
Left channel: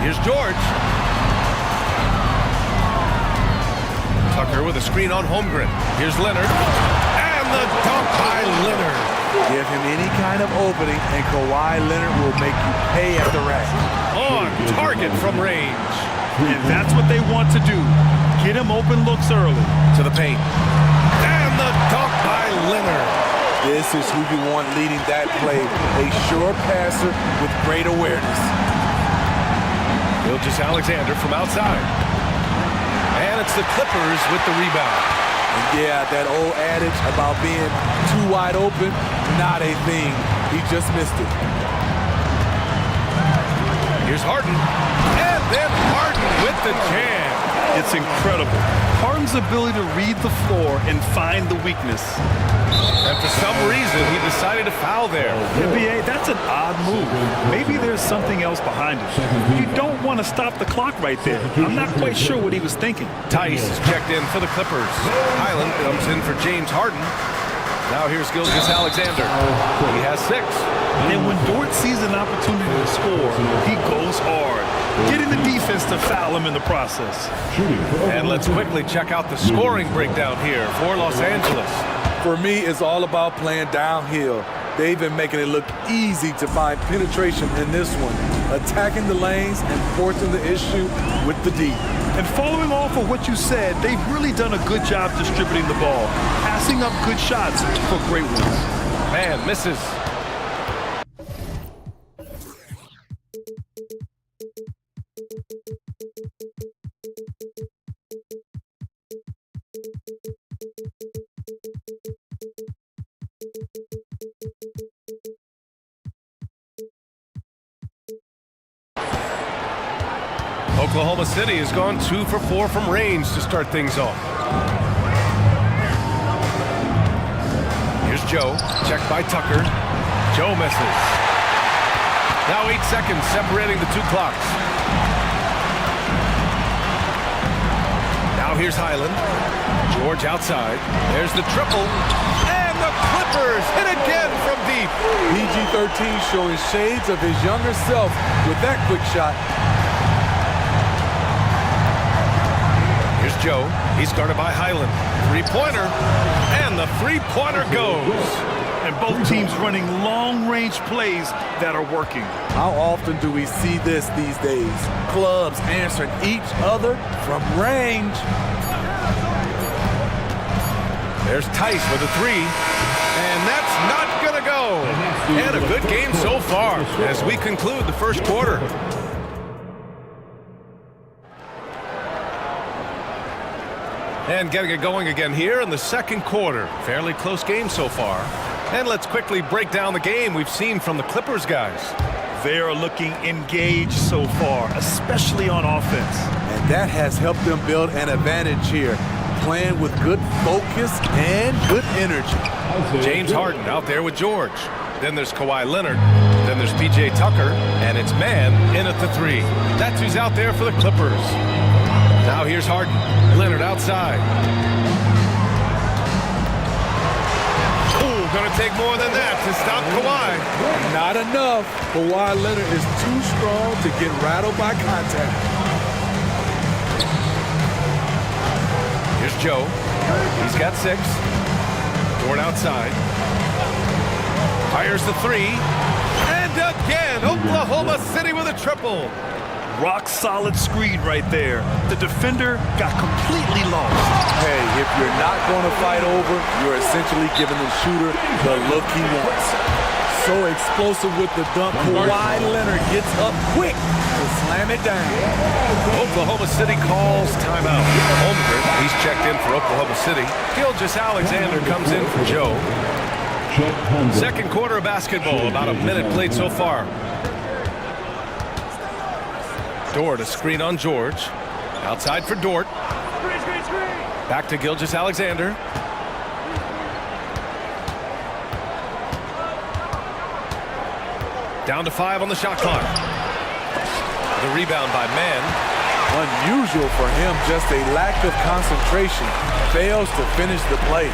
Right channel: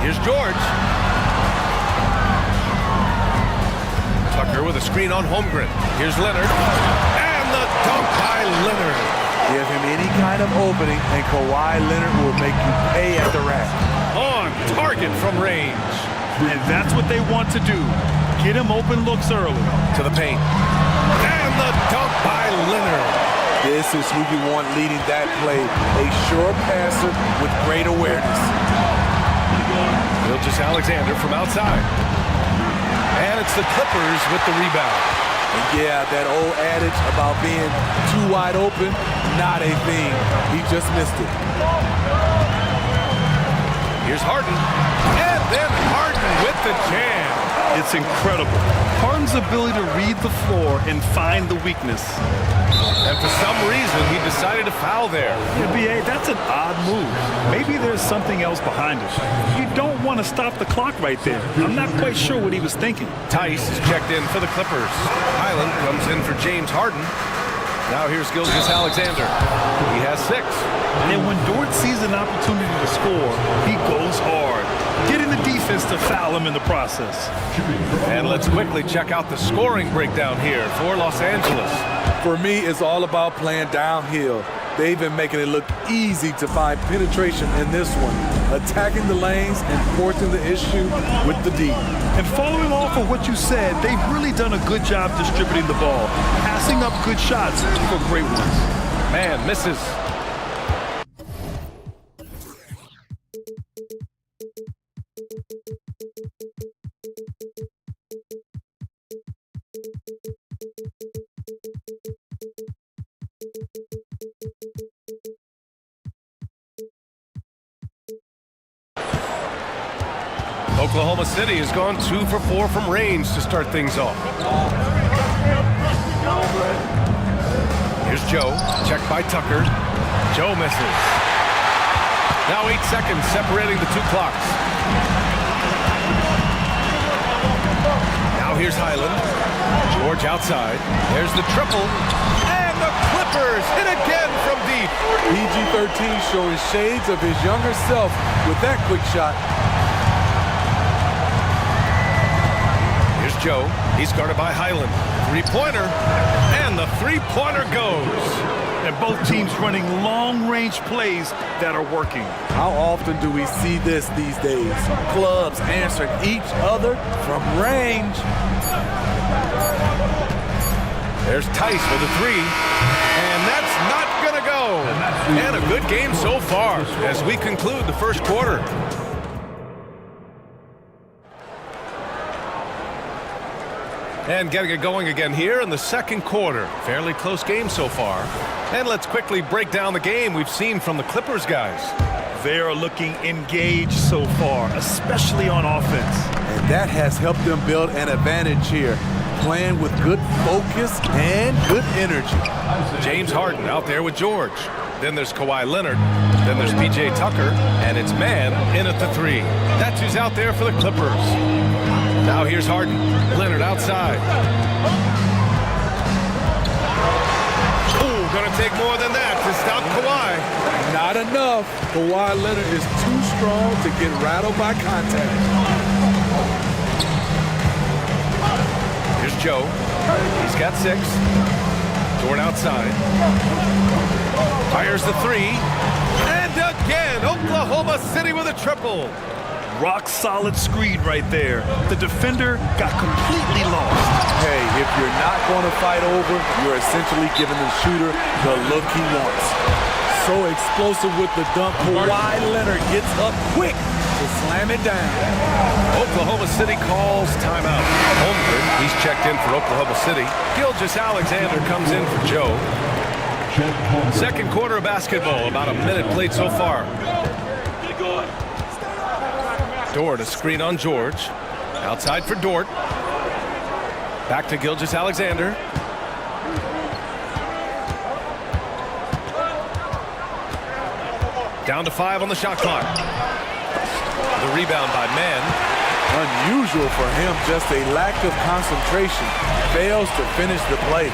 Here's George. Tucker with a screen on Holmgren. Here's Leonard. And the dunk by Leonard. Give him any kind of opening, and Kawhi Leonard will make you pay at the rack. On target from range. And that's what they want to do. Get him open looks early. To the paint. And the dunk by Leonard. This is who you want leading that play. A sure passer with great awareness. Gilgeous-Alexander from outside. And it's the Clippers with the rebound. And yeah, that old adage about being too wide open, not a thing. He just missed it. Here's Harden. And then Harden with the jam. It's incredible. Harden's ability to read the floor and find the weakness. And for some reason, he decided to foul there. Yeah, B.A., that's an odd move. Maybe there's something else behind it. You don't want to stop the clock right there. I'm not quite sure what he was thinking. Tice is checked in for the Clippers. Highland comes in for James Harden. Now here's Gilgeous-Alexander. He has 6. And when Dort sees an opportunity to score, he goes hard, getting the defense to foul him in the process. And let's quickly check out the scoring breakdown here for Los Angeles. For me, it's all about playing downhill. They've been making it look easy to find penetration in this one, attacking the lanes and forcing the issue with the D. And following off of what you said, they've really done a good job distributing the ball, passing up good shots for great ones. Man misses. Oklahoma City has gone 2 for 4 from range to start things off. Here's Joe, checked by Tucker. Joe misses. Now 8 seconds separating the two clocks. Now here's Highland. George outside. There's the triple. And the Clippers hit again from deep. PG-13 showing shades of his younger self with that quick shot. Here's Joe. He's guarded by Highland. Three-pointer. And the three-pointer goes. And both teams running long-range plays that are working. How often do we see this these days? Clubs answering each other from range. There's Tice with a three. And that's not gonna go. And a good game so far as we conclude the first quarter. And getting it going again here in the second quarter. Fairly close game so far. And let's quickly break down the game we've seen from the Clippers guys. They are looking engaged so far, especially on offense. And that has helped them build an advantage here, playing with good focus and good energy. James Harden out there with George. Then there's Kawhi Leonard. Then there's PJ Tucker. And it's man in at the three. That's who's out there for the Clippers. Now here's Harden. Leonard outside. Oh, gonna take more than that to stop Kawhi. Not enough. Kawhi Leonard is too strong to get rattled by contact. Here's Joe. He's got 6. Dort outside. Fires the three. And again, Oklahoma City with a triple. Rock solid screen right there. The defender got completely lost. Hey, if you're not going to fight over, you're essentially giving the shooter the look he wants. So explosive with the dunk, Kawhi Leonard gets up quick to slam it down. Oklahoma City calls timeout. Holmgren, he's checked in for Oklahoma City. Gilgeous-Alexander comes in for Joe. Second quarter of basketball, about a minute played so far. Dort, a screen on George. Outside for Dort. Back to Gilgeous-Alexander. Down to 5 on the shot clock. The rebound by Mann. Unusual for him, just a lack of concentration. Fails to finish the play.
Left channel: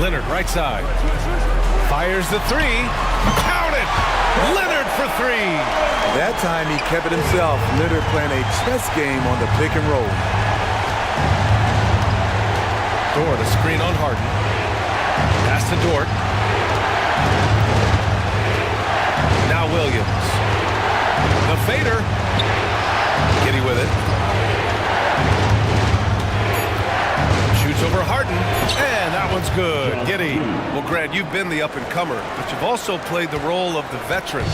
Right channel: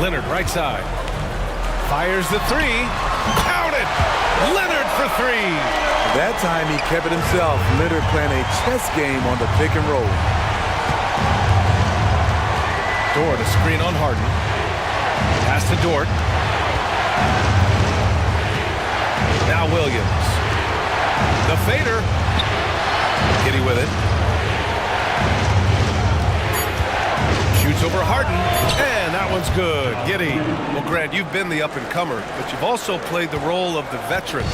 Leonard right side. Fires the three. Count it! Leonard for 3. That time he kept it himself. Leonard playing a chess game on the pick and roll. Dort, a screen on Harden. Pass to Dort. Now Williams. The fader. Giddy with it. Shoots over Harden, and that one's good. Giddy. Well, Grant, you've been the up-and-comer, but you've also played the role of the veteran.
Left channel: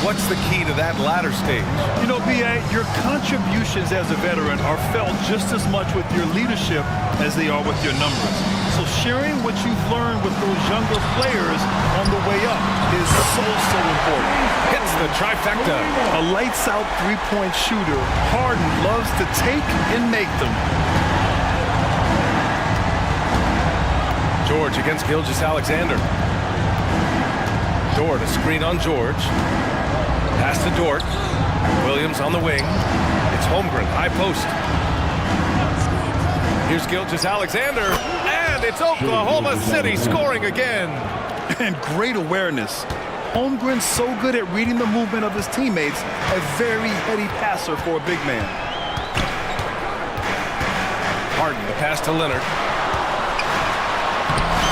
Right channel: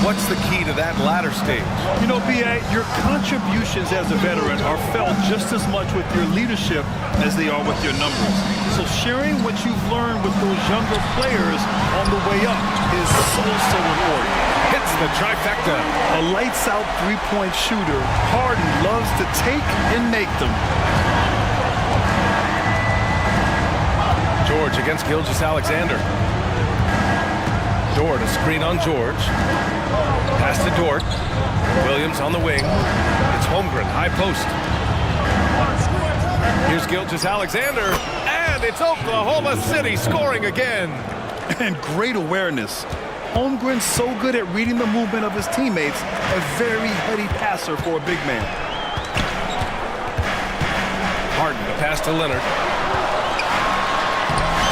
What's the key to that latter stage? You know, B.A., your contributions as a veteran are felt just as much with your leadership as they are with your numbers. So sharing what you've learned with those younger players on the way up is so important. Hits the trifecta. A lights-out three-point shooter, Harden loves to take and make them. George against Gilgeous-Alexander. Dort, a screen on George. Pass to Dort. Williams on the wing. It's Holmgren, high post. Here's Gilgeous-Alexander, and it's Oklahoma City scoring again. And great awareness. Holmgren's so good at reading the movement of his teammates, a very heady passer for a big man. Harden, the pass to Leonard.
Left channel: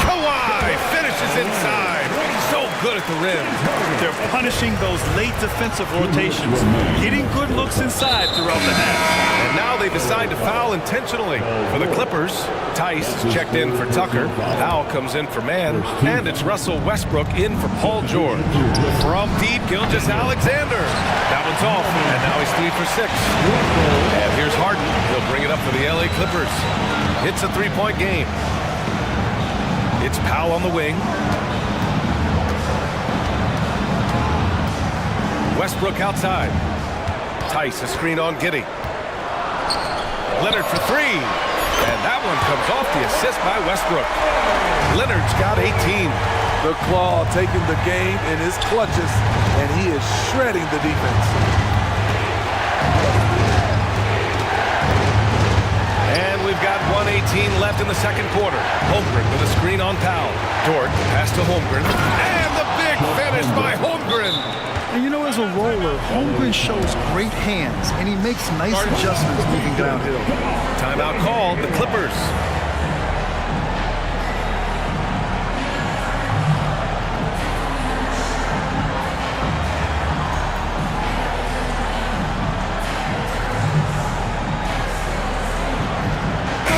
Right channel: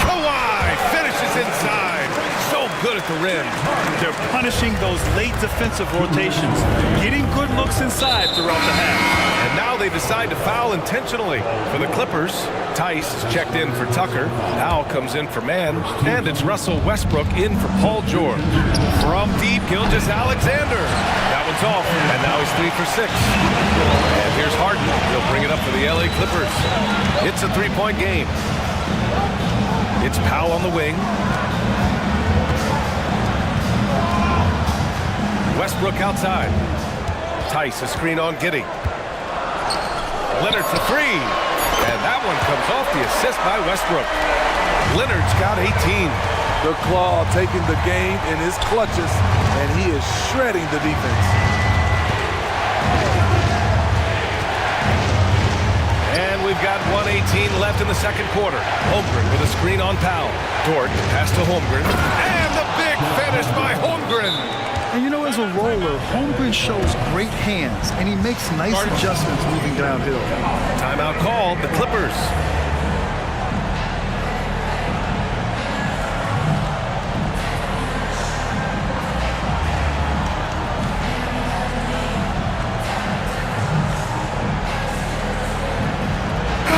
Kawhi finishes inside. So good at the rim. They're punishing those late defensive rotations, getting good looks inside throughout the half. And now they decide to foul intentionally. For the Clippers, Tice is checked in for Tucker. Howell comes in for Mann. And it's Russell Westbrook in for Paul George. From deep, Gilgeous-Alexander. That one's off, and now he's 3 for 6. And here's Harden. He'll bring it up for the LA Clippers. It's a three-point game. It's Powell on the wing. Westbrook outside. Tice, a screen on Giddey. Leonard for three. And that one comes off the assist by Westbrook. Leonard's got 18. The Claw taking the game in his clutches, and he is shredding the defense. And we've got 1:18 left in the second quarter. Holmgren with a screen on Powell. Dort, the pass to Holmgren. And the big finish by Holmgren. And you know, as a roller, Holmgren shows great hands, and he makes nice adjustments moving downhill. Timeout called, the Clippers.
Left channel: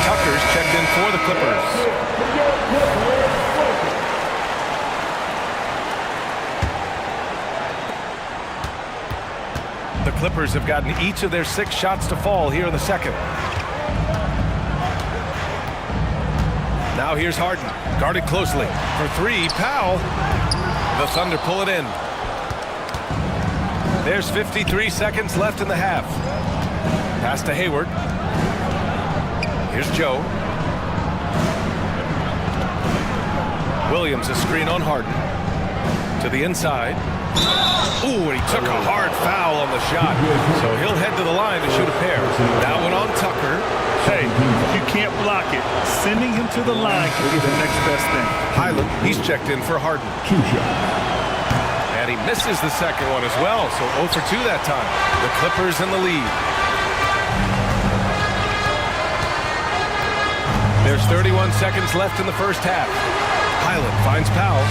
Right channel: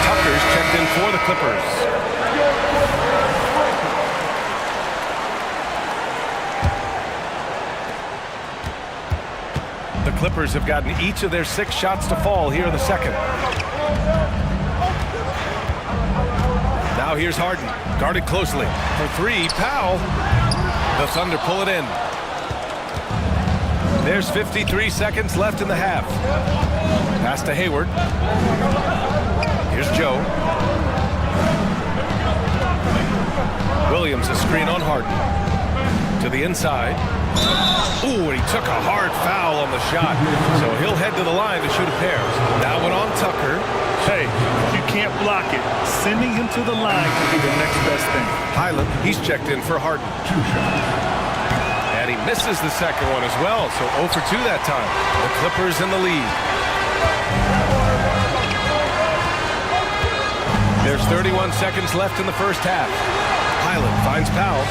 Tucker's checked in for the Clippers. The Clippers have gotten each of their 6 shots to fall here in the second. Now here's Harden, guarded closely. For three, Powell. The Thunder pull it in. There's 53 seconds left in the half. Pass to Hayward. Here's Joe. Williams, a screen on Harden. To the inside. Ooh, and he took a hard foul on the shot. So he'll head to the line to shoot a pair. That one on Tucker. Hey, if you can't block it, sending him to the line can be the next best thing. Highland, he's checked in for Harden. And he misses the second one as well, so 0 for 2 that time. The Clippers in the lead. There's 31 seconds left in the first half. Highland finds Powell.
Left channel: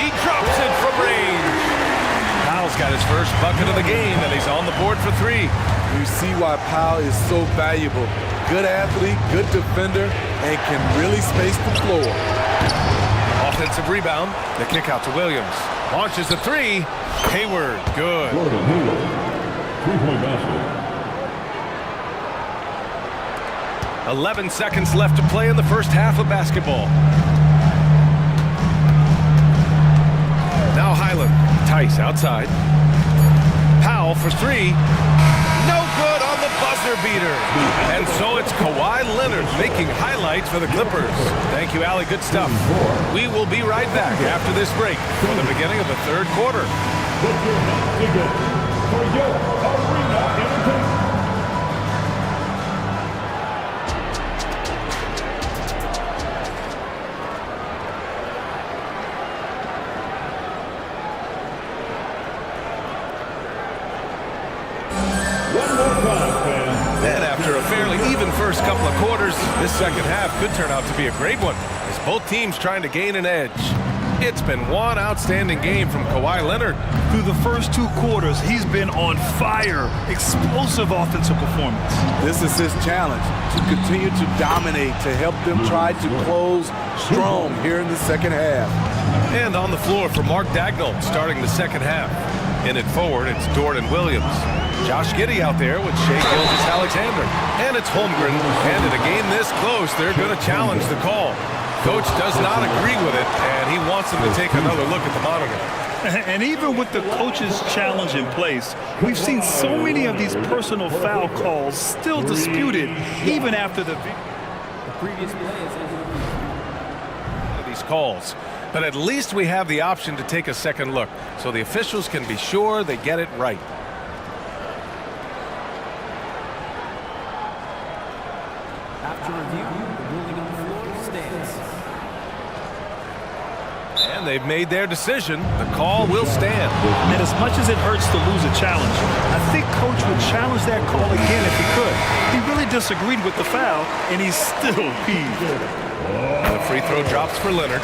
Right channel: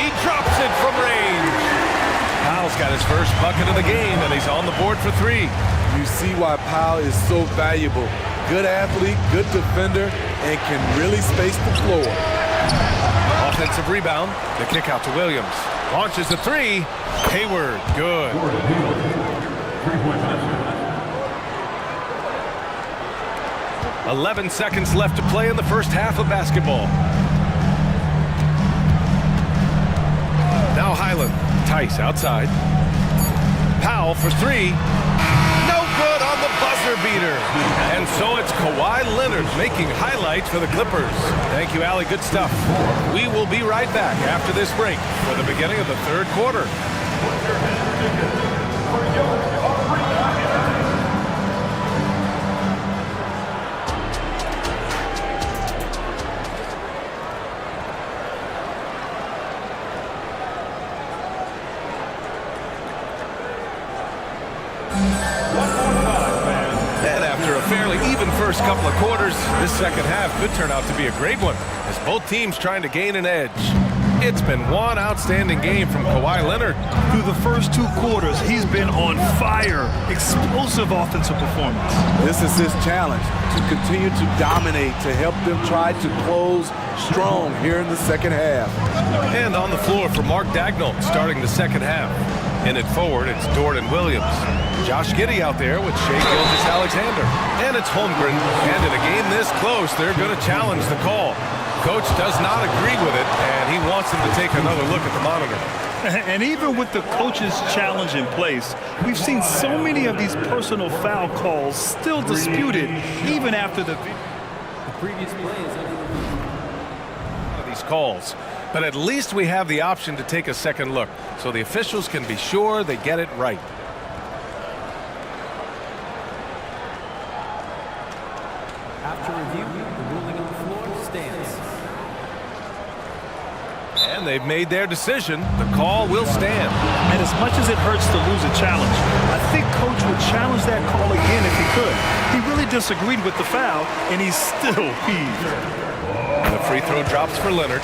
He drops it from range. Powell's got his first bucket of the game, and he's on the board for 3. You see why Powell is so valuable. Good athlete, good defender, and can really space the floor. Offensive rebound. The kick out to Williams. Launches a 3. Hayward, good. 3-point basket. 11 seconds left to play in the first half of basketball. Now Highland. Tice outside. Powell for 3. No good on the buzzer beater. And so it's Kawhi Leonard making highlights for the Clippers. Thank you, Allie. Good stuff. We will be right back after this break for the beginning of the third quarter. And after a fairly even first couple of quarters, this second half could turn out to be a great one, as both teams trying to gain an edge. It's been one outstanding game from Kawhi Leonard. Through the first 2 quarters, he's been on fire. Explosive offensive performance. This is his challenge, to continue to dominate, to help them try to close strong here in the second half. And on the floor for Mark Dagnall, starting the second half. In it forward, it's Dort and Williams. Josh Giddey out there with Shai Gilgeous-Alexander. And it's Holmgren. And in a game this close, they're going to challenge the call. Coach does not agree with it, and he wants them to take another look at the monitor. And even with the coach's challenge in place, we've seen so many of these personal foul calls still disputed, even after the previous play is under review. These calls, but at least we have the option to take a second look, so the officials can be sure they get it right. After review, the ruling on the floor stands. And they've made their decision. The call will stand. And as much as it hurts to lose a challenge, I think Coach would challenge that call again if he could. He really disagreed with the foul, and he's still peeved. And the free throw drops for Leonard.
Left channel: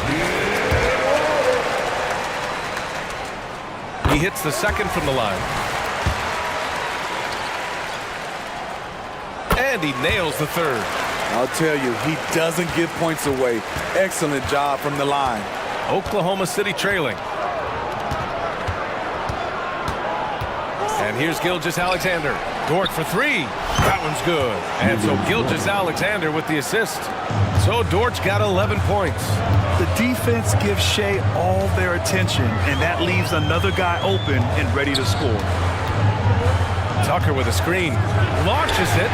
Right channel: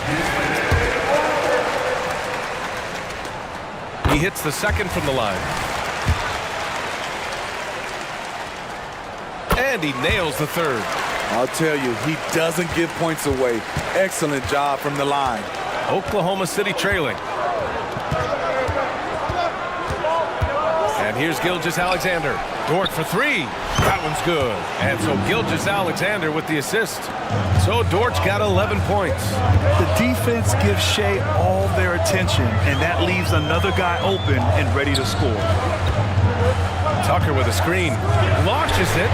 He hits the second from the line. And he nails the third. I'll tell you, he doesn't give points away. Excellent job from the line. Oklahoma City trailing. And here's Gilgeous-Alexander. Dort for 3. That one's good. And so Gilgeous-Alexander with the assist. So Dort's got 11 points. The defense gives Shea all their attention, and that leaves another guy open and ready to score. Tucker with a screen. Launches it.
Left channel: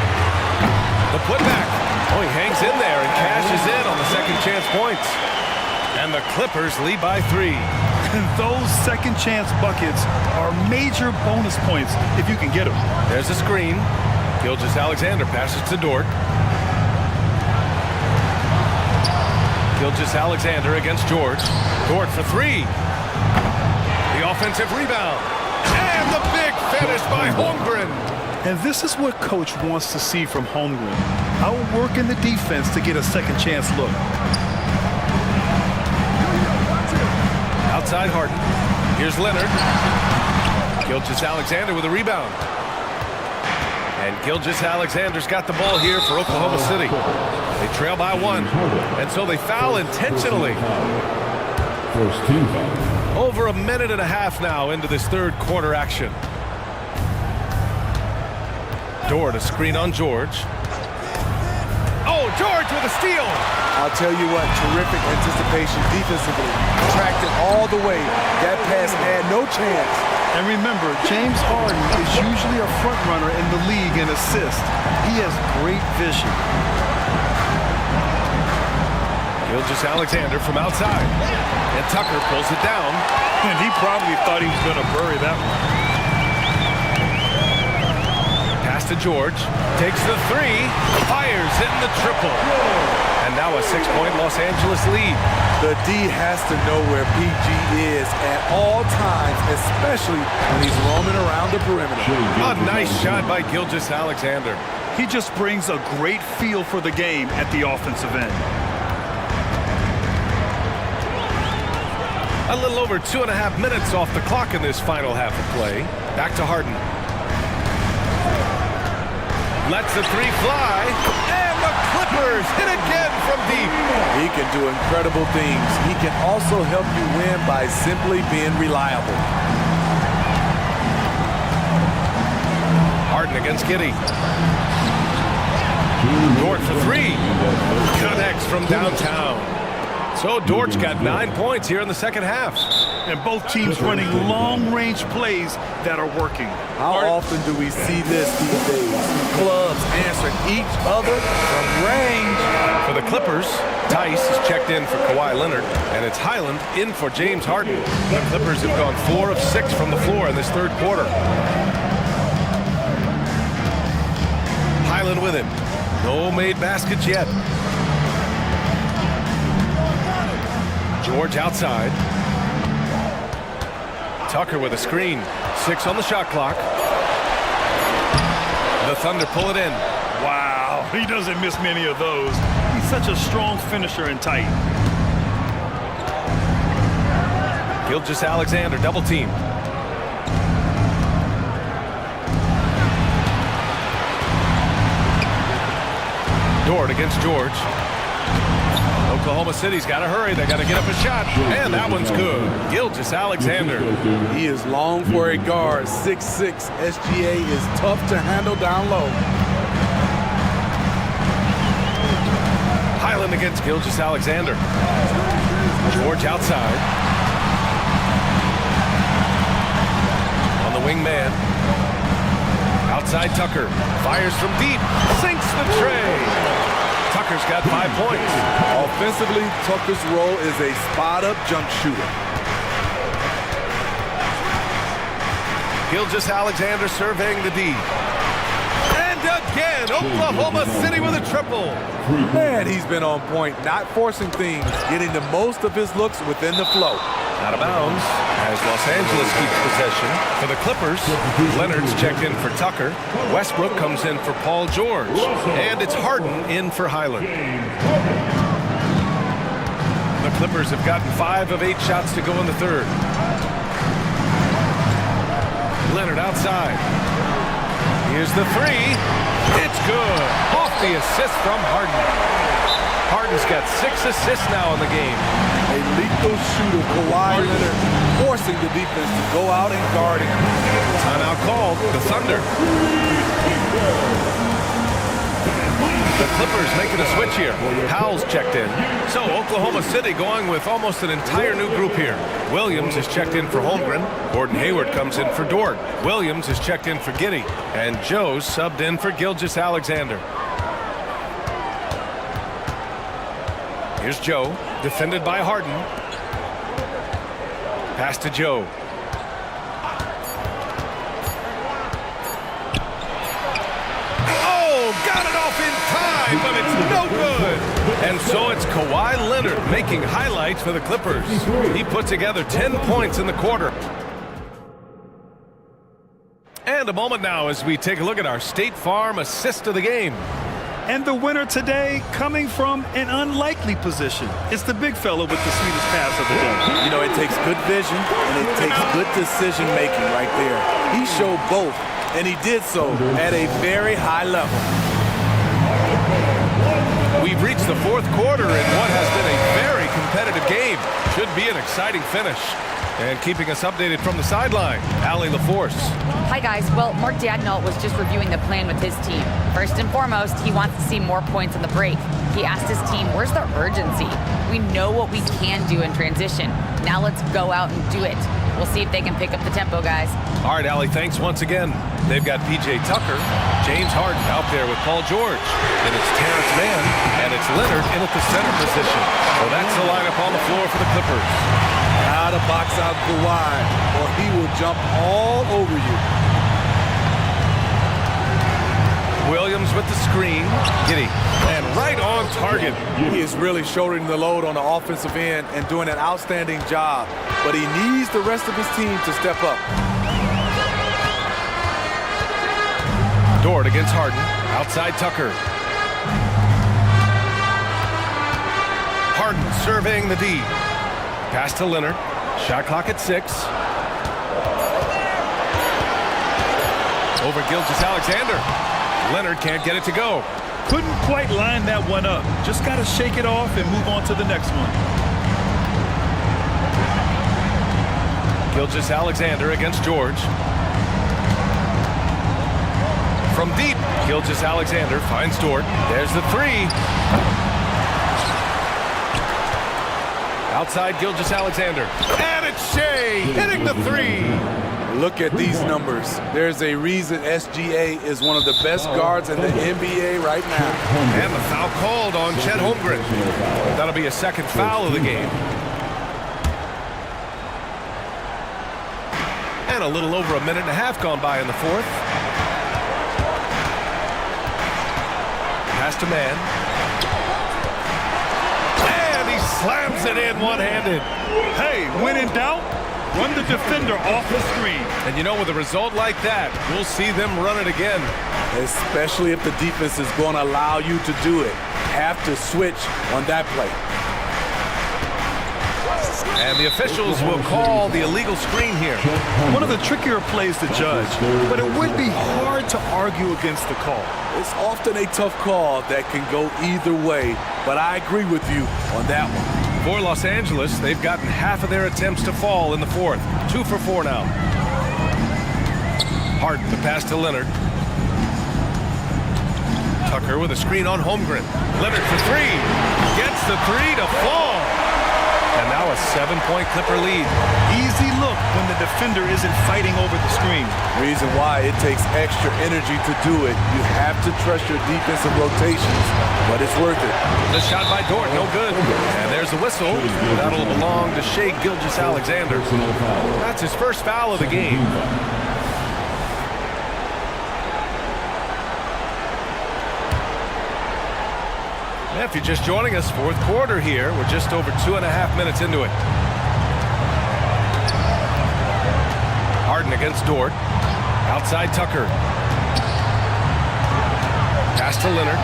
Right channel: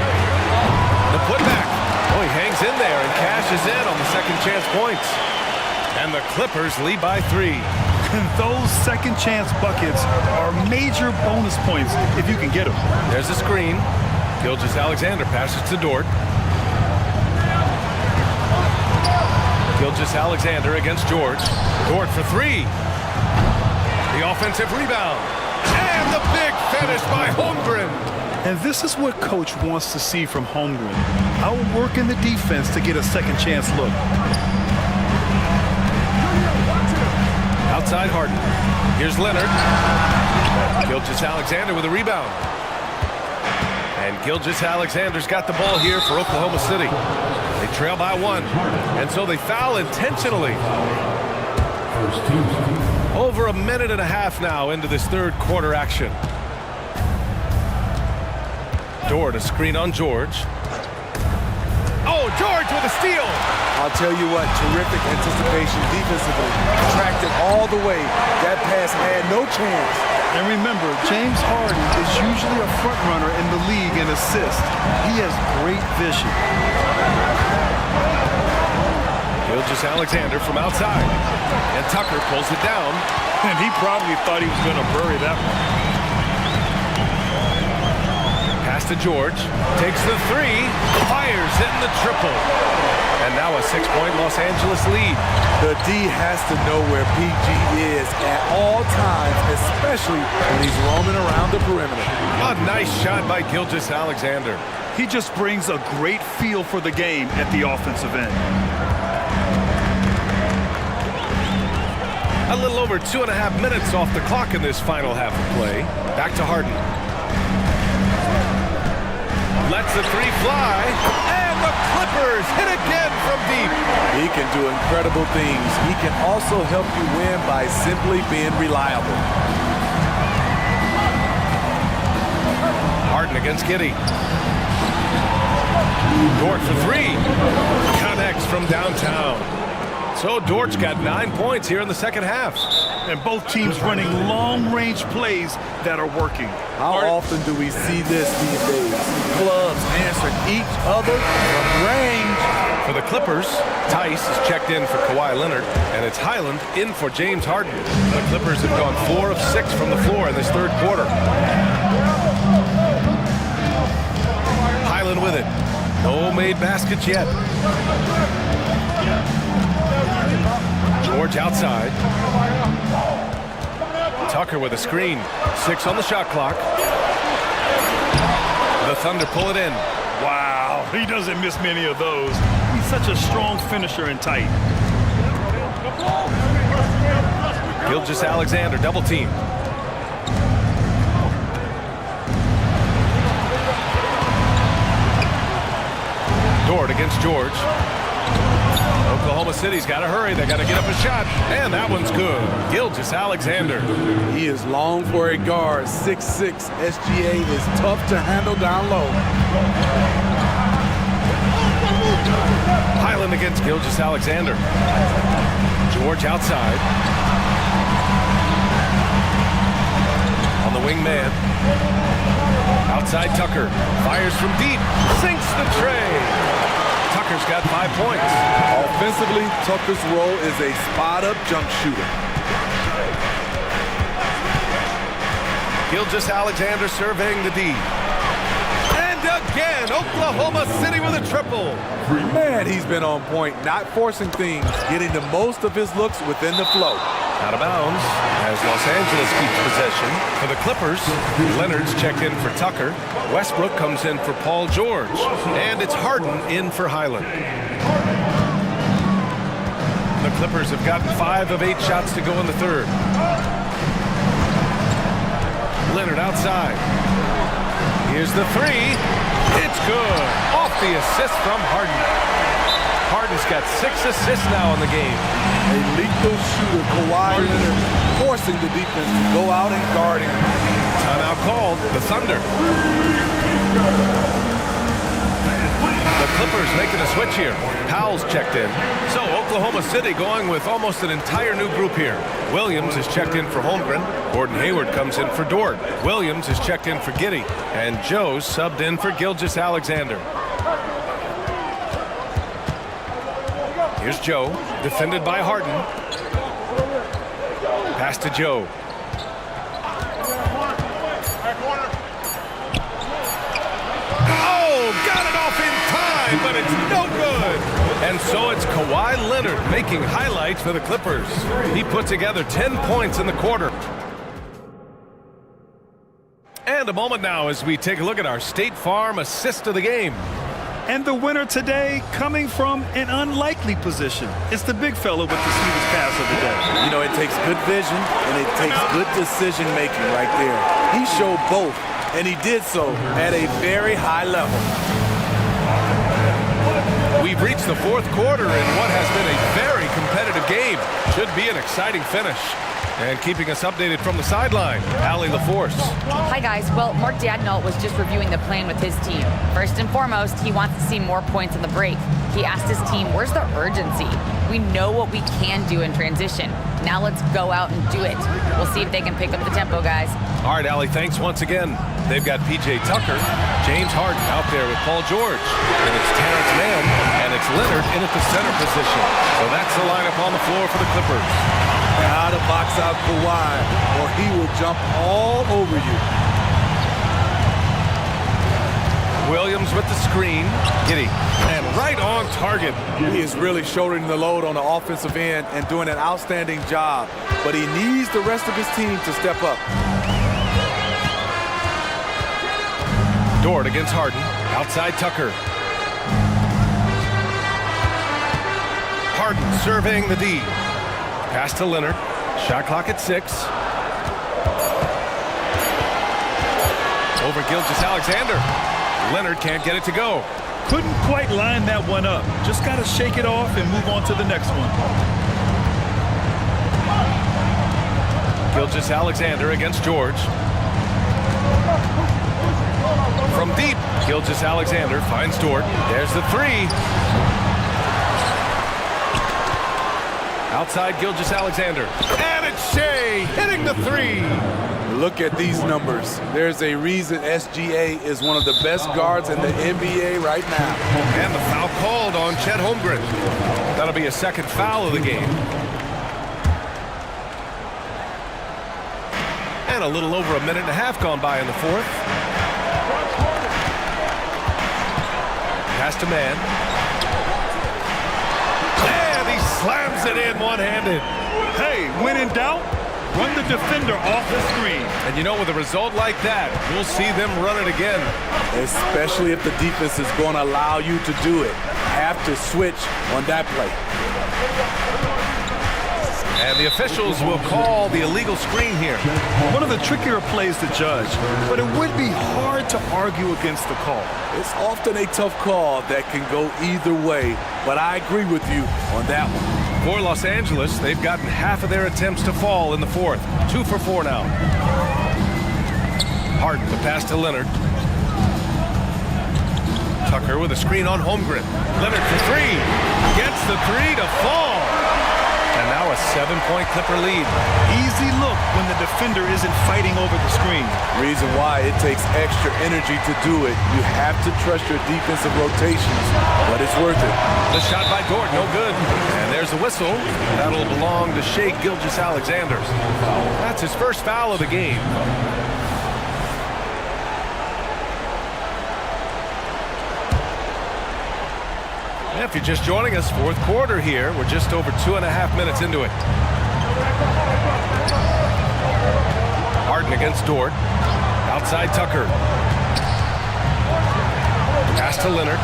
The putback. Oh, he hangs in there and cashes in on the second chance points. And the Clippers lead by 3. And those second chance buckets are major bonus points if you can get them. There's a screen. Gilgeous-Alexander passes to Dort. Gilgeous-Alexander against George. Dort for 3. The offensive rebound. And the big finish by Holmgren. And this is what coach wants to see from Holmgren. Outworking the defense to get a second chance look. Outside Harden. Here's Leonard. Gilgeous-Alexander with a rebound. And Gilgeous-Alexander's got the ball here for Oklahoma City. They trail by 1. And so they foul intentionally. First team. Over a minute and a half now into this third quarter action. Dort a screen on George. Oh, George with a steal. I'll tell you what, terrific anticipation defensively. Tracked it all the way. That pass had no chance. And remember, James Harden is usually a front runner in the league in assists. He has great vision. Gilgeous-Alexander from outside. And Tucker pulls it down. And he probably thought he was going to bury that one. Pass to George. Takes the 3. Fires in the triple. And now a 6-point Los Angeles lead. The D has to know where PG is at all times, especially when he's roaming around the perimeter. A nice shot by Gilgeous-Alexander. He just brings a great feel for the game at the offensive end. A little over 2.5 minutes off the clock in this final half of play. Back to Harden. Lets the 3 fly. And the Clippers hit again from deep. He can do incredible things. He can also help you win by simply being reliable. Harden against Giddey. Dort for 3. Connects from downtown. So Dort's got 9 points here in the second half. And both teams running long-range plays that are working. How often do we see this these days? Clubs answering each other from range. For the Clippers, Tice is checked in for Kawhi Leonard, and it's Highland in for James Harden. The Clippers have gone 4 of 6 from the floor in this third quarter. Highland with it. No made baskets yet. George outside. Tucker with a screen. 6 on the shot clock. The Thunder pull it in. Wow, he doesn't miss many of those. He's such a strong finisher and tight. Gilgeous-Alexander double team. Dort against George. Oklahoma City's got to hurry. They got to get up a shot. And that one's good. Gilgeous-Alexander. He is long for a guard. 6'6". SGA is tough to handle down low. Highland against Gilgeous-Alexander. George outside. On the wing man. Outside Tucker. Fires from deep. Sinks the tray. Tucker's got 5 points. Offensively, Tucker's role is a spot-up jump shooter. Gilgeous-Alexander surveying the D. And again, Oklahoma City with a triple. Man, he's been on point, not forcing things, getting the most of his looks within the flow. Out of bounds as Los Angeles keeps possession. For the Clippers, Leonard's checked in for Tucker. Westbrook comes in for Paul George. And it's Harden in for Highland. The Clippers have gotten 5 of 8 shots to go in the third. Leonard outside. Here's the 3. It's good. Off the assist from Harden. Harden's got 6 assists now in the game. A lethal shooter, Kawhi Leonard, forcing the defense to go out and guard him. Timeout called. The Thunder. The Clippers making a switch here. Powell's checked in. So Oklahoma City going with almost an entire new group here. Williams is checked in for Holmgren. Gordon Hayward comes in for Dort. Williams is checked in for Giddey. And Joe's subbed in for Gilgeous-Alexander. Here's Joe, defended by Harden. Pass to Joe. Got it off in time, but it's no good. And so it's Kawhi Leonard making highlights for the Clippers. He put together 10 points in the quarter. And a moment now as we take a look at our State Farm assist of the game. And the winner today coming from an unlikely position. It's the big fella with the sweetest pass of the day. You know, it takes good vision and it takes good decision making right there. He showed both, and he did so at a very high level. We've reached the fourth quarter in what has been a very competitive game. Should be an exciting finish. And keeping us updated from the sideline, Allie LaForce. Hi, guys. Well, Mark Daigneault was just reviewing the plan with his team. First and foremost, he wants to see more points on the break. He asked his team, where's the urgency? We know what we can do in transition. Now let's go out and do it. We'll see if they can pick up the tempo, guys. All right, Allie, thanks once again. They've got P.J. Tucker, James Harden out there with Paul George. Then it's Terrence Mann, and it's Leonard in at the center position. So that's the lineup on the floor for the Clippers. Gotta box out Kawhi, or he will jump all over you. Williams with the screen. Giddey. And right on target. He is really shouldering the load on the offensive end and doing an outstanding job. But he needs the rest of his team to step up. Dort against Harden. Outside Tucker. Harden surveying the D. Pass to Leonard. Shot clock at 6. Over Gilgeous-Alexander. Leonard can't get it to go. Couldn't quite line that one up. Just got to shake it off and move on to the next one. Gilgeous-Alexander against George. From deep, Gilgeous-Alexander finds Dort. There's the 3. Outside Gilgeous-Alexander. And it's Shea hitting the 3. Look at these numbers. There's a reason SGA is one of the best guards in the NBA right now. And the foul called on Chet Holmgren. That'll be a second foul of the game. And a little over a minute and a half gone by in the fourth. Pass to Mann. And he slams it in one-handed. Hey, when in doubt, run the defender off the screen. And you know, with a result like that, we'll see them run it again. Especially if the defense is going to allow you to do it. Have to switch on that play. And the officials will call the illegal screen here. One of the trickier plays to judge, but it would be hard to argue against the call. It's often a tough call that can go either way, but I agree with you on that one. For Los Angeles, they've gotten half of their attempts to fall in the fourth. 2 for 4 now. Harden, the pass to Leonard. Tucker with a screen on Holmgren. Leonard for 3. Gets the 3 to fall. And now a 7-point Clipper lead. Easy look when the defender isn't fighting over the screen. Reason why it takes extra energy to do it. You have to trust your defensive rotations, but it's worth it. The shot by Dort, no good. And there's the whistle. That'll belong to Shea Gilgeous-Alexander. That's his first foul of the game. If you're just joining us, fourth quarter here. We're just over 2.5 minutes into it. Harden against Dort. Outside Tucker. Pass to Leonard.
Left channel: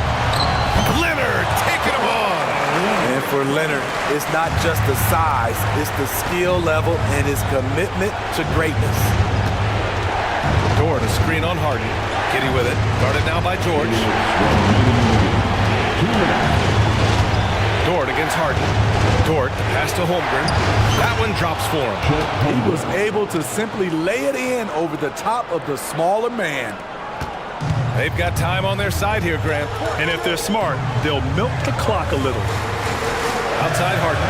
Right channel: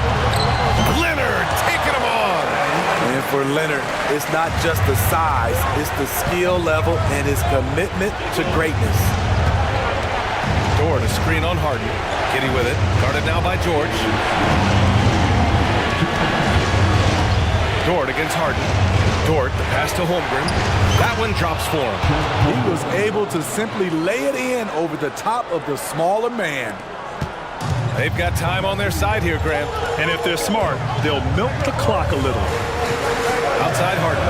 Leonard taking him on. And for Leonard, it's not just the size, it's the skill level and his commitment to greatness. Dort, a screen on Harden. Giddey with it. Guarded now by George. Dort against Harden. Dort, the pass to Holmgren. That one drops for him. He was able to simply lay it in over the top of the smaller man. They've got time on their side here, Grant. And if they're smart, they'll milk the clock a little. Outside Harden.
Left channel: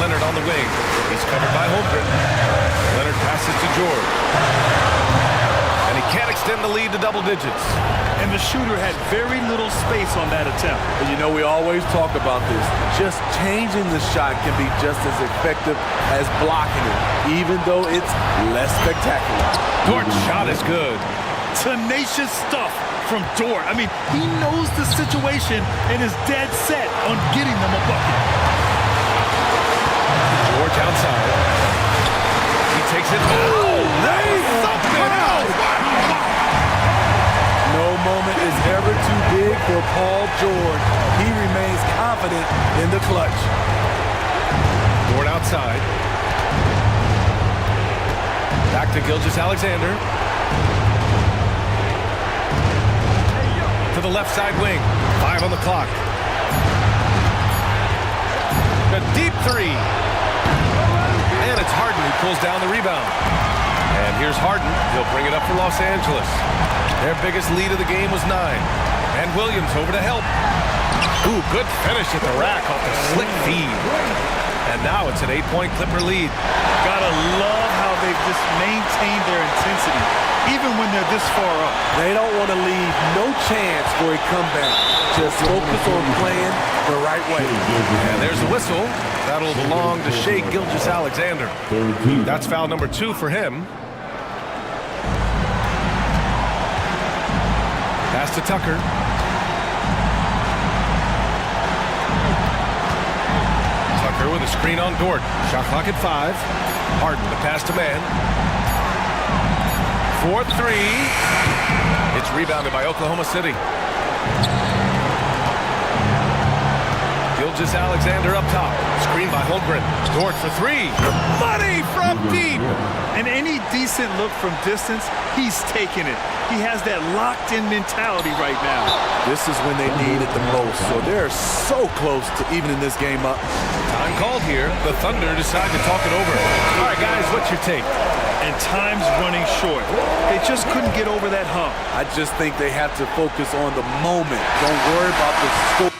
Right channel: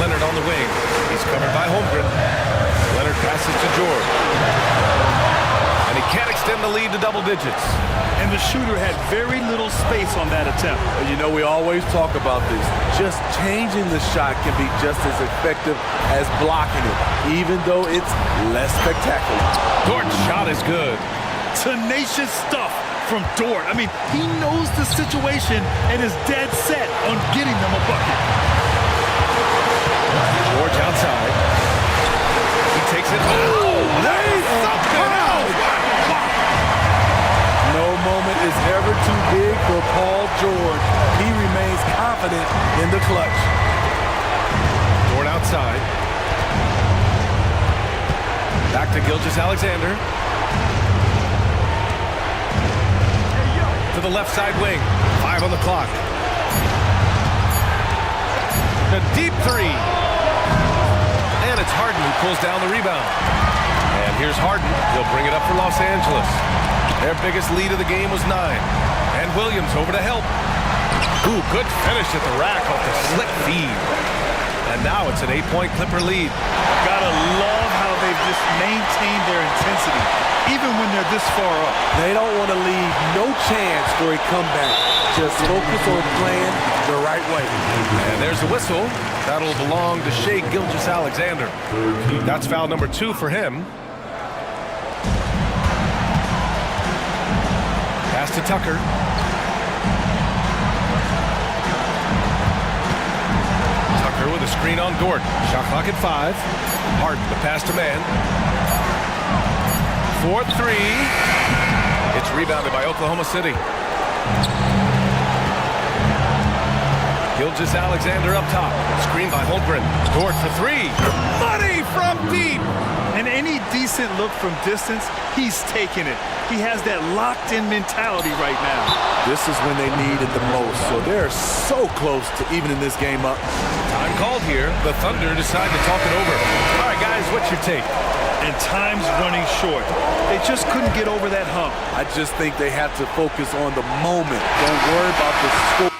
Leonard on the wing. He's covered by Holmgren. Leonard passes to George. And he can't extend the lead to double digits. And the shooter had very little space on that attempt. You know, we always talk about this. Just changing the shot can be just as effective as blocking it, even though it's less spectacular. Dort's shot is good. Tenacious stuff from Dort. I mean, he knows the situation and is dead set on getting them a bucket. George outside. He takes it. Oh, they something else. Wow. No moment is ever too big for Paul George. He remains confident in the clutch. Dort outside. Back to Gilgeous-Alexander. To the left side wing. 5 on the clock. A deep three. And it's Harden who pulls down the rebound. And here's Harden. He'll bring it up for Los Angeles. Their biggest lead of the game was 9. And Williams over to help. Ooh, good finish at the rack off the slick feed. And now it's an 8-point Clipper lead. Gotta love how they've just maintained their intensity, even when they're this far up. They don't want to leave no chance for a comeback. Just focus on playing the right way. And there's a whistle. That'll belong to Shai Gilgeous-Alexander. That's foul number 2 for him. Pass to Tucker. Tucker with a screen on Dort. Shot clock at 5. Harden the pass to man. 4-3. It's rebounded by Oklahoma City. Gilgeous-Alexander up top. Screen by Holmgren. Dort for 3. Money from deep. And any decent look from distance, he's taking it. He has that locked-in mentality right now. This is when they need it the most, so they're so close to evening this game up. Time called here. The Thunder decide to talk it over. All right, guys, what's your take? And time's running short. They just couldn't get over that hump. I just think they have to focus on the moment. Don't worry about the score.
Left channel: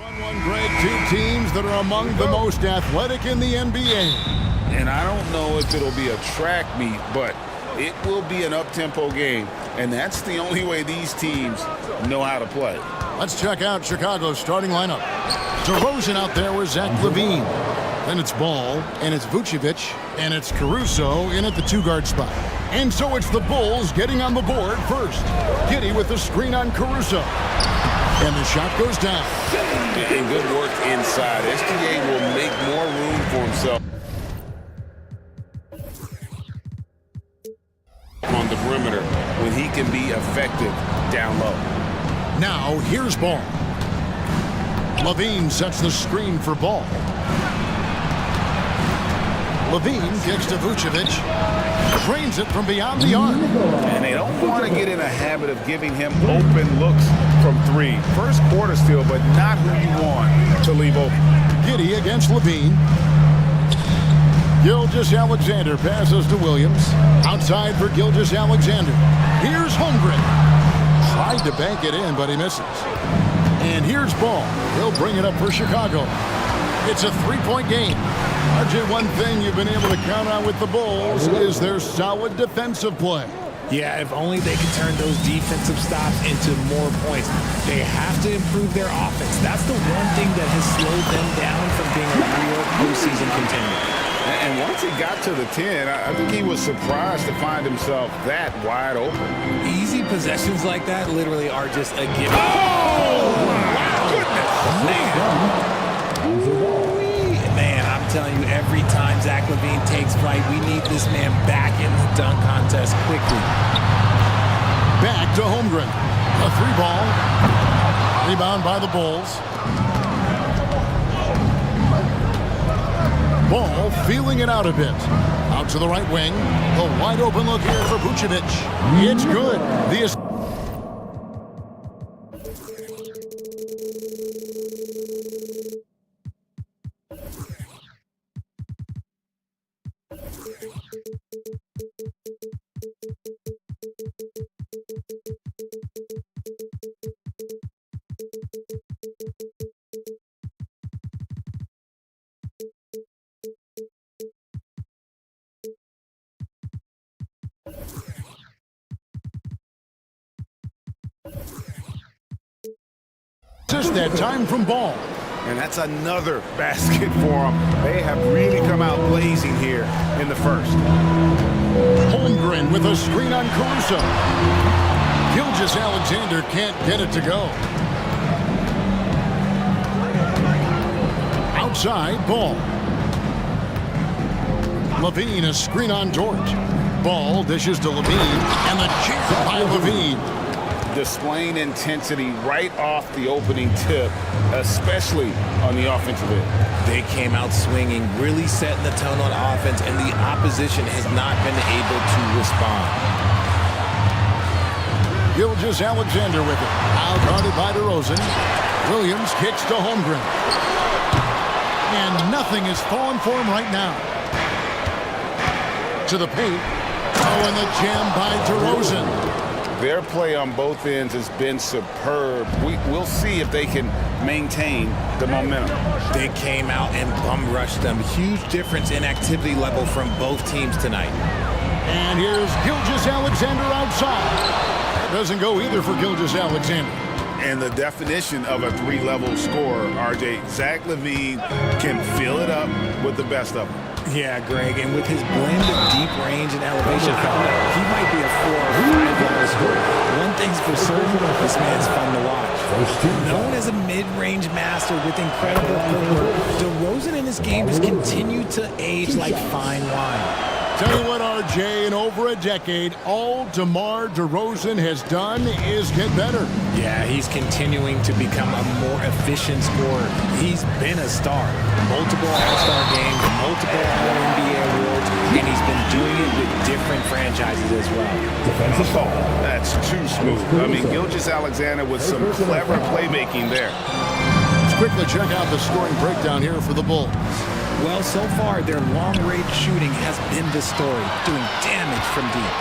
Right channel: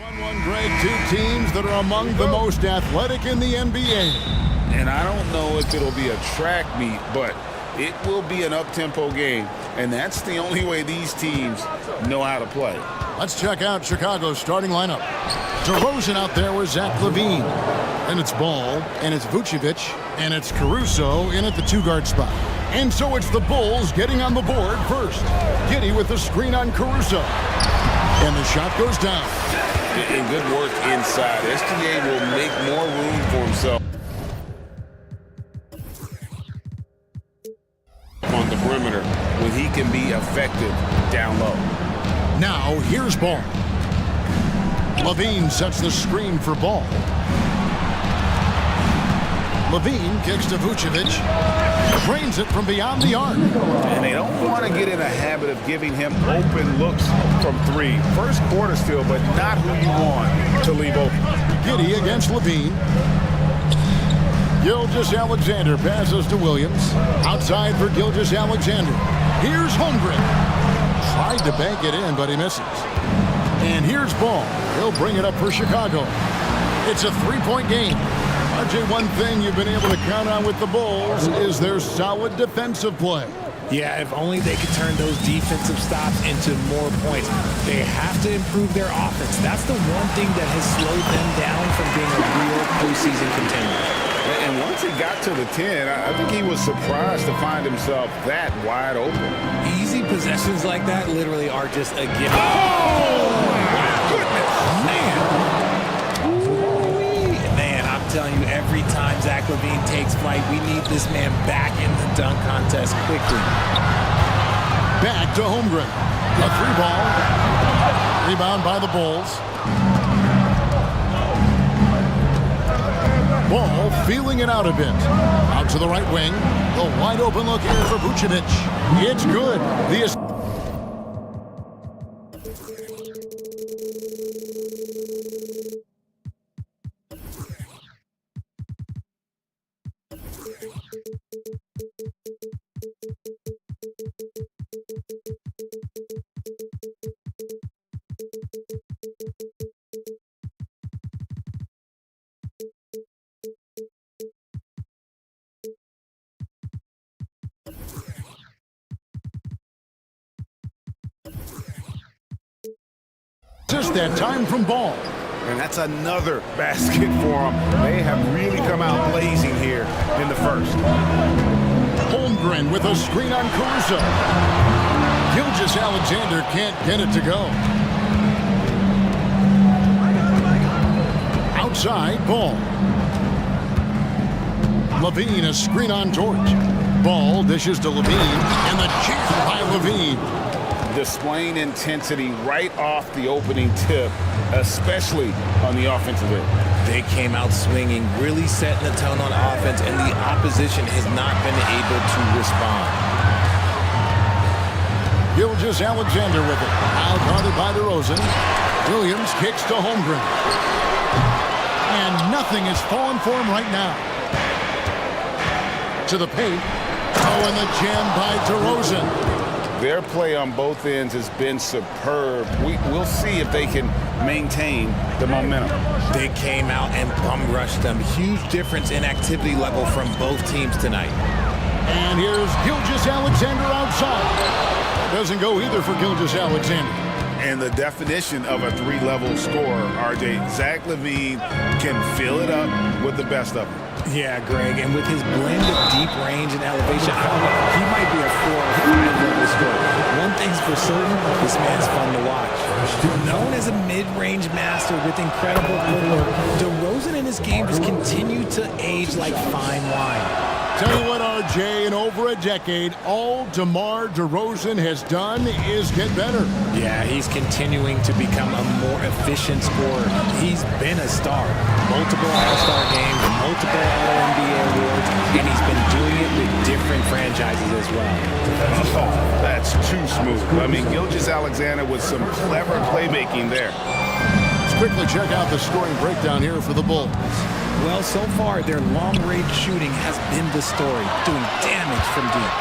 Fun one, Greg. Two teams that are among the most athletic in the NBA. And I don't know if it'll be a track meet, but it will be an up-tempo game. And that's the only way these teams know how to play. Let's check out Chicago's starting lineup. DeRozan out there with Zach LaVine. Then it's Ball, and it's Vucevic, and it's Caruso in at the two-guard spot. And so it's the Bulls getting on the board first. Giddey with the screen on Caruso. And the shot goes down. And good work inside. SGA will make more room for himself on the perimeter when he can be effective down low. Now here's Ball. LaVine sets the screen for Ball. LaVine kicks to Vucevic. Drains it from beyond the arc. And they don't want to get in a habit of giving him open looks from three. First quarter still, but not who you want to leave open. Giddey against LaVine. Gilgeous-Alexander passes to Williams. Outside for Gilgeous-Alexander. Here's Holmgren. Tried to bank it in, but he misses. And here's Ball. He'll bring it up for Chicago. It's a three-point game. RJ, one thing you've been able to count on with the Bulls is their solid defensive play. Yeah, if only they could turn those defensive stops into more points. They have to improve their offense. That's the one thing that has slowed them down from being a real postseason contender. And once he got to the 10, I think he was surprised to find himself that wide open. Easy possessions like that literally are just a gift. Oh, my goodness. Man, I'm telling you, every time Zach LaVine takes flight, we need this man back in the dunk contest quickly. Back to Holmgren. A three ball. Rebound by the Bulls. Ball feeling it out a bit. Out to the right wing. The wide open look here for Vucevic. It's good. Just that time from Ball. And that's another basket for them. They have really come out blazing here in the first. Holmgren with a screen on Caruso. Gilgeous-Alexander can't get it to go. Outside, Ball. LaVine, a screen on George. Ball dishes to LaVine, and the jam by LaVine. Displaying intensity right off the opening tip, especially on the offensive end. They came out swinging, really setting the tone on offense, and the opposition has not been able to respond. Gilgeous-Alexander with it. Now guarded by DeRozan. Williams kicks to Holmgren. And nothing is falling for him right now. To the paint. Oh, and the jam by DeRozan. Their play on both ends has been superb. We'll see if they can maintain the momentum. They came out and bum rushed them. Huge difference in activity level from both teams tonight. And here's Gilgeous-Alexander outside. That doesn't go either for Gilgeous-Alexander. And the definition of a three-level scorer, RJ, Zach LaVine can fill it up with the best of them. Yeah, Greg, and with his blend of deep range and elevation, I don't know, he might be a 4 or 5 level scorer. One thing's for certain, this man's fun to watch. Known as a mid-range master with incredible footwork, DeRozan in his game just continued to age like fine wine. Tell you what, RJ, in over a decade, all DeMar DeRozan has done is get better. Yeah, he's continuing to become a more efficient scorer. He's been a star. Multiple All-Star games, multiple All-NBA awards, and he's been doing it with different franchises as well. Oh, that's too smooth. I mean, Gilgeous-Alexander with some clever playmaking there. Let's quickly check out the scoring breakdown here for the Bulls. Well, so far, their long-range shooting has been the story, doing damage from deep.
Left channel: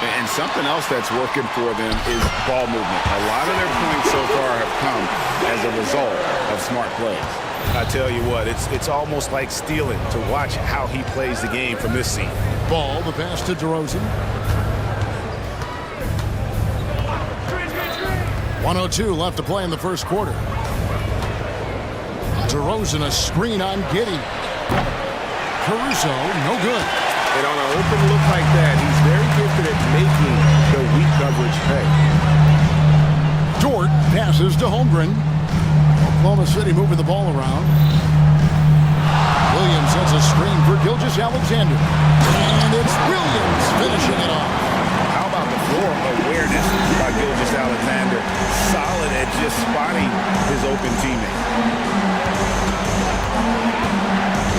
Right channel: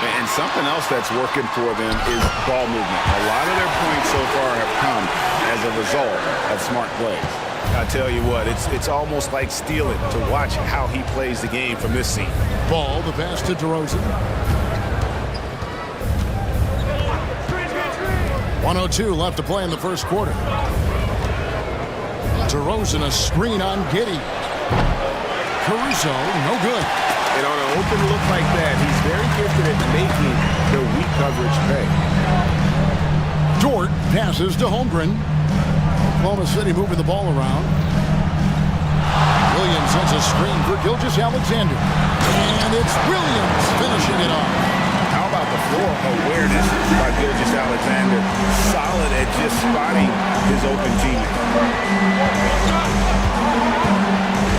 And something else that's working for them is ball movement. A lot of their points so far have come as a result of smart plays. I tell you what, it's almost like stealing to watch how he plays the game from this scene. Ball, the pass to DeRozan. 1:02 left to play in the first quarter. DeRozan, a screen on Giddey. Caruso, no good. And on an open look like that, he's very gifted at making the weak coverage pay. Dort passes to Holmgren. Oklahoma City moving the ball around. Williams sends a screen for Gilgeous-Alexander. And it's Williams finishing it off. How about the floor awareness by Gilgeous-Alexander? Solid at just spotting his open teammate.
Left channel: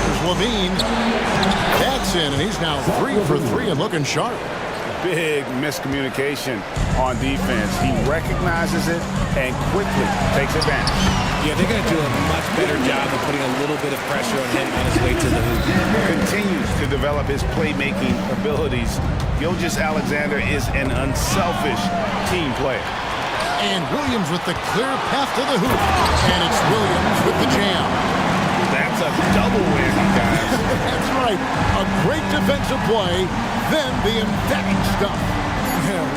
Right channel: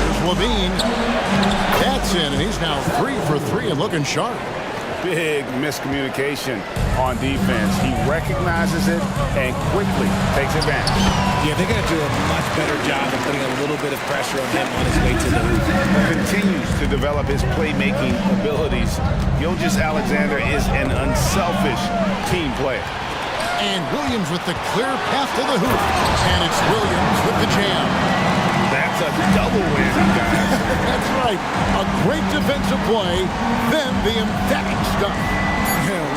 There's Levine. That's in, and he's now 3 for 3 and looking sharp. Big miscommunication on defense. He recognizes it and quickly takes advantage. Yeah, they're going to do a much better job of putting a little bit of pressure on him on his way to the hoop. Continues to develop his playmaking abilities. Gilgeous-Alexander is an unselfish team player. And Williams with the clear path to the hoop. And it's Williams with the jam. That's a double whammy, guys. That's right. A great defensive play, then the emphatic stuff.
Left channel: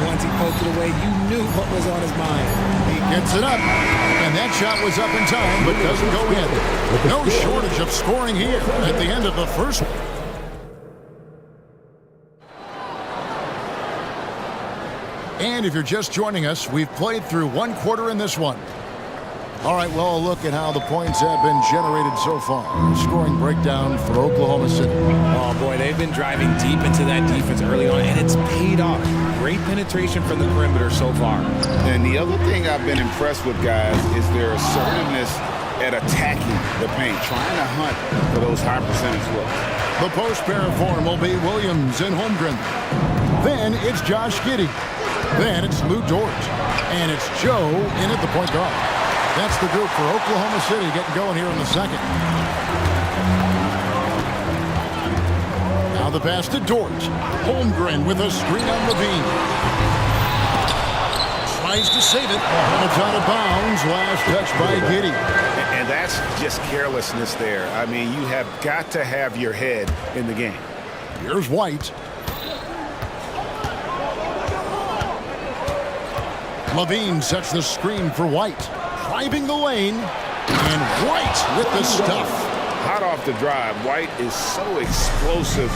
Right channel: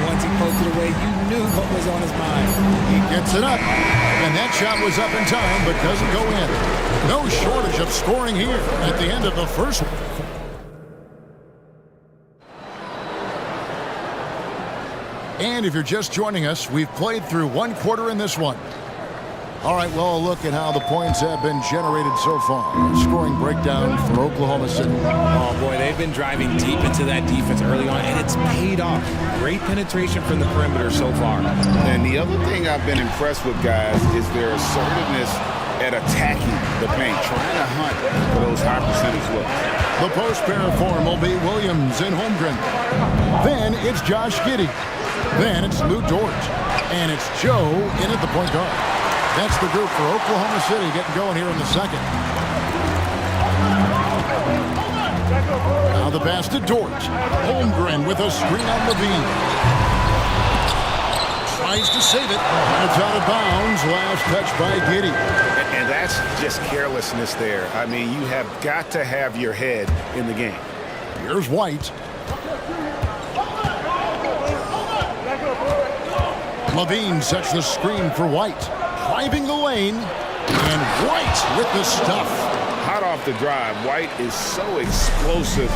Once he poked it away, you knew what was on his mind. He gets it up, and that shot was up in time, but doesn't go in. No shortage of scoring here at the end of the first. And if you're just joining us, we've played through one quarter in this one. All right, well, a look at how the points have been generated so far. Scoring breakdown for Oklahoma City. Oh, boy, they've been driving deep into that defense early on, and it's paid off. Great penetration from the perimeter so far. And the other thing I've been impressed with, guys, is their assertiveness at attacking the paint, trying to hunt for those high percentage looks. The post pair form will be Williams and Holmgren. Then it's Josh Giddey. Then it's Lou Dort. And it's Joe in at the point guard. That's the group for Oklahoma City getting going here in the second. Now the pass to Dort. Holmgren with a screen on Levine. Tries to save it. And it's out of bounds. Last touch by Giddey. And that's just carelessness there. I mean, you have got to have your head in the game. Here's White. Levine sets the screen for White. Driving the lane, and White with the stuff. Hot off the drive, White is so explosive,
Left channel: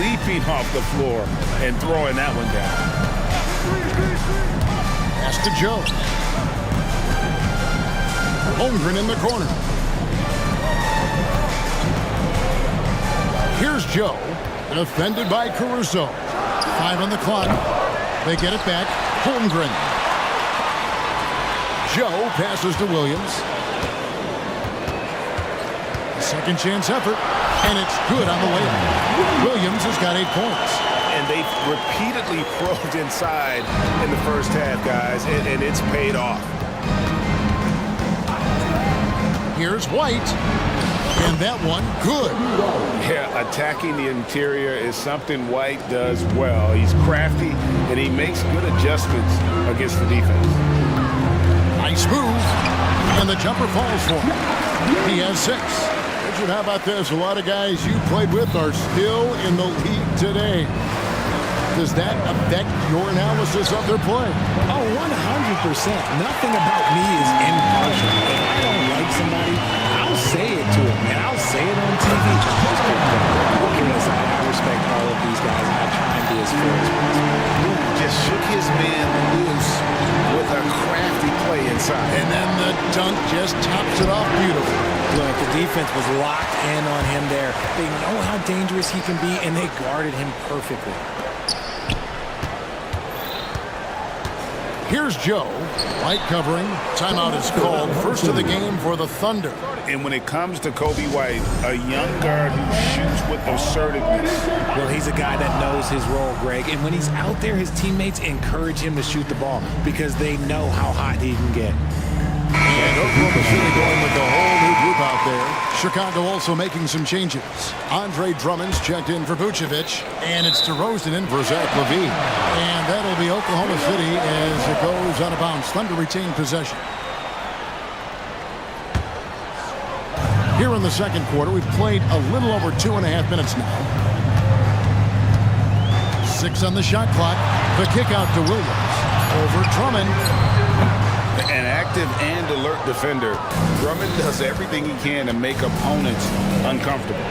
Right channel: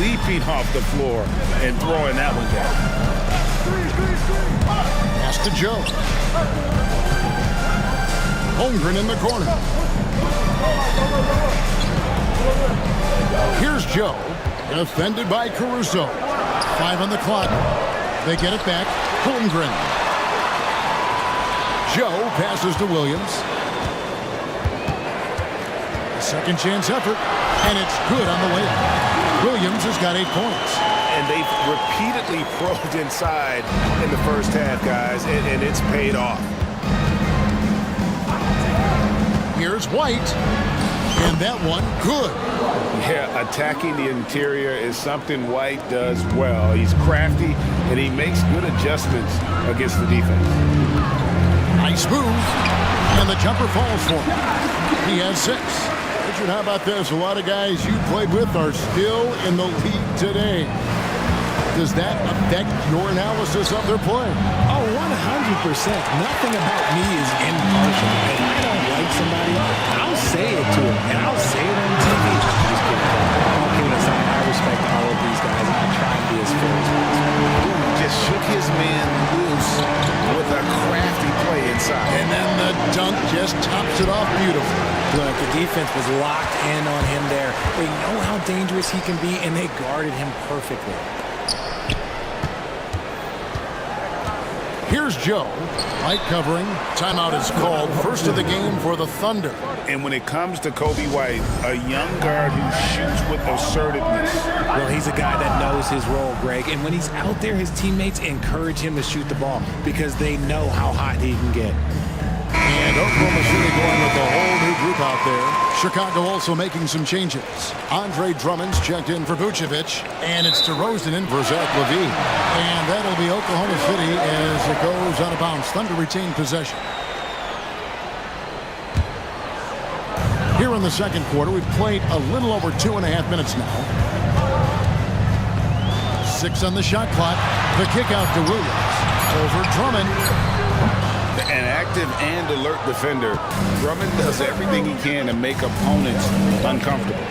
leaping off the floor and throwing that one down. Pass to Joe. Holmgren in the corner. Here's Joe, defended by Caruso. 5 on the clock. They get it back. Holmgren. Joe passes to Williams. A second chance effort, and it's good on the layup. Williams has got 8 points. And they've repeatedly probed inside in the first half, guys, and it's paid off. Here's White, and that one good. Yeah, attacking the interior is something White does well. He's crafty, and he makes good adjustments against the defense. Nice move, and the jumper falls for him. He has 6. Richard, how about this? A lot of guys you played with are still in the league today. Does that affect your analysis of their play? Oh, 100%. Nothing about me is impartial. If I don't like somebody, I'll say it to them, and I'll say it on TV. No, I'm just kidding, Kevin. All kidding aside, I respect all of these guys, and I try and be as fair as possible. Just shook his man loose with a crafty play inside. And then the dunk just tops it off beautifully. Look, the defense was locked in on him there. They know how dangerous he can be, and they guarded him perfectly. Here's Joe. Light covering. Timeout is called. First of the game for the Thunder. And when it comes to Kobe White, a young guard who shoots with assertiveness. Well, he's a guy that knows his role, Greg. And when he's out there, his teammates encourage him to shoot the ball because they know how hot he can get. And Oklahoma City going with a whole new group out there. Chicago also making some changes. Andre Drummond's checked in for Vucevic, and it's DeRozan in for Zach LaVine. And that'll be Oklahoma City as it goes out of bounds. Thunder retain possession. Here in the second quarter, we've played a little over 2.5 minutes now. 6 on the shot clock. The kick out to Williams. Over Drummond. An active and alert defender. Drummond does everything he can to make opponents uncomfortable.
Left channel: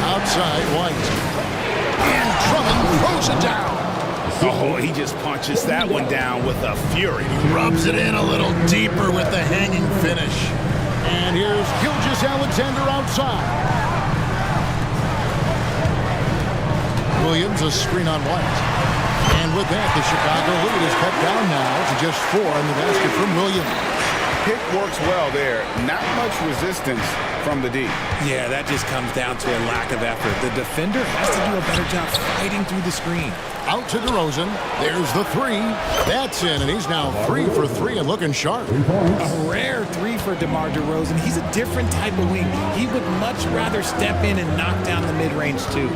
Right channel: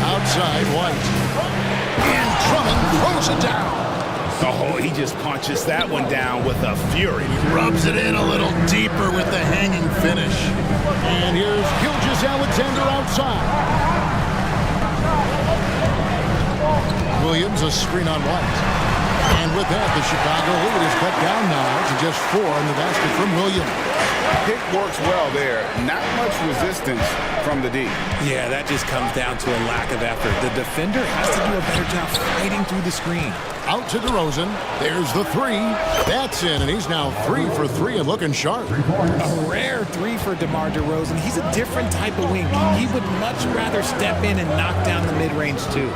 Outside White. And Drummond throws it down. Oh, he just punches that one down with a fury. He rubs it in a little deeper with the hanging finish. And here's Gilgeous-Alexander outside. Williams, a screen on White. And with that, the Chicago lead is cut down now to just 4 in the basket from Williams. Pick works well there. Not much resistance from the D. Yeah, that just comes down to a lack of effort. The defender has to do a better job fighting through the screen. Out to DeRozan. There's the 3. That's in, and he's now 3 for 3 and looking sharp. A rare 3 for DeMar DeRozan. He's a different type of wing. He would much rather step in and knock down the mid-range too.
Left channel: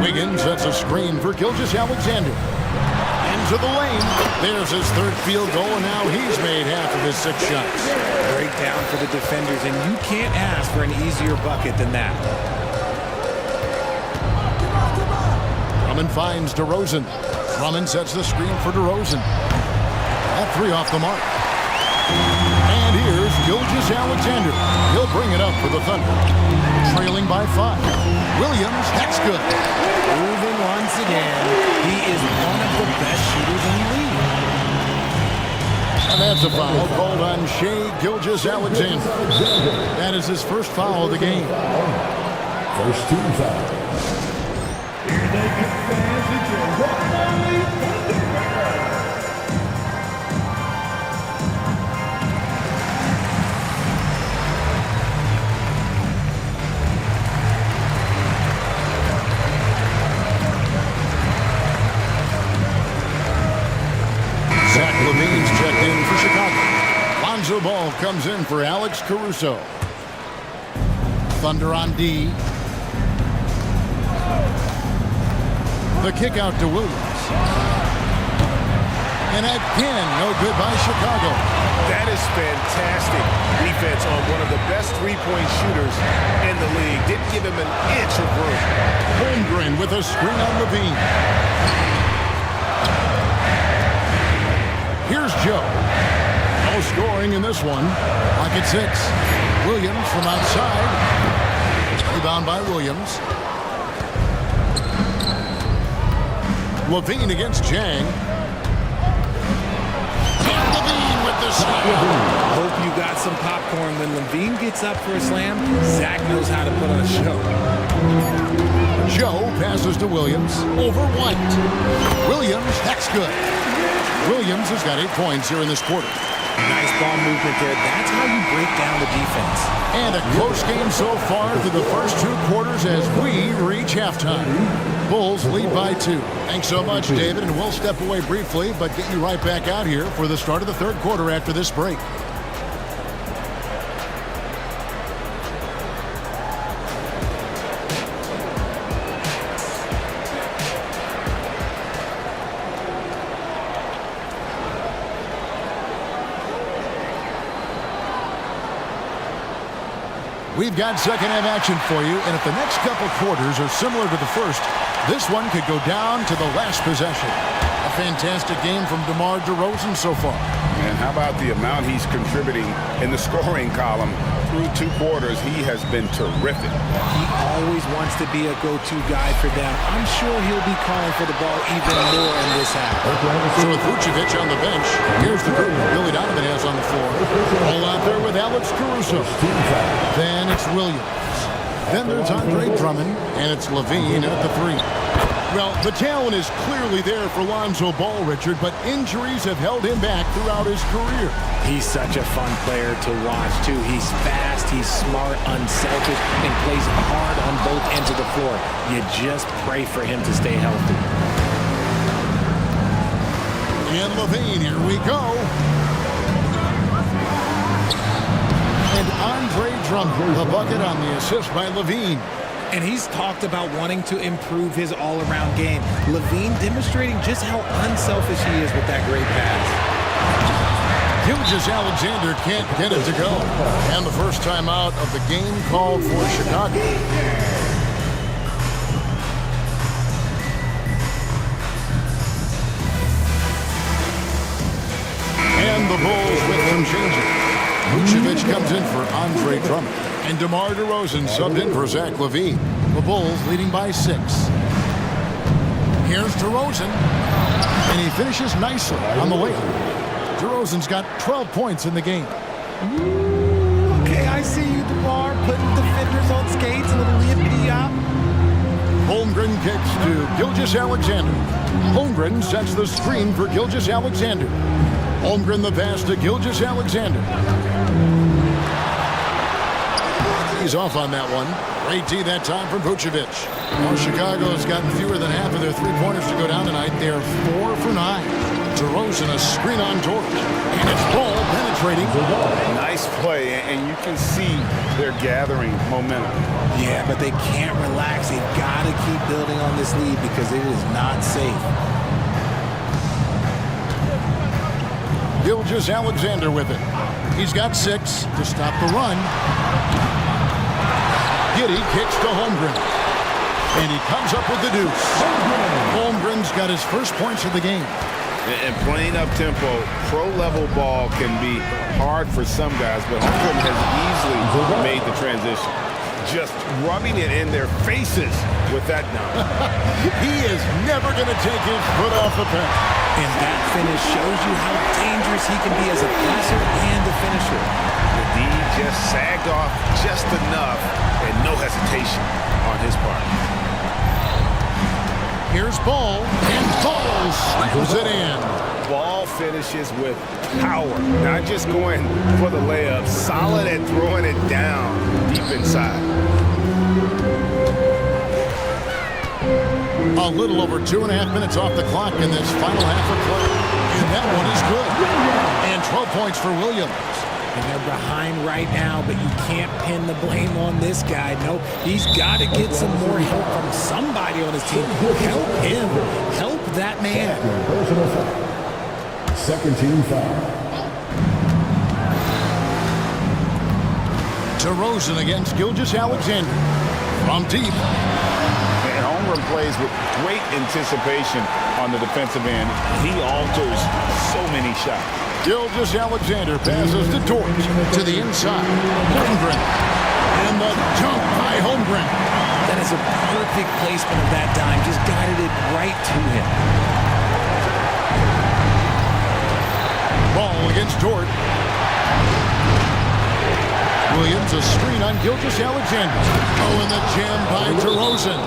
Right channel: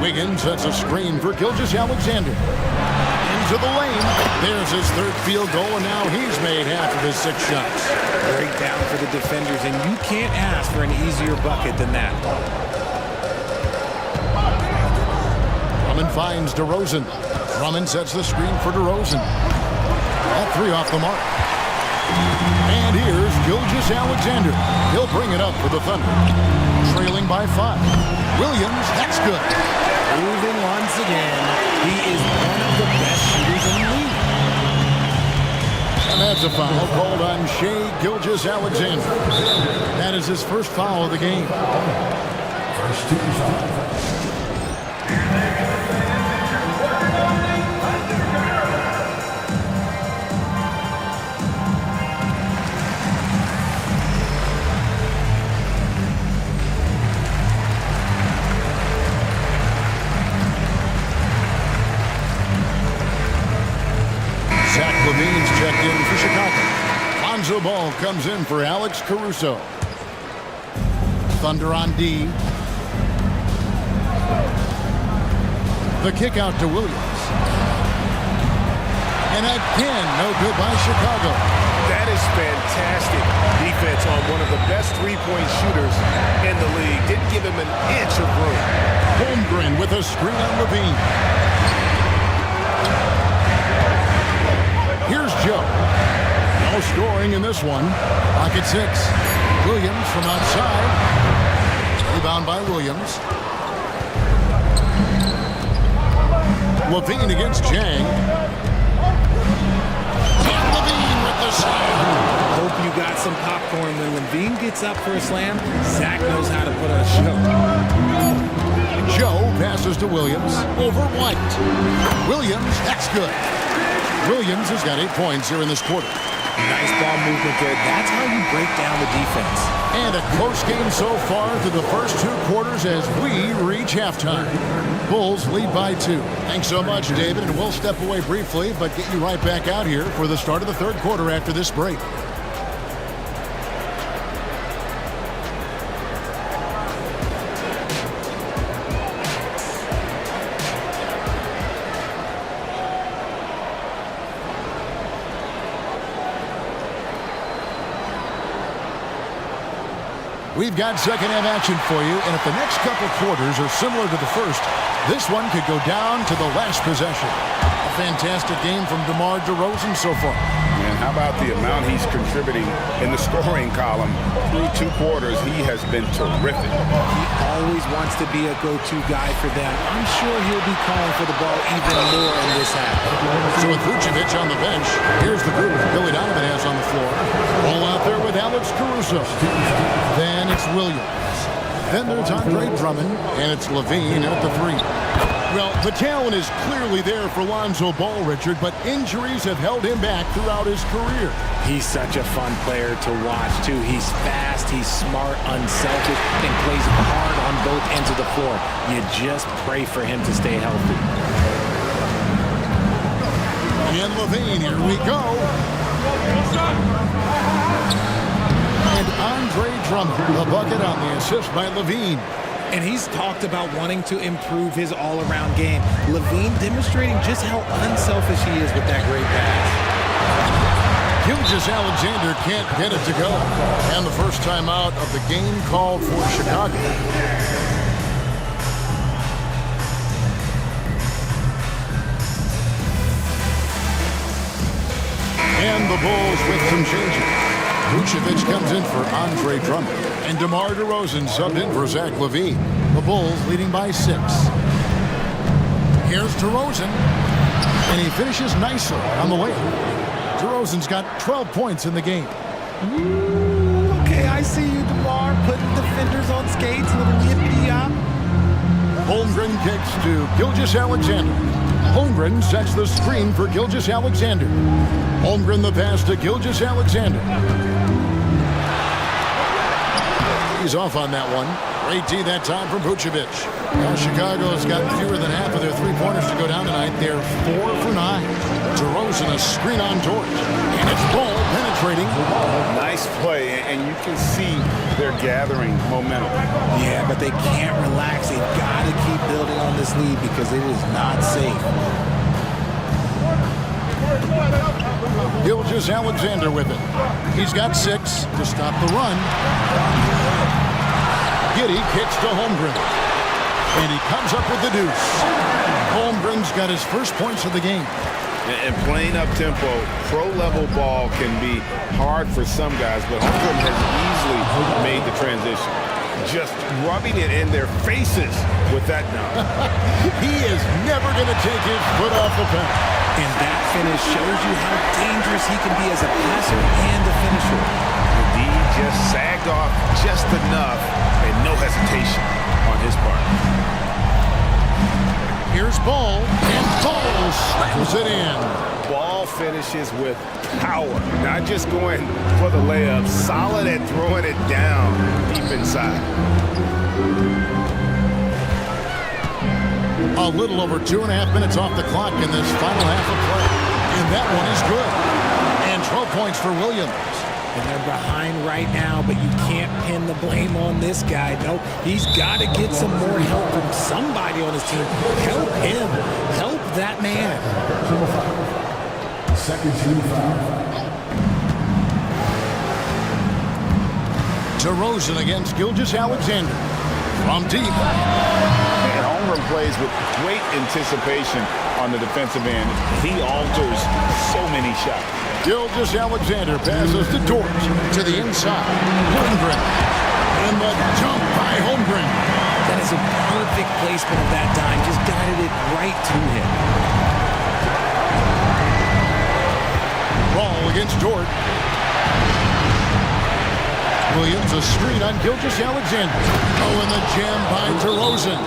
Wiggins sets a screen for Gilgeous-Alexander. Into the lane. There's his 3rd field goal, and now he's made half of his 6 shots. Breakdown for the defenders, and you can't ask for an easier bucket than that. Drummond finds DeRozan. Drummond sets the screen for DeRozan. That 3 off the mark. And here's Gilgeous-Alexander. He'll bring it up for the Thunder. Trailing by 5. Williams, that's good. Proving once again, he is one of the best shooters in the league. And that's a foul called on Shai Gilgeous-Alexander. That is his first foul of the game. First team foul. Zach LaVine's checked in for Chicago. Lonzo Ball comes in for Alex Caruso. Thunder on D. The kick out to Williams. And again, no good by Chicago. That is fantastic defense on one of the best three-point shooters in the league. Didn't give him an inch of room. Holmgren with a screen on LaVine. Here's Joe. No scoring in this one. Lock at 6. Williams from outside. Rebound by Williams. LaVine against Jang. And LaVine with the slam. Hope you got some popcorn. When LaVine gets up for a slam, Zach knows how to put on a show. Joe passes to Williams over White. Williams, that's good. Williams has got 8 points here in this quarter. Nice ball movement there. That's how you break down the defense. And a close game so far through the first 2 quarters as we reach halftime. Bulls lead by 2. Thanks so much, David, and we'll step away briefly, but get you right back out here for the start of the 3rd quarter after this break. We've got second half action for you, and if the next couple quarters are similar to the first, this one could go down to the last possession. A fantastic game from DeMar DeRozan so far. And how about the amount he's contributing in the scoring column? Through 2 quarters, he has been terrific. He always wants to be a go-to guy for them. I'm sure he'll be calling for the ball even more in this half. So with Vucevic on the bench, here's the group Billy Donovan has on the floor. All out there with Alex Caruso. Then it's Williams. Then there's Andre Drummond, and it's LaVine at the 3. Well, the talent is clearly there for Lonzo Ball, Richard, but injuries have held him back throughout his career. He's such a fun player to watch, too. He's fast, he's smart, unselfish, and plays hard on both ends of the floor. You just pray for him to stay healthy. And Levine, here we go. And Andre Drummond, the bucket on the assist by Levine. And he's talked about wanting to improve his all-around game. Levine demonstrating just how unselfish he is with that great pass. Gilgeous-Alexander can't get it to go. And the first timeout of the game called for Chicago. And the Bulls with some changes. Vucevic comes in for Andre Drummond. And DeMar DeRozan subbed in for Zach LaVine. The Bulls leading by 6. Here's DeRozan. And he finishes nicely on the layup. DeRozan's got 12 points in the game. Ooh, okay, I see you, DeMar, putting defenders on skates, a little yippity-yop. Holmgren kicks to Gilgeous-Alexander. Holmgren sets the screen for Gilgeous-Alexander. Holmgren the pass to Gilgeous-Alexander. He's off on that one. Great D that time from Vucevic. Now Chicago's gotten fewer than half of their three-pointers to go down tonight. They're 4 for 9. DeRozan a screen on George. And it's ball penetrating. Nice play, and you can see they're gathering momentum. Yeah, but they can't relax. They've got to keep building on this lead because it is not safe. Gilgeous-Alexander with it. He's got 6 to stop the run. Giddey kicks to Holmgren. And he comes up with the deuce. Holmgren's got his first points of the game. And playing up-tempo, pro-level ball can be hard for some guys, but Holmgren has easily made the transition. Just rubbing it in their faces with that dunk. He is never going to take his foot off the pedal. And that finish shows you how dangerous he can be as a passer and a finisher. The D just sagged off just enough and no hesitation on his part. Here's Ball, and Ball slams it in. Ball finishes with power, not just going for the layup, solid at throwing it down deep inside. A little over 2.5 minutes off the clock in this final half of play. And that one is good. And 12 points for Williams. And they're behind right now, but you can't pin the blame on this guy. Nope, he's got to get some more help from somebody on his team. Help him. Help that man. Personal foul. Second team foul. DeRozan against Gilgeous-Alexander. From deep. And Holmgren plays with great anticipation on the defensive end. He alters so many shots. Gilgeous-Alexander passes to Dort to the inside. Holmgren. And the dunk by Holmgren. That is a perfect placement of that dime. Just guided it right to him. Ball against Dort. Williams a screen on Gilgeous-Alexander. Oh, and the jam by DeRozan.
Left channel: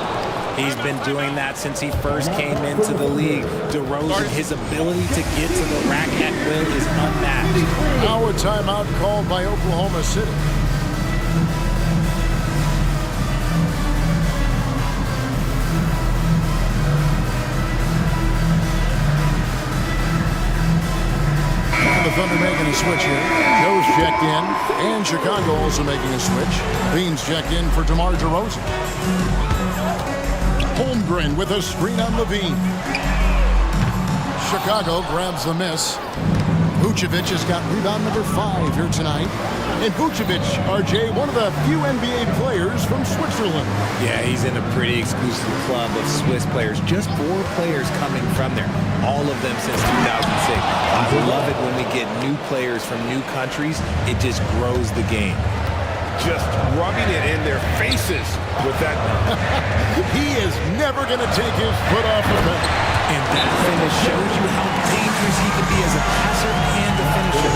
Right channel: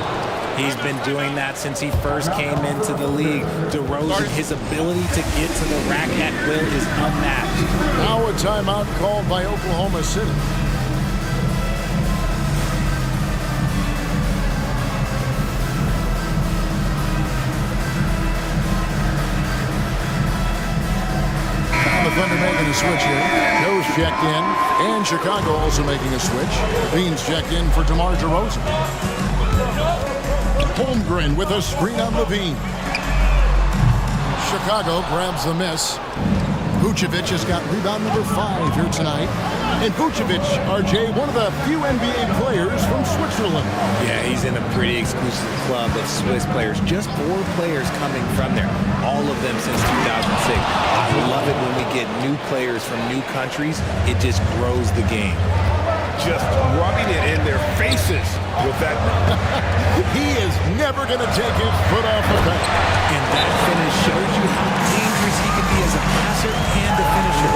He's been doing that since he first came into the league. DeRozan, his ability to get to the rack at will is unmatched. Now a timeout called by Oklahoma City. Now the Thunder making a switch here. Joe's checked in, and Chicago also making a switch. Bean's checked in for DeMar DeRozan. Holmgren with a screen on Levine. Chicago grabs the miss. Vucevic has got rebound number 5 here tonight. And Vucevic, RJ, one of the few NBA players from Switzerland. Yeah, he's in a pretty exclusive club of Swiss players. Just 4 players coming from there. All of them since 2006. I love it when we get new players from new countries. It just grows the game. Just rubbing it in their faces with that dunk. He is never going to take his foot off the pedal. And that finish shows you how dangerous he can be as a passer and a finisher.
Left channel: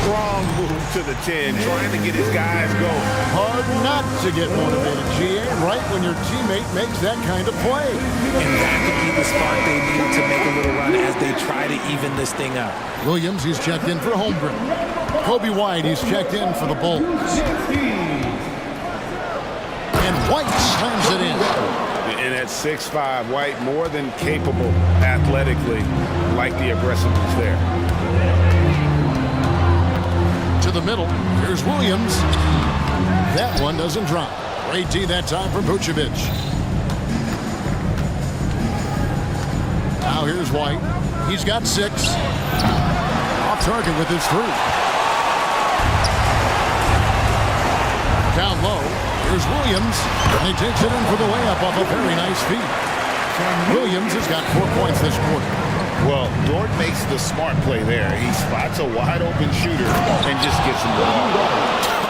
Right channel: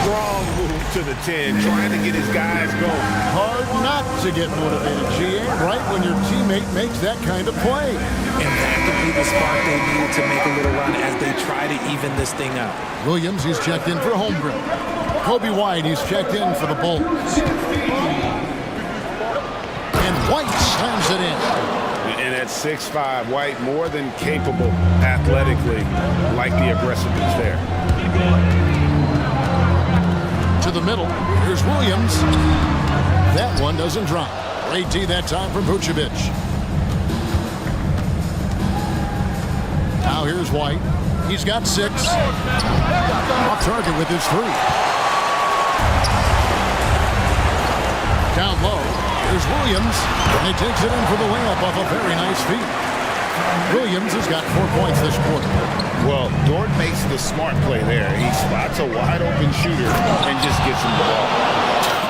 Strong move to the 10, trying to get his guys going. Hard not to get motivated, GA, right when your teammate makes that kind of play. And that could be the spark they needed to make a little run as they try to even this thing up. Williams, he's checked in for Holmgren. Kobe White, he's checked in for the Bulls. And White slams it in. And at 6'5", White more than capable athletically, like the aggressiveness there. To the middle, here's Williams. That one doesn't drop. Great D that time from Vucevic. Now here's White. He's got 6. Off target with his 3. Down low, here's Williams. And he takes it in for the layup off a very nice feed. Williams has got 4 points this quarter. Well, Dort makes the smart play there. He spots a wide-open shooter and just gets him the ball.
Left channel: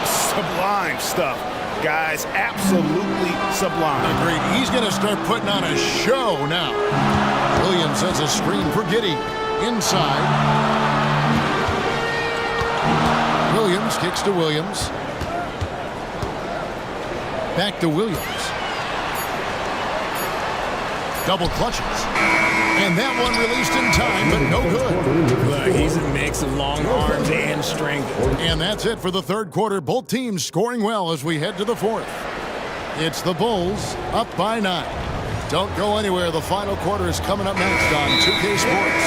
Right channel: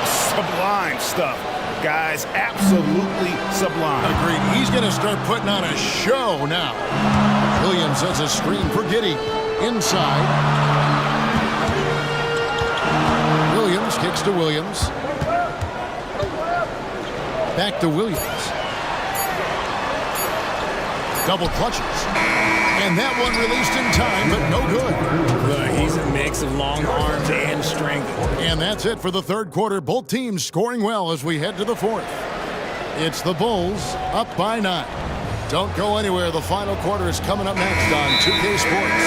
Sublime stuff. Guys, absolutely sublime. Agreed. He's going to start putting on a show now. Williams has a screen for Giddey. Inside. Williams kicks to Williams. Back to Williams. Double clutches. And that one released in time, but no good. Look, he's a mix of long arms and strength. And that's it for the third quarter. Both teams scoring well as we head to the fourth. It's the Bulls up by 9. Don't go anywhere. The final quarter is coming up next on 2K Sports.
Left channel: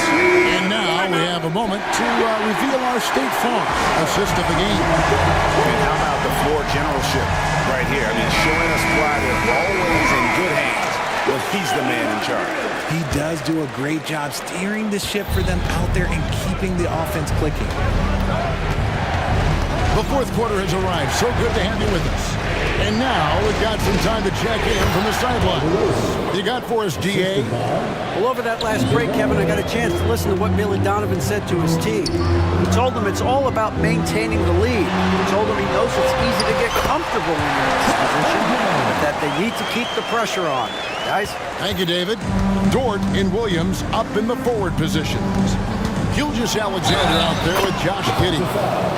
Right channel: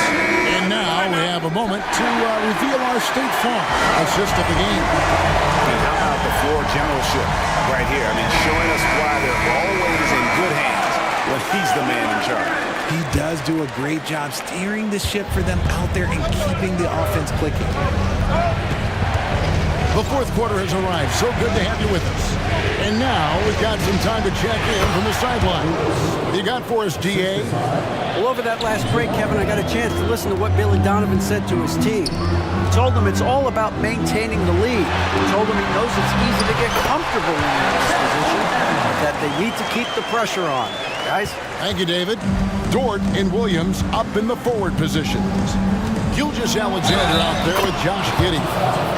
And now we have a moment to reveal our State Farm assist of the game. And how about the floor generalship right here? I mean, showing us why they're always in good hands when he's the man in charge. He does do a great job steering the ship for them out there and keeping the offense clicking. The fourth quarter has arrived. So good to have you with us. And now we've got some time to check in from the sideline. You got for us, GA? Well, over that last break, Kevin, I got a chance to listen to what Billy Donovan said to his team. He told them it's all about maintaining the lead. He told them he knows it's easy to get comfortable when you're in this position, but that they need to keep the pressure on. Guys? Thank you, David. Dort and Williams up in the forward positions. Gilgeous-Alexander out there with Josh Giddey.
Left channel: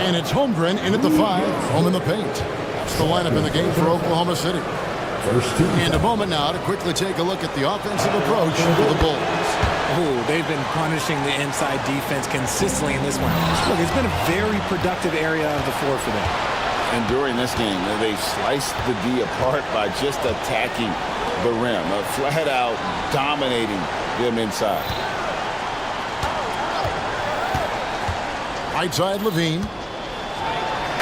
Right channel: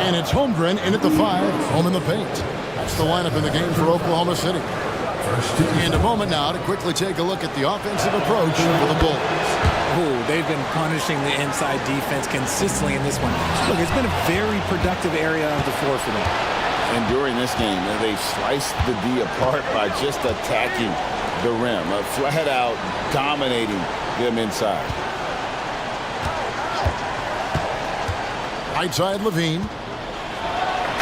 And it's Holmgren in at the 5, home in the paint. That's the lineup in the game for Oklahoma City. And a moment now to quickly take a look at the offensive approach for the Bulls. Oh, they've been punishing the inside defense consistently in this one. Look, it's been a very productive area of the floor for them. And during this game, they've sliced the D apart by just attacking the rim, flat out dominating them inside. Right side, Levine.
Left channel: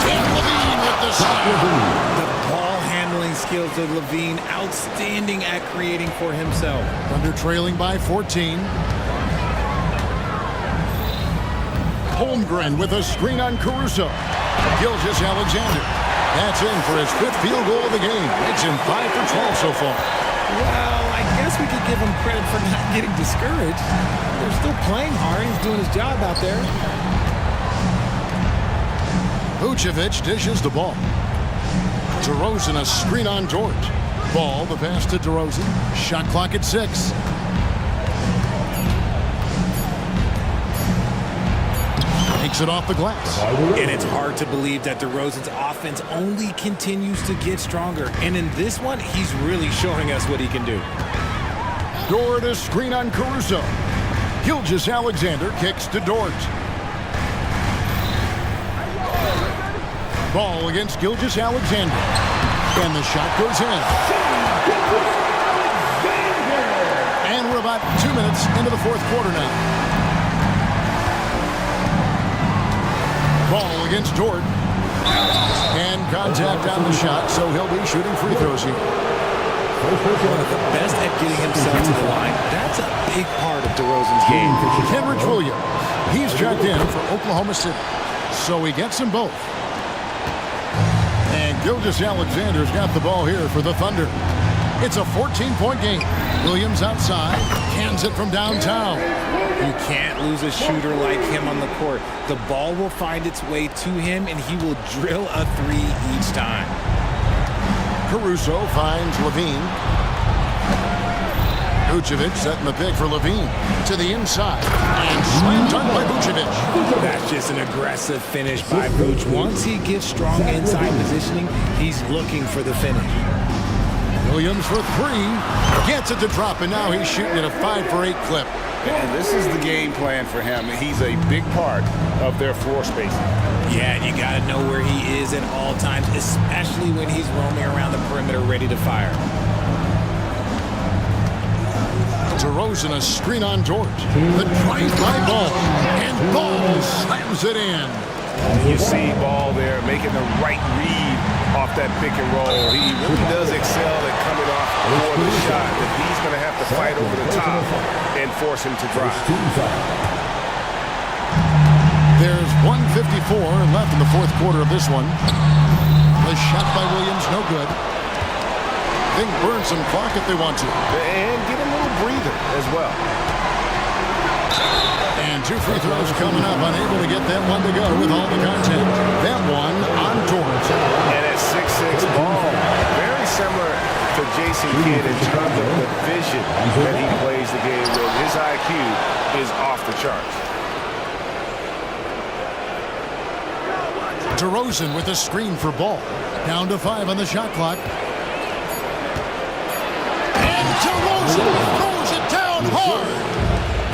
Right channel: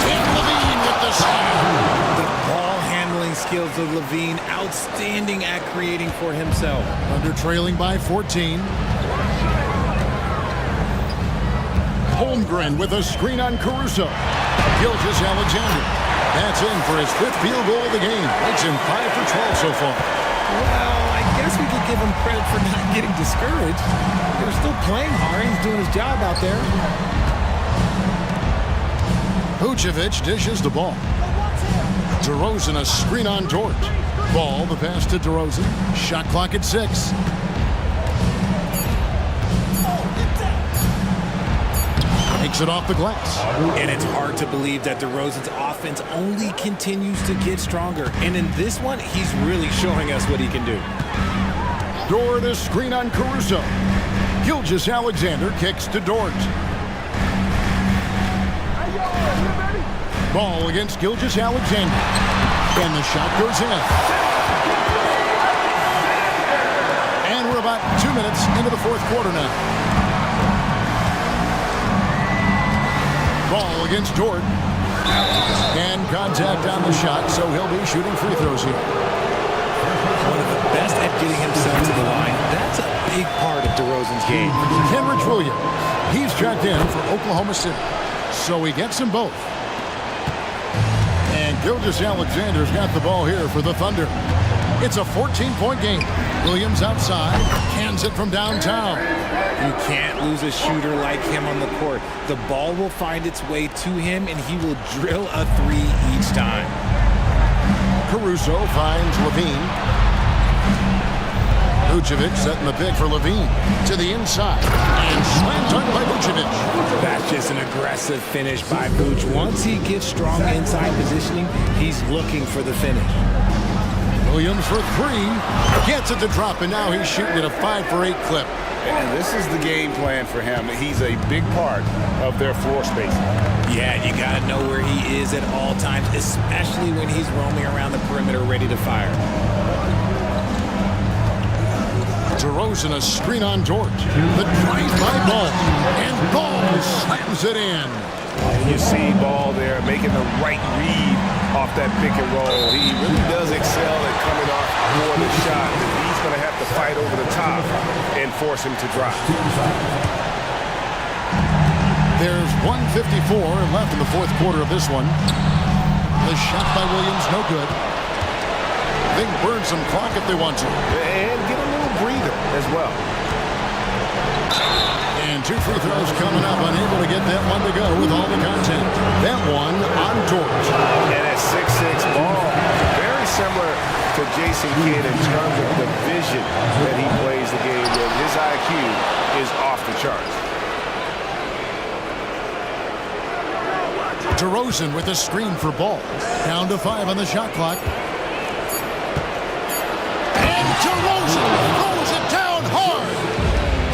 And Levine with the slam. The ball handling skills of Levine, outstanding at creating for himself. Thunder trailing by 14. Holmgren with a screen on Caruso. Gilgeous-Alexander. That's in for his 5th field goal of the game. Makes him 5 for 12 so far. Well, I guess we could give him credit for not getting discouraged. They're still playing hard. He's doing his job out there. Vucevic dishes the ball. DeRozan a screen on Dort. Ball, the pass to DeRozan. Shot clock at 6. Takes it off the glass. And it's hard to believe that DeRozan's offense only continues to get stronger. And in this one, he's really showing us what he can do. Dort a screen on Caruso. Gilgeous-Alexander kicks to Dort. Ball against Gilgeous-Alexander. And the shot goes in. And we're about 2 minutes into the fourth quarter now. Ball against Dort. And contact on the shot, so he'll be shooting free throws here. One of the best at getting himself to the line. That's a big part of DeRozan's game. Kenrich Williams. He's checked in for Oklahoma City. So he gets them both. And Gilgeous-Alexander's got the ball here for the Thunder. It's a 14-point game. Williams outside, cans it from downtown. You can't lose a shooter like him on the court. The ball will find its way to him, and he will drill a 3 each time. Caruso finds Levine. Vucevic setting the pick for Levine. To the inside. And slam dunk by Vucevic. That's just an aggressive finish by Vuce. Once he gets strong inside positioning, he's looking for the finish. Williams for 3. Gets it to drop, and now he's shooting at a 5 for 8 clip. And this is the game plan for him. He's a big part of their floor spacing. Yeah, and you got to know where he is at all times, especially when he's roaming around the perimeter ready to fire. DeRozan a screen on George. The drive by Ball. And Ball slams it in. And you see Ball there making the right read off that pick and roll. He really does excel at coming off for the shot that he's going to have to fight over the top and force him to drive. There's 1:54 left in the fourth quarter of this one. The shot by Williams, no good. They can burn some clock if they want to. And get a little breather as well. And 2 free throws coming up, unable to get that one to go with all the content. That one on George. And at 6'6", Ball, very similar to Jason Kidd in terms of the vision that he plays the game with. His IQ is off the charts. DeRozan with a screen for Ball. Down to 5 on the shot clock. And DeRozan throws it down hard.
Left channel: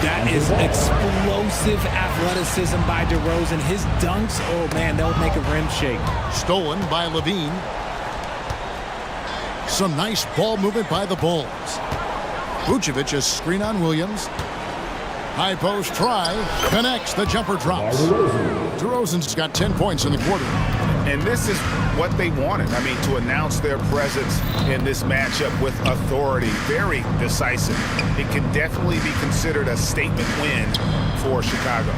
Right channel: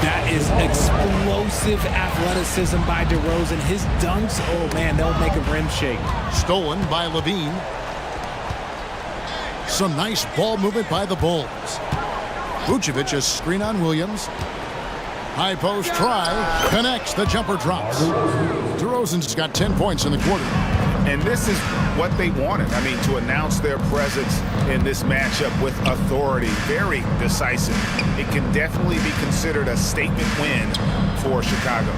That is explosive athleticism by DeRozan. His dunks, oh man, they'll make a rim shake. Stolen by Levine. Some nice ball movement by the Bulls. Vucevic a screen on Williams. High post try. Connects. The jumper drops. DeRozan's got 10 points in the quarter. And this is what they wanted. I mean, to announce their presence in this matchup with authority. Very decisive. It can definitely be considered a statement win for Chicago.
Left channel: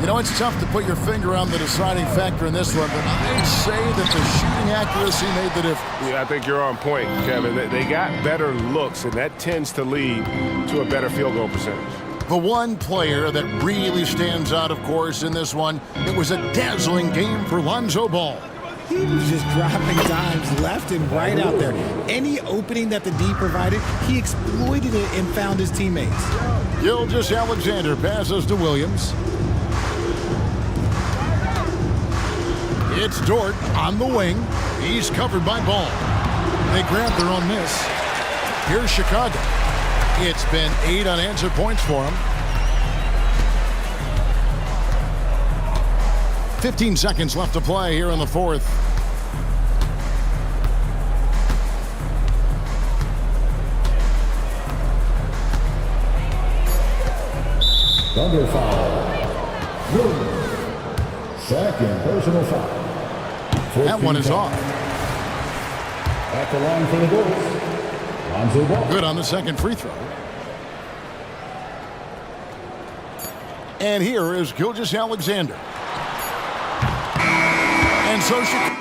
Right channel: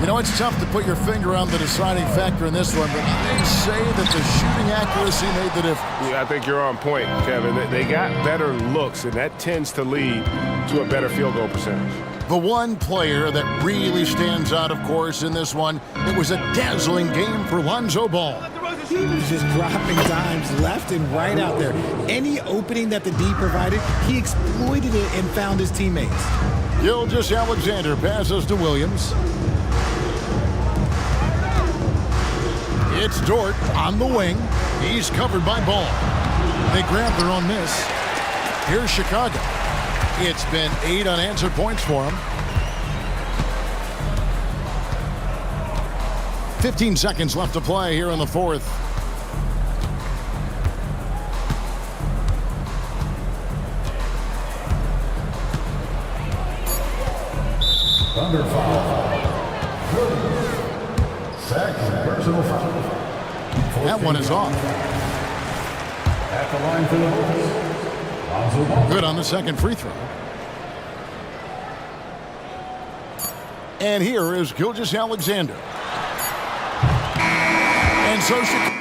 You know, it's tough to put your finger on the deciding factor in this one, but I'd say that the shooting accuracy made the difference. Yeah, I think you're on point, Kevin. They got better looks, and that tends to lead to a better field goal percentage. The one player that really stands out, of course, in this one, it was a dazzling game for Lonzo Ball. He was just dropping dimes left and right out there. Any opening that the D provided, he exploited it and found his teammates. Gilgeous-Alexander passes to Williams. It's Dort on the wing. He's covered by Ball. They grab their own miss. Here's Chicago. It's been 8 unanswered points for him. 15 seconds left to play here in the fourth. Thunder foul. Second personal foul. That one is off. At the line for the Bulls. Lonzo Ball. Good on the second free throw. And here is Gilgeous-Alexander. And so Chicago.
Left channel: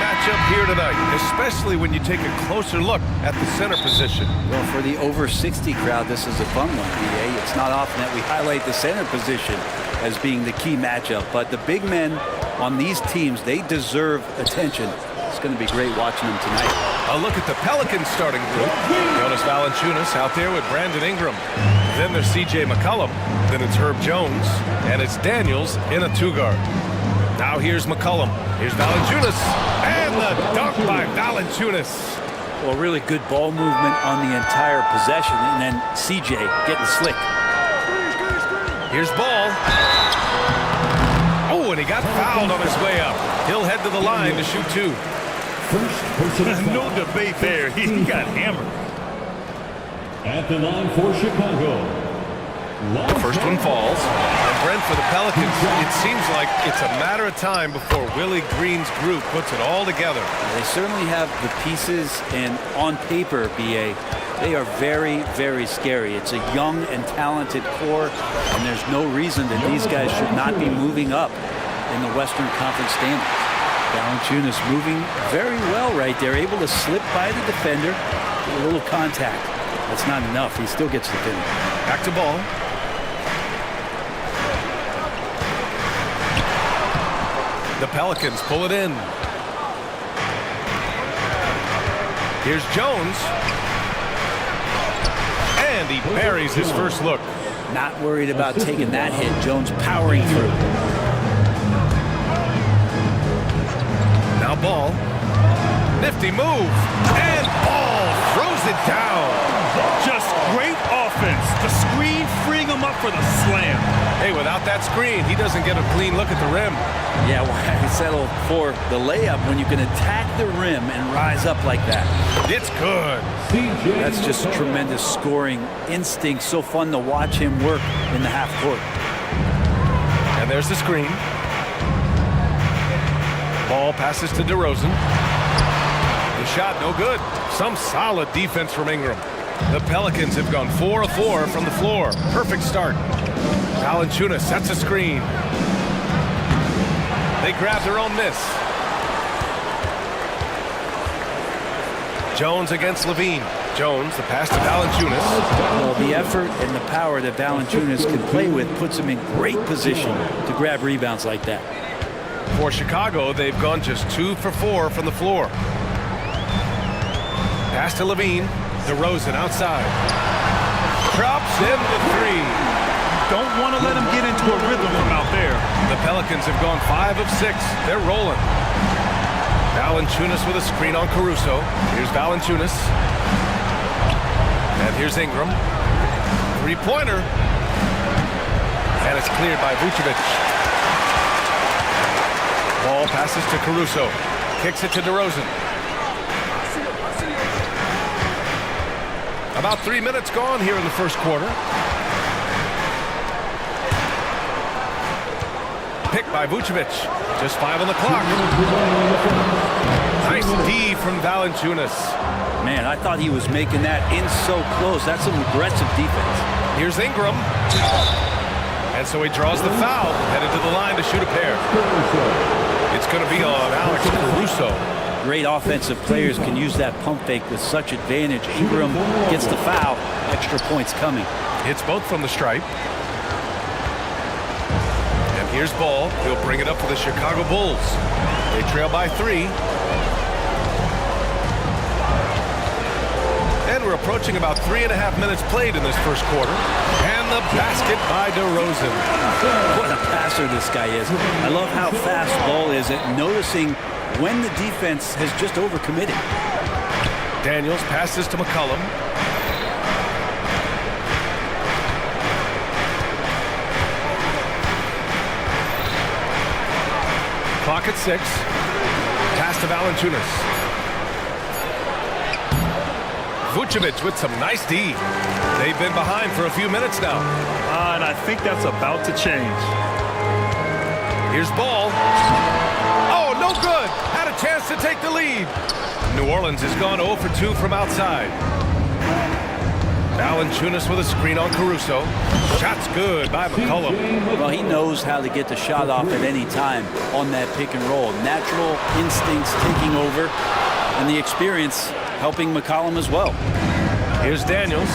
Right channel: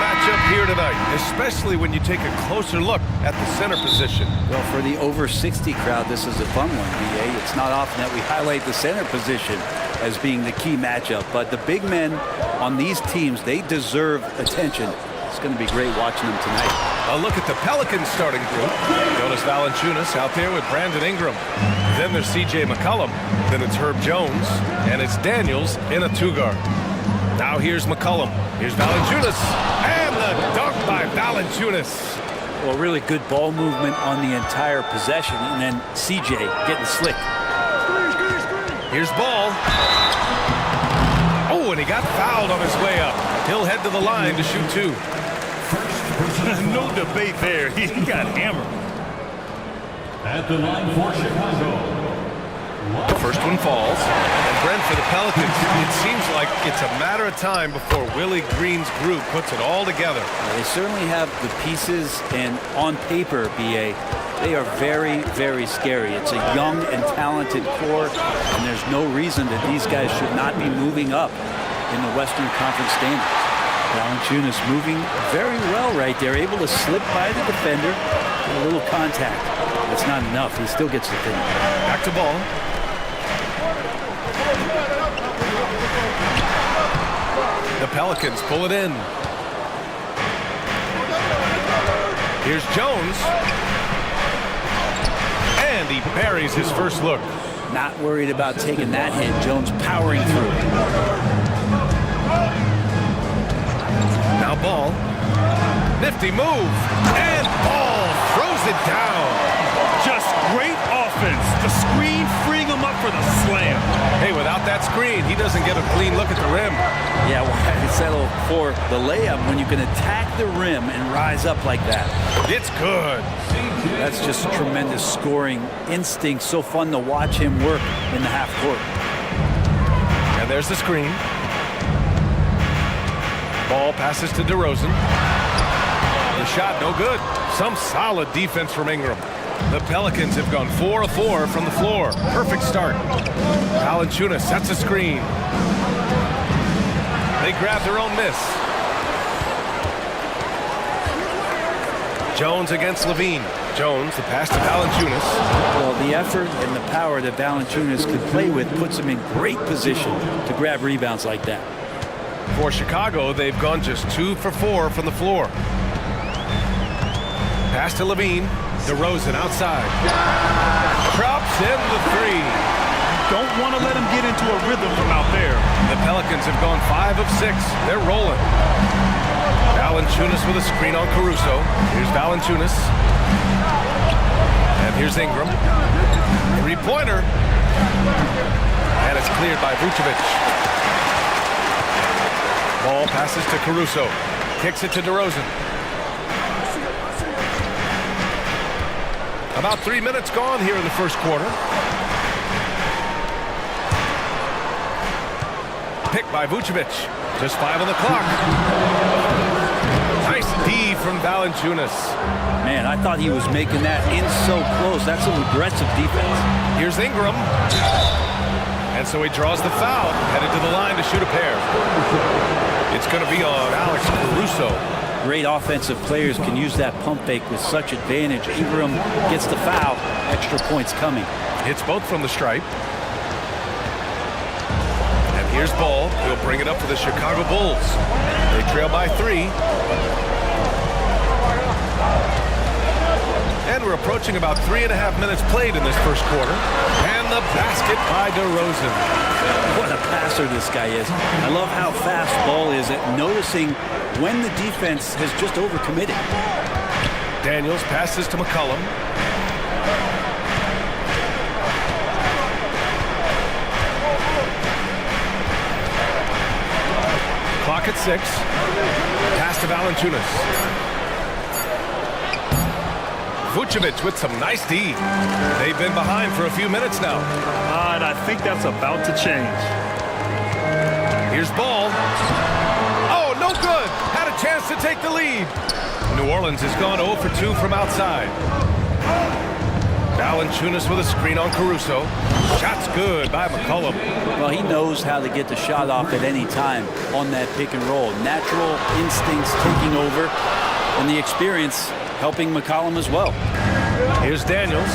matchup here tonight, especially when you take a closer look at the center position. Well, for the over 60 crowd, this is a fun one, BA. It's not often that we highlight the center position as being the key matchup, but the big men on these teams, they deserve attention. It's going to be great watching them tonight. A look at the Pelicans starting group. Jonas Valanciunas out there with Brandon Ingram. Then there's C.J. McCollum. Then it's Herb Jones. And it's Daniels in a two-guard. Now here's McCollum. Here's Valanciunas. And the dunk by Valanciunas. Well, really good ball movement on the entire possession. And then C.J. getting slick. Here's Ball. Oh, and he got fouled on his way up. He'll head to the line to shoot two. No debate there. He got hammered. At the line for Chicago. The first one falls. And Brent, for the Pelicans, it seems like it's a matter of time before Willie Green's group puts it all together. They certainly have the pieces, and on paper, BA, they are very, very scary. It's a young and talented core, and there's no reason that these guys should not be moving up in the Western Conference standings. Valanciunas moving very well right there, able to slip by the defender, get a little contact. That's not enough. He still gets the finish. Back to Ball. The Pelicans pull it in. Here's Jones. And he buries his first look. Not worried about taking that hit. Jones powering through. Now Ball. Nifty move. And Ball throws it down. Just great offense. The screen freeing him up for the slam. Hey, without that screen, he doesn't get a clean look at the rim. Yeah, why settle for the layup when you can attack the rim and rise up like that? It's good. That's just tremendous scoring instinct. So fun to watch him work in the half court. And there's the screen. Ball passes to DeRozan. The shot no good. Some solid defense from Ingram. The Pelicans have gone 4 of 4 from the floor. Perfect start. Valanciunas sets a screen. They grab their own miss. Jones against Levine. Jones, the pass to Valanciunas. Well, the effort and the power that Valanciunas can play with puts him in great position to grab rebounds like that. For Chicago, they've gone just 2 for 4 from the floor. Pass to Levine. DeRozan outside. Drops in the three. Don't want to let him get into a rhythm from out there. The Pelicans have gone 5 of 6. They're rolling. Valanciunas with a screen on Caruso. Here's Valanciunas. And here's Ingram. Three-pointer. And it's cleared by Vucevic. Ball passes to Caruso. Kicks it to DeRozan. About 3 minutes gone here in the first quarter. Picked by Vucevic. Just 5 on the clock. Nice D from Valanciunas. Man, I thought he was making that in so close. That's some aggressive defense. Here's Ingram. And so he draws the foul, headed to the line to shoot a pair. It's going to be on Alex Caruso. Great offensive players can use that pump fake with such advantage. Ingram gets the foul. Extra points coming. Hits both from the stripe. And here's Ball. He'll bring it up for the Chicago Bulls. They trail by 3. And we're approaching about 3.5 minutes played in this first quarter. And the basket by DeRozan. What a passer this guy is. I love how fast Ball is at noticing when the defense has just overcommitted. Daniels passes to McCollum. Clock at 6. Pass to Valanciunas. Vucevic with some nice D. They've been behind for a few minutes now. And I think that's about to change. Here's Ball. Oh, no good. Had a chance to take the lead. New Orleans has gone 0 for 2 from outside. Valanciunas with a screen on Caruso. Shot's good by McCollum. Well, he knows how to get the shot off at any time on that pick and roll. Natural instincts taking over, and the experience helping McCollum as well. Here's Daniels.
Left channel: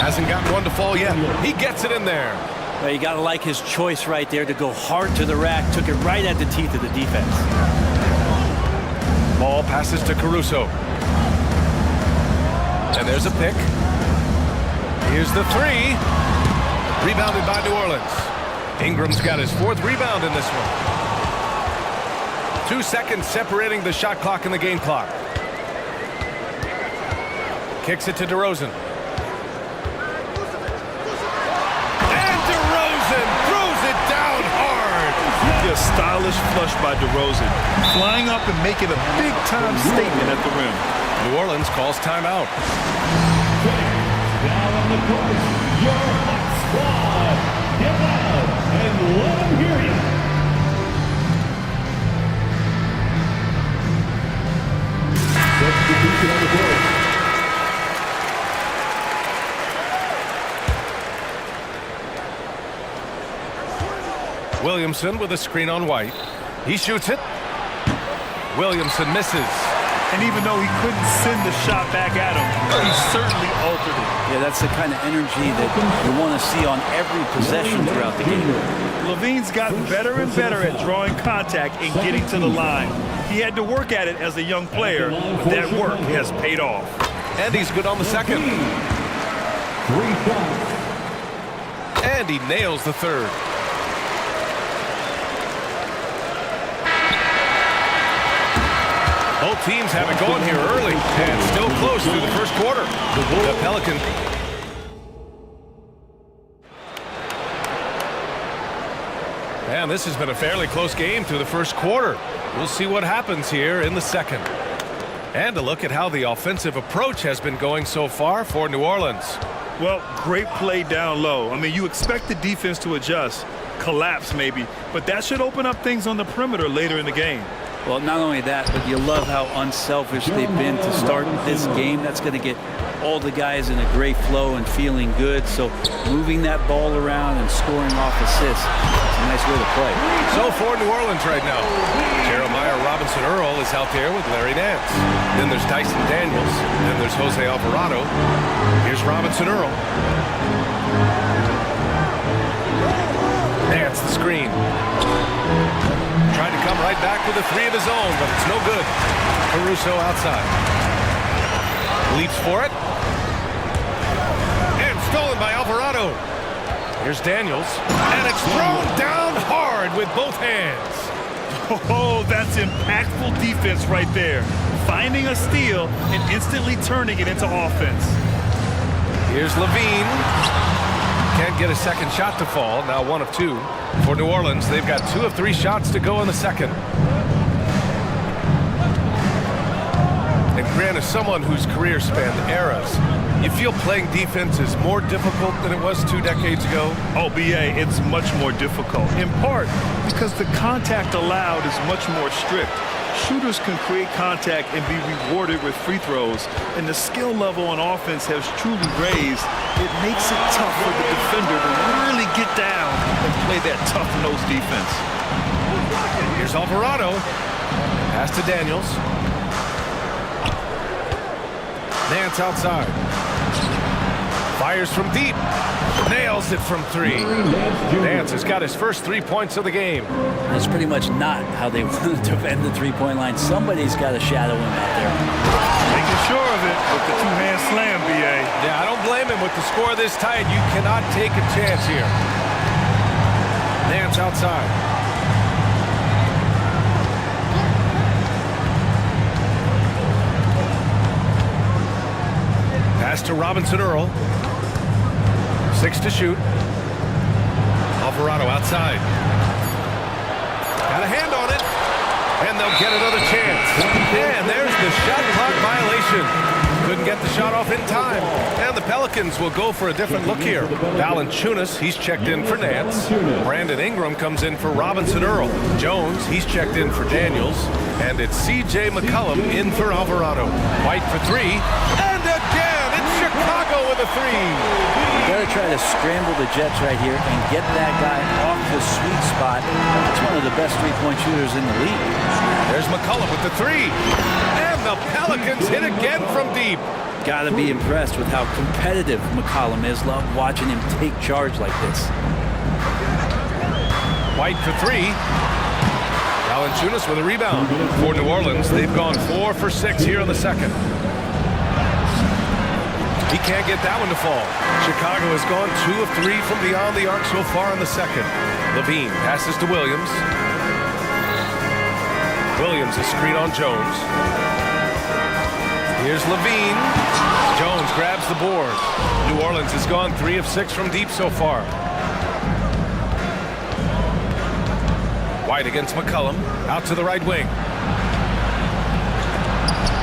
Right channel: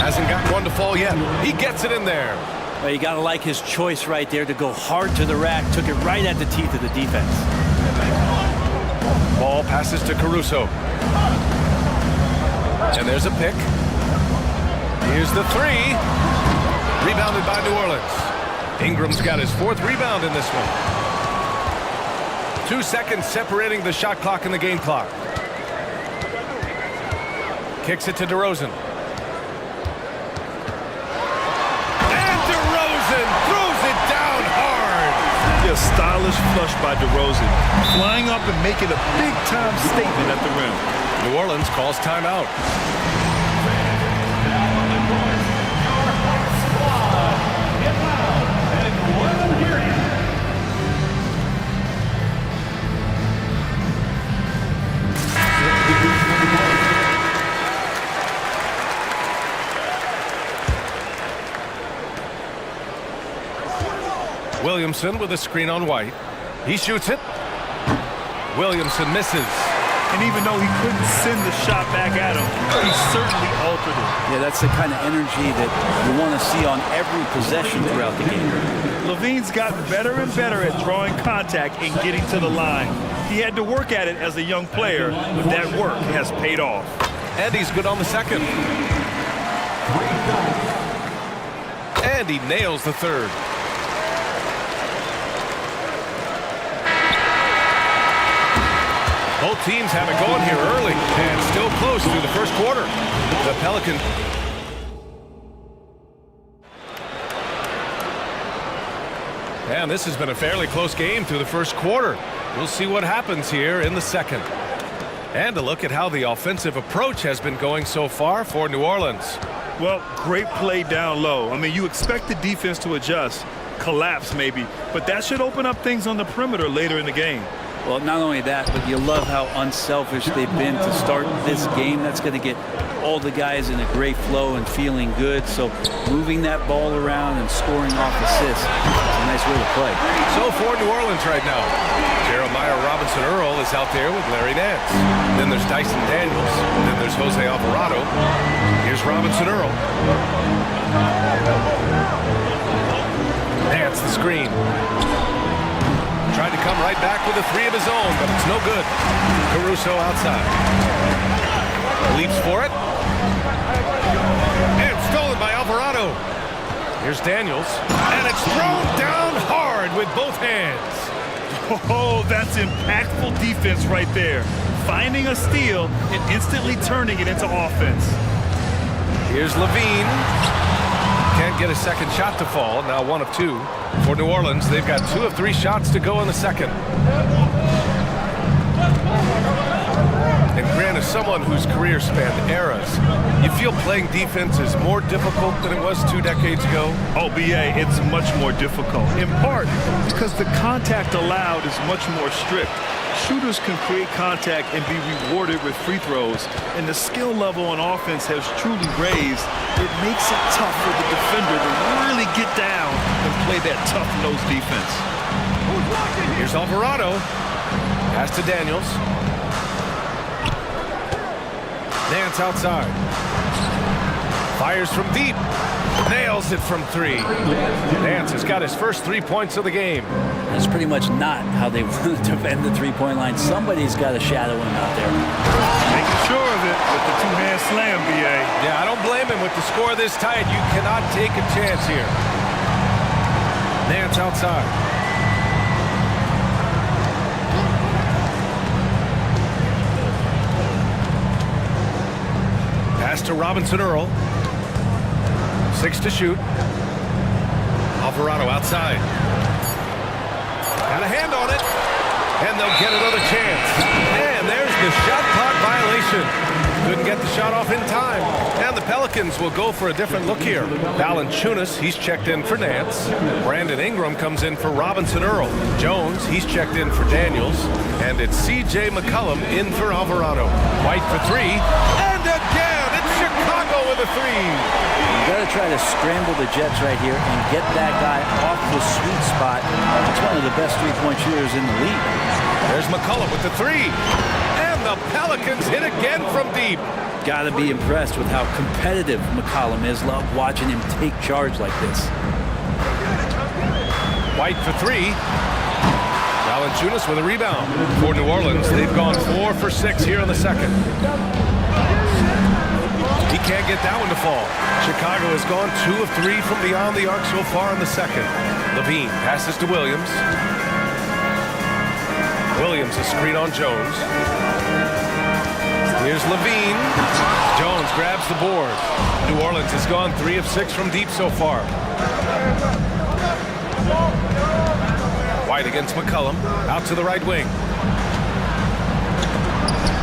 Hasn't gotten one to fall yet. He gets it in there. Well, you got to like his choice right there to go hard to the rack. Took it right at the teeth of the defense. Ball passes to Caruso. And there's a pick. Here's the three. Rebounded by New Orleans. Ingram's got his fourth rebound in this one. 2 seconds separating the shot clock and the game clock. Kicks it to DeRozan. And DeRozan throws it down hard. A stylish flush by DeRozan, flying up and making a big-time statement at the rim. New Orleans calls timeout. Now on the court, your hot squad. Get out and let them hear you. Williamson with a screen on White. He shoots it. Williamson misses. And even though he couldn't send the shot back at him, he certainly altered it. Yeah, that's the kind of energy that you want to see on every possession throughout the game. Levine's gotten better and better at drawing contact and getting to the line. He had to work at it as a young player, but that work has paid off. And he's good on the second. And he nails the third. Both teams have it going here early and still close through the first quarter. The Pelicans. And this has been a fairly close game through the first quarter. We'll see what happens here in the second. And a look at how the offensive approach has been going so far for New Orleans. Well, great play down low. I mean, you expect the defense to adjust, collapse maybe, but that should open up things on the perimeter later in the game. Well, not only that, but you love how unselfish they've been to start this game. That's going to get all the guys in a great flow and feeling good. So moving that ball around and scoring off assists, it's a nice way to play. So for New Orleans right now, Jeremiah Robinson-Earl is out there with Larry Nance. Then there's Dyson Daniels. Then there's Jose Alvarado. Here's Robinson-Earl. Nance the screen. Tried to come right back with a three of his own, but it's no good. Caruso outside. Leaps for it. And stolen by Alvarado. Here's Daniels. And it's thrown down hard with both hands. Oh, that's impactful defense right there. Finding a steal and instantly turning it into offense. Here's Levine. Can't get a second shot to fall. Now 1 of 2. For New Orleans, they've got 2 of 3 shots to go in the second. And Grant, as someone whose career spanned eras, you feel playing defense is more difficult than it was 2 decades ago? Oh, BA, it's much more difficult, in part because the contact allowed is much more strict. Shooters can create contact and be rewarded with free throws, and the skill level on offense has truly raised. It makes it tough for the defender to really get down and play that tough-nosed defense. Here's Alvarado. Pass to Daniels. Nance outside. Fires from deep. Nails it from 3. Nance has got his first 3 points of the game. That's pretty much not how they want to defend the three-point line. Somebody's got to shadow him out there. Making sure of it with the two-hand slam, BA. Yeah, I don't blame him. With the score this tight, you cannot take a chance here. Nance outside. Pass to Robinson-Earl. 6 to shoot. Alvarado outside. Got a hand on it. And they'll get another chance. And there's the shot clock violation. Couldn't get the shot off in time. And the Pelicans will go for a different look here. Valanciunas, he's checked in for Nance. Brandon Ingram comes in for Robinson-Earl. Jones, he's checked in for Daniels. And it's C.J. McCollum in for Alvarado. White for 3. And again, it's Chicago with a three. You got to try to scramble the Jets right here and get that guy off the sweet spot. It's one of the best three-point shooters in the league. There's McCollum with the three. And the Pelicans hit again from deep. Got to be impressed with how competitive McCollum is. Love watching him take charge like this. White for three. Valanciunas with a rebound. For New Orleans, they've gone 4 for 6 here in the second. He can't get that one to fall. Chicago has gone 2 of 3 from beyond the arc so far in the second. Levine passes to Williams. Williams a screen on Jones. Here's Levine. Jones grabs the board. New Orleans has gone 3 of 6 from deep so far. White against McCollum. Out to the right wing.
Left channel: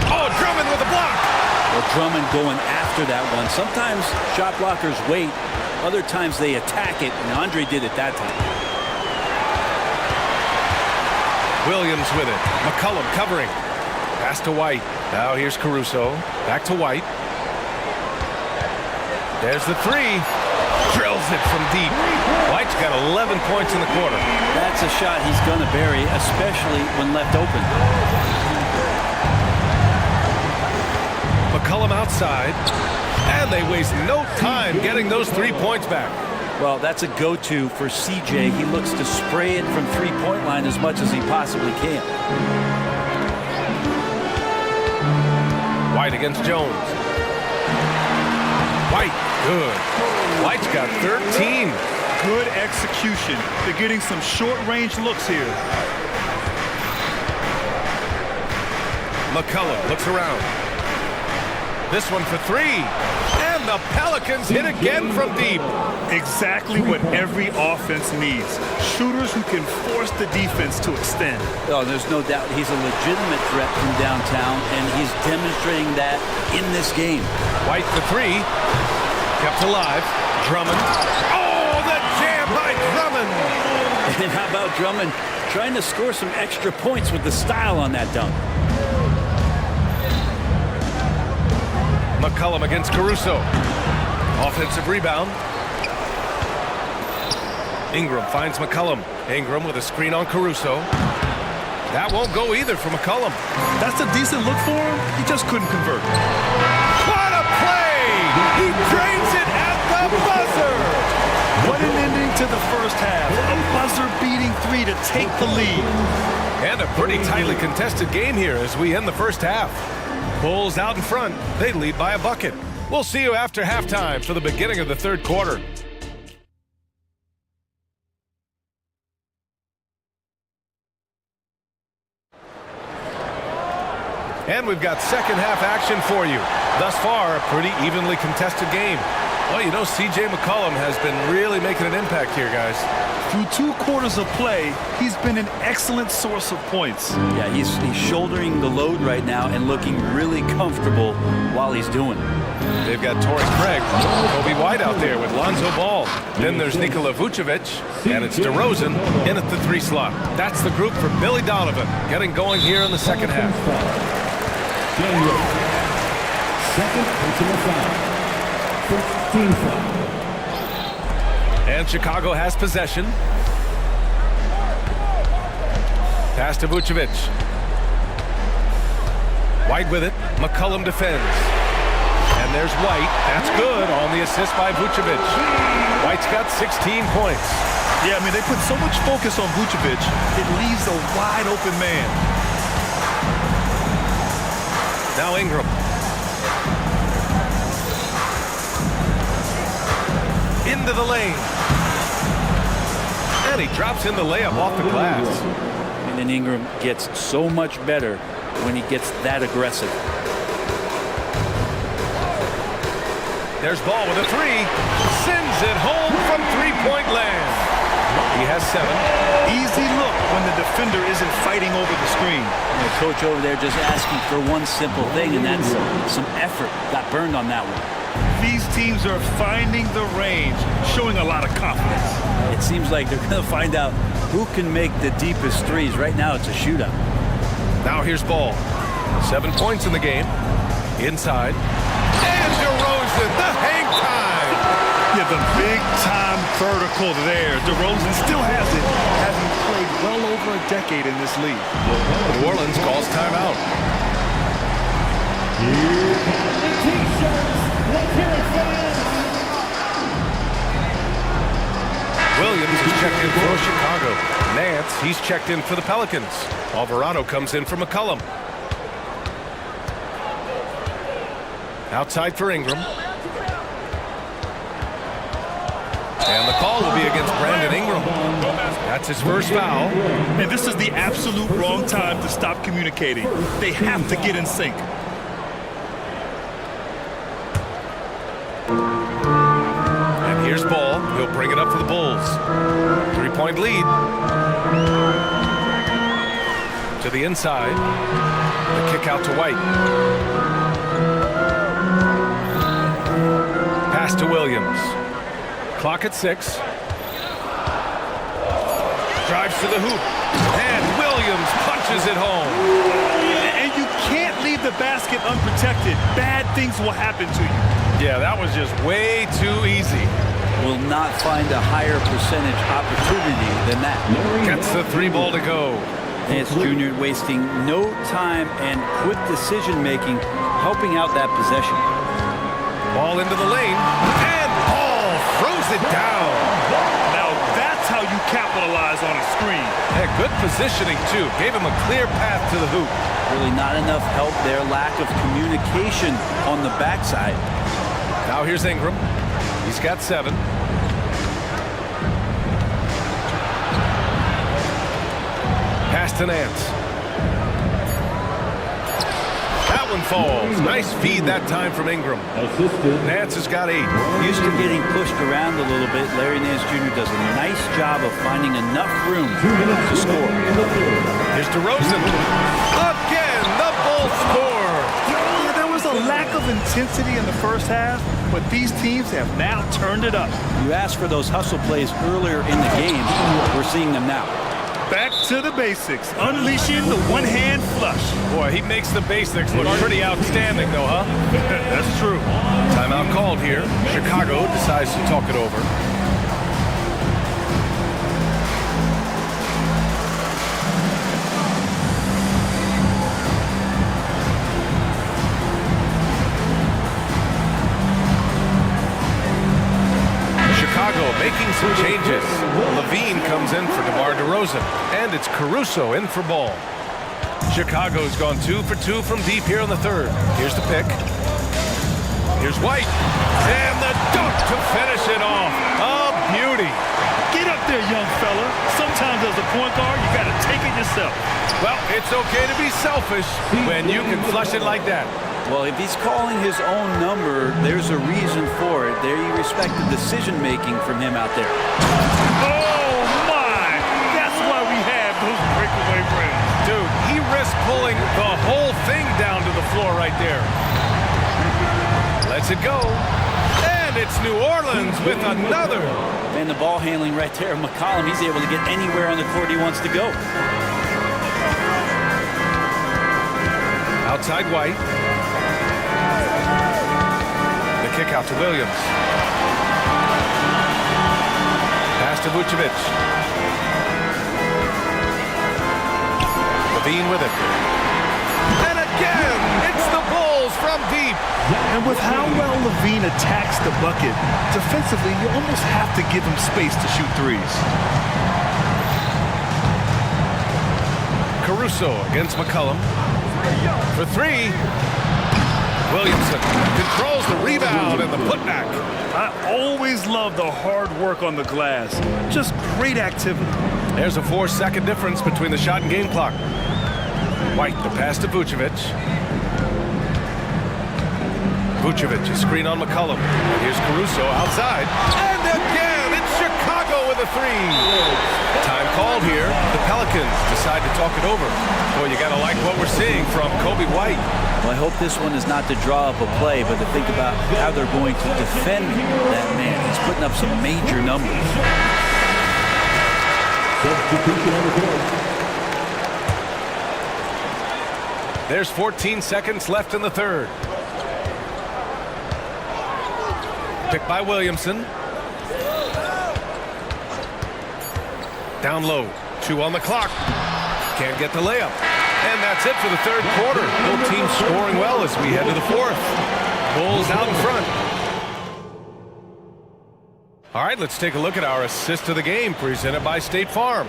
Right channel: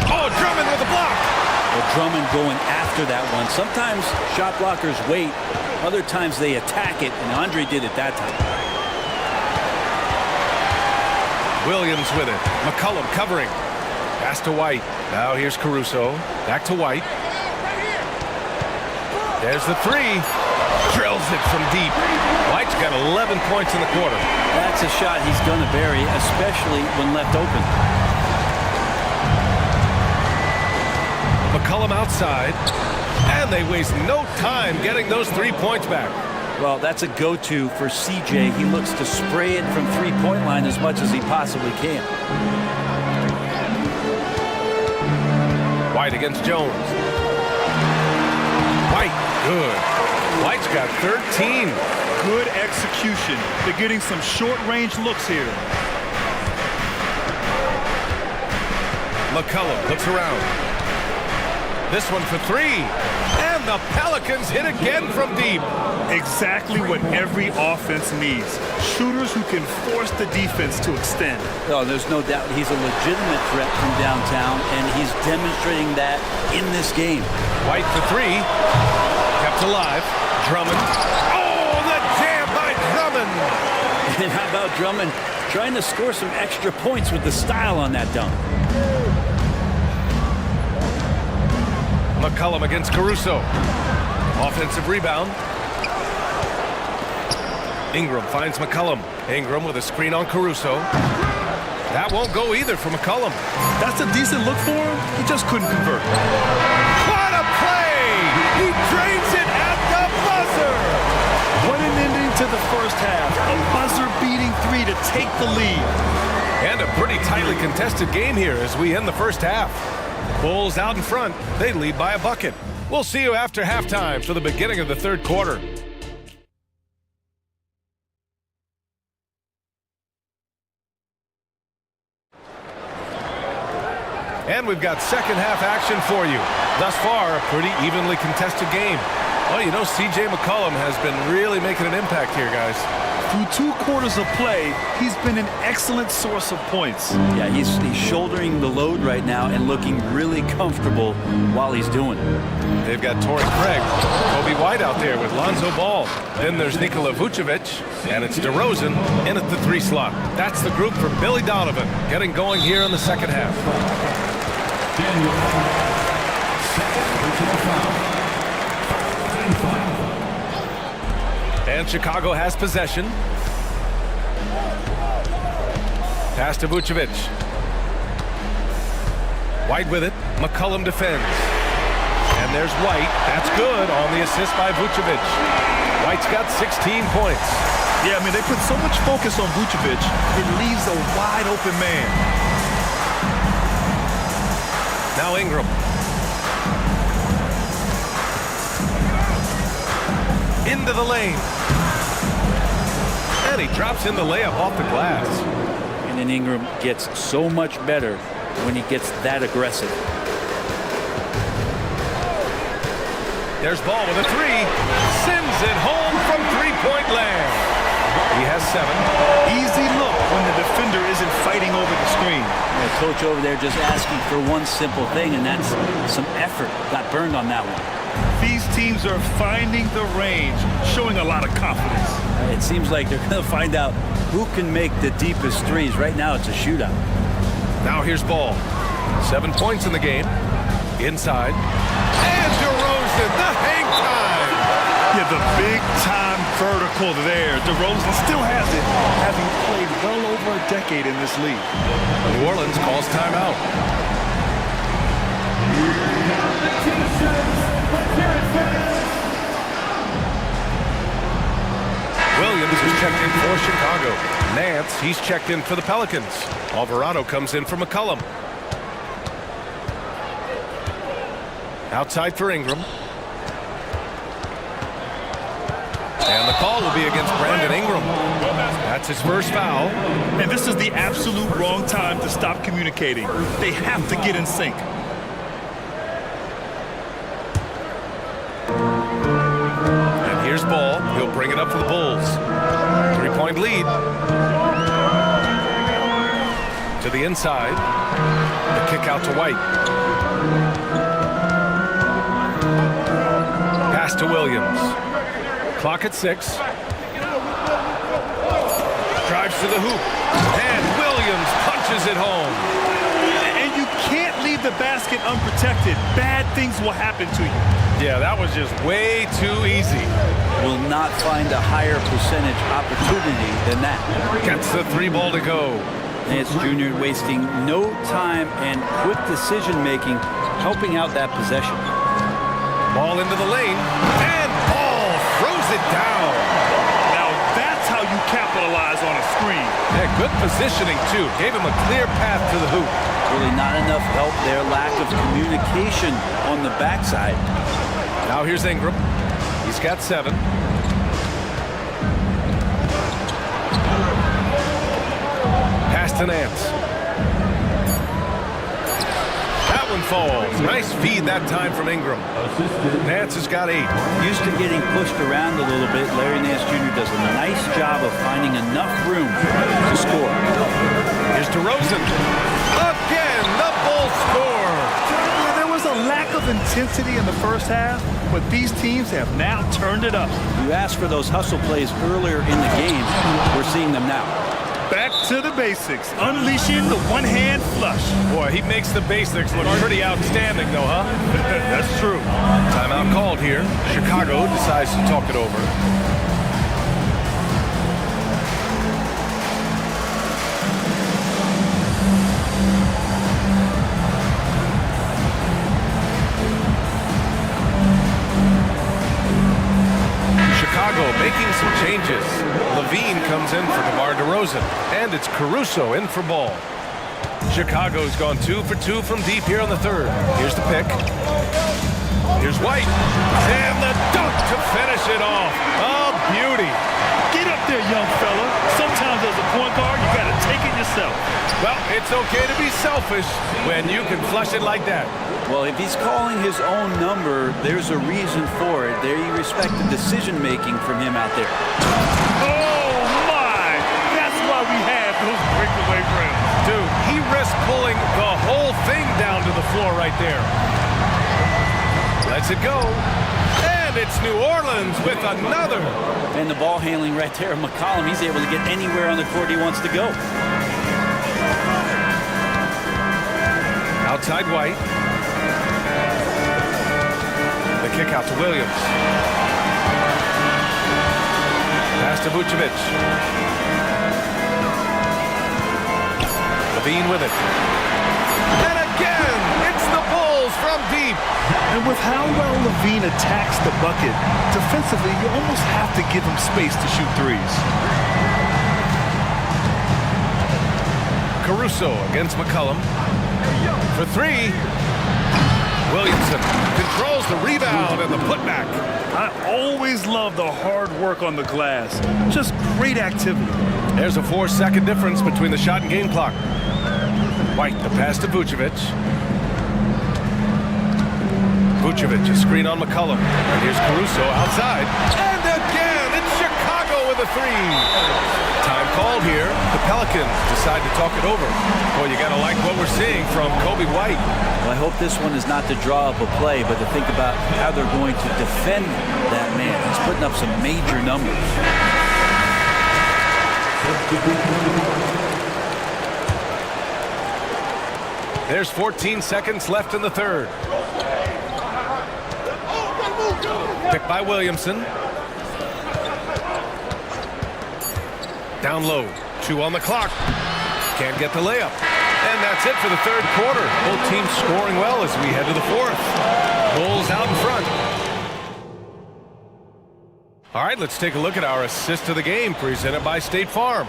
Oh, Drummond with a block. Well, Drummond going after that one. Sometimes shot blockers wait. Other times they attack it, and Andre did it that time. Williams with it. McCollum covering. Pass to White. Now here's Caruso. Back to White. There's the three. Drills it from deep. White's got 11 points in the quarter. That's a shot he's going to bury, especially when left open. McCollum outside. And they waste no time getting those 3 points back. Well, that's a go-to for CJ. He looks to spray it from three-point line as much as he possibly can. White against Jones. White, good. White's got 13. Good execution. They're getting some short-range looks here. McCollum looks around. This one for three. And the Pelicans hit again from deep. Exactly what every offense needs. Shooters who can force the defense to extend. Oh, there's no doubt he's a legitimate threat from downtown, and he's demonstrating that in this game. White for three. Kept alive. Drummond. Oh, the jam by Drummond. And how about Drummond trying to score some extra points with the style on that dunk? McCollum against Caruso. Offensive rebound. Ingram finds McCollum. Ingram with a screen on Caruso. That won't go either for McCollum. That's a decent look for him. He just couldn't convert. What a play! He drains it at the buzzer! What an ending to the first half. A buzzer-beating three to take the lead. And a pretty tightly contested game here as we end the first half. Bulls out in front. They lead by a bucket. We'll see you after halftime for the beginning of the third quarter. And we've got second half action for you. Thus far, a pretty evenly contested game. Well, you know, C.J. McCollum has been really making an impact here, guys. Through 2 quarters of play, he's been an excellent source of points. Yeah, he's shouldering the load right now and looking really comfortable while he's doing it. They've got Torrey Craig, Kobe White out there with Lonzo Ball. Then there's Nikola Vucevic, and it's DeRozan in at the 3 slot. That's the group for Billy Donovan getting going here in the second half. Daniel. Second personal foul. First team foul. And Chicago has possession. Pass to Vucevic. White with it. McCollum defends. And there's White. That's good on the assist by Vucevic. White's got 16 points. Yeah, I mean, they put so much focus on Vucevic, it leaves a wide open man. Now Ingram. Into the lane. And he drops in the layup off the glass. And then Ingram gets so much better when he gets that aggressive. There's Ball with a 3. Sends it home from three-point land. He has 7. Easy look when the defender isn't fighting over the screen. The coach over there just asking for one simple thing, and that's some effort. Got burned on that one. These teams are finding the range, showing a lot of confidence. It seems like they're going to find out who can make the deepest threes. Right now, it's a shootout. Now here's Ball. 7 points in the game. Inside. And DeRozan DeRozan, the hang time. Yeah, the big-time vertical there. DeRozan still has it, having played well over a decade in this league. New Orleans calls timeout. Here come the T-shirts. Let's hear it, fans. Williams is checked in for Chicago. Nance, he's checked in for the Pelicans. Alvarado comes in for McCollum. Outside for Ingram. And the call will be against Brandon Ingram. That's his first foul. And this is the absolute wrong time to stop communicating. They have to get in sync. And here's Ball. He'll bring it up for the Bulls. 3-point lead. To the inside. The kick out to White. Pass to Williams. Clock at 6. Drives to the hoop. And Williams punches it home. And you can't leave the basket unprotected. Bad things will happen to you. Yeah, that was just way too easy. Will not find a higher percentage opportunity than that. Gets the 3 ball to go. Nance Jr. wasting no time and quick decision-making, helping out that possession. Ball into the lane, and Ball throws it down. Now that's how you capitalize on a screen. Yeah, good positioning, too. Gave him a clear path to the hoop. Really not enough help there. Lack of communication on the backside. Now here's Ingram. He's got 7. Pass to Nance. That one falls. Nice feed that time from Ingram. Nance has got 8. Used to getting pushed around a little bit. Larry Nance Jr. does a nice job of finding enough room to score. Here's DeRozan. Again, the Bulls score. Yeah, there was a lack of intensity in the first half, but these teams have now turned it up. You asked for those hustle plays earlier in the game. We're seeing them now. Back to the basics, unleashing the one-hand flush. Boy, he makes the basics look pretty outstanding, though, huh? That's true. Timeout called here. Chicago decides to talk it over. Chicago making some changes. Levine comes in for DeMar DeRozan, and it's Caruso in for Ball. Chicago's gone 2 for 2 from deep here on the 3rd. Here's the pick. Here's White, and the dunk to finish it off. A beauty. Get up there, young fella. Sometimes as a point guard, you got to take it yourself. Well, it's okay to be selfish when you can flush it like that. Well, if he's calling his own number, there's a reason for it. There you respect the decision-making from him out there. Oh, my! That's why we have those breakaway rims. Dude, he risked pulling the whole thing down to the floor right there. Lets it go. And it's New Orleans with another. And the ball handling right there of McCollum. He's able to get anywhere on the court he wants to go. Outside White. The kick out to Williams. Pass to Vucevic. Levine with it. And again, it's the Bulls from deep. And with how well Levine attacks the bucket, defensively, you almost have to give him space to shoot threes. Caruso against McCollum. For 3. Williamson controls the rebound and the putback. I always love the hard work on the glass. Just great activity. There's a 4-second difference between the shot and game clock. White, the pass to Vucevic. Vucevic, a screen on McCollum. And here's Caruso outside. And again, it's Chicago with a 3. Time called here. The Pelicans decide to talk it over. Boy, you got to like what we're seeing from Kobe White. Well, I hope this one is not to draw up a play, but to think about how they're going to defend that man. He's putting up some major numbers. There's 14 seconds left in the 3rd. Picked by Williamson. Down low. 2 on the clock. Can't get the layup. And that's it for the third quarter. Both teams scoring well as we head to the fourth. Bulls out in front. All right, let's take a look at our assist of the game presented by State Farm.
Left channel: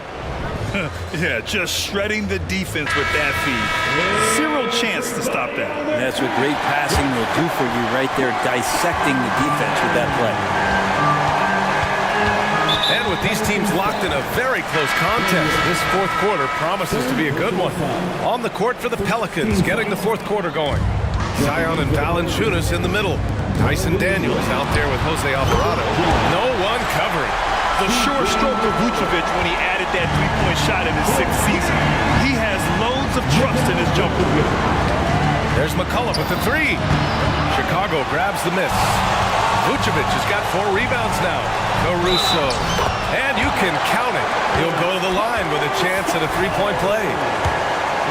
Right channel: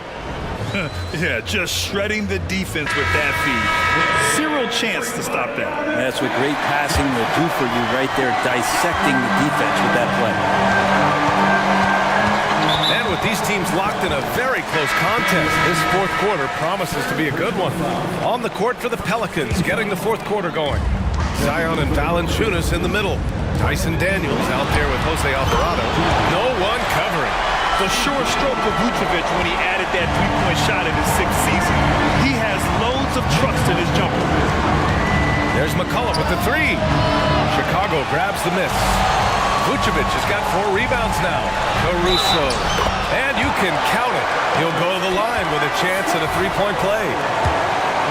Yeah, just shredding the defense with that feed. Zero chance to stop that. And that's what great passing will do for you right there, dissecting the defense with that play. And with these teams locked in a very close contest, this fourth quarter promises to be a good one. On the court for the Pelicans, getting the fourth quarter going. Zion and Valanciunas in the middle. Tyson Daniels out there with Jose Alvarado. No one covering. The sure stroke of Vucevic when he added that three-point shot in his 6th season. He has loads of trust in his jumper. There's McCullough with the 3. Chicago grabs the miss. Vucevic has got 4 rebounds now. Caruso. And you can count it. He'll go to the line with a chance at a three-point play.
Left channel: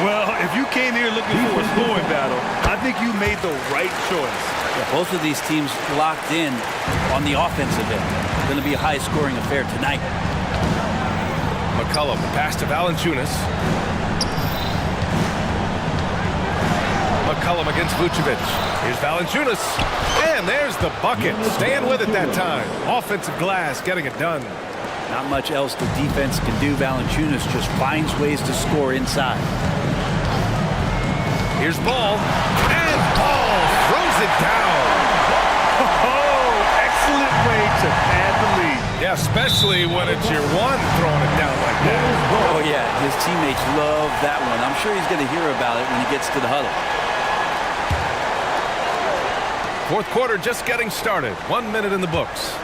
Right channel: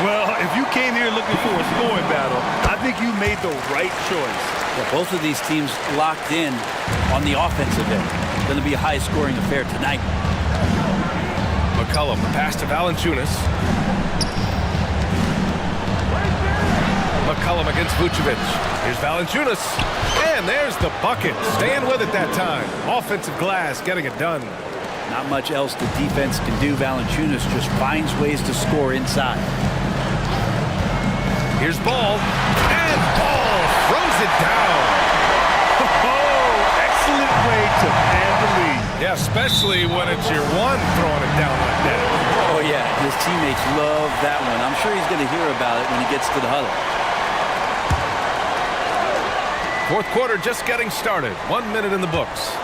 Well, if you came here looking for a scoring battle, I think you made the right choice. Yeah, both of these teams locked in on the offensive end. Going to be a high-scoring affair tonight. McCullough, the pass to Valanciunas. McCullough against Vucevic. Here's Valanciunas. And there's the bucket. Staying with it that time. Offensive glass, getting it done. Not much else the defense can do. Valanciunas just finds ways to score inside. Here's Ball. And Ball throws it down. Oh, excellent way to pad the lead. Yeah, especially when it's your one throwing it down like that. Oh, yeah. His teammates love that one. I'm sure he's going to hear about it when he gets to the huddle. Fourth quarter just getting started. 1 minute in the books.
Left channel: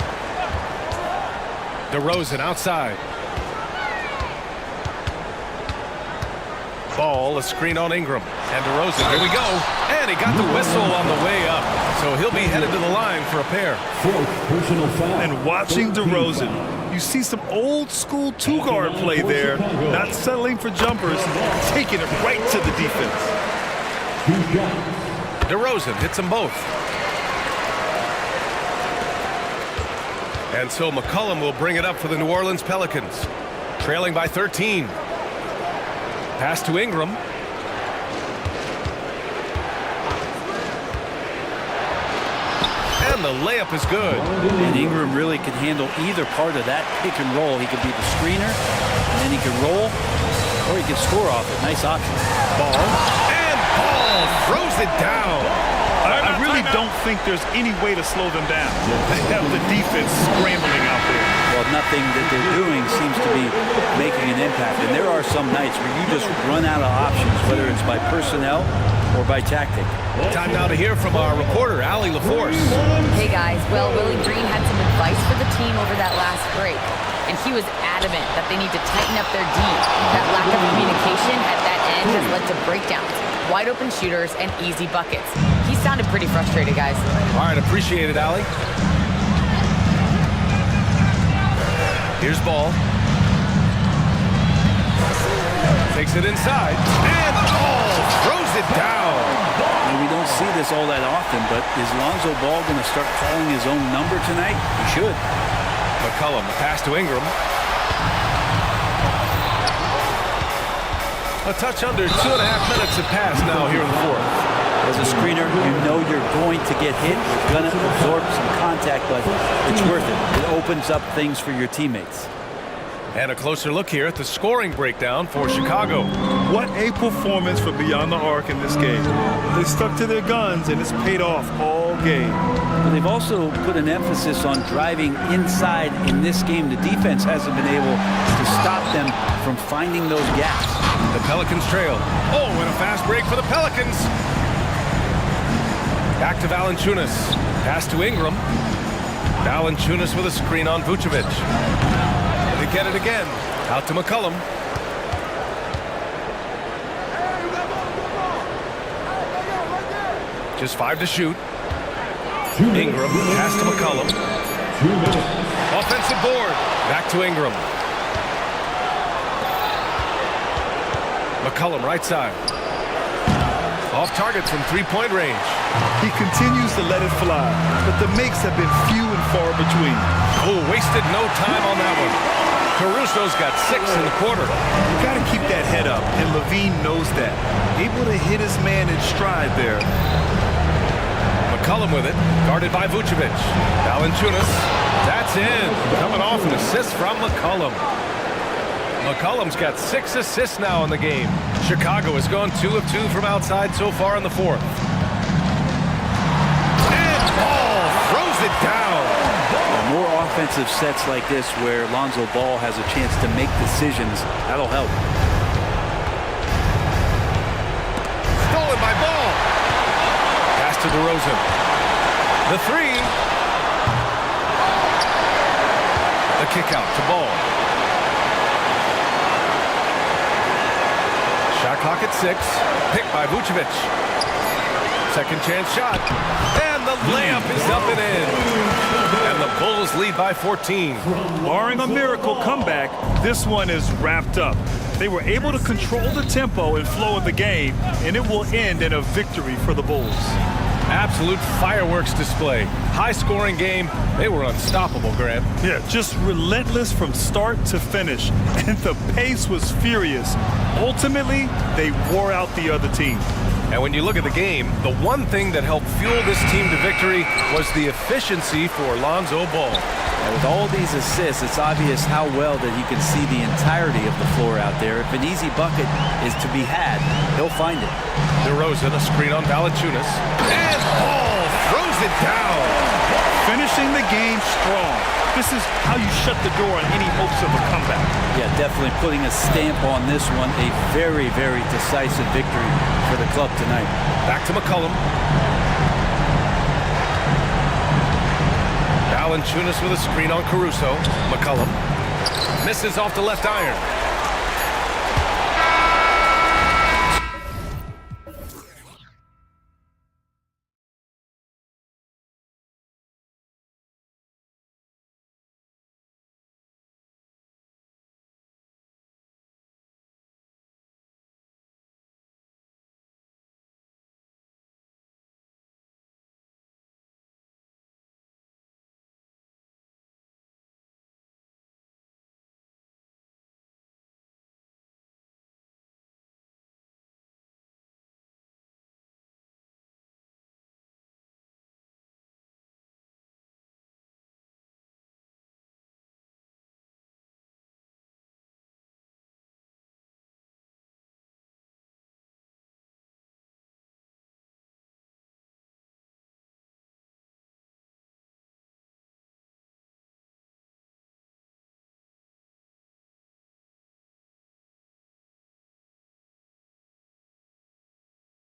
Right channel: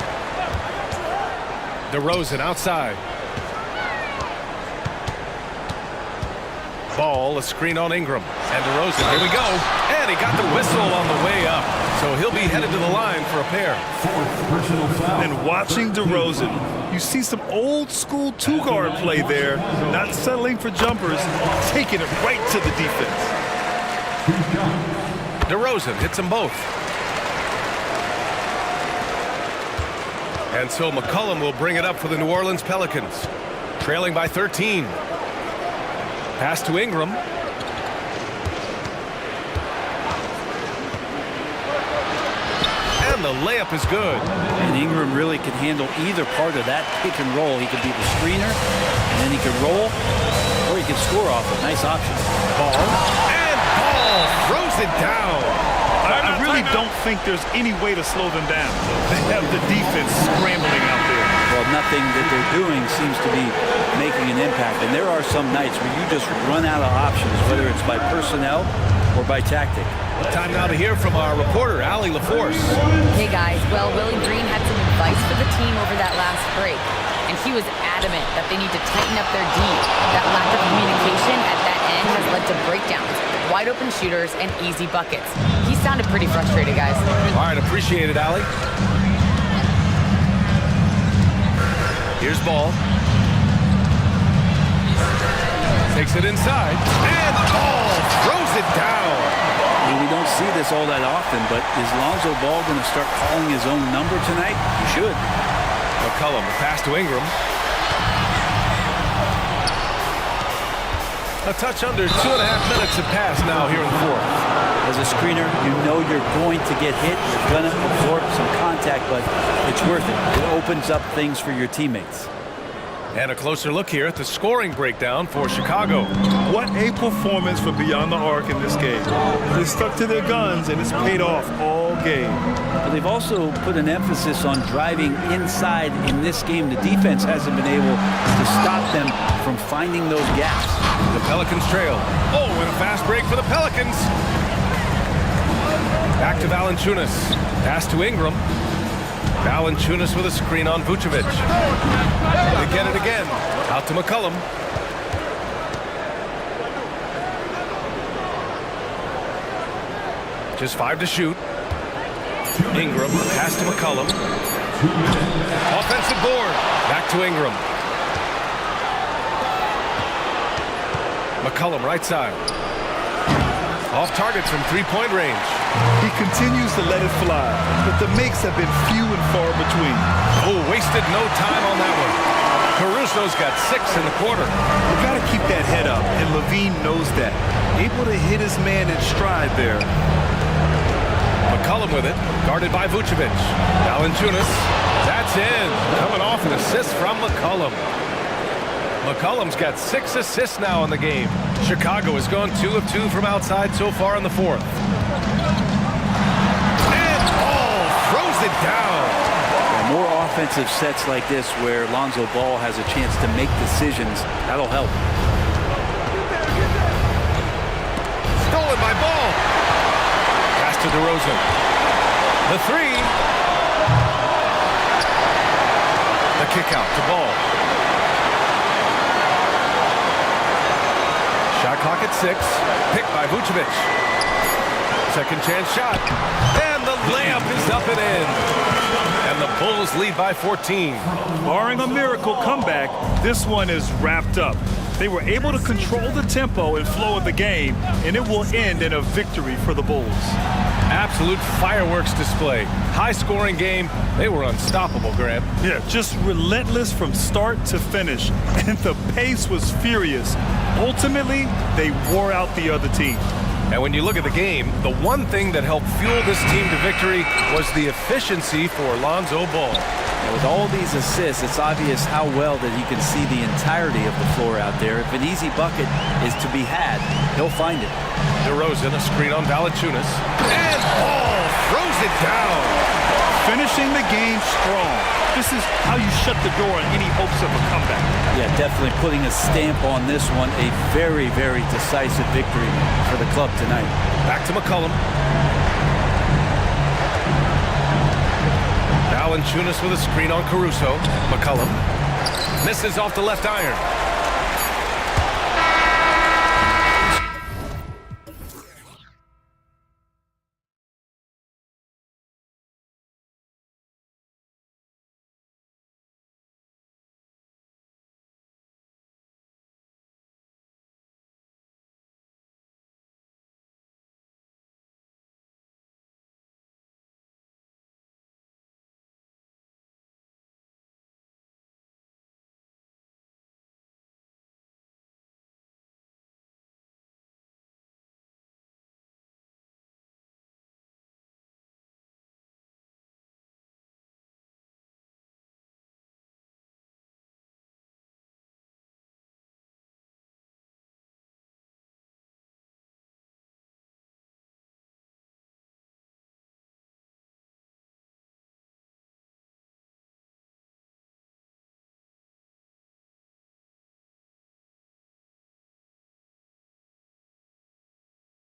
DeRozan outside. Ball, a screen on Ingram. And DeRozan, here we go. And he got the whistle on the way up. So he'll be headed to the line for a pair. 4th personal foul. And watching DeRozan, you see some old school two-guard play there. Not settling for jumpers, taking it right to the defense. DeRozan hits them both. And so McCollum will bring it up for the New Orleans Pelicans. Trailing by 13. Pass to Ingram. And the layup is good. And Ingram really can handle either part of that pick and roll. He can be the screener, and then he can roll, or he can score off it. Nice option. Ball. And Ball throws it down. I really don't think there's any way to slow them down. They have the defense scrambling out there. Well, nothing that they're doing seems to be making an impact. And there are some nights where you just run out of options, whether it's by personnel or by tactic. Time now to hear from our reporter, Allie LaForce. Hey, guys. Well, Willie Green had some advice for the team over that last break. And he was adamant that they need to tighten up their D. That lack of communication at that end has led to breakdowns, wide open shooters, and easy buckets. He sounded pretty frustrated, guys. All right, appreciate it, Allie. Here's Ball. Takes it inside. And Ball throws it down. You know, we don't see this all that often, but is Lonzo Ball going to start calling his own number tonight? He should. McCollum, the pass to Ingram. A touch under 2.5 minutes have passed now here in the fourth. As a screener, you know you're going to get hit. You're going to absorb some contact, but it's worth it. It opens up things for your teammates. And a closer look here at the scoring breakdown for Chicago. What a performance for Beyond the Arc in this game. They stuck to their guns, and it's paid off all game. Well, they've also put an emphasis on driving inside in this game. The defense hasn't been able to stop them from finding those gaps. The Pelicans trail. Oh, and a fast break for the Pelicans. Back to Valanciunas. Pass to Ingram. Valanciunas with a screen on Vucevic. They get it again. Out to McCollum. Just 5 to shoot. Ingram, pass to McCollum. Offensive board. Back to Ingram. McCollum right side. Off target from three-point range. He continues to let it fly, but the makes have been few and far between. Oh, wasted no time on that one. Caruso's got 6 in the quarter. You got to keep that head up, and Levine knows that. Able to hit his man in stride there. McCollum with it, guarded by Vucevic. Valanciunas, that's in. Coming off an assist from McCollum. McCollum's got 6 assists now in the game. Chicago has gone 2 of 2 from outside so far in the fourth. And Ball throws it down. Yeah, more offensive sets like this where Lonzo Ball has a chance to make decisions. That'll help. Stolen by Ball. Pass to DeRozan. The three. The kick out to Ball. Shot clock at 6. Picked by Vucevic. Second chance shot. And the layup is up and in. And the Bulls lead by 14. Barring a miracle comeback, this one is wrapped up. They were able to control the tempo and flow of the game, and it will end in a victory for the Bulls. Absolute fireworks display. High-scoring game. They were unstoppable, Grant. Yeah, just relentless from start to finish, and the pace was furious. Ultimately, they wore out the other team. And when you look at the game, the one thing that helped fuel this team to victory was the efficiency for Lonzo Ball. And with all these assists, it's obvious how well that he can see the entirety of the floor out there. If an easy bucket is to be had, he'll find it. DeRozan, a screen on Valanciunas. And Ball throws it down. Finishing the game strong. This is how you shut the door on any hopes of a comeback. Yeah, definitely putting a stamp on this one. A very, very decisive victory for the club tonight. Back to McCollum. Valanciunas with a screen on Caruso. McCollum misses off the left iron.